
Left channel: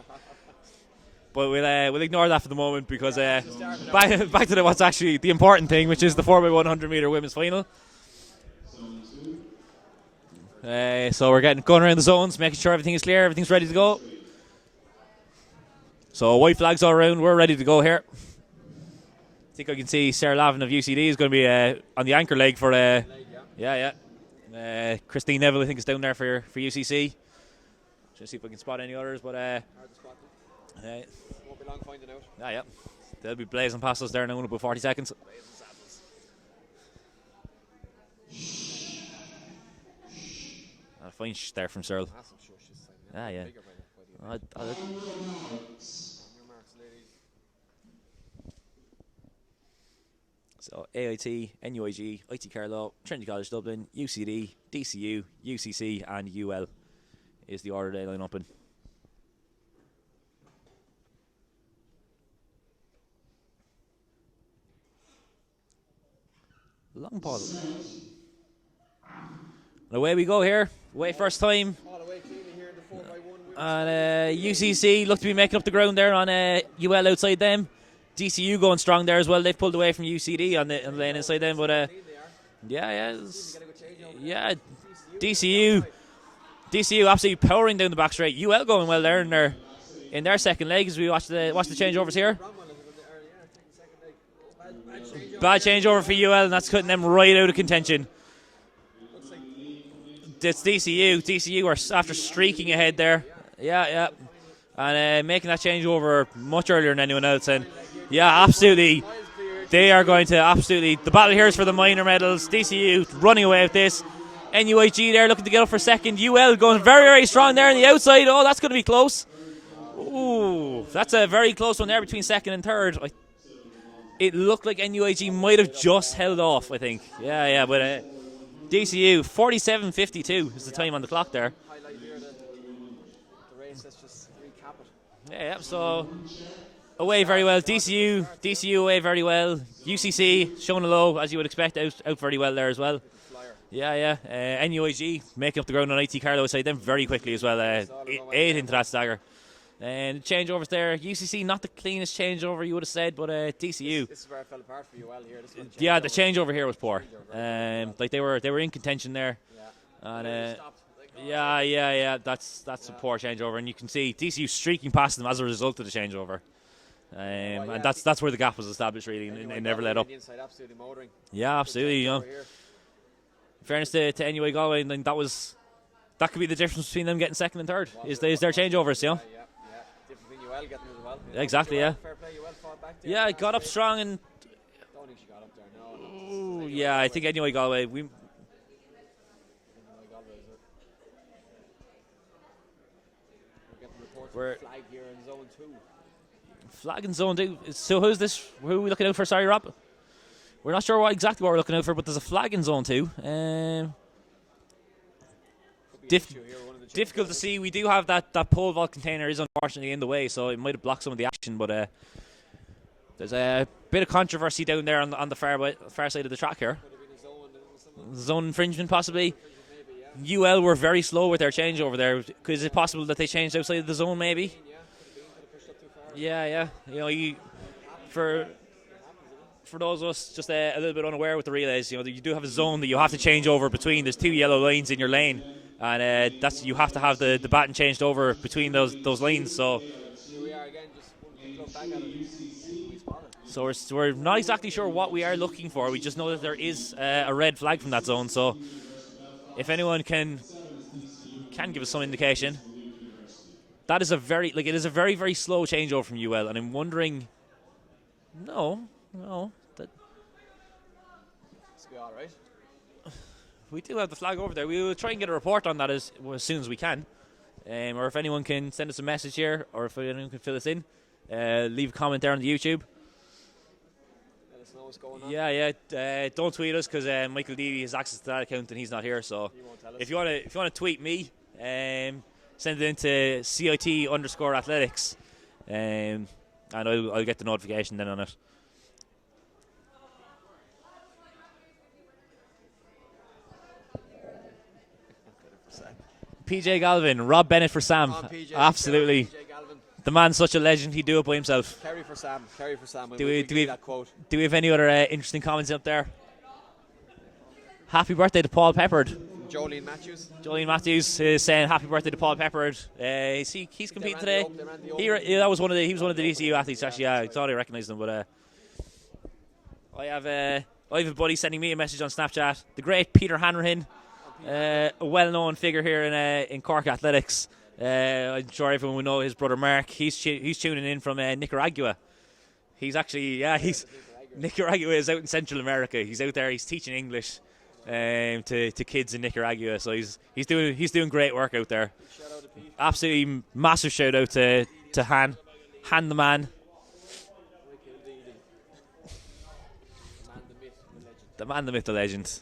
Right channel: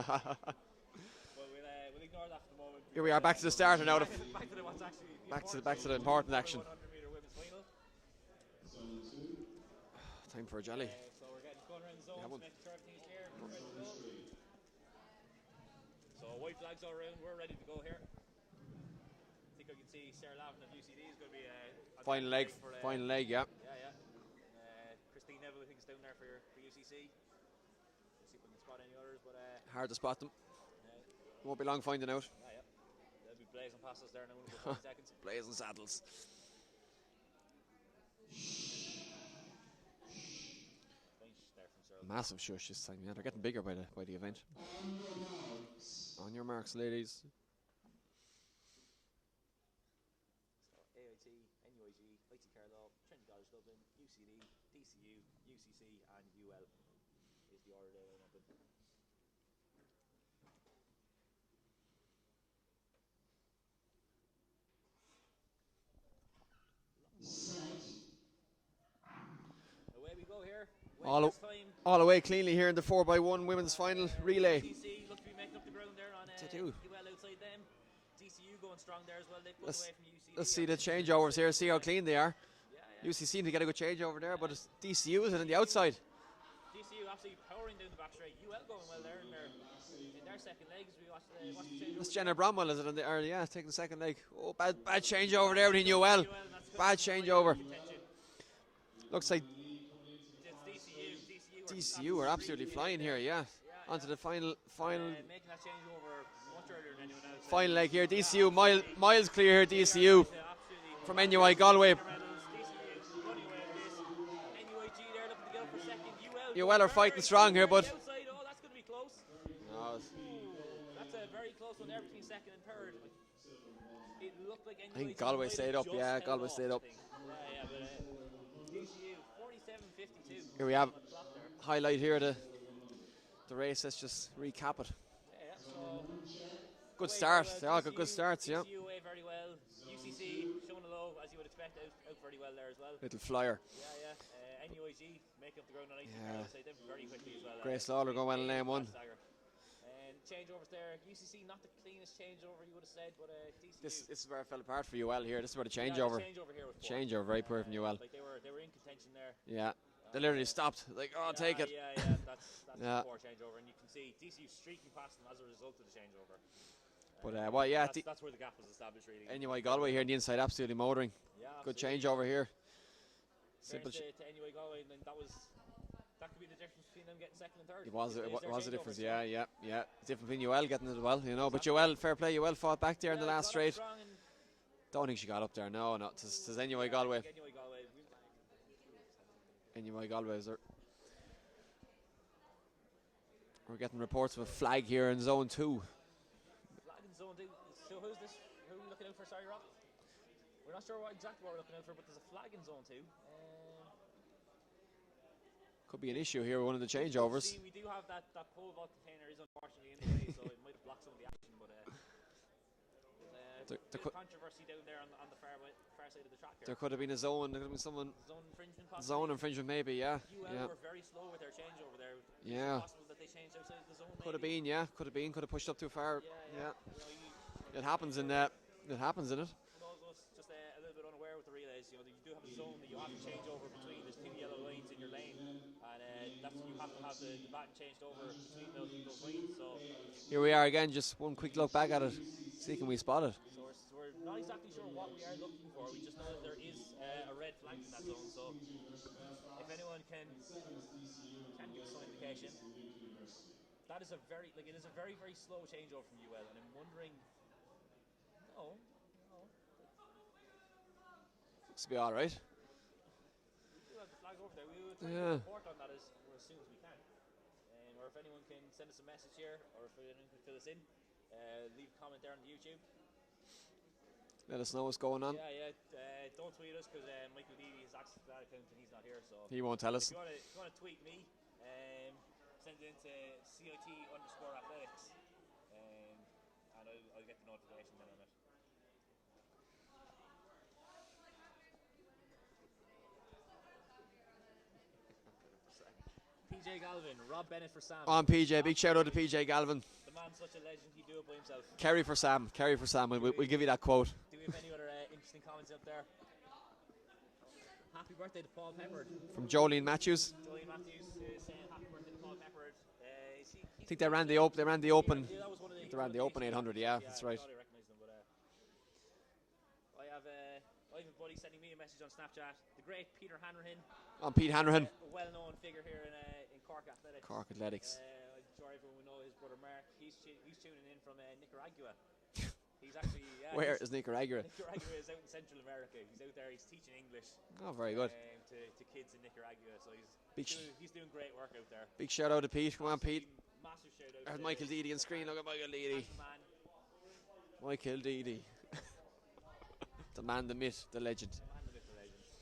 But we'll ignore that for the moment because back to the start now. back to what's actually the important thing, which is the 4x100 meter women's final. So we're going around the zones, making sure everything is clear, everything's ready to go. So white flags all around, we're ready to go here. I think I can see Sarah Lavin of UCD is going to be on the anchor leg for Christine Neville, I think, is down there for UCC. Trying to see if I can spot any others, but hard to spot them. Won't be long finding out. Yeah. They'll be blazing past us there now in about 40 seconds. Blazing saddles. A fine there from Searle. Massive shush this time. Yeah. Bigger by the event. On your marks, ladies. So AIT, NUIG, IT Carlow, Trinity College Dublin, UCD, DCU, UCC and UL is the order they line up in. Long pause. And away we go here. Away first time. All away cleanly here in the 4x1 women's final. UCC look to be making up the ground there on UL outside them. DCU going strong there as well. They've pulled away from UCD on the lane inside them. But clean they are. Yeah. UCC to get a good change over there. Yeah. DCU absolutely powering down the back straight. UL going well there in their second leg as we watch the changeovers here. Bromwell is it taking the second leg. Oh, bad changeover. Bad changeover for UL, and that's cutting them right out of contention. Looks like it's DCU. DCU are after streaking ahead there. Yeah. And making that changeover much earlier than anyone else. And absolutely. Miles clear here, they are going to absolutely. The battle here is for the minor medals. DCU running away with this. NUIG there looking to get up for second. UL going very, very strong there on the outside. Oh, that's going to be close. Ooh, that's a very close one there between second and third. It looked like NUIG might have just held off, I think. Yeah, but DCU 47:52 is the time on the clock there. Highlight here the race. Let's just recap it. Yeah. So away very well. DCU away very well. UCC showing a low as you would expect, out very well there as well. Little flyer. Yeah. NUIG making up the ground on IT Carlow side them very quickly as well. 8 into that stagger. And the changeovers there. UCC not the cleanest changeover you would have said, but DCU. This is where it fell apart for UL here. This is where the yeah, the changeover here was poor. Like they were in contention there. Yeah. And they stopped. Like, yeah. That's a poor changeover, and you can see DCU streaking past them as a result of the changeover. And that's where the gap was established really, and never let up. The inside absolutely motoring. Yeah, absolutely. In fairness to NUI Galway, and that could be the difference between them getting second and third. Is their changeovers, Yeah. Different between UL getting as well. Exactly, Fair play, UL fought back there. Yeah, got up strong and. Don't think she got up there. No. I think NUI Galway. NUI Galway is there. We're getting reports of a flag here in zone 2. Flag in zone 2. So who's this? Who are we looking out for? Sorry, Rob. We're not sure exactly what we're looking out for, but there's a flag in zone 2. Could be an issue here. One of the difficult to changeovers. see. We do have that pole vault container is unfortunately in the way, so it might have blocked some of the action. But there's a bit of controversy down there on the far side of the track here. Could have been a zone. Zone infringement, possibly. Zone infringement, maybe. Yeah. UL were very slow with their change over there. Is it possible that they changed outside of the zone? Maybe. Could have been, yeah. Could have been. Could have pushed up too far. Yeah. You know, it happens. It happens, isn't it? For those of us just a little bit unaware with the relays, you know, you do have a zone that you have to change over between. There's 2 yellow lines in your lane, and you have to have the baton changed over between those lanes. So here we are again. Just one quick look back at it. See can we spot it. So we're not exactly sure what we are looking for. We just know that there is a red flag from that zone. So if anyone can give us some indication, that is it is a very, very slow changeover from UL, and I'm wondering. No. That This will be all right. We do have the flag over there. We will try and get a report on that as soon as we can. Or if anyone can send us a message here, or if anyone can fill us in, leave a comment there on the YouTube. Let us know what's going on. Yeah. Don't tweet us because Michael Deedy has access to that account and he's not here. So he won't tell us. If you want to tweet me, send it into CIT_athletics, and I'll get the notification then on it. PJ Galvin, Rob Bennett for Sam. Come on, PJ. Absolutely. PJ Galvin. The man's such a legend, he'd do it by himself. Carry for Sam. Do we that quote. Do we have any other interesting comments up there? Happy birthday to Paul Peppard. From Jolene Matthews. Jolene Matthews is saying happy birthday to Paul Peppard. He's competing today. They ran the open. He was one of the DCU athletes. Yeah, Actually, I thought I recognised him. But I have a buddy sending me a message on Snapchat. The great Peter Hanrahan. A well-known figure here in Cork Athletics. I'm sure everyone will know his brother Mark. He's tuning in from Nicaragua. He's actually Nicaragua is out in Central America. He's out there. He's teaching English to kids in Nicaragua. So he's doing great work out there. Big shout out to Pete. Absolutely massive shout out to Han the man. Michael Deedy. The man, the myth, the legend. The man, the myth, the legend.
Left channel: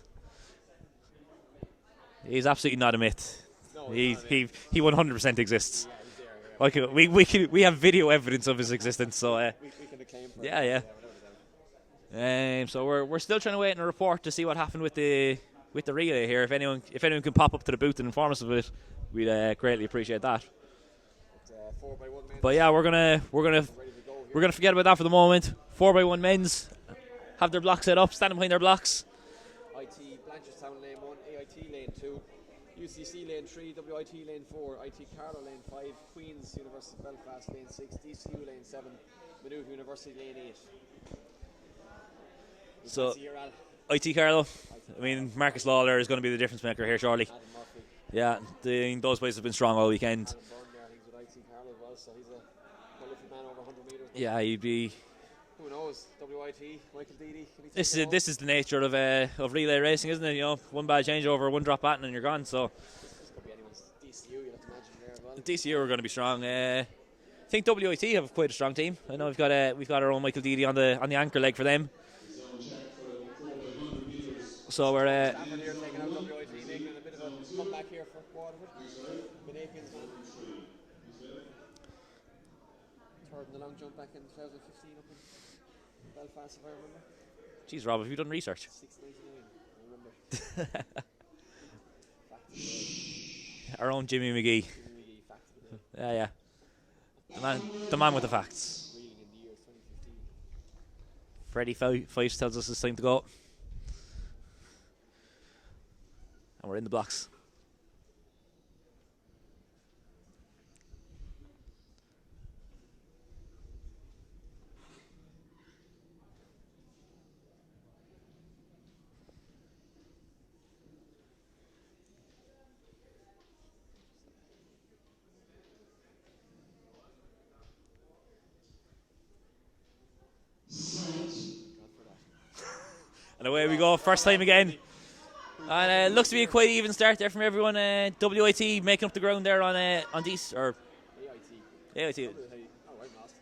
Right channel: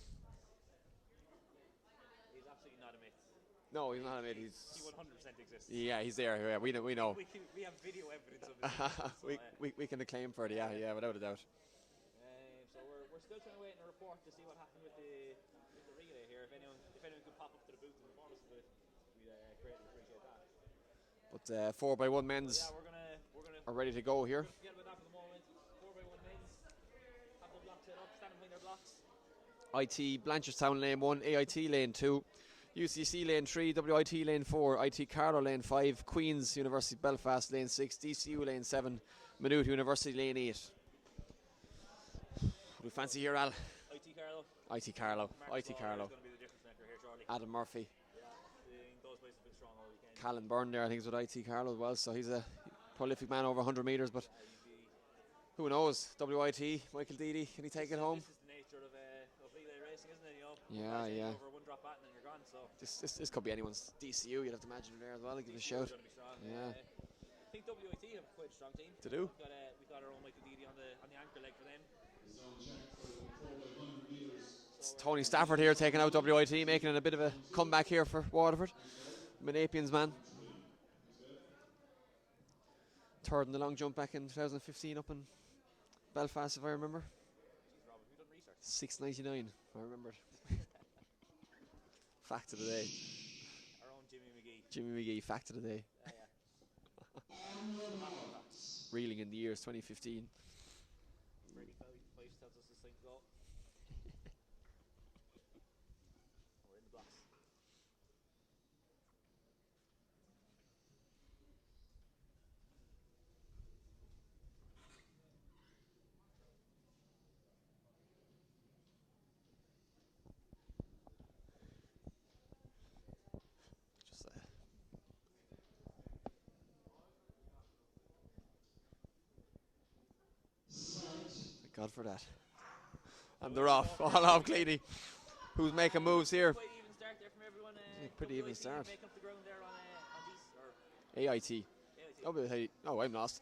He's absolutely not a myth. No, he 100% exists. Yeah, he's there. Yeah, okay, we have video evidence of his existence, so we can acclaim for yeah, without a doubt. So we're still trying to wait on a report to see what happened with the relay here. If anyone can pop up to the booth and inform us of it, we'd greatly appreciate that. But 4x1 men's. But yeah, we're gonna ready to go here. We're gonna forget about that for the moment. 4x1 men's have their blocks set up, standing behind their blocks. IT Blanchardstown lane 1, AIT lane 2, UCC lane 3, WIT lane 4, IT Carlow lane 5, Queen's University Belfast lane 6, DCU lane 7, Maynooth University lane 8. So fancy here, Al. IT Carlow. IT I mean, Carlow. Marcus IT Lawler Carlow. is going to be the difference maker here shortly. Adam Murphy. Yeah, those boys have been strong all weekend. Alan Byrne there, I think, is with IT Carlow as well, so he's a prolific man over 100 metres. But yeah, he'd be. Who knows? WIT, Michael Deedy. This is the nature of relay racing, isn't it? You know, one bad changeover, one drop baton, and you're gone. So this could be anyone's. DCU, you'd have to imagine there as well. DCU are going to be strong. I think WIT have quite a strong team. I know we've got our own Michael Deedy on the anchor leg for them. So we're Stafford here taking out WIT, making it a bit of a comeback here for Waterford. Manapian's man. Third in the long jump back in 2015 up in Belfast, if I remember. Jeez, Rob, have you done research? 6.99, I remember. Fact of the day. Our own Jimmy McGee. Jimmy McGee, fact of the day. Yeah. The man with the facts. Reeling in the years 2015. Freddie Fyffes tells us it's time to go. And we're in the blocks. God for that. And away we go, first time again. And it looks to be a quite even start there from everyone. WIT making up the ground there on DC or AIT. AIT. Oh, I'm lost.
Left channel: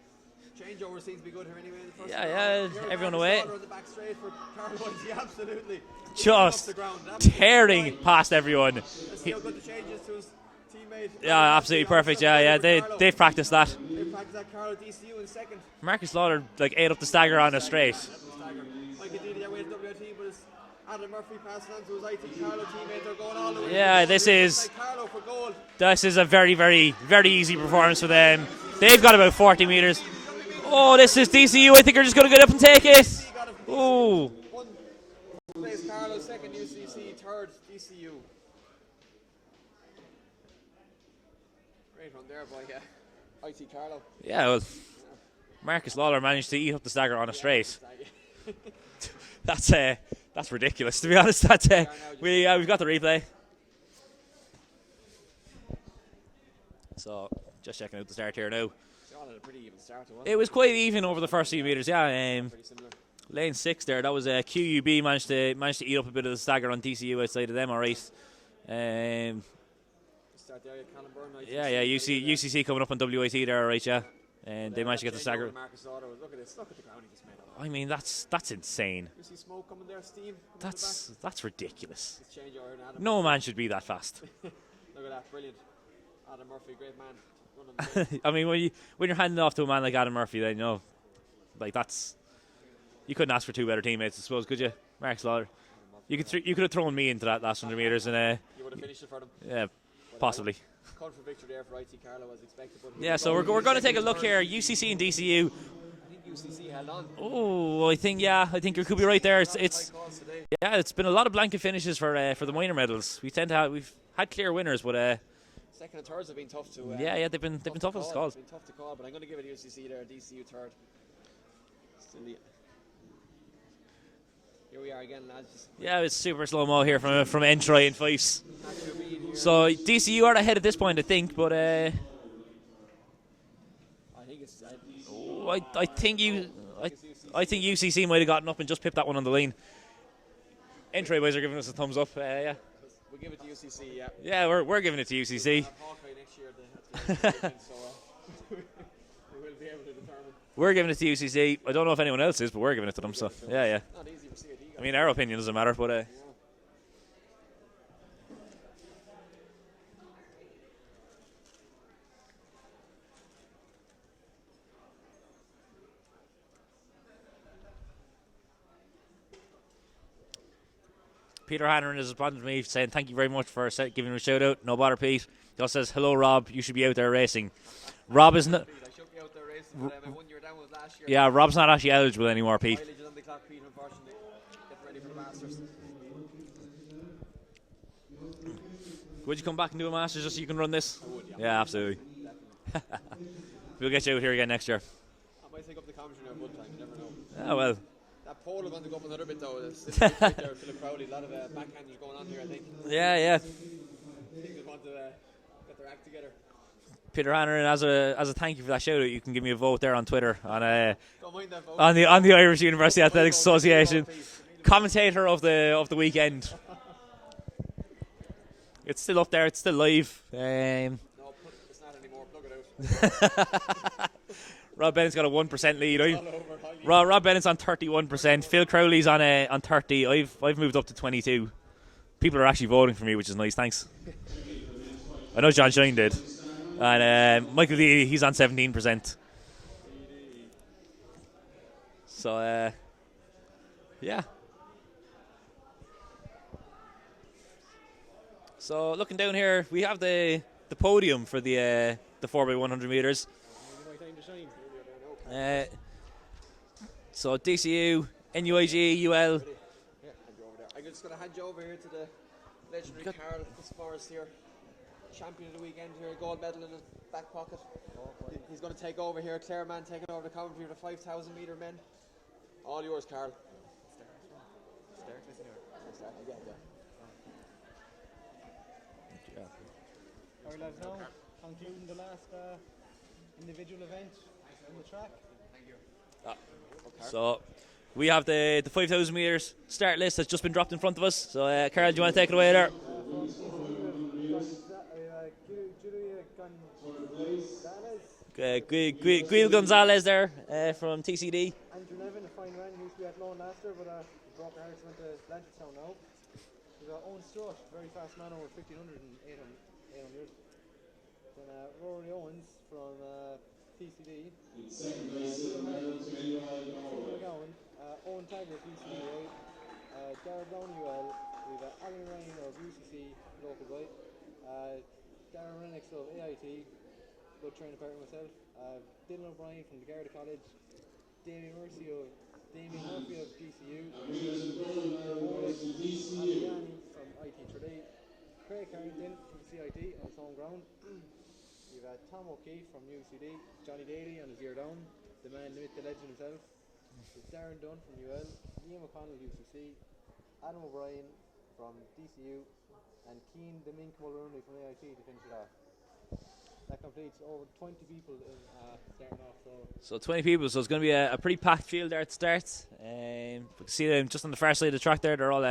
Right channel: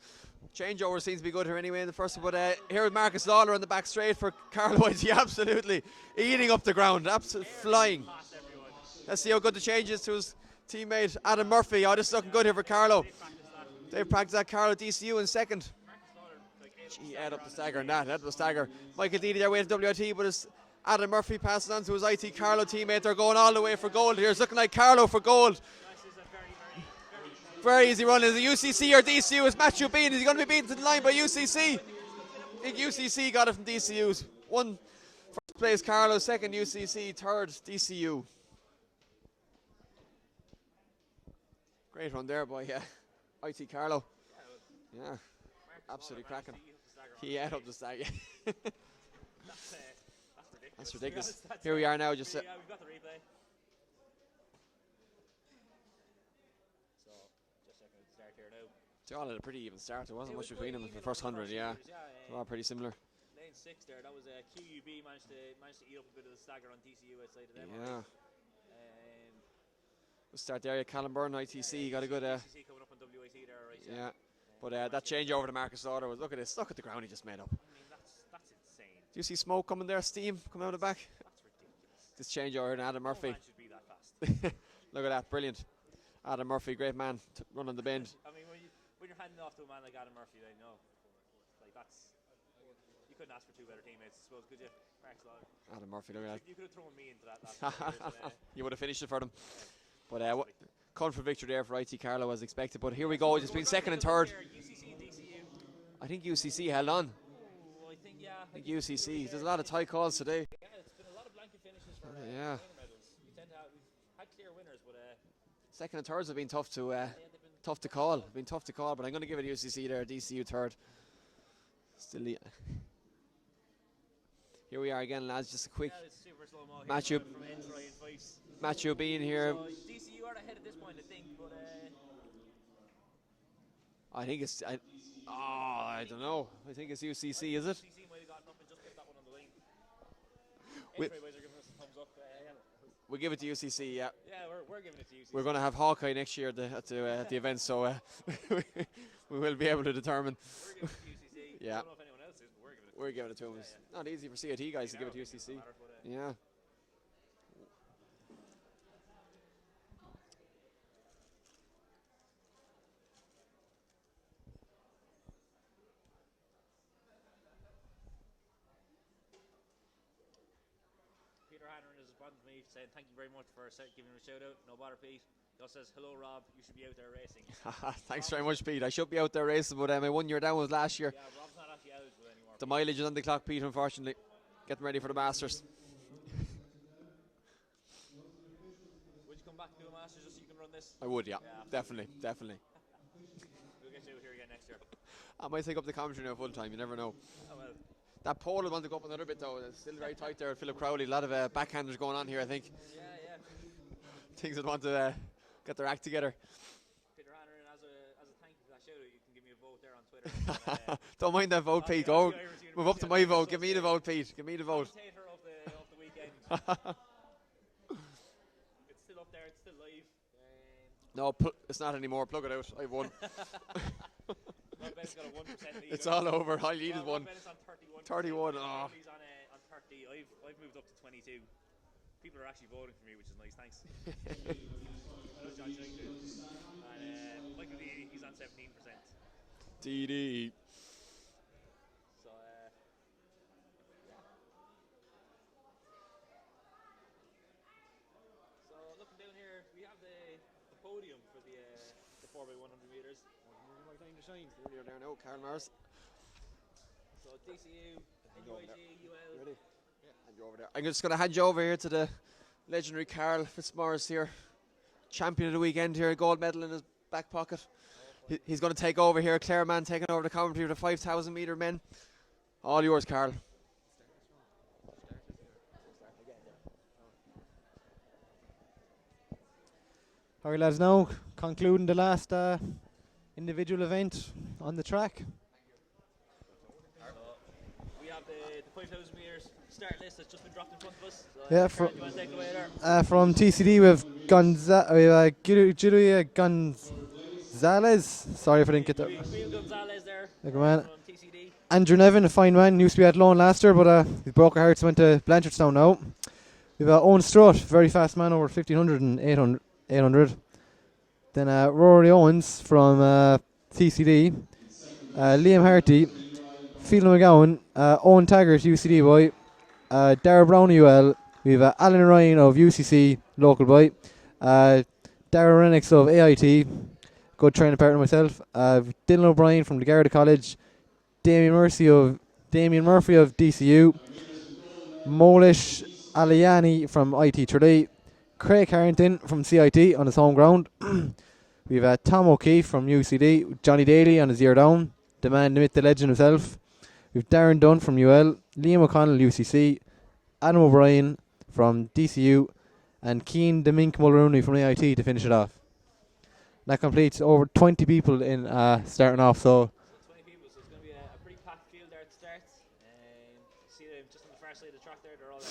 Changeover seems to be good here anyway in the first Yeah, one. yeah, Here with everyone Marcus away. Lawler on the back straight for Carl Whitey, absolutely eating Just up the ground, absolutely tearing flying. past everyone. Let's see how good the change is to his teammate Yeah, Adam Murphy. absolutely Oh, this perfect. looks Yeah, good yeah, here for Carlo. they've practiced that. They've practiced that. Carlo DCU in second. Marcus Lawler like ate up the stagger on a Stagger, straight. That was stagger. Michael Deedy their way to WIT, but it's Adam Murphy passing on to his IT Carlo teammate. They're going all the way Yeah, for gold. this Here. It's is- looking like Carlo for gold. This is a very, very, very easy performance easy for one. them. Is it UCC They've or got about DCU? 40 Is Matthew meters. Bean? Is he going to be beaten Oh, tonight this by is UCC? DCU. I think they're just going to get up and take it. UCC got it from DCU. Ooh. One first place Carlo, second UCC, third DCU. Great run there by IT Carlo. Yeah, well, Yeah. Marcus Lawler managed to eat up the stagger on a Yeah, straight. that's That's ridiculous, to be honest. That's Here we are now, just we've got the replay. So just checking out the start here now. They all had a pretty even start. It was quite even over the first few meters. Yeah, Pretty similar. lane 6 there. That was QUB managed to eat up a bit of the stagger on DCU outside of them. All right. Start there, Callum Byrne, ITC. Yeah, UCC coming up on WIT there, all right. Yeah. And But, they managed to that get the change over stagger. to Marcus Lauder was, look at this, look at the ground he just made up. I mean, that's insane. Do you see smoke coming there, steam coming out the back? That's ridiculous. This change over to Adam No Murphy. man should be that fast. Look at that, brilliant. Adam Murphy, great man, running the bend. I mean, when you're handing off to a man like Adam Murphy, then like you couldn't ask for two better teammates, I suppose, could you? Mark Slaughter. Adam Murphy. You could have thrown me into that last 100 meters, and you would have finished it for them. yeah, But, possibly. Comfort victory there for IT Carlo as expected. But here Yeah, we so go. we're It's going to been take a second look and here. UCC and DCU. I think UCC held on. Oh, I think you could be right there. There's a lot of tight calls today. Yeah, it's been a lot of blanket finishes for the minor medals. We've had clear winners, but Second and thirds have been tough to. yeah, they've been tough to call. It's been tough to call, but I'm going to give it UCC there. DCU third. Still here we are again, lads. Just a quick. Yeah, it's super slow mo here from Entry and Fyffes. Matthew Bean here. So DCU are ahead at this point, I think, but I think it's. I think UCC might have gotten up and just pipped that one on the lane. Entry boys are giving us a thumbs up. Yeah. We'll give it to UCC. Yeah. Yeah, we're giving it to UCC. We're going to have Hawkeye next year at the event, so we will be able to determine. We're giving it to UCC. Yeah. I don't know if anyone else is, but we're giving it to them. So yeah. Not easy for CIT guys. I mean, our opinion doesn't matter, but yeah. Peter Hanneran has responded to me saying thank you very much for giving him a shout out. No bother, Pete. He also says hello, Rob. You should be out there racing. Rob is not. Pete. I should be out there racing, but my 1 year down was last year. Yeah, Rob's not actually eligible anymore, The Pete. mileage is on the clock, Pete. Unfortunately, getting ready for the Masters. Would you come back and do a Masters just so you can run this? I would, yeah. Yeah, absolutely. Definitely. We'll get you out here again next year. I might take up the commentary now full time. You never know. Oh well. That pole will want to go up a little bit though. It's right there with Philip Crowley. A lot of backhanders going on here, I think. Yeah. Things that want to get their act together. Peter Hanneran, as a thank you for that shout out, you can give me a vote there on Twitter on Don't mind that vote. on Pete, the Irish University Go up to my Athletics vote. Give me the Association. vote, Pete. Give me the vote. Commentator of the weekend. It's still up there. It's still live. No, it's not anymore. Plug it out. Rob Bennett's got a 1% lead. It's all over. Rob Bennett's on 31%. 31, Phil Crowley's on 30. I've moved up to 22. People are actually voting for me, which is nice. Thanks. I know John Shine did, and Michael D, he's on 17%. TD. So yeah. So looking down here, we have the podium for the 4x100 meters. So DCU, NUIG, UL. I'm just going to hand you over here to the legendary Carl Fitzmaurice here, champion of the weekend here, gold medal in his back pocket. He's going to take over here. Clareman taking over the commentary of the 5,000 metre men. All yours, Carl. All right, lads, now concluding the last individual event on the track. So we have the 5,000 meters start list that's just been dropped in front of us. So Yeah, Carl, do you want to take it away there? From TCD, we have Julia Zales. Sorry if I didn't get that. Guil Gonzalez there Like from TCD. Andrew Nevin, a fine man, used to be at loan last year, but he broke our hearts, went to Blanchardstown now. We've Owen Strutt, very fast man, over 1500 and 800. Then Rory Owens from TCD. Liam Harty, Phelan McGowan, Owen Taggart, UCD boy. Dara Brown, UL. We've Alan Ryan of UCC, local boy. Dara Renix of AIT, good training partner myself. Dylan O'Brien from the Garda College. Damien Murphy of DCU. Molish Aliani from IT Tralee. Craig Harrington from CIT on his home ground. We've Tom O'Keefe from UCD. Johnny Daly on his year down. The man, the myth, the legend himself. We've Darren Dunn from UL. Liam O'Connell, UCC. Adam O'Brien from DCU. And Keane Demink Mulrooney from AIT to finish it off. That completes over 20 people in starting off. So 20 people, so it's going to be a pretty packed field there at the start. You can see them just on the far side of the track there. They're all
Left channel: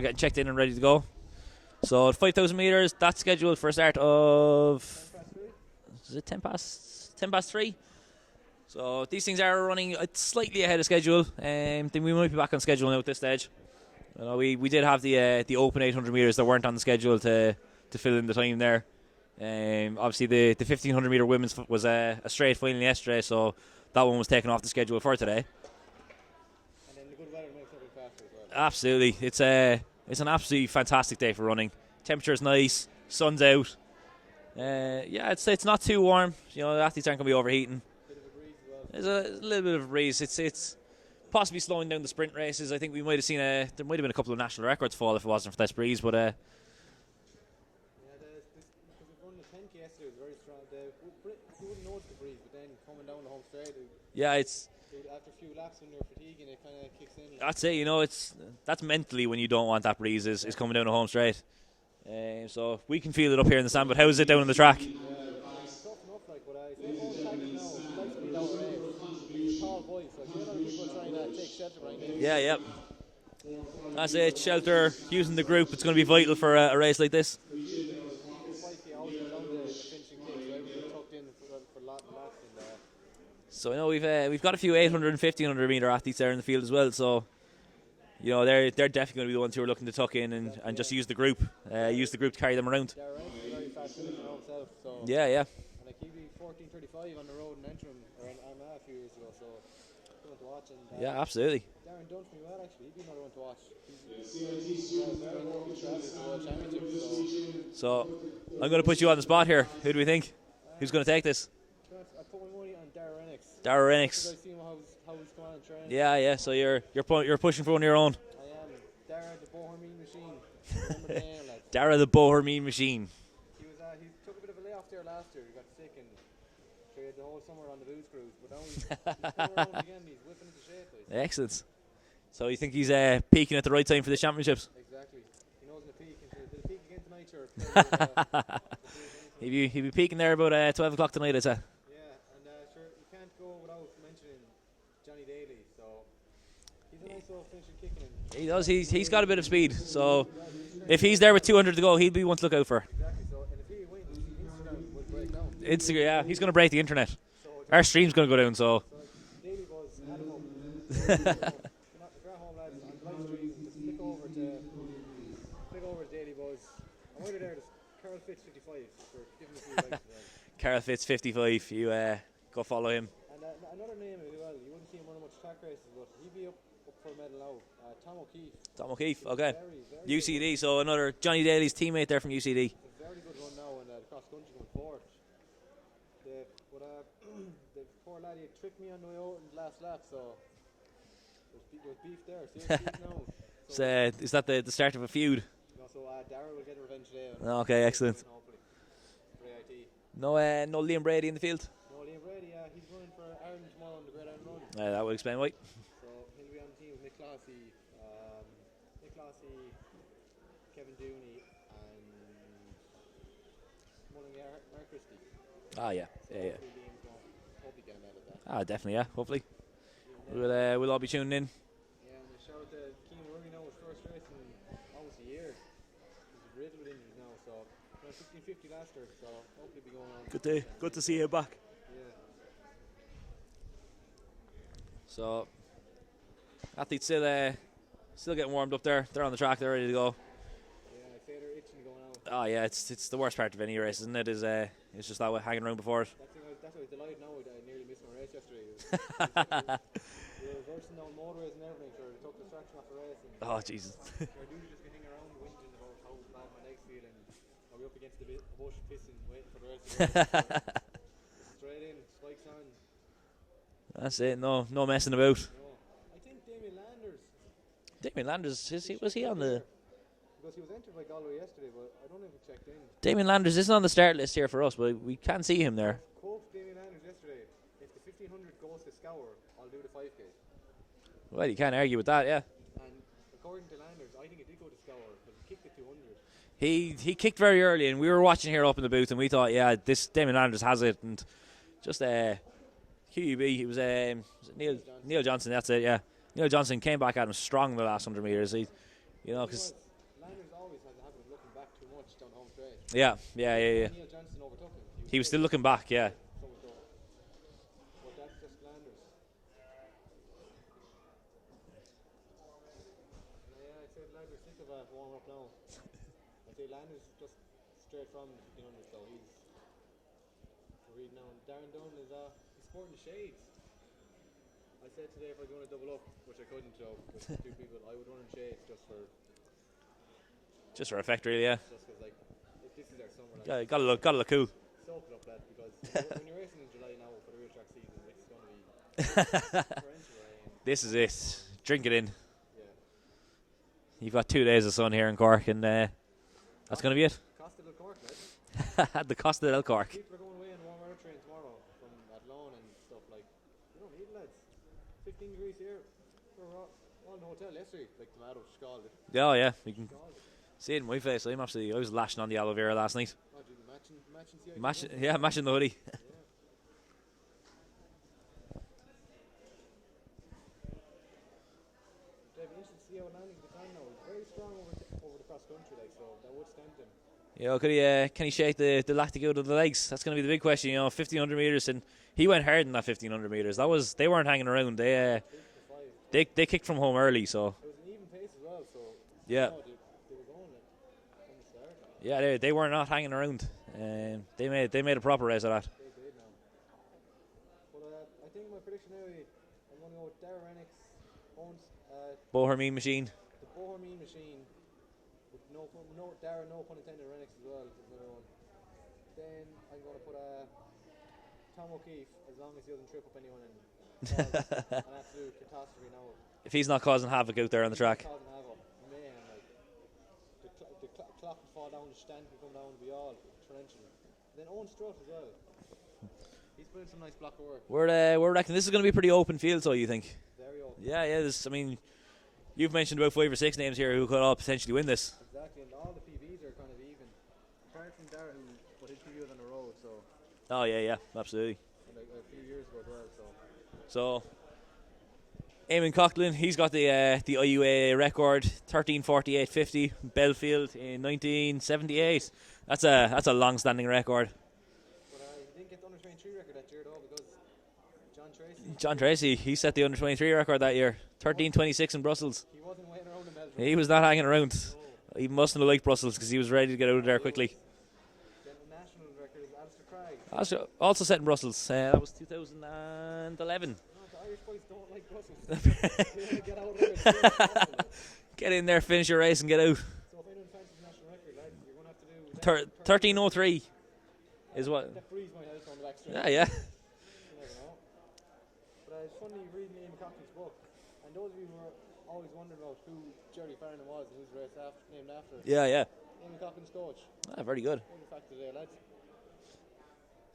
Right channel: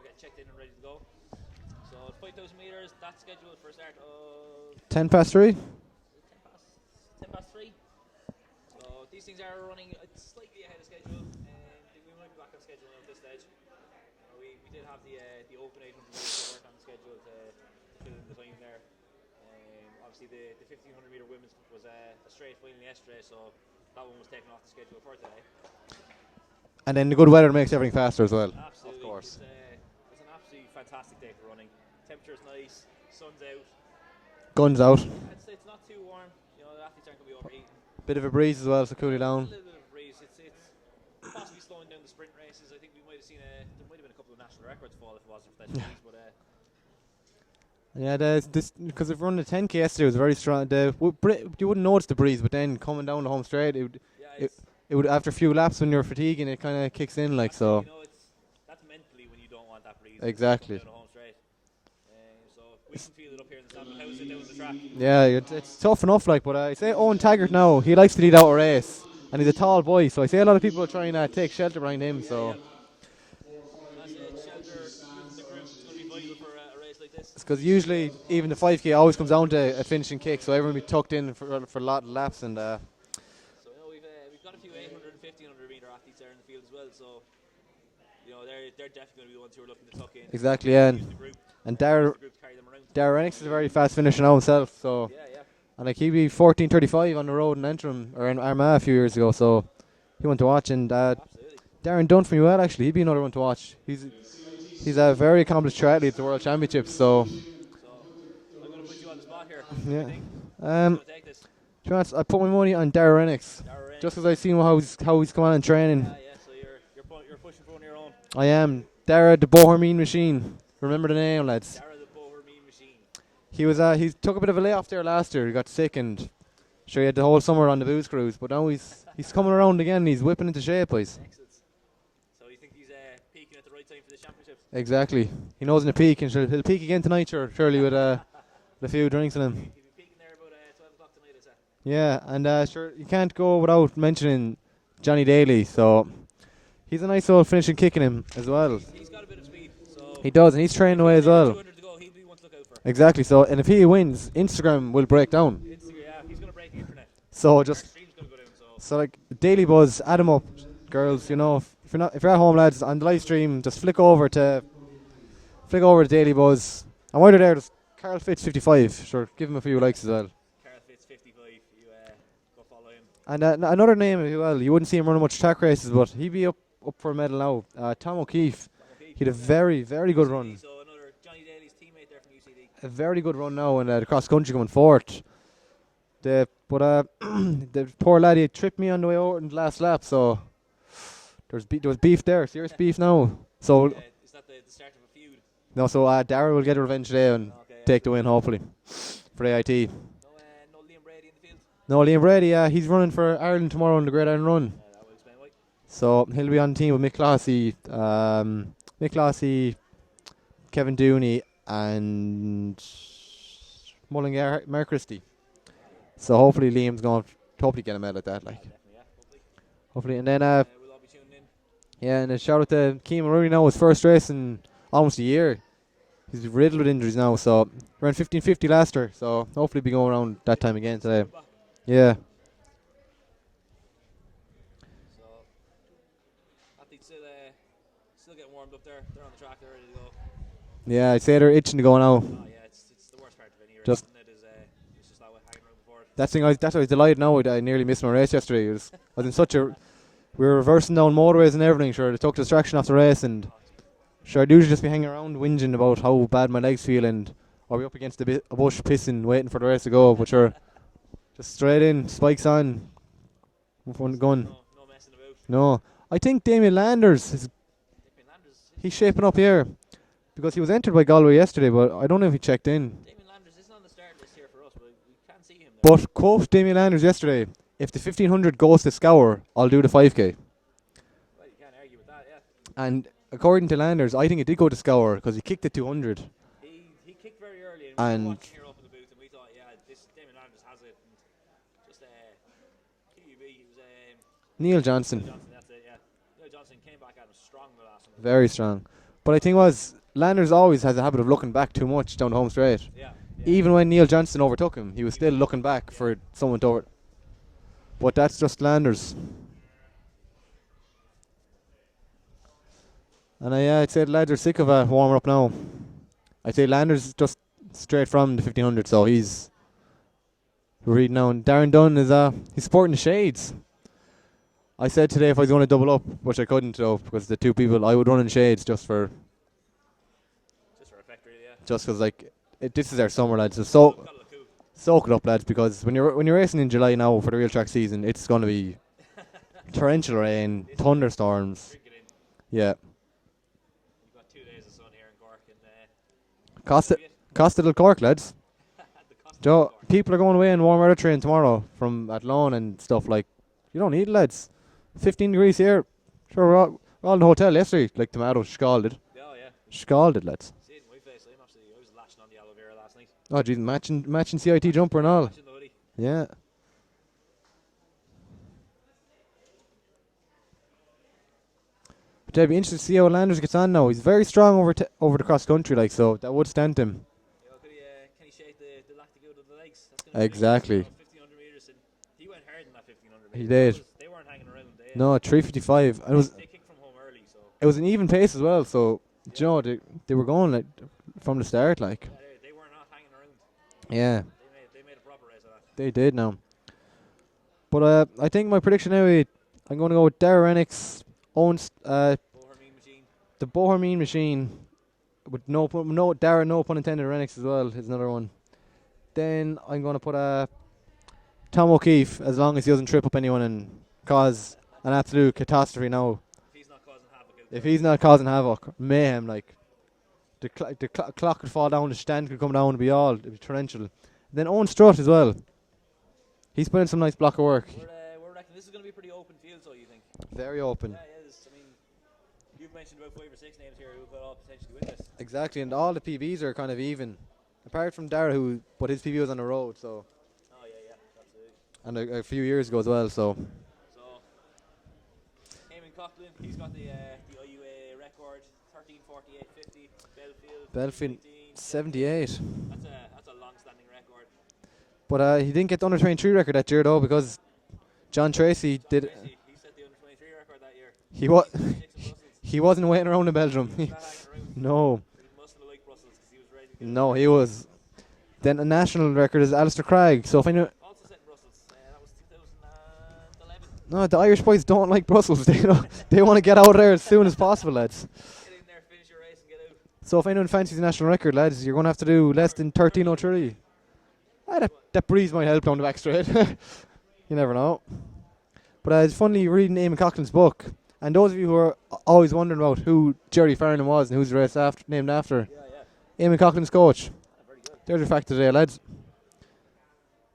getting checked in and ready to go. So 5,000 metres, that's scheduled for a start of 10 past 3. Is it 10 past 3? So these things are running slightly ahead of schedule. Then we might be back on schedule now at this stage. We did have the open 800 metres that weren't on the schedule to fill in the time there. Obviously the 1500 metre women's was a straight final yesterday, so that one was taken off the schedule for today. And then the good weather makes everything faster as well. Absolutely, it's an absolutely fantastic day for running. Temperature's nice, sun's out, guns out. Yeah, it's not too warm. The athletes aren't going to be overheating. Bit of a breeze as well, so cool it down. A little bit of a breeze. It's possibly slowing down the sprint races. I think we might have seen there might have been a couple of national records fall if it wasn't for this breeze, but. Yeah, because if running the 10k yesterday, it was very strong. You wouldn't notice the breeze, but then coming down the home straight, it would after a few laps when you're fatiguing, it kind of kicks in like. I'd say that's mentally when you don't want that breeze. Exactly. Is coming down the home straight. So we can feel it up here in the stand, but how is it down on the track? Yeah, it's tough enough. Like, but I say Owen Taggart now, he likes to lead out a race, and he's a tall boy. So I say a lot of people are trying to take shelter behind him. Yeah, yeah. That's it, shelter, using the group, it's going to be vital for a race like this. Because usually, even the 5k always comes down to a finishing kick, so everyone will be tucked in for a lot of laps. And so I know we've got a few 800 and 1500 metre athletes there in the field as well, so they're definitely going to be the ones who are looking to tuck in and just use the group. And use the group to carry them around. Dara Renix is a very fast finisher now himself, so yeah. And like, he beat 14:35 on the road in Antrim or in Armagh a few years ago, so he went to watch. And absolutely. Darren Dunn from UL, actually, he'd be another one to watch. He's a very accomplished triathlete at the World Championships. So I'm going to put you on the spot here. Who do we think? Who's going to take this? To be honest, I put my money on Dara Renix. Dara Renix. Just because I've seen how he's come on in training. Yeah. So you're pushing for one of your own. I am. Dara the Bohermeen Machine. Remember the name, lads. Dara the Bohermeen Machine. He took a bit of a layoff there last year. He got sick and sure he had the whole summer on the booze cruise, but now he's coming around again. He's whipping into shape, boys. Excellent. So you think he's peaking at the right time for the championships? Exactly. He knows in the peak, and he'll peak again tonight, surely with a few drinks in him. He'll be peaking there about 12 o'clock tonight, I'd say. Yeah, and sure, you can't go without mentioning Johnny Daly. So he's a nice old finishing kick in him as well. He's got a bit of speed, so he does, and he's training. If he's there with 200 to go, he'll be one to look out for. Exactly. So, and if he wins, Instagram will break down. Yeah, he's going to break the internet. So our stream's going to go down. So like Daily Buzz, add him up, girls. If you're at home, lads, on the live stream, just flick over to Daily Buzz. And while you're there, just Carl Fitz 55. Sure, give him a few likes as well. Carl Fitz 55. You go follow him. And another name as well. You wouldn't see him running much track races, but he'd be up for a medal now. Tom O'Keefe. He had a very, very good run. UCD, so another Johnny Daly's teammate there from UCD. A very good run now, and the cross country coming fourth. The poor lad, he tripped me on the way over in the last lap, so there was beef there, serious beef now. So is that the start of a feud? No, so Dara will get a revenge today and take the win, hopefully, for AIT. No Liam Brady in the field? No, Liam Brady, he's running for Ireland tomorrow in the Great Iron Run. That would explain why. So he'll be on the team with Mick Clohessy, Kevin Dooney, and Mullingar, Mark Christie. Yeah. So hopefully Liam's going to hopefully get a medal at that. Definitely, yeah, hopefully. And then we'll all be tuning in. Yeah, and a shout out to Keane Rooney now, his first race in almost a year. He's riddled with injuries now, so ran 15:50 last year, so hopefully be going around that time again Good to see today. you back. Yeah. So athletes still getting warmed up there. They're on the track. They're ready to go. Yeah, I'd say they're itching to go now. Oh yeah, it's the worst part of any race, Just isn't it? It's just that way hanging around before it. that's why I was delighted now. I nearly missed my race yesterday. I was in such a. We were reversing down motorways and everything. Sure, it took distraction off the race, and Oh Jesus. sure, I'd usually just be hanging around whinging about how bad my legs feel, and I'll be up against a bush pissing, waiting for the race to go. But sure, just straight in, spikes on. That's it, Going. no messing about. No, I think Damien Landers. Damien Landers. He's shaping up here because he was entered by Galway yesterday, but I don't know if he checked in. Damien Landers isn't on the start list here for us, but we can see him there. But quote Damien Landers yesterday: "If the 1500 goes to Scour, I'll do the 5k." Well, you can't argue with that, yeah. And according to Landers, I think it did go to Scour because he kicked it 200. He kicked very early, and we were watching here up in the booth, and we thought, yeah, this Damien Landers has it, and just QUB. He was Neil Johnson. Neil Johnson, that's it, yeah. Neil Johnson came back at him strong the last 100 Very meters. strong. But I think Landers always has a habit of looking back too much down the home straight. Yeah. Even when Neil Johnson overtook him, he was still looking back yeah. for someone to over. But that's just Landers. And I'd say the lads are sick of warming up now. I'd say Landers just straight from the 1500, so he's reading now. And Darren Dunn is he's sporting the shades. I said today if I was going to double up, which I couldn't though, because the two people I would run in shades just for effect, really, yeah. Just because this is our summer, lads. Yeah, So gotta look cool. Soak it up, lads, because when you're racing in July now for the real track season, it's going to be torrential rain, thunderstorms. Drink it in. Yeah. You've got 2 days of sun here in Cork, and Costa del Cork, lads. The Costa del Cork. People are going away in warm weather train tomorrow from Athlone and stuff. Like, you don't need it, lads. 15 degrees here. Sure, we're all in the hotel yesterday, like tomato scalded. Oh yeah, scalded, lads. See it in my face. I was lashing on the aloe vera last night. Oh jeez, matching CIT jumper and all. Matching the hoodie. Yeah. But I'd be interested to see how Landers gets on now. He's very strong over the cross country, like, so that would stand him. Yeah, can he shake the lactic out of the legs? That's going to be a big question. 1500 meters, and he went hard in that 1500 meters. They weren't hanging around. They 3:55. They kicked from home early, so it was an even pace as well. So yeah. They were going like from the start, like. Yeah, they were not hanging around. Yeah, they made a proper race of that. They did now. But I think my prediction now, I'm going to go with Dara Rennick's own Bohermeen machine. The Bohermeen machine. With no pun intended, Rennick's as well is another one. Then I'm going to put Tom O'Keefe, as long as he doesn't trip up anyone and cause an absolute catastrophe now. If he's not causing havoc out there, if he's not causing havoc, mayhem, like the clock could fall down, the stand could come down, it'd be torrential. Then Owen Strutt as well. He's put in some nice block of work. We're reckoning this is going to be a pretty open field, so you think? Very open. Yeah. You've mentioned about 5 or 6 names here who could all potentially win this. Exactly, and all the PBs are kind of even. Apart from Dara, but his PB was on the road, so. Oh yeah, absolutely. And a few years ago as well, so. So, Eamon Coughlin, he's got the IUAA record, 13:48.50. Belfield in 1978. That's a long-standing record. But he didn't get the under 23 record that year though, because John Tracy, he set the under 23 record that year. 13:26 in Brussels. He wasn't waiting around in Belgium. He was not hanging around. No. He mustn't have liked Brussels because he was ready to get out no, of there. No, he was. Then a national record is Alistair Craig. So also set in Brussels. That was 2011. No, the Irish boys don't like Brussels. They want to get out of there as soon as possible, lads. Get in there, finish your race, and get out. So if anyone fancies a national record, lads, you're going to have to do less than 13:03. That breeze might help down the back straight. Yeah. You never know. But it's funny reading Eamon Coughlin's book. And those of you who are always wondering about who Jerry Farnan was and who's the race named after. Yeah. Eamon Coughlin's coach. Very good. There's your fact today, lads.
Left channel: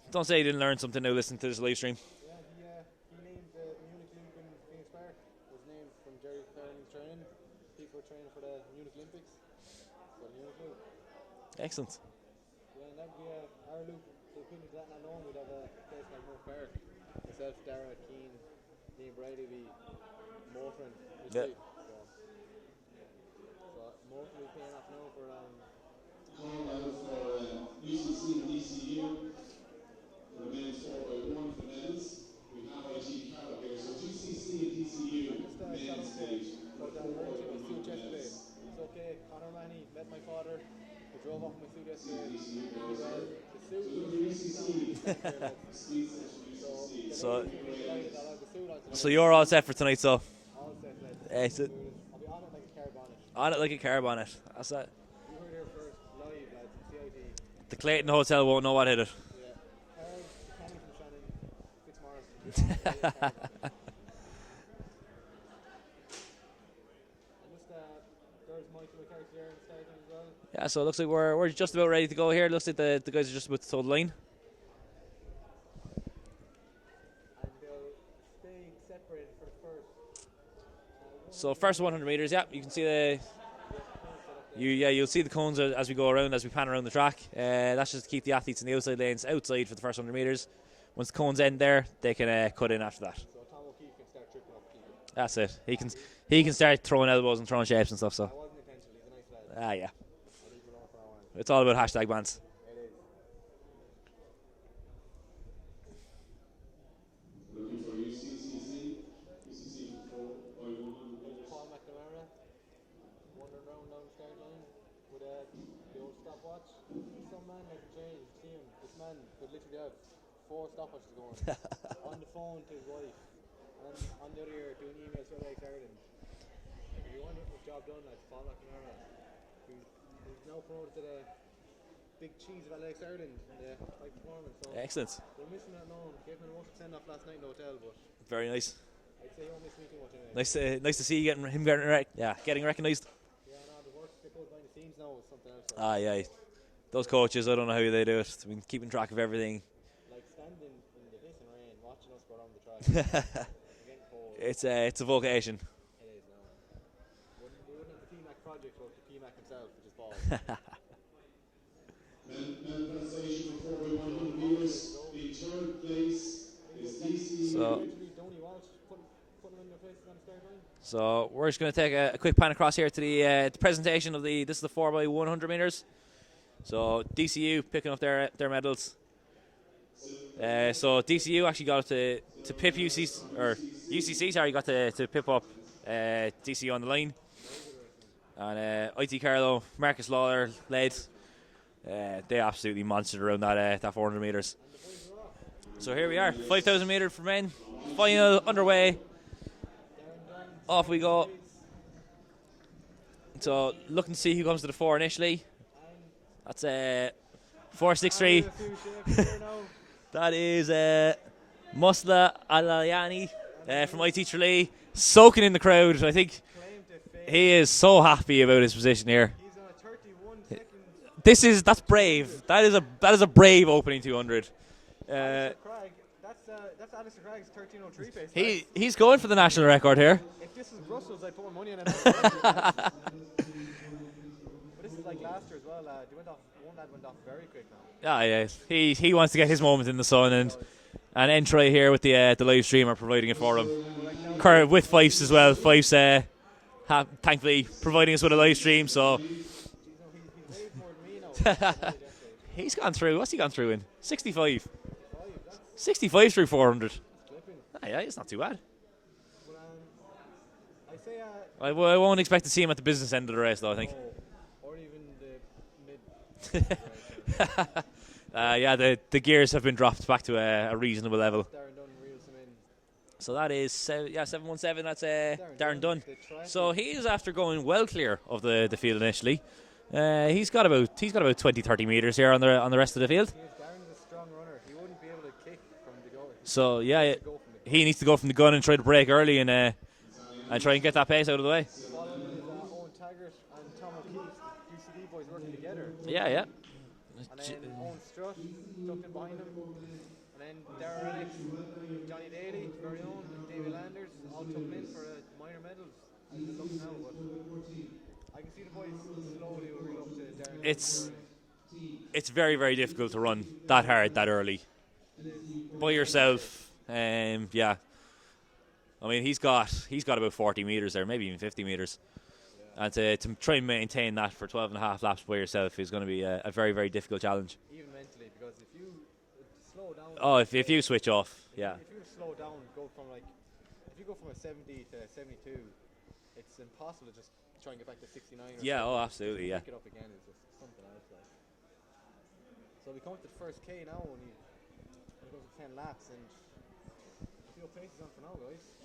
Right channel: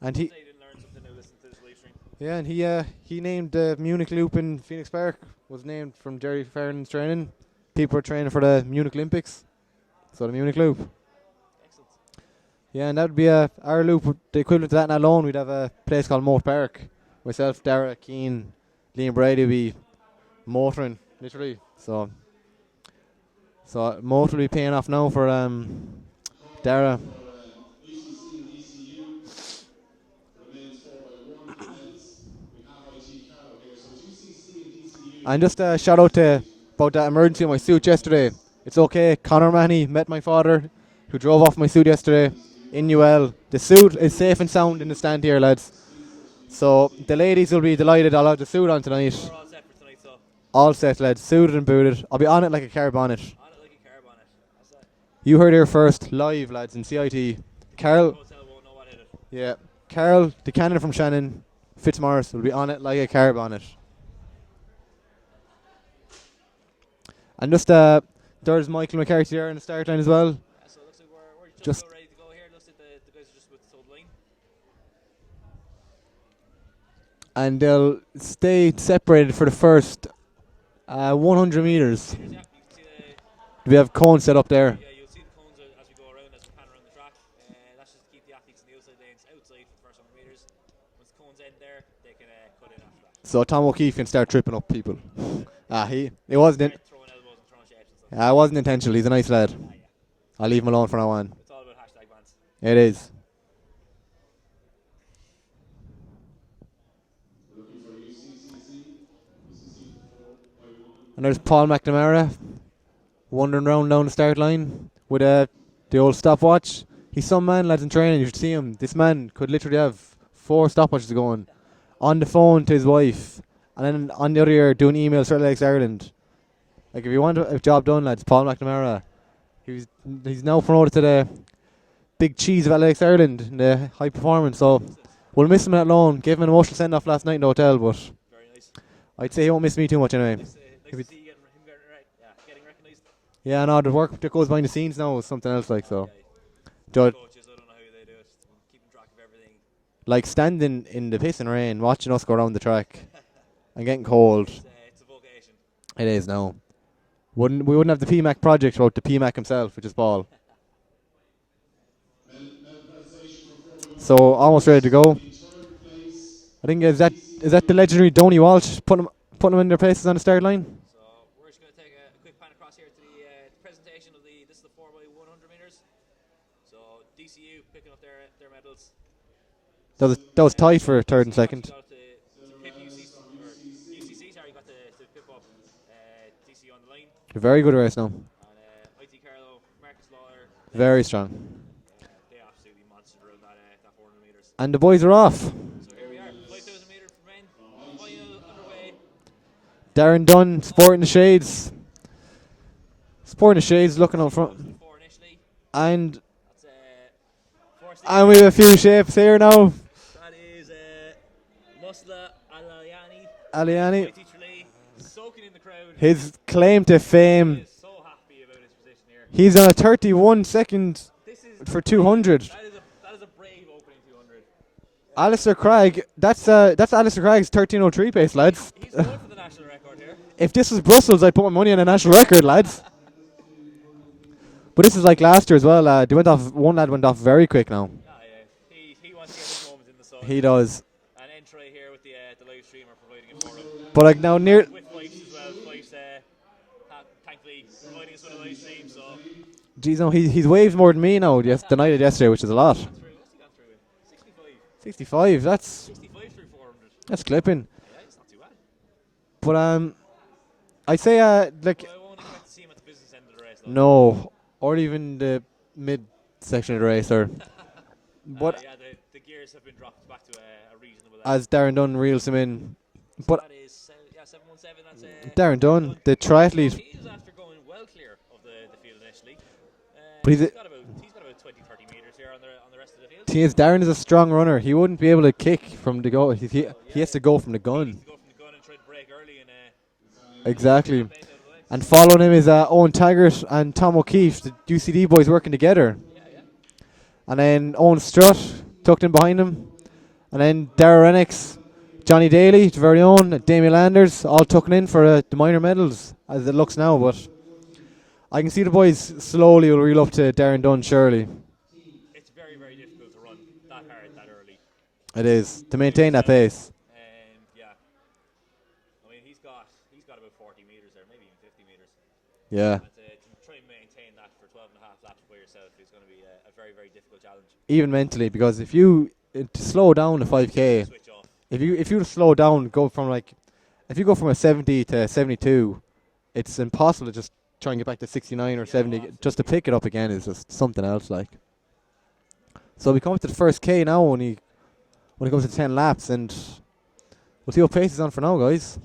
And don't say you didn't learn something now listening to this live stream. Yeah, and he named the Munich Loop in Phoenix Park was named from Jerry Farnan's training. People were training for the Munich Olympics. So the Munich Loop. Excellent. Yeah, and that would be our loop. The equivalent to that in alone, we'd have a place called Moat Park. Myself, Dara, Keane, Liam Brady would be motoring, literally. So So most will be paying off now for Dara. And just a shout out to about that emergency in my suit yesterday. It's okay. Conor Mahoney met my father, who drove off my suit yesterday in UL. The suit is safe and sound in the stand here, lads. So the ladies will be delighted. I'll have the suit on tonight. So you're all set for tonight, so? All set, lads. Suited and booted. I'll be on it like a car bonnet. On it like a car bonnet. That's it. You heard here first, live, lads, in CIT. The Carl hotel won't know what hit it. Yeah. Carl, the candidate from Shannon, Fitzmaurice, will be on it like a car bonnet. And just there's Michael McCarthy there in the start line as well. Yeah, so it looks like we're just about ready to go here. Looks like the guys are just about to toe the line. And they'll stay separated for the first 100 so meters. 100 meters, yeah. You can see the... We have cones set up there. Yeah, you'll see the cones as we go around, as we pan around the track. That's just to keep the athletes in the outside lanes outside for the first 100 meters. Once the cones end there, they can cut in after that. So Tom O'Keefe can start tripping up people. That's it. He can start throwing elbows and throwing shapes and stuff. So. It wasn't intentional. He's a nice lad. Yeah. I'll leave him alone for now on. It's all about hashtag bans. It is. And there's Paul McNamara wandering around down the start line with the old stopwatch. He's some man, lads, in training. You should see him. This man could literally have 4 stopwatches going on the phone to his wife, and then on the other ear doing emails for Athletics Ireland. Like, if you want a job done, lads, Paul McNamara. He's now promoted to the big cheese of Athletics Ireland in the high performance. So excellent. We'll miss him at loan. Gave him an emotional send off last night in the hotel, but very nice. I'd say he won't miss me too much anyway. Nice to see him getting recognised. Yeah, no, the work that goes behind the scenes now is something else. Like so. Yeah. Those coaches, I don't know how they do it. I mean, keeping track of everything. Like standing in the piss and rain, watching us go around the track and getting cold. It's a vocation. It is now. We wouldn't have the PMAC project without the PMAC himself, which is Paul. So almost ready to go. I think is that the legendary Donny Walsh putting them in their places on the start line. So we're just going to take a quick pan across here to the presentation of this is the 4x100 meters. So DCU picking up their medals. That was tight for so third and DCU second. actually got to pip UCC. Sorry, got to pip up DCU on the line. A very good race now. And IT Carlo, Marcus Lawler, very strong. They absolutely monstered around that 400 meters. And the boys are off. So here we are, 5,000 meter for men. Final underway. Darren Dunn, sporting the shades. Sporting the shades, looking up front. Who comes to the 4 initially. And that's 4.63. And we have a few shapes here now. That is Musla Aliani. From IT Tralee. Soaking in the crowd. His I think claim to fame. He is so happy about his position here. He's on a 31 second. That's for 200. That is a brave opening 200. Alistair Craig, that's Alistair Craig's 13:03 pace, lads. He's going for the national record here. If this was Brussels, I'd put my money on a national record, lads. But this is like last year as well. One lad went off very quick now. Yeah. He wants to get his moment in the sun. He does. And Entry here with the live stream are providing it for him. But like now, with Fyffes as well. Fyffes thankfully providing us with a live stream. So, geez, no, he's waved more than me now. Just the night of yesterday, which is a lot. What's he gone through in? 65. 65. That's 65 through 400. That's clipping. Yeah, it's not too bad. But I'd say I won't expect to see him at the business end of the race, though. No, or even the mid section of the race, or. The gears have been dropped back to a reasonable level. As Darren Dunn reels him in. So that is 717. That's Darren Dunn, the triathlete. So he is after going well clear of the field initially. He's got about 20-30 meters here on the rest of the field. Darren is a strong runner. He wouldn't be able to kick from the go. He has to go from the gun. He needs to go from the gun and try to break early and try and get that pace out of the way. And following him is Owen Taggart and Tom O'Keefe, the UCD boys working together. Yeah. And then Owen Strutt tucked in behind him. And then Dara Renix, Johnny Daly, the very own, Damien Landers, all tucking in for the minor medals as it looks now. But I can see the boys slowly will reel up to Darren Dunn, surely. It's very, very difficult to run that hard, that early. It is, to maintain that pace. Yeah. I mean, he's got about 40 meters there, maybe even 50 meters. Yeah. And to try and maintain that for 12 and a half laps by yourself is going to be a very, very difficult challenge. Even mentally, because if you to slow down the 5K, if you switch off, if you slow down, go from if you go from a 70 to 72, it's impossible to just try and get back to 69 or 70. Just to pick it up again is just something else. So we come up to the first K now when it goes to 10 laps, and we'll see what pace he's on for now, guys.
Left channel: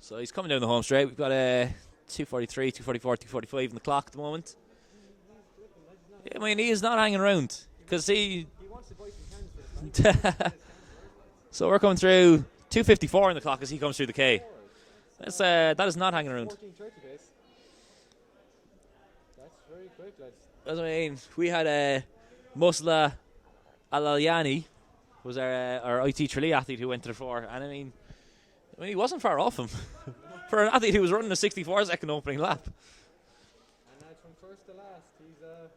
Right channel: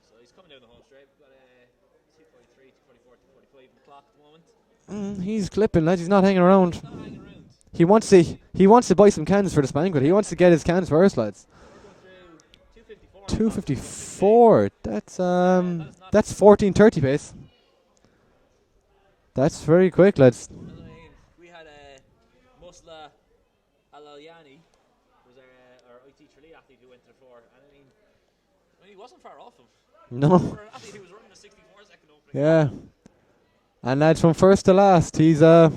So he's coming down the home straight. We've got a 243, 244, 245 in the clock at the moment. He's clipping, lads. He's not hanging He around. is not hanging around. He wants to buy some cans for the banquet. He wants to get his cans first, lads. So we're coming through 254 in the clock as he comes through the K. 254. That is not. That's 14:30 pace. That's very quick, lads. That's what I mean. We had Musla Alalyani, was our IT Tralee athlete who went to the 4, and I mean he wasn't far off him. No. For an athlete who was running a 64-second opening yeah. lap. And lads, from first to last, he's claimed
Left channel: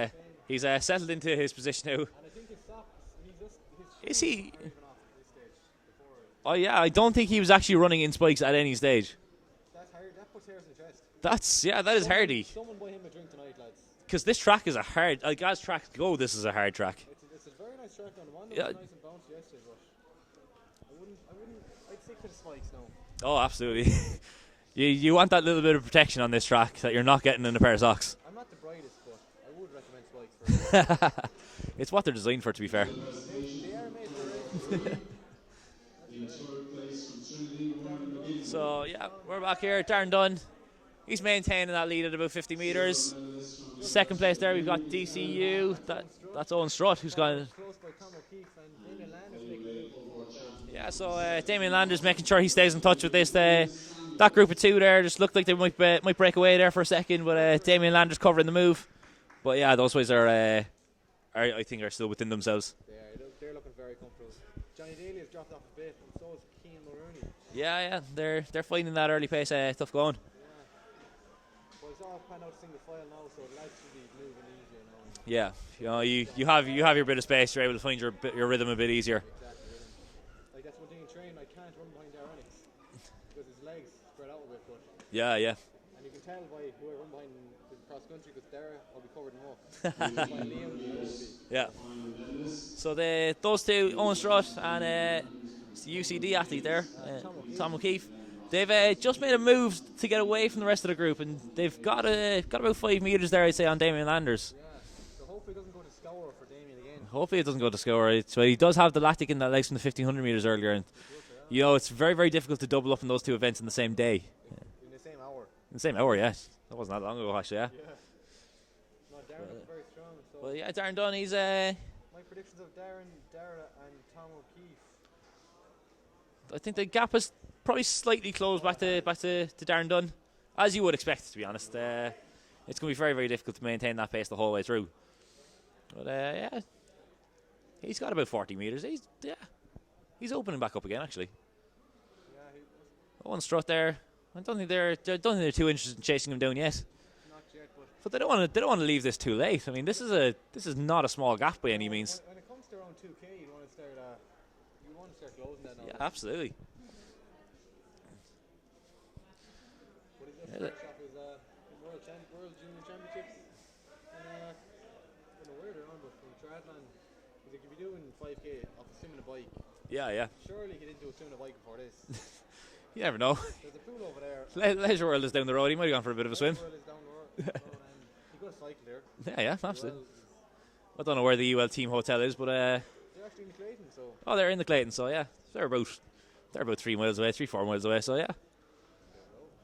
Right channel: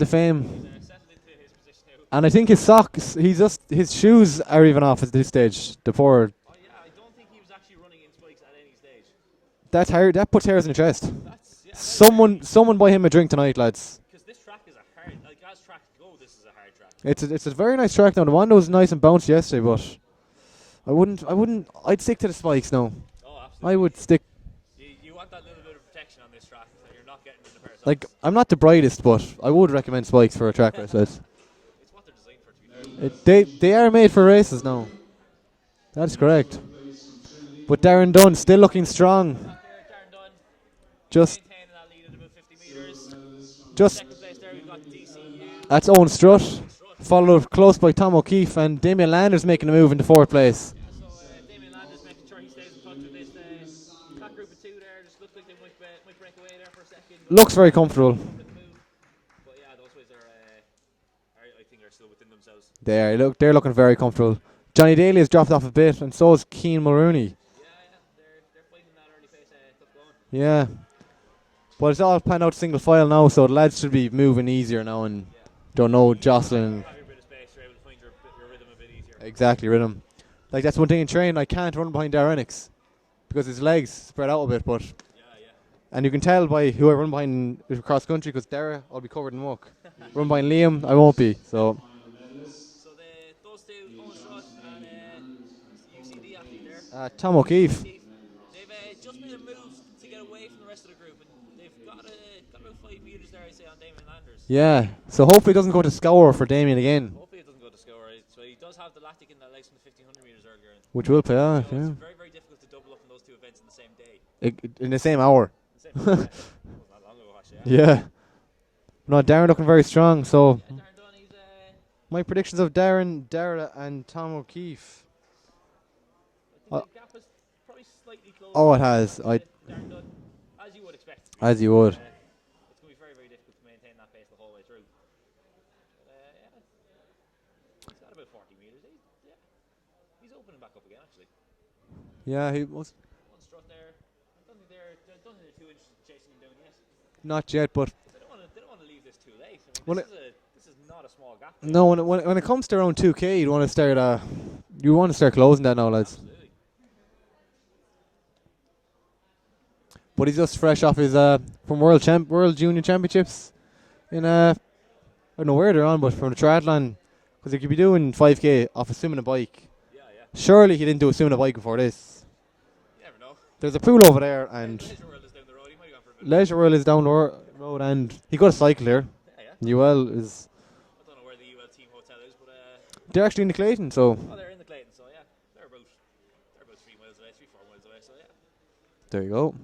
to fame. He's settled into his position now. And I think his socks, his shoes are even off at this stage. The poor. Oh yeah, I don't think he was actually running in spikes at any stage. That's hard. That puts hairs in the chest. That is hardy. Someone buy him a drink tonight, lads. Because this track is a hard, as tracks go, this is a hard track. It's a very nice track now. The one was nice and bouncy yesterday, but I'd stick to the spikes now. Oh, absolutely. I would stick. You want that little bit of protection on this track that you're not getting in a pair of socks. I'm not the brightest, but I would recommend spikes for a track like this. It's what they're designed for, to be fair. They are made for races now. That's correct. But Darren Dunn still looking strong. We're back here, Darren Dunn. He's maintaining that lead at about 50 metres. Second place there, we've got DCU. That's Owen Strutt. Strutt. Followed close by Tom O'Keefe, and Damien Landers making a move into 4th place. Yeah, so Damien Landers making sure he stays in touch with this. That group of 2 there just looked like they might break away there for a second. But Looks very Damien comfortable. Landers covering the move. But yeah, those boys I think are still within themselves. They're looking very comfortable. Johnny Daly has dropped off a bit, and so has Keane Mulrooney. Yeah, they're finding that early pace tough going. Yeah. But it's all planned out single file now, so the lads should be moving easier now and jostling. You have your bit of space, you're able to find your rhythm a bit easier. Exactly, rhythm. That's one thing in training, I can't run behind Darrenix because his legs spread out a bit, but yeah. And you can tell by who I run behind cross country, because Dara, I'll be covered in muck. Run behind Liam, I won't be. So those 2, Owen Strutt and UCD athlete there, Tom O'Keefe. They've just made a move to get away from the rest of the group, and they've got about 5 metres there, I'd say, on Damien Landers. Yeah, so hopefully it doesn't go to scour for Damien again. Hopefully it doesn't go to scour. So he does have the lactic in that legs from the 1500 metres earlier. And which will pay off. It's very, very difficult to double up in those 2 events in the same day. In the same hour. In the same hour, yeah. That wasn't that long ago, actually, Yeah. No, Darren looking very strong, so... Yeah, Darren Dunn, he's... My predictions of Darren, Dara and Tom O'Keefe. I think the gap has probably slightly closed back to Darren Dunn, as you would expect it to be. As you would. It's going to be very, very difficult to maintain that pace the whole way through. But yeah, he's got about 40 metres. He's opening back up again, actually. Yeah, he was. Owen Strutt there. I don't think they're too interested in chasing him down yet. Not yet, but they don't want to leave this too late. I mean, this is not a small gap by any means. When it comes to around 2K, you want to start closing that now, lads. Absolutely. But he's just fresh off his from World Junior Championships in I don't know where they're on, but from the triathlon, because he could be doing 5K off a swimming a bike. Yeah. Surely he didn't do a swimming a bike before this. You never know. There's a pool over there. And Leisure World is down the road. He might have gone for a bit of Leisure World is down the road, and he got a cycle here. Yeah. UL is. I don't know where the UL team hotel is, but they're actually in the Clayton. So. Oh, they're in the Clayton. So yeah, they're about 3 miles away, 3-4 miles away. So yeah. There you go.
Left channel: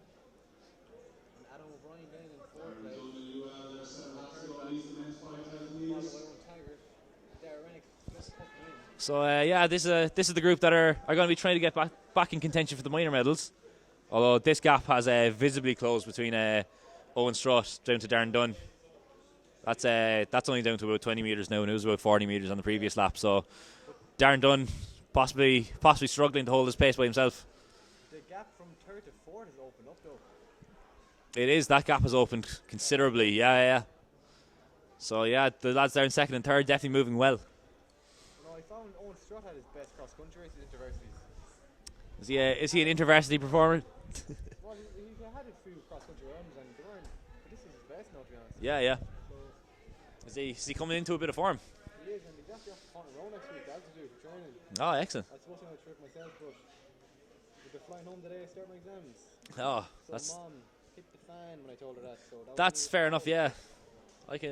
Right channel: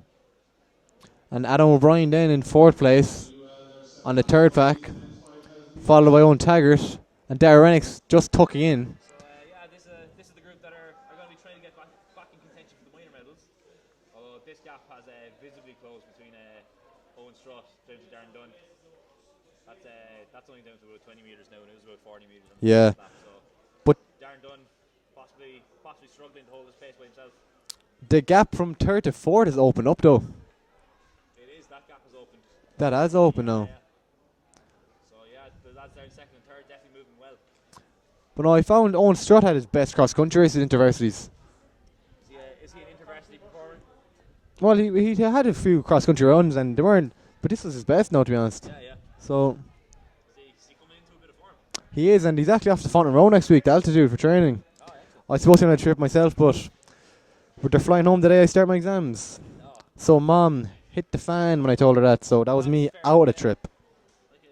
And Adam O'Brien then in 4th place on the 3rd pack, followed by Owen Taggart and Dara Rennick just tucking in. So this is the group that are going to be trying to get back in contention for the minor medals. Although this gap has visibly closed between Owen Strutt down to Darren Dunn. That's only down to about 20 metres now, and it was about 40 metres on the previous lap. So, but Darren Dunn possibly struggling to hold his pace by himself. The gap from 3rd to 4th is opened up though. It is. That gap has opened considerably. That has opened now. Yeah. So yeah, the lads there in 2nd and 3rd definitely moving well. But no, I found Owen Strutt had his best cross country races at interversities. Is he an intervarsity performer? Well, he had a few cross country runs and they weren't, but this was his best now, to be honest. Yeah, yeah. So Is he coming into a bit of form? he is, and he's actually off to Fountain Row next week, the altitude for training. Oh, excellent. I was supposed to be on a trip myself, but they're flying home today. I start my exams. Oh, So Mom hit the fan when I told her that. So that was That's me fair out of enough, the yeah. trip.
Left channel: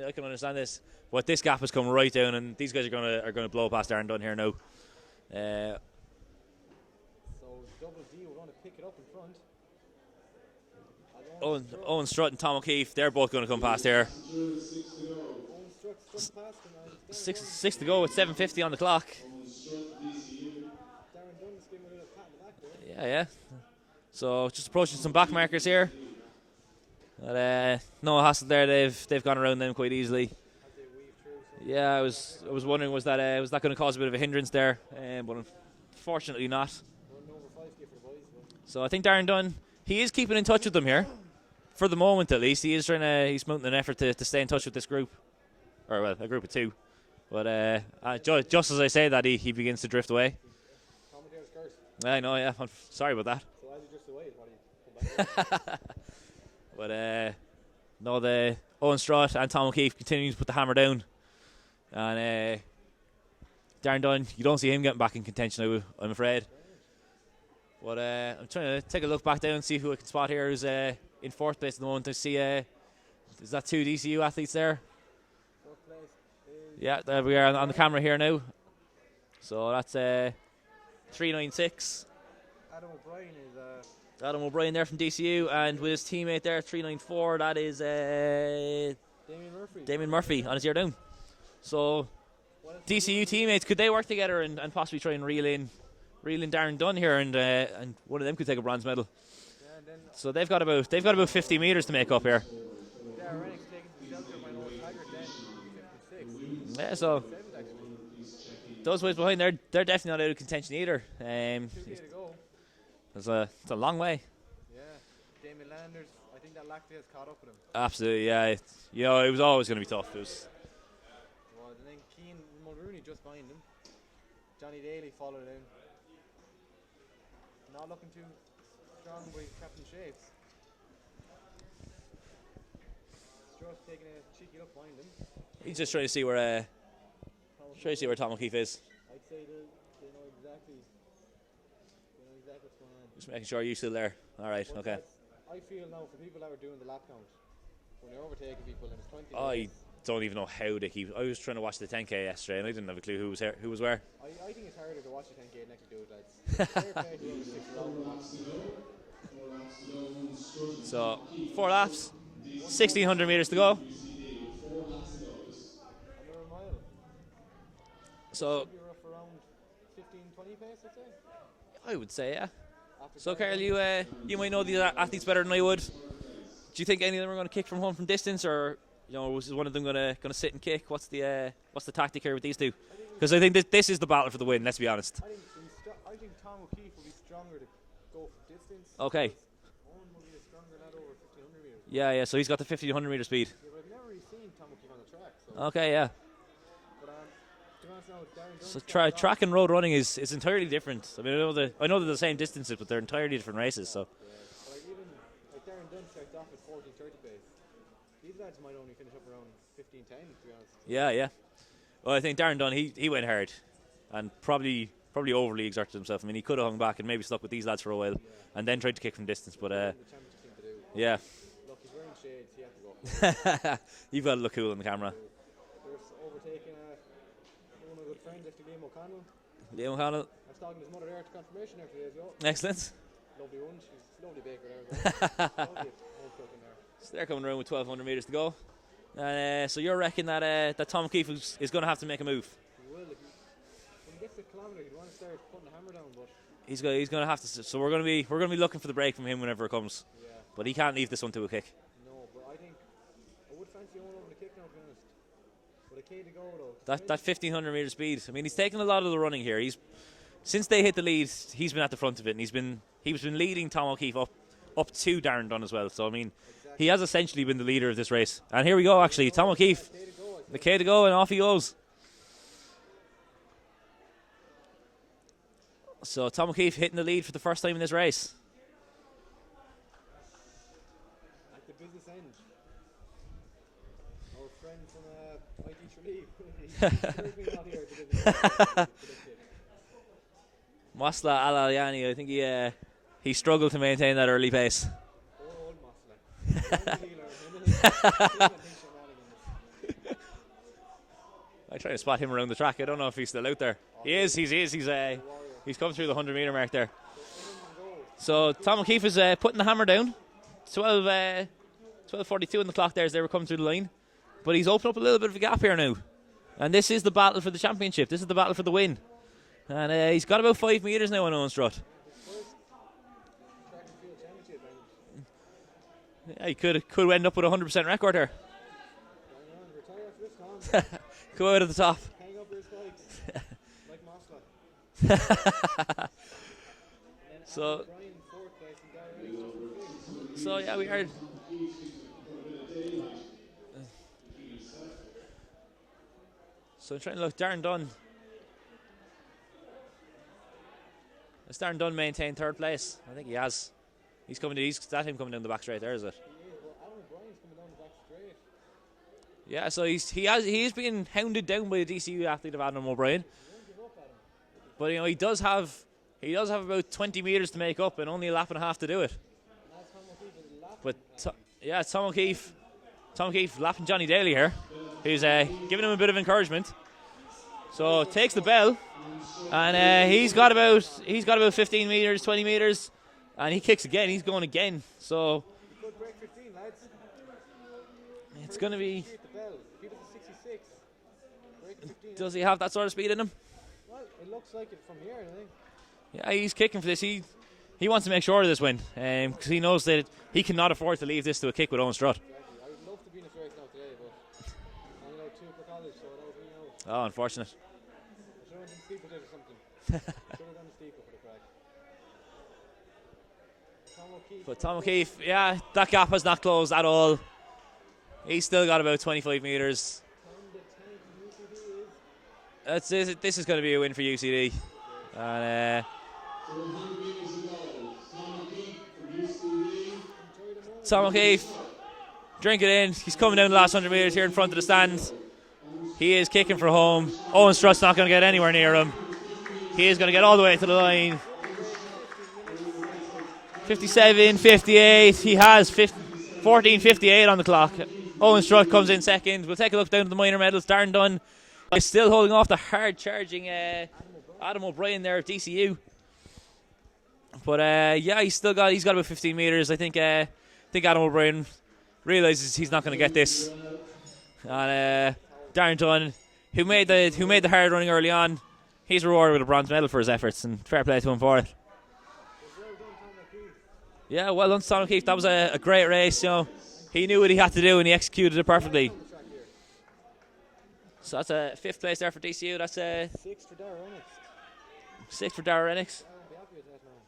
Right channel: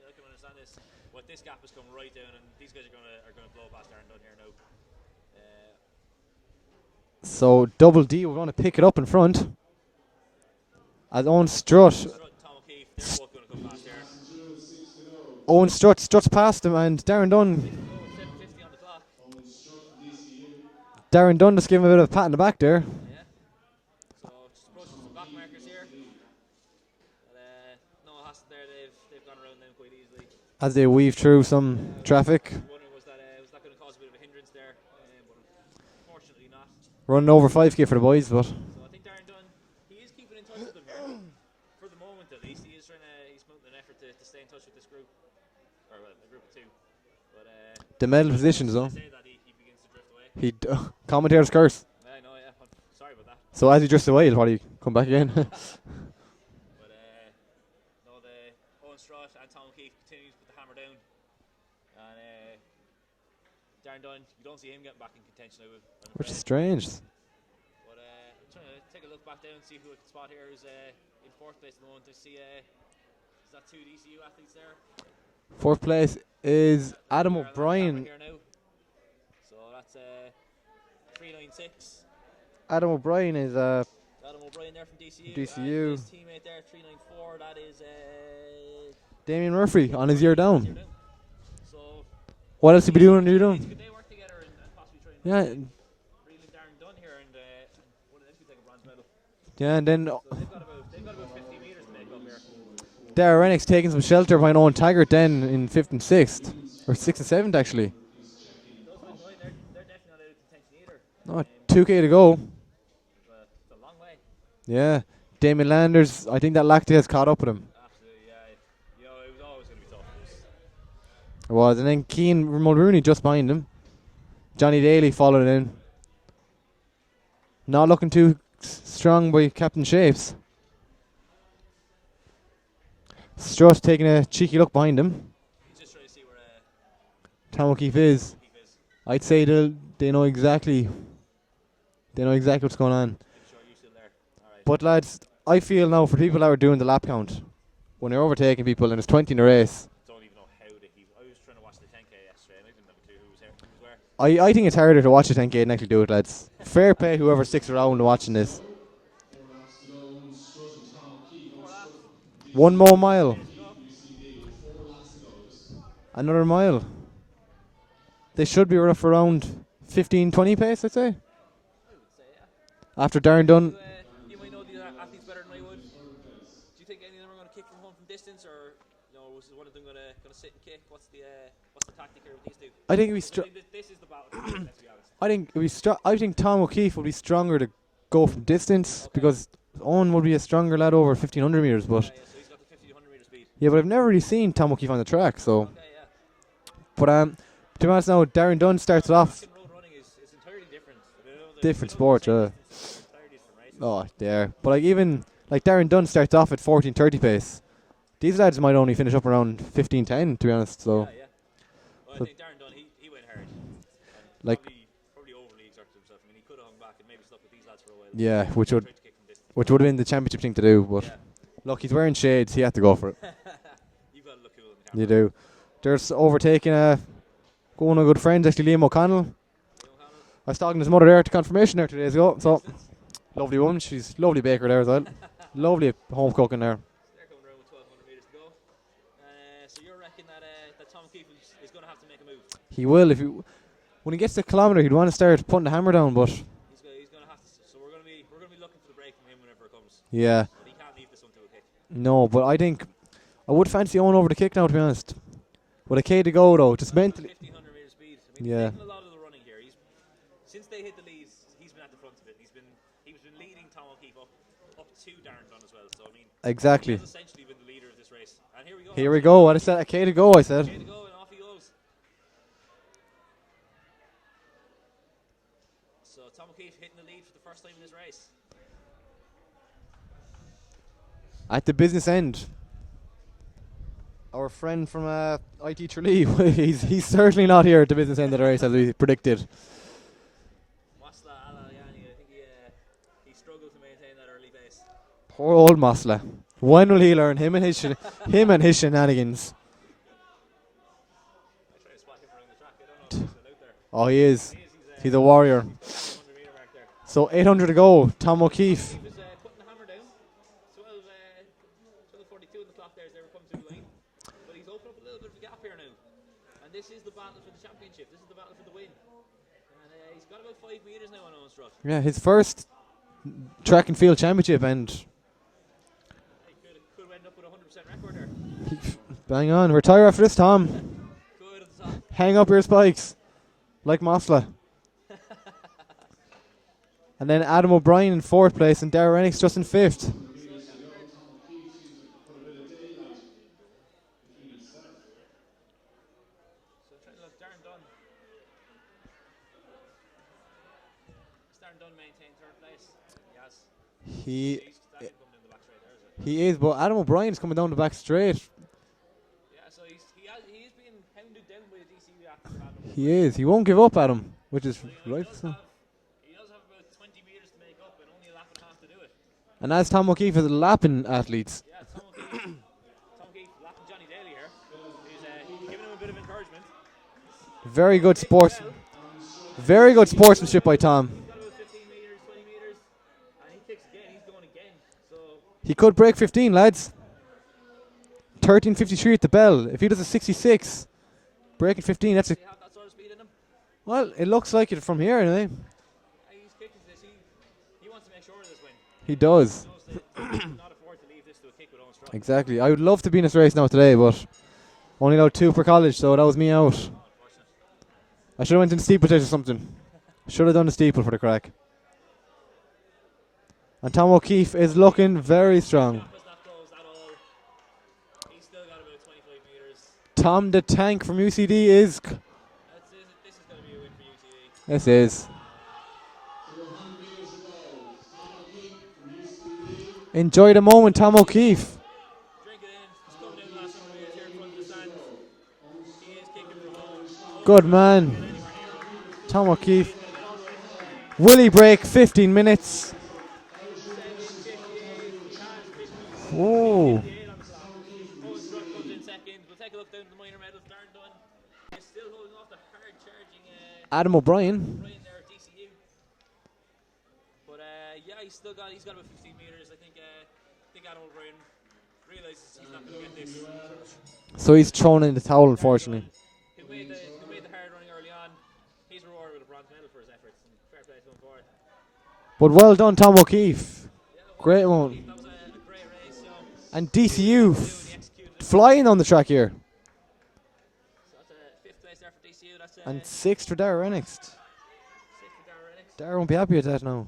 I can understand this. What this gap has come right down, and these guys are gonna blow past Darren Dunn here now. So Double D, we're going to pick it up in front. As Owen Strutt and Tom O'Keefe, they're both going to come past here. Owen struts past him, and Darren Dunn. 6 to go with 7:50 on the clock. Darren Dunn just gave him a bit of a pat in the back there. Yeah. So just approaching some back markers here. But, no hassle there. They've gone around them quite easily. As they weave through some traffic. I was wondering was that going to cause a bit of a hindrance there, but unfortunately not. Running over 5k for the boys, but So I think Darren Dunn, he is keeping in touch with them here, for the moment at least. He's mounting an effort to stay in touch with this group, or well, a group of two. But the men's just positions, as though. I say that, he begins to drift away. Commentator's curse. I know, yeah. I'm sorry about that. So as he drifts away, he'll probably come back again. But no, the Owen Strutt and Tom O'Keefe continuing to put the hammer down, and Darren Dunn, you don't see him getting back in contention, I'm afraid. Strange. But I'm trying to take a look back down and see who I can spot here who's in 4th place at the moment. I see, is that 2 DCU athletes there? 4th place is Yeah, there Adam we are on the O'Brien. camera here now. So that's 396. Adam O'Brien is Adam O'Brien there from DCU, and with his teammate there, 394. That is Damien Murphy David on his Murphy year down. on his year down. So What else did he do on DCU his year down? teammates, could they work together and possibly try and reel in Darren Dunn here, and one of them could take a bronze medal. Yeah, and then So they've got about 50 meters to make up here. Dara Rennick's taking some shelter behind Owen Taggart then in 5th and 6th. Yeah, Or so 6th and 7th actually. Those boys behind, they're definitely not out of contention either. 2k to go. It's a long way. Yeah. Damien Landers, I think that lactate has caught up with him. Absolutely, yeah. It was always going to be tough. It was. And then Keane Mulrooney just behind him. Johnny Daly followed in. Not looking too strong by Captain Shapes. Strutt taking a cheeky look behind him. He's just trying to see where Tom O'Keefe trying to see is. where Tom O'Keefe is. I'd say they know exactly. They know exactly what's going on. Just making sure you're still there. All right. But lads, I feel now for people that are doing the lap count, when they're overtaking people and there's 20 in a race, Don't even know how they keep. I was trying to watch the 10k yesterday, and I didn't have a clue who was where. I think it's harder to watch a 10k than actually do it, lads. Fair play whoever sticks around watching this. So 4 laps. One more 1,600 mile. meters to go. Another mile. They So- should be rough around 15-20 pace, I'd say. I would say, yeah. After So Darren Carl, Dunn. you might know these athletes better than I would. Do you think any of them are going to kick from home from distance, or was one of them going to sit and kick? What's the tactic here with these two? I think because I think this is the battle for the win. Let's be honest. I think Tom O'Keefe will be stronger to go from distance because Owen will be a stronger lad over 1500 meters. But yeah. So he's got the 1500 meter speed. Yeah, but I've never really seen Tom O'Keefe on the track. So Okay, yeah. But to be honest now, Darren Dunn starts off. Track and road running is entirely different. I mean, I know Different they're sport, the same distances, but they're entirely different races. Oh, so. they are. But Darren Dunn starts off at 14:30 pace. These lads might only finish up around 15:10, to be honest. So Yeah. Well, I think Darren Dunn, he went hard, and probably overly exerted himself. I mean, he could have hung back and maybe stuck with these lads for a while. Yeah, and which then would tried to kick from distance. Which but, would have been the championship thing to do. But yeah. Look, he's wearing shades. He had to go for it. You've got to look cool on the camera. You do. There's overtaking one of good friends, actually, Liam O'Connell. Liam O'Connell. I was talking to his mother there at the confirmation there 2 days ago. So Excellent. Lovely woman. She's lovely baker there as well. Lovely home cooking there. So they're coming around with 1,200 meters to go. So you're reckoning that Tom O'Keefe is going to have to make a move. He will when he gets the kilometre. He'd want to start putting the hammer down, but he's going to have to. So we're going to be looking for the break from him whenever it comes. Yeah. But he can't leave this one to a kick. No, but I think I would fancy Owen over the kick now, to be honest. With a K to go though, that 1,500 meter speed. I mean, he's Yeah. taken a lot of the running here. Since they hit the lead, he's been at the front of it, and he's been leading Tom O'Keefe up to Darren Dunn as well. So I mean, exactly, he has essentially been the leader of this race. And here we go. Here actually, we go. Tom What O'Keefe, is that? A K to go, I said. A K to go, and off he goes. So Tom O'Keefe hitting the lead for the first time in this race. At the business end, our friend from IT Tralee, he's certainly not here at the business end of the race as we predicted. Masla Al-Alyani, I think he struggled to maintain that early pace. Poor old Masla. When will he learn him and his shenanigans? I try to spot him around the track. I don't know if he's still out there. Oh, he is. He's a warrior. He's come through the 100-meter mark there. So 800 to go. Tom O'Keefe. Tom O'Keefe is putting the hammer down. 12:42 on the clock there as they were coming through the line. But he's opened up a little bit of a gap here now. And this is the battle for the championship. This is the battle for the win. And he's got about 5 metres now on Owen Strutt. Yeah, his first track and field championship, and he could end up with a 100% record here. Bang on. Retire after this, Tom. Go out at the top. Hang up your spikes. Like Masla. And then Adam O'Brien in 4th place and Darragh Rennick's just in 5th. So, yeah, we heard. So, trying to look. Darren Dunn. Has Darren Dunn maintained 3rd place? I think he has. That's him coming down the back straight there, is it? He is, but Adam O'Brien's coming down the back straight. Yeah, so he's been hounded down by a DCU athlete of Adam O'Brien. He is. He won't give up, Adam, which is. But he does have about 20 metres to make up and only a lap and a half to do it. And as Tom O'Keefe is the lapping athletes. Yeah, Tom O'Keefe lapping Johnny Daly here, who's giving him a bit of encouragement. Very good takes sport. The bell, and, very good sportsmanship by Tom. He's got about 15 metres, 20 metres, and he kicks again. He's going again. So he could break 15, lads. 13:53 at the bell. If he does a 66, breaking 15, does he have that sort of speed in him? Well, it looks like it from here anyway. Yeah, he's kicking for this. He wants to make sure of this win. He does. He knows that he cannot afford to leave this to a kick with Owen Strutt. Exactly. I would love to be in this race now today, but only allowed 2 per college, so that was me out. Oh, unfortunate. I should have went in Steeplechase or something. Should have done the steeple for the crack. And Tom O'Keefe is looking very strong. That gap has not closed at all. He's still got about 25 metres. Tom the Tank from UCD is. This is going to be a win for UCD. This is. And, enjoy the moment, Tom O'Keefe. Drink it in. He's coming down the last 100 metres here in front of the stands. He is kicking for home. Owen Strutt's not going to get anywhere near him. Tom O'Keefe. He is going to get all the way to the line. Will he break 15 minutes? 57, 58. He has 14:58 on the clock. Owen Strutt comes in second. We'll take a look down at the minor medals. Darren Dunn is still holding off the hard charging Adam O'Brien. Adam O'Brien there at DCU. But yeah, he's got about 15 metres. I think Adam O'Brien realises he's not going to get this. So he's thrown in the towel, Darren unfortunately. Dunn, who made the hard running early on, he's rewarded with a bronze medal for his efforts, and fair play to him for it. But well done, Tom O'Keefe. Yeah, well done, Tom O'Keefe. That was a great race, you know. And he DCU knew what he had to do, and he executed it perfectly. Flying on the track here. So that's a 5th place there for DCU. That's and 6th for Darragh Rennick. 6th for Darragh Rennick. Darragh won't be happy with that now.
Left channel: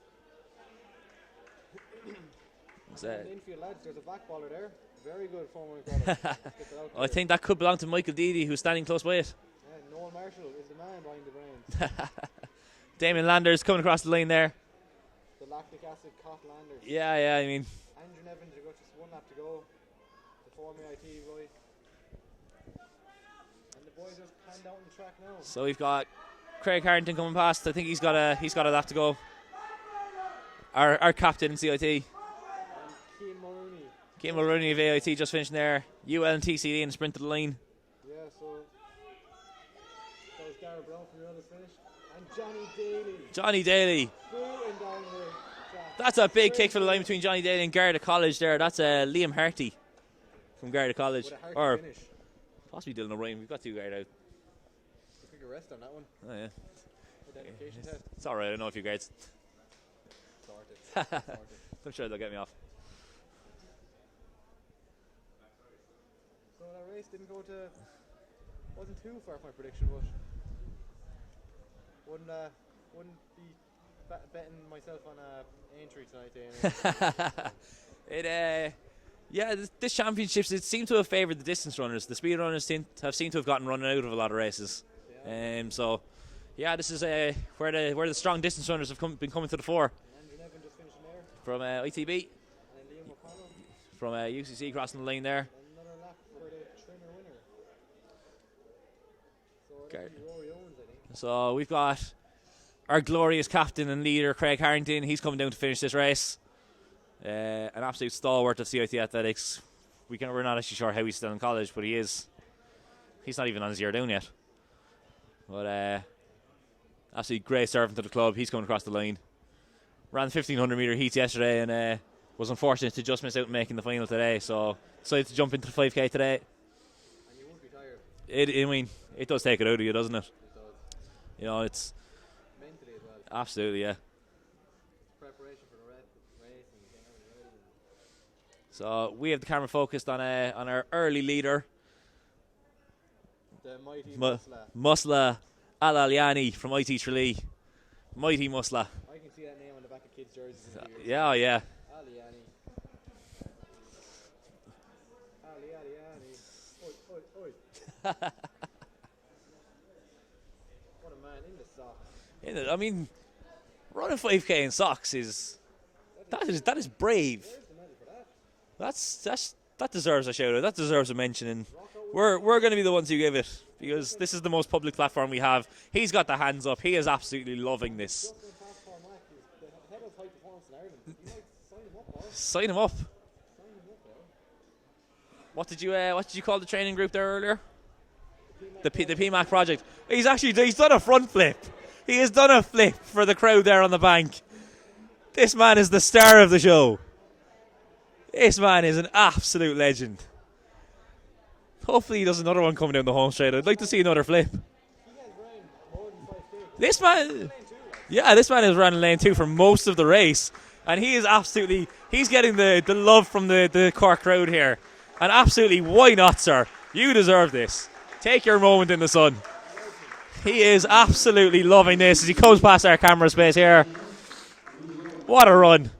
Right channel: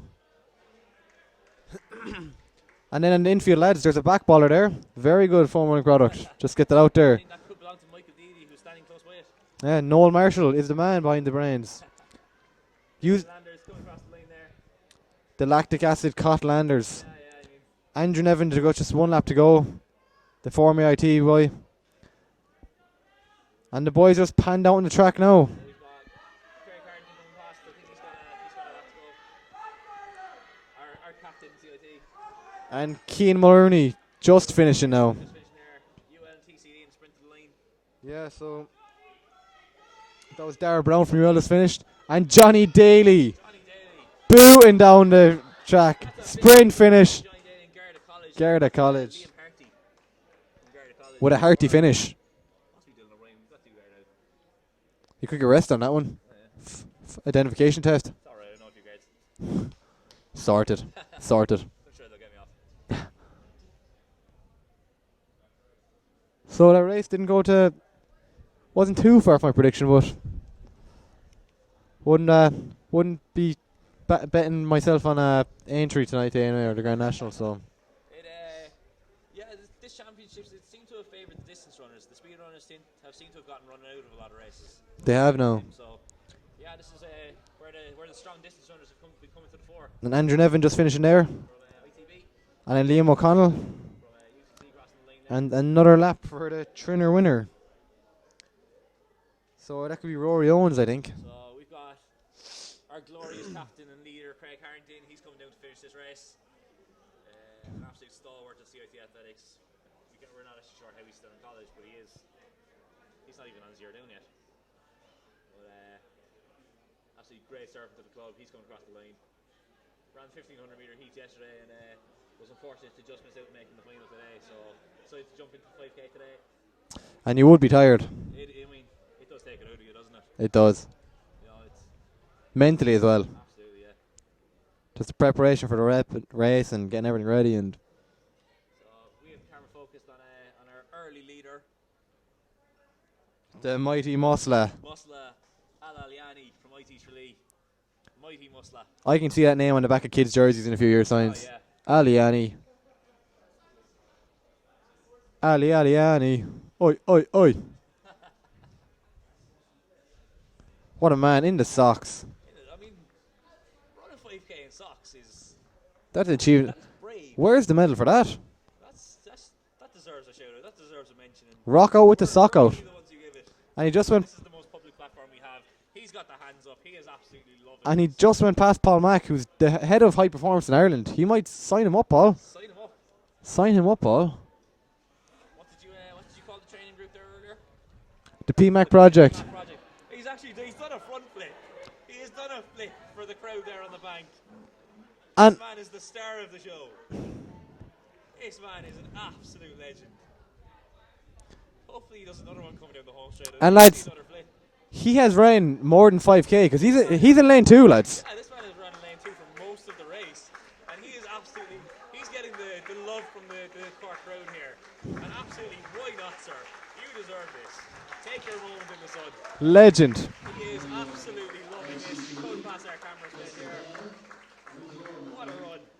And then in the infield, lads, there's a back baller there. Very good form running product. Just get that out there. I think that could belong to Michael Deedy, who's standing close by it. Yeah, Noel Marshall is the man behind the brains. Damien Landers coming across the line there. The lactic acid cot Landers. Yeah, I mean. Andrew Nevin to go, just 1 lap to go. The former IT boy. And the boys just panned out on the track now. So we've got Craig Harrington coming past. I think he's got a lap to go. Our captain in CIT. And Cian Mulrooney just finishing now. Just finishing there. UL and TCD in the sprint to the line. Yeah, so that was Darragh Brown from UL just finished. And Johnny Daly. Booting down the track. That's a big sprint finish between Johnny Daly and Garda College. Garda College. Liam Harty from Garda College. With a hearty finish. Possibly Dylan O'Brien. We've got 2 guards out. You could get rest on that one. Oh, yeah. Identification test. It's alright, I know a few guards. Sorted. Sorted. I'm sure they'll get me off. So that race wasn't too far from my prediction, but wouldn't be betting myself on Aintree tonight anyway, the Grand National. So this championships, it seemed to have favoured the distance runners. The speed runners seem to have gotten running out of a lot of races. They have now. So yeah, this is where the strong distance runners have been coming to the fore. And Andrew Nevin just finishing there from ITB. And then Liam O'Connell from UCC crossing the line there. And another lap for the Trinner winner. So that could be Rory Owens, I think. So we've got our glorious captain and leader, Craig Harrington. He's coming down to finish this race. An absolute stalwart of CIT athletics. We're not actually sure how he's still in college, but he is. He's not even on his year down yet. But absolutely great servant to the club. He's coming across the line. Ran 1500 metre heats yesterday and was unfortunate to just miss out making the final today. So decided to jump into the 5k today. And you would be tired. It does take it out of you, doesn't it? It does. You know, it's mentally as well. Absolutely, yeah. Just the preparation for the race and getting everything ready. And so we have the camera focused on our early leader, the mighty Musla. Musla Al-Aliani from IT Tralee. Mighty Musla. I can see that name on the back of kids' jerseys in a few years' time. Oh, yeah. Aliani. Aliani. Oi, oi, oi. What a man in the socks. I mean, running 5k in socks is... That is brave. Where's the medal for that? That deserves a shout out. That deserves a mention. Rock out with the sock We're out. going to be the ones who give it. And this is the most public platform we have. He's got the hands up. He is absolutely loving and this. he just went past Paul Mack, who's the head of high performance in Ireland. He might sign him up, Paul. Sign him up. Sign him up, Paul. What did you call the training group there earlier? The PMAC project. The PMAC project. He's done a front flip. He has done a flip for the crowd there on the bank. This man is the star of the show. This man is an absolute legend. Hopefully he does another one coming down the home straight. I'd like to see another flip. He has ran more than 5k because he's in lane 2, lads. Yeah, this man has run in lane 2 for most of the race. And he is he's getting the love from the Cork crowd here. And absolutely, why not, sir? You deserve this. Take your moment in the sun. Legend. He is absolutely loving this as he comes past our camera space here. What a run.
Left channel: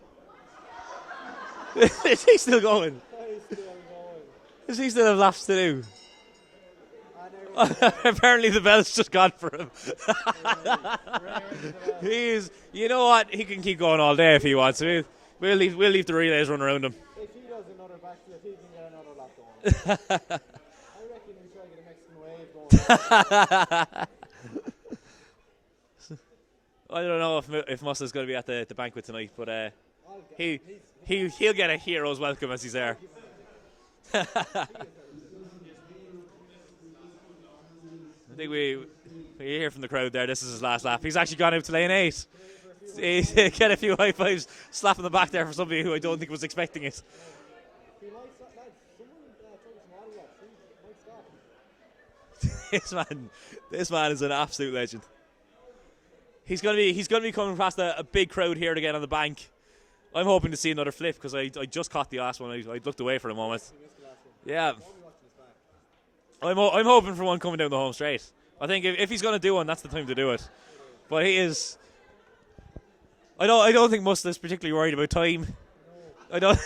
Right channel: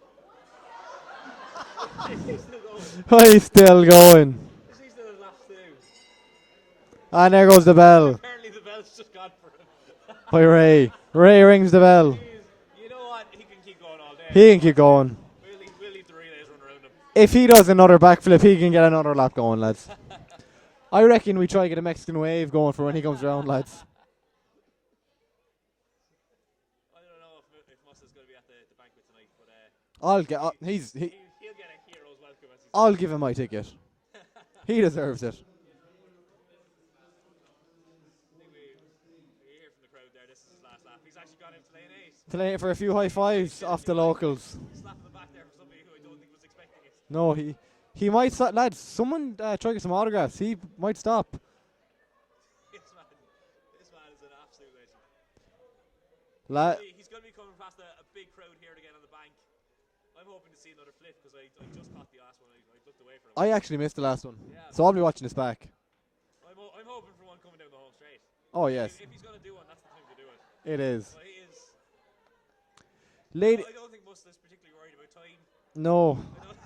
Is he still going? He's still going. Does he still have laps to do? And there goes the bell. Apparently the bell's just gone for him. By Ray. Ray rings the bell. You know what? He can keep going all day He if he can wants. keep going. We'll leave the relays run around him. If he does another backflip, he can get another lap going, lads. I reckon we try to get a Mexican wave going for when he comes down, lads. I don't know if Musla's going to be at the banquet tonight, but he'll get a hero's welcome as he's there. I'll give him my ticket. He deserves it. I think we hear from the crowd there. This is his last lap. He's actually gone out to lane 8. To lane for a few high fives. Get a few high fives. Slap in the back there for somebody who I don't think was expecting it. No, he might stop. Lads, someone try to get some autographs. He might stop. This man is an absolute legend. He's going to be coming past a big crowd here again on the bank. I'm hoping to see another flip because I just caught the last one. I looked away for him. I actually missed the last one. Yeah. So I'll be watching this back. I'm hoping for one coming down the home straight. I think yes. if he's going to do one, that's the time to do it. It is. But he is. I don't think Musla's particularly worried about time. No. I don't.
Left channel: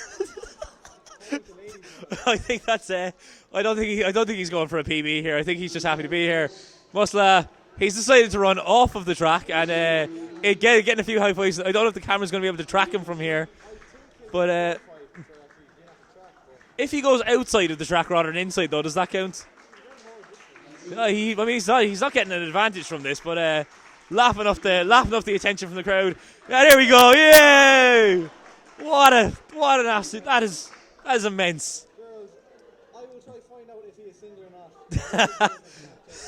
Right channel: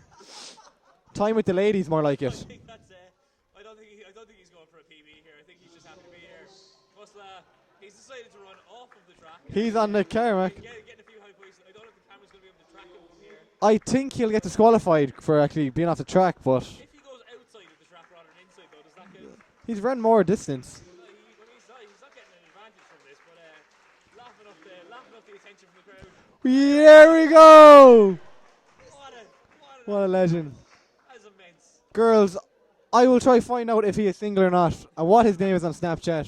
Time with the ladies, more like it. I think that's it. I don't think he's going for a PB here. I think he's just happy to be here. Musla. He's decided to run off of the track and getting a few high fives. I don't know if the camera's going to be able to track him from here. I think he'll get disqualified for actually being off the track, but if he goes outside of the track rather than inside, though, does that count? He's run more distance. He's not getting an advantage from this, but laughing off the attention from the crowd. And there we go! Yay! What an absolute! That is immense. Girls, I will try find out if he is single or not and what his name is on Snapchat.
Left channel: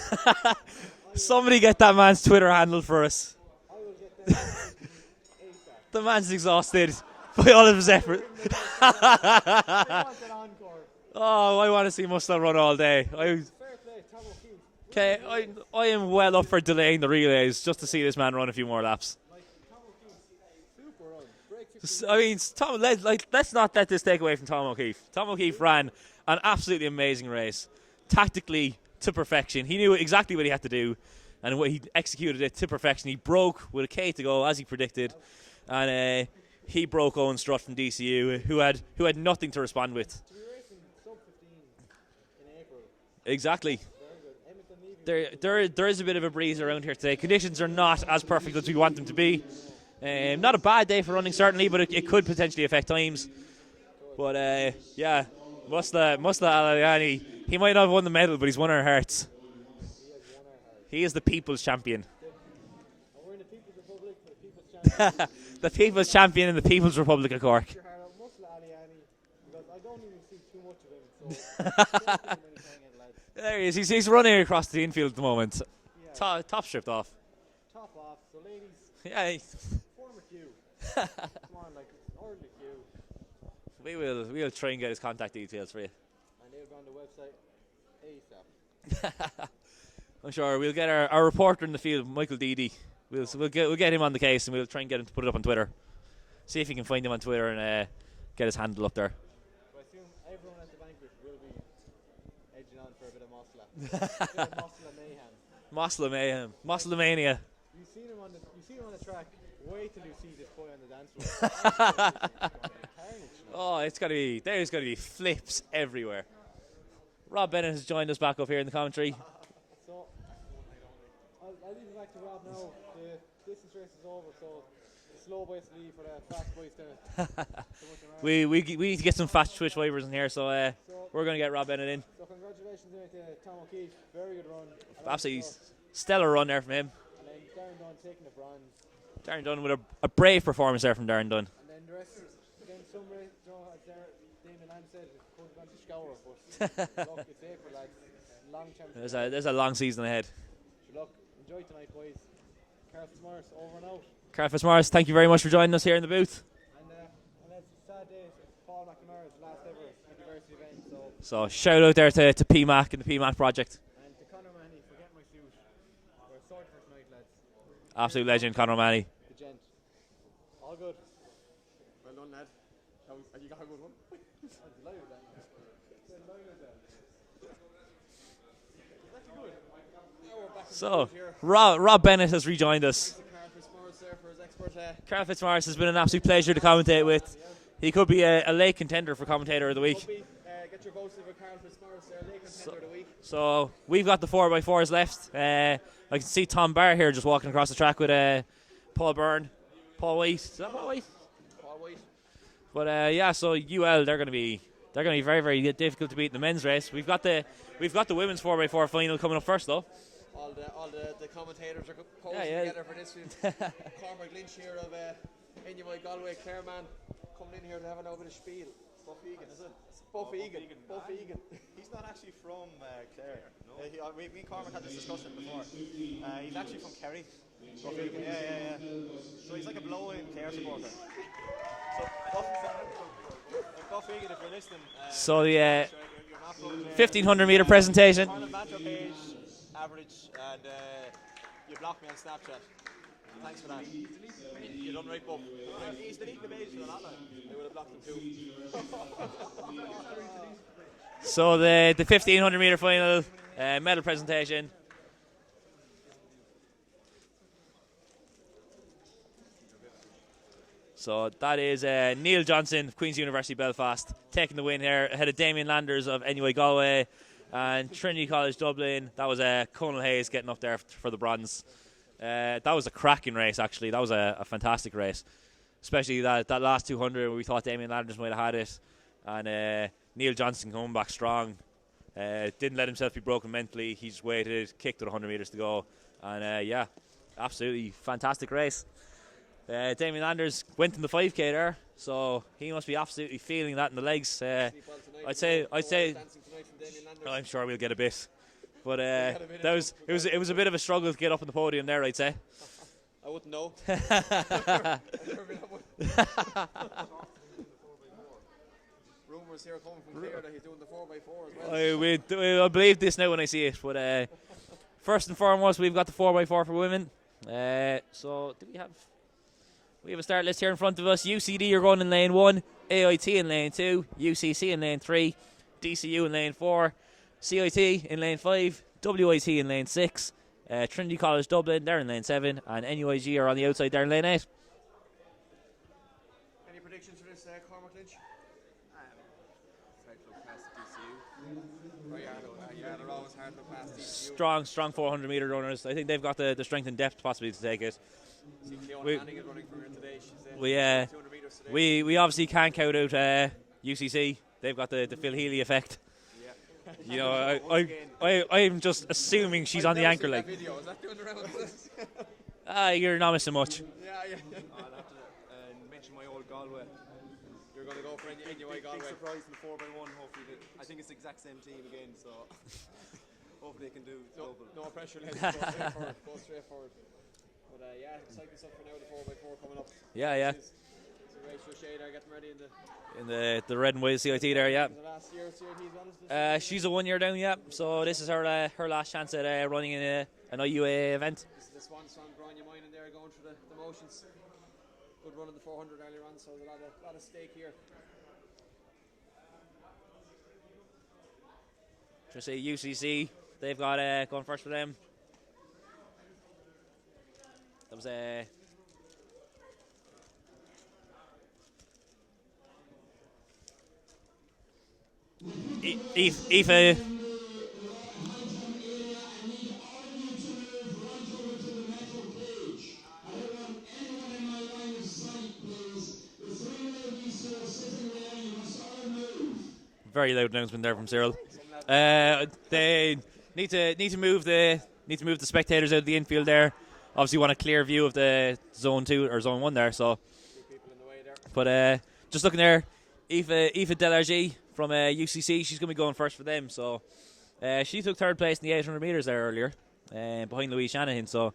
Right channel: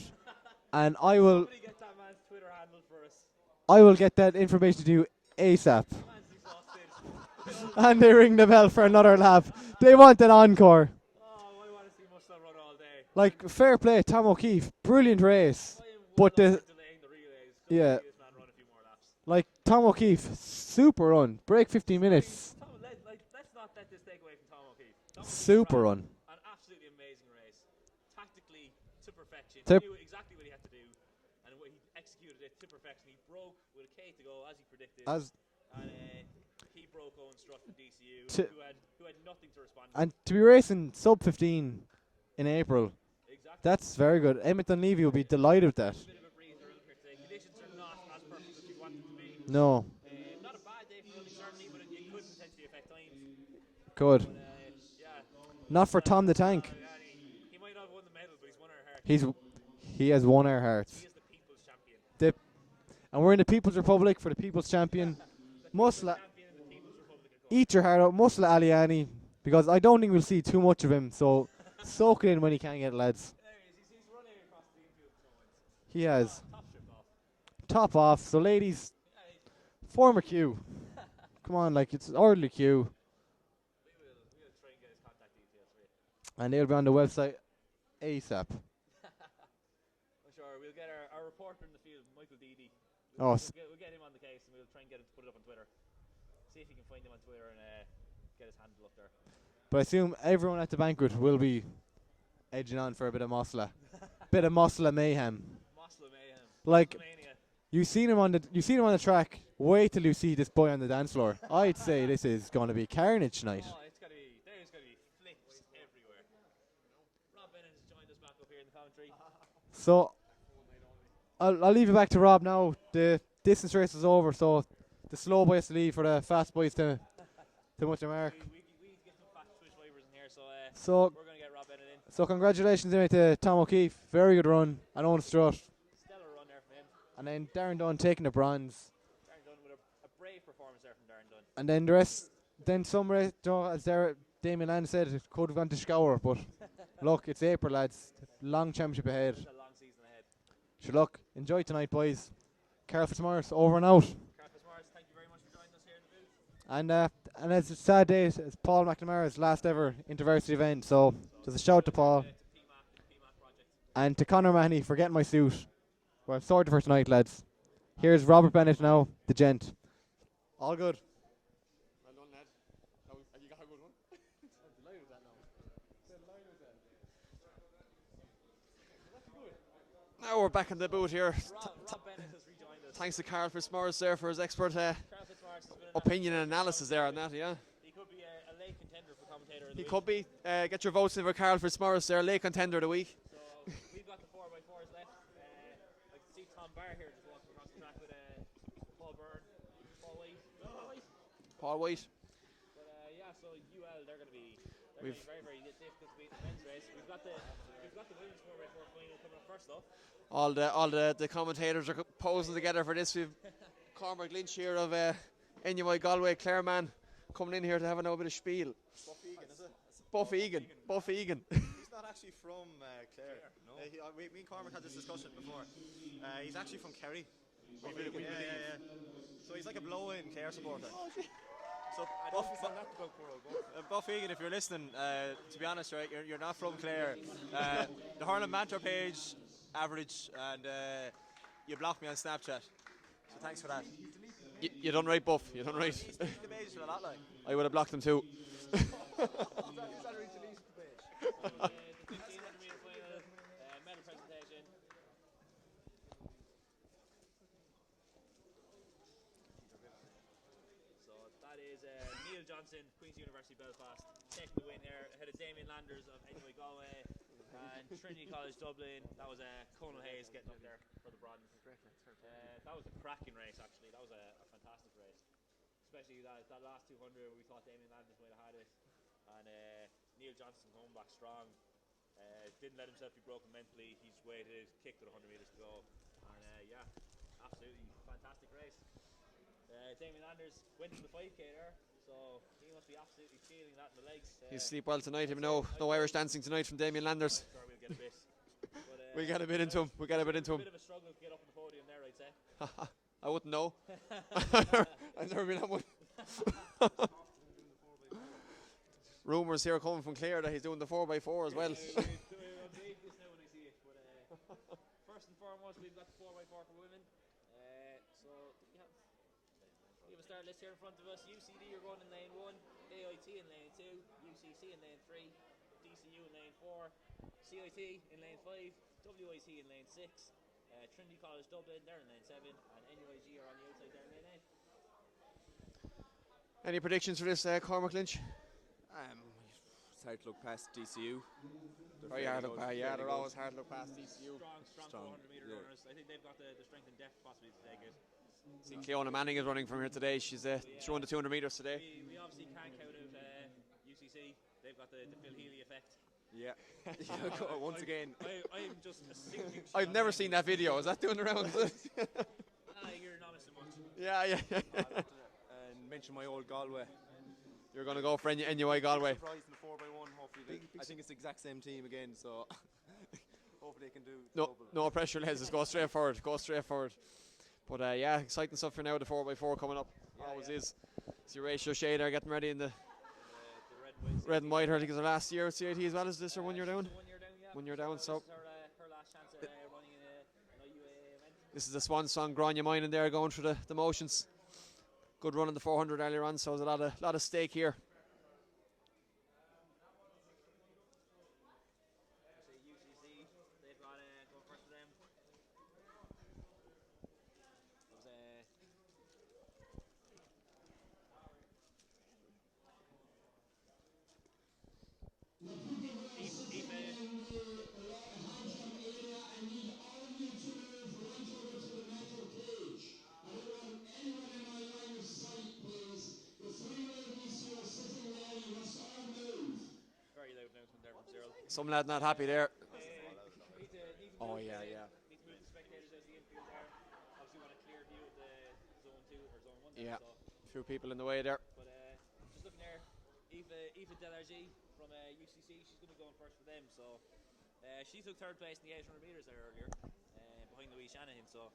And I will. Somebody get that man's Twitter handle for us. I will get that information to you ASAP. The man's exhausted by all of his effort. They ring the bell for another lap. They want an encore. Oh, I want to see Musla run all day. Fair play, Tom O'Keefe. Brilliant race. I am well up for delaying the relays just to see this man run a few more laps. Tom O'Keefe, super run. Break 15 minutes. I mean, let's not let this take away from Tom O'Keefe. Tom O'Keefe ran an absolutely amazing race. Tactically to perfection. He knew exactly what he had to do. And he executed it to perfection. He broke with a K to go, as he predicted. And he broke Owen Strutt from DCU, who had nothing to respond with. And to be racing sub 15 in April. Exactly. That's very good. Emmett Dunleavy will be delighted. There is a bit of a breeze around here today. Conditions are not as perfect as we want them to be. No. Not a bad day for running, certainly, but it could potentially affect times. Good. But yeah, Not for Tom the Musta Tank. Aliani. He might not have won the medal, but he's won our hearts. He has won our hearts. He is the people's champion. And we're in the People's Republic for the People's Champion. The people's champion in the People's Republic of Cork. Eat your heart out, Musla Aliani, because I don't think we'll see too much of him. So soak it in when he can get it, lads. There he is. He's running across the infield at the moment. He has. Top stripped off. Top off. So ladies, Yeah, form a queue. Come on, like it's orderly queue. we'll try and get his contact details for you. And they'll be on the website ASAP. I'm sure we'll get our reporter in the field, Michael Deedy. We'll get him on the case, and we'll try and get him to put it up on Twitter. See if he can find him on Twitter and get his handle up there. But I assume everyone at the banquet will be edging on for a bit of Mosla. Bit of Mosla mayhem. Mosla mayhem. Like, Mosla mania. You seen him on the track. Wait till you see this boy on the dance floor. I'd say this is going to be carnage tonight. Oh, there's going to be flips everywhere. Rob Bennett has joined us back up here in the commentary. So I'll leave it back to Rob now. The distance race is over, so the slow boys to leave for the fast boys to much mark. We need to get some fast twitch wavers in here, so we're going to get Rob Bennett in. So congratulations anyway to Tom O'Keefe. Very good run. And Owen Strutt. Stellar run there from him. And then Darren Dunn taking the bronze. Darren Dunn with a brave performance there from Darren Dunn. And then the rest, then some race, as Damien Land said, it could have gone to Scour, but look, it's April, lads. Long championship ahead. There's a long season ahead. Sure, look, enjoy tonight, boys. Carl Fitzmaurice, over and out. Carl Fitzmaurice, thank you very much for joining us here in the booth. And it's a sad day. It's Paul McNamara's last ever InterVarsity event. So shout out there to PMAC and the PMAC project. And to Conor Mahoney for getting my suit. Well, I'm sorted for tonight, lads. Absolute Here's legend, Robert Conor Bennett Mahoney. now, the gent. All good. Well done, lad. You got a good one. Now we're back in the booth here. Rob Bennett has rejoined us. Thanks to Carl Fitzmaurice there for his expert. Carl Fitzmaurice has been an absolute pleasure to commentate with. That, yeah. He could be a late contender for commentator of the week. Could be. Get your votes in for Carl Fitzmaurice there, late contender of the week. So we've got the 4x4s left. I can see Tom Barr here just walking across the track with Paul Byrne, Paul White. Is that Paul White? Paul White. But yeah, so UL they're going to be very, very difficult to beat in the men's race. We've got the women's 4x4 final coming up first though. All the commentators are posing together for this. We've Cormac Lynch here of NUI Galway, Clareman, coming in here to have a bit of spiel. Buff Egan, is it? Buff Egan. Buff Egan. He's not actually from Clare. No? Me and Cormac had this discussion before. He's actually from Kerry. Buff Egan. Yeah. So he's like a blow-in Clare supporter. So Buff Egan, if you're listening, so the you're not from Clare. 1500 meter presentation. Harlan Banter page, average, and you blocked me on Snapchat. So thanks for that. You done right, Buff. You done right. I would have blocked them too. So the 1500 meter final medal presentation. So that is Neil Johnson of Queen's University Belfast taking the win here ahead of Damien Landers of NUI Galway and Trinity College Dublin. That was Conal Hayes getting up there for the bronze. That was a cracking race actually. That was a fantastic race, especially that last 200 where we thought Damien Landers might have had it, and Neil Johnson coming back strong. Didn't let himself be broken mentally. He just waited, kicked with 100 metres to go, and yeah, absolutely fantastic race. Damien Landers went in the 5k there, so he must be absolutely feeling that in the legs. Sleep well tonight. I'd say dancing tonight from Damien Landers. I'm sure we'll get a bit, but it was a bit of a struggle to get up on the podium there, I'd say. I wouldn't know. I've never been on one. Rumours here coming from Clare that he's doing the 4x4 as well. I'll believe this now when I see it. But first and foremost, we've got the 4x4 for women. So do we have a start list here in front of us. UCD are going in lane 1, AIT in lane 2, UCC in lane 3, DCU in lane 4, CIT in lane 5, WIT in lane 6, Trinity College Dublin, they're in lane 7, and NUIG are on the outside, they're in lane 8. Any predictions for this, Cormac Lynch? It's hard to look past DCU. They're always hard to look past DCU. Strong 400 metre runners. I think they've got the strength and depth possibly to take it. Fiona Manning is running from here today. She's 200 metres today. We obviously can't count out UCC, they've got the Phil Healy effect. Yeah. You know, I'm just assuming she's on the I've anchor. never seen Like, that video. Is that doing the rounds? you're not missing much. Yeah. And mention my old Galway. You're going to go for NUI Galway. Surprised in the 4x1, hopefully. I think it's the exact same team again, so hopefully they can do. No pressure, lads. Go straight forward. Go straight forward. But yeah, exciting stuff for now. The 4x4 coming up. Yeah. See Rachel Shea there getting ready in the red and white CIT red and white, there. I Yeah. think it's her last year at CIT as well as this. She's a 1 year down. Yeah. 1 year So down, this is her last chance at running in an IUAA event. This is the swan song. Grania mine in there going through the motions. Good run in the 400 earlier on, so there's a lot of stake here. Just say UCC, they've got going first for them. That was Aoife. Very loud announcement there from Cyril. Some lad there. They need to move the spectators out of the infield there. Obviously, want a clear view of the zone 2 or zone 1 there. So, 2 people in the way there. But just looking there, Aoife Delargy from UCC, she's going to be going first for them. So, she took 3rd place in the 800 meters there earlier, behind Louise Shanahan. So,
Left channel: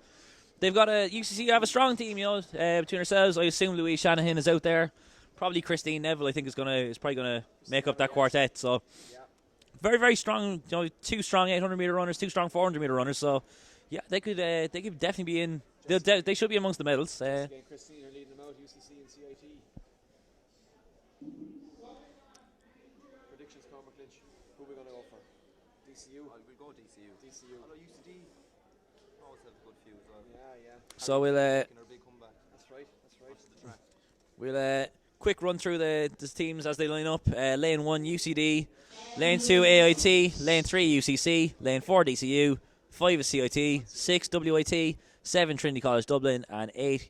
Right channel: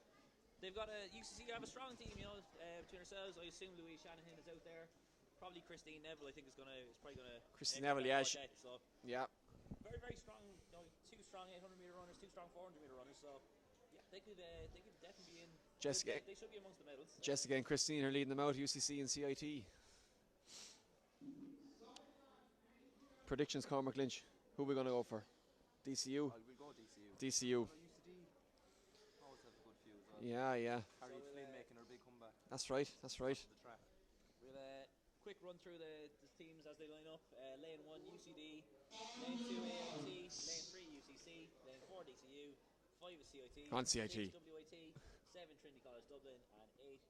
they've got UCC have a strong team, you know, between ourselves. I assume Louise Shanahan is out there. Probably Christine Neville, I think, is probably gonna make up that quartet. So, very, very strong. You know, 2 strong 800 meter runners, 2 strong 400 meter runners. So, yeah, they could definitely be in. They should be amongst the medals. Jessica and Christine are leading them out. UCC and CIT. Predictions, Cormac Lynch. Who are we going to go for? DCU. We'll go DCU. DCU. UCD always have a good few as well. Yeah. So we'll. That's right. We'll quick run through the teams as they line up. Lane 1 UCD, Lane 2 AIT, Lane 3 UCC, Lane 4 DCU, 5 is CIT, 6 WIT, 7 Trinity College Dublin, and 8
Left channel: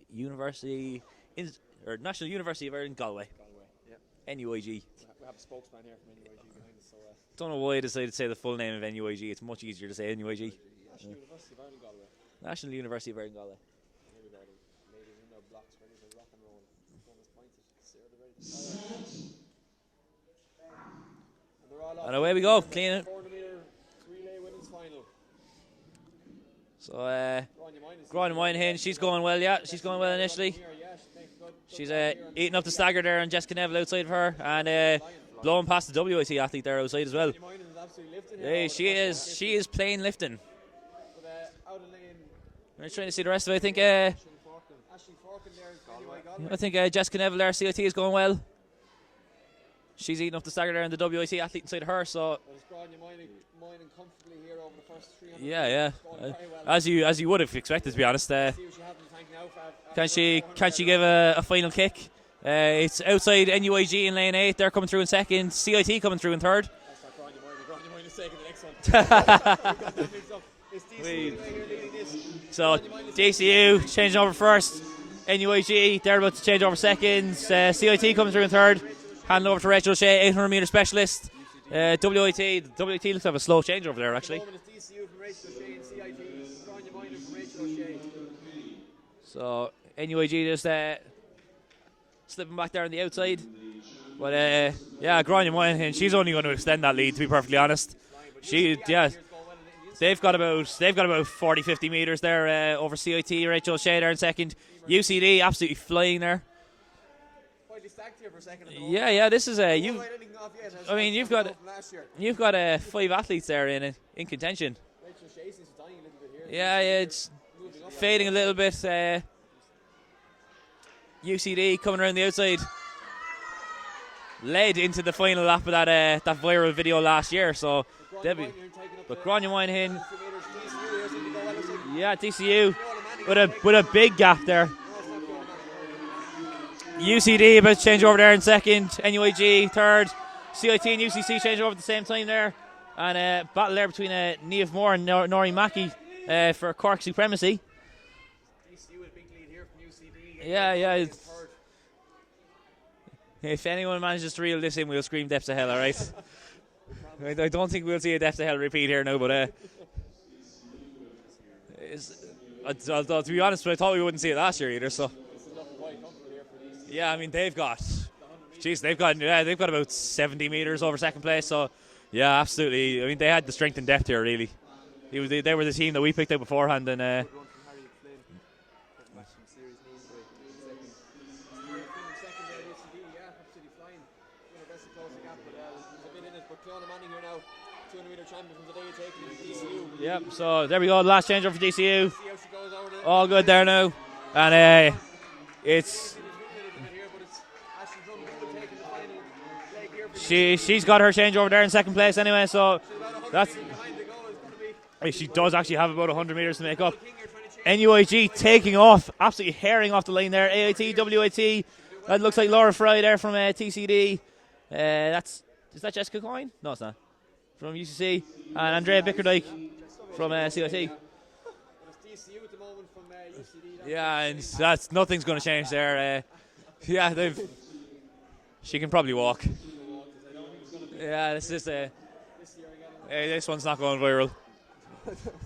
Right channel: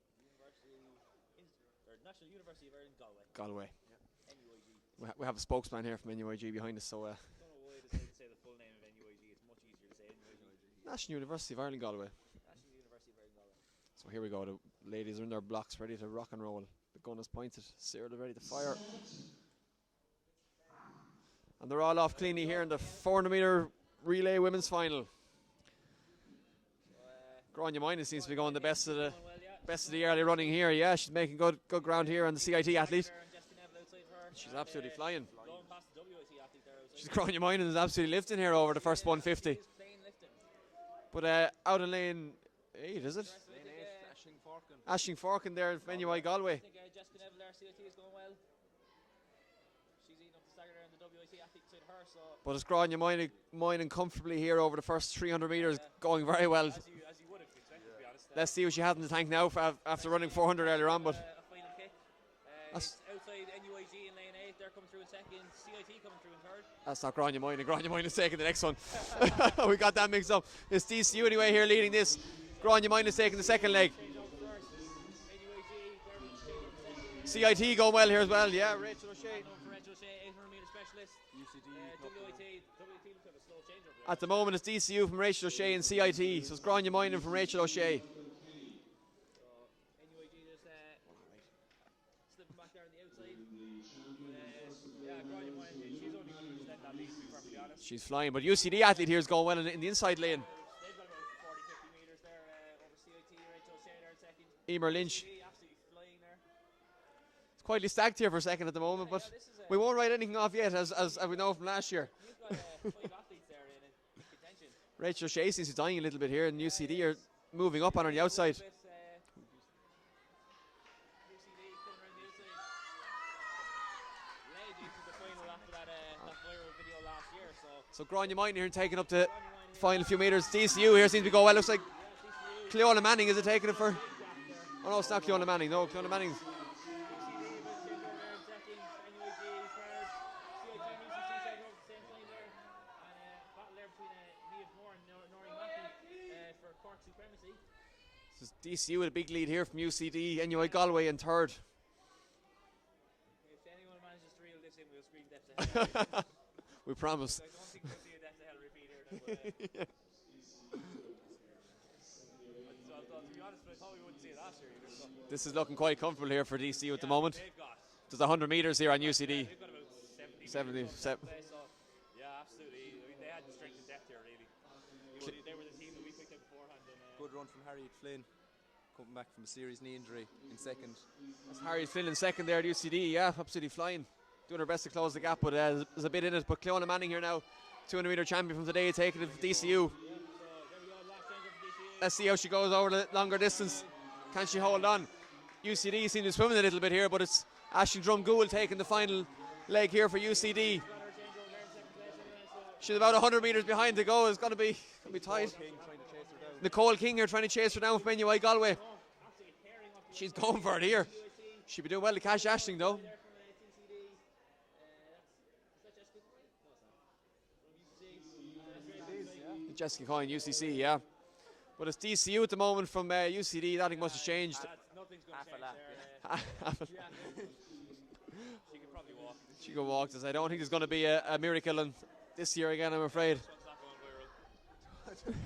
National University of Ireland Galway. Yep. NUIG. We have a spokesman here from NUIG behind us, so. Don't know why I decided to say the full name of NUIG. It's much easier to say NUIG. National University of Ireland Galway. National University of Ireland Galway. So here we go. The ladies are in their blocks, ready to rock and roll. The gun is pointed. Sarah, they're ready to fire. And they're all off. And away we go. Clean it. 400 meter relay women's final. So, Grania Moynihan, she's going well, yeah. She's going well initially. Here, yeah, she's making good she's, ground here. And eating up the stagger there, and Jessica Neville outside of her. And blowing past the WIT athlete there outside as well. Grania Moynihan is absolutely lifting here over the first 150. She is plain lifting. But out of lane. I'm trying to see the rest of it. I think Ashling Forkin there in NUI Galway. I think Jessica Neville there, CIT is going well. She's eating up the stagger there, and the WIT athlete inside of her. So, but it's Grania Moynihan comfortably here over the first 300 meters, going very well. As you would have expected, to be honest. Let's see what she has in the tank now. Can she give a final kick? It's outside NUIG in lane 8. They're coming through in second. CIT coming through in third. That's not Grania Moynihan. Grania Moynihan is taking the next one. We got that mixed up. It's DCU anyway here leading this. So Grania Moynihan is taking the second leg. changing over first. NUIG, they're about to change over second. CIT coming through in third. Handing over to Rachel O'Shea, 800 metre specialist. WIT looks to have a slow change over there, At actually. the moment, it's DCU from Rachel O'Shea and CIT. So it's Grania Moynihan from Rachel O'Shea. So NUIG just slipping back there on the outside. But Grania Moynihan, she's only going to extend that lead, to be perfectly honest. She's flying, but UCD athlete here is going well in the inside. They've got about 40-50 metres there over CIT. Rachel O'Shea there in second. UCD absolutely flying there. Quietly stacked here for a second at the moment. Yeah, this is they won't write anything off yet. You've got from last year. You've got 5 athletes there in contention. Rachel O'Shea seems to be dying a little bit here. Yeah, it's moving up, fading a little bit. UCD coming around the outside, led into the final lap of that viral video last year. So Grania Moynihan taking up the final few metres. DCU here seems to go well. Looks like DCU Cleona Manning with a big gap there. Oh, no, it's not Cleona Manning. No, Cleona Manning. UCD about to change over there in second. NUIG third. CIT and UCC change over at the same time there. And battle there between Niamh Moore and Noreen Mackey for Cork supremacy. DCU with a big lead here from UCD. NUI Galway in third. If anyone manages to reel this in, we'll scream depths of hell, alright? We promise. I don't think we'll see a depths of hell repeat here now, but to be honest, I thought we wouldn't see it last year either. So this is looking quite comfortable here for DCU. Yeah, at the I mean they've got. There's 100 meters. They've got about 70 meters over second place. So yeah, absolutely. I mean they had the strength and depth here really. They were the team that we picked out beforehand, and. Good run from Harry Flynn, coming back from a serious knee injury in second. Harry Flynn in second there at UCD, yeah, absolutely flying. Doing her best to close the gap, but there's a bit in it. But Cleona Manning here now, 200 metre champion from today, taking it to DCU. Yep, so there we go, last change over for DCU. Let's see how she goes over the all good there now. And it's UCD seems to be swimming a little bit here, but it's Ashton Drumgoole taking the final leg here for UCD. She's got her change over there in second place anyway, so she's about 100 metres behind to go. It's got to be. She does actually have about 100 metres to make up. King here trying to chase NUIG taking off, absolutely herring off the line there. AIT, WIT. Well, that looks like Laura Fry there from TCD. Is that Jessica Coyne? No, it's not. From UCC. And Andrea Bickerdike from CIT. Yeah. But it's DCU at the moment from UCD. Nothing's going to change there. She can probably walk. She can walk. I don't think there's going to be a miracle this year again, I'm afraid. This one's not going viral.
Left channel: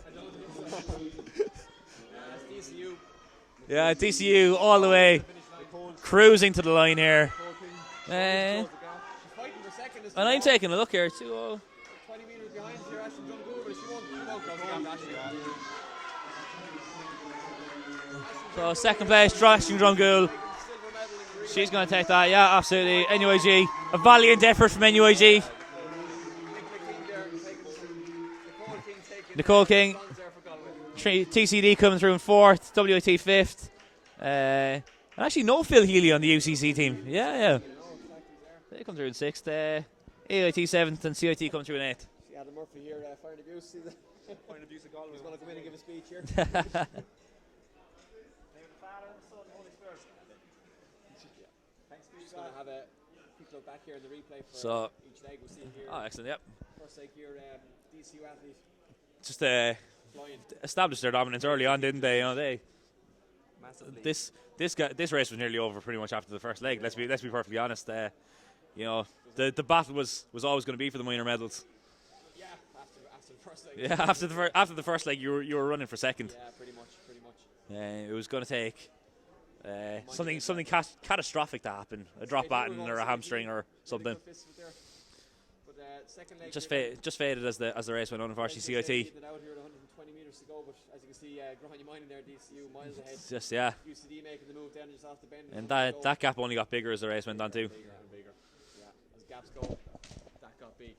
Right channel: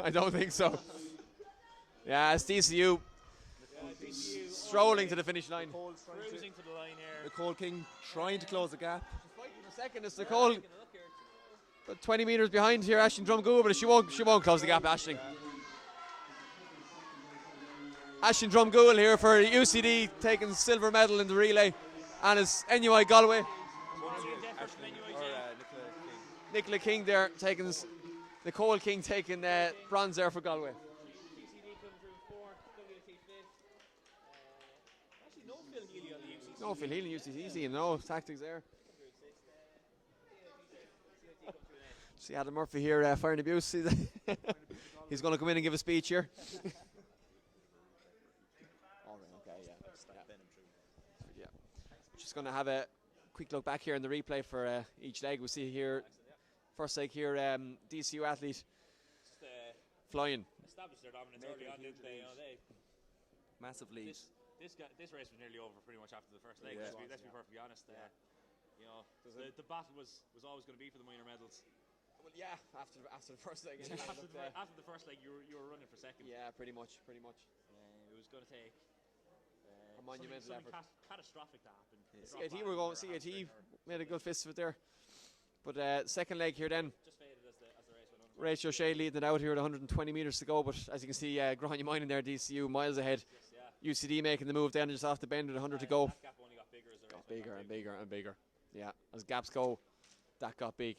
I don't think so. Yeah, it's DCU. Yeah, DCU all the way. To the finish line. Cruising to the line here. King trying to close the gap. She's fighting for second. And I'm taking a look here too. 20 metres behind here, Ashton Drumgoole, but she won't close the gap, Ashton. Ashton Drumgoole here for UCD, taking silver medal in the relay. She's going to take that, yeah, absolutely. NUIG, a valiant effort from NUIG. Nicola King there taking. Nicole King taking bronze there for Galway. TCD coming through in fourth, WIT fifth. And actually no Phil Healy on the UCC team. Yeah. No tactics there. They come through in sixth. AIT seventh and CIT come through in eighth. See Adam Murphy here firing abuse. He's going to come in and give a speech here. Just going to have a quick look back here in the replay for each leg. We see here. Oh, excellent, yep. First leg here, DCU athlete. Just flying. Established their dominance early on, didn't they? You know, Massively. This race was nearly over pretty much after the first leg. Let's be perfectly honest. You know, the battle was always going to be for the minor medals. Yeah, after the first leg. Yeah, after the first leg, you were running for second. Yeah, pretty much. It was going to take something catastrophic to happen, a drop baton or a hamstring or something. But second leg just faded as the race went on. Unfortunately, CIT leading it out here at 120 metres to go. But as you can see, Grania Mine in there, DCU miles ahead. Just UCD making the move then just off the bend with 100 to go. That gap only got bigger as the race went on too. Bigger and bigger. Yeah, as gaps go, that got big.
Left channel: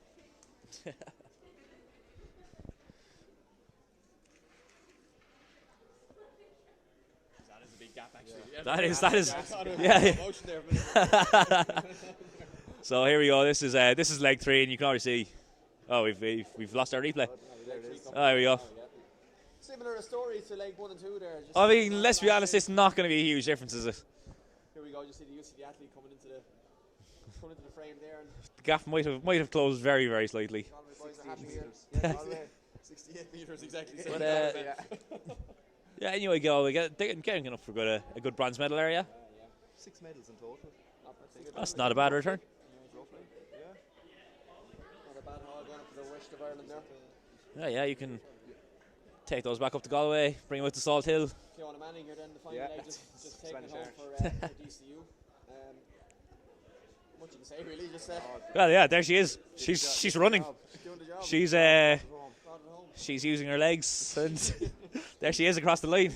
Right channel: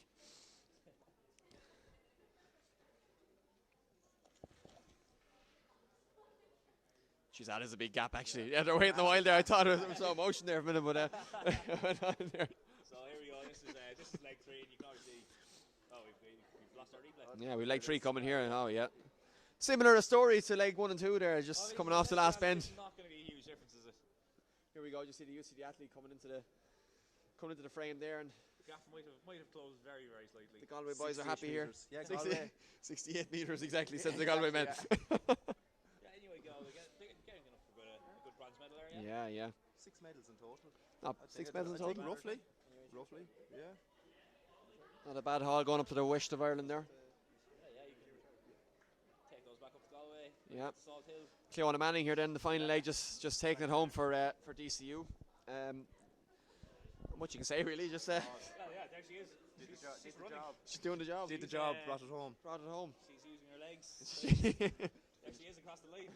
Jeez, that is a big gap actually. Yeah, that is. I thought it was emotion there for a minute. So here we go. This is leg 3, and you can already see. Oh, we've lost our replay. Yeah, we've leg 3 coming. There we go. Now, yeah. Similar story to leg 1 and 2 there. Just I mean, let's be honest, it's not going to be a huge difference, is it? Here we go. You see the UCD athlete coming into the frame there, and the gap might have closed very, very slightly. Galway boys are happy here. Yeah, 68 metres exactly. Says the Galway men. Yeah, anyway, Galway getting enough for a good bronze medal area. Yeah. 6 medals in total. That's not a bad return. Roughly, yeah. Not a bad haul going up to the west of Ireland there. Yeah, you can take those back up to Galway, bring them out to Salt Hill. Cleona Manning here then, the final leg, just taking it home for DCU. What you can say really, just well, yeah, there she is. She's running. She's doing the job. She's using her legs. There she is across the line.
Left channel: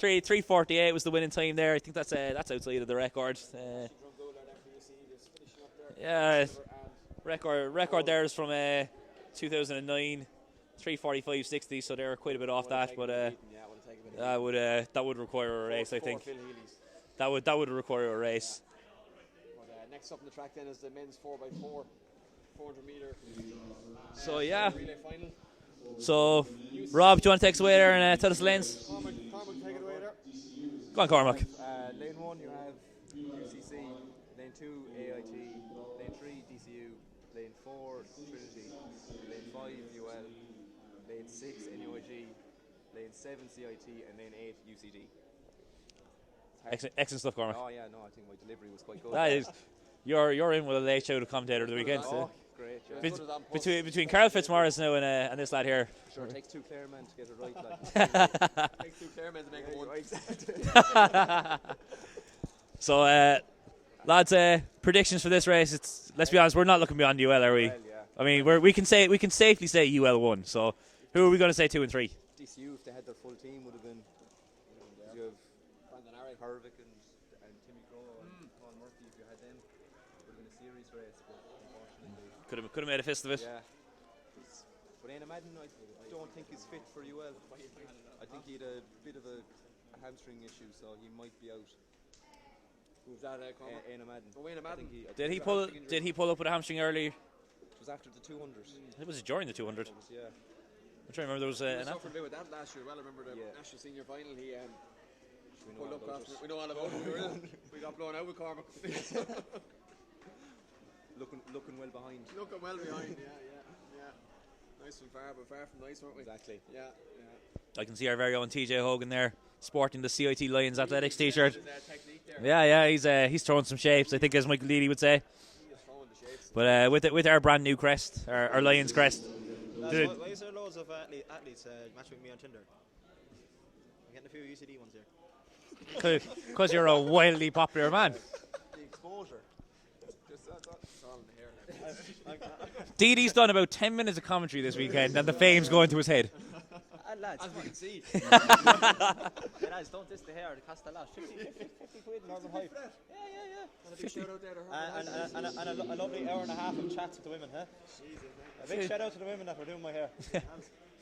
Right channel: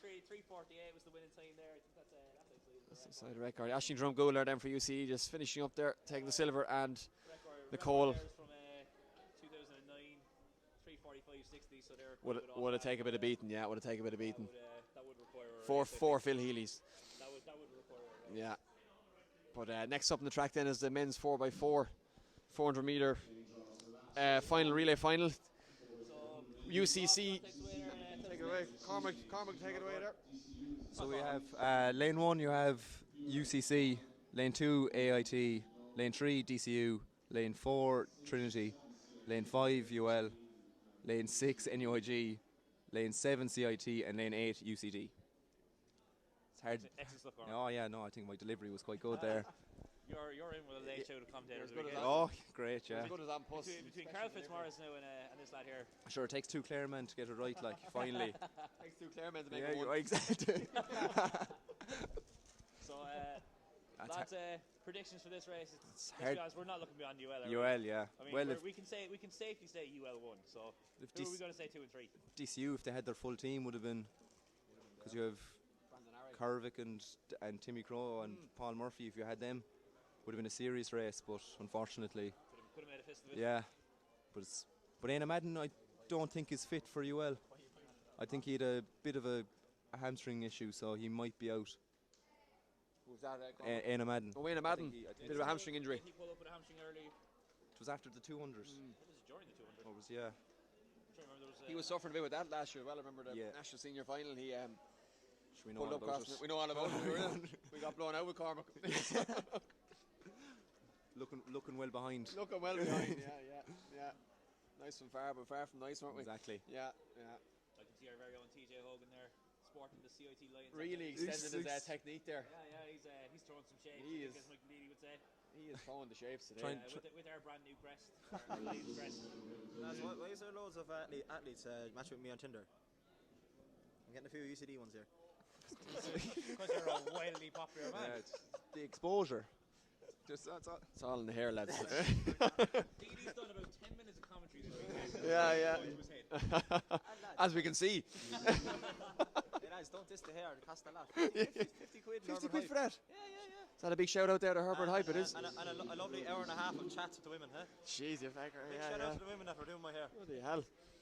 3:48 was the winning time there. I think that's outside of the record. Ashton Drumgoole then for UCD, just finishing up there. Yeah, silver and record there is from 2009. 3:45.60, so they're quite a bit off that. But would have taken a bit of beating. That would require a race. I think. 4 Phil Healy's. That would require a race. Yeah. But next up in the track then is the men's 4x4, 400 metre final relay final. So, UCC. Rob, do you want to take us away there and tell us the lanes? Cormac, take it away there. Go on, Cormac. Lane 1 you have UCC, lane 2 AIT, lane 3 DCU, lane 4 Trinity, lane 5 UL, lane 6 NUIG, lane 7 CIT and lane 8 UCD. Excellent stuff, Cormac. Oh yeah, no, I think my delivery was quite good. That is, you're in with a late show to commentator of the weekend. Oh, great, yeah. Between Carl Fitzmaurice now and this lad here. Sure, it takes 2 Claremen to get it right, like. It takes 2 Claremen to make it one. Exactly. So, lads, predictions for this race. Let's be honest, we're not looking beyond UL, are we? UL, yeah. I mean, we can safely say UL won. So, who are we going to say 2 and 3? DCU, if they had their full team, would have been, because you have Kervick and Timmy Crow and Paul Murphy. If you had them, would have been a serious race. But unfortunately, could have made a fist of it. Yeah, but Éanna Madden, I don't think is fit for UL. I think he had a bit of a hamstring issue, so he might be out. Who's that? Éanna Madden. Oh, Éanna Madden. Did he pull up with a hamstring early? It was after the 200. It was during the 200. It was, yeah. I'm trying to remember there was he suffered a bit with that last year. Well, I remember the national senior final. He pulled up across. We know all about it. We got blown out with Cormac. Looking well behind. Looking well behind. Yeah. Nice from far, but far from nice, weren't we? Exactly. Yeah. I can see our very own TJ Hogan there, sporting the CIT Lions Athletics t-shirt. Yeah, he's throwing some shapes, I think, as Michael Leedy would say. But with our brand new crest, our Lions crest. Why is there loads of athletes matching with me on Tinder? I'm getting a few UCD ones here. Because you're a wildly popular man. The exposure. It's all in the hair, lads. Dede's done about 10 minutes of commentary this weekend, and the fame's going to his head. As we can see. Lads, don't diss the hair, it costs a lot. 50 quid for that? Yeah. Is that a big shout out there to Herbert Hyde? And a lovely hour and a half of chats with the women, huh? Jeez, you're a big shout out to the women that were doing my hair.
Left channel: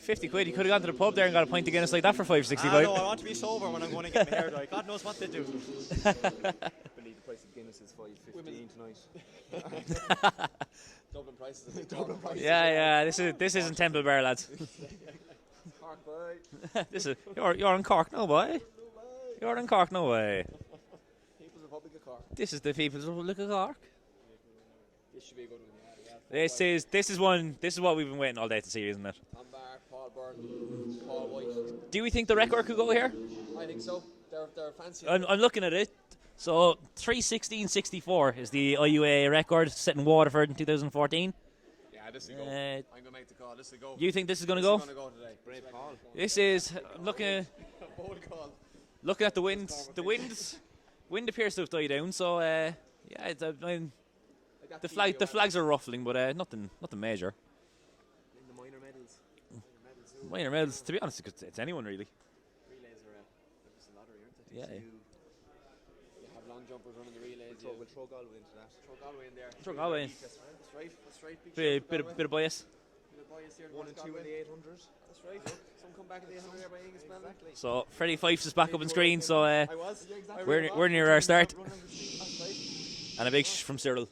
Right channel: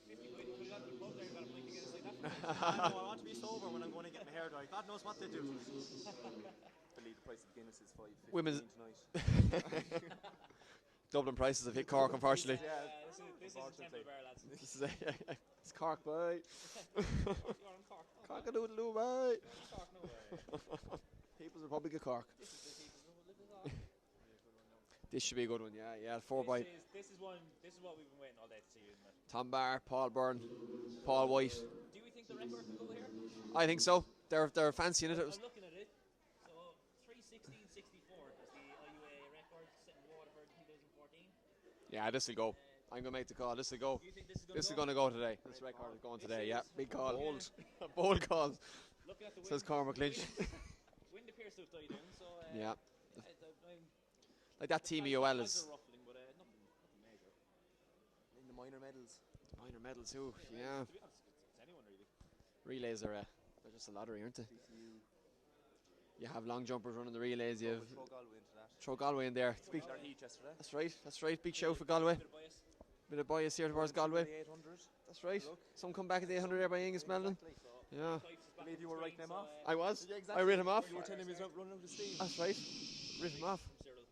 50 quid, you could have gone to the pub there and got a pint of Guinness like that for $5.65. No, I want to be sober when I'm going to get my hair done. God knows what they do. I believe the price of Guinness is $5.15 tonight. Dublin prices have hit Cork, unfortunately. Yeah, this isn't Temple Bar, lads. It's Cork, boy. You're in Cork, no way. You're in Cork, no way. People's Republic of Cork. This is the People's Republic of Cork. This should be a good one, yeah. This is what we've been waiting all day to see, isn't it? Tom Barr, Paul Byrne, Paul White. Do we think the record could go here? I think so. They're fancy. I'm looking at it. So 3:16.64 is the IUAA record set in Waterford in 2014. Yeah, this will go. I'm gonna make the call. This will go. You think this is gonna go? This is gonna go today. Great call. This is looking. Bold call. Looking at the winds. Wind appears to have died down. So it's like the flags are ruffling, but nothing major. In the minor medals. Minor medals. To be honest, it's anyone really. Relays are just a lottery, aren't they? Yeah. You have long jumpers running the relays. You throw Galway into that. Throw Galway in there. Throw Galway in. That's right. Big show for Galway. Bit of bias. Bit of bias here towards Galway. That's right. Some come back at the 800 there by Angus Melvin. So Freddie Fyffes is back up on screen. So I was. we're near our start. That's right. And a big from Cyril.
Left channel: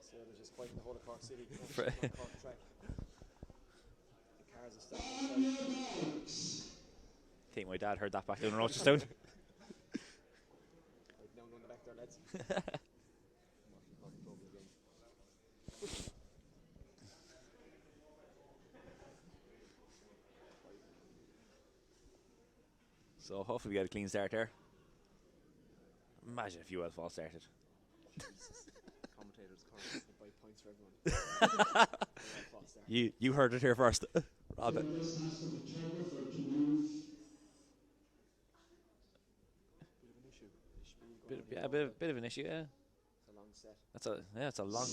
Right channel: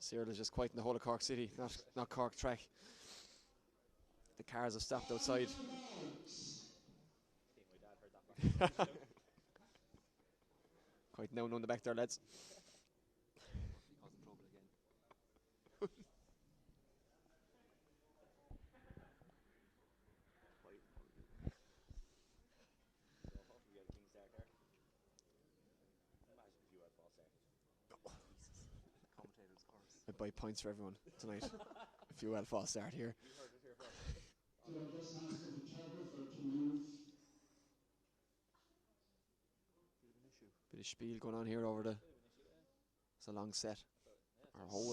Cyril is just quite in the whole of Cork City, not Cork track. The cars have stopped outside. I think my dad heard that back down in Rochestown. Quite known on the back there, lads. So hopefully we get a clean start there. Imagine if UL false started. I'd buy points for everyone. If UL false start. You heard it here first. Rob it. Bit of spiel going on here. Yeah, bit of an issue, yeah. It's a long set. It's a long.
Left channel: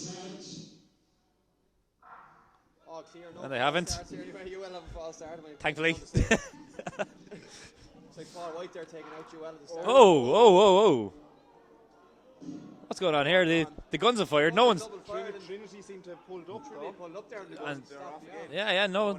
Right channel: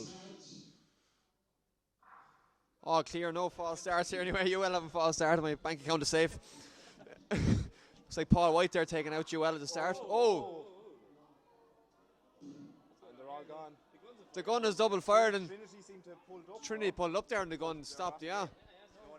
Oh, clear, no they false haven't. starts here anyway. UL have a false start. I'm Thankfully. going to save. It's like Paul White there taking out UL at the start. Whoa. What's going on here? The guns are fired. No one's double fired. And Trinity seemed to have pulled up. Trinity pulled up there and the guns stopped, yeah. Yeah, no.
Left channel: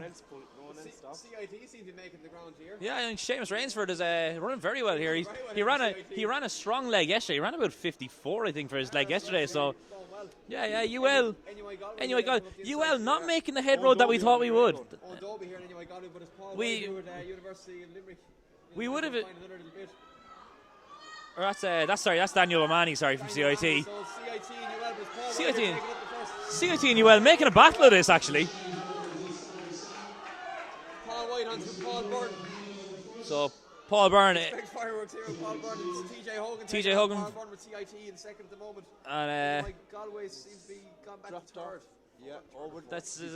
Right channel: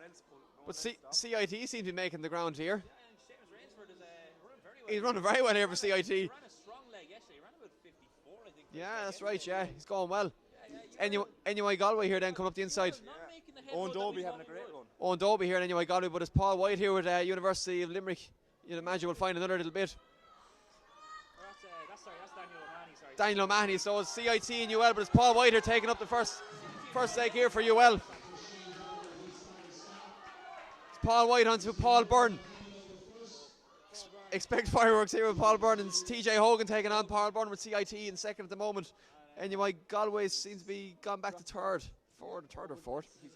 But CIT seemed to be making the ground here. Yeah, and Seamus Rainsford is running very well He's here. Running very well here for CIT. He ran a strong leg yesterday. He ran about 54, I think, for his leg yesterday. Right, so it's going well. Yeah, UL. NUI Galway here then come up the inside. UL not making the head road that we thought we would. Owen Dobie here in NUI Galway, but it's Paul White here with University of Limerick. We would have find another little bit. That's Daniel O'Mahony, from Daniel CIT. O'Mahony, so it's CIT and UL, but it's Paul White here taking up the first. CIT and UL making a battle of this, actually. It's Paul White onto Paul Byrne. So Paul Byrne. Expect fireworks here with Paul Byrne and TJ Hogan. TJ taking on Hogan. Paul Byrne with CIT in second at the moment. And, anyway, Galway seems to be gone back to third. Third or fourth. That's who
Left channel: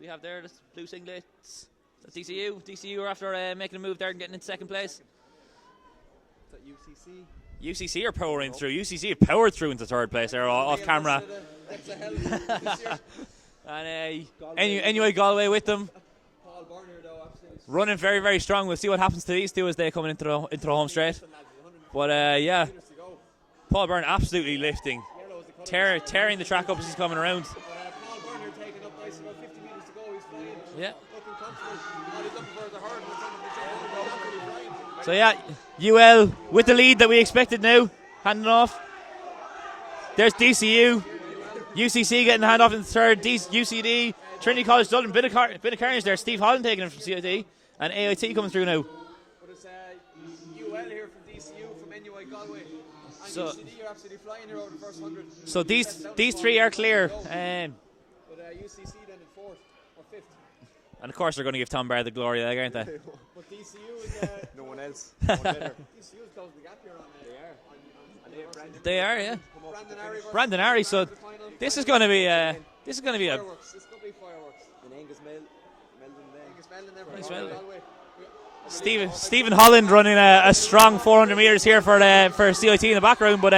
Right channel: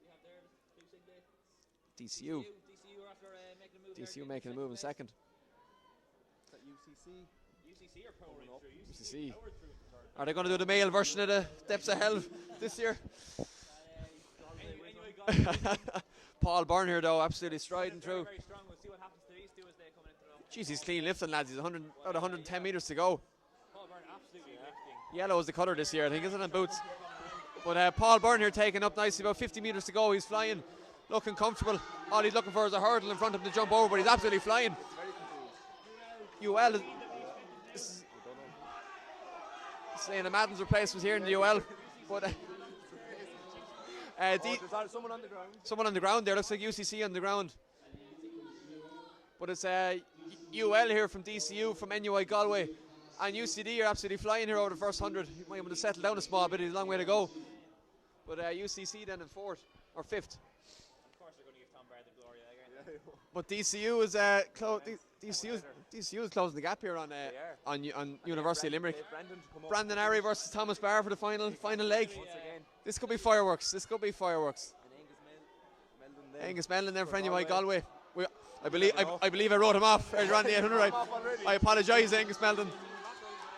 we have there. This blue singlets. DCU are after making a move there and getting in second place. Is that UCC? UCC are powering through. UCC have powered through into third place there off camera. Of the Depths of Hell this year. And anyway, Galway with them. Paul Byrne here though, absolutely strong. Running very, very strong. We'll see what happens to these two as they come into the home straight. Lifting, lads. He's 100, but 110 meters to go. Paul Byrne absolutely lifting. Yellow is the colour this year. Tearing the track up as he's coming around. But Paul Byrne here taking up nicely, about 50 metres to go. He's flying. Yeah. Looking comfortable. All he's looking for is a hurdle in front of him to jump over, but he's absolutely flying. So yeah, UL with the lead that we expected now. Handing off. There's DCU. UCC getting the hand off in the third. UCD. Trinity College Dublin. Bit of carnage there. Steve Holland taking it from CIT. And AIT coming through now. But it's UL here from DCU, from NUI Galway. And UCD are absolutely flying here over the first 100. So these three are clear. But UCC then in fourth or fifth. And of course they're going to give Tom Barr the glory leg, aren't they? But DCU is DCU is closing the gap here on University of Limerick. They are, yeah. Brandon Arry versus Brandon Thomas Arry. Barr So for the final. this is going to be fireworks. This could be fireworks. Angus Mellon there for NUI Galway. Stephen Holland running a strong 400 metres here for CIT in the background, but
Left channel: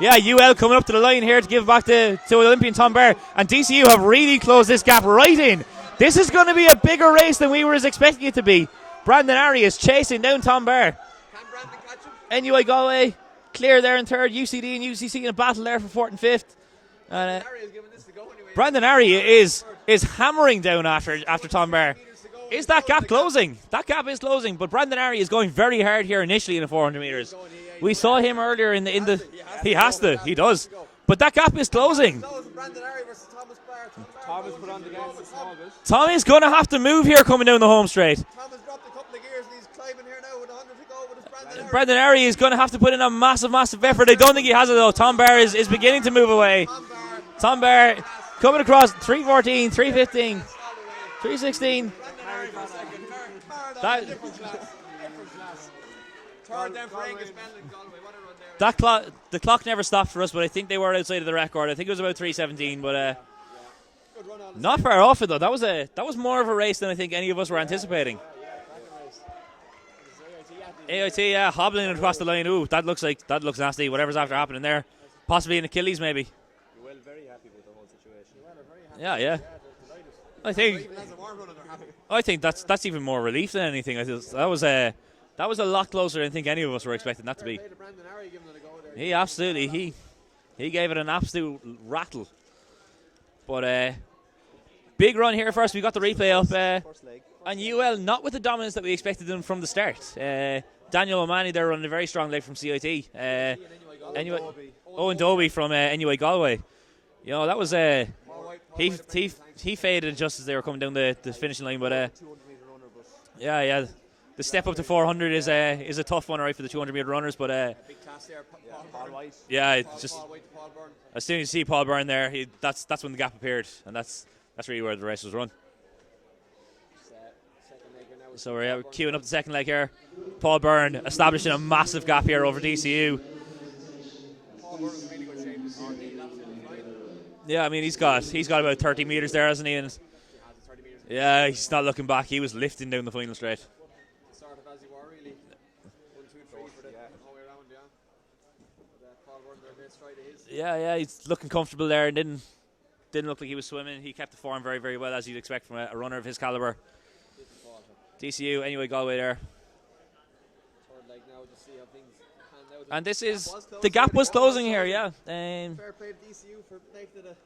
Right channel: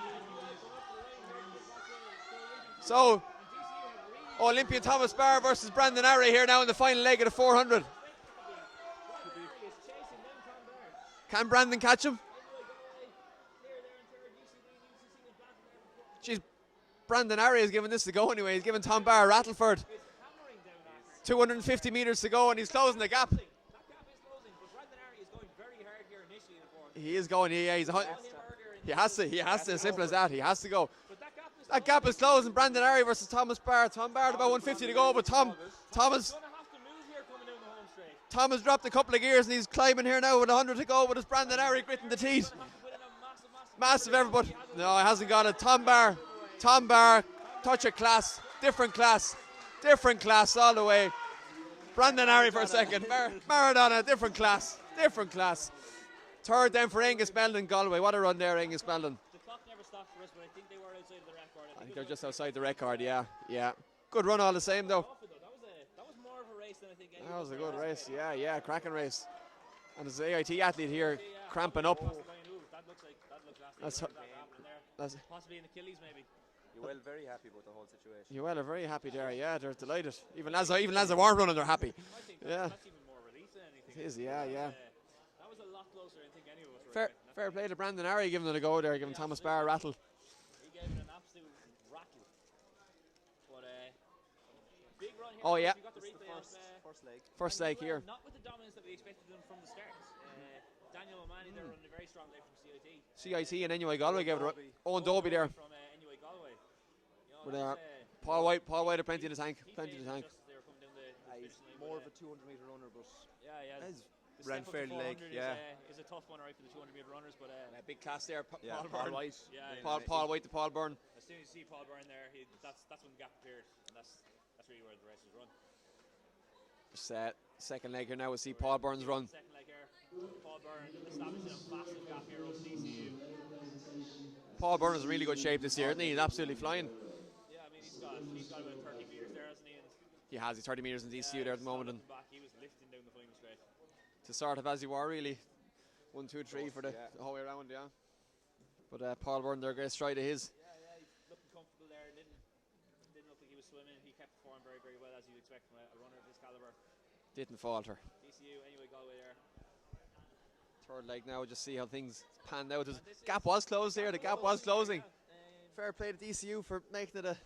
yeah, UL coming up to the line here to give back to Olympian Tom Barr, and DCU have really closed this gap right in. This is going to be a bigger race than we were expecting it to be. Brandon Arry is chasing down Tom Barr. Can Brandon catch him? NUI Galway clear there in third, UCD and UCC in a battle there for fourth and fifth. Brandon Arry is giving this to go anyway. Brandon Arry is hammering down after Tom Barr. Meters to go, is that gap closing? That gap is closing, but Brandon Arry is going very hard here initially in the 400 metres. We saw him earlier in the. He has to. He does. But that gap is closing. Brandon Arry versus Thomas Barr. Tom Barr about 150 to go, but Tom is going to have to move here coming down the home straight. Tom has dropped a couple of gears and he's climbing here now with 100 to go, but it's Brandon Arry. Brandon Arry is going to have to put in a massive effort. I don't think he has it though. Tom Barr is beginning to move away. Tom Barr coming across 314, 315, class all the way. 316. Brandon Arry for a second. Maradona, different class. Third then for Angus Mellon in Galway. What a run there. The clock never stopped for us, but I think they were outside of the record. I think it was about 317. But yeah. Good run all the not same. far off it though. That was more of a race than I think any of us were anticipating. Yeah, cracking race. And there's the AIT athlete. AIT, hobbling across the line. Ooh, that looks nasty. Whatever's after happening there, possibly an Achilles maybe. UL very happy with the whole situation. UL are very happy. Yeah, they're delighted. Even as they weren't running, they're happy. I think that's even more relief than anything. I think that was a lot closer than I think any of us were expecting that to be. To Brandon Arry giving it a go there. He absolutely he gave it an absolute rattle. But big run here first. We got the replay up. And UL not with the dominance that we expected them from the start. Daniel O'Mahony there running a very strong leg from CIT. CIT and NUI Galway. Owen Dobie from NUI Galway. You know, that was Paul White he faded just as they were coming down the finishing line, but yeah, the step up to 400 is a tough one, right, for the 200 meter runners, but big class there, Paul White. Yeah, Paul White to Paul Byrne. As soon as you see Paul Byrne there, that's when the gap appeared, and that's really where the race was run. Second leg here now. So we're queuing up the second leg here. Paul Byrne establishing a massive gap here over DCU. Paul Byrne is in really good shape this year, isn't he? He's absolutely flying. Yeah, I mean he's got about 30 metres there, hasn't he? And he has 30 metres. Yeah, he's not looking back. He was lifting down the final straight. To sort of as you were really. 1, 2, 3 for the whole way around, yeah. But Paul Byrne there, great stride of his. Yeah, he's looking comfortable there and didn't look like he was swimming. He kept the form very, very well, as you'd expect from a runner of his calibre. Didn't falter. DCU, anyway, Galway there. Third leg now, just see how things panned out. And the gap was closing here, yeah. Fair play to DCU for making it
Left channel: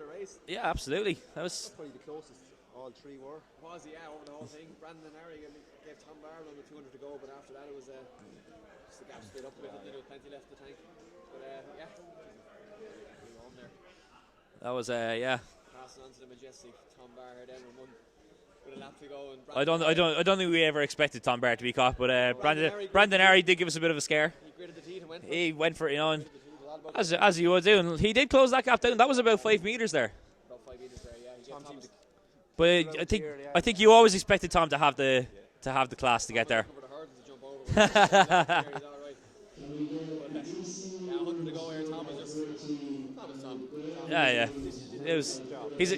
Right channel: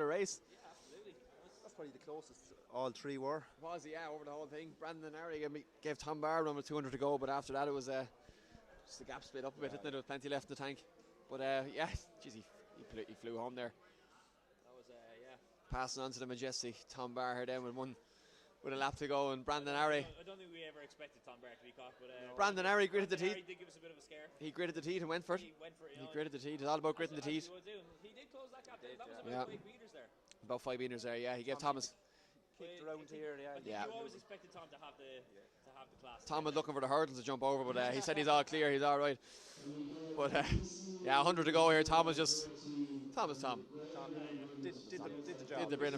a race. Yeah, absolutely. That's probably the closest all three were. Over the whole thing. Brandon Arry gave Tom Barr run with 200 to go, but after that it was just the gap split up a bit. There was plenty left in the tank. But he flew home there. That was passing on to the majestic Tom Barr here then with a lap to go, and I don't think we ever expected Tom Barr to be caught, but Brandon Arry did give us a bit of a scare. He gritted the teeth and went for it. He went for it, you know, as you would do, and he did close that gap down. That was about 5 metres there. About 5 metres there, yeah. He gave Thomas. But I think you always expected Tom to have the to have the class to Tom get was there. looking for the hurdle to jump over, but he said he's all clear, he's all right. But yeah, 100 to go here. Tom is Tom. Yeah. He's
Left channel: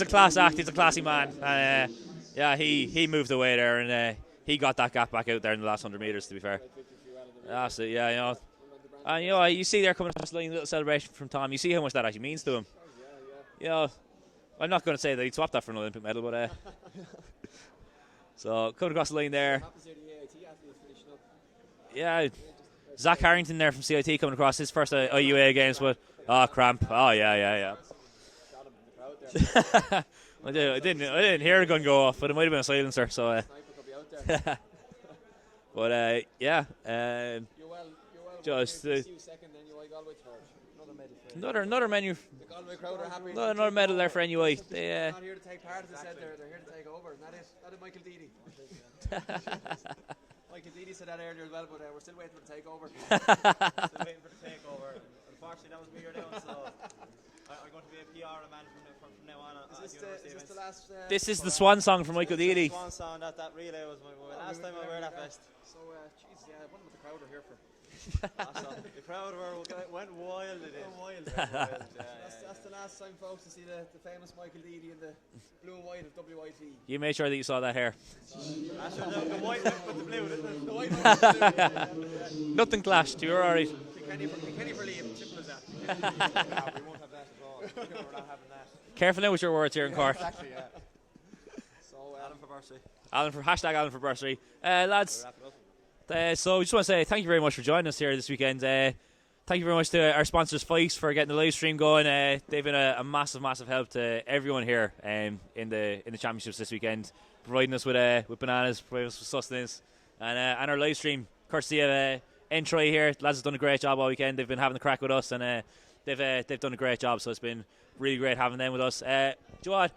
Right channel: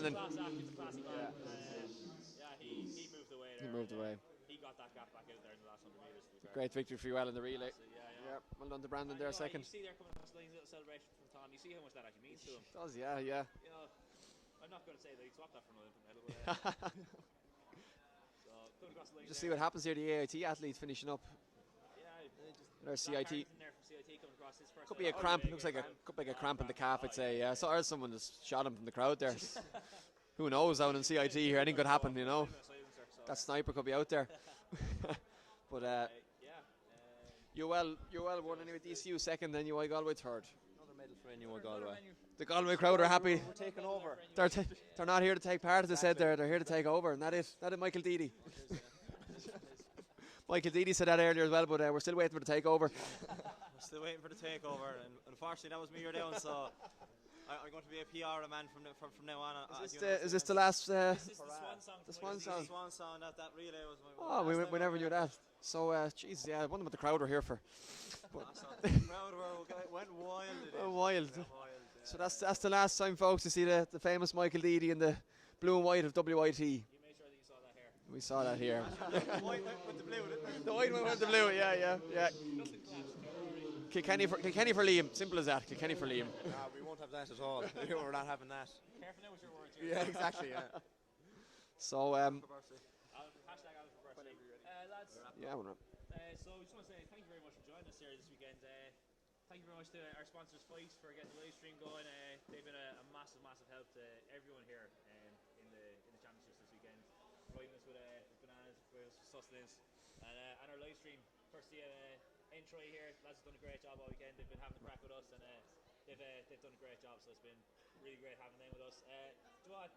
a class act. He's a classy man. And yeah, he moved away there, and he got that gap back out there in the last 100 meters. To be fair. Great victory for you, well in the ring. Absolutely, yeah. You know. Well done to Brandon And you there, know, second. you see there coming across the line, a little celebration from Tom. You see how much that actually means to him. Yeah. You know, I'm not going to say that he'd swap that for an Olympic medal, but so coming across the line See there. what happens here, the AIT athletes finishing up. Yeah, There's Zach CIT. Harrington there from CIT coming across his first Cramp, IUAA games, but cramp. Oh yeah. I saw someone just shot him from the crowd there. Who I knows, down in didn't CIT, hear a anything gun could go happen, off, you but it know. might have been a silencer. So, A sniper could be out there. but yeah, You're well. Just, you second, then you Galway third. another menu. The Galway crowd are happy. Another medal there for NUI. They're not here to take part, as I said. They're here to take over, and that is Michael Deedy. Michael Deedy said that earlier as well, but we're still waiting for the takeover. Still waiting for the takeover. And unfortunately, that was me or down, so I'm going to be a PR man from now on. Is this the last? This is the swan song from Michael Deedy. Swan song, that relay was my we last time never I hear got that. So, jeez, yeah, I wonder what the crowd are here for. The crowd went wild. It is. Wild. So that's the last time, folks, to see the famous Michael Deedy in the blue and white of WIT. You made sure that you saw that hair. We saw that here. The white with the blue, didn't it? The white with the blue, yeah. Nothing clashed. You're all right. Kilkenny for Liam. Simple as that. Kilkenny for Liam. We won't have that at all. We're not having that. Careful now with your words here in Cork. Actually, yeah. So, Alan for bursary. Lads, so we just want to say thank you very much for joining us here this weekend. Thank you very much to our sponsors, Fyffes, for getting the live stream going. They've been a massive help to everyone here in the championships this weekend, providing us with bananas, providing us with sustenance, and our live stream, courtesy of Entry here. Lads have done a great job all weekend. They've been having the crack with us, and they've done a great job. So it's been really great having them with us. Do you know what?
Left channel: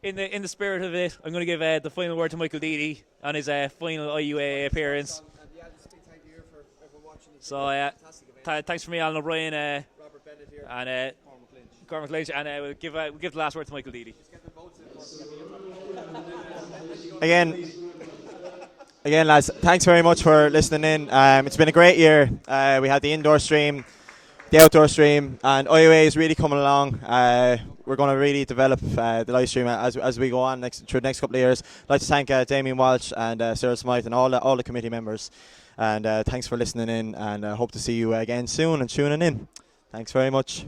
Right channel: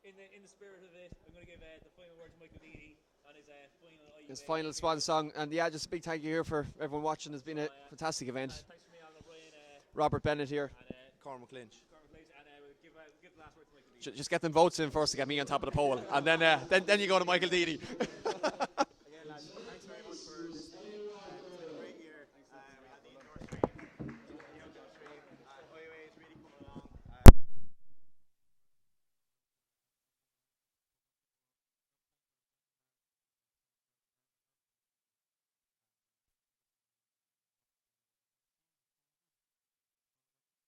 In the spirit of it, I'm going to give the final word to Michael Deedy on his final IUAA appearance. Song. And yeah, just a big thank you here for everyone watching. It's been So, a fantastic event. Thanks from me, Alan O'Brien, Robert Bennett here, and Cormac Lynch, and we'll give the last word to Michael Deedy. Just get them votes in first to get me on top of the poll, and then you go to Again. Michael Deedy. Again, lads, thanks very much for listening in. It's been a great year. We had the indoor stream, the outdoor stream, and IUA is really coming along. We're going to really develop the live stream as we go on through the next couple of years. I'd like to thank Damien Walsh and Sarah Smythe and all the committee members. And thanks for listening in, and hope to see you again soon and tuning in. Thanks very much.